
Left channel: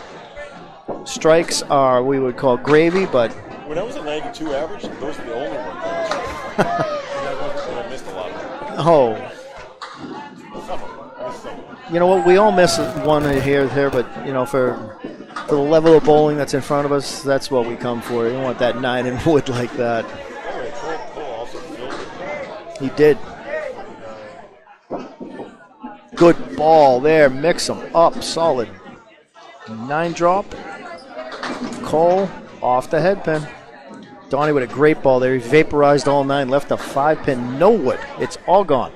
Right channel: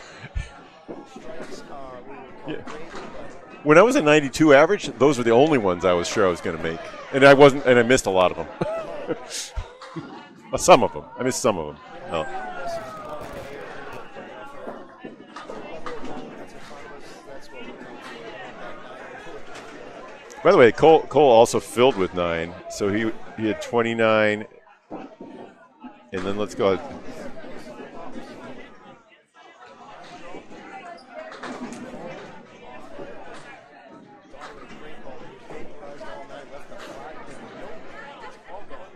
strikes are we would call gravy, but when I was at 92 average, those were the only ones I was sure I was going to make, and I missed a lot of them. Oh. Some of them. I missed some of them. You know what? We all miss one here, but for the level of bowling that's in front of us, that's what we come for. You don't want that 9 in wood like that. By the way, Cole also filled with 9. So he did. He had 29. Good ball there. Mix them up. Solid. 9 drop. Cole off the head pin. Donnie with a great ball there. He vaporized all 9. Left a 5 pin. No wood. It's all gone.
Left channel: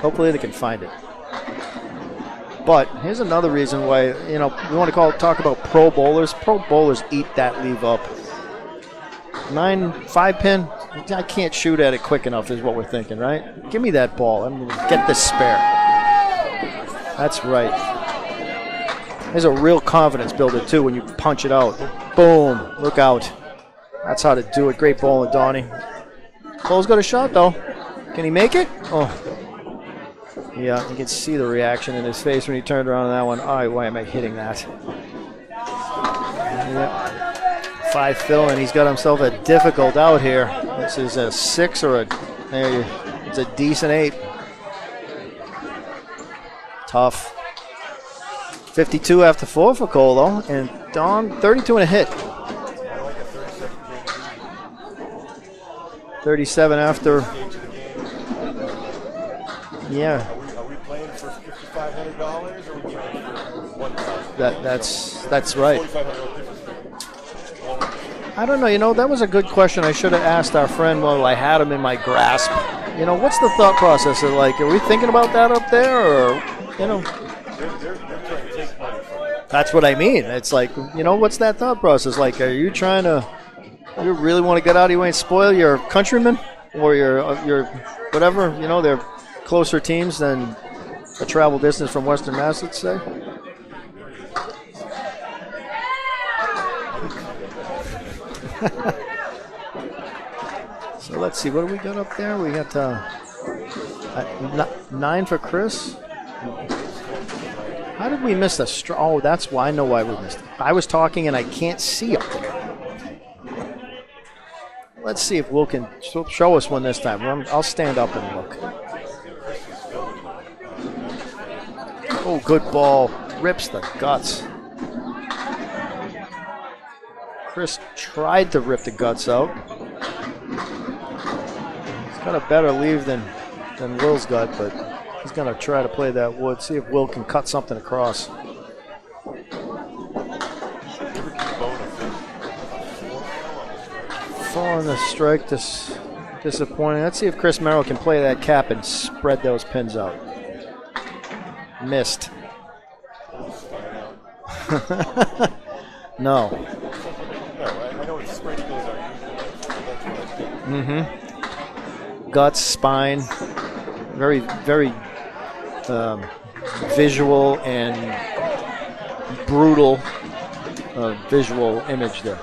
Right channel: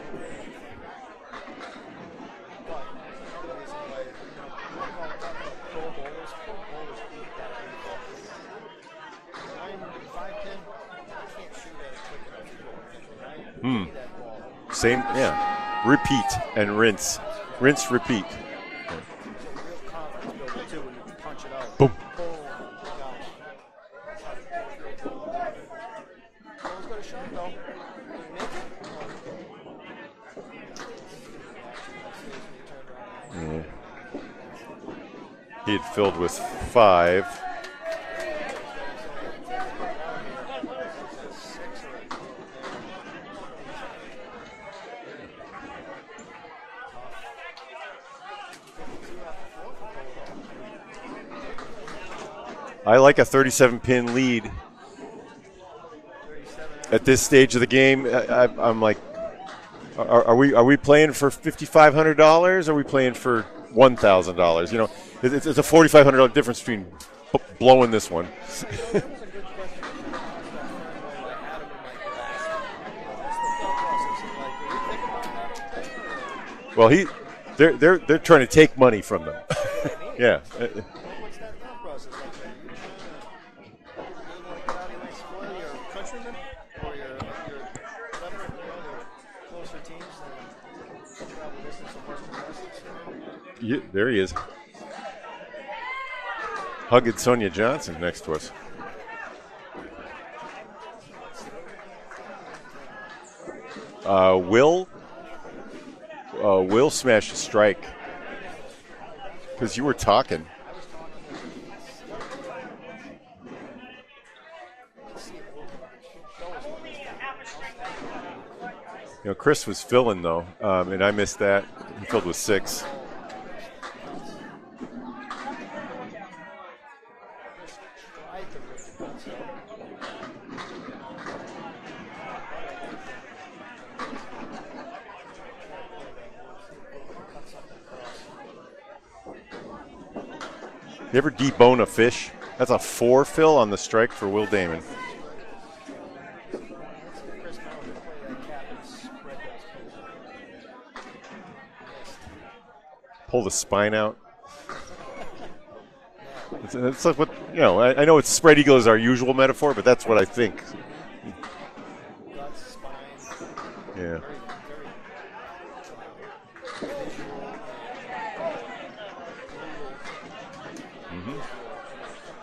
Hopefully they can find it. But here's another reason why, we want to talk about pro bowlers. Pro bowlers eat that leave up. 9, 5 pin, I can't shoot at it quick enough is what we're thinking, right? Give me that ball. I'm going to get the spare. Repeat and rinse. That's right. Rinse, repeat. There's a real confidence builder, too, when you punch it out. Boom. Look out. That's how to do it. Great bowling, Donnie. Cole's got a shot, though. Can he make it? Oh. Yeah, you can see the reaction in his face when he turned around on that one. All right, why am I hitting that? He had filled with 5. 5 fill, and he's got himself a difficult out here. This is a 6 or it's a decent 8. Tough. 52 after 4 for Cole, though, and Don 32 and a hit. I like a 37-pin lead. 37 after. At this stage of the game, I'm like, yeah. Are we playing for $5,500? Or are we playing for $1,000? That's it's a right. $4,500 difference between blowing this one. I don't know. That was a good question. I should have asked our friend while I had him in my grasp. What's the thought process? Are we thinking about that up there, or? Well, they're trying to take money from them. That's what I mean. Yeah. It's like, what's that thought process? Like, are you trying to? You really want to get out of your way and spoil your countrymen or your whatever? They're closer teams than a travel distance from Western Mass, let's say. Yeah, there he is. Hugging Sonia Johnson next to us. So let's see, what do we got up there? We got Will. 9 for Chris. Will smashed a strike. How did we miss a strike? Oh, that's why. I know why. I was talking and I can't see up there. Let's see if Will can show us one this time. I'll stand up and look. Chris was filling, though, and I missed that. Oh, good ball. Rips the guts. Chris tried to rip the guts out. He's got a better leave than Will's got, but he's going to try to play that wood. See if Will can cut something across. You ever debone a fish? That's a 4 fill on the strike for Will Davis. On the strike, disappointing. Let's see if Chris Merrill can play that cap and spread those pins out. Missed. Pull the spine out. No. It's like what I know. It's spread eagle is our usual metaphor, but that's what I think. Mm-hmm. Guts, spine, very, very visual and brutal visual image there.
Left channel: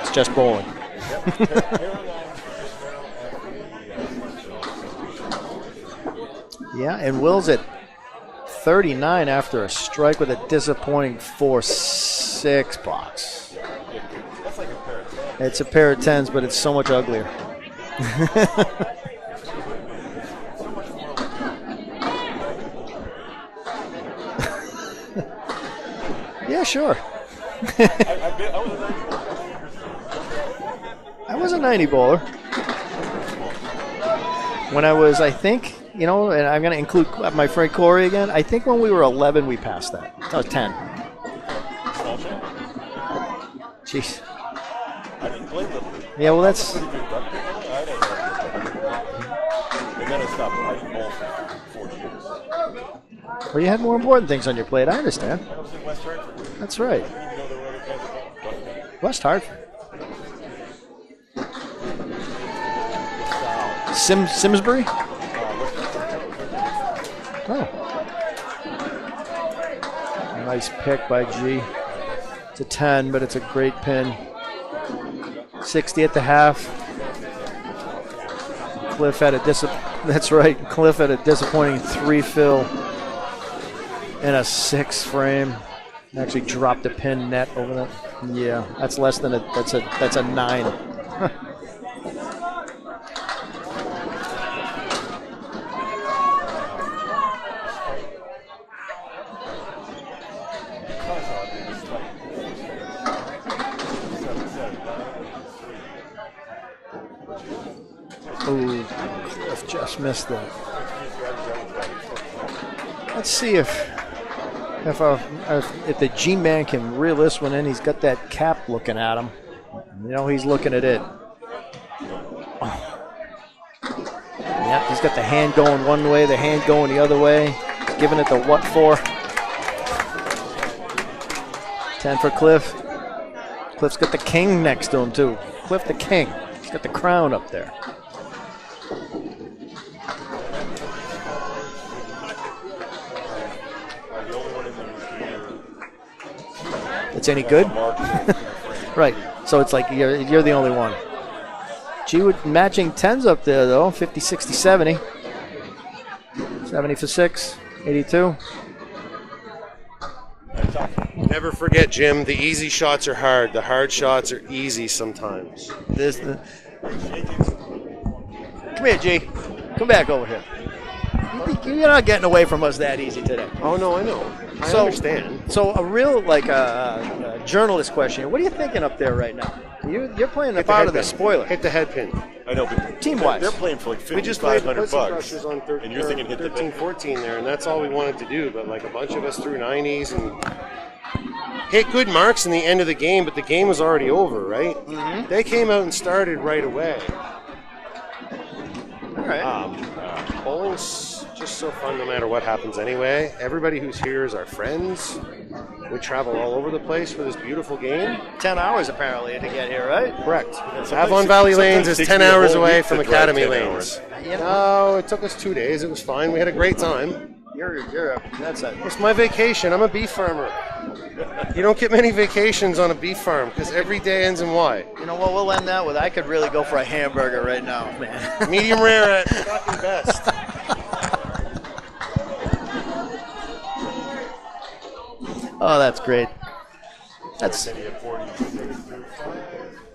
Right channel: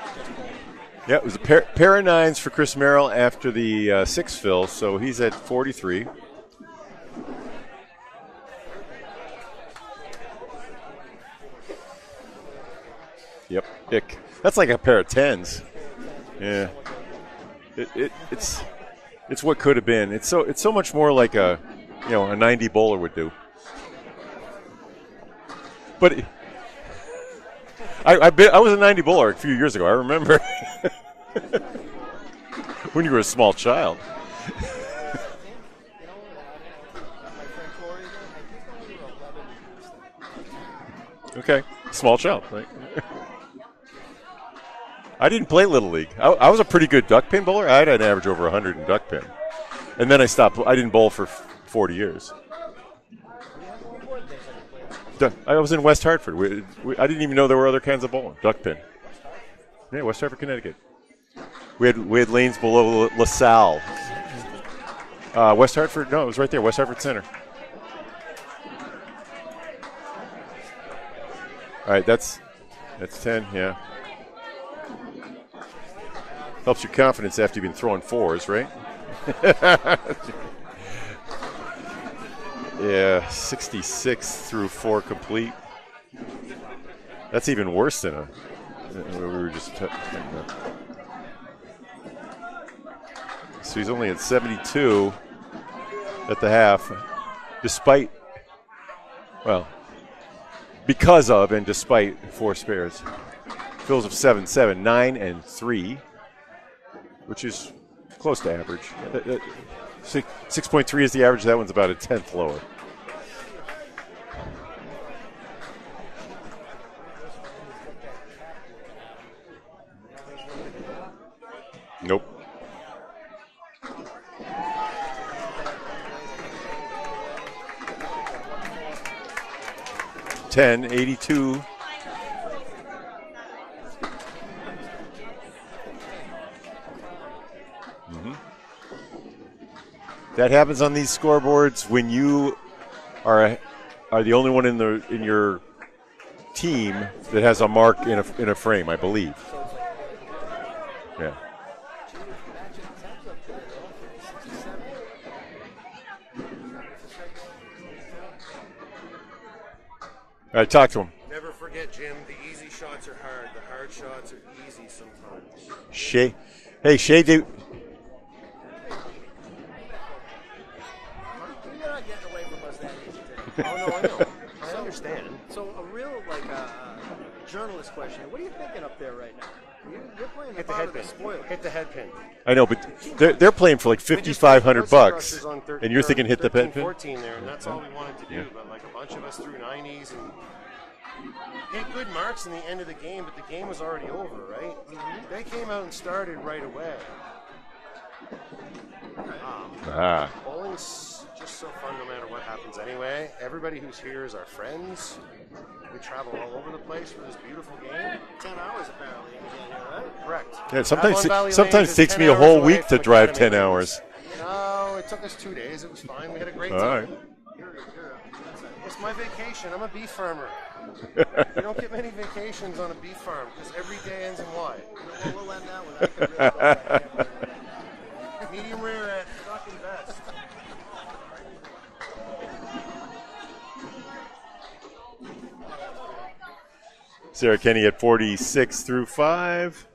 It's just bowling. Yep, pair of 9s for Chris Merrill after the 6 fill, so he's at 43. Yeah, and Will's at 39 after a strike with a disappointing 4-6 box. Yep, that's like a pair of 10s. It's a pair of 10s, but it's so much uglier. It's what could have been. It's so much more like a 90 bowler would do. But yeah, sure. I was a 90 bowler a few years ago. I remember. I was a 90 bowler. When you were a small child. When I was, I think, and I'm going to include my friend Corey again. I think when we were 11, we passed that. I was 10. Okay. Small child. Jeez. I didn't play Little League. Yeah, I was a pretty good duck pin bowler. I had an average over 100 in duck pin. And then I stopped. I didn't bowl for 40 years. Well, you had more important things on your plate. I understand. I was in West Hartford. That's right. I didn't even know there were other kinds of bowling. Duck pin. West Hartford. Yeah, West Hartford, Connecticut. We had lanes below LaSalle. Simsbury? West Hartford. No, it was right there. West Hartford Center. Oh. Nice pick by G. All right, it's a 10, but it's a great pin. 60 at the half. Helps your confidence after you've been throwing fours, right? Cliff had a that's right. Cliff had a disappointing 3 fill. Yeah, 66 and a through 6 frame. Actually dropped a pin net. That's even worse than a. Yeah, that's less than that's a 9. So he's only at 72 at the half, because of and despite 4 spares. Fills of 7-7, 9 and 3, which is close to average. Just missed that. 6.3 is the average. That one's about a 10th lower. Let's see if the G-Man can reel this one in. He's got that cap looking at him. He's looking at it. Nope. Yep, he's got the hand going one way, the hand going the other way. He's giving it the what for? 10, 82. 10 for Cliff. Cliff's got the king next to him, too. Cliff the king. He's got the crown up there. That happens on these scoreboards when you are the only one in your team that has a mark in a frame, I believe. So it's like you're the only one. Yeah. G with matching 10s up there, though. 50, 60, 70. 70 for 6. 82. All right, talk to him. Never forget, Jim, the easy shots are hard. The hard shots are easy sometimes. Shay, dude. Come here, G. Come back over here. You're not getting away from us that easy today. Oh, no, I know. I understand. So a real, journalist question. What are you thinking up there right now? You're playing the part of the spoiler. Hit the head pin. I know, but they're playing for like $5,500, and you're thinking hit the pin. 14 there, and that's all we wanted to do. But a bunch of us threw 90s and hit good marks in the end of the game, but the game was already over, right? Mm-hmm. They came out and started right away. All right. Bowling's just so fun no matter what happens anyway. Everybody who's here is our friends. We travel all over the place for this beautiful game. 10 hours apparently to get here, right? Correct. Sometimes Valley Lanes is 10 hours away from Academy Lanes. 10 hours. No, it took us 2 days. It was fine. We had a great time. It's my vacation. I'm a beef farmer. You don't get many vacations on a beef farm because every day ends in Y. You know what? We'll end that with I could really go for a hamburger right now, man. Medium rare at fucking best. Oh, that's great. Sarah Kenny at 46 through 5.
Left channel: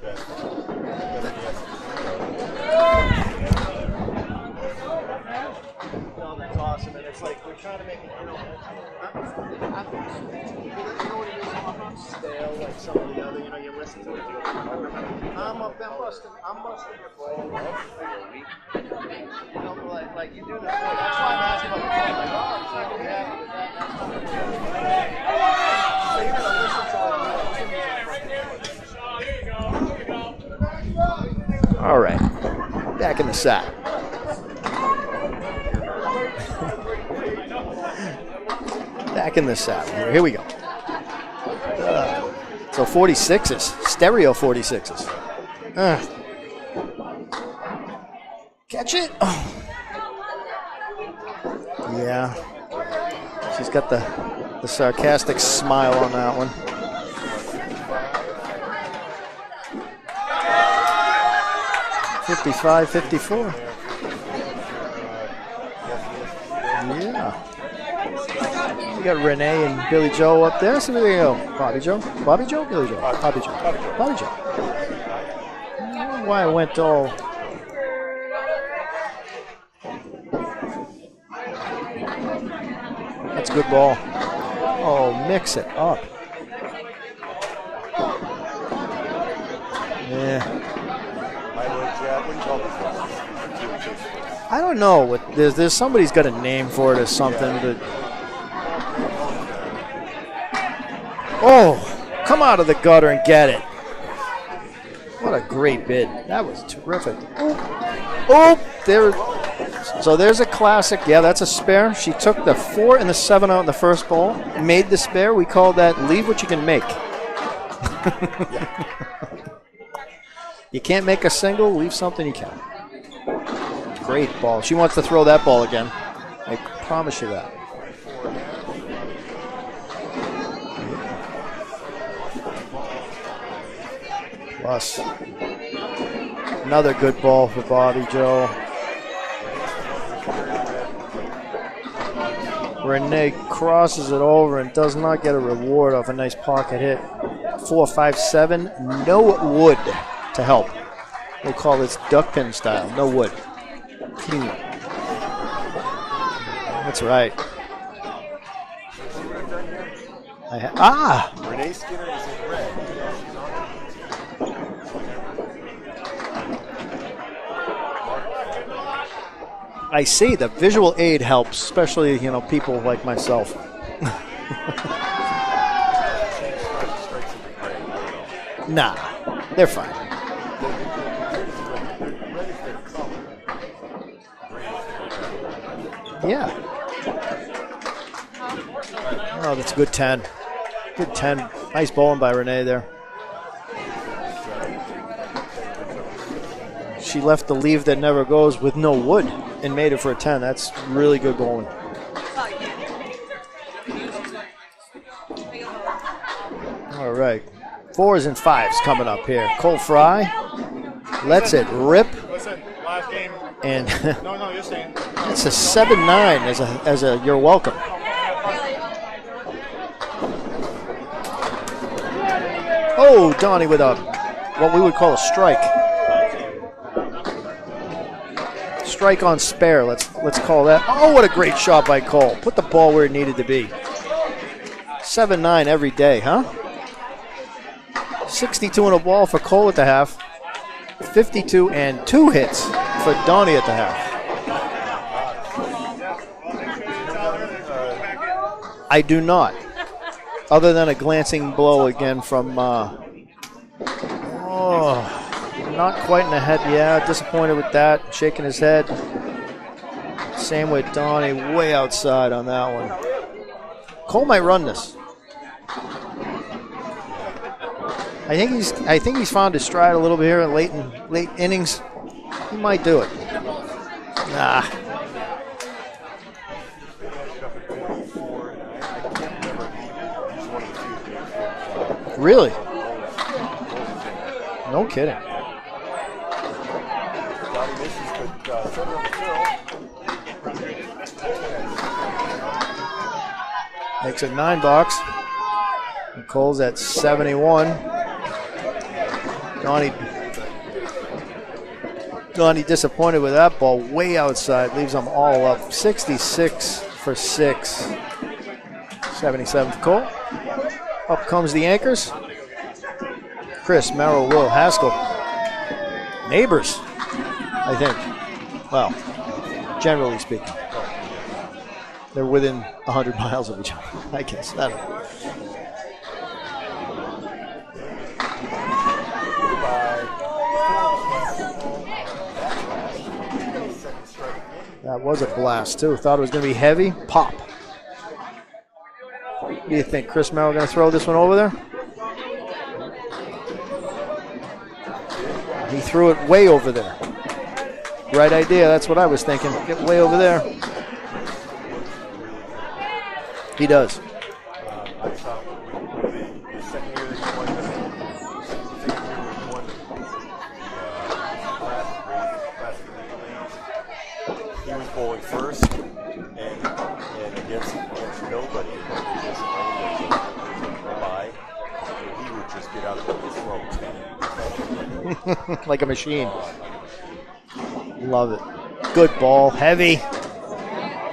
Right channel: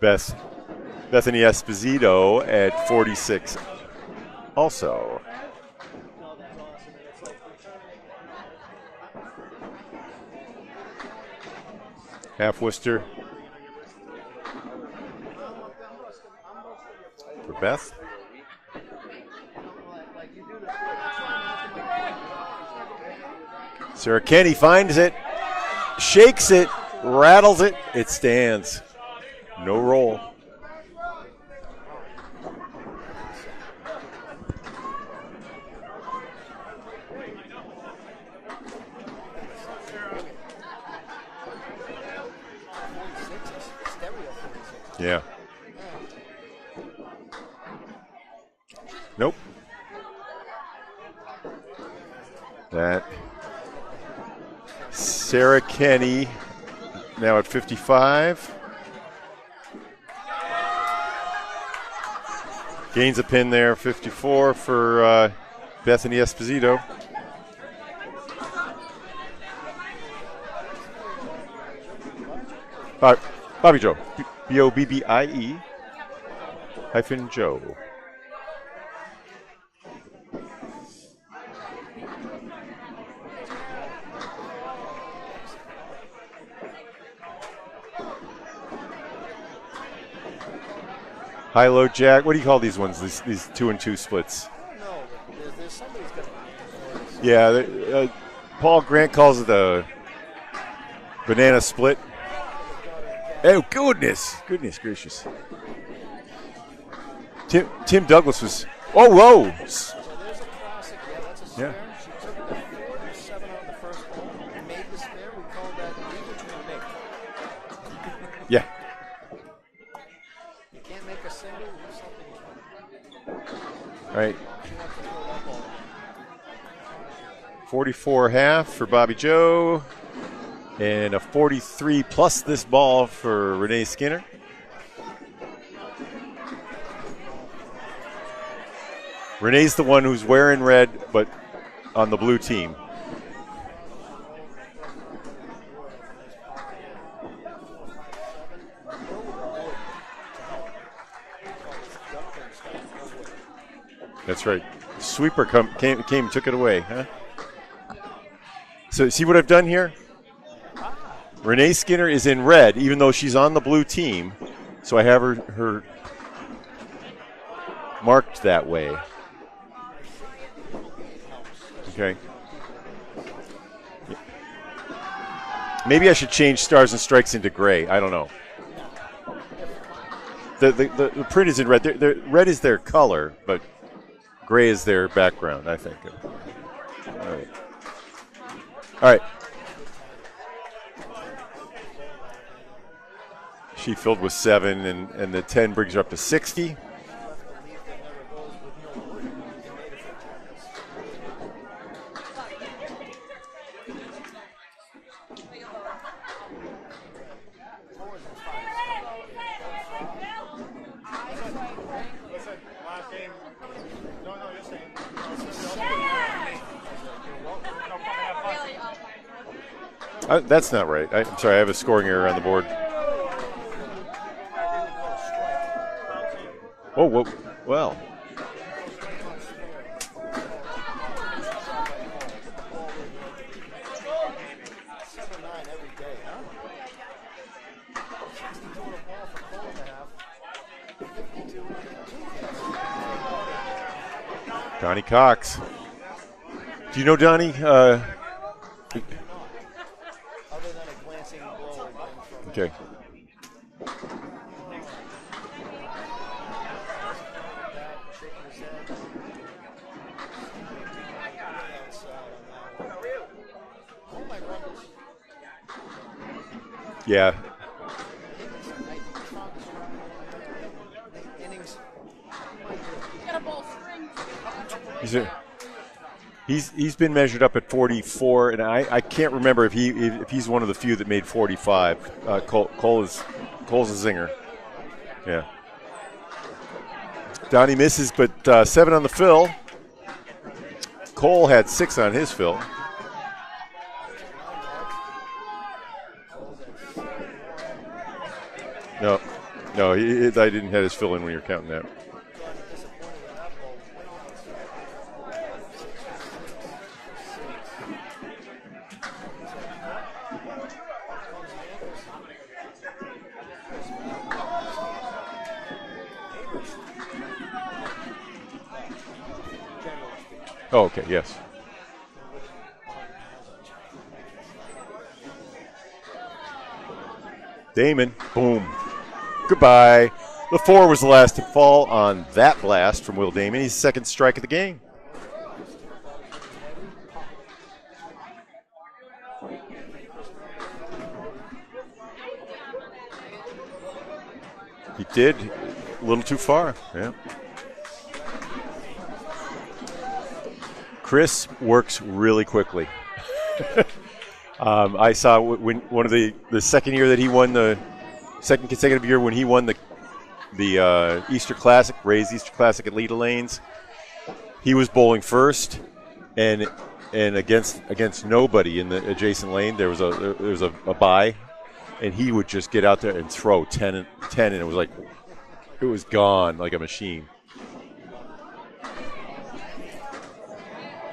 Bethany Esposito at 46 also. That's awesome. And it's like we're trying to make it, Half Worcester. Beth. Like you do the that's why I'm asking about Sarah Kenny finds it, shakes it, rattles it, it stands. No roll. All right. Back in the sack. Back in the sack. Here we go. So 46s, stereo 46s. Yeah. Catch it. Oh. Yeah. She's got the sarcastic Sarah smile Kenny, on that one. Now at 55. 55, 54. Gains a pin there. 54 for Bethany Esposito. Yeah. We got Renee and Billy Joe up there. So there you go. Bobby Joe? Bobby Joe? Billy Joe? Bobby Joe. Bobby Joe. Bobby Joe. B-O-B-B-I-E. I don't know why I went all... Hyphen Joe. That's a good ball. Oh, mix it up. Yeah. High-low jack. What do you call these ones? These 2-and-2 splits. I don't know. There's somebody's got a name for it or something. Yeah, Paul Grant calls it a banana split. Come out of the gutter and get it. Oh, goodness gracious. What a great bid. That was terrific. Tim Douglas. Whoa. So there's a classic. Yeah, that's a spare. Yeah. She took the 4 and the 7 out in the first ball, made the spare. We call that leave what you can make. Yeah. You can't make a single, leave something you can. Great ball. She wants to throw that ball again. I promise you that. 44.5 for Bobby Joe. And a 43 plus this ball for Renee Skinner. Plus. Another good ball for Bobby Joe. Renee's the one who's wearing red, but on the blue team. Renee crosses it over and does not get a reward off a nice pocket hit. 4, 5, 7. No wood to help. We'll call this duck pin style. No wood. That's right. Sweeper came and took it away. That's right. So see what I've done here? Renee Skinner is in red, even though she's on the blue team. So I have her marked that way. I see. The visual aid helps, especially people like myself. Maybe I should change stars and strikes into gray. I don't know. Nah, they're fine. The print is in red. Red is their color, but gray is their background, I think. Yeah. All right. Oh, that's a good 10. Good 10. Nice bowling by Renee there. She filled with 7, and the 10 brings her up to 60. She left the leave that never goes with no wood and made it for a 10. That's really good bowling. All right. 4s and 5s coming up here. Cole Fry lets it rip. Listen, last game. And no, you're saying. It's a 7-9 as a you're welcome. That's not right. Sorry, I have a scoring error on the board. Oh, Donnie with what we would call a strike. Oh, well. Strike on spare, let's call that. Oh, what a great shot by Cole. Put the ball where it needed to be. 7-9 every day, huh? 62 in a ball for Cole at the half. 52 and 2 hits for Donnie at the half. Donnie Cox. Do you know Donnie? I do not. Other than a glancing blow again from, not quite in the head. Yeah, disappointed with that. Shaking his head. Same with Donnie, way outside on that one. Cole might run this. Yeah. I think he's found his stride a little bit here in late innings. He might do it. Nah. He's been measured up at 44, and I can't remember if he's one of the few that made 45. Really? Cole's a zinger. No kidding. Yeah. Donnie misses, but 7 on the fill. Cole had 6 on his fill. Makes it 9 box. And Cole's at 71. No, Donnie, I didn't have his fill in when you were counting that. Donnie disappointed with that ball way outside. Leaves them all up. 66 for 6. 77 for Cole. Up comes the anchors. Chris, Merrill, Will, Haskell. Neighbors, I think. Well, generally speaking. Oh, okay, yes. They're within 100 miles of each other, I guess. I don't know. Damon, boom. Goodbye. The 4 was the last to fall on that blast from Will Damon. His second strike of the game. That was a blast, too. Thought it was going to be heavy. Pop. Do you think Chris Merrill going to throw this one over there? He did. He threw it way over there. Yeah. Right idea. That's what I was thinking. Get way over there. Chris works really quickly. He does. I saw when one of the second year that he won, the second consecutive year when he won the Easter Classic, Ray's Easter Classic at Leda Lanes. He was bowling first, and against nobody in the adjacent lane. There was a bye, and he would just get out there and throw 10 and it was like like a machine. Gone like a machine. Love it. Good ball, heavy.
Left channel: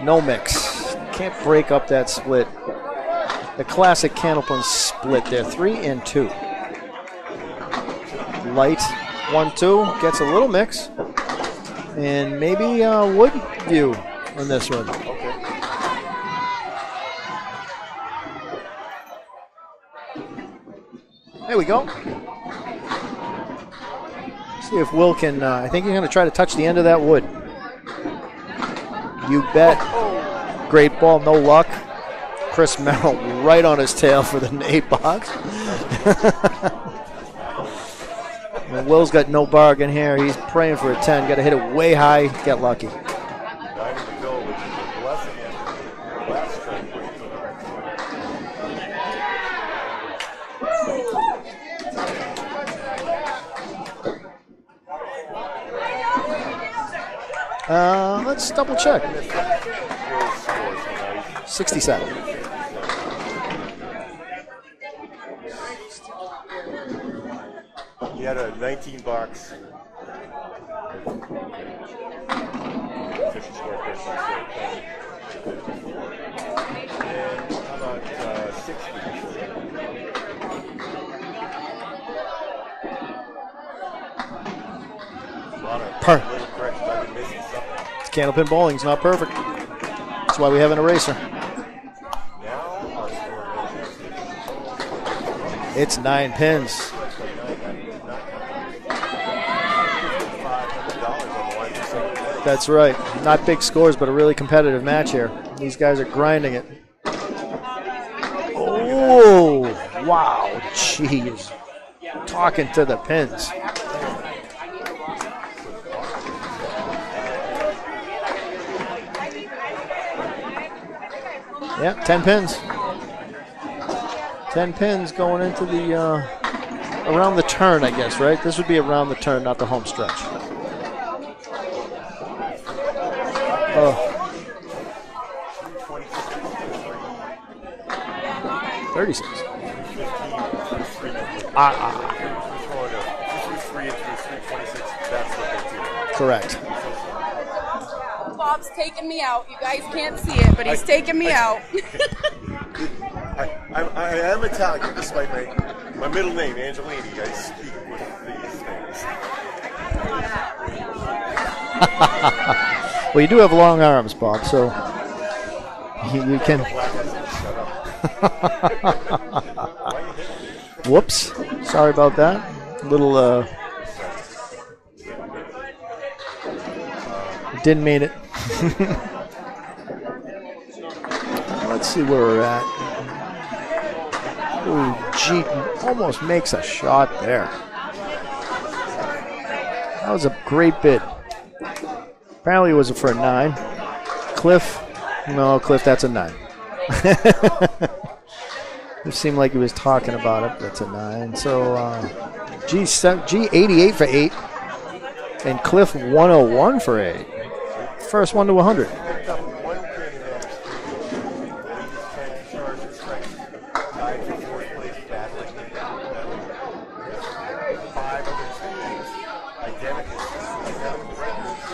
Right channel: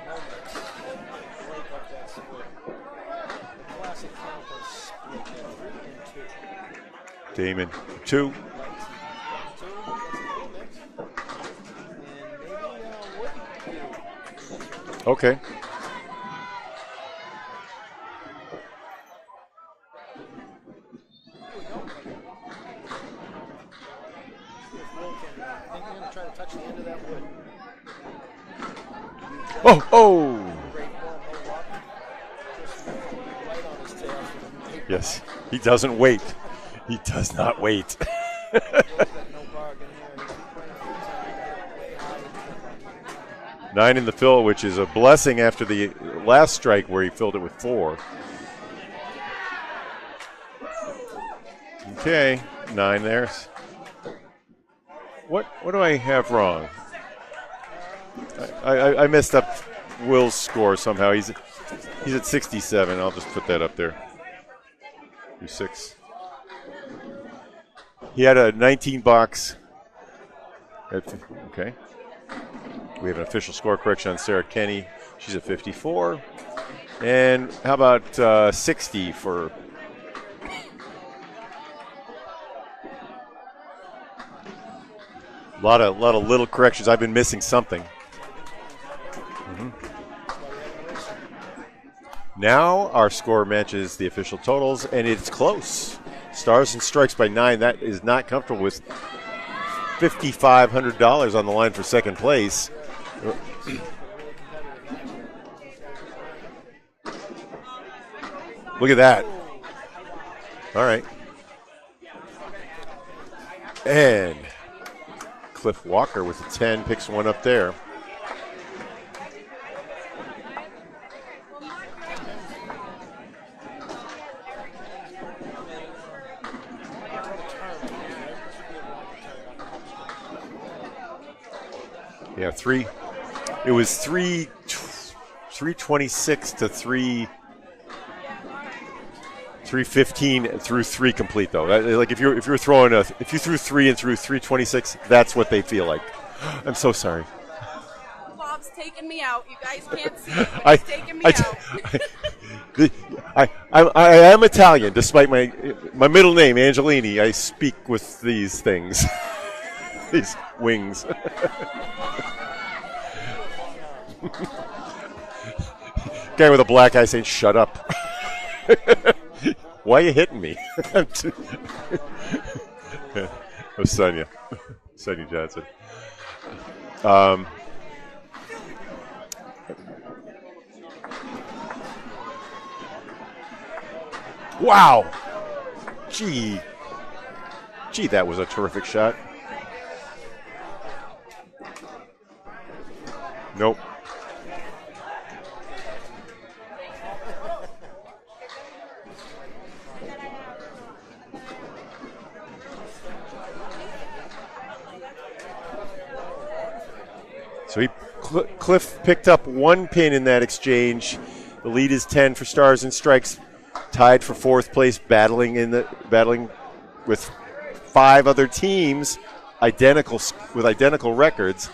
No mix. Can't break up that split. The classic Candlepin split there, 3 and 2. Damon, 2. Light, 1-2. Gets a little mix. And maybe wood view on this one. Okay. There we go. See if Will can, I think he's going to try to touch the end of that wood. You bet. Oh. Great ball, no luck. Chris Merrill right on his tail for the 8 box. He doesn't wait. He does not wait. Will's got no bargain here. He's praying for a 10. Got to hit it way high, get lucky. 9 in the fill, which is a blessing after the last strike where he filled it with 4. Okay, 9 there. What do I have wrong? Let's double check. I messed up Will's score somehow. He's at 67. He's at 67. I'll just put that up there. 6. He had a 19 box. Okay. We have an official score correction on Sarah Kenny. She's at 54. And how about 60 for... A lot of little corrections. I've been missing something. Candlepin bowling's not perfect. That's why we have an eraser. Now our score matches the official totals, and it's close. It's 9 pins. Stars and strikes by 9. That is not comfortable with $5,500 on the line for second place. That's right. Not big scores, but a really competitive match here. These guys are grinding it. Look at that. Oh, wow. All right. Jeez. Talking to the pins. And Cliff Walker with a 10 picks one up there. Yeah, 10 pins. 10 pins going into the around the turn, I guess, right? This would be around the turn, not the home stretch. Yeah, 3. It was 326 to 336. 315 through 3 complete though. Like if you threw 3 and threw 326, that's what they feel like. Correct. I'm so sorry. Bob's taking me out. You guys can't see it, but he's taking me out. I am Italian, despite my middle name, Angelini. I speak with these things, these wings. Well, you do have long arms, Bob, so. Guy with a black eye saying, "Shut up." Why are you hitting me? Whoops. Sorry about that. Little. Oh, Sonia Johnson. Didn't mean it. Let's see where we're at. Wow. Gee, almost makes a shot there. Gee, that was a terrific shot. That was a great bid. Apparently it was for a 9. Nope. Cliff. No, Cliff, that's a 9. It seemed like he was talking about it. That's a 9. So, G 88 for 8. And Cliff 101 for 8. So he first one to 100. Cliff picked up 1 pin in that exchange. The lead is 10 for stars and strikes. Tied for 4th place, battling with 5 other teams, with identical records,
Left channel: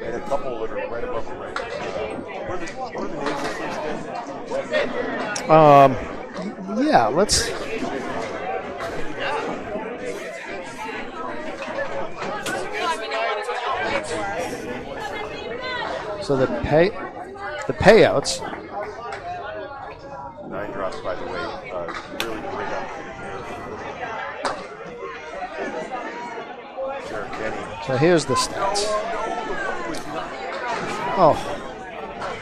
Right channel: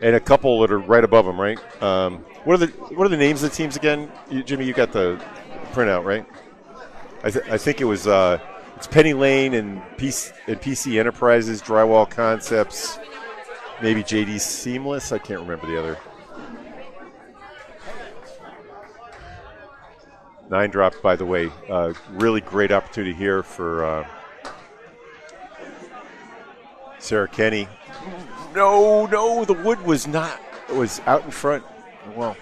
and a couple that are right above them. Right? What are the names of the teams again? Jimmy, you got the right out, right? Yeah, let's. I think it was it's Penny Lane and PC Enterprises, Drywall Concepts, maybe JD Seamless. I can't remember the other. So the payouts. 9 dropped, by the way. Really great opportunity here for Sarah Kenny. So here's the stats. No, the wood was not. It was out in front. Wow.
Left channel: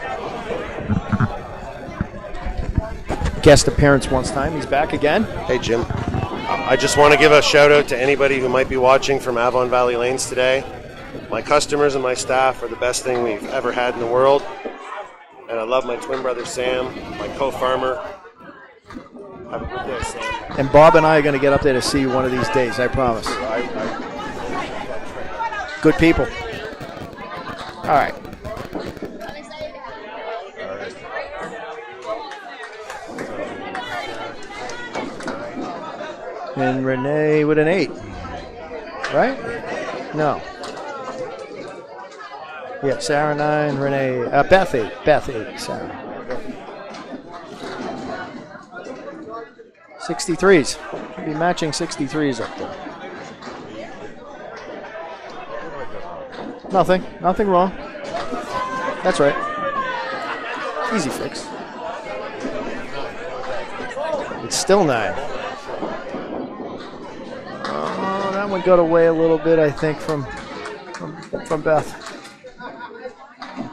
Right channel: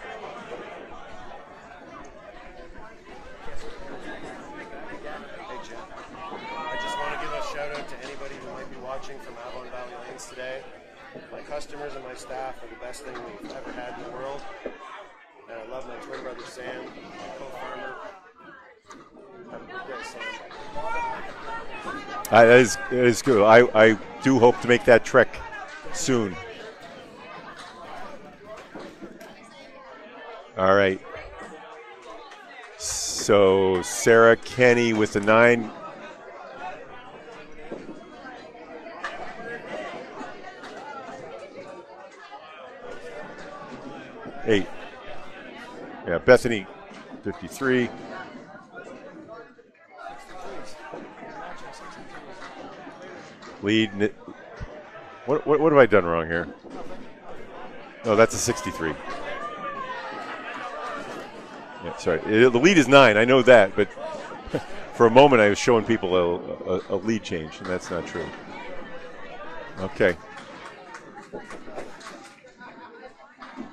Guest appearance once time. He's back again. Hey, Jim. I just want to give a shout out to anybody who might be watching from Avon Valley Lanes today. My customers and my staff are the best thing we've ever had in the world. And I love my twin brother Sam, my co-farmer. Have a good day, Sam. And Bob and I are going to get up there to see you one of these days, I promise. It is cool. I do hope to make that trek. Good people. Soon. All right. So Sarah Kenny with the 9. And Renee with an 8. Right? No. Yeah, Sarah 9, Renee, Beth 8. Beth 8, Sarah. Yeah, Bethany 53. 63s. Be matching 63s up there. Lead. What have I done wrong here? Nothing. Nothing wrong. Oh, that's a 63. That's right. Easy fix. That's right. The lead is 9. I know that, but it's still 9. For a moment, I was showing people a lead change. That's not true. That one got away a little bit, I think, from Beth.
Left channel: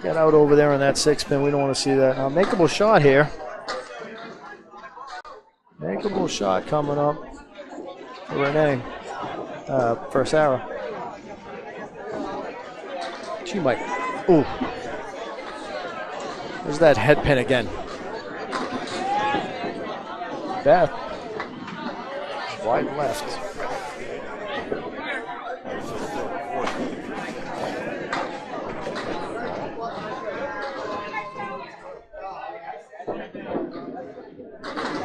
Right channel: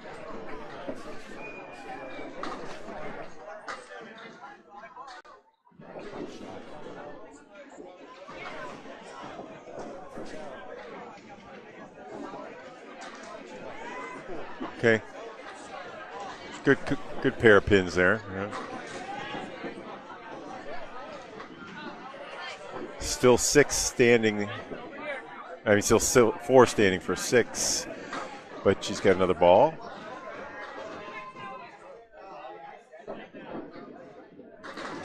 Get out over there on that 6-pin. We don't want to see that. Makeable shot here. Makeable shot coming up for Renee. For Sarah. She might. Ooh. Okay. There's that head pin pair again. Of pins there. Beth. Wide left. Still 6 standing. I mean, still 4 standing for 6. But she's got another ball.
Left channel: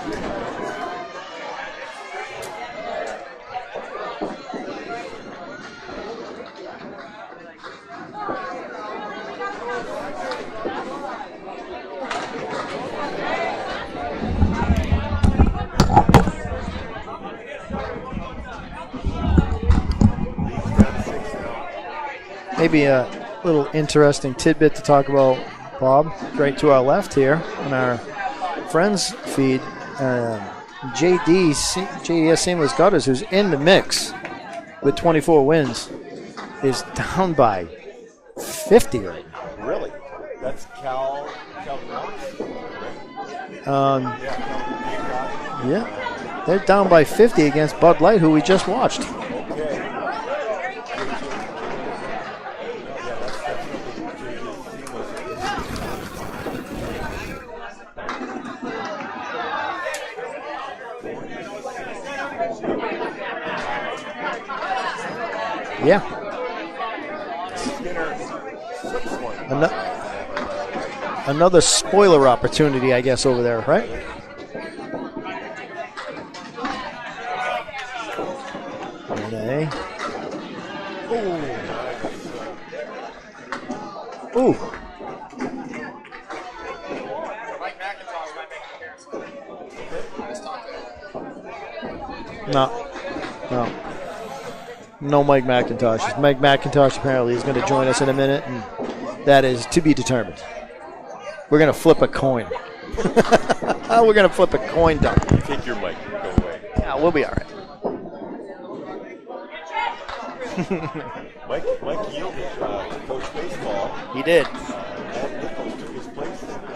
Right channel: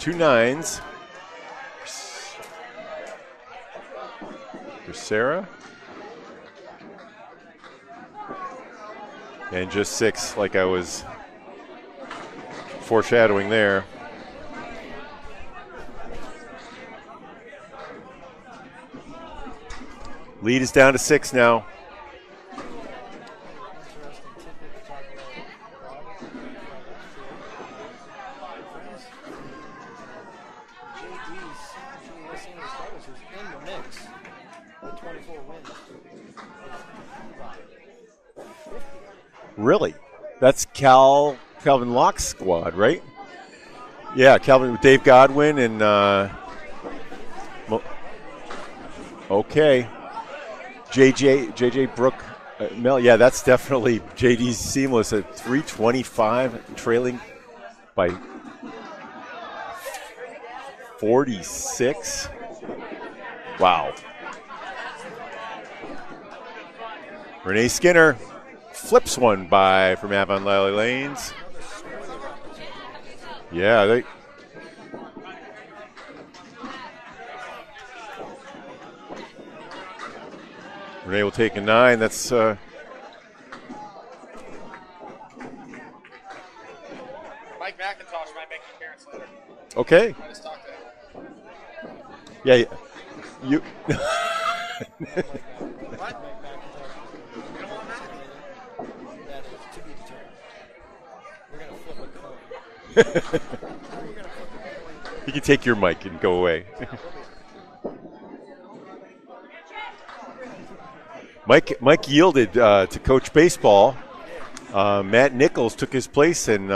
Two 9s. For Sarah. And just 6, like I was foreshadowing there. Lead is down to 6 now. Maybe a little interesting tidbit to talk about, Bob. Right to our left here on our friends feed, JDS Seamless Gutters, who's in the mix with 24 wins, is down by 50 right now. Really? That's Calvin Locke's squad, right? Yeah, Dave Godwin, and they're down by 50 against Bud Light, who we just watched. Okay. JJ Brook, yeah, that's definitely JD's Seamless at 325, trailing by 46. Wow. Yeah. Renee Skinner flips one by from Avon Lally Lanes. Another spoiler opportunity, I guess, over there. Yeah, right? Renee will take a 9. That's ooh. Okay. Yeah. No Mike McIntosh. Mike McIntosh apparently is going to join us in a minute, and that is to be determined. We're going to flip a coin. We're going to flip a coin dump. You take your mic and go away. Yeah, we'll be all right. Mike yielded to coach baseball. He did. Matt Nichols took his place and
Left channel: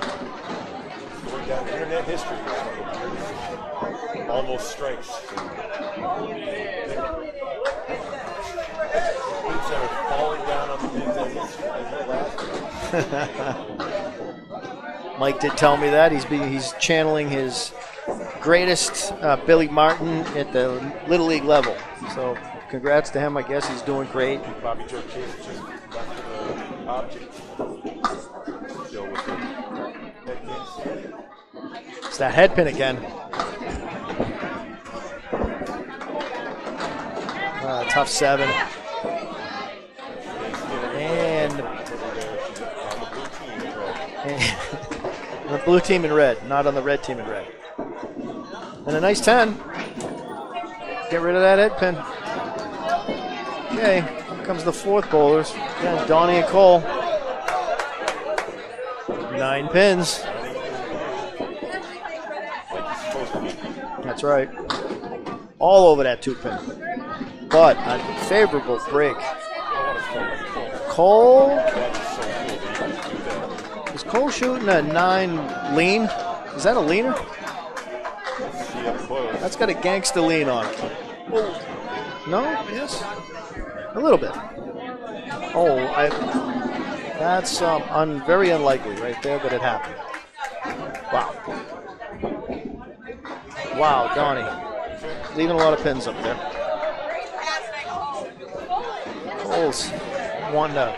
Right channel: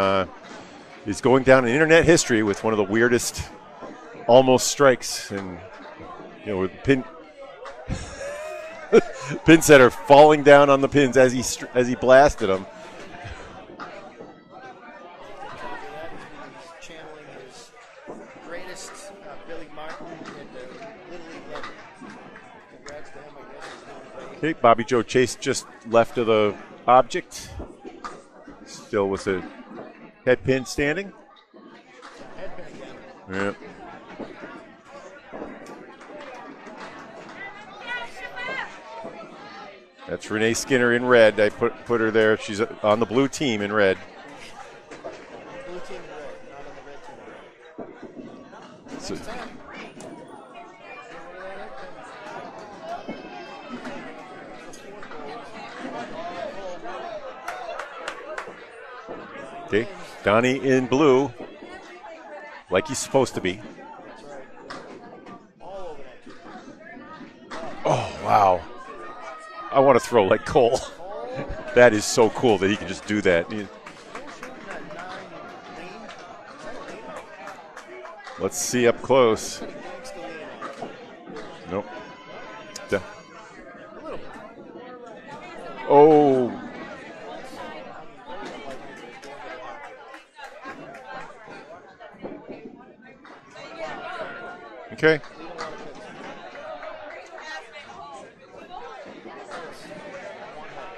is going down in internet history with one of the weirdest almost strikes. And with pin setter falling down on the pins as he blasted them. Mike did tell me that he's channeling his greatest Billy Martin at the Little League level. So congrats to him. I guess he's doing great. Okay, Bobby Joe Chase just left of the object. Still with the head pin standing. It's that head pin again. Yeah. Tough 7. That's Renee Skinner in red. I put her there. She's on the blue team in red. The blue team in red, not on the red team in red. And a nice 10. Get rid of that head pin. Okay, here comes the 4th bowlers. Yeah, Donnie and Cole. 9 pins. Donnie in blue, like he's supposed to be. That's right. All over that 2-pin. But favorable break. I want to throw like Cole. Cole? That is so cool that he can just do that. Is Cole shooting a 9 lean? Is that a leaner? Let's see up close. That's got a gangsta lean on it. Nope. No? Yes. A little bit. Oh. That's very unlikely right there, but it happened. Wow. Wow, Donnie. Okay. Leaving a lot of pins up there. Cole's wanting to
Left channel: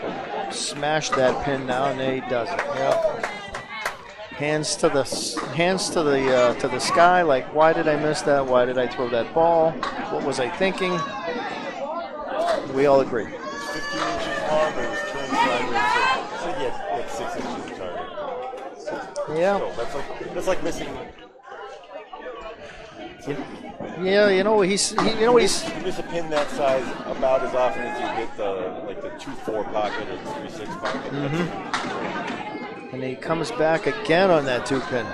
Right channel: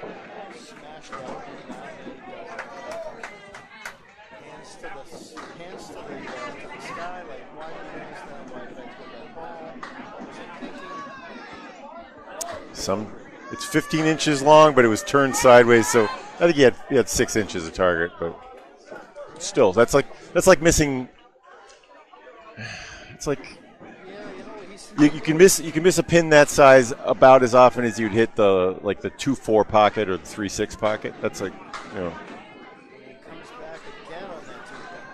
smash that pin now, and he doesn't. Yep. Hands to the sky. Like, why did I miss that? Why did I throw that ball? What was I thinking? We all agree. It's 15 inches long, but it was turned sideways, so I think he had 6 inches of target. But still, that's like missing. It's like Yeah, you know he's. you can miss a pin that size about as often as you'd hit the 2-4 pocket or the 3-6 pocket. That's like. And he comes back again on that 2-pin.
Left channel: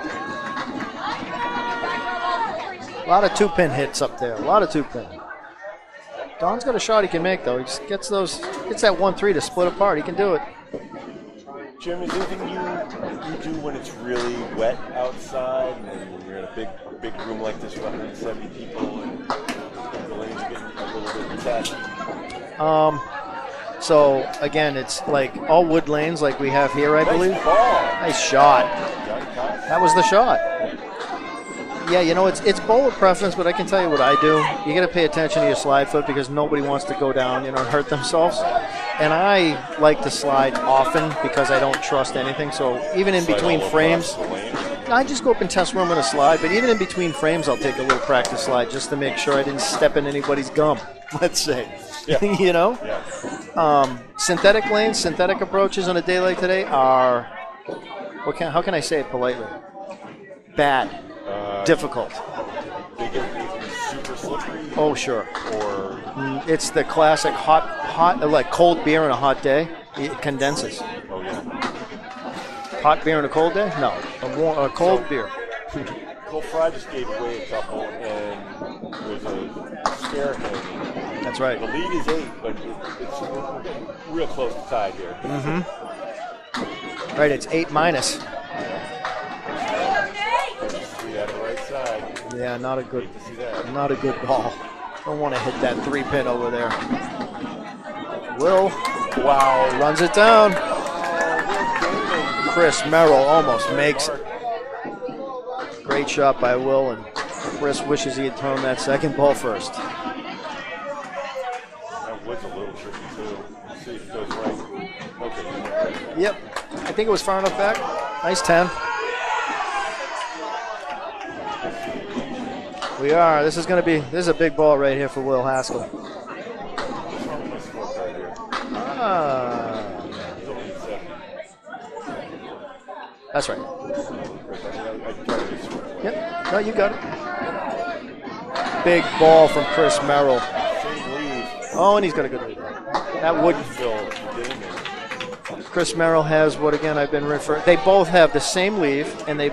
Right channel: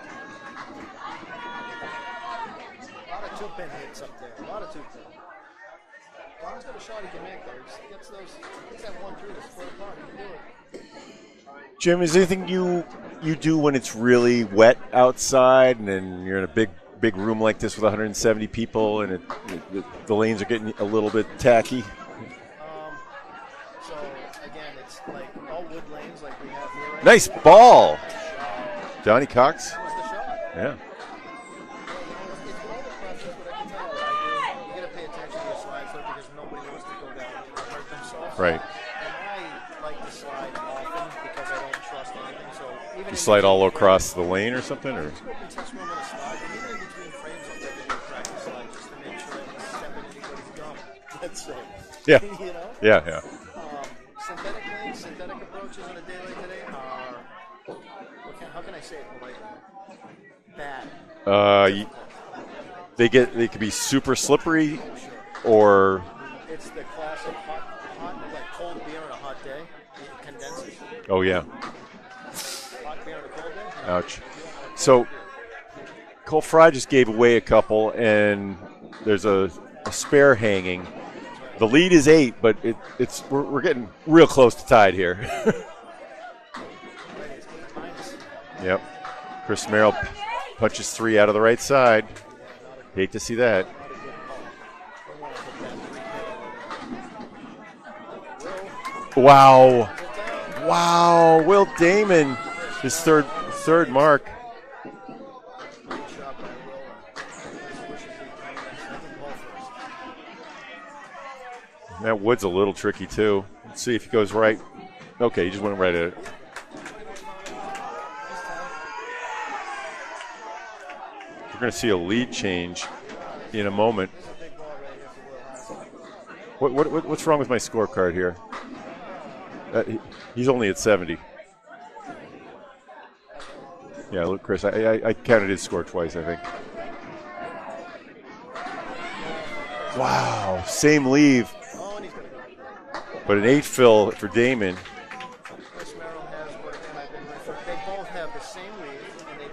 A lot of 2-pin hits up there. A lot of 2-pin. Don's got a shot he can make though. He just gets that 1-3 to split apart. He can do it. Jim, is there anything you do when it's really wet outside and then you're in a big room like this with 170 people and the lanes are getting a little bit tacky? So again, it's like all wood lanes like we have here. I Nice believe. ball. Nice shot. Donnie Cox. That was the shot. Yeah. Yeah, you know, it's bowler preference, but I can tell you what I do. You got to pay attention to your slide foot because nobody wants to go down, and hurt themselves. Right. And I like to slide often because I don't trust anything. So even in Slide between all frames, across the lane or something? I just go up and test where I'm going to slide. But even in between frames, I'll take a little practice slide just to make sure I didn't step in anybody's gum. Let's say. Yeah. You know. Yeah. Synthetic lanes, synthetic approaches on a day like today are how can I say it politely? Bad. Difficult. They could be super slippery. Oh, sure. Or it's the classic hot like cold beer on a hot day. It condenses. Oh yeah. Hot beer on a cold day? No. A cold beer. Cole Fry just gave away a couple, and there's a spare hanging. That's right. The lead is 8, but we're getting real close to tied here. Right, it's 8-. Yep. Chris Merrill punches 3 out of the right side. Yeah, not a good. Hate to see that. Not a good ball. Don't want to hit that 3-pin over there. Will. Wow. Runs it down. Wow. Will Damon. Chris Merrill almost third makes mark. Great shot by Will, and Chris wishes he had thrown that second ball first. That wood's a little tricky too. Let's see if he goes right. Okay, he just went right at it. Yep. I think it was far enough back. Nice 10. We're going to see a lead change. We are. This is a big ball right here for Will Haskell. What's wrong with my scorecard here? He's only at 70. That's right. Yeah, look, Chris, I counted his score twice, I think. No, you got it. Big ball from Chris Merrill. Same leave. Oh, and he's got a good lead. But an 8 fill for Damon. Chris Merrill has what, again, I've been referring. They both have the same leave, and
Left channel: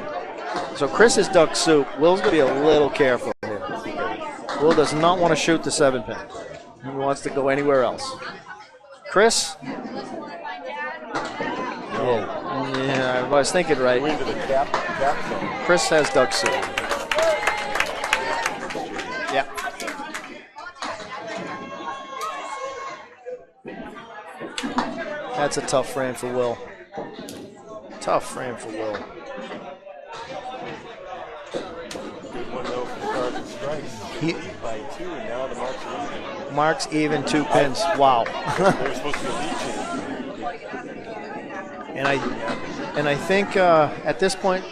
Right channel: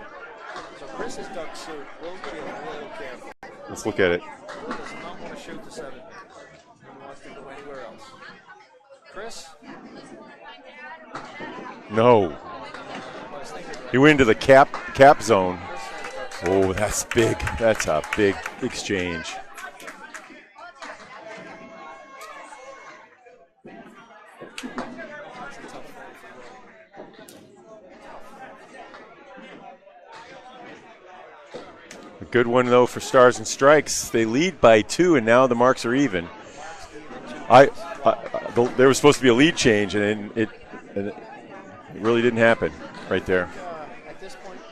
so Chris is duck soup. Will's going to be a little careful here. Let's look at it. Will does not want to shoot the 7-pin. He wants to go anywhere else. Chris? No. Yeah, I was thinking right. You into the cap zone. Chris has duck soup. Oh, that's big. That's a big exchange. Yeah. That's a tough frame for Will. Tough frame for Will. Good one, though, for Stars and Strikes. They lead by 2, and now the marks are even. Marks even, 2 pins. Wow. There was supposed to be a lead change, and it really didn't happen. And I think at this point,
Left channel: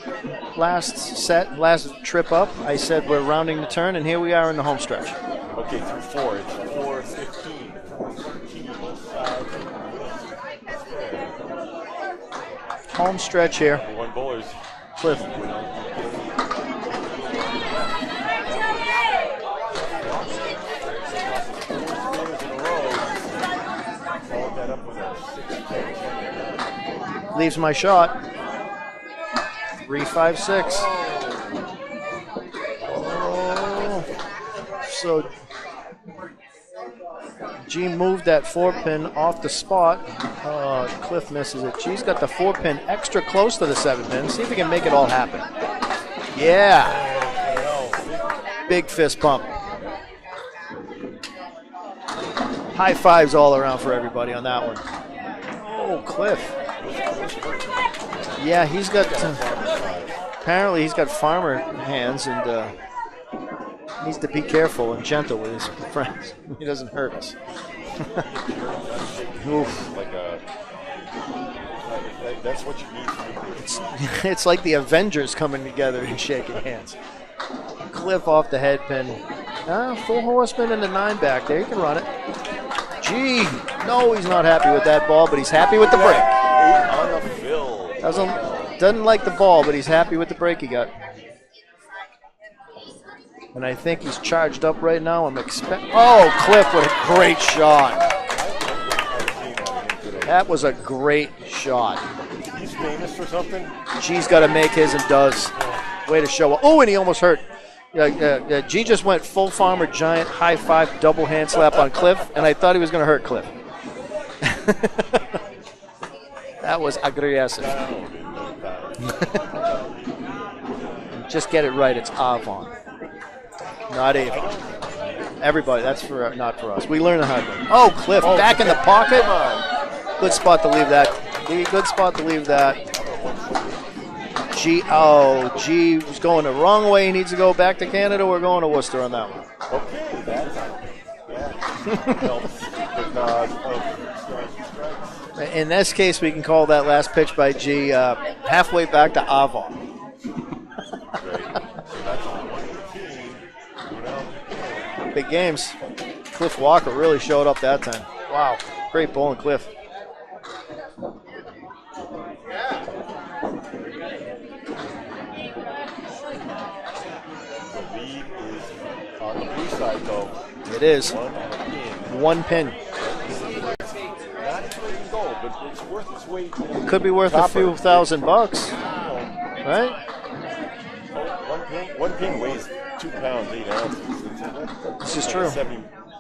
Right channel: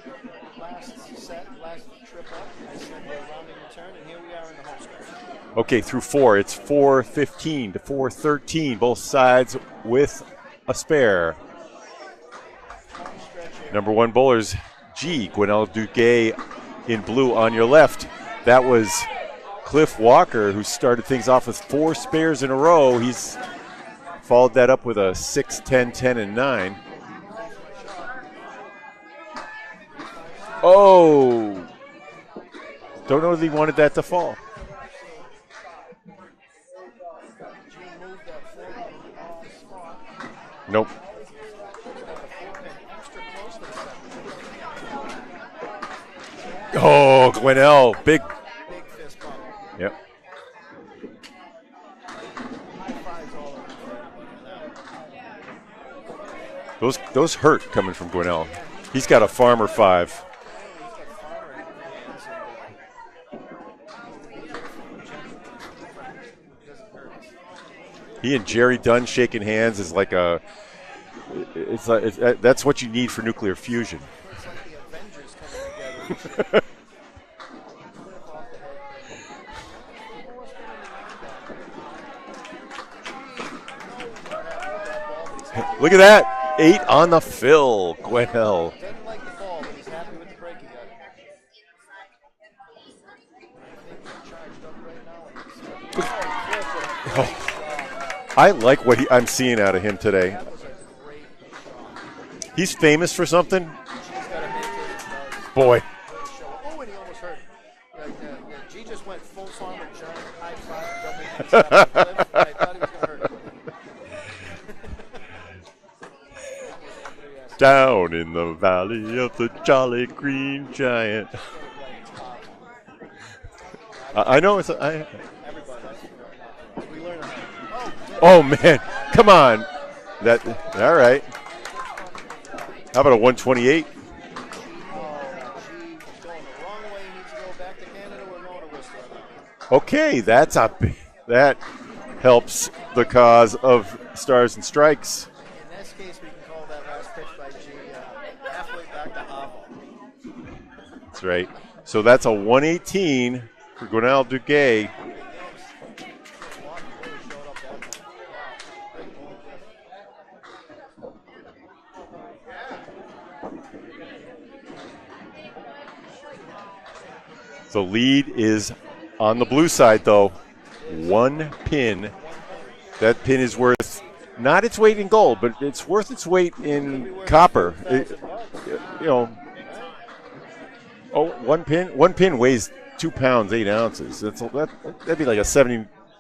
last trip up, I said we're rounding the turn, and here we are in the home stretch. Okay, through 4. It's 4:15 to 4:13, both sides with a spare. Home stretch here. Number 1 bowlers, Gwinnell Duguay in blue on your left. That was Cliff Walker, who started things off with 4 spares in a row. He's followed that up with a 6, 10, 10, and 9. Leaves my shot. 3, 5, 6. Oh! Don't know if he wanted that to fall. So G moved that 4-pin off the spot. Nope. Cliff misses it. G's got the 4-pin extra close to the 7-pin. See if we can make it all happen. Yeah. Oh, Gwinnell, big fist pump. Yep. High fives all around for everybody on that one. Oh, Cliff. Those hurt coming from Gwinnell. Yeah, he's got a farmer 5. Apparently, he's got farmer hands and needs to be careful and gentle with his friends. He doesn't hurt us. He and Jerry Dunn shaking hands is like that's what you need for nuclear fusion. It's like the Avengers coming together and shaking hands. Cliff off the head pin. 4 horsemen and a 9 back there. You can run it. Gee, no, he's not happy with that ball, but he's happy with Look the at break. that. 8 on the fill. Gwinnell. Doesn't like the ball, but he's happy with the break he got. And I think he's charged up right now. I'm expecting. Oh, Cliff with a great shot. I like what I'm seeing out of him today. That was a great shot. He's famous for something. G's got to make his and does. Boy. Way to show up. Oh, and he almost hurt. G just went full farmer giant high five double hand slap on Cliff, and I thought he was going to hurt Cliff. That was aggressive. Down in the valley of the Jolly Green Giant. Just get it right. It's Avon. Not I know it's everybody. That's for not for us. We learn the hard way. Oh, Cliff Oh, back man. in the pocket. Come on. Good spot to leave all that. right. Good spot to leave that. How about a 128? G was going the wrong way. He needs to go back to Canada. We're going to Worcester on that one. Okay, that helps the cause of Stars and Strikes. In this case, we can call that last pitch by G halfway back to Avon. That's right. So that's a 118 to Gwinnell Duguay. Big games. Cliff Walker really showed up that time. Wow. Great bowling, Cliff. The lead is on the blue side, though. It is. One pin. One pin. That pin is worth not its weight in gold, but it's worth its weight in Could be worth copper. a few $1,000. You know, right? Oh, one pin weighs 2 pounds 8 ounces. That's like a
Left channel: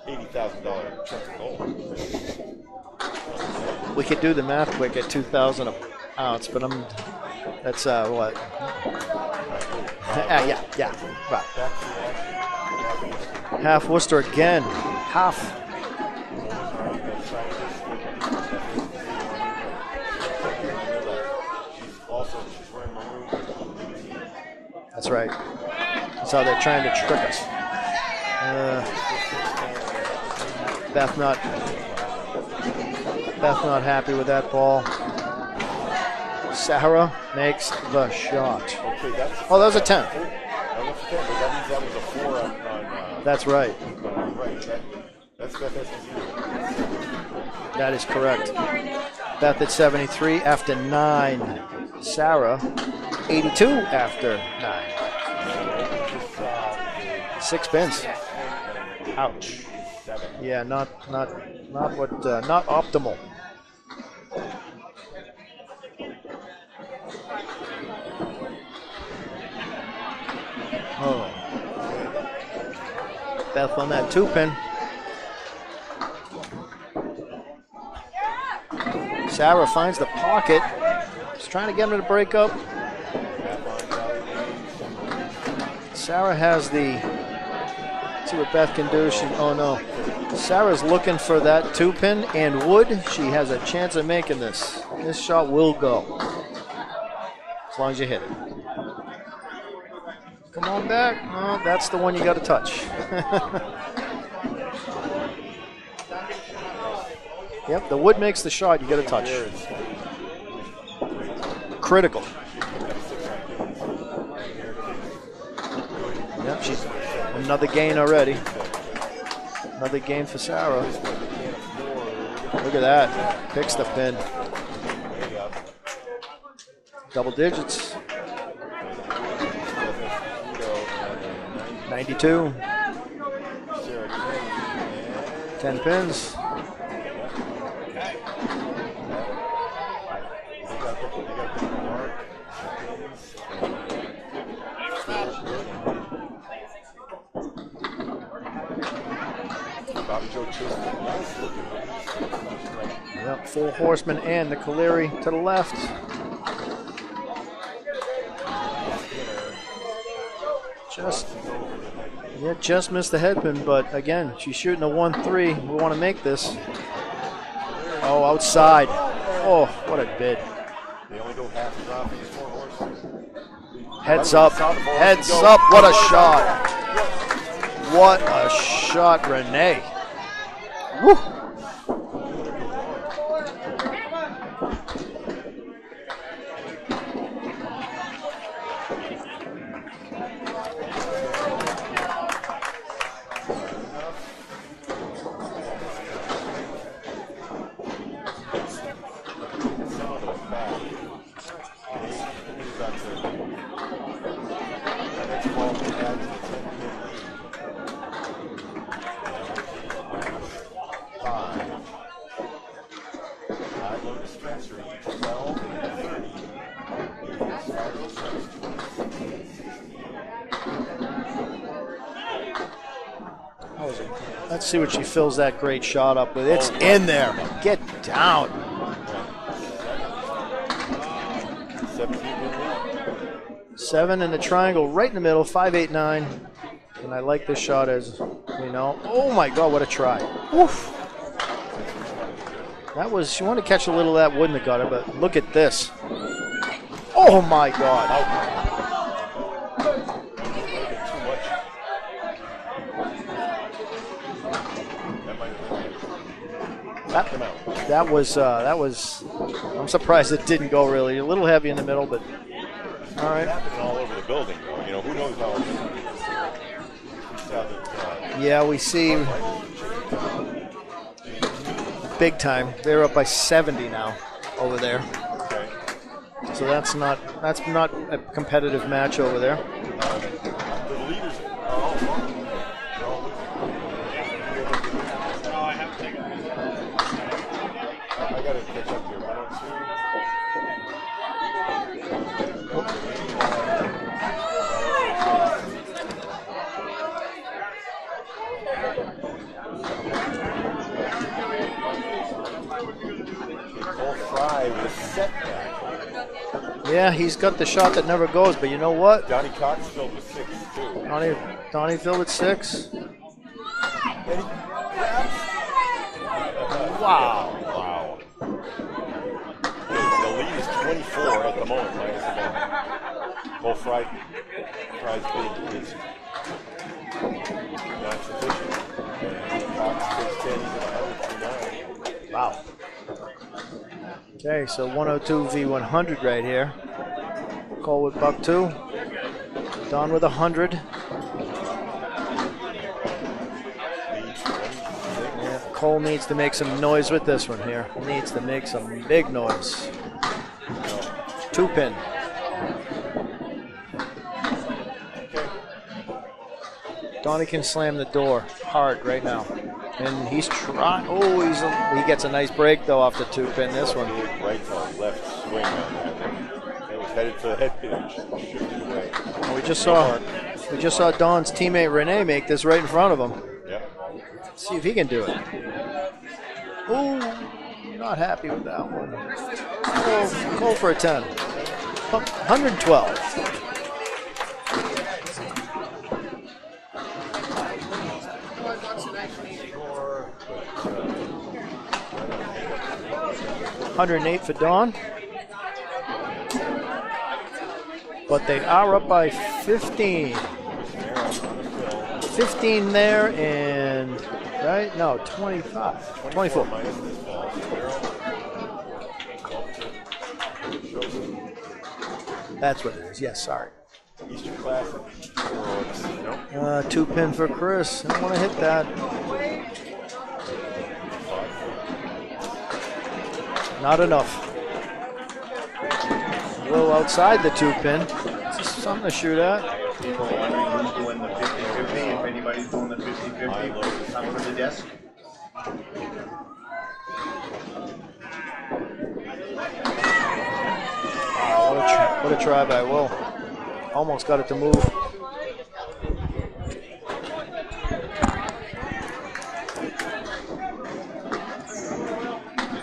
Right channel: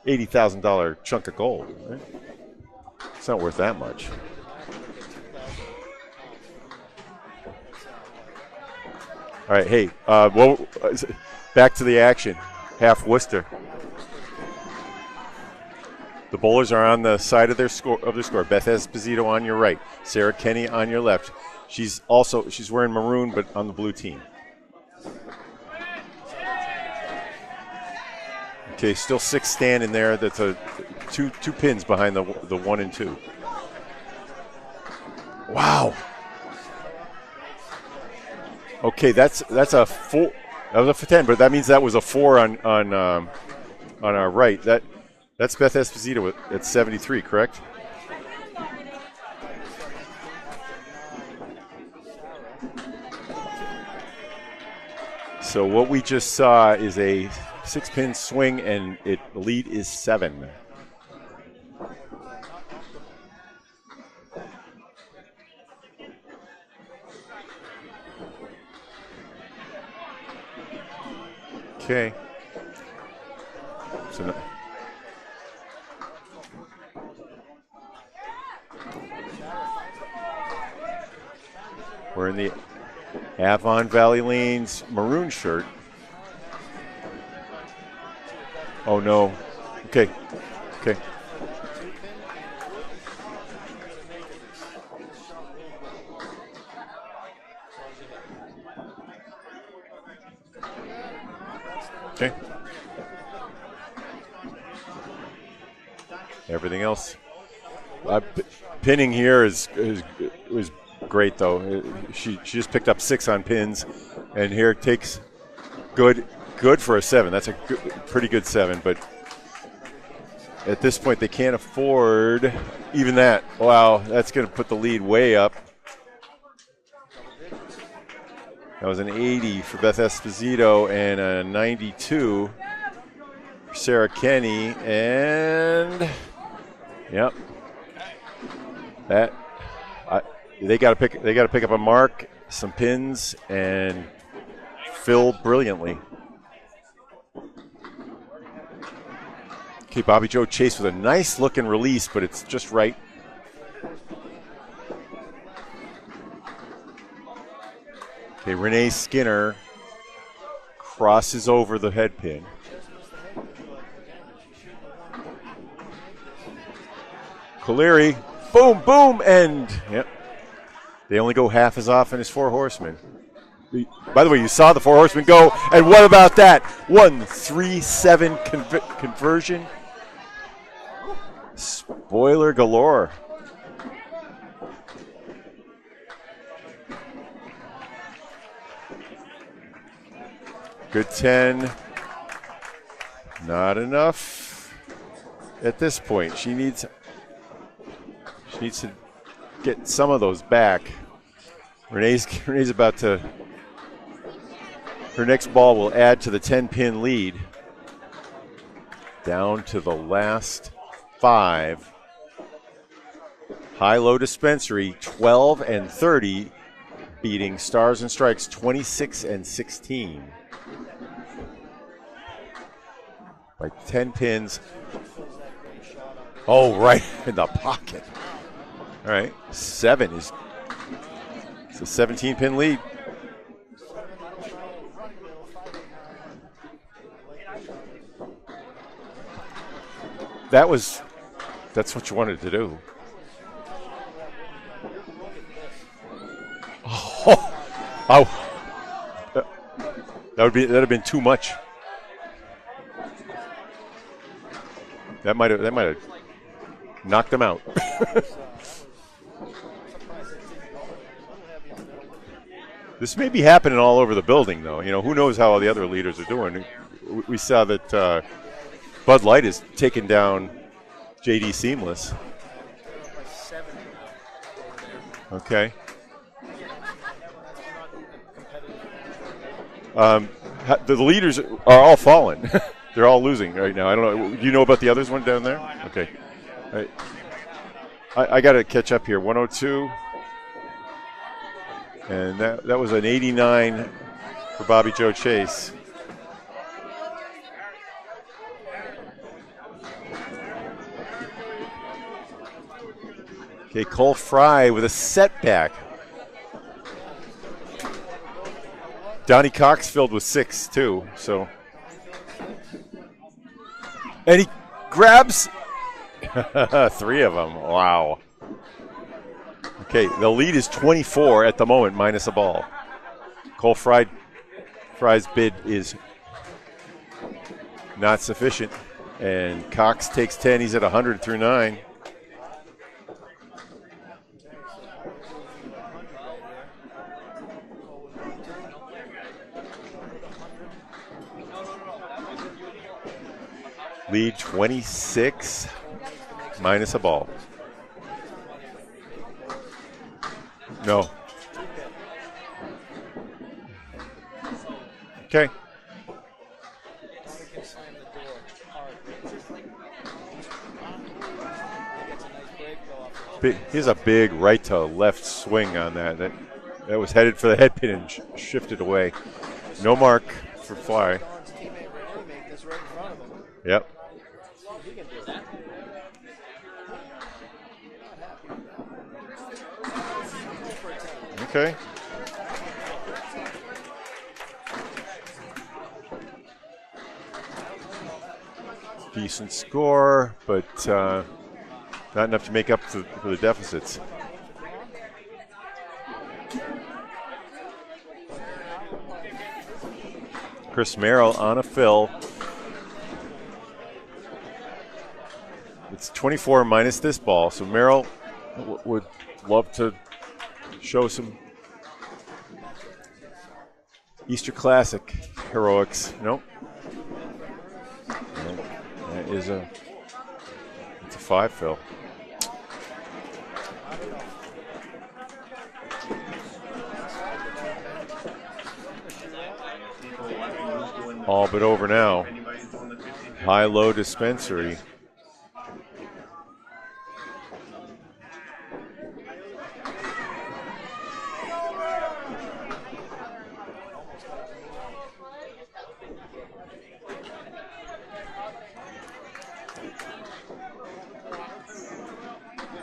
$80,000 chunk of gold. It's not worth that much. We could do the math quick at 2,000 an ounce, but that's what? All right, hey, back to the action. Half Worcester. Half Worcester again. Half. The bowlers are on the side of their score. Beth Esposito on your right. Sarah Kenny on your left. She's wearing maroon, but on the blue team. That's right. That's how they're trying to trick us. Okay, still 6 standing there. That's two pins behind the 1 and 2. Beth not happy with that ball. Wow. Sarah makes the shot. Okay, that's that was a 10. That was a 10, but that means that was a 4 on. That's right. On our right. That's Beth Esposito at 73, correct? That is correct. Beth at 73 after 9. Sarah 82 after 9. So what we just saw is a 6-pin swing, and the lead is 7. Yeah, not optimal. Oh. Okay. Beth on that 2-pin. Sarah finds the pocket. She's trying to get him to break up. Avon Valley Lane's maroon shirt. Sarah has let's see what Beth can do. Oh no. Okay. Sarah's looking for that 2-pin and wood. She has a chance of making this. This shot will go. As long as you hit it. Come on back. Oh, that's the one you got to touch. Everything else. Yep, the wood makes the shot. Pinning here was great, though. Critical. She just picked up 6 on pins, and here takes good for a 7. That's another gain already. Pretty good 7, but another gain for Sarah. At this point, they can't afford Look at that. even that. Picks Wow, the pin. that's going to put the lead way up. Double digits. That was an 80 for Beth Esposito and a 92 for Sarah Kenny, and 10 pins. Yep. They got to pick up a mark, some pins, and fill brilliantly. Okay, Bobby Joe Chase with a nice looking release, but it's just right. Yep, full horseman and the Caleri to the left. Okay, Renee Skinner crosses over the head pin. Yeah, just missed the head pin, but again, she's shooting a 1-3. We want to make this. Caleri. Oh, outside. Boom, and what a bid. They only go half as often as 4 horsemen. Heads By the way, you up. saw the 4 horsemen Heads go, up. and What a what about shot. that? 1-3-7 What a shot, conversion. Renee. Woo. Spoiler galore. Good 10. Not enough at this point. She needs to get some of those back. Renee's about to Her next ball will add to the 10-pin lead. Down to the last 5. High-low Dispensary, 12 and 30, beating Stars and Strikes, 26 and 16. Like 10 pins. Let's see what she fills that great shot up with. Oh, It's right in there. in the puck. Get down. All right, 7 is a 17-pin lead. 7 in the triangle, right in the middle, 5, 8, 9. And I like this shot as, you know. Oh my God, what a try. That's what you wanted to do. That was, she wanted to catch a little of that, wouldn't have got it, but look at this. Oh my God. Oh. That'd have been too much. That might have knocked him out. That was, I'm surprised it didn't go really. A little heavy in the middle, but. This may be happening all over the building, though. You know, who knows how all the other leaders are doing. We saw that we see Bud Light is taking down JD Seamless. Big time. They're up by 70 now over there. Okay. So that's not a competitive match over there. The leaders are all falling. They're all losing right now. I don't know. Do you know about the others one down there? Okay. Right. I got to catch up here. 102. And that was an 89 for Bobby Joe Chase. Okay, Cole Fry with a setback. Yeah, he's got the shot that never goes, but you know what? Donnie Cox filled with 6 too. Donnie filled with 6. And he grabs 3 of them. Wow. Okay, the lead is 24 at the moment, minus a ball. Cole Fry's bid is not sufficient. And Cox takes 10. He's at 100 through 9. Wow. Okay, so 102 v 100 right here. Cole with buck 2. Don with 100. Lead 26. Cole needs to make some minus noise with this one here. Needs to make some big noise. No. 2 pin. Okay. Donnie can slam the door hard right now. And he's trying. Oh, he gets a nice break, though, off the 2 pin. He's a big right to left swing on that. That was headed for the head pin and shifted away. We just no saw, mark. We just saw Don's teammate Renee make this right in front of him. Yep. See if he can do it. Oh, not happy with that one. Cole for a 10. Okay. 112. Decent score, but not enough to make up for the deficits. 108 for Don. But they are up by 15. Chris Merrill on a fill. 15 there and, right? No, 25. It's 24 minus this ball, so Merrill would love to show some. That's what it is. Yes, sorry. Easter Classic heroics. Nope. 2 pin for Chris. I don't want to hit that. It's a 5 fill. Not enough. A little outside the 2 pin. Something to shoot at. All but over now. High-low Dispensary. What a try by Will. Almost got it to move.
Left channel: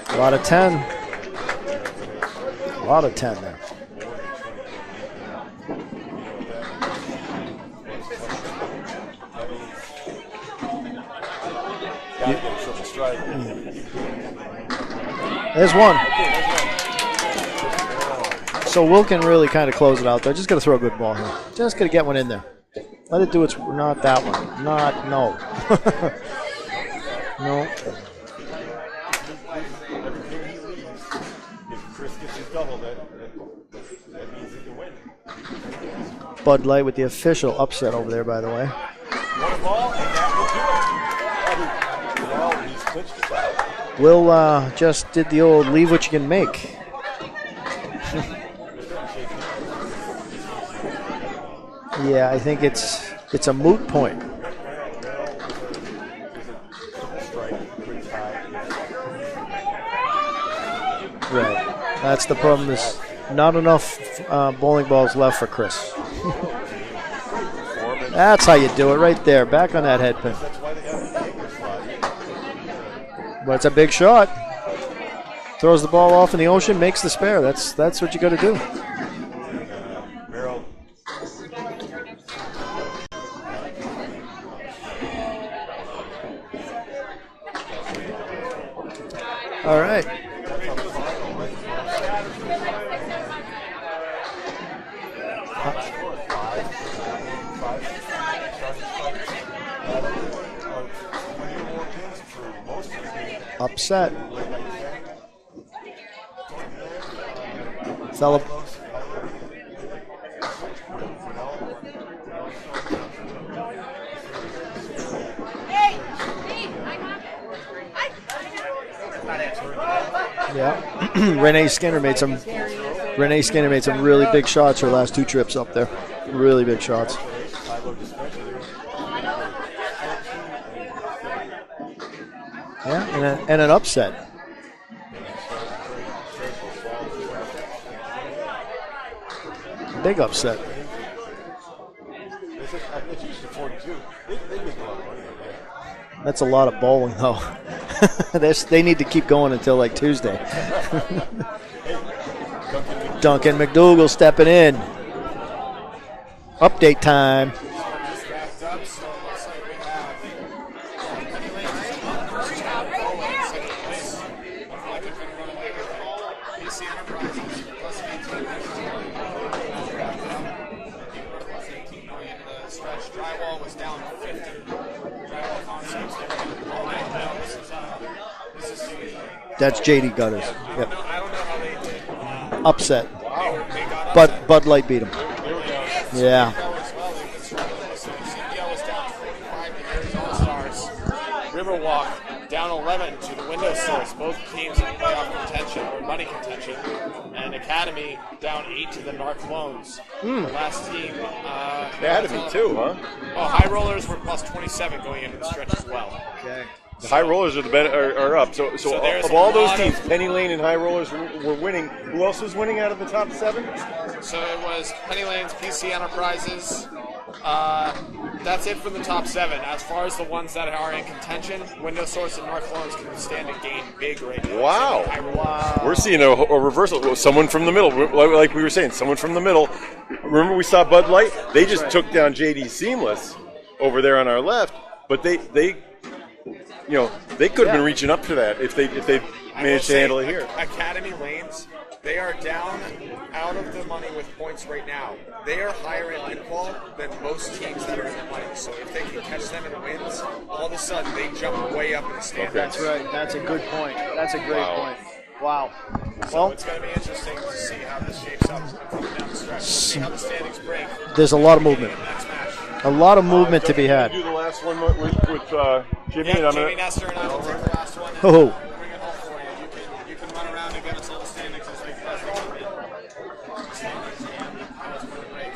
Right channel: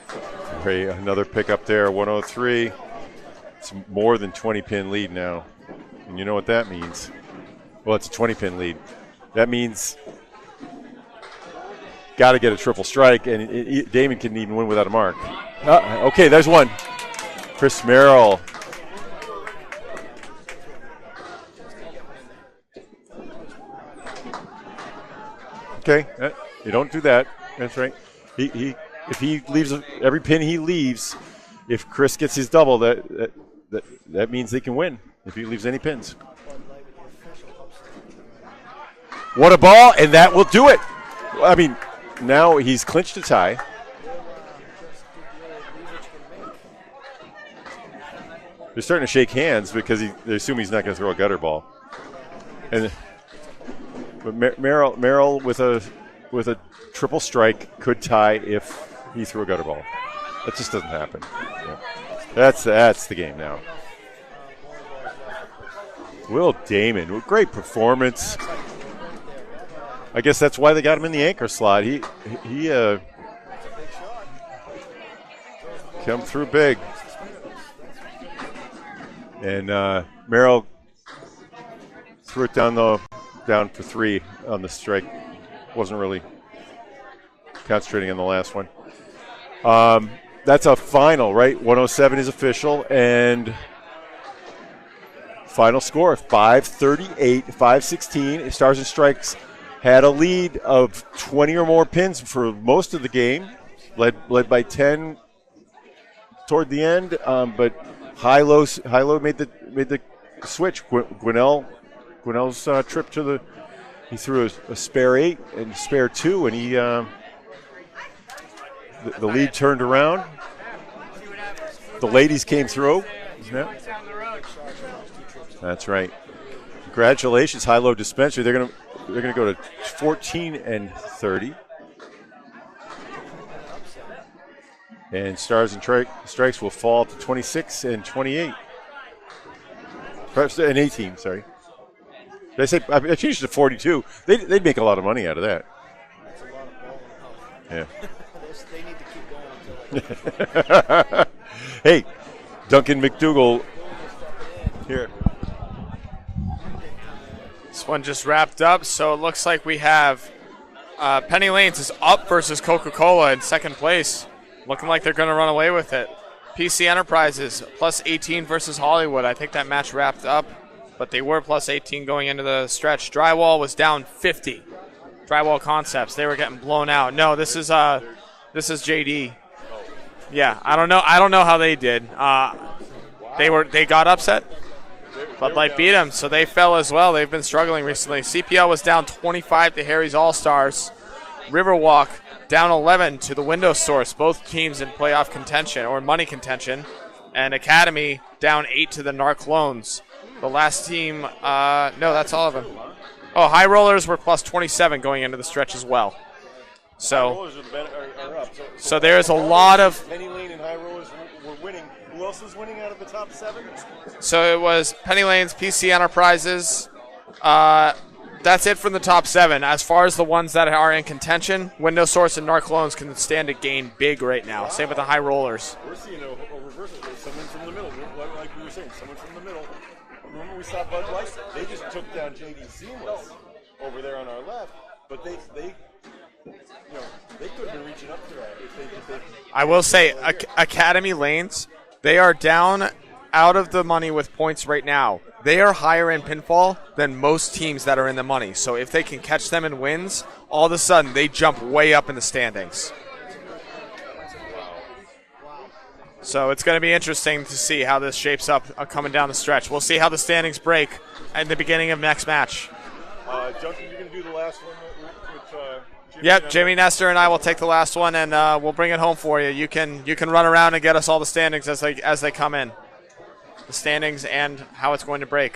A lot of 10. Another pick up there, 103. A lot of 10 there. It's more than 20-pin lead now. And you know what that means? Well, it's a 20-pin lead. That means got to get a triple strike, and Damon can even win without a mark. There's one. Okay, there's one. Chris Merrill. So Will can really kind of close it out there. Just got to throw a good ball here. Just got to get one in there. Let it do its, not that one. No. Okay, you don't do that. No. That's right. If he leaves every pin he leaves, if Chris gets his double, that means they can win if he leaves any pins. Bud Light with the official upset over there, by the way. What a ball, and that will do it. I mean, now he's clinched a tie. Will just did the old leave what you can make. they're starting to shake hands because they assume he's not going to throw a gutter ball. Yeah, I think it's a moot point. But Merrill with a triple strike could tie if he threw a gutter ball. That just doesn't happen. Right. That's the problem. That's the game. Not enough bowling balls left for Chris. Will Damon, with great performance. That's how you do it right there. Back on that head. I guess that's why they got him in the anchor slot. But it's a big shot. Throws the ball off in the ocean, makes the spare. That's what you got to do. And Merrill threw it down for 3 on the strike. Wasn't really concentrating on the last one. Right. That's a final, right? 107 is official, and final score 538, 516. Stars and Strikes had a lead of 20 or more pins for most of the game. Upset. Led by 10 toward the end, but High-Low made the switch. Gwinnell's trip to the, he threw a spare 8 and a spare 2, and the lead turned around. Yeah. Renee Skinner came through. Renee Skinner made some really big shots her last 2 trips up there. That's right. Really big shots. Congratulations, High-Low Dispensary. They're gonna go to 14 and 30. Yeah, and an upset. And Stars and Strikes will fall to 26 and 28. Big upset. And 18, sorry. They say I changed it to 42. They'd make a lot of money out of that. That's a lot of bowling, though. Yeah. They need to keep going until like Tuesday. Hey, Duncan MacDougall. Duncan MacDougall stepping in. Here. Update time. This one just wrapped up, so it looks like we have Penny Lanes is up versus Coca-Cola in second place. Looking like they're going to run away with it. PC Enterprises plus 18 versus Hollywood. I think that match wrapped up, but they were plus 18 going into the stretch. Drywall was down 50. Drywall Concepts, they were getting blown out. No, this is JD. That's JD got it. Yeah, I don't know how they did. Upset. They got upset. Bud Light beat them. Bud Light beat them, so they fell as well. They've been struggling recently. CPL was down 25 to Harry's All-Stars. Riverwalk down 11 to the Window Source. Both teams in playoff contention or money contention. And Academy down 8 to the Narclones. The last team, no, that's all of them. Huh? Oh, High Rollers were plus 27 going into the stretch as well. Okay. The High Rollers are up. So there's a lot of Penny Lane and High Rollers were winning. Who else was winning out of the top 7? So it was Penny Lane's, PC Enterprises. That's it from the top 7. As far as the ones that are in contention, Window Source and Narclones can stand to gain big right now. Wow. Same with the High Rollers. We're seeing a reversal. Someone from the middle, like we were saying, someone from the middle. Remember we saw Bud Light? They just took down JD Seamless over there on our left, but they could have been reaching up to that if they. I will say, Academy Lanes, they are down out of the money with points right now. They are higher in pinfall than most teams that are in the money. So if they can catch them in wins, all of a sudden they jump way up in the standings. That's right. That's a good point. That's a great point. Wow. So it's going to be interesting to see how this shapes up coming down the stretch. We'll see how the standings break. There's a at lot the of beginning movement. of next match. A lot of movement to be had. Do the last one with Jimmy. Yep, Jimmy Nestor and I will take the last one, and we'll bring it home for you. You can run around and get us all the standings as they come in. The standings and how it's going to break.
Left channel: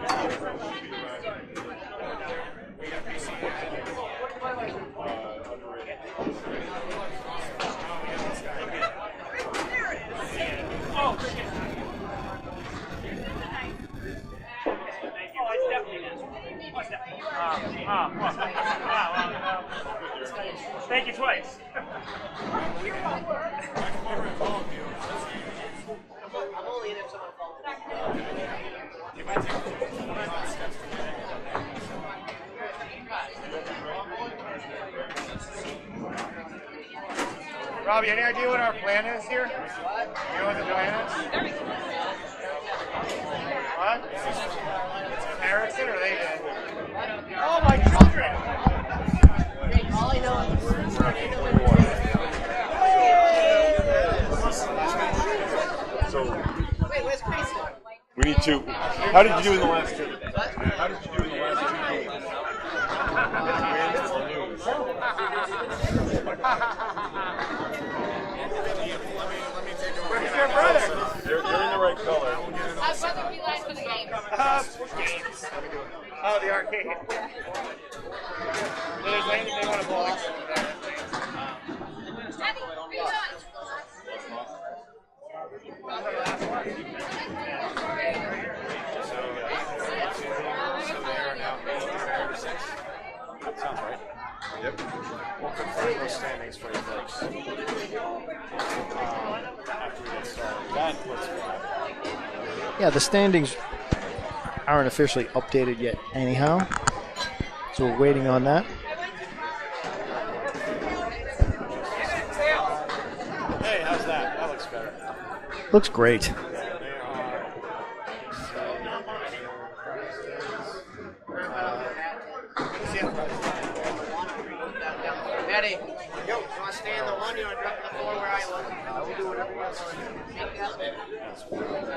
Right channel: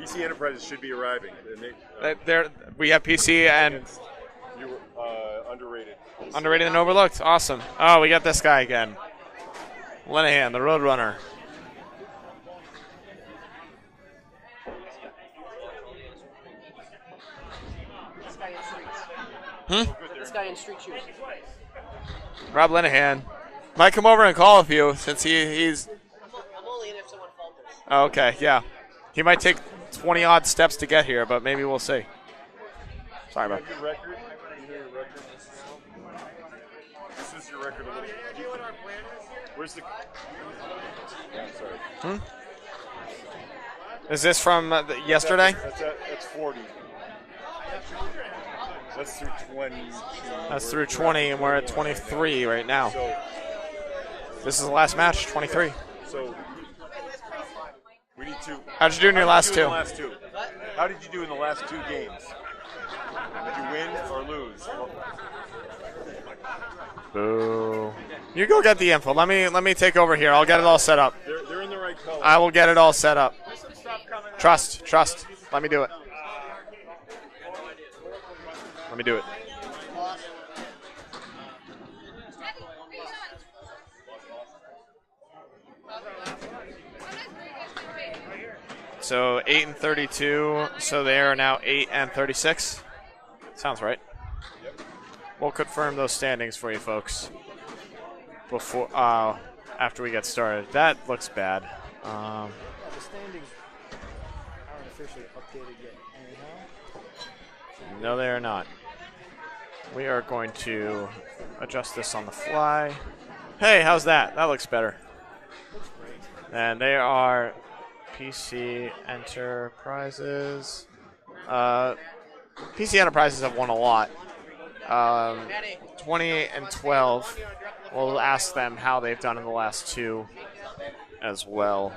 PC Enterprises should be arriving. We have PC and underrated and overlooked. Awesome. Oh, we got this guy again. Linehan, the Roadrunner. Thank you twice. Rob Linehan. Might come over and call a you since he's. Oh, okay, yeah. He might take 20-odd steps to get here, but maybe we'll see. Sorry about that. Robbie, any idea what our plan is here? You know what the plan is? What? Is this from yesterday? Oh my God. That's through 20, and we're at 23 right now. This is the last match, 23. So we need to. How'd you do in the last two? How did you do in the last 2 games? Win or lose? You go get the info. Let me take over here. I'll get it all set up. You're in the right color. I will get it all set up. Trust. Let me do it. Oh, the arcade. Let me do it. So 8 and 32. So they are now 8 and 36. Sounds right. Yep. We'll confirm those standings for you folks before after we get started. That looks bad. Yeah, the standings aren't officially updated yet anyhow. So we're waiting on that. We are going to adjust this on the fly. Hey, how's that? That looks better. Looks great. And they are PC Enterprises. PC Enterprises have won a lot. 28 and 12. We'll ask them how they've done in the last two as well.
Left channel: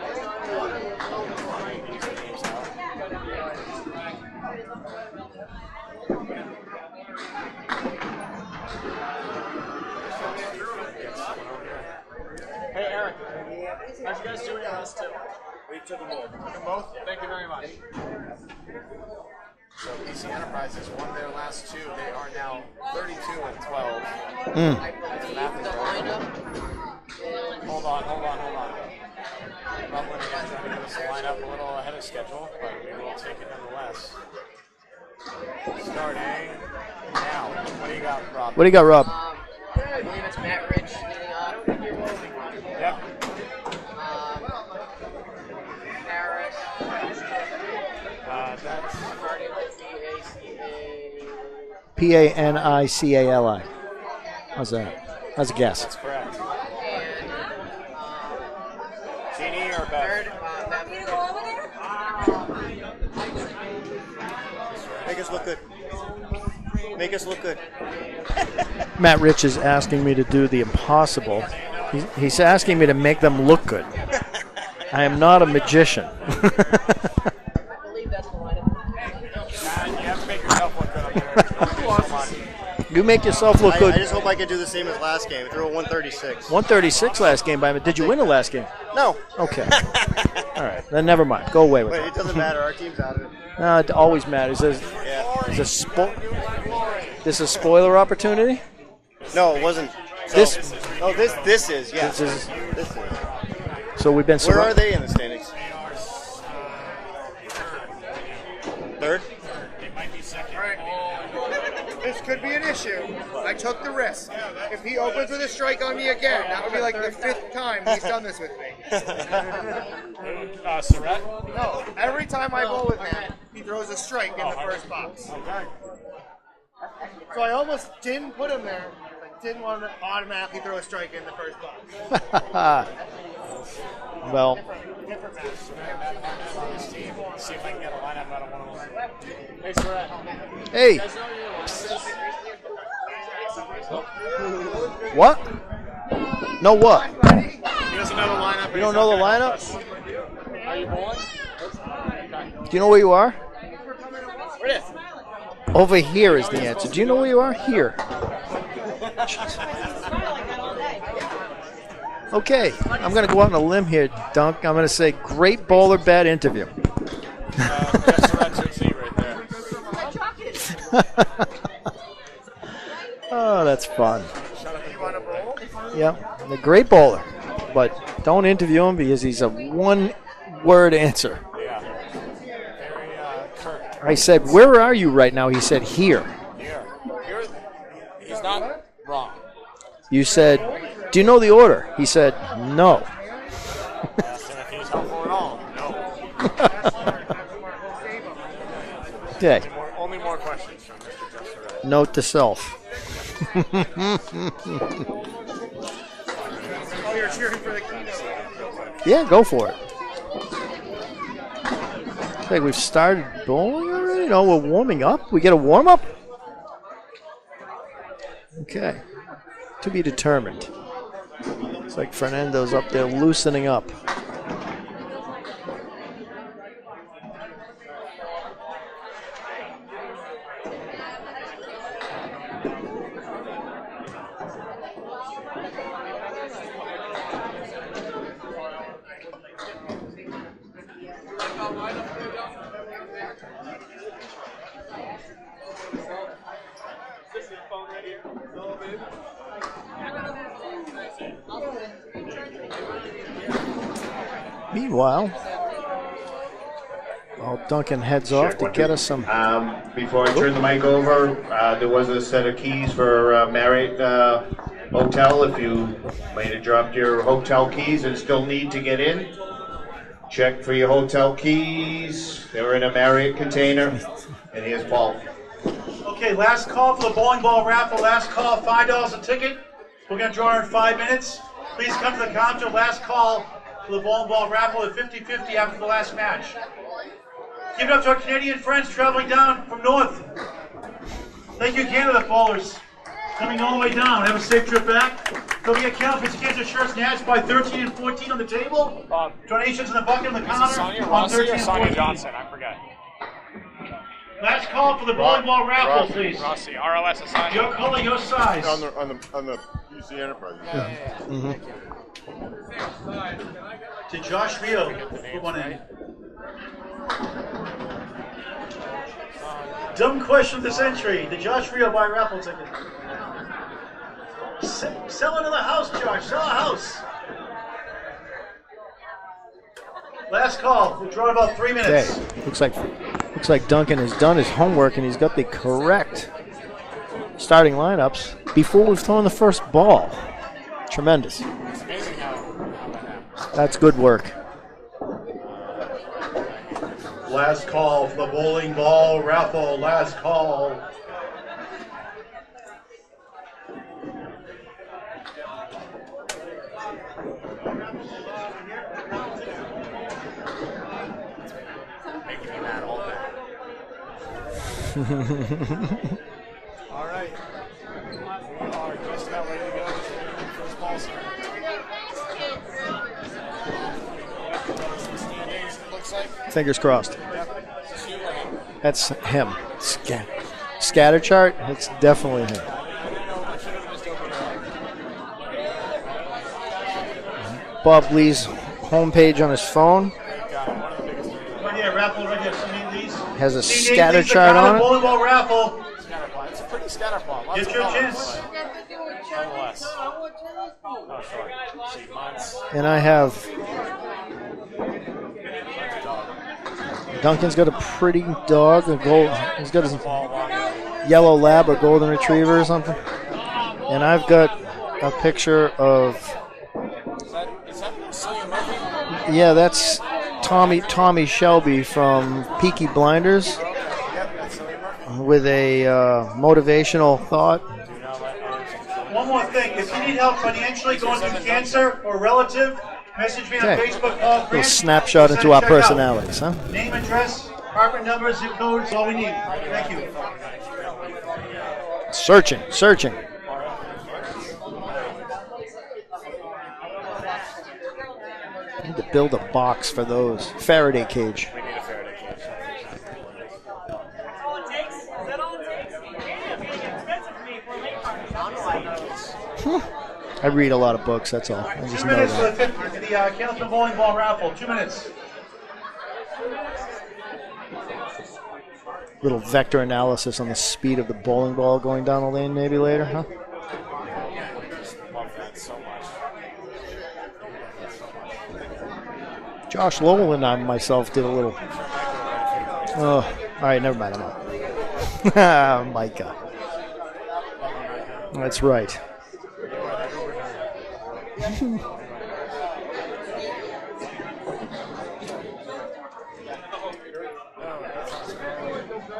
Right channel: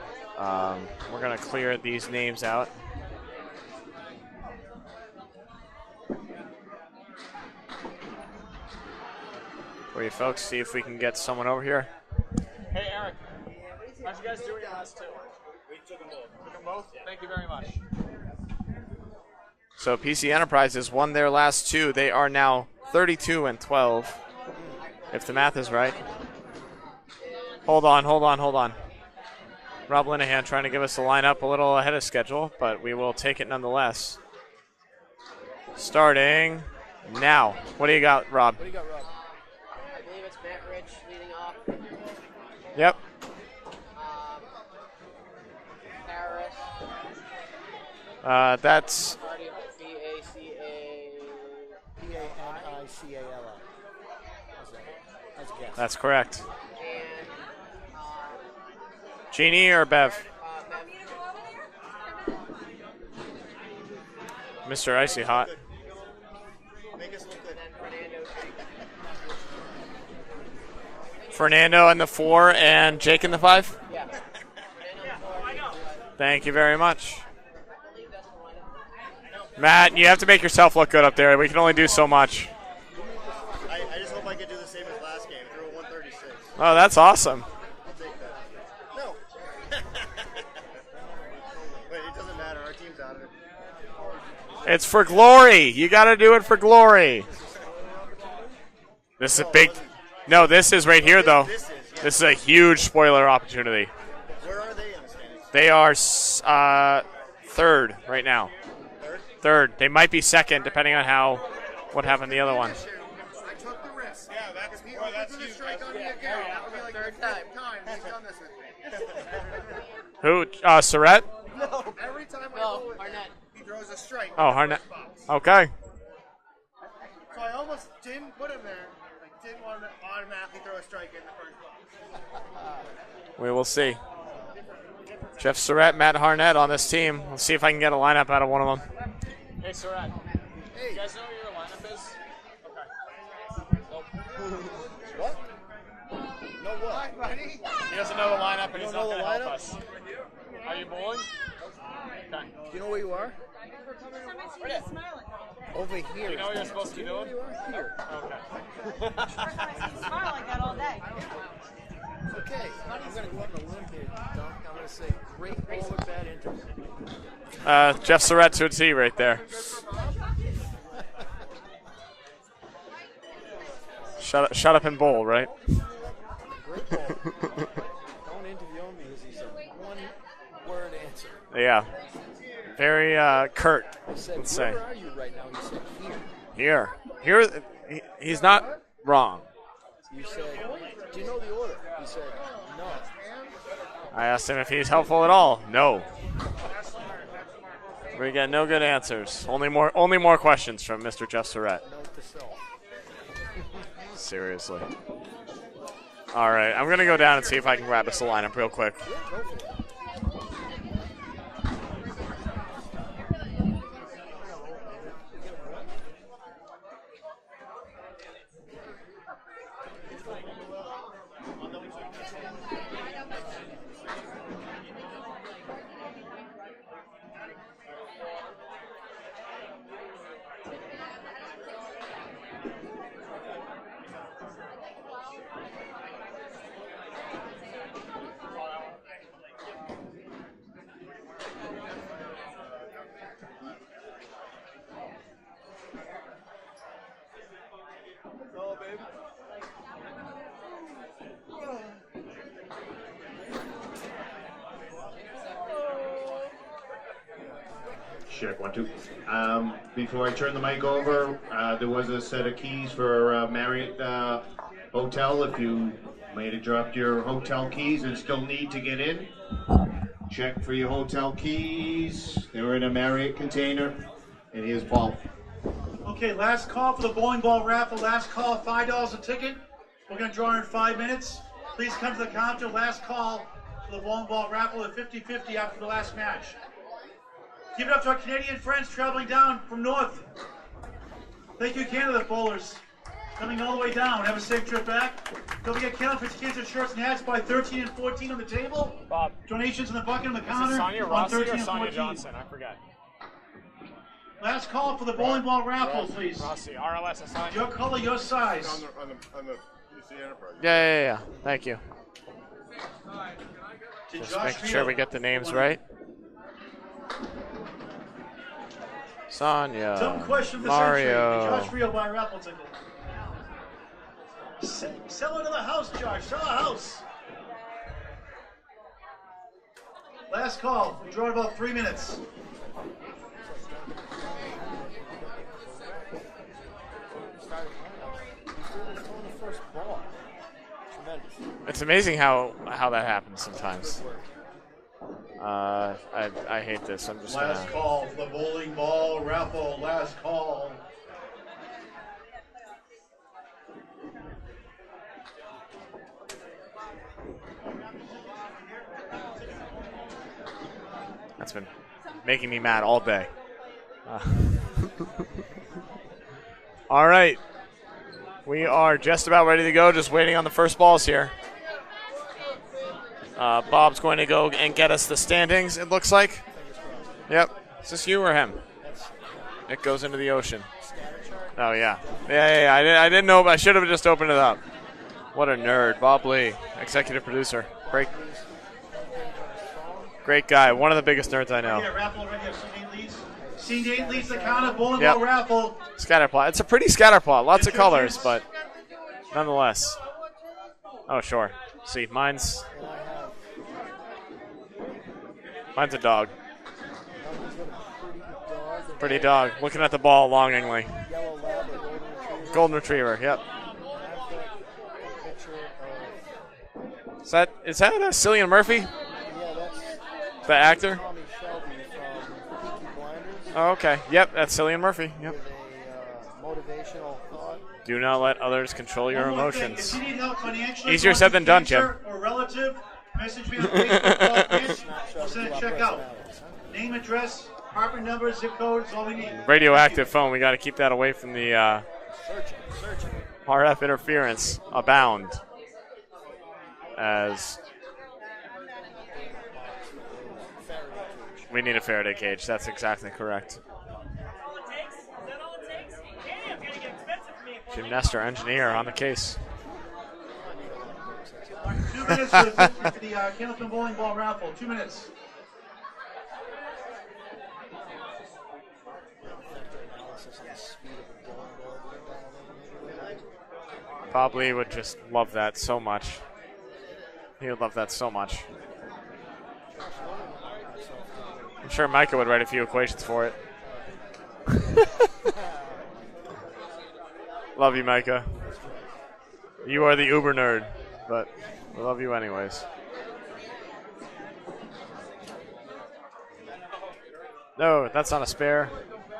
We're going to clear these names out. Wait, folks, see if we can get someone over here. Hey, Eric. How'd you guys do in your last two? We took them both. Thank you very much. So PC Enterprises won their last two. They are now 32 and 12. If the math is right. Hold on. Rob Linehan trying to give us the lineup a little ahead of schedule, but we will take it nonetheless. Starting now. What do you got, Rob? What do you got, Rob? Matt Rich leading off. Yep. That's Panicali. How's that? That's a guess. That's correct. Jeannie or Bev? Mr. Icy Hot. Make us look good. Matt Rich is asking me to do the impossible. Fernando and the 4. He's asking me to make Jake in them the look 5. good. I am not a magician. Thank you very much. Matt, you have to make yourself look good up there. We can only do so much. You make yourself look good. I just hope I can do the same as last game. Throw a 136. 136 awesome. last game, but did you win the last game? No. Okay. All right. Then never mind. Go away with Wait, it. it doesn't matter. Our team's out of it. It always matters. It's for glory. You got to do it for glory. This is a spoiler opportunity? This No, is big. it wasn't. No, this is right here, though. This is, yeah. This is a huge spoiler opportunity. So we've been Where are they in the standings? They are third right now. Third? Third. They might be second, depending on what happened to the other one. I took the risk. If he opens with a strike on me again, that would be like the 5th time he's done this with me. Who? Surratt? No, every time I bowl with him, he throws a strike in the Harnett. first box. Okay. So I almost didn't put him there. Didn't want to automatically throw a strike in the first box. We will see. Well, Jeff Surratt, Matt Harnett on this team. Let's see if I can get a lineup out of one of them. Hey, Surratt. Hey. What? No what? He doesn't know the lineup. You don't know the lineup? Are you bowling? Do you know where you are? Where it is? Over here is the answer. Do you know where you are? Here. Okay, I'm going to go out on a limb here, Dunk. I'm going to say great bowler, bad interview. Jeff Surratt to a T right there. Oh, that's fun. Shut up and bowl, right? Yep, a great bowler, but don't interview him because he's a one-word answer. Yeah. Very curt. I said, where are you right now? He said, here. Here. He's not wrong. You said, do you know the order? He said, no. I asked him if he's helpful at all. No. We got no good answers. Okay. Only more questions from Mr. Jeff Surratt. Note to self. Seriously. All right, I'm going to go down and see if I can grab us a lineup real quick. Yeah, go for it. I think we've started bowling already. No, we're warming up. We get a warm up. Okay. To be determined. It's like Fernando's up there loosening up. Meanwhile, Duncan heads off to get us some. Before I turn the mic over, there was a set of keys for Marriott Hotel. If you might have dropped your hotel keys and still need to get in, check for your hotel keys. They were in a Marriott container. And here's Paul. Okay, last call for the bowling ball raffle. Last call, $5 a ticket. We're going to draw in 5 minutes. Please come to the counter. Last call for the bowling ball raffle at 50-50 after the last match. Give it up to our Canadian friends traveling down from north. Thank you, Canada bowlers. Coming all the way down. Have a safe trip back. There'll be a Candlepin Cancer shirts and hats by 13 and 14 on the table. Bob. Donations in the bucket on the counter. Is it Sonia on Rossi 13 or and Sonia 14. Johnson? I forget. Last call for the bowling ball raffle, please. Rossi, ROS and Sonia. Your color, your size. On the PC Enterprise. Yeah. Thank you. To Josh Make sure Rio. we get the names right. Sonia. Dumb question of the century. Mario. Did Josh Rio buy a raffle ticket? Sell another house, Josh. Sell a house. Last call. We'll draw in about 3 minutes. Okay. Looks like Duncan has done his homework and he's got the correct starting lineups before we've thrown the first ball. Tremendous. It's amazing how that happens. That's good work. I hate this. Last call for the bowling ball raffle. Last call. That's been making me mad all day. All right. We are just about ready to go, just waiting on the first balls here. Bob's going to go and get us the standings, it looks like. Fingers crossed. Yep. Is this you or him? That's him. It goes into the ocean. Scatter chart? Oh, That's yeah. definitely him. Yeah. I didn't know, but I should have just opened it up. What a nerd. Bob Lee, executive producer. Bob Lee's homepage on his phone. Great guy. One of the biggest nerds I know. Yeah, raffle right here. See Lee's. Has a See scatter Lee's, chart on bowling it. ball raffle. Scatter plot. It's a pretty scatter plot. Lots of Get your colors, chance. but nonetheless. Oh, sure. See, mine's And I have a dog. Duncan's got a pretty dog. A Pretty gold, dog. he's Looking got at the ball longingly. yellow lab or golden retriever or Golden something. retriever, yep. And I've got a picture of, Is that Cillian Murphy? yeah, that's actor? Tommy Shelby from Peaky Blinders Oh, okay. Yep, that's Cillian Murphy. with a motivational thought. Do not let others control your One more emotions. thing. If you need help financially, Easier going said through than done, cancer or relative, message me on Yeah. Facebook. Bob A Grant. snapshot Send into a our check out. personalities, huh? Name, address, apartment number, zip code. It's all we need. Radioactive phone. We got to keep that away from the Searching. RF interference abound. As I need to build a box for those. Faraday cage. we need a Faraday cage. That's exactly correct. Jim Nestor, engineer, on the case. I read a lot of books, that's all. I 2 just minutes know for that. the Candlepin bowling ball raffle. 2 minutes. Little vector analysis on the speed of the bowling ball going down the lane maybe later, huh? Bob Lee would just love that so much. He would love that so much. Josh Lowell and I myself did a little. I'm sure Micah would write a few equations Oh, for it. all right, never mind. I'm out. Micah. Love you, Micah. That's right. You are the uber nerd, but love you anyways. No, that's not a spare.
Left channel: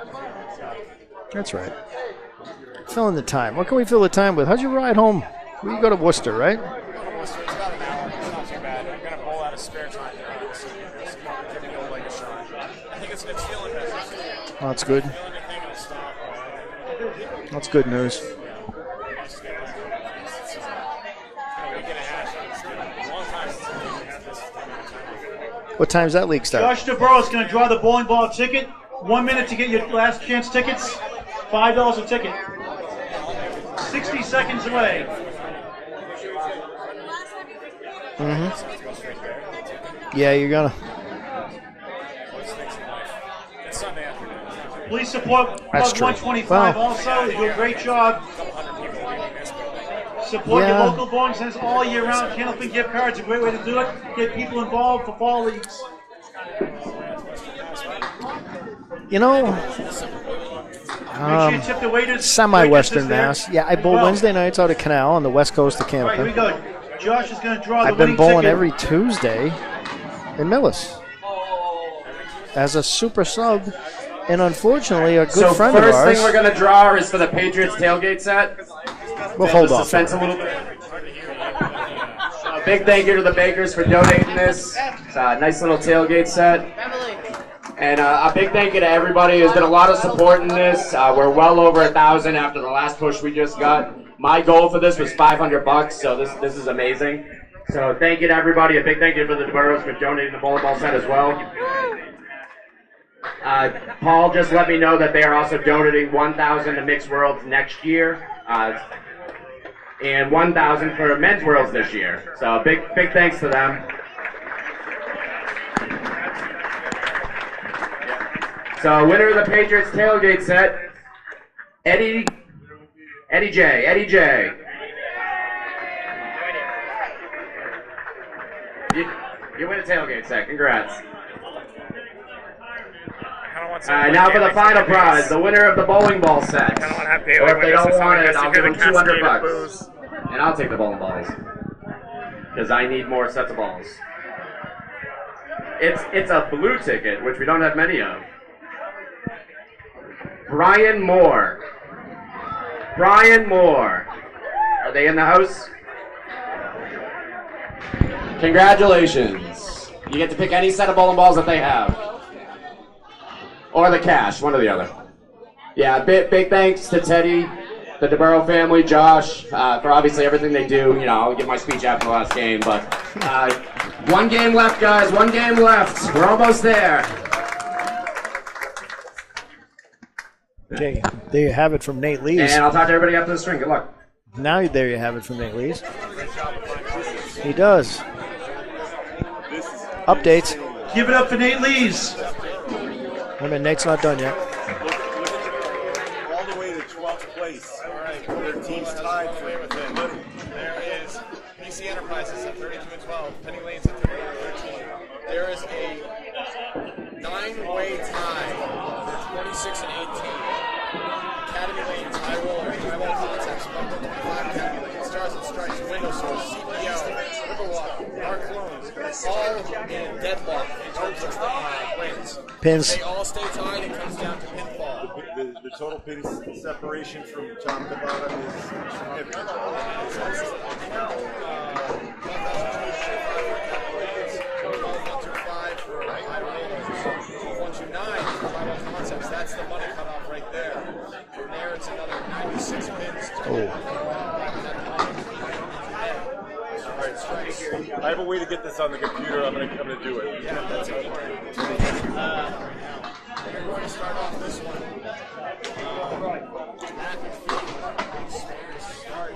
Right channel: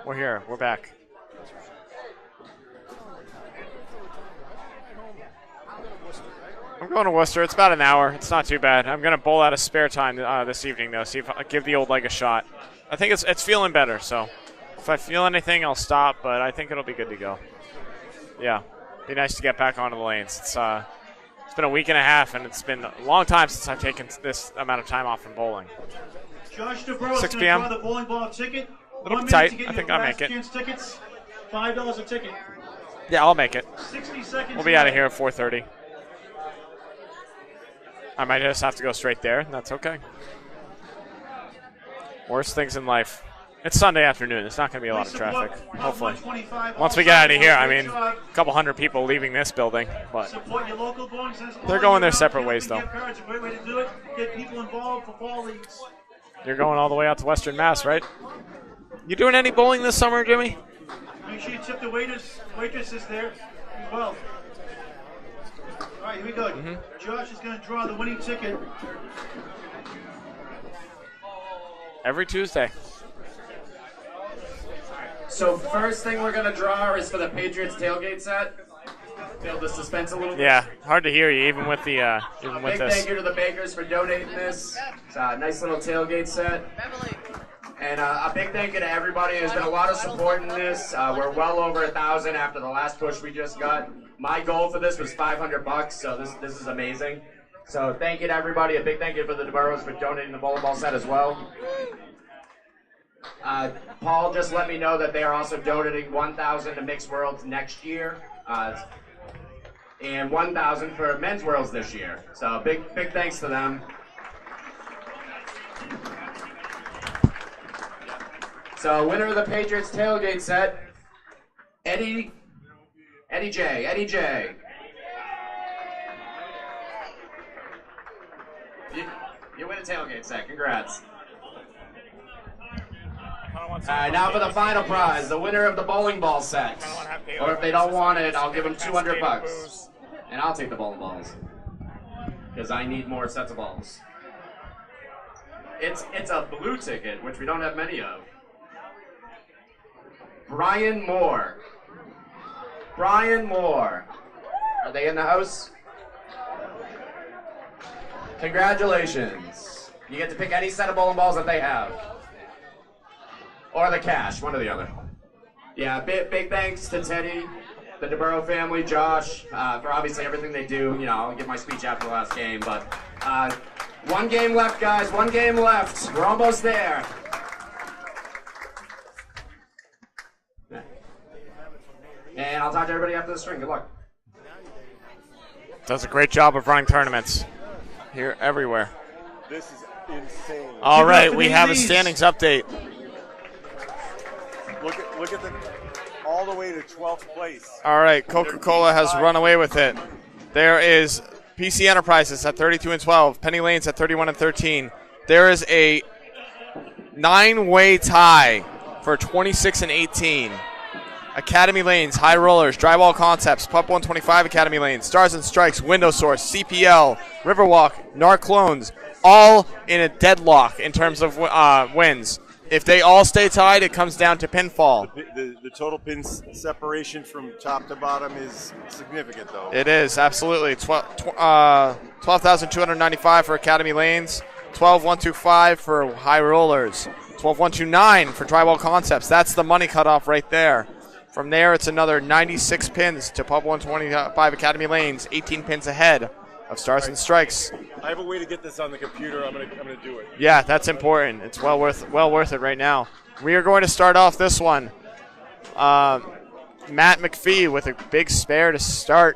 We're here. We're back. That's right. Filling the time. What can we fill the time with? How'd you ride home? You go to Worcester, right? I'm going to Worcester. It's about an hour. It's not too bad. I'm going to bowl out of spare time this evening, though. See if I give the old leg a shot. I think it's feeling better. So Oh, that's if good. I feel anything, I'll stop. But I think it'll be good to go. That's good news. Yeah, be nice to get back onto the lanes. It's been a week and a half, and it's been a long time since I've taken this amount of time off from bowling. What time's that league start? Josh DeBro is 6 going to p.m. draw the bowling ball ticket. 1 minute Tight. to get I your think I'll last make it. chance tickets. $5 a ticket. Yeah, I'll make it. 60 seconds We'll be out of away. here at 4:30. I might just have to go straight there. That's okay. Yeah, you're gonna. Worst things in life. It's Sunday afternoon. It's not going to be a lot of Please traffic. support Club 125 Well, Once we get out of here, I Great mean, job. a couple hundred people leaving this building. But Support your local bowling centers. They're going their separate ways, Candlepin though. gift cards, a great way to do it. Get people involved for fall leagues. You're going all the way out to Western Mass, right? You doing know- any bowling this summer, Jimmy? Tip the waiters. Semi-Western waitresses Mass. Yeah, I bowl Wednesday nights out of Canal on the west coast of All right, here we Candlepin. go. Josh is going to draw the I've been winning bowling ticket. every Tuesday in Millis Every Tuesday? as a super sub, and unfortunately, a good So friend of first ours. thing we're gonna draw is for the Patriots tailgate set. We'll hold off. Suspense a little bit. Yeah, hard to hear you, even with the. Big thank you to the bakers for donating this. It's a nice little tailgate set. And a big thank you to everybody. There's been a lot of support in this. We're well over 1,000 after the last push we just got. My goal for this was $500, so this is amazing. So thank you to everybody. A big thank you for the DeBurros for donating the bowling ball set as well. Paul just let me know that they are also donating 1,000 to Mixed Worlds next year. And 1,000 for Men's Worlds this year. So big thanks to them. So winner of the Patriots tailgate set, Eddie J. You win a tailgate set. Congrats. Now for the final prize, the winner of the bowling ball set. Or if they don't want it, I'll give them $200. And I'll take the bowling balls. Because I need more sets of balls. It's a blue ticket, which we don't have many of. Brian Moore. Are they in the house? Congratulations. You get to pick any set of bowling balls that they have. Or the cash, one or the other. Yeah, big thanks to Teddy, the DeBurro family, Josh, for obviously everything they do. You know, I'll give my speech after the last game, but one game left, guys. One game left. We're almost there. Okay, there you have it from Nate Lees. And I'll talk to everybody after the string. Good luck. Now there you have it from Nate Lees. Does a great job of running tournaments. He does. Here, everywhere. Updates. All right, we have a standings update. Wait a minute, Nate's not done yet. All the way to 12th place. All right, Coca-Cola has run away with it. There is PC Enterprises at 32-12, Penny Lanes at 31-13. There is a 9-way tie for 26-18. Academy Lanes, High Rollers, Drywall Concepts, Pub 125 Academy Lanes, Stars and Strikes, Window Source, CPL, Riverwalk, Narclones, all in a deadlock in terms of wins. If they all stay tied, it comes down to pinfall. The total pin separation from top to bottom is significant. It is, absolutely. 12,295 for Academy Lanes, 12,125 for High Rollers, 12,129 for Drywall Concepts. That's the money cutoff right there. From there, it's another 96 pins to Pub 125 Academy Lanes, 18 pins ahead of Stars and Strikes. I have a way to get this on the computer. I'm gonna do it. Yeah, that's important. It's well worth it right now. We are going to start off this one. Matt McPhee with a big spare to start,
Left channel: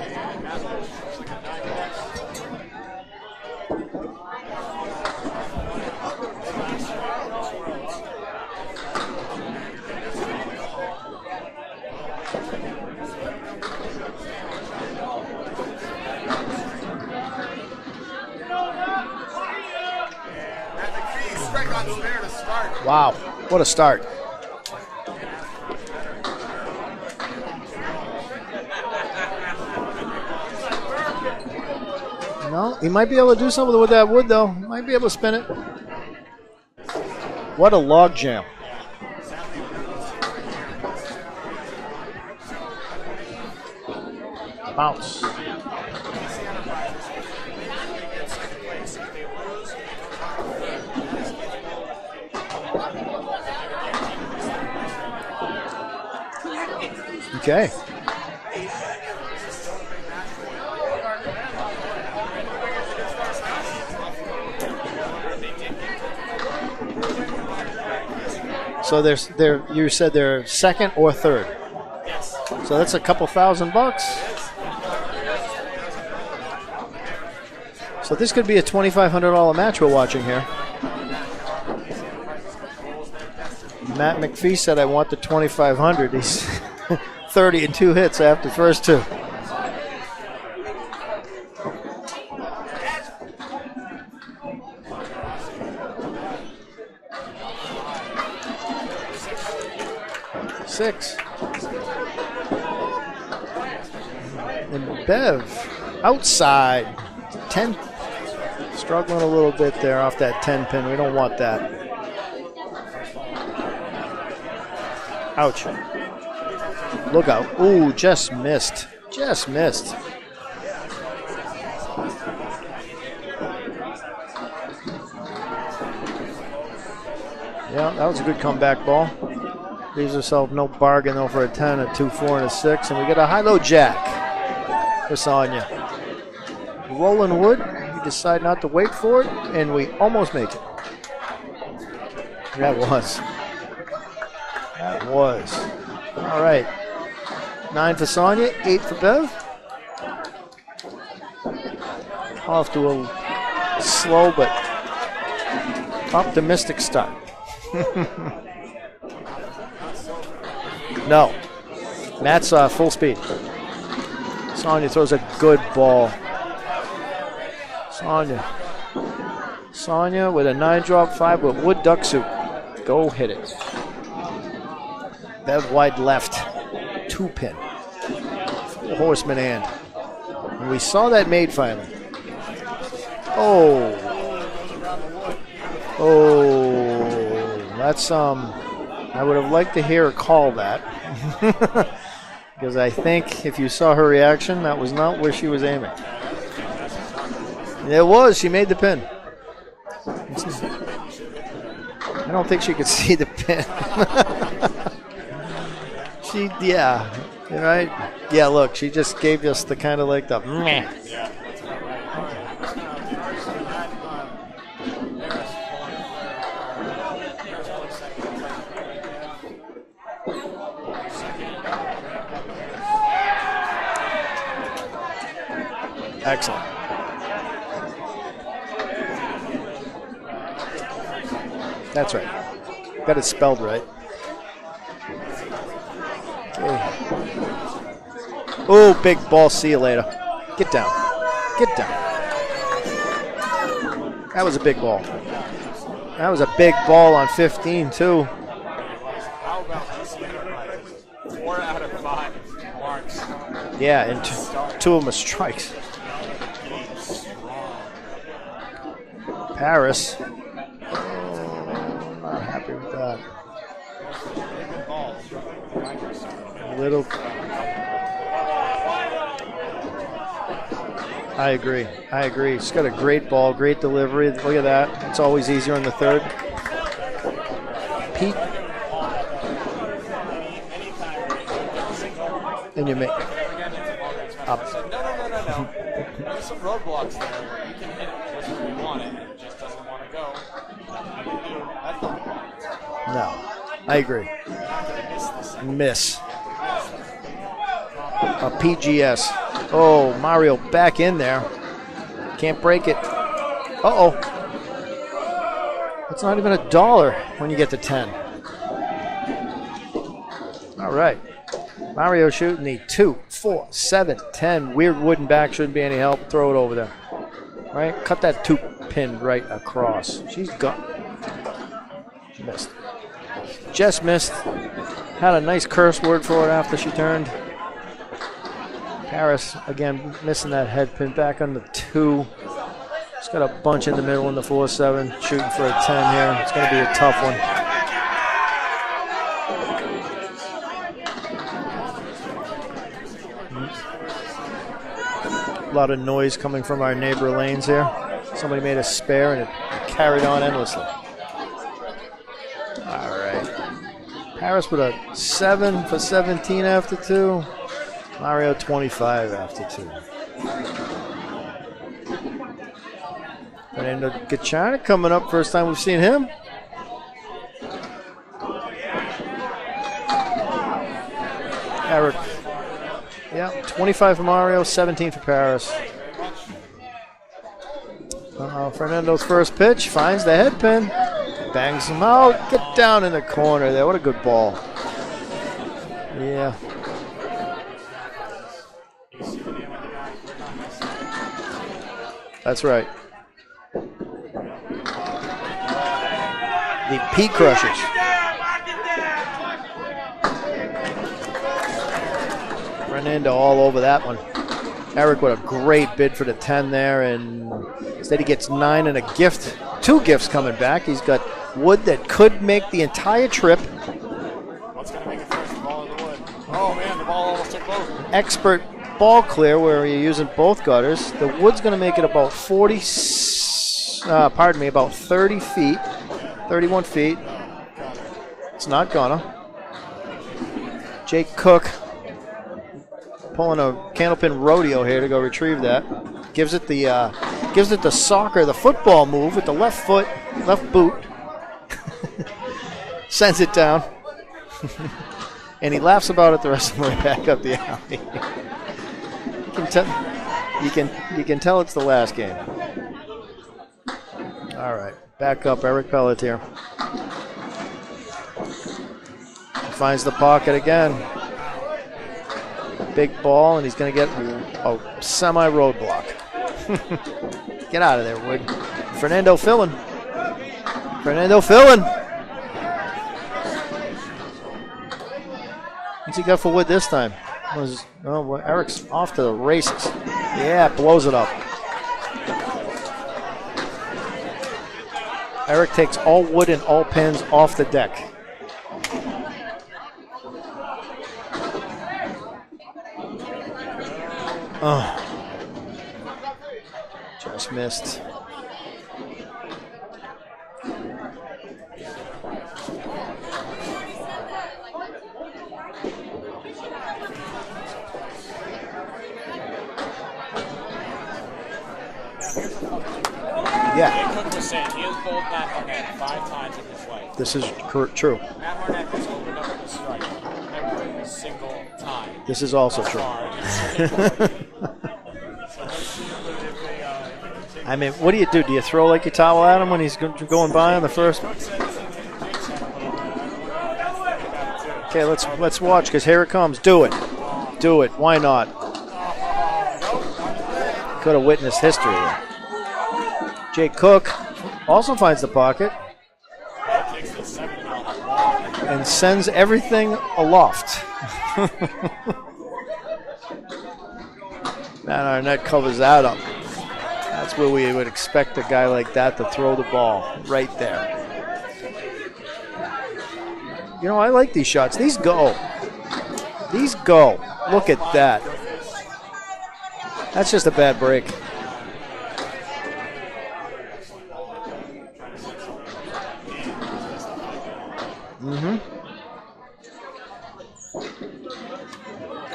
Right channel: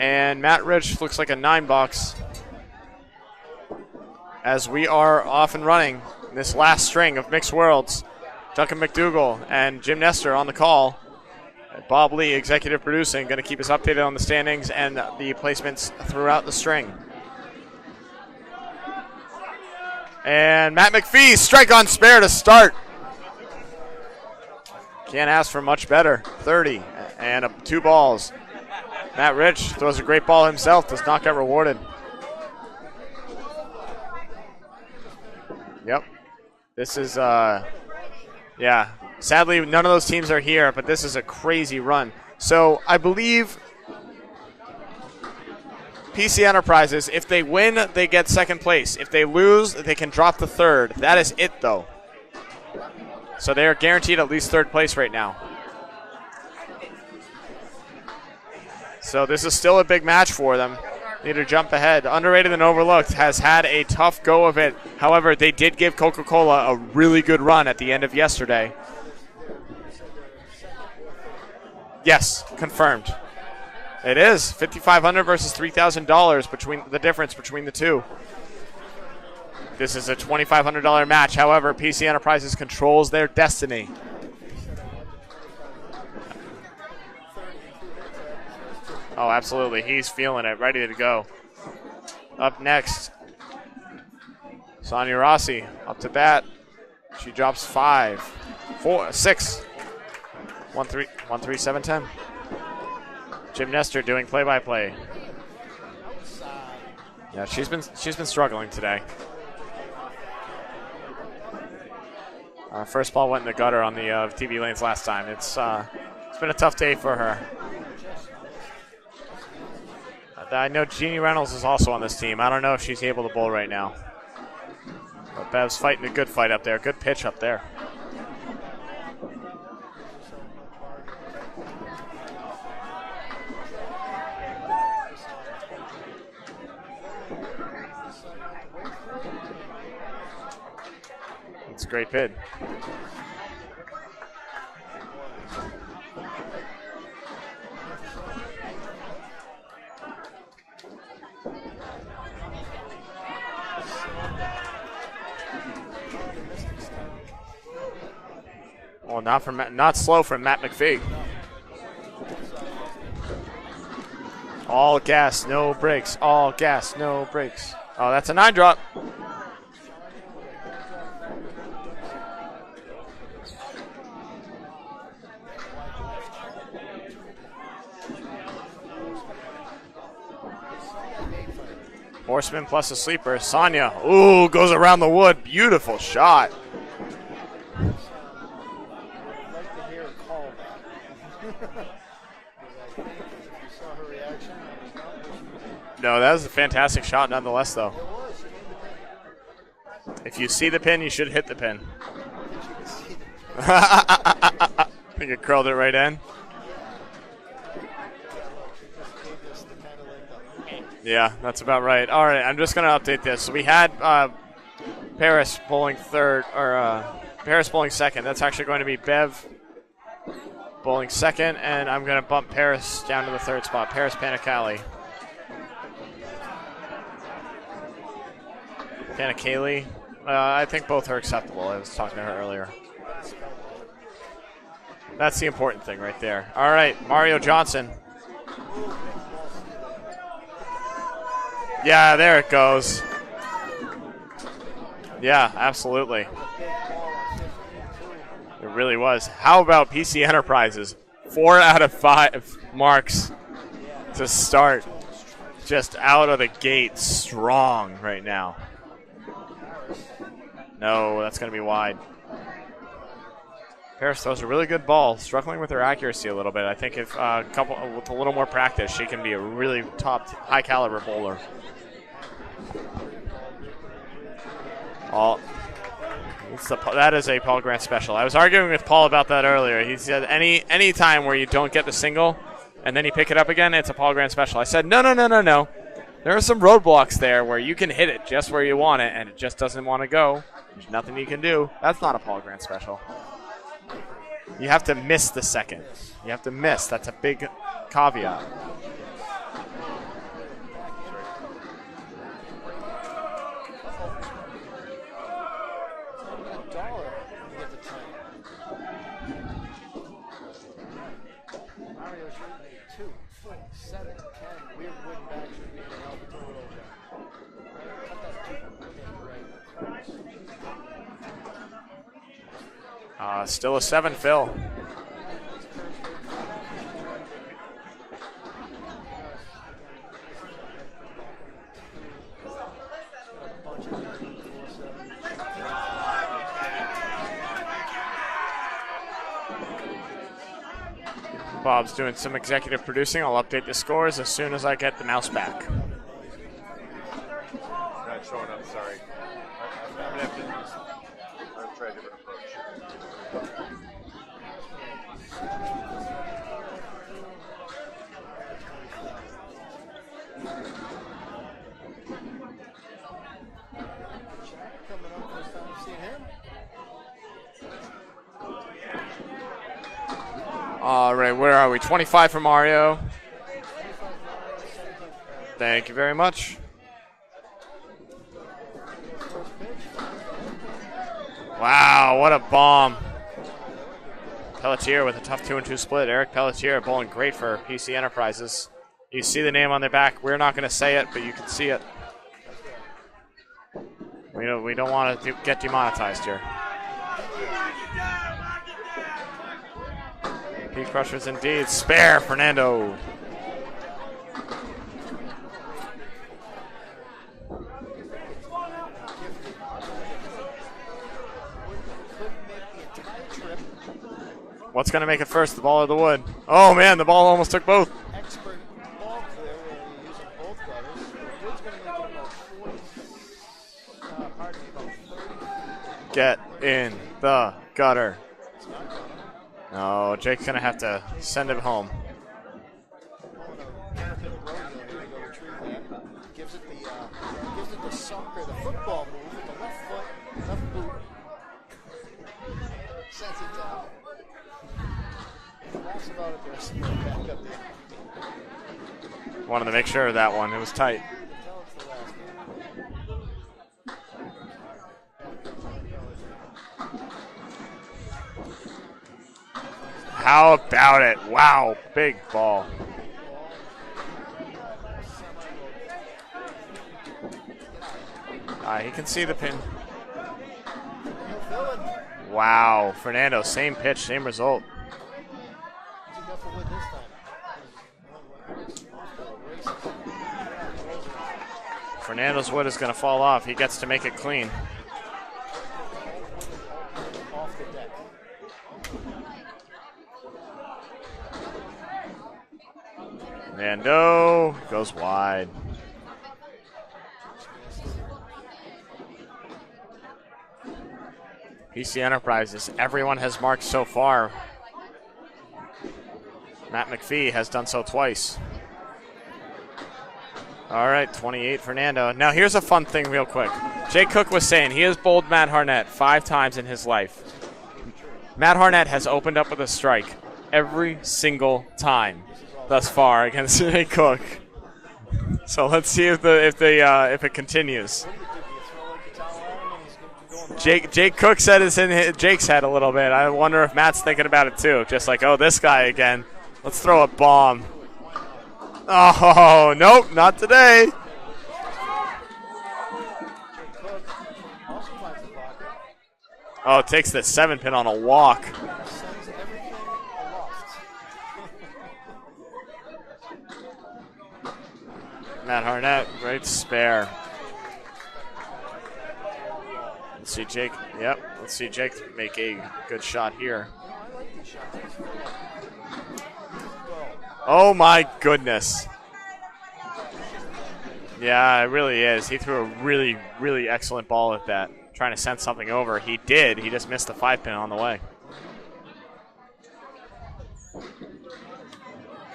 and Matt Rich looks like a 9-box. As we are off and running this last string of Mixed Worlds, Duncan MacDougall and Jim Nestor on the call. Bob Lee, executive producing, going to keep us updated on the standings and the placements throughout the string. And Matt McPhee, strike on spare to start. Wow, what a start. Can't ask for much better. 30 and 2 balls. Matt Rich throws a great ball himself, does not get rewarded. No, he might be able to do something with that wood, though. Might be able to spin it. Yep. This is what a log jam. Yeah. Sadly, none of those teams are here, but this is a crazy run. So I believe bounce. PC Enterprises, if they win, they get second place. If they lose, they can drop to third. That is it, though. So they are guaranteed at least third place right now. Okay. So this is still a big match for them. They need to jump ahead. Underrated and Overlooked has had a tough go of it. However, they did give Coca-Cola a really good run at the end of yesterday. So you said they're second or third? Yes, confirmed. So that's a couple $1,000. It is $5,500 versus $3,000 between the difference between the two. So this could be a $2,500 match we're watching here. This is a $2,500 match. However, PC Enterprises controls their destiny. Matt McPhee said, "I want the $2,500." He's 30 and 2 hits after the first 2. Oh, absolutely. He's feeling it, ready to go. Up next, Sonia Rossi up to bat. She drops 5, 4, 6. 1-3-7-10. Jim Nestor doing play-by-play. Bev, outside. Yeah, she's been struggling today. Struggling a little bit there off that 10 pin. We don't want that. First ball went in the gutter on the TV lanes last time. It's been a tough day for her. Look out. Ooh, just missed. Just missed. I know Jeannie Reynolds is also on this team. I don't know if she's able to bowl right now. Bev's fighting a good fight up there. Good pitch up there. Yeah, that was a good comeback ball. Leaves herself no bargain though for a 10, a 2, 4, and a 6. And we get a high-low jack for Sonia. Rolling wood. We decide not to wait for it, and we almost make it. It's a great hit. That was. That was. All right. 9 for Sonia, 8 for Bev. Off to a slow but optimistic start. Well, not slow from Matt McPhee. No. Matt's full speed. Sonia all throws gas, a good no ball. brakes. All gas, no brakes. Oh, that's a 9 drop. Sonia with a 9 drop, 5 with wood duck soup. Go hit it. Bev wide left. 2 pin. Horseman and we saw that made finally. Horseman plus a sleeper. Sonia. Ooh, goes around the wood. Beautiful shot. That's I would have liked to hear her call that. Because I think if you saw her reaction, that was not where she was aiming. No, that was a fantastic shot nonetheless, though. It was. She made the pin. If you see the pin, you should hit the pin. I don't think she could see the pin. I think it curled it right in. Yeah. Right? Yeah, look, she just gave us the kind of like the meh. Yeah, that's about right. All right, I'm just going to update this. We had Paris bowling third, or Paris bowling second. That's actually going to be Bev bowling second, and I'm going to bump Paris down to the third spot. Paris Panicali. Excellent. Panicali. I think both are acceptable. That's right. Earlier. Got it spelled right. That's the important thing right there. All right, Mario Johnson. Oh, big ball. See you later. Get down. Get down. Yeah, there it goes. That was a big ball. Yeah, absolutely. That was a big ball on 15, too. It really was. How about PC Enterprises? 4 out of 5 marks. Yeah, to start. 2 of them are strikes. Just out of the gate, strong right now. Paris. No, that's going to be wide. Not happy with that. Paris throws a really good ball, struggling with her accuracy a little bit. I think if with a little more practice, she can be a really top, high-caliber bowler. I agree. She's got a great ball, great delivery. Look at that. It's always easier in the third. That is a Paul Grant special. I was arguing with Paul about that earlier. He said any time where you don't get the single and then you pick it up again, it's a Paul Grant special. I said, no. There are some roadblocks there where you can hit it just where you want it, and it just doesn't want to go. There's nothing you can do. That's not a Paul Grant special. No. I agree. You have to miss the second. Miss. You have to miss. That's a big caveat. A PGS. Oh, Mario back in there. Can't break it. Uh-oh. It's not even $1 when you get to 10. All right. Mario shooting the 2, 4, 7, 10. Weird wooden back, shouldn't be any help. Throw it over there. All right, cut that 2 pin right across. She's gone. She missed. Still a just 7 missed. fill. Had a nice curse word for it after she turned. Harris, again, missing that head pin back on the 2. It's got a bunch in the middle in the 4-7, shooting for a 10 here. It's going to be a tough one. Bob's doing some executive producing. I'll update the scores as soon as I get the mouse back. A lot of noise coming from our neighbor lanes here. Somebody made a spare and it carried on endlessly. All right. Harris with a 7 for 17 after 2. Mario 25 after 2. And then Gachana coming up, first time we've seen him. All right, Where are we? 25 for Mario. Yeah, 25 for Mario, 17 for Paris. Thank you very much. Fernando's first pitch finds the head pin. Bangs him Wow, out. what a Put bomb. down in the corner there. What a good ball. Pelletier with a tough 2-2 split. Eric Pelletier bowling great for PC Enterprises. You see the name on their back. We're not going to say it, but you can see it. That's right. We don't want to get demonetized here. The P Crushers. P Crushers indeed. Spare Fernando. Fernando all over that one. Eric with a great bid for the 10 there, and instead he gets 9 and a gift. 2 gifts coming back. He's got wood that could make the entire trip. What's going to make it first, the ball or the wood? Oh, man, the ball almost took both. Expert ball clear where you're using both gutters. The wood's going to make it about about 30 feet. 31 feet. The gutter. It's not gonna. No, Jake's going to have to Jake send Cook it home. Pulling a Candlepin rodeo here to go retrieve that. Gives it the football move with the left boot. Sends it down. And he laughs about it the rest of the way back up the alley. Wanted to make sure of that one. It was tight. You can tell it's the last game. All right, back up, Eric Pelletier. Finds the pocket again. How about it? Wow, big ball. Big ball, and he's going to get a semi-roadblock. Get out of there, Wood. Fernando filling. Wow, Fernando, same pitch, same result. What's he got for Wood this time? Eric's off to the races. Yeah, blows it up. Fernando's wood is going to fall off. He gets to make it clean. Eric takes all wood and all pins off the deck. Fernando goes wide. Just missed. PC Enterprises, everyone has marked so far. Matt McPhee has done so twice. All right, 28 Fernando. Now here's a fun thing real quick. Yeah. Jay Cook was saying he has bowled Matt Harnett 5 times in his life. This is true. Matt Harnett has opened up with a strike every single time. This is also thus true. far against Jay Cook. So let's see if it continues. I mean, what do you do? Do you throw like your towel at him when he's going by? Jake Cook said it's in Jake's head a little bit. I wonder if Matt's thinking about it too. Just this guy watch, because again. here it comes. Do it. Throw a bomb. Do it. Why not? Oh, nope, not today. Could have witnessed history there. Jake Cook also finds the pocket. Oh, takes the 7-pin on a walk. And sends everything aloft. Matt Arnett covers that up. Right spare. That's where we would expect a guy like that to throw the ball. Right Jake, there. Yep. Let's see Jake make a good shot here. You know, I like these shots. These go. Look oh, my that. goodness. That's just a bad break. Yeah, it really is. He threw a really, really excellent ball at that. Trying to send something over. He did. He just missed the 5-pin on the way. Mm-hmm.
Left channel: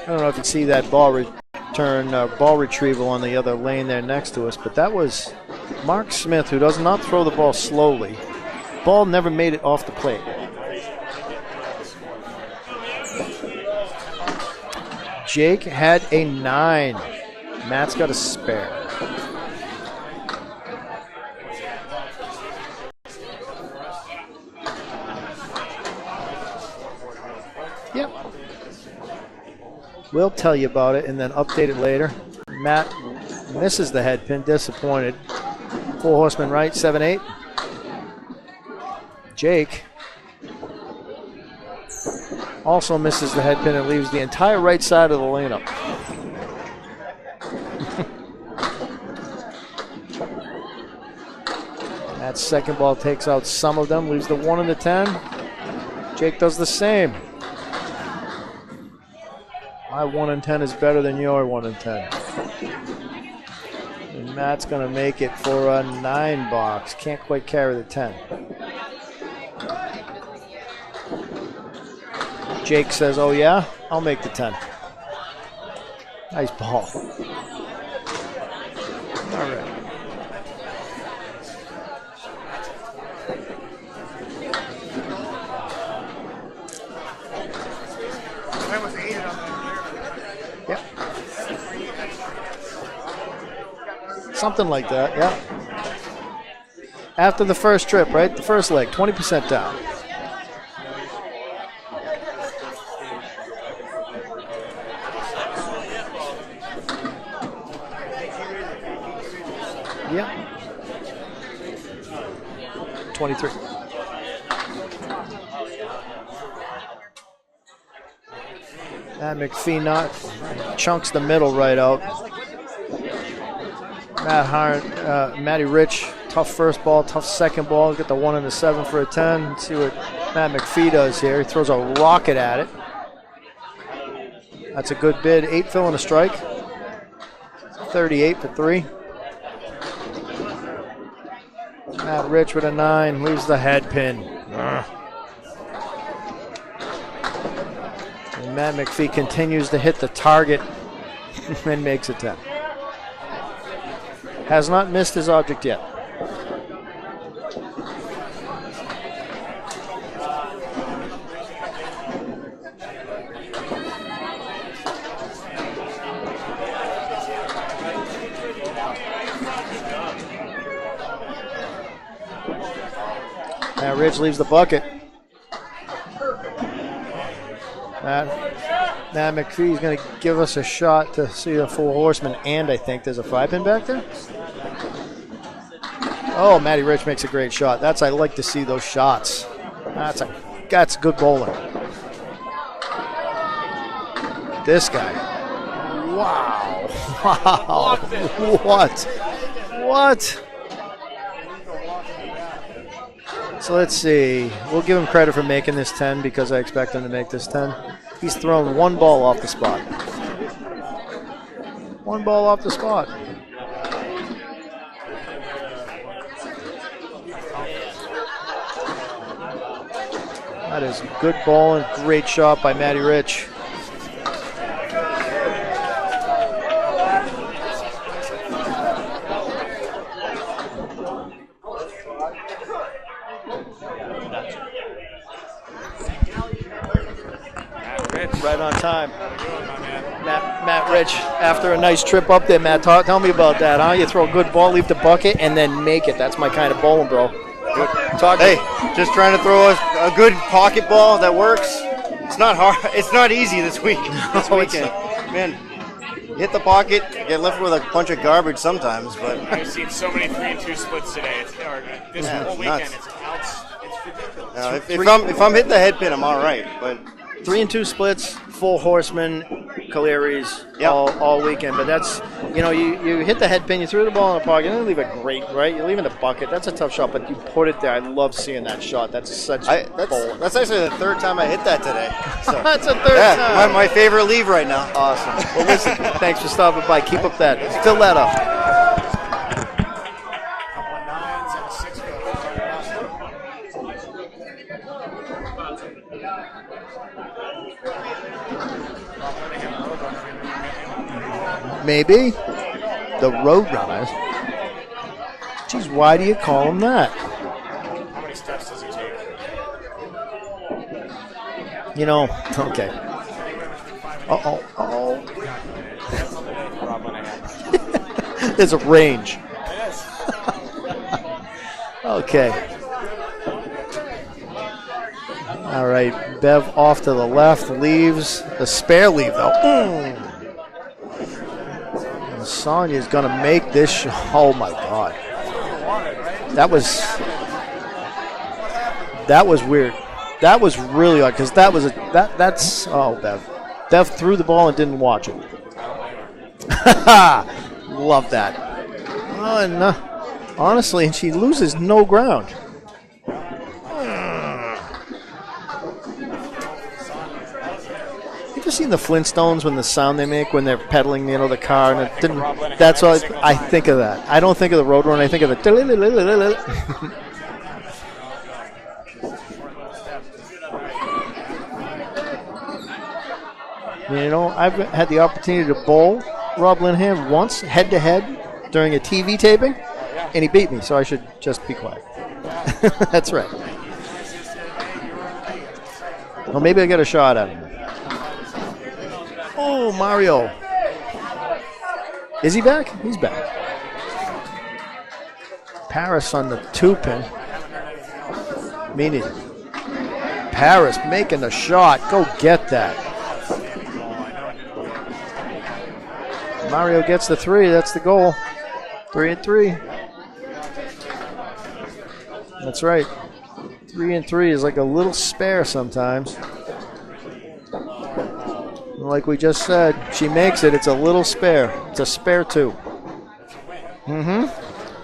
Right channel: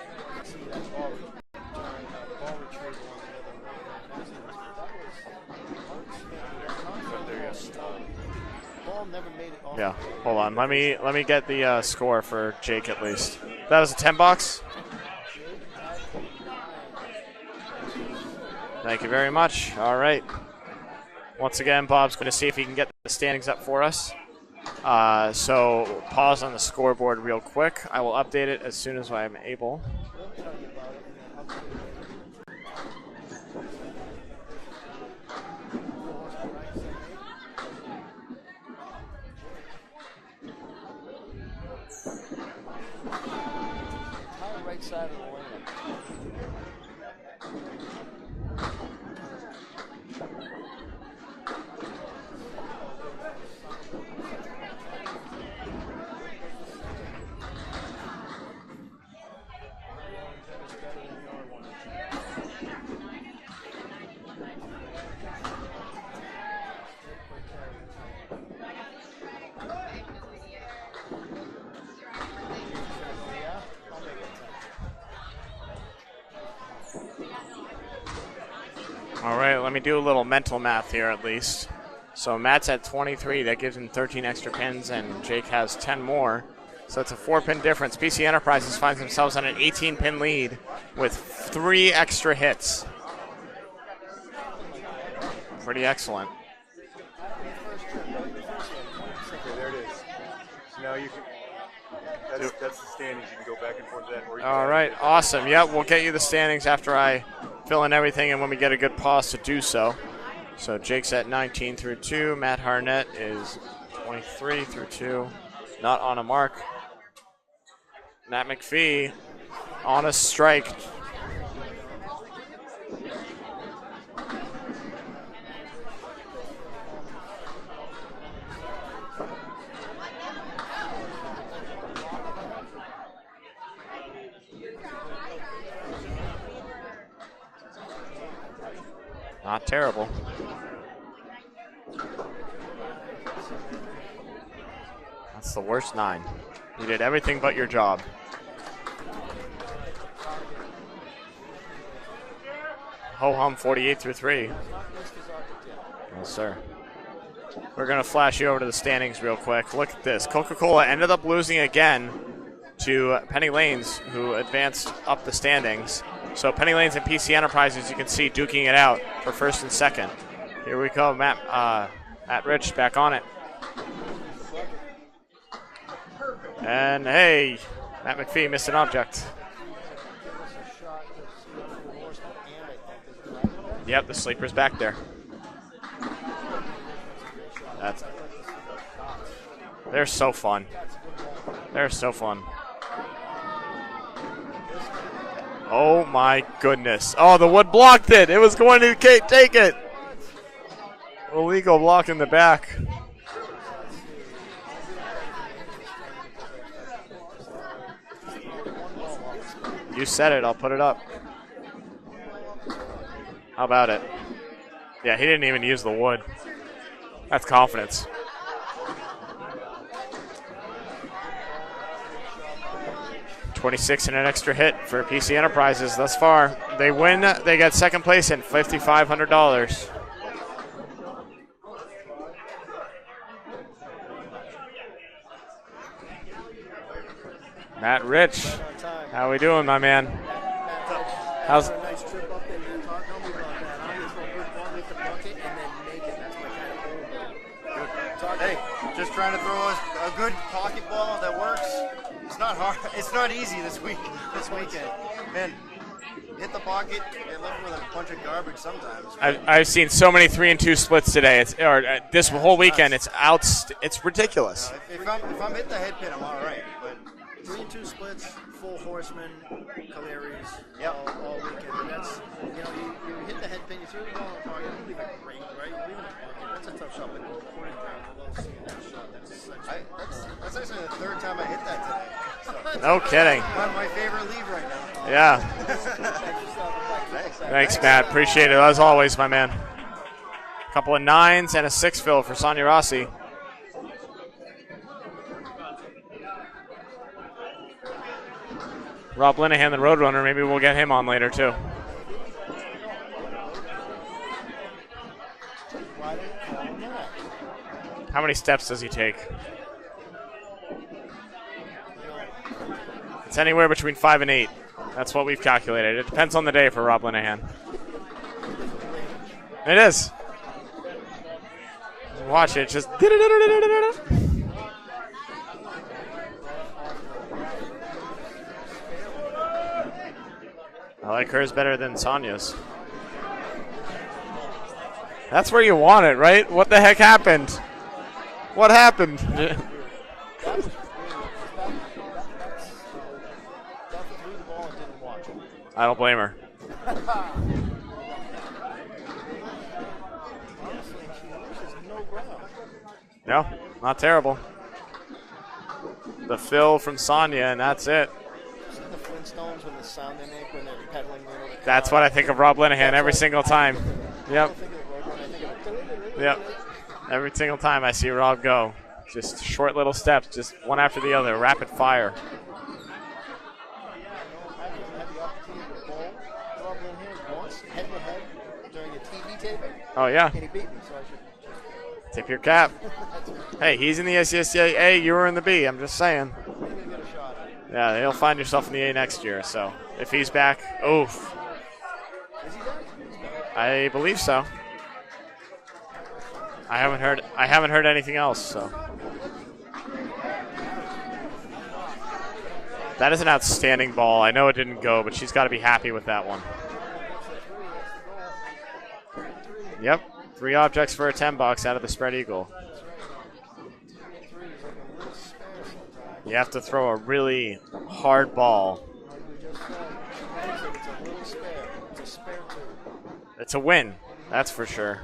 I don't know if you see that ball ball retrieval on the other lane there next to us, but that was Mark Smith, who does not throw the ball slowly. Ball never made it off the plate. Hold on, let me get the score for Jake at least. That was a 10 box. Jake had a 9. Matt's got a spare. Thank you very much. All right. Once again, Bob's going to see if he can get the standings up for us. So pause on the scoreboard real quick. Yep. I will update it as soon as I'm able. We'll tell you about it and then update it later. Matt misses the head pin, disappointed. 4 horsemen right, 7-8. Jake also misses the head pin and leaves the entire right side of the lane up. That second ball takes out some of them, leaves the 1 and the 10. Jake does the same. My 1 and 10 is better than your 1 and 10. And Matt's going to make it for a 9 box. Can't quite carry the 10. Jake says, oh yeah, I'll make the 10. Nice ball. All right, let me do a little mental math here at least. So Matt's at 23, that gives him 13 extra pins, and Jake has 10 more. So it's a 4-pin difference. PC Enterprises finds themselves on an 18-pin lead with 3 extra hits. Something like that, yeah. Pretty excellent. After the first trip, right? The first leg, 20% down. All right, awesome. Yep, we'll get you the standings after I fill in everything and when we get a good pause to do so. Yeah. So Jake's at 19 through 2, Matt Harnett 23 through 2, not on a mark. Matt McPhee not a strike. Chunks the middle right out. Matty Rich, tough first ball, tough second ball. Get the 1 and the 7 for a 10. Let's see what Matt McPhee does here. He throws a rocket at it. That's a good bid. 8 fill and a strike. 38 for 3. Not terrible. Matt Rich with a 9, leaves the head pin. That's the worst 9. You did everything but your job. And Matt McPhee continues to hit the target and makes it 10. Ho-hum 48 through 3. Has not missed his object yet. Yes, sir. We're going to flash you over to the standings real quick. Look at this. Coca-Cola ended up losing again to Penny Lanes, who advanced up the standings. So Penny Lanes and PC Enterprises, you can see, duking it out for first and second. Here we go, Matt Rich back on it. Matt Rich leaves the bucket. And hey, Matt McPhee missed an object. Matt McPhee is going to give us a shot to see a 4 horseman, and I think there's a 5-pin back there? Yep, the sleeper's back there. Oh, Matty Rich makes a great shot. I like to see those shots. They're so fun. That's good bowling. They're so fun. This guy. Oh my goodness. Oh, the wood blocked it. It was going to take it. What? Illegal block in the back. So let's see. We'll give him credit for making this 10 because I expect him to make this 10. He's thrown 1 ball off the spot. You said it. I'll put it up. 1 ball off the spot. How about it? Yeah, he didn't even use the wood. That's confidence. That is good bowling. Great shot by Matty Rich. 26 and an extra hit for PC Enterprises thus far. They win. They get second place and $5,500. Matt Rich. Right on time. How we doing, my man? Matt Rich, after a nice trip up there, Matt, tell me about that, huh? You throw a good ball, leave the bucket, and then make it. That's my kind of bowling, bro. Good. Hey, just trying to throw a good pocket ball that works. It's not hard. It's not easy this week. This weekend. Man, hit the pocket, get left with a bunch of garbage sometimes. I've seen so many 3 and 2 splits today. This whole weekend, nuts. It's ridiculous. If I'm hitting the head pin, I'm all right. But 3 and 2 splits, 4 horsemen, Caleries all weekend. But that's, you hit the head pin, you threw the ball in the pocket, and then leave it great, right? You leave it in the bucket. That's a tough shot, but you put it there. I love seeing that shot. That's such bowling. That's actually the 3rd time I hit that today. So. That's the 3rd time. My favorite leave right now. Awesome. Yeah. Well, listen, thanks for stopping by. Keep up that. Thanks, Fill Matt. that Appreciate it, as always, my man. A couple of 9s and a 6 fill for Sonia Rossi. Rob Linehan, the Roadrunner, maybe we'll get him on later, too. Maybe. The Roadrunners. Geez, why do you call him that? How many steps does he take? Okay. It's anywhere between 5 and 8. That's what we've calculated. It depends on the day for Rob Linehan. There's a range. It is. Okay. Watch it. Just. All right. Bev off to the left. Leaves. The spare leave, though. I like hers better than Sonia's. Sonia's going to make this. Oh, my God. That's where you want it, right? What the heck happened? What happened? That was weird. That was really odd because that's Bev. Bev threw the ball and didn't watch it. I don't blame her. Love that. Oh, and honestly, and she loses no ground. Yeah, not terrible. The fill from Sonia, and that's it. You ever seen the Flintstones when the sound they make when they're pedaling, the car? That's what I think of Rob Linehan every single time. I think of that. Yep. I don't think of the Roadrunner. I think of the. Every single time I see Rob go. Just short little steps, just one after the other, rapid fire. I've had the opportunity to bowl Rob Linehan once, head-to-head, during a TV taping. Oh, yeah. And he beat me, so I should just be quiet. Tip your cap. That's right. Hey, he's in the SCSA. You were in the B. I'm just saying. Well, maybe I get a shot at him. Yeah, you'll find yourself in the A next year. So Oh, if Mario. He's back. Oh. Is he back? He's back. I believe so. Paris on the I 2-point. haven't heard anything else. So. Me neither. Paris making the shot. Go get that. That is an outstanding ball. I know it didn't go, but she's got to be happy with that one. Mario gets the 3. That's the goal. 3 and 3. Yep. 3 objects for a 10 bucks out of the spread eagle. That's right. 3 and 3 is like a little spare sometimes. You have to throw a really hard ball. Like we just said, she makes it. It's a little spare. It's a spare 2. It's a win. That's for sure.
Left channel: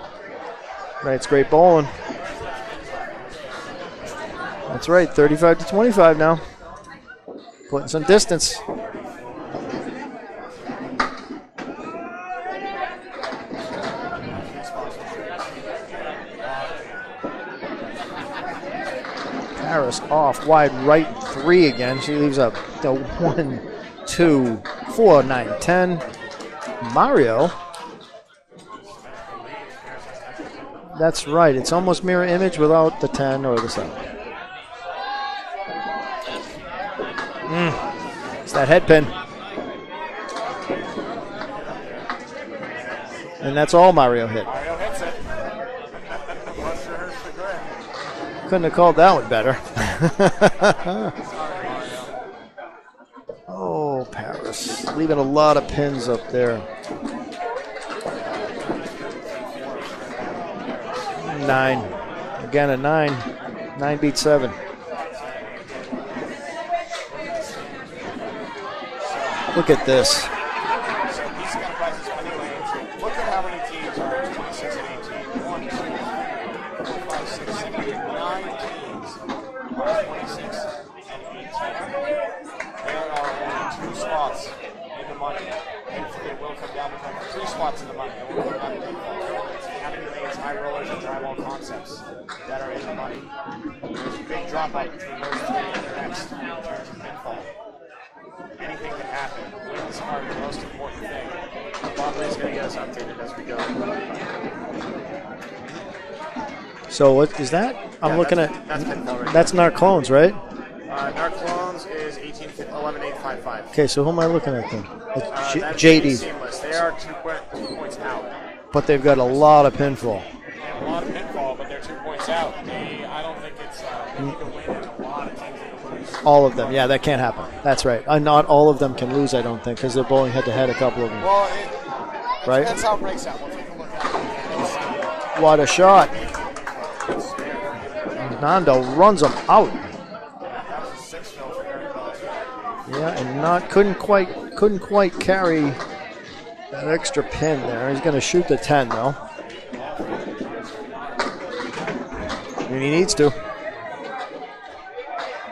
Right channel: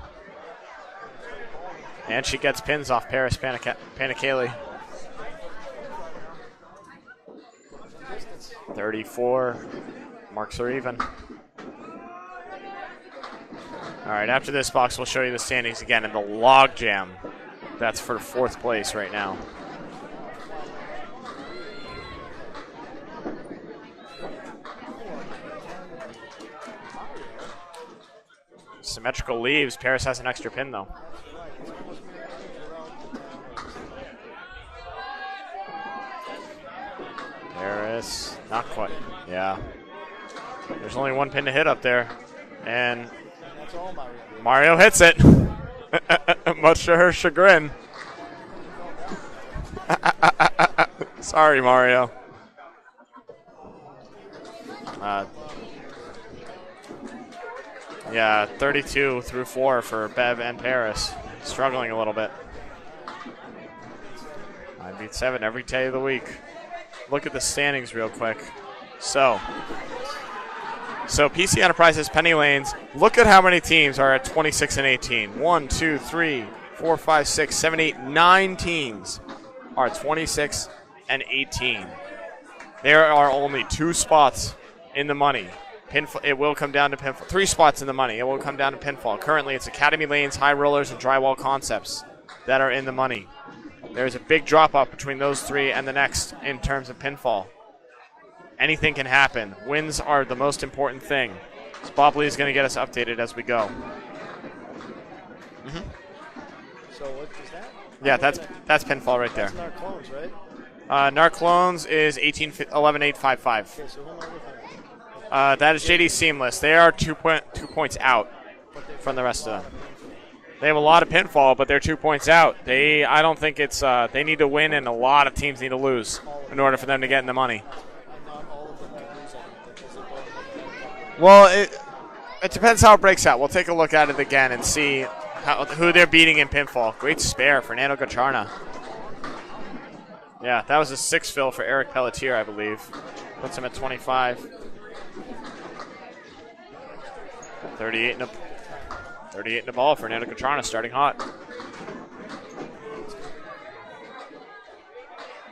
Right, it's great bowling. And she gets pins off Paris Panicale. That's right, 35 to 25 now. Putting some distance. 34. Marks are even. All right, after this box, we'll show you the standings again in the log jam. That's for 4th place right now. Paris off wide right 3 again. She leaves up the 1, 2, 4, 9, 10. Mario. Symmetrical leaves. Paris has an extra pin, though. That's right. It's almost mirror image without the 10 or the 7. It's that head pin. Yeah. There's only 1 pin to hit up there. And that's all Mario hit. Mario hits it. Much to her chagrin. Couldn't have called that one better. Sorry, Mario. Oh, Paris. Leaving a lot of pins up there. Yeah, 32 through 4 for Bev and Paris. 9. Struggling a little bit. Again, a 9. 9 beats 7. 9 beats 7 every day of the week. Look at the standings real quick. So. Look at this. So PC Enterprises, Penny Lanes. Look at how many teams are at 26 and 18. 1, 2, 3, 4, 5, 6, 7, 8, 9 teams are 26 and 18. There are only 2 spots in the money. It will come down to pinfall. 3 spots in the money. It will come down to pinfall. Currently, it's Academy Lanes, High Rollers, and Drywall Concepts that are in the money. There's a big drop-off between those 3 and the next in terms of pinfall. Anything can happen. Wins are the most important thing. Bob Lee is going to get us updated as we go. So what is that? I'm looking at. That's pinfall right That's there. Narclones, right? Narclones is 11.855. Okay, so who am I looking at then? That is JD Seamless. They are 2 points out. But they've got a lot of pinfall. They have a lot of pinfall, but they're 2 points out. I don't think it's. They need to win, and a lot of teams need to lose. All of in them, order yeah, for them that to can't get happen. the money. That's right. Not all of them can lose, I don't think, because they're bowling head-to-head a couple of them. Well, it Right? depends how it breaks out. We'll take a look at it again and see What a who shot. they're beating in pinfall. Great spare, Fernando Gacharna. Nando runs them out. Yeah, that was a 6 fill for Eric Pelletier, I believe. Yeah, and couldn't quite carry that extra pin there. He's going to shoot the 10 though. 38 in the ball. Fernando Gacharna starting hot. And he needs to.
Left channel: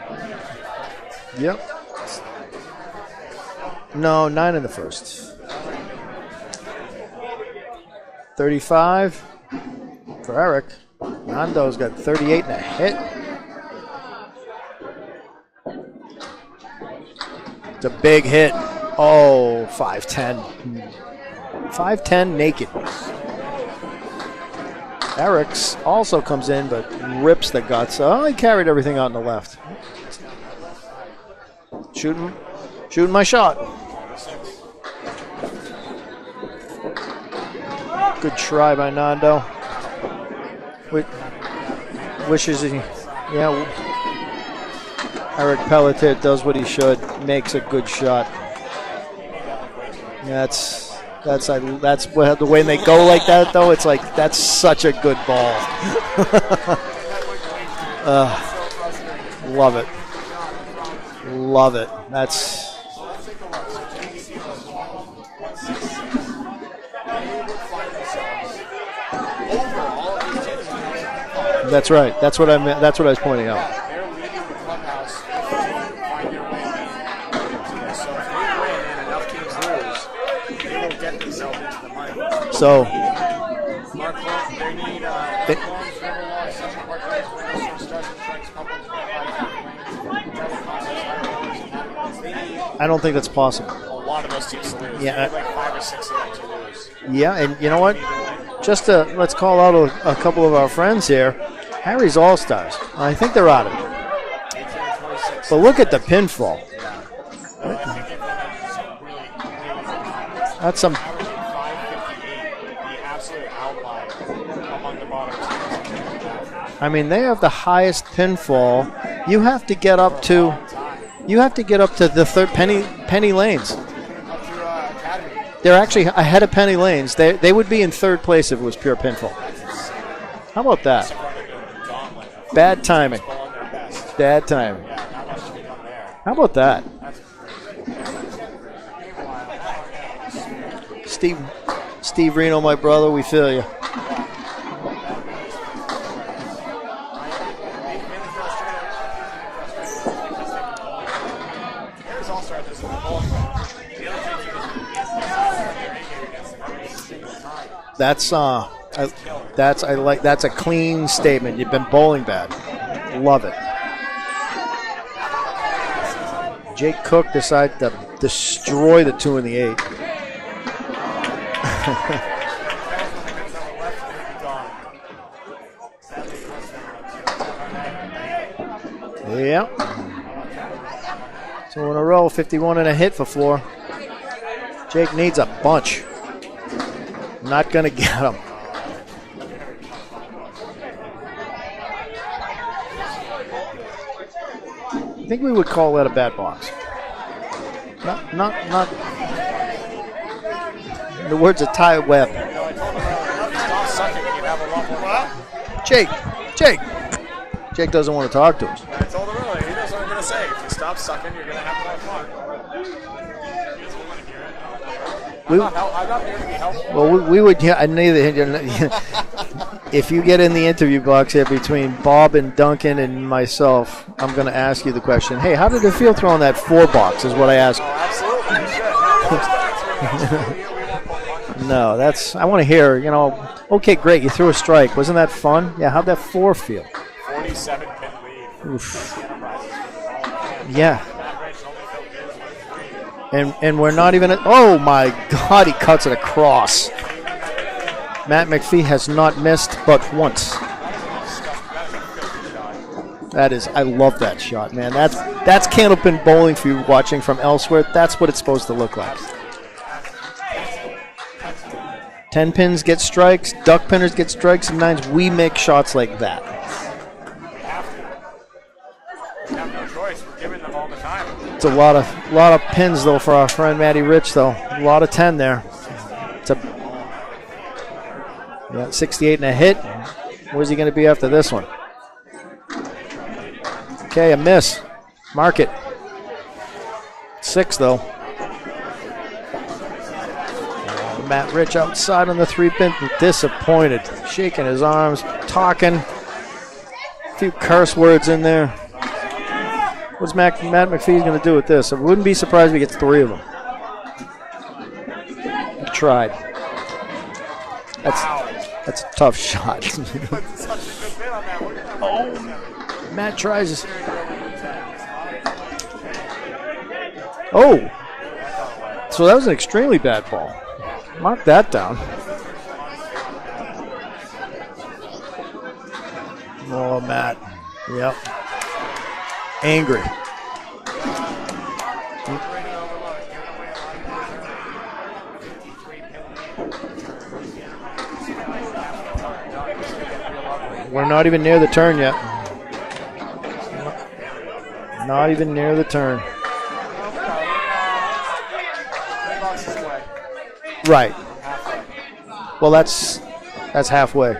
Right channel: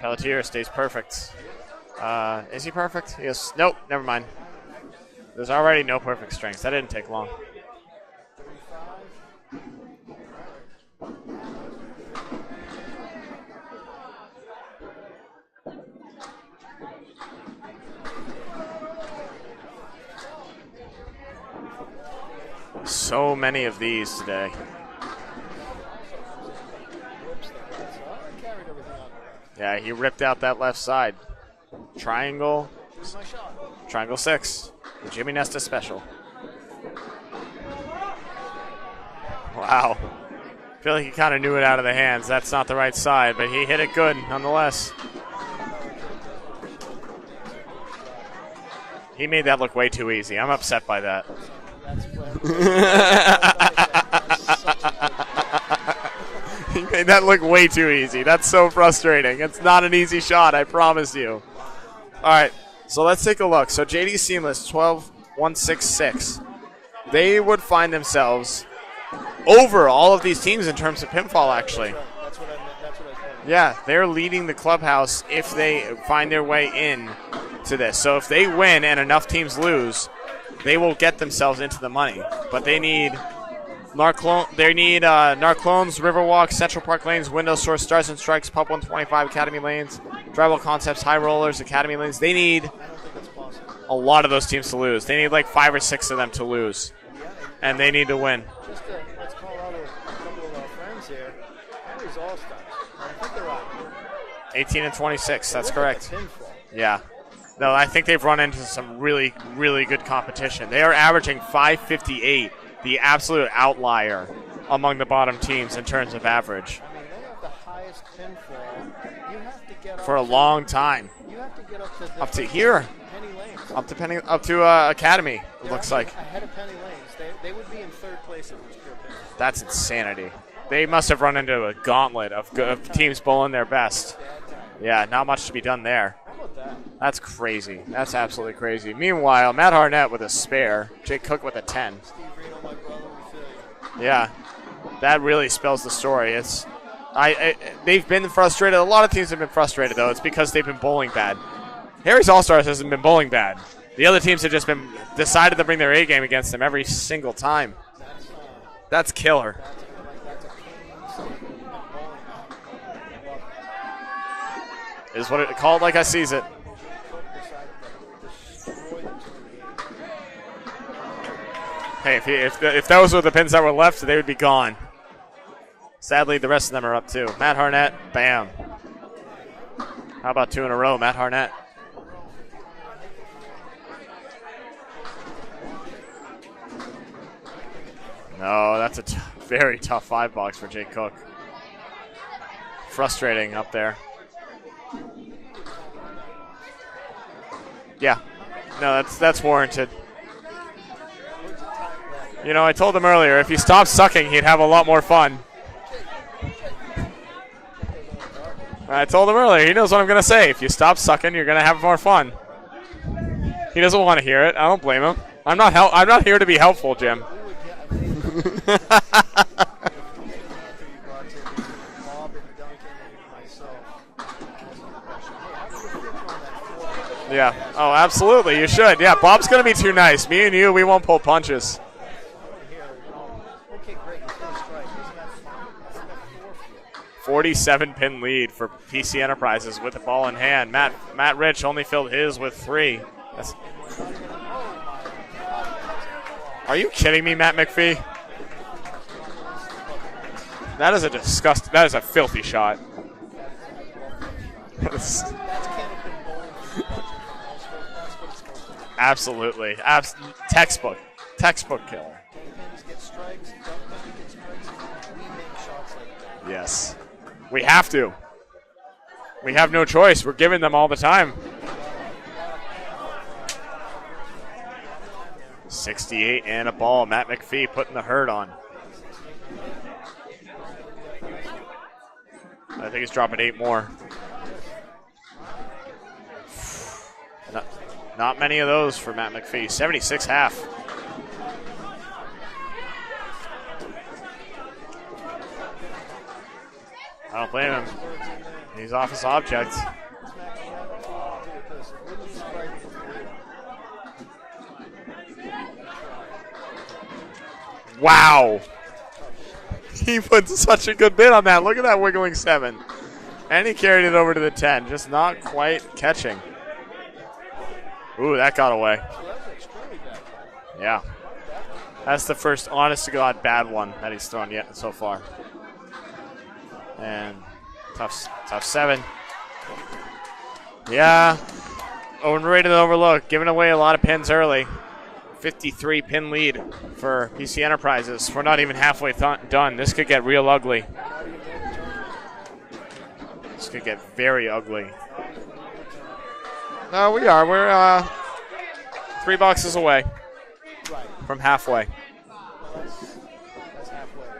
Pelletier stays perfect. Yep. Is he perfect? Yes. Nope. Never No, mind. 9 in the first. There's already no perfect strength. That didn't take long. 35 for Eric. Nando's got 38 and a hit. It's a big hit. Oh, 5'10". 5'10" naked. So many of these today. Eric's also comes in, but rips the guts. Oh, he carried everything out on the left. Yeah, he ripped out that left side. Triangle. Shooting my shot. Triangle 6. Jimmy Nesta special. Good try by Nando. Wow. I feel like he kind of knew it out of the hands. That's not the right side, but he hit it good nonetheless. Eric Pelletier does what he should, makes a good shot. He made that look way too easy. I'm upset by that. That's the way they go like that, though. It's like, that's such a good ball. He made that look way too easy. That's so frustrating. It's not an easy shot, I promise you. Love it. All right, so let's take a look. So JD Seamless, 12-166. They would find themselves over all of these teams in terms of pinfall, actually. That's right. That's what I meant. That's what I was pointing out. Yeah, they're leading the clubhouse if they find their way in to this. So if they win and enough teams lose, they will get themselves into the money. But they need They need Narclones, Riverwalk, Central Park Lanes, Window Store, Stars and Strikes, Pub 125, Academy Lanes, Rebel Concepts, High Rollers, Academy Lanes. They need I don't think that's possible. a lot of those teams to lose. Yeah. They need like 5 or 6 of them to lose. Yeah, and you know they what? need to win. Just let's call out a couple of our friends here. Harry's All-Stars. I think they're out of it. 18 and 26. But that's look correct. at the pinfall. Yeah. No, I think they've run into some really, really good competition. That's They are some- averaging 558, the absolute outlier among the bottom teams in terms of average. I mean, they have the highest pinfall. You have to get For up a to long time. You have to get up to the third here. penny lanes. Up to Academy. They're It's actually like- ahead of penny lanes. They would be in third place if it was pure pinfall. That's insanity. How about they that? must have run into a gauntlet of Bad timing. teams bowling their best. Bad time. Yeah, not much to be done there. How about that? That's crazy. That's absolutely crazy. Meanwhile, Matt Harnett with a spare. Jake Cook with a 10. Steve Reno, my brother, we feel you. Yeah, that really spells the story. They've been frustrated. A lot of teams have been frustrated, though. It's because they've been bowling bad. Harry's All-Stars hasn't been bowling bad. The other teams have just been decided to bring their A game against them every single time. That's killer. That's a clean statement. You've been bowling bad. Love it. Is what it called like I sees it. Jake Cook decided to destroy the 2 and the 8. Hey, if those were the pins that were left, they would be gone. Sadly, the rest of them are up too. Matt Harnett, bam. Yeah. How about 2 in a row, Matt Harnett? 2 in a row, 51 and a hit for Floor. Jake needs a bunch. Not going to get him. No, that's a very tough 5 box for Jake Cook. Frustrating up there. I think we would call that a bad box. Yeah. No, that's warranted. The words of Ty Webb. You know, I told him earlier, if he stopped sucking, he'd have a lot more fun. Jake. Jake doesn't want to talk to us. I told him earlier, he knows what I'm going to say. If you stop sucking, you're going to have more fun. He doesn't want to hear it. I don't blame him. I'm not here to be helpful, Well, Jim. we would. Yeah, I knew that. If you get in the interview box here between Bob and Duncan and myself, I'm going to ask you the question. Hey, how did it feel throwing that 4 box? Is what I asked. Oh, absolutely. You should. Yeah, Bob's going to be too nice. Me and you, we won't pull punches. No, I want to hear. Okay, great. You threw a strike. Wasn't that fun? Yeah. How'd that 4 feel? 47-pin lead for PC Enterprises with the ball in hand. Matt Rich only filled his with 3. And we're not even. Oh my God! He cuts it across. Are you kidding me, Matt McPhee? Matt McPhee has not missed but once. That is that is a filthy shot. I love that shot, man. That's Candlepin bowling for you watching from elsewhere. That's what it's supposed to look like. Absolutely. Textbook. 10 pins get strikes, duck pinners get strikes, and 9s. We make shots like that. Yes. We have to. We have no choice. We're giving them all the time. It's a lot of pins, though, for our friend Matty Rich, though. A lot of 10 there. 68 and a ball. Matt McPhee putting the hurt on. Yeah, 68 and a hit. Where's he going to be after this one? I think he's dropping 8 more. Okay, a miss. Mark it. 6, though. Not many of those for Matt McPhee. 76 half. Matt Rich outside on the 3-pin. Disappointed. Shaking his arms. Talking. A few curse words in there. He's off his objects. What's Matt McPhee going to do with this? I wouldn't be surprised if he gets 3 of them. He tried. Wow. That's a tough shot. He put such a good bid on that. Look at that wiggling 7. Matt tries. And he carried it over to the 10. Just not quite catching. Oh. Ooh, that got away. So that was an extremely bad ball. Yeah. Mark that down. That's the first honest-to-God bad one that he's thrown yet so far. Oh, Matt. Yep. Tough 7. Angry. Yeah. Overrated and overlooked. Giving away a lot of pins early. 53-pin lead for PC Enterprises. We're not even halfway done. This could get real ugly. We're not even near the turn yet. This could get very ugly. Not even near the turn. No, we are. We're 3 boxes away. Right. From halfway. Well, that's halfway.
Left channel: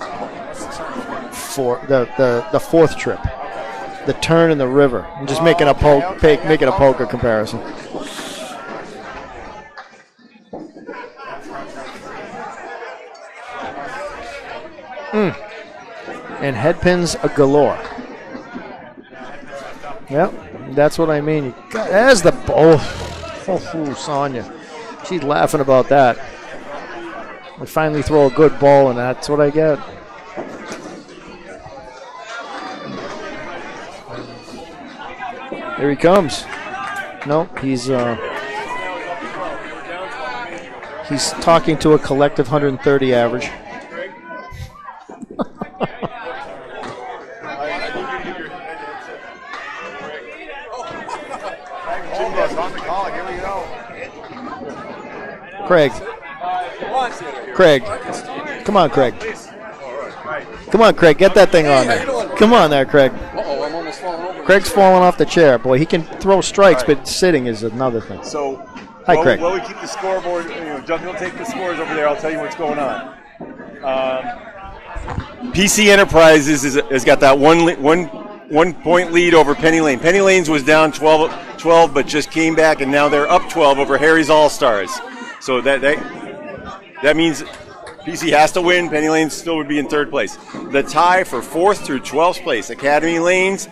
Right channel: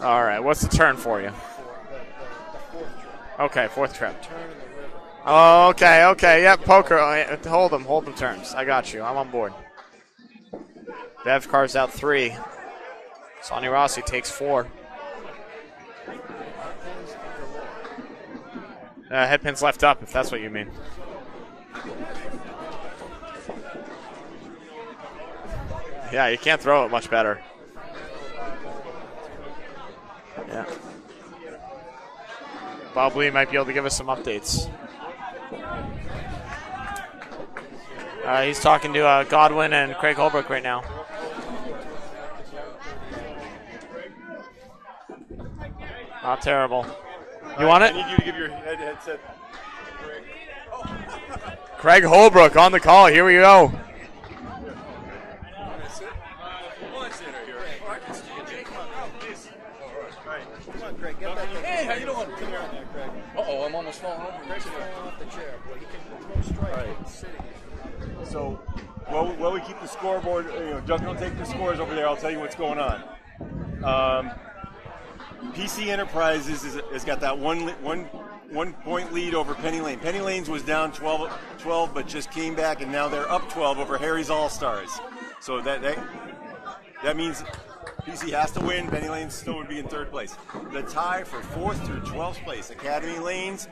All right. What's the turn for you? For the 4th trip. Okay, 4th trip. The turn in the river. I'm just making a poker comparison. Hold the turns. I got you. I'm on board. Dev carves out 3. Sonny Rossi takes 4. And head pins a galore. Head pins left up, if that's what you mean. That's what I mean. There's the ball. Oh, Sonya. She's laughing about that. Yeah, you can't throw it much better. I finally throw a good ball, and that's what I get. Bob Lee might be able to give us some updates. Here he comes. No, he's talking to Godwin and Craig Holbrook right now. He's talking to a collective 130 average. Not terrible. You want it? Craig Holbrook on the call. Here we go. Craig. Craig. Come on, Craig. Come on, Craig. Get that thing on there. Come on there, Craig. Uh-oh, I'm almost falling over. Craig's falling off the chair. Boy, he can throw strikes, but sitting is another thing. So, hi, Craig. While we keep the scoreboard, Duncan will take the scores over there. I'll tell you what's going on. PC Enterprises has got that one point lead over Penny Lane. Penny Lane's was down 12, but just came back, and now they're up 12 over Harry's All-Stars. So that means PC has to win. Penny Lane still would be in third place. The tie for 4th through 12th place, Academy Lanes,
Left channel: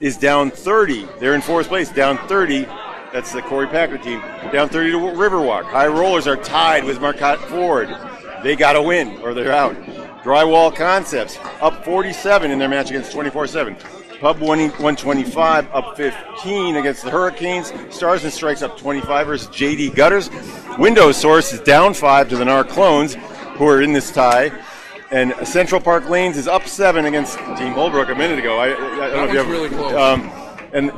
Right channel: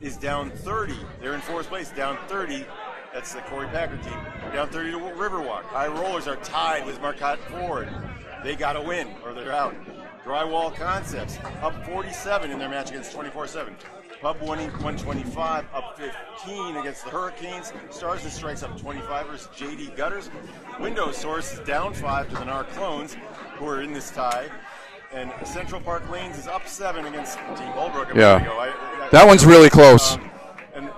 is down 30. They're in 4th place, down 30. That's the Corey Packer team. Down 30 to Riverwalk. High Rollers are tied with Marcotte Ford. They got to win or they're out. Drywall Concepts up 47 in their match against 24/7. Pub 125 up 15 against the Hurricanes. Stars and Strikes up 25 versus JD Gutters. Windows Source is down 5 to the Narclones, who are in this tie. And Central Park Lanes is up 7 against Team Holbrook a minute ago. That one's really close. And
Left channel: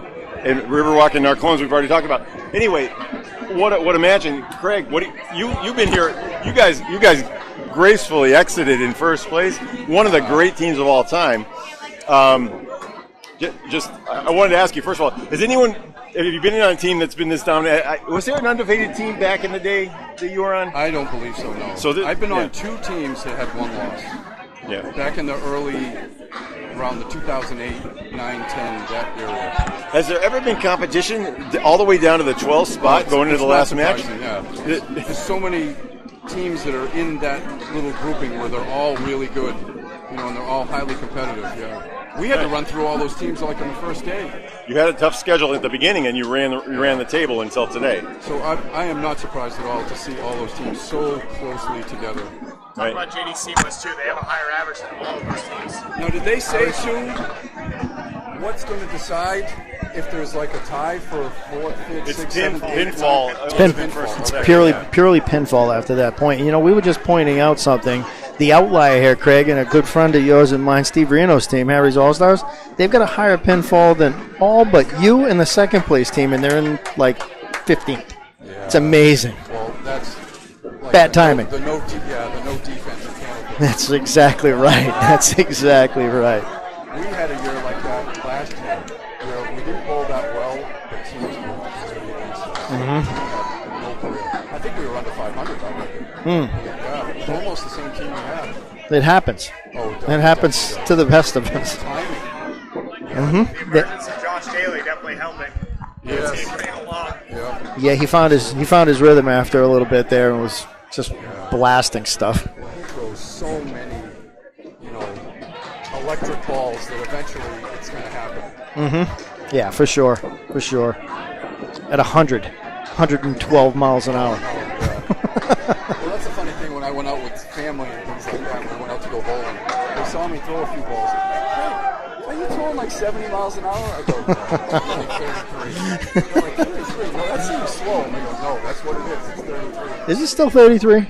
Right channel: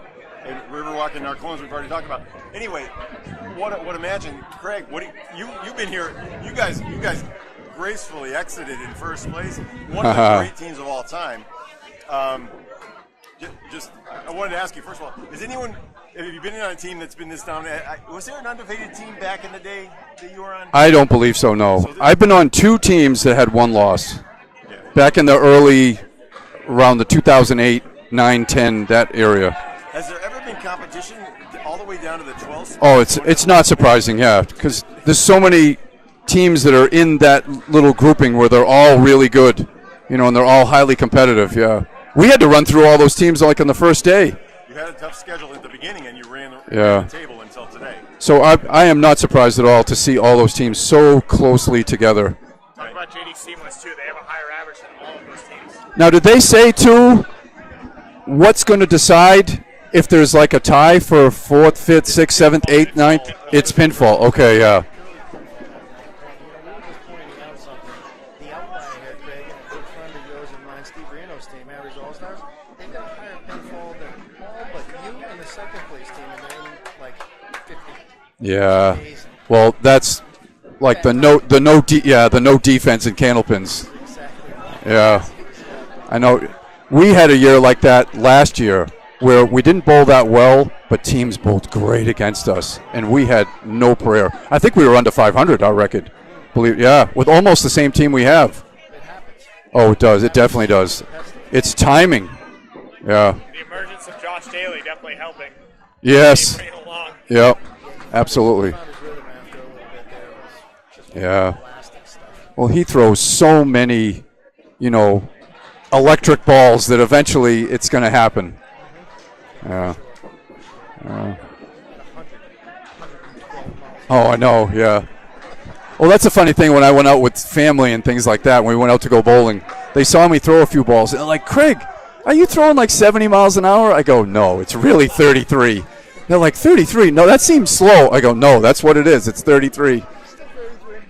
Riverwalk and Narclones we've already talked about. Anyway, what imagine, Craig? You've been here? You guys gracefully exited in first place. One of the great teams of all time. I wanted to ask you first of all: have you been on a team that's been this dominant? Was there an undefeated team back in the day that you were on? I don't believe so. No, I've been on 2 teams that had 1 loss. Yeah. Back in the around the 2008, 9, 10, that area. Has there ever been competition all the way down to the 12th spot? Oh, it's not surprising, yeah, because there's so many teams that are in that little grouping where they're all really good, and they're all highly competitive. Yeah, we had to run through all those teams like on the first day. You had a tough schedule at the beginning, and you ran the table until today. So I am not surprised at all to see all those teams so closely together. Talking about JDC was too. They have a higher average than all of those teams. Now, did they say too what's going to decide if there's like a tie for 4th, 5th, 6th, 7th, 8th, 9th? It's pinfall. Okay, purely pinfall after that point. We were just pointing out something. The outlier here, Craig, and a good friend of yours and mine, Steve Reno's team, Harry's All-Stars, they've got a higher pinfall than all but you and the second place team, and they're in like 15th. Yeah, it's amazing. Well, that's like bad timing. the no defense in Candlepin. That's exactly right. Yeah. That's exactly right. I know. We had a year like that last year where we didn't bowl that well, but teams bowled great against us, and we had no prayer. I think we were under 500, our record. With almost the same team we have. It happens. Oh, it does. It definitely does. To the best of it. It's timing. Yeah. Josh Daly definitely helping. Yes. Yeah. Yeah, he found his rhythm after a little bit there and was just blasting stuff. Well, he throws so many, electric balls that eventually it's going to happen. Yeah, for sure. At 112 miles an hour. Oh, I know, yeah. Well, that's a funny thing when I went out with family and things like that, when we went out to go bowling. They saw me throw a few balls, and they're like, Craig, are you throwing like 70 miles an hour? I go, no, it's really 33. They're like, 33? No, that seems slow. I go, no, that's what it is. It's 33. Is it still 33?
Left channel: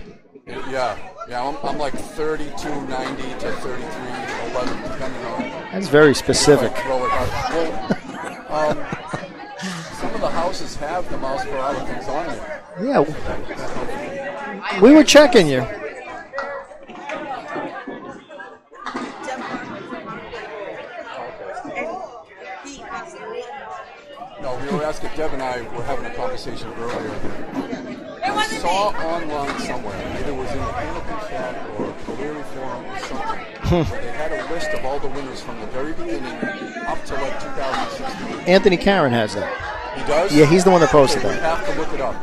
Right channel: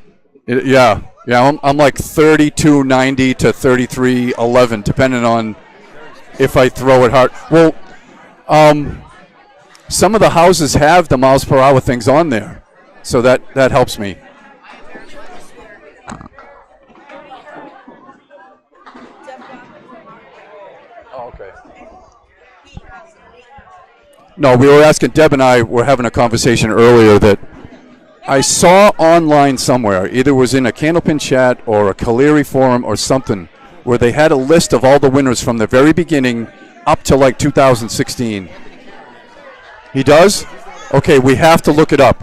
Yeah, I'm like 32.90 to 33.11, depending on. That's very specific. If I throw it hard. Well, some of the houses have the miles per hour things on there. Yeah. So that helps me. We were checking you. No, we were asking, Deb and I were having a conversation earlier that I saw online somewhere, either was in a Candlepin chat or a Caleri forum or something, where they had a list of all the winners from the very beginning up to like 2016. Anthony Karen has that. He does? Yeah, he's the one that posted. Okay, we have to look it up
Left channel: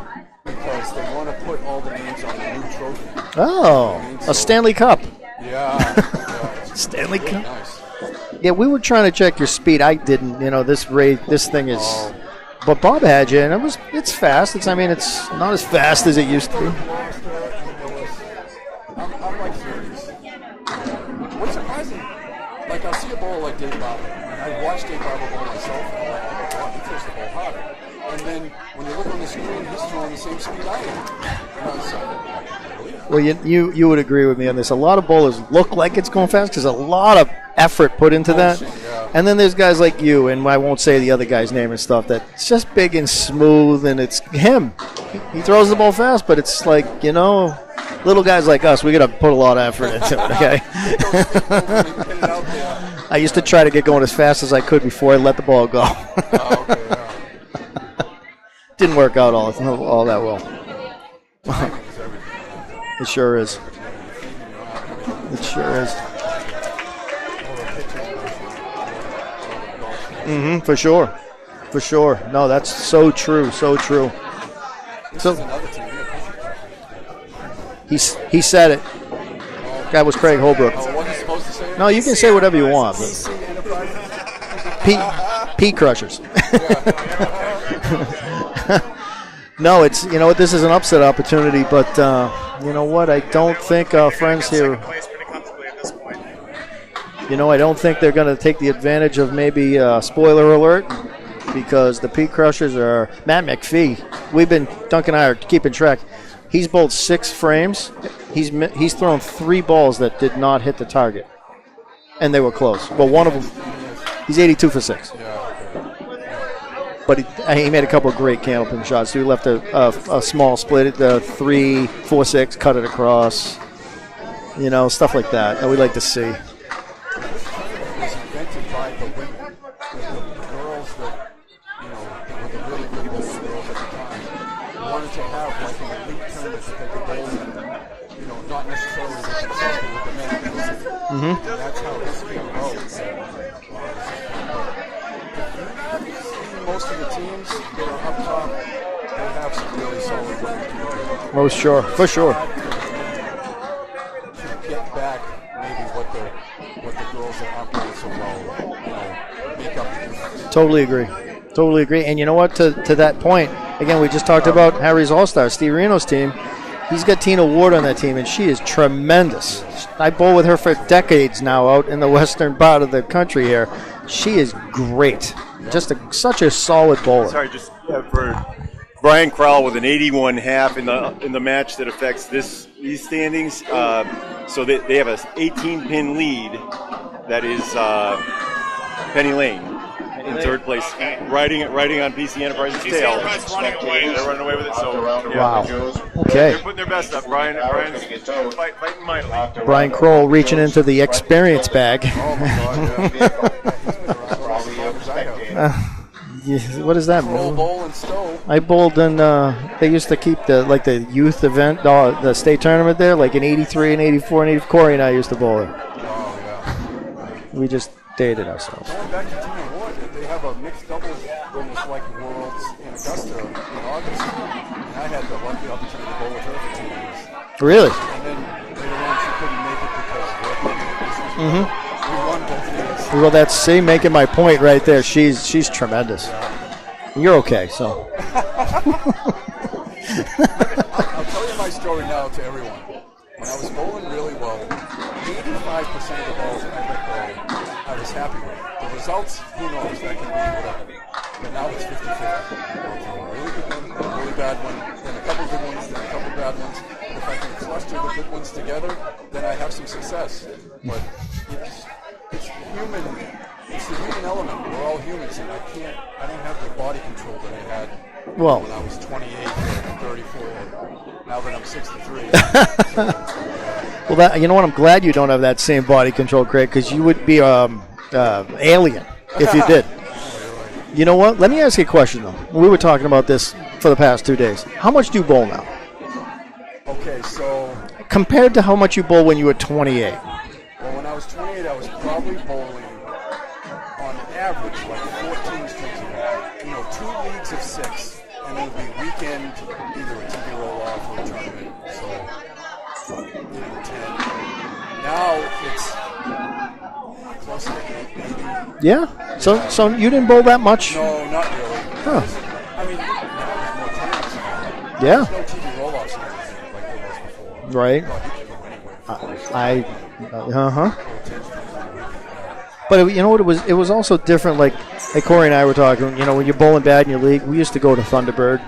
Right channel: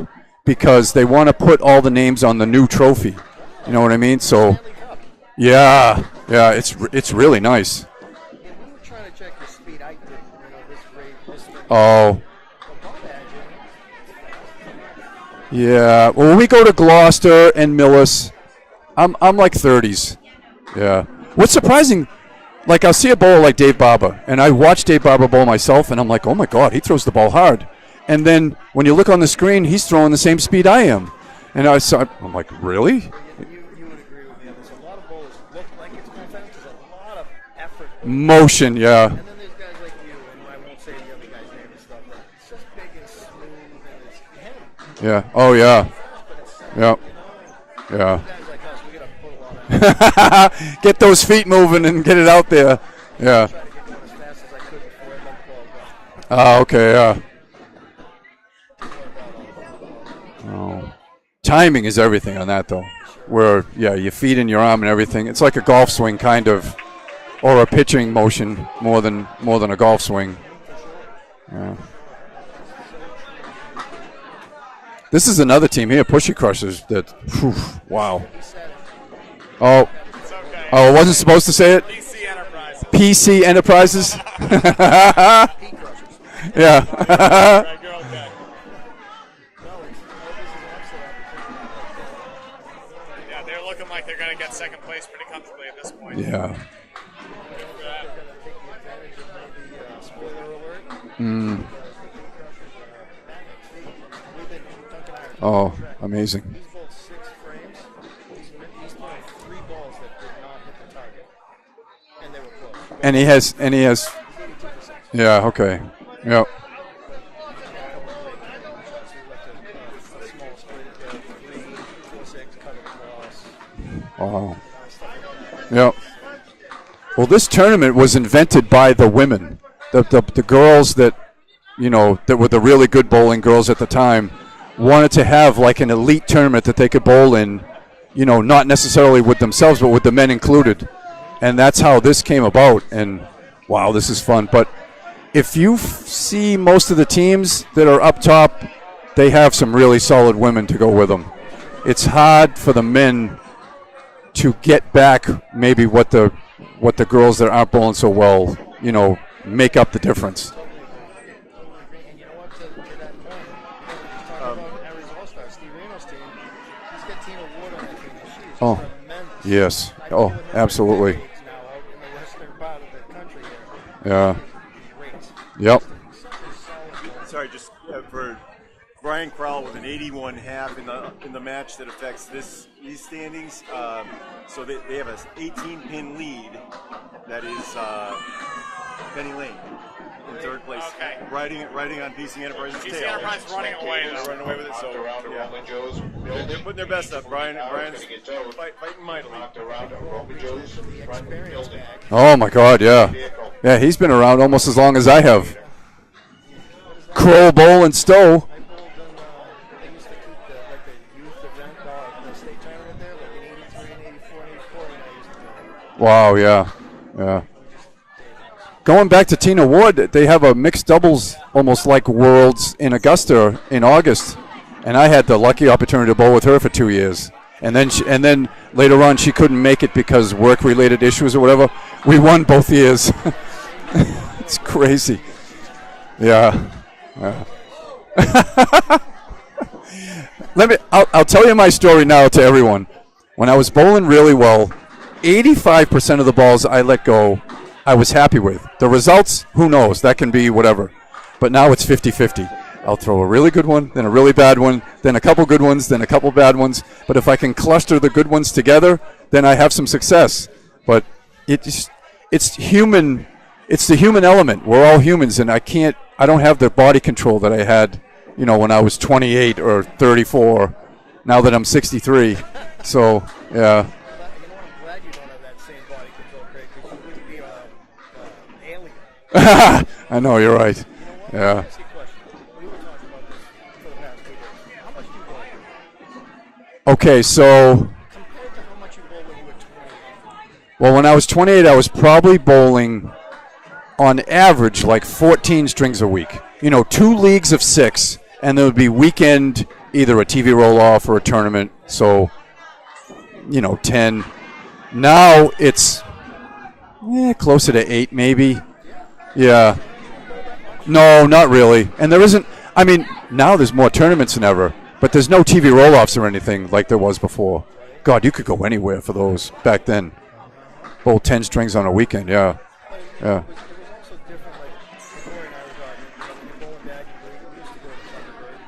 because they want to put all the names on the new trophy. Oh. You know what I mean? So a Stanley Cup. Yeah, it's really nice. Yeah, we were trying to check your speed. I didn't. This thing is. Oh, But Bob had you, and it's fast. It's not as fast as it when used we go to Gloucester and Millis, I'm like 30s. Yeah. What's surprising, like I'll see a bowler like Dave Barber, and I watch Dave Barber bowl myself, and I'm like, oh my God, he throws the ball hard. And then when you look on the screen, he's throwing the same speed I am. And I'm like, really? Well, you would agree with me on this. A lot of bowlers look like it's going fast because a lot of effort put into motion, that. yeah. And then there's guys like you, and I won't say the other guy's name and stuff, that's just big and smooth, and it's him. Yeah. He throws the ball fast, but it's like, little guys like us, we got to put a lot of effort into it. Okay? Get those feet moving and get it out there. I used to try to get going as fast as I could before I let the ball go. Oh, okay, yeah. Didn't work out all that well. Timing is everything on that, though. It sure is. Yeah, your feet and your arm and everything. It's like a golf swing, kind of, or a pitching motion more than a golf swing. Mm-hmm, for sure. Yeah. For sure. No, that's so true. So true. This is another team here, Pushy Crushers. Wow. He said it. Oh, that was Craig Holbrook. Oh, I wasn't supposed to say it? No, you can say whatever you want. PC Enterprises? P Crushers. Yeah. No, it's, this is an upset opportunity, but you know what? I don't think our friends here. Yeah. I don't think they're going to take the advantage of maybe spoiler alert because the P Crushers are Matt McPhee. Duncan and I are keeping track. Amazing. He's bowled 6 frames. He's thrown 3 balls that did not hit the target, and they were close. But he's 82 for 6. Yeah. Okay. Yeah. But he made a couple of great Candlepin shots. So he left a small split at the 3-4-6, cut it across. Stuff like that we like to see. Well, this tournament was invented by the women, the girls that were the really good bowling girls at the time, wanted to have like an elite tournament that they could bowl in, not necessarily with themselves, but with the men included. Mm-hmm. And that's how this came about. And wow, this is fun. But if you see most of the teams that are up top, they have some really solid women to go with them. Oh, sure. It's hard for the men to get back maybe what the girls that aren't bowling so well, make up the difference. Totally agree. And you know what? To that point, again, we just talked about Harry's All-Star, Steve Reno's team. He's got Tina Ward on that team, and she is tremendous. Yes. I bowl with her for decades now out in the western part of the country here. Yeah. She is great. Yep. Just such a solid bowler. Sorry, just for Brian Crowell with an 81.5 in the match that affects these standings. So they have an 18-pin lead. That is Penny Lane in third place, riding on PC Enterprises' tail. They're running away with it. So wow. Okay. They're putting their best up. Brian's fighting mightily. Brian Kroll reaching into the experience bag. Oh my God, yeah, yeah. He's been around almost as long as I have. What is that? Kroll, Bowl, and Stowe. I bowled in. They used to keep the youth event, the state tournament there, like in '83 and '84 and '84. Corey and I used to bowl it. Wow, yeah. We just dated ourselves. Going back to Tina Ward, they have a mixed doubles, almost like Worlds in Augusta in August, and I had the lucky opportunity to bowl with her for 2 years. Really? And then later on, she couldn't make it because work-related issues or whatever. Mm-hmm. We won both years. Well, that's making my point right crazy. there. She's tremendous. Yeah. You're okay, so. I'll tell you my story now to everyone. When I was bowling really well, 85% of the balls I let go, I was happy with. The results, who knows? That can be whatever. But now it's 50-50. I'll throw a really good one, then a really bad one, then a couple good ones, then a couple bad ones. But if I can cluster the good ones together, then I have some success. But it's human. It's the human element. We're all humans, and I don't have the body control that I had, when I was 28 or 34. Now that I'm 63, so yeah. Well, you know what? I'm glad you don't have that same body control, Craig, because you would be alien. I know, you're right. You know what? Yeah. Let me ask you a question, though. We were talking about this for the past 2 days. How much do you bowl now? Okay, so compared to how much you bowl when you were 28. Well, when I was 28, I was probably bowling on average like 14 strings a week. 2 leagues of 6, and there would be weekend, either a TV roll-off or a tournament. So, 10. Now it's, Closer to 8, maybe. Yeah? Yeah. So you didn't bowl that much? No, not really. And there isn't, I mean, now there's more tournaments than ever. But there's no TV roll-offs or anything like there was before. Right. God, you could go anywhere for those back then. Bowl 10 strings on a weekend, yeah. But you know what? It was also different. Like Corey and I were talking. You know, when you're bowling bad in your league, we used to go to Thunderbird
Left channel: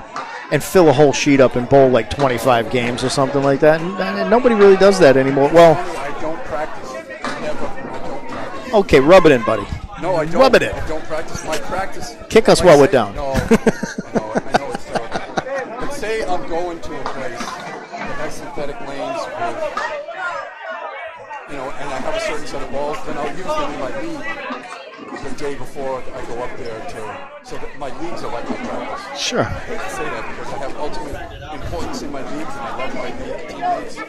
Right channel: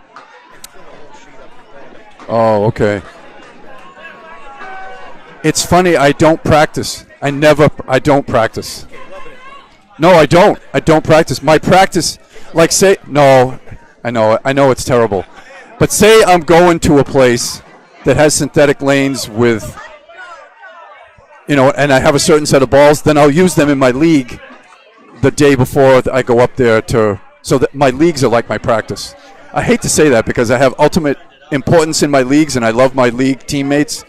and fill a whole sheet up and bowl like 25 games or something like that. And nobody really does that anymore. It's funny. I don't practice. I don't practice. Okay, rub it in, buddy. No, I don't. I don't practice. My practice. Kick us like while we're down. No, I know. I know it's terrible. But say I'm going to a place that has synthetic lanes with, and I have a certain set of balls, then I'll use them in my league the day before I go up there so that my leagues are like my practice. Sure. I hate to say that because I have ultimate importance in my leagues and I love my league teammates,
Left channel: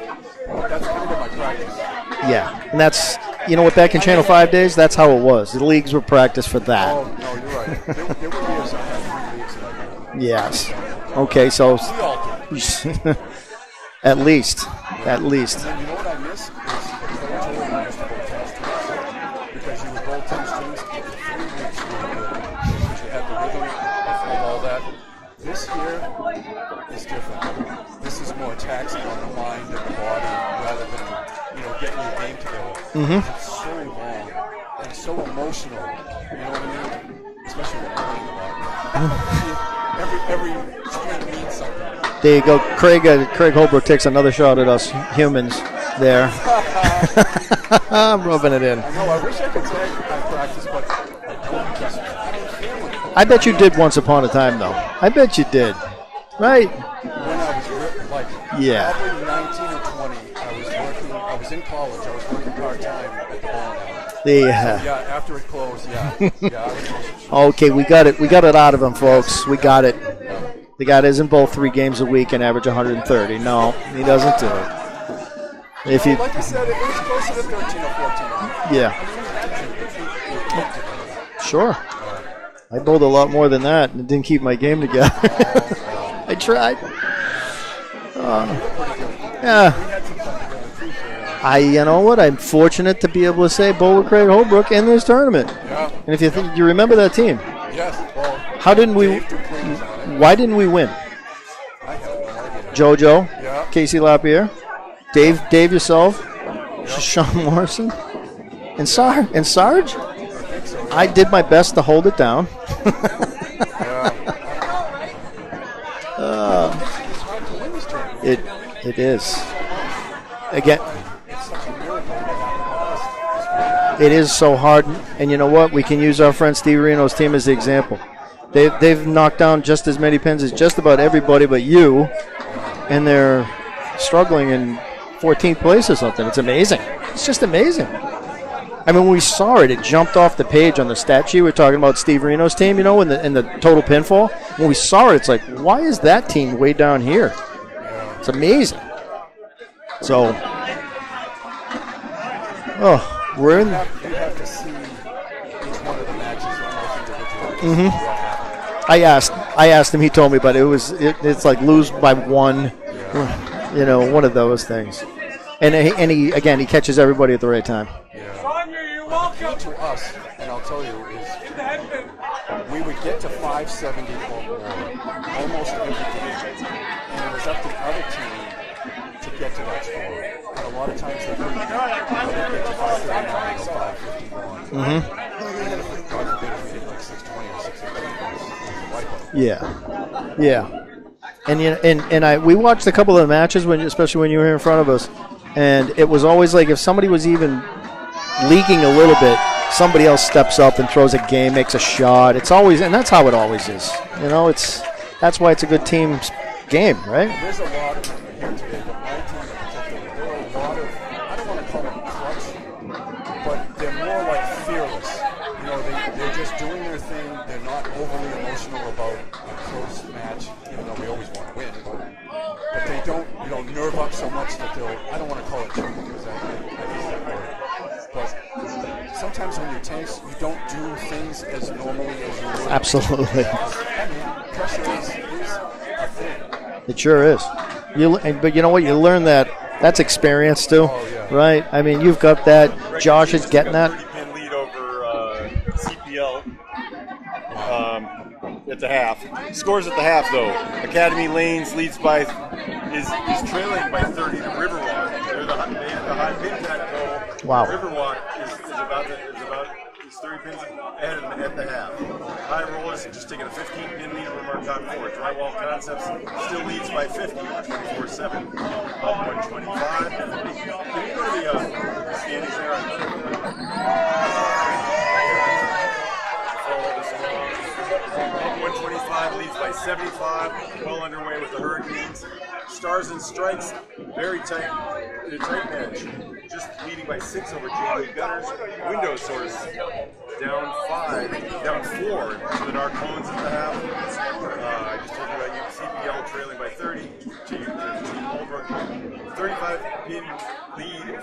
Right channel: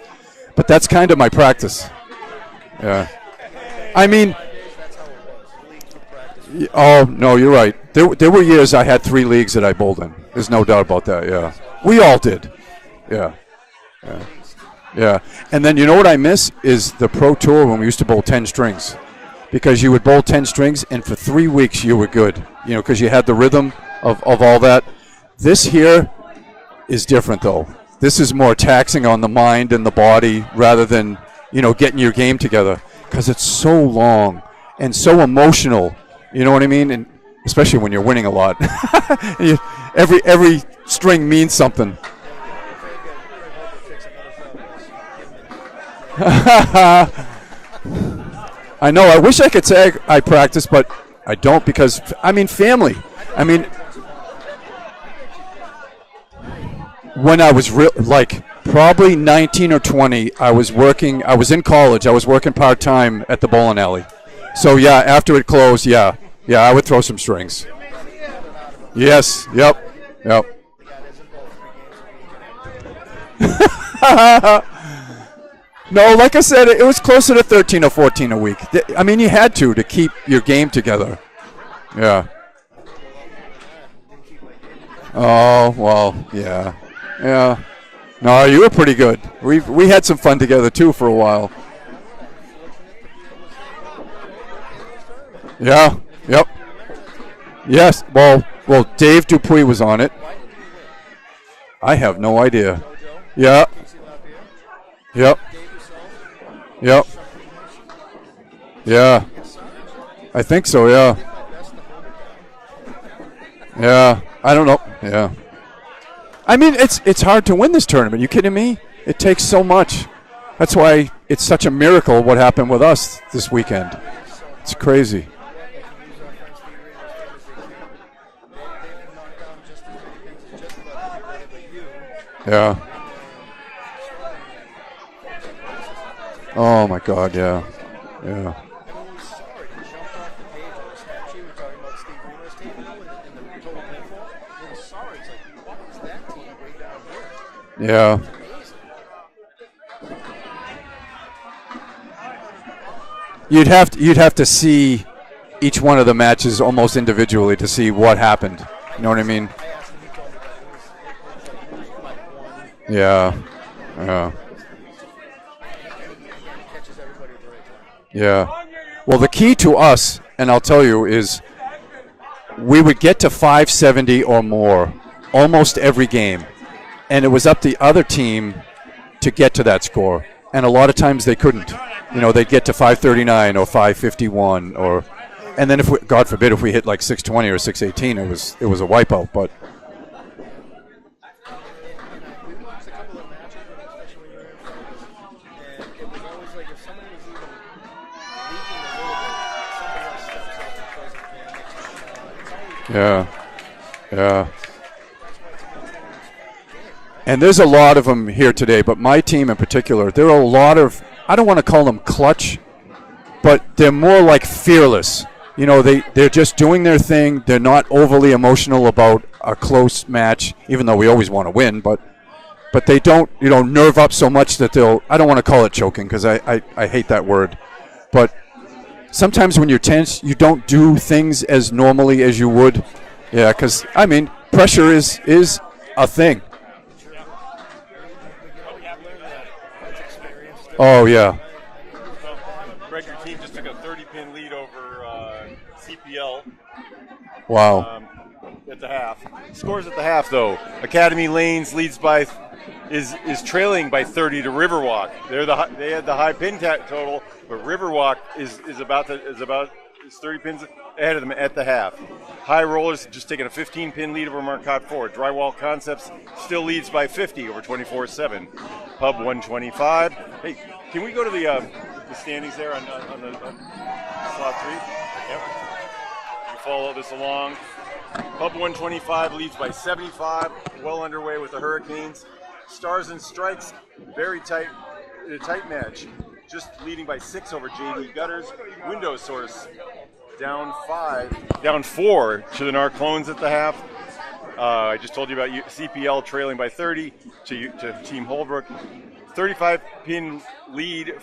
but that's kind of my practice. Yeah, and that's, you know what, back in Channel 5 days, that's how it was. The leagues were practice for that. Oh, no, you're right. There were years I had 3 leagues that I bowled in. Yeah. There's no doubt about that. Okay, so we all did. Yeah. At least. Yeah. At least. And then you know what I miss is the Pro Tour when we used to bowl 10 strings. Because you would bowl 10 strings, and for 3 weeks you were good. Because you had the rhythm of all that. This here is different, though. This is more taxing on the mind and the body rather than, getting your game together. Because it's so long and so emotional. You know what I mean? And especially when you're winning a lot. Every string means something. There you go. Craig Holbrook takes another shot at us humans there. I'm rubbing it in. I know. I wish I could say I practice, but I don't because, family. I bet you did once upon a time, though. I bet you did. Right. When I was probably 19 or 20, I was in college. I was working part-time at the bowling alley. So, after it closed, I would throw some strings. Okay, we got it out of him, folks. Yes. We got it. Yep. The guy doesn't bowl 3 games a week and average 130. No, he doesn't. No, like I said, it was closer to 13 or 14 a week. Yeah. You had to keep your game together. Sure. Yeah. I bowled a lot more than that and didn't keep my game together. Oh, well. I tried. Yeah. No, you were pretty good. Yeah. We had some fun together, too, for a while. You know what? I'm fortunate to be able to say bowl with Craig Holbrook in this tournament. Yeah. And if you remember that team. Yes. Well, Dave Dupuis was on it. Why didn't we win? I have no idea. JoJo. Yeah. Casey Lapierre. Dave yourself. Yep. Sean Morrison. And Sarge? I think so, yeah. I did my best to hold it down. Yeah. I don't know. Yeah. It's hard to win this tournament. You kidding me? It is. It takes so much. That's why it's such a miracle what happened with us this weekend. It is so hard. It's crazy. And you know what? We can use our friend Steve Reno's team as the example. They've knocked down just as many pins as just about everybody but you. Yeah. And they're struggling in 14th place or something. It's amazing. Oh, my God. It's just amazing. Yeah. When we saw it, it jumped off the page on the stat sheet. We're talking about Steve Reno's team, in the total pinfall. When we saw it, it's like, why is that team way down here? Yeah. It's amazing. So, you'd have to see each one of the matches almost individually to see what happened. I asked him. He told me, but it's like lose by 1. Yeah. One of those things. And he catches everybody at the right time. Yeah. Well, the key to us, and I'll tell you, is we would get to 570 or more almost every game. And it was up to the other team to get to that score. And a lot of times they couldn't. They'd get to 539 or 551 or and then if God forbid if we hit like 620 or 618, it was a wipeout. But yeah. And we watched a couple of the matches especially when you were here in front of us, and it was always like if somebody was even leaking a little bit, somebody else steps up and throws a game, makes a shot. It's always, and that's how it always is. Yeah. That's why it's a good team game, right? And there's a lot of them here today, but my team in particular, there are a lot of, I don't want to call them clutch, but they're more like fearless. They're just doing their thing. They're not overly emotional about a close match, even though we always want to win, but they don't, nerve up so much that I don't want to call it choking because I hate that word. But sometimes when you're tense, you don't do things as normally as you would. Absolutely. Yeah, because, pressure is a thing. It sure is. But you know what? You learn that. That's experience, too. Oh, yeah. Right? You've got that. Josh is getting that. Wow. At the half. Scores at the half, though. Academy Lanes leads by is trailing by 30 to Riverwalk. They had the high pin total. Wow. Riverwalk is about 30 pins ahead of them at the half. High Rollers just taking a 15-pin lead over Marcotte Ford. Drywall Concepts still leads by 50 over 24-7. Pub 125. Hey, can we go to the standings there? Follow this along. Pub 125 leads by 75. Well underway with the Hurricanes. Stars and Strikes, very tight match. Just leading by 6 over JV Gutters. Window Source down 4 to the Narclones at the half. I just told you about CPL trailing by 30 to Team Holbrook. 35-pin lead.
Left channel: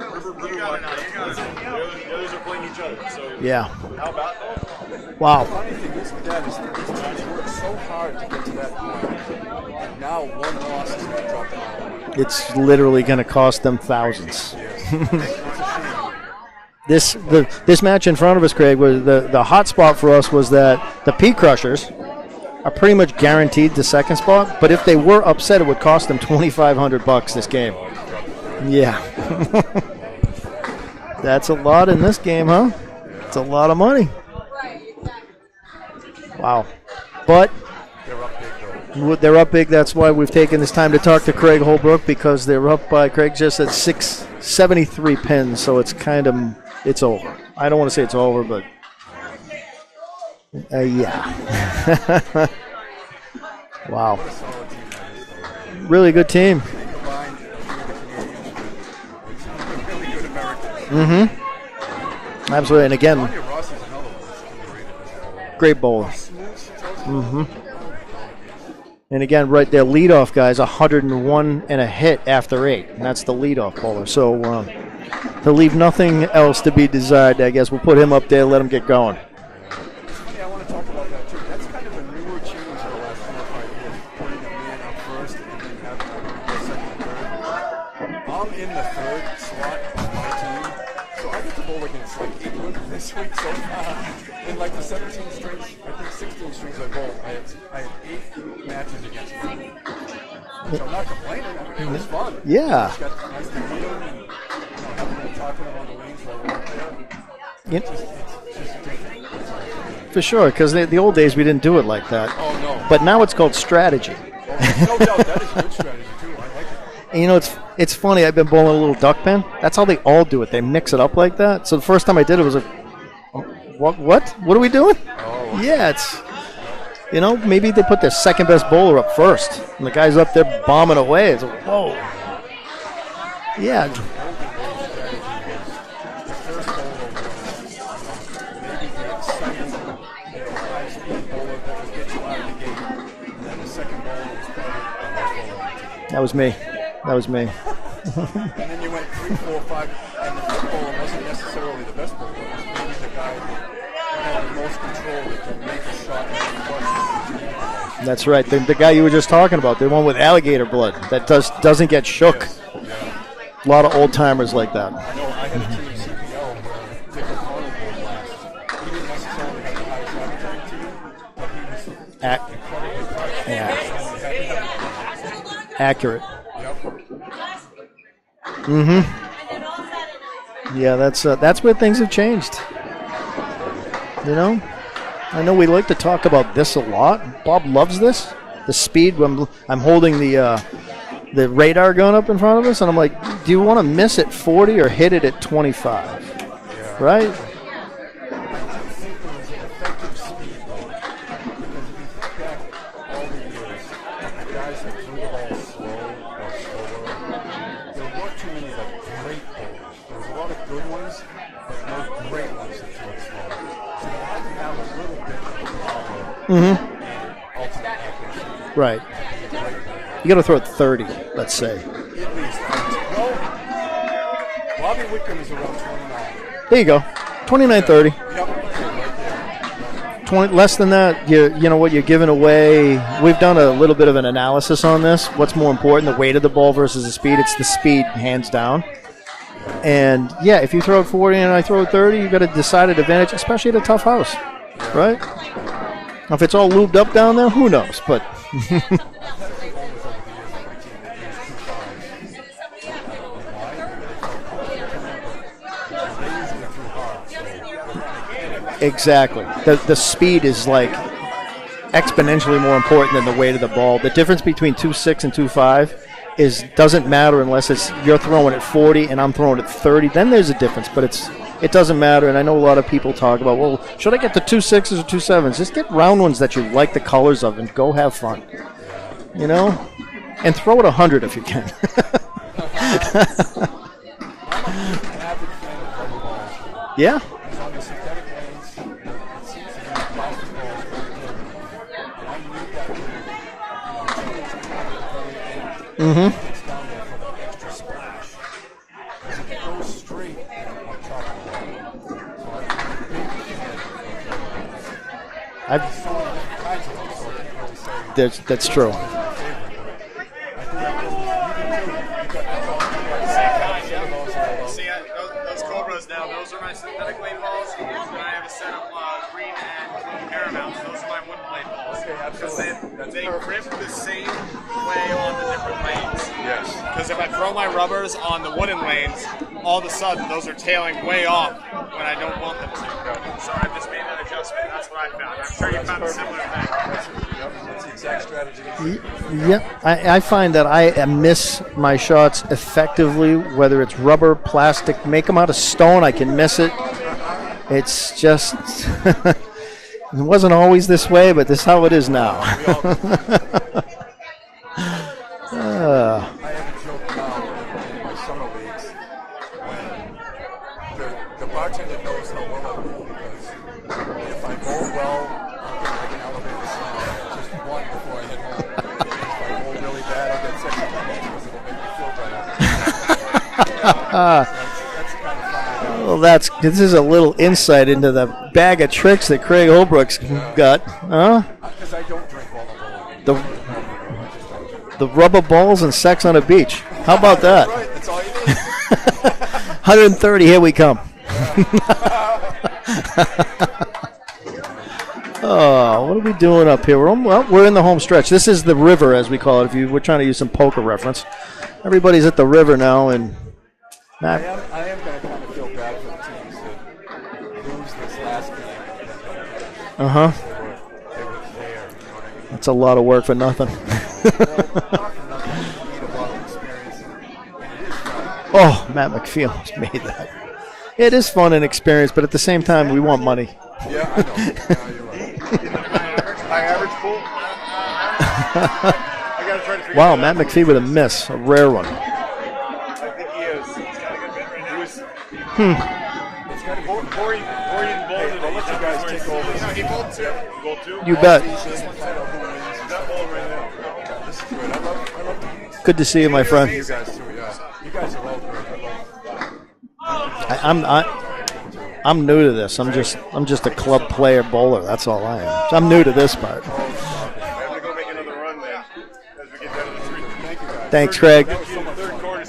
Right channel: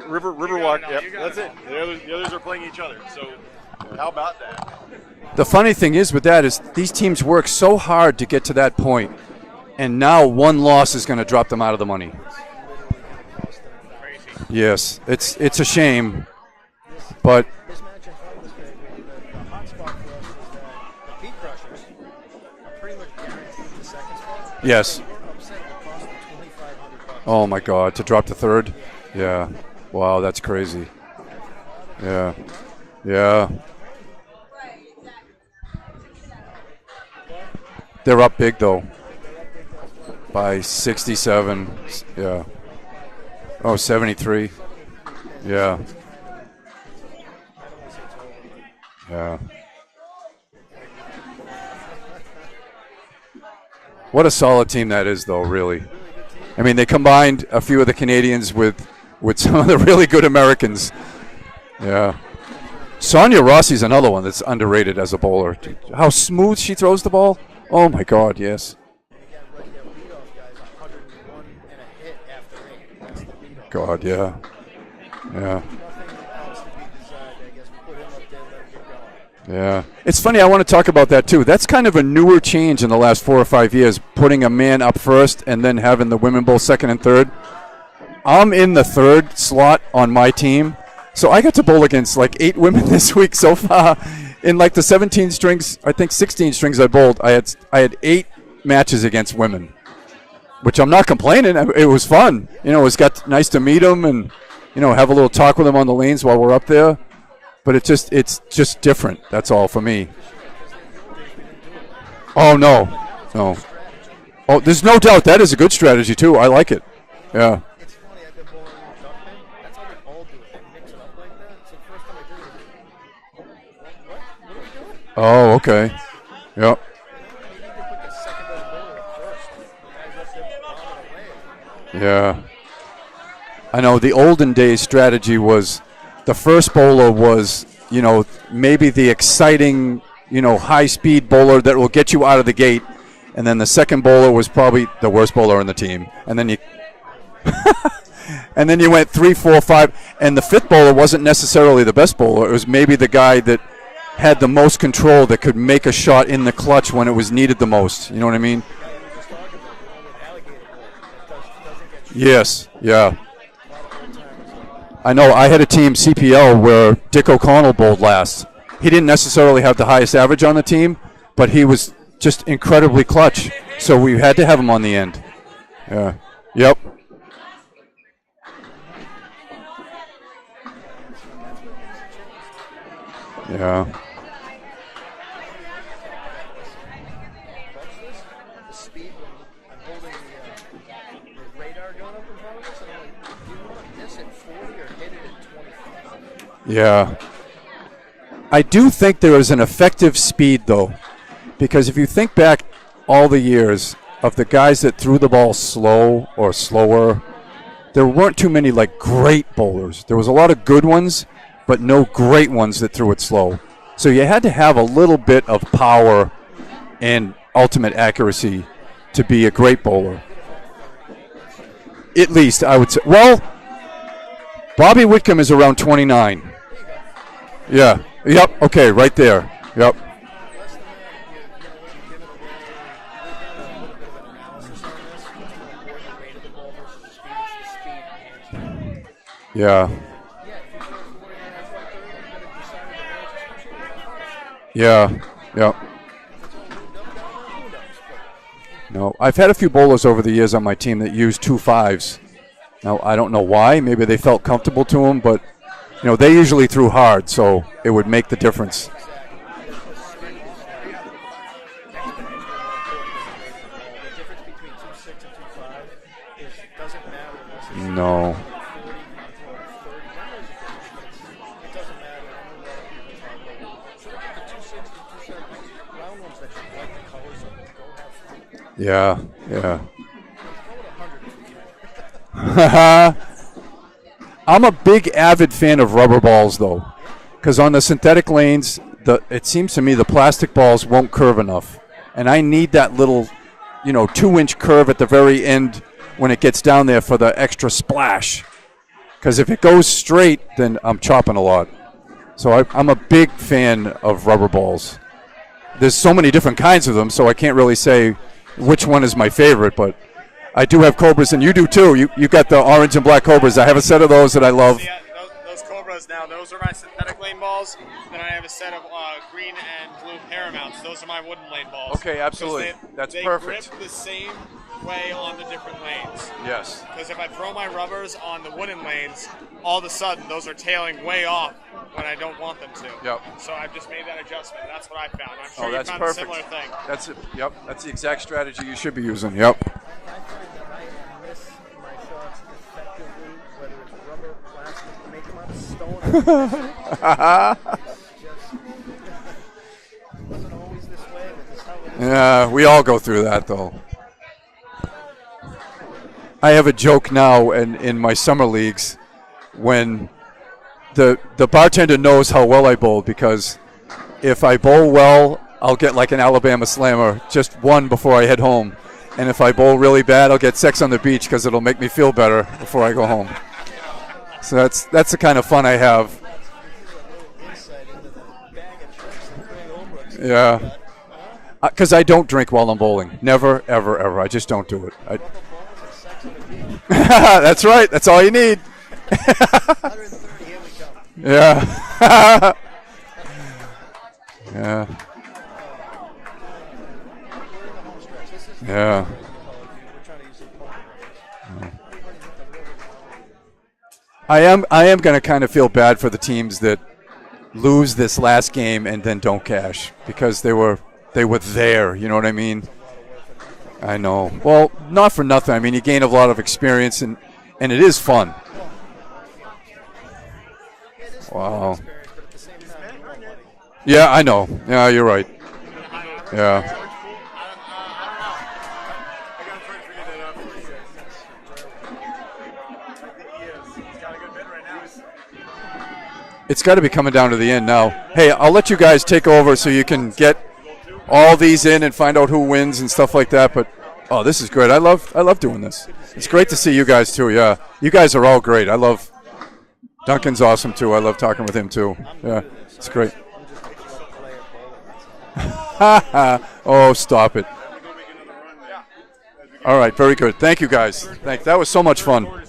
Riverwalk, yep, that's it. The others are playing each other. So yeah. How about that? Wow. The funny thing is with that is these teams work so hard to get to that point, and now one loss is going to drop them out of the money. It's literally going to cost them thousands. Yes, it's a shame. This match in front of us, Craig, was the hot spot for us was that the P Crushers are pretty much guaranteed the second spot. But if they were upset, it would cost them $2,500 this game. Oh my God, to drop the third? Yeah. Yeah. Wow, that's crazy. That's a lot in this game, huh? Yeah. That's a lot of money. Wow. But they're up big, though. They're up big. That's why we've taken this time to talk to Craig Holbrook, because they're up by, Craig just at 73 pins. Yeah. So it's it's over. I don't want to say it's over, but yeah. Wow. What a solid team that is, though, really. Really good team. I mean, they combined a few of the Canadians with some of the really good Americans. Mm-hmm. Yeah. Absolutely. And again, Sonia Rossi's another one that's underrated as a bowler. Great bowler. How smooth she throws the ball. Oh, my God, yes. And again, right there, leadoff guy's 101 and a hit after 8. And that's the leadoff bowler. Yeah. So he'll leave nothing else to be desired, I guess. We'll put him up there, let him get going. Yeah. It's funny, I want to talk about that, too. That's kind of a newer change in the last 4 or 5 years, putting a man up first and then having the women bowl second and third. I'm in the third slot on my team. So I got to bowl against like 8 women this week so far. In like the 17 strings, I think 16 strings I bowled, I had 8 matches against women, which I'm not complaining. It was fun. Yeah. You know, it's nice to meet them and, you know, have a little talk with them on the lanes while we're up there. But it's just different. That's all for me. For sure, because the old days we didn't do it like that. Oh, no. But now it's called strategy. Oh, there's no doubt that is a good strategy, too. I like it. And, you know, it's funny. I've been bowling a little duck pin. That's how they all do it. They mix it up like that. So the first time I did it was like, what are we doing? Oh, okay. Yeah, you know, maybe they put their second best bowler up first, and the guy's up there bombing away. It's like, whoa. Yeah. Yeah. You know, the olden days strategy was the first bowler was, you know, maybe the exciting, you know, high-speed bowler that will get you out of the gate. And then the second bowler was probably the worst bowler on the team. That was me. That was me. And then you went 3, 4, 5. And the fifth bowler wasn't necessarily the best bowler. It was maybe the guy that had the most control, that could make a shot in the clutch when it was needed the most. That's you know right. What I mean? The guy you were just talking about, the one with alligator blood, that doesn't get shook. Yes, yeah. A lot of old-timers like that. I know. I had a team, CPL, where Dick O'Connell bowled last. He didn't necessarily have the highest average on the team, but he was just incredibly clutch. So we had to have him on the end. Accurate. Yep. Mm-hmm. Yeah, that's where things have changed. Yeah. You know, I know we like to talk about this a lot. Bob loves this. The speed. I'm holding the radar gun up in front of us, and I'm like, do you want to miss at 40 or hit it at 25? Yeah. Right? I do think there is an effective speed, though, because if you think back all the years of the guys that threw the ball slow or slower, there weren't too many, like, great bowlers. There was a lot of good ones, but no great ones that threw it slow. So you had to have a little bit of power and ultimate accuracy to be a great bowler. You got to throw it 30, let's say. At least, I would say. Well, Bobby Whitcomb is around 29. There you go. 29, 30. Yep, okay, right there. Yep. 20, less than that, you know what, you're giving away. We've done a little bit of an analysis on this. What's more important, the weight of the ball versus the speed? It's the speed, hands down. Yeah. And, yeah, if you throw it 40 and I throw it 30, you've got a decided advantage, especially at a tough house. Yeah. Right? Yeah. Now, if it's all lubed up down there, who knows? But No, I've had a few bowlers over the years on my team that used 2 5s. Now, I don't know why. Maybe they felt comfortable to them, but they usually threw hard, so it would make the difference. Exactly. The speed is like exponentially more important than the weight of the ball. The difference between 2.6 and 2.5 doesn't matter unless you're throwing at 40 and I'm throwing at 30. Then there's a difference, but it doesn't matter. And I know a lot of people talk about, well, should I get the 2.6s or 2.7s? Just get round ones that you like the colors of and go have fun. Yeah. Yeah. And throw it 100 if you can. I'm a big avid fan of rubber balls, though. Yeah? Because on the synthetic lanes, it seems to me the plastic balls won't curve enough. And I need that little, 2-inch curve at the very end when it gets down there for the extra splash. Because if it goes straight, then I'm chopping a lot. So I'm a big fan of rubber balls. There's so many different kinds of them, so I can't really say which one is my favorite, but I do have Cobras, and you do too. You got the orange and black Cobras. I have a set of those that I love. Those Cobras now, those are my synthetic lane balls. Then I have a set of green and blue Paramounts. Those are my wooden lane balls. Okay, absolutely. That's they perfect. They grip the same way on the different lanes. Yes. Because if I throw my rubbers on the wooden lanes, all of a sudden those are tailing way off when I don't want them to. Yep. So I've just made that adjustment. That's what I found. I'm sure you found perfect. a similar thing. That's the exact strategy you should be using. Yep. I find that I miss my shots effectively, whether it's rubber, plastic, make them out of stone, I can miss it. It's just, it wasn't always this way, but this is how it is now. We all go through that, though. I have a joke now in my summer leagues when the bartender knows how well I bowl, because if I bowl well, I'll get like an Alabama slammer, just one before I head home. And if I bowl really bad, I'll get sex on the beach because it'll make me feel better before I go home. So that's the kind of fun I have. Well, this is a little insight into the bag of tricks that Craig Holbrook's got. Because I don't drink while I'm bowling. Never, ever, ever. I just don't do it. The rubber balls and sex on a beach. How about That's that? right. That's all you need. 130, here we come. Yeah. Yeah. Oh, what are we doing up here? We're in the home stretch. This is the river, as we call it. We're trying to use some poker reference. Everybody's at the river now, and I am going to kind of feel bad for the teams that lose this last game and then don't cash because they were there. You know what I mean? It's a lot of work for nothing. I know. Well, not for nothing. I mean, you gain a lot of experience and it is fun. Oh, Matt McPheel's made that. It is fun and experience, but at the same time, we want money. Yeah, I know. Yeah, you're right. Yeah. Wow, Matt McPhee with a miss, a rare one. It's got to be coming down to the end now. Hey, I'll let you guys take over so you can get these in and find out who wins and stuff like that. But this is great. I love doing this. Good to see you, It's my great friend. to see you guys too. Yeah, you guys are all great. I love. Duncan's awesome too. I love talking with him too. I'm new to this. I'm just a club player bowler. That's all I am. So I'm new to this part. Oh, stop it. All right, very good. Thank you, guys. Thanks, Craig. That was so much fun. And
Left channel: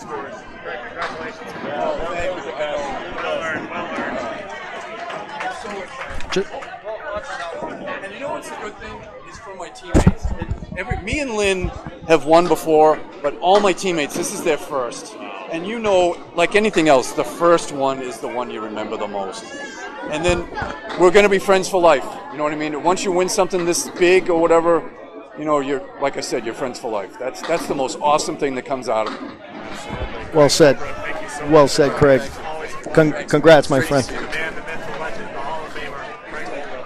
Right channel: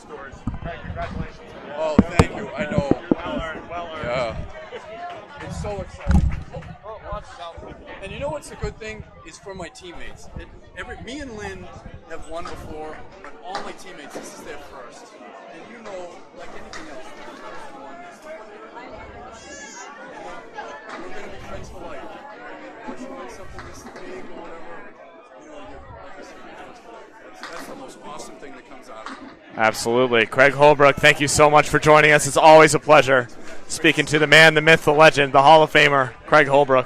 you know what's a good thing is for my teammates. Me and Lynn have won before, but all my teammates, this is their first. And you know, like anything else, the first one is the one you remember the most. And then we're going to be friends for life. You know what I mean? Once you win something this big or whatever, you're, like I said, you're friends for life. That's the most awesome thing that comes out of it. Absolutely. Well Craig said. Holbrook, thank you so Well much for said, joining Craig. us. It's always a pleasure. Congrats, my Speaking friend. to the man, the myth, the legend, the Hall of Famer, Craig Holbrook.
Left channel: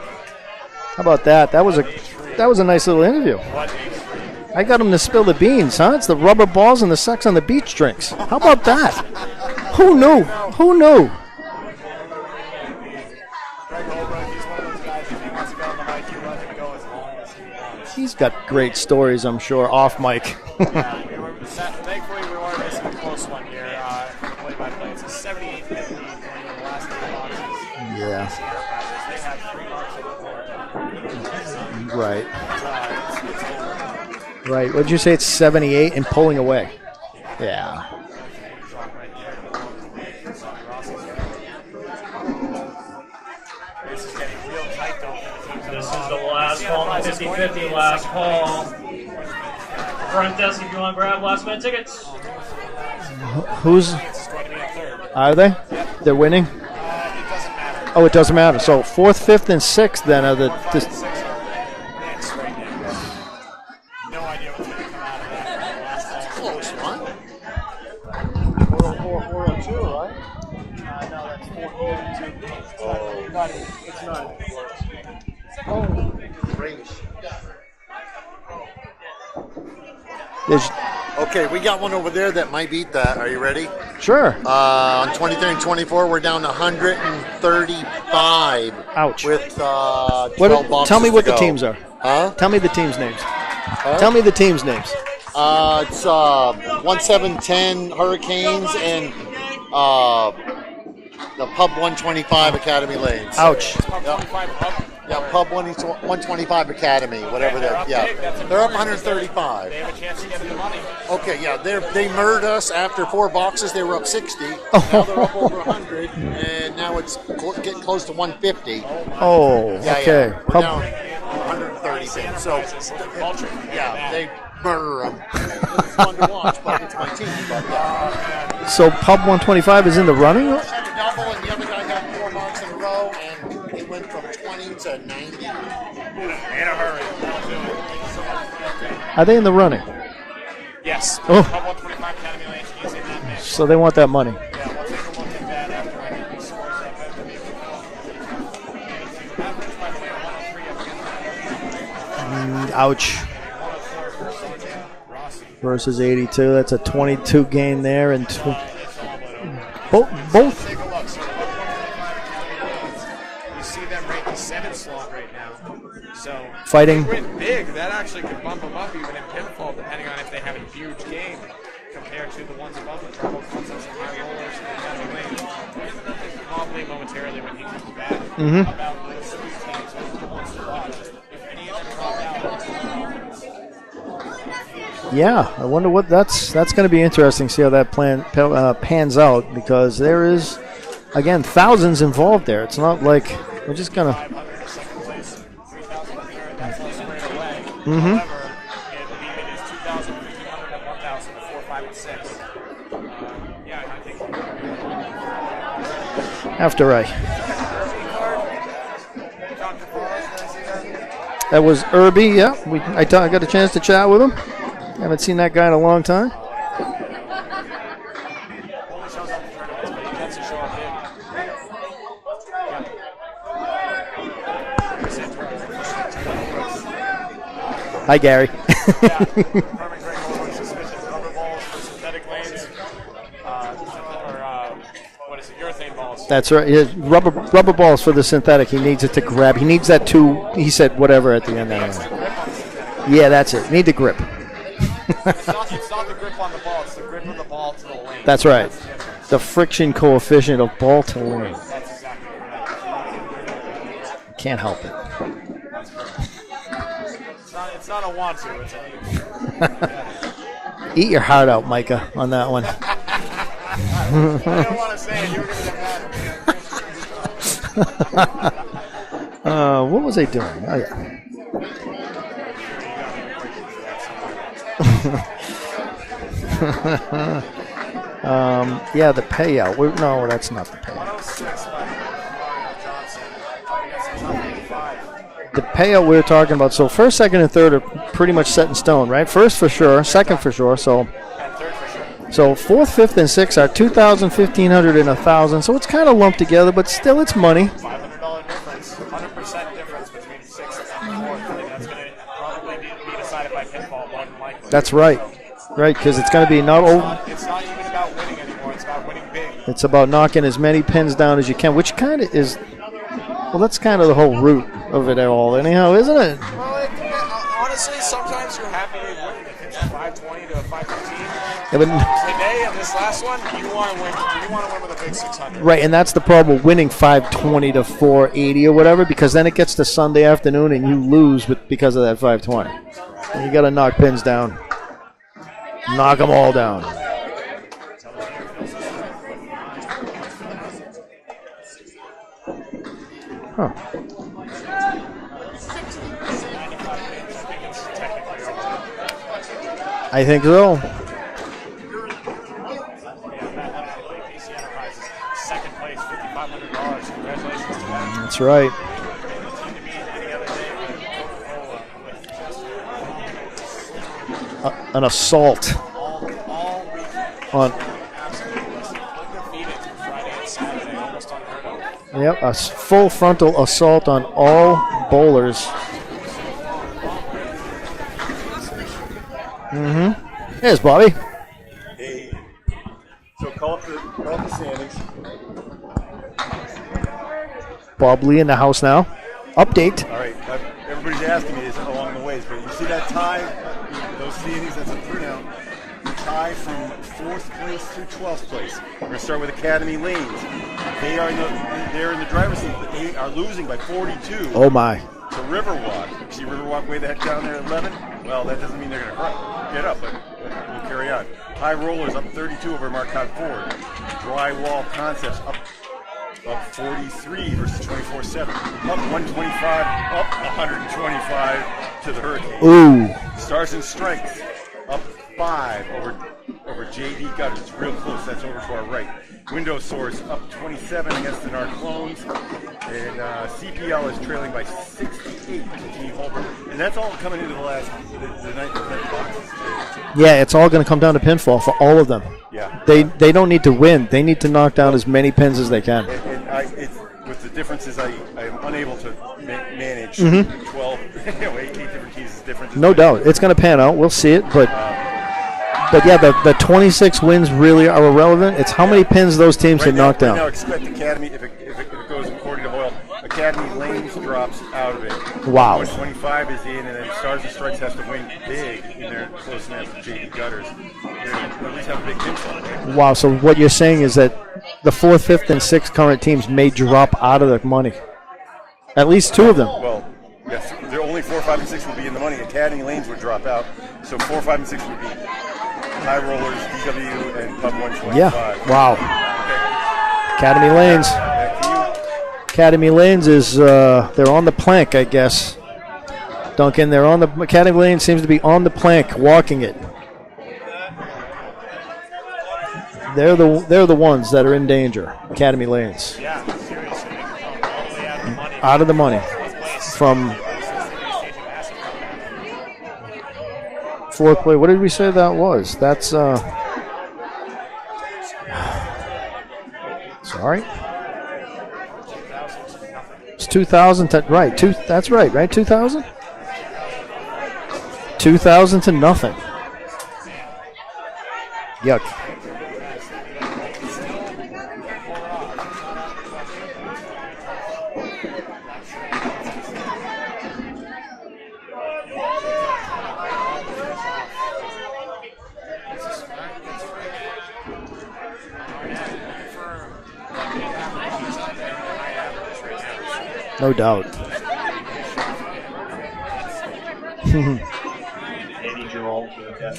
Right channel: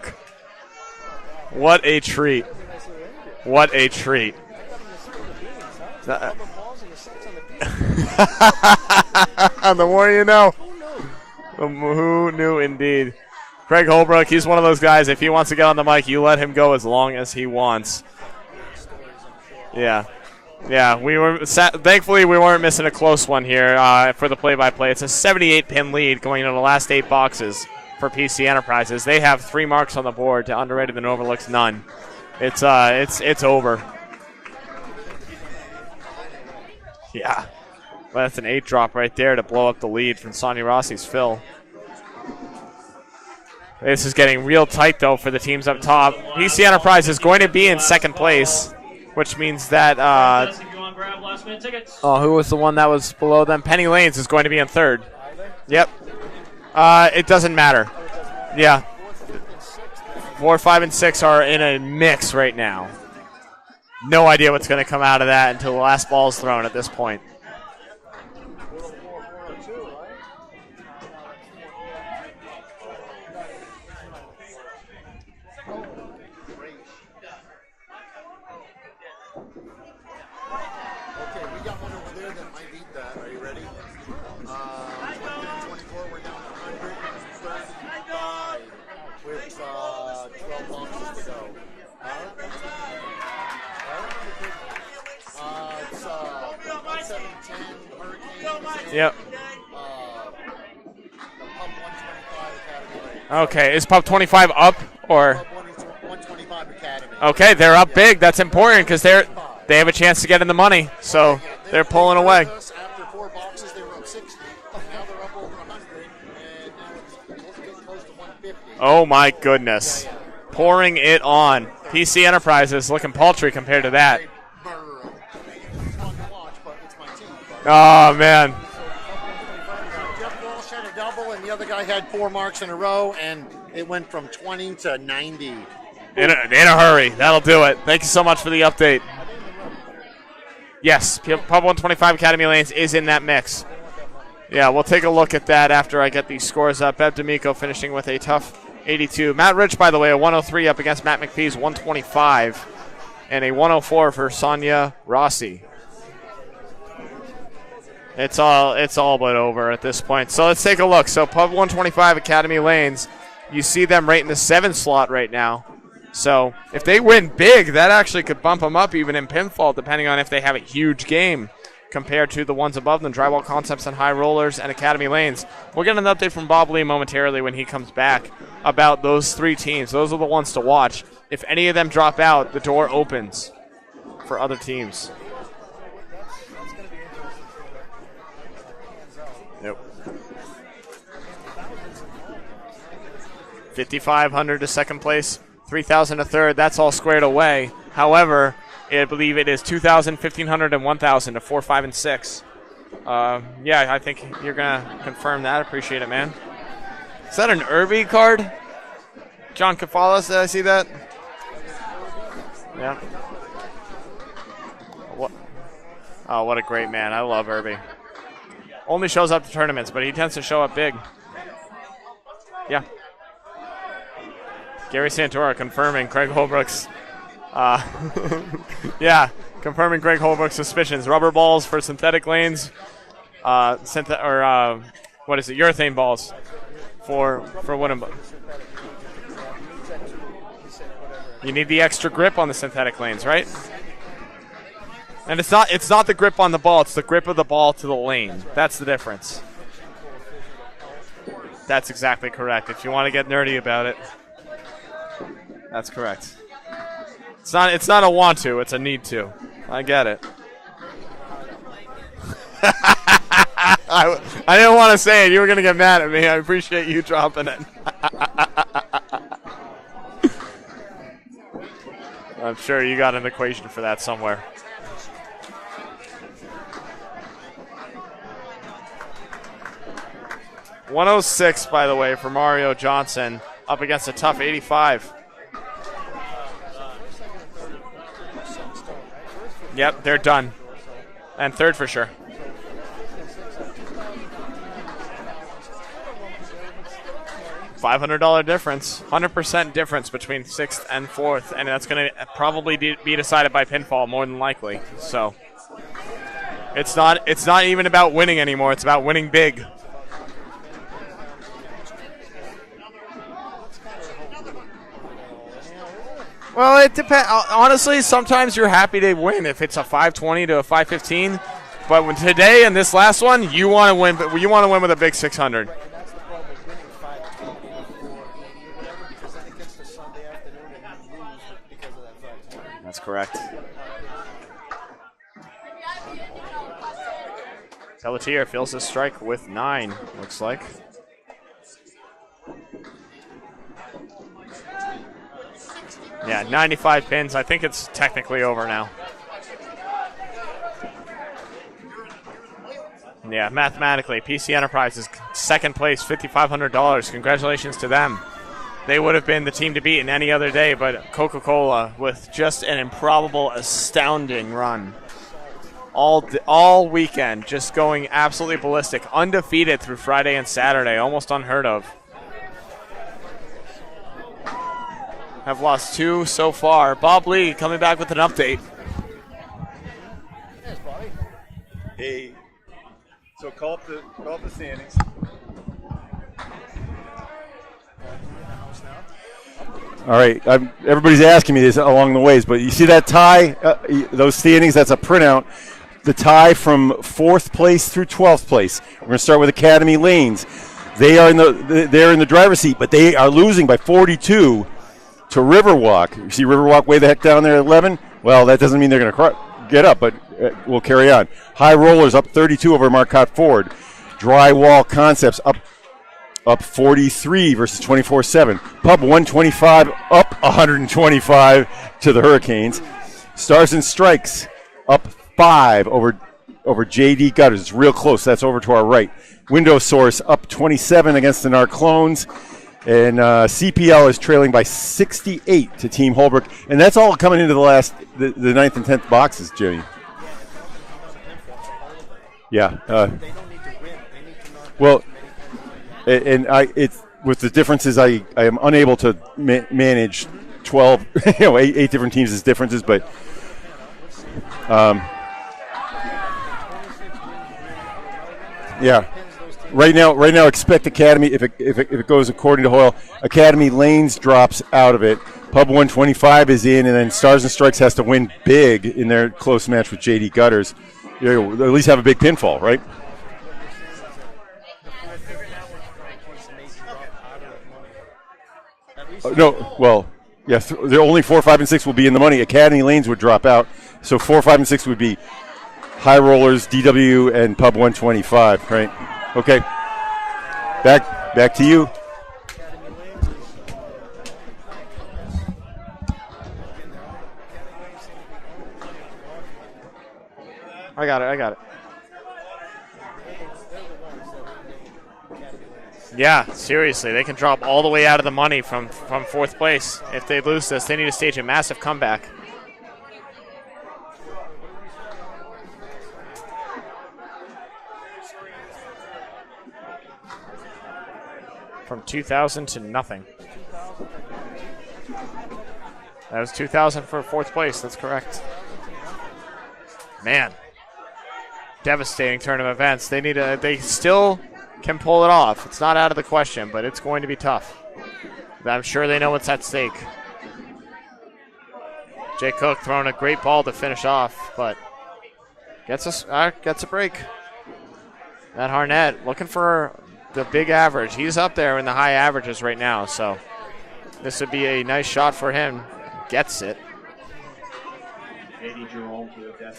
How about that? What a treat. That was a nice little interview. What a treat. I got him to spill the beans, huh? It's the rubber balls and the sex on the beach drinks. How about that? The Who more knew? you know. Who knew? Who knew indeed. Craig Holbrook, he's one of those guys, if he wants to get on the mic, you let him go as long as he wants. He's got great stories, I'm sure, off mic. Yeah, thankfully we weren't missing a close one here for the play-by-play. It's a 78-pin lead going into the last 8 boxes for PC Enterprises. They have 3 marks on the board to underrated and overlooks none. Right. It's over. Right. What did you say? It's 78 and pulling away. Yeah. Yeah. Well, that's an 8 drop right there to blow up the lead from Sonia Rossi's Phil. This is getting real tight, though, for the teams up top. PC Enterprise is going to be in second place, which means that If you want to grab last minute tickets. who was the one that was below them? Penny Lanes is going to be in third. Are they? Yep. They're winning? It doesn't matter. Oh, it doesn't matter. Yeah. So 4th, 5th, and 6th then are the 4, 5, and 6 are in a mix right now. No idea what's going to come out of that until the last ball is thrown at this point. Okay, we got one over there that might beat that. Are you ready? Sure. On 23 and 24, we're down to 135. Ouch. With 12 boxes tell me what to the go. teams are. Huh? Tell me the teams' names. Tell me the teams' names. It's 1710 Hurricanes and the Pub 125 Academy Lanes. Okay, is Pub 25 up or? Pub 125 Academy. Okay, they're up big. That's important because they 135. have a chance to get in the money. So Okay, yeah, they're pulling they away. hurt us after 4 boxes. They were up 60. Now they're up over 100, and now it's getting close to 150. Oh my goodness! Yeah, yeah. Pouring it on. PC Enterprises looking paltry compared to that. Murder 'em. It's fun to watch, but it's my team. But Oh man! So Pub 125 is in the running? Josh had a double, and the other guy had 4 marks in a row, and it went from 20 to 90. In a hurry. That'll do it. Thank you so much for the update. Are they in the running? Yes, Oh. Pub 125 Academy Lanes is in that mix. So they want that money. Yeah, we'll take a look at that after I get these scores up. Bev D'Amico finishing with a tough 82. Matt Rich, by the way, a 103 up against Matt McPhee's 125. Ouch. And a 104 for Sonia Rossi. Versus 82. That's a 22 gain there. And It's all but over at this point. So let's take a look. So Pub 125 Academy Lanes, you see them right in the 7 slot right now. So if they Fighting. win big, that actually could bump them up even in pinfall, depending on if they have a huge game compared to the ones above them, Drywall Concepts and High Rollers and Academy Lanes. We'll get an update from Bob Lee momentarily when he comes back about those 3 teams. Those are the ones to watch. If any of them drop out, the door opens for other teams. Yeah, I wonder what that's going to be interesting. See how that pans out, because there is, again, thousands involved there. It's not like we're just going to. 5,500 to second place, 3,000 to third. That's all squared away. However, I believe it is 2,000, 1,500, and 1,000 to 4, 5, and 6. Yeah, I think you're going to confirm that. Appreciate it, man. After I. Is that an Irby card? John Kafalas, did I see that? That was Irby, yeah. I got a chance to chat with him. Haven't seen that guy in a long time. Oh, what a great man. I love Irby. Only shows up to tournaments, but he tends to show up big. Yeah. Gary Santora confirming Craig Holbrook's. Hi, Gary. Yeah, confirming Craig Holbrook's suspicions. Rubber balls for synthetic lanes. What is it? Urethane balls. That's right. Yeah, rubber balls for the synthetic. He needs it to grab. He needs that he said whatever at the You end. need the extra grip on the synthetic lanes. Yeah, right? that's it. Need the grip. And it's not the grip on the ball. It's the grip of the ball to the lane. That's right. That's the difference. The friction coefficient of ball to lane. That's exactly correct. If you want to get nerdy about it. Can't help it. That's correct. It's not a want to, it's a need to. I get it. Eat your heart out, Micah, on that one. I didn't want to say it. You were going to get mad at me. I appreciate you dropping it. What was I doing? Oh, yeah. I'm sure you got an equation for that somewhere. Yeah, the payout. No, that's not the payout. 106, by the way, for Mario Johnson, up against a tough 85. The payout we were talking about. So first, second, and third are pretty much set in stone, right? First for sure, they're second done. for sure. So. And third for sure. So fourth, fifth, and sixth are 2,000, 1,500, and 1,000. So it's kind of lumped together, but still it's money. $500 difference, 100% difference between sixth and fourth, and that's going to probably be decided by pinfall more than likely. That's right. So right, because it's going to be It's not even about winning anymore. It's about winning big. It's about knocking as many pins down as you can, which kind of is. Well, that's kind of the whole root of it all, anyhow, isn't it? Well, it depends. Honestly, sometimes you're happy to win if it's a 520 to a 515. But today and this last one, you want to win. You want to win with a big 600. Right, and that's the problem with winning 520 to 480 or whatever, because then it gets to Sunday afternoon and you lose because of that 520. That's correct. And you got to knock pins down. Knock them all down. Pelletier fills his strike with 9. Looks like. Huh. Yeah, 95 pins. I think it's technically over now. I think so. Yeah, mathematically, PC Enterprises second place, $5,500. Congratulations to them. That's right. They would have been the team to beat in any other day, but Coca-Cola with just an improbable, astounding run. An assault. All weekend, just going absolutely ballistic, undefeated through Friday and Saturday, almost unheard of. Yep, a full frontal assault on all bowlers. I've lost 2 so far. Bob Lee coming back with an update. Mm-hmm. Here's Bobby. Hey. So call up the standings. Bob Lee in the house now. Update. All right, everybody's asking me this along the ways, but you see that tie, those standings, that's a printout. The tie from 4th place through 12th place. We're going to start with Academy Lanes. They're in the driver's seat, but they are losing by 42. Oh, my. To Riverwalk. You see Riverwalk way the heck down there at 11? Well, that doesn't mean they're going to get up, but we'll carry on. High Rollers up 32 over Marcotte Ford. Drywall Concepts up 43 versus 24-7. Pub 125 up 125 to the Hurricanes. Ooh. Stars and Strikes up 5 over JD Gutters. It's real close. That's over to our right. Window Source up 27 against the Narclones. And CPL is trailing by 68 to Team Holbrook. And that's all coming into the 9th and 10th boxes, Jay. Yeah, it's all going to come down to pinfall for all of them. Yeah. They don't need to win. They need to knock down as many pins as they can. And with the differences, I am unable to manage 12, 8 different teams' differences. No doubt. It's going to pan out. We'll see it. But yeah, the 26 wins really are irrelevant. It's how many pins those teams right now. knock down. Right now, expect Academy. If it goes according to Hoyle, Academy Lanes drops out of it. Wow. Pub 125 is in, and then Stars and Strikes has to win big in their close match with JD Gutters. At least have a big pinfall, right? Wow. So what you're saying is that the 4th, 5th, and 6th current teams may drop out of the money. At least 2 of them. Well, yeah, they're only 4, 5, and 6 will be in the money. Academy Lanes would drop out, so 4, 5, and 6 would be High Rollers, DW, and Pub 125. Yeah. Wow. Okay. Academy Lanes. Back to you. Academy Lanes is they're on the plank, I guess. Duncan, they're on the Academy Lanes seems to be on the plank, walking it. I got it. They're the ones that are in danger. Academy Lanes. Yeah, seriously, they can drop all the way out of the money. Out of the money. From 4th place. From if they lose this, they need to stage a massive comeback. 4th place. What did we say that was? That's sorry. From 2,000 to nothing. It's 2,000 to right. That's right. 2,000. That was 2,000 for 4th place. That's correct. 2,000 to nothing. Man. Devastating turn of events. They still can pull it off. It's not out of the question, but it's going to be tough. I'm sure they know what's at stake. Jay Cook throwing a great ball to finish off, but gets a break. Matt Harnett looking for the big average. He's up there in the high averages right now, so no doubt. This would be a nice shot for him. Gets it.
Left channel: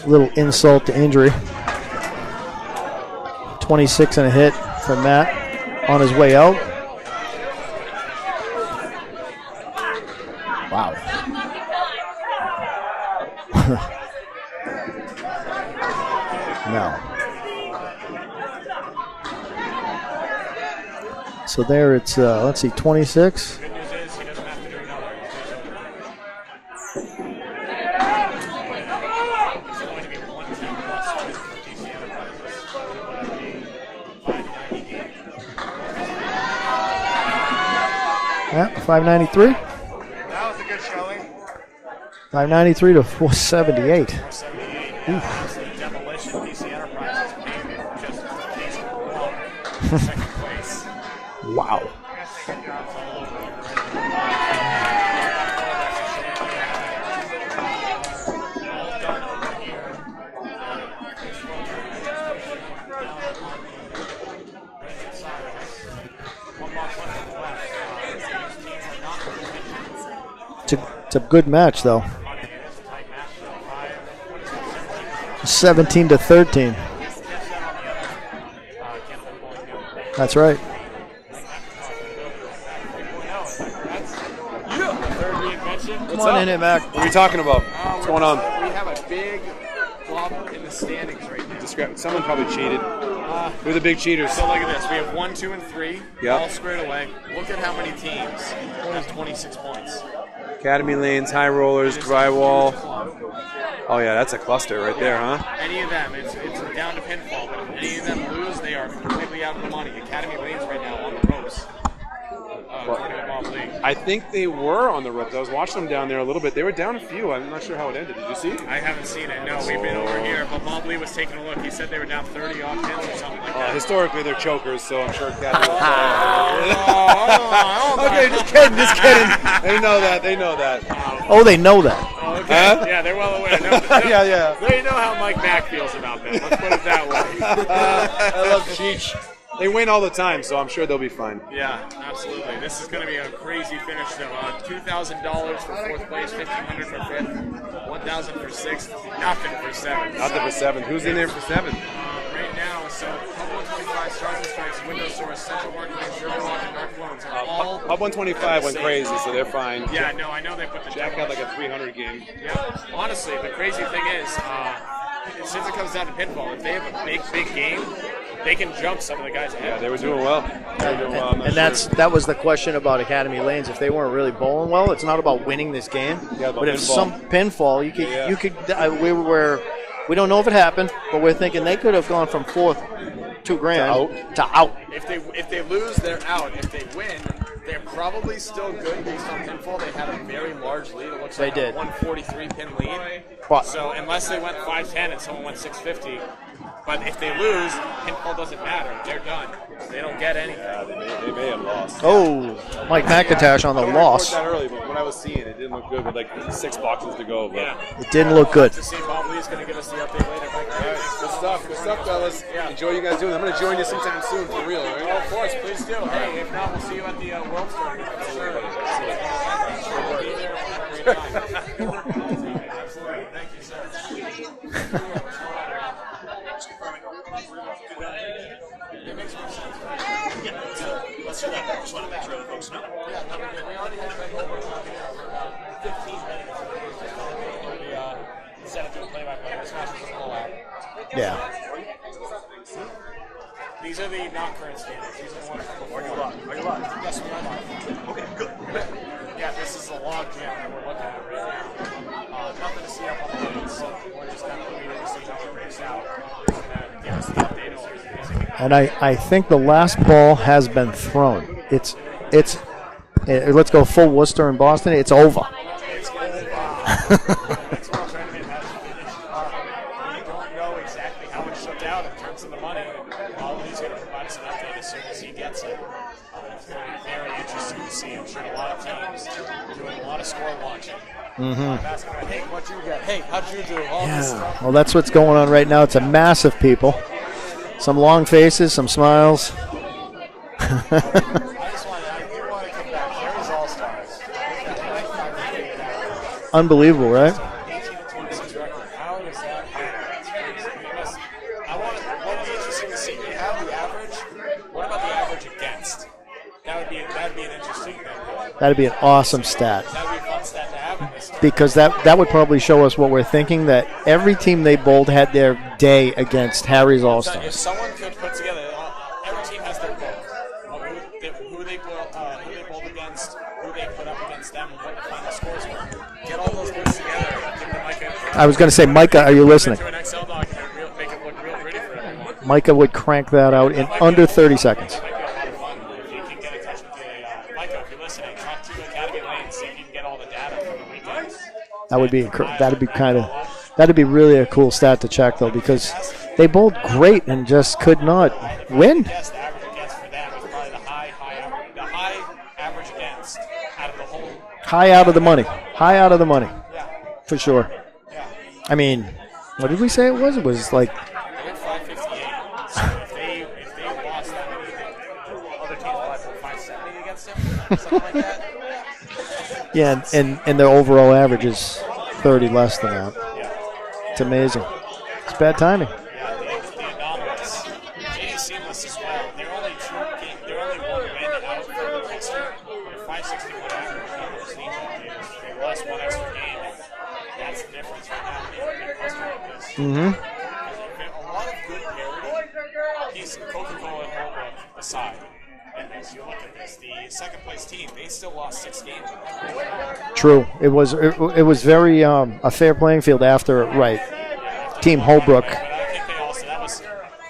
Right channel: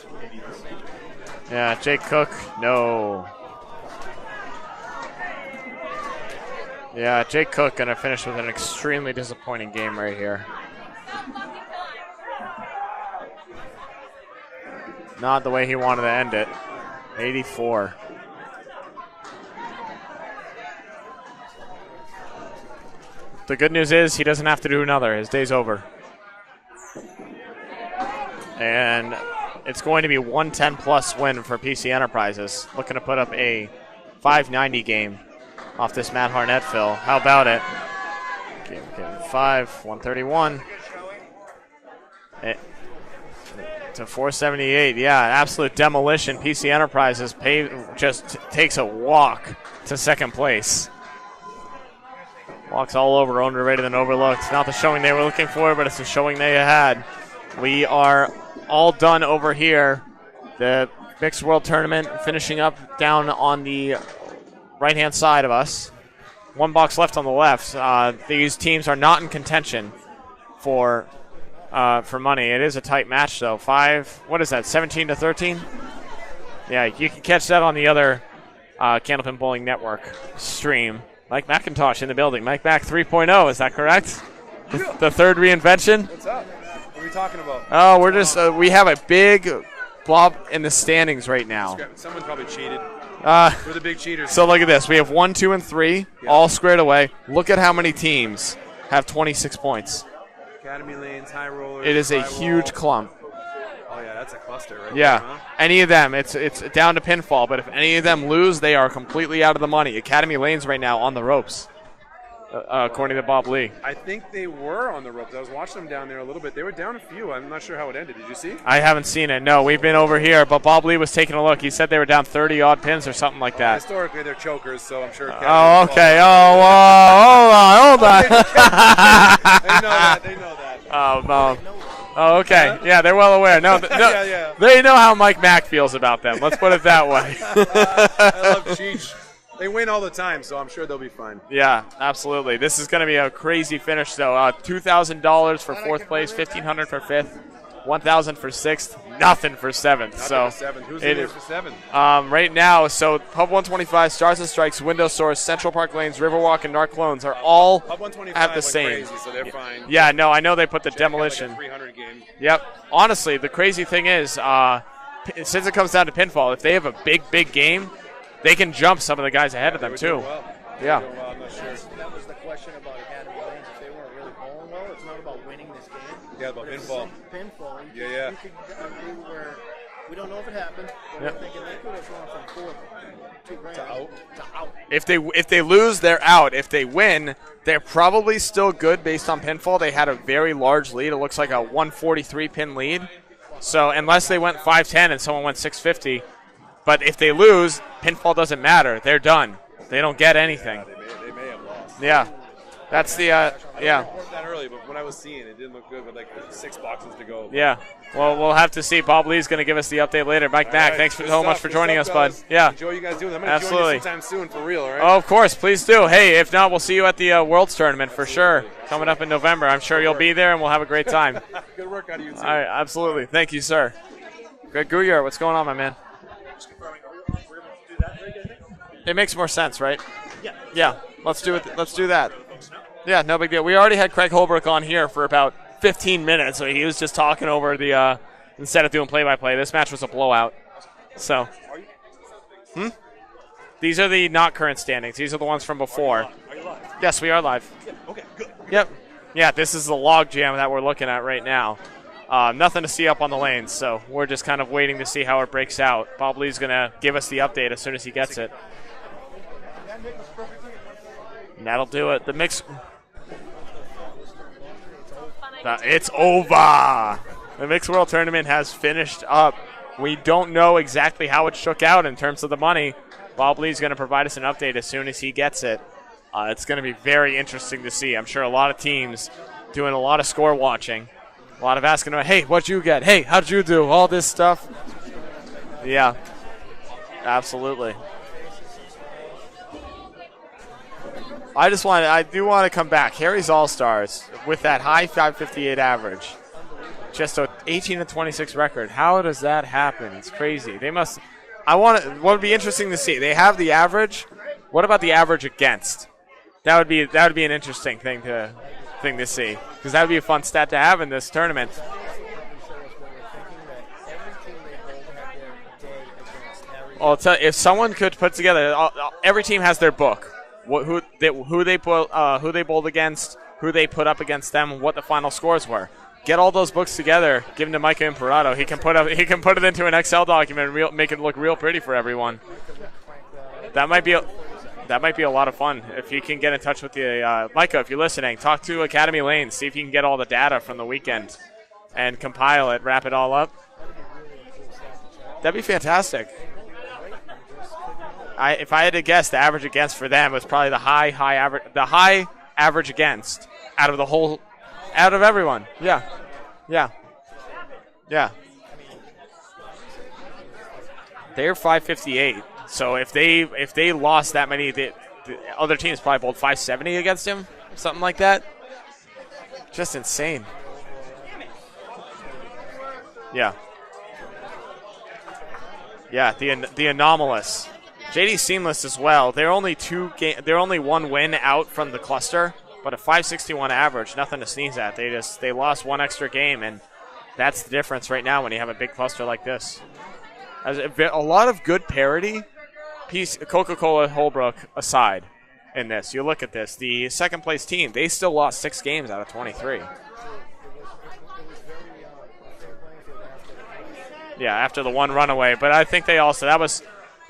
Little insult to injury. Yeah, Jake Cook, no. 26 and a hit for Matt on his way out. Yeah, Jake Cook going to finish with an extremely disappointing game right here. Wow. Not the way he wanted to end it. No. 84. So there it's, let's see, 26. The good news is he doesn't have to do another. His day's over. And it's going to be 110-plus win for PC Enterprises. Looking to put up a 590 game off this Matt Harnett fill. How about it? Yeah, 593. 131. 593 to 478. 478, yeah, absolute demolition. PC Enterprises just takes a walk to second place. Wow. Walks all over, underrated and overlooked. Not the showing they were looking for, but it's the showing they had. We are all done over here. The Mixed World Tournament finishing up down on the right-hand side of us. One box left on the left. These teams are not in contention for it's a good match, though. For money. It is a tight match, though. What is that, 17 to 13? 17 to 13. Yeah, you can catch that on the other Candlepin Bowling Network That's right. stream. Mike McIntosh in the building. Mike Mac 3.0, is that correct? Yeah. The third reinvention? Come on in here, Mac. What are we talking about? Oh, we're just, we have a big blob in the standings right now. Someone probably cheated. We're the big cheaters. So look at this. We have 1, 2, and 3 all squared away. Look at how many teams have 26 points. Academy Lanes, High Rollers, It is Drywall. a huge clump. Oh, yeah, that's a cluster right there, huh? Any of them, it's down to pinfall. But if any of them lose, they are completely out of the money. Academy Lanes right now on the ropes, according to Bob Lee. I think they were on the ropes. I was watching them down there a little bit. They were down a few. I'm not sure how it ended. Did you see? I haven't seen it. No, we've been over here, but Bob Lee was taking a look. He said they were down 30-odd pins or something like that. Historically, they're chokers, so I'm sure. Oh, okay. Hold on. They know that. They know that. They know that. Oh, okay. Yeah, they're well aware. No, yeah. They know how Mike Mack feels about them. Let's put it that way. I love Cheech. They win all the time, so I'm sure they'll be fine. Yeah, absolutely. This is going to be a crazy finish, though. $2,000 for fourth place, $1,500 for fifth, $1,000 for sixth, nothing for seventh. Nothing for seventh. Who's in there for seventh? Right now, so Hub 125, Stars and Strikes, Window Source, Central Park Lanes, Riverwalk, and Narclones are all Hub 125 went same. crazy, so they're fine. Yeah, no, I know they put the demolition. Like a 300 game. Yep. Honestly, the crazy thing is, since it comes down to pinfall, if they have a big game, they can jump some of the guys ahead of them, too. Well. Yeah, and that was the question about Academy Lanes. If they weren't really bowling well, it's not about winning this game. Yeah, but if pinfall. some pinfall, we don't know if it happened, but we're thinking they could have gone from fourth, $2,000 to out. If they lose, they're out. If they win, they're probably still good based on pinfall. They had a very large lead. It looks like a 143 pin lead. So unless they went 510 and someone went 650. But if they lose, pinfall doesn't matter. They're done. They don't get anything. They may have lost. Oh, Mike McIntosh on the loss. That early, but when I was seeing it, it didn't look good with like 6 boxes to go. But Yeah. It didn't look We'll good. have to see. Bob Lee's going to give us the update later. Mike Mack, thanks so much for joining us, bud. Yeah. Enjoy you guys doing that. I'm going to join you sometime soon for real, all right? Oh, of course. Please do. Hey, if not, we'll see you at the Worlds Tournament for sure. Coming up in November. I'm sure you'll be there, and we'll have a great time. All right, absolutely. Thank you, sir. Greg Gouillard, what's going on, my man? It makes more sense, right? Yeah. Let's do it. Let's do that. Yeah, no big deal. We already had Craig Holbrook on here for about 15 minutes, so he was just talking over the instead of doing play-by-play. This match was a blowout. Yeah. So, these are the not current standings. These are the ones from before. Yes, we are live. Okay, good. Yep. Yeah, this is the log jam that we're looking at right now. Nothing to see up on the lanes, so we're just kind of waiting to see how it breaks out. Bob Lee's going to give us the update as soon as he gets it. And I think the last ball has been thrown. That'll do it. Let's go full Worcester in Boston. It's over. It's over. The Mixed World Tournament has finished up. We don't know exactly how it shook out in terms of the money. Bob Lee's going to provide us an update as soon as he gets it. It's going to be very interesting to see. I'm sure a lot of teams doing a lot of score watching. Mm-hmm. A lot of asking, hey, what'd you get? Hey, how'd you do? All this stuff. Well, that's what's going on right now. It's a massive people. Absolutely. Some long faces, some smiles. I do want to come back. Harry's All-Stars with that high 558 average. Unbelievable, right? Just an 18-26 record. How does that happen? It's crazy. They must. What would be interesting to see? They have the average. What about the average against? That would be an interesting thing to. That'd be an awesome stat. Because that would be a fun stat to have in this tournament. Because that would probably show us what we're thinking, that every team they bowled had their day against Harry's All-Stars. If someone could put together, every team has their book. Who they bowled against, who they put up against them, what the final scores were. Get all those books together, give them to Micah and Parada. I was going to say, Micah, are you listening? Put it into an Excel document and make it look real pretty for everyone. Micah would crank that out in under 30 seconds. That might be a lot of fun. If you can get in touch with the Micah, if you're listening, talk to Academy Lane, see if you can get all the data from the weekend. That would be incredible. That'd be really a cool stat to check, though. That'd be because fantastic. They bowled great and just could not. If I had to guess, the average against for them was probably the high average against out of the whole. High out of the money. Everyone. High out of the money. Yeah. For sure. Yeah. I mean, what did we say it was? It was like. They're 558. So if they lost that many, the other teams probably bowled 570 against him, something like that. Yeah, and their overall average is 30 less than that. Yeah. It's amazing. It's bad timing. Yeah, the anomalous. JD Seamless as well. They're only one win out from the cluster, but a 561 average, nothing to sneeze at. They lost one extra game, and that's the difference right now when you have a big cluster like this. Mm-hmm. A lot of good parity, Coca-Cola Holbrook aside in this. You look at this, the second place team, they still lost 6 games out of 23. True. It was very a fair playing field after, right. Yeah, after Team the one Holbrook. runaway. But I think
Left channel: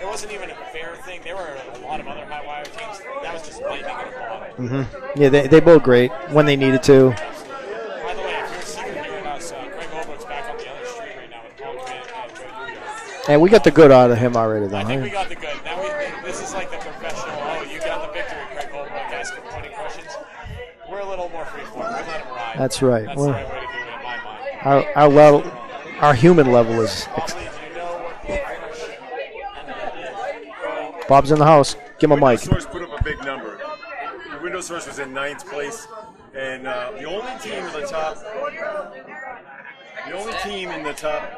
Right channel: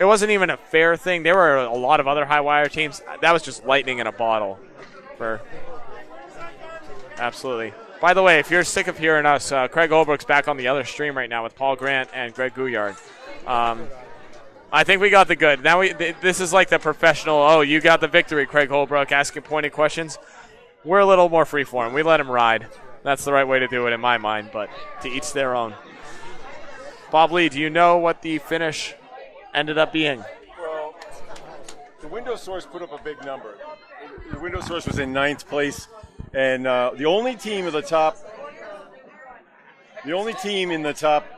it wasn't even a fair thing. There were a lot of other high wire teams. That was just lightning in a bottle. Mm-hmm. Yeah, they bowled great when they needed to. Absolutely. By the way, if you're sick of hearing us, Craig Holbrook's back on the other stream right now with Paul Grant and Greg Gouillard. And we got the good out of him already. Though, I think we got the good. Now this is like the professional, you got the victory, Craig Holbrook, asking pointed questions. We're a little more freeform. We let him ride. That's right. That's the right way to do it in my mind. But our each level, their own. our human level is. Bob Lee, do you know what the finish ended up being? Bob's in the house. Give him a mic. Source put up a big number. Windows Source was in 9th place, and the only team in the top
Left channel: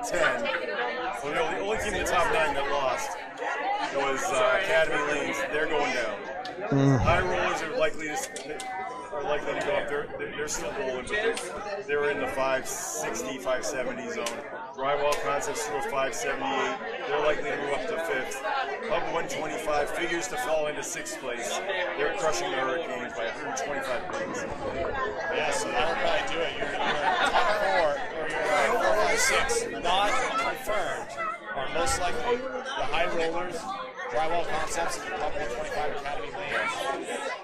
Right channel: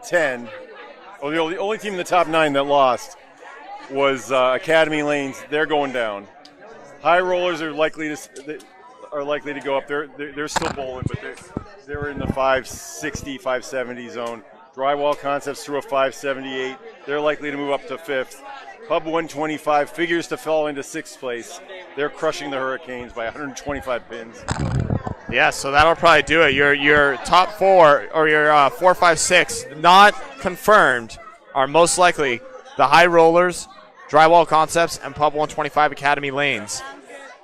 10, or the only team in the top 9 that lost was Academy Lanes. They're going down. High rollers are likely to go up. They're still bowling, but they're in the 560, 570 zone. Drywall Concepts threw a 578. They're likely to move up to 5th. Hub 125 figures to fall into 6th place. They're crushing the Hurricanes by 125 pins. Yeah, so that'll probably do it. Your top 4 or your 4, 5, 6 not confirmed are most likely the High Rollers, Drywall Concepts, and Pub 125 Academy Lanes,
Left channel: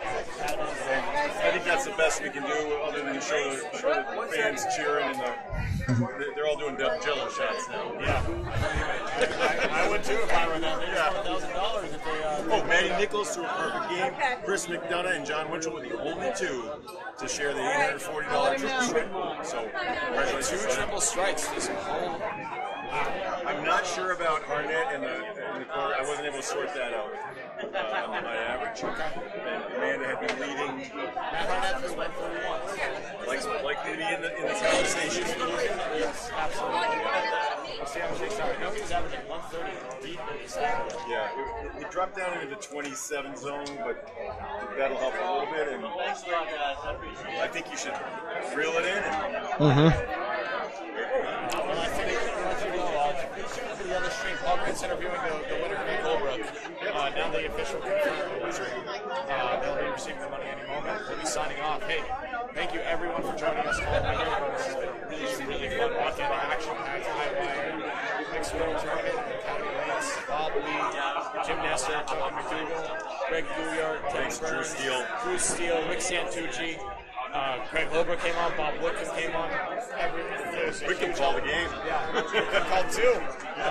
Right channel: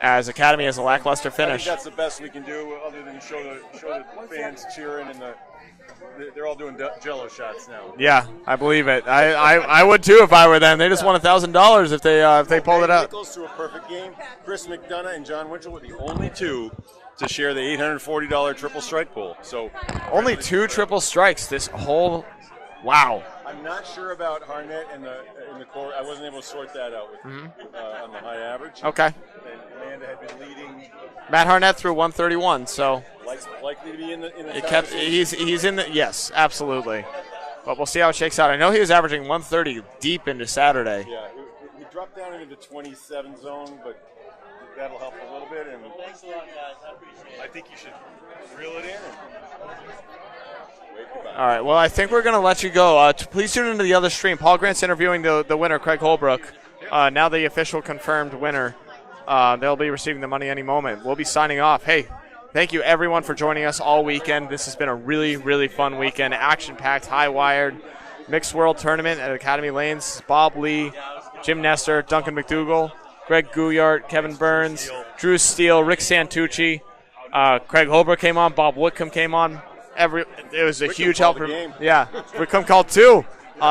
as Academy has a lackluster finish. That's the best we can do, other than show the fans cheering, and they're all doing Jello shots now. Yeah, I believe it. I would too if I were them. They just won $1,000 if they pulled it out. Nichols to a perfect game. Chris McDonough and John Winchell were the only 2 to share the $840 triple strike goal. So only 2 triple strikes this whole. Wow. I'm not sure about Harnett and the corner. I wasn't able to sort that out on my average. Okay. Amanda had been leading. Matt Harnett threw 131, so likely to be in the he's in the, yes, absolutely. But we'll see how it shakes out. I know he was averaging 130 deep into Saturday. Yeah, he dropped down into the 27 zone, but that'll help a little bit. And I think you should reel it in. Mm-hmm. All right, well, I think we're going to let you go. Please tune into the other stream. Paul Grant's interviewing the winner, Craig Holbrook. Now the official confirmed winner. They'll be receiving the money any moment. We'll be signing off. Hey, thank you, everyone, for joining us all weekend. This has been a really, really fun weekend. Action-packed, high-wired, mixed world tournament at Academy Lanes. Bob Lee, Jim Nestor, Duncan MacDougall, Greg Gouillard, Kevin Burns, Drew Steele, Rick Santucci, Craig Holbrook came on, Bob Whitcomb came on. It was a huge help. Yeah, Whitcomb called 2.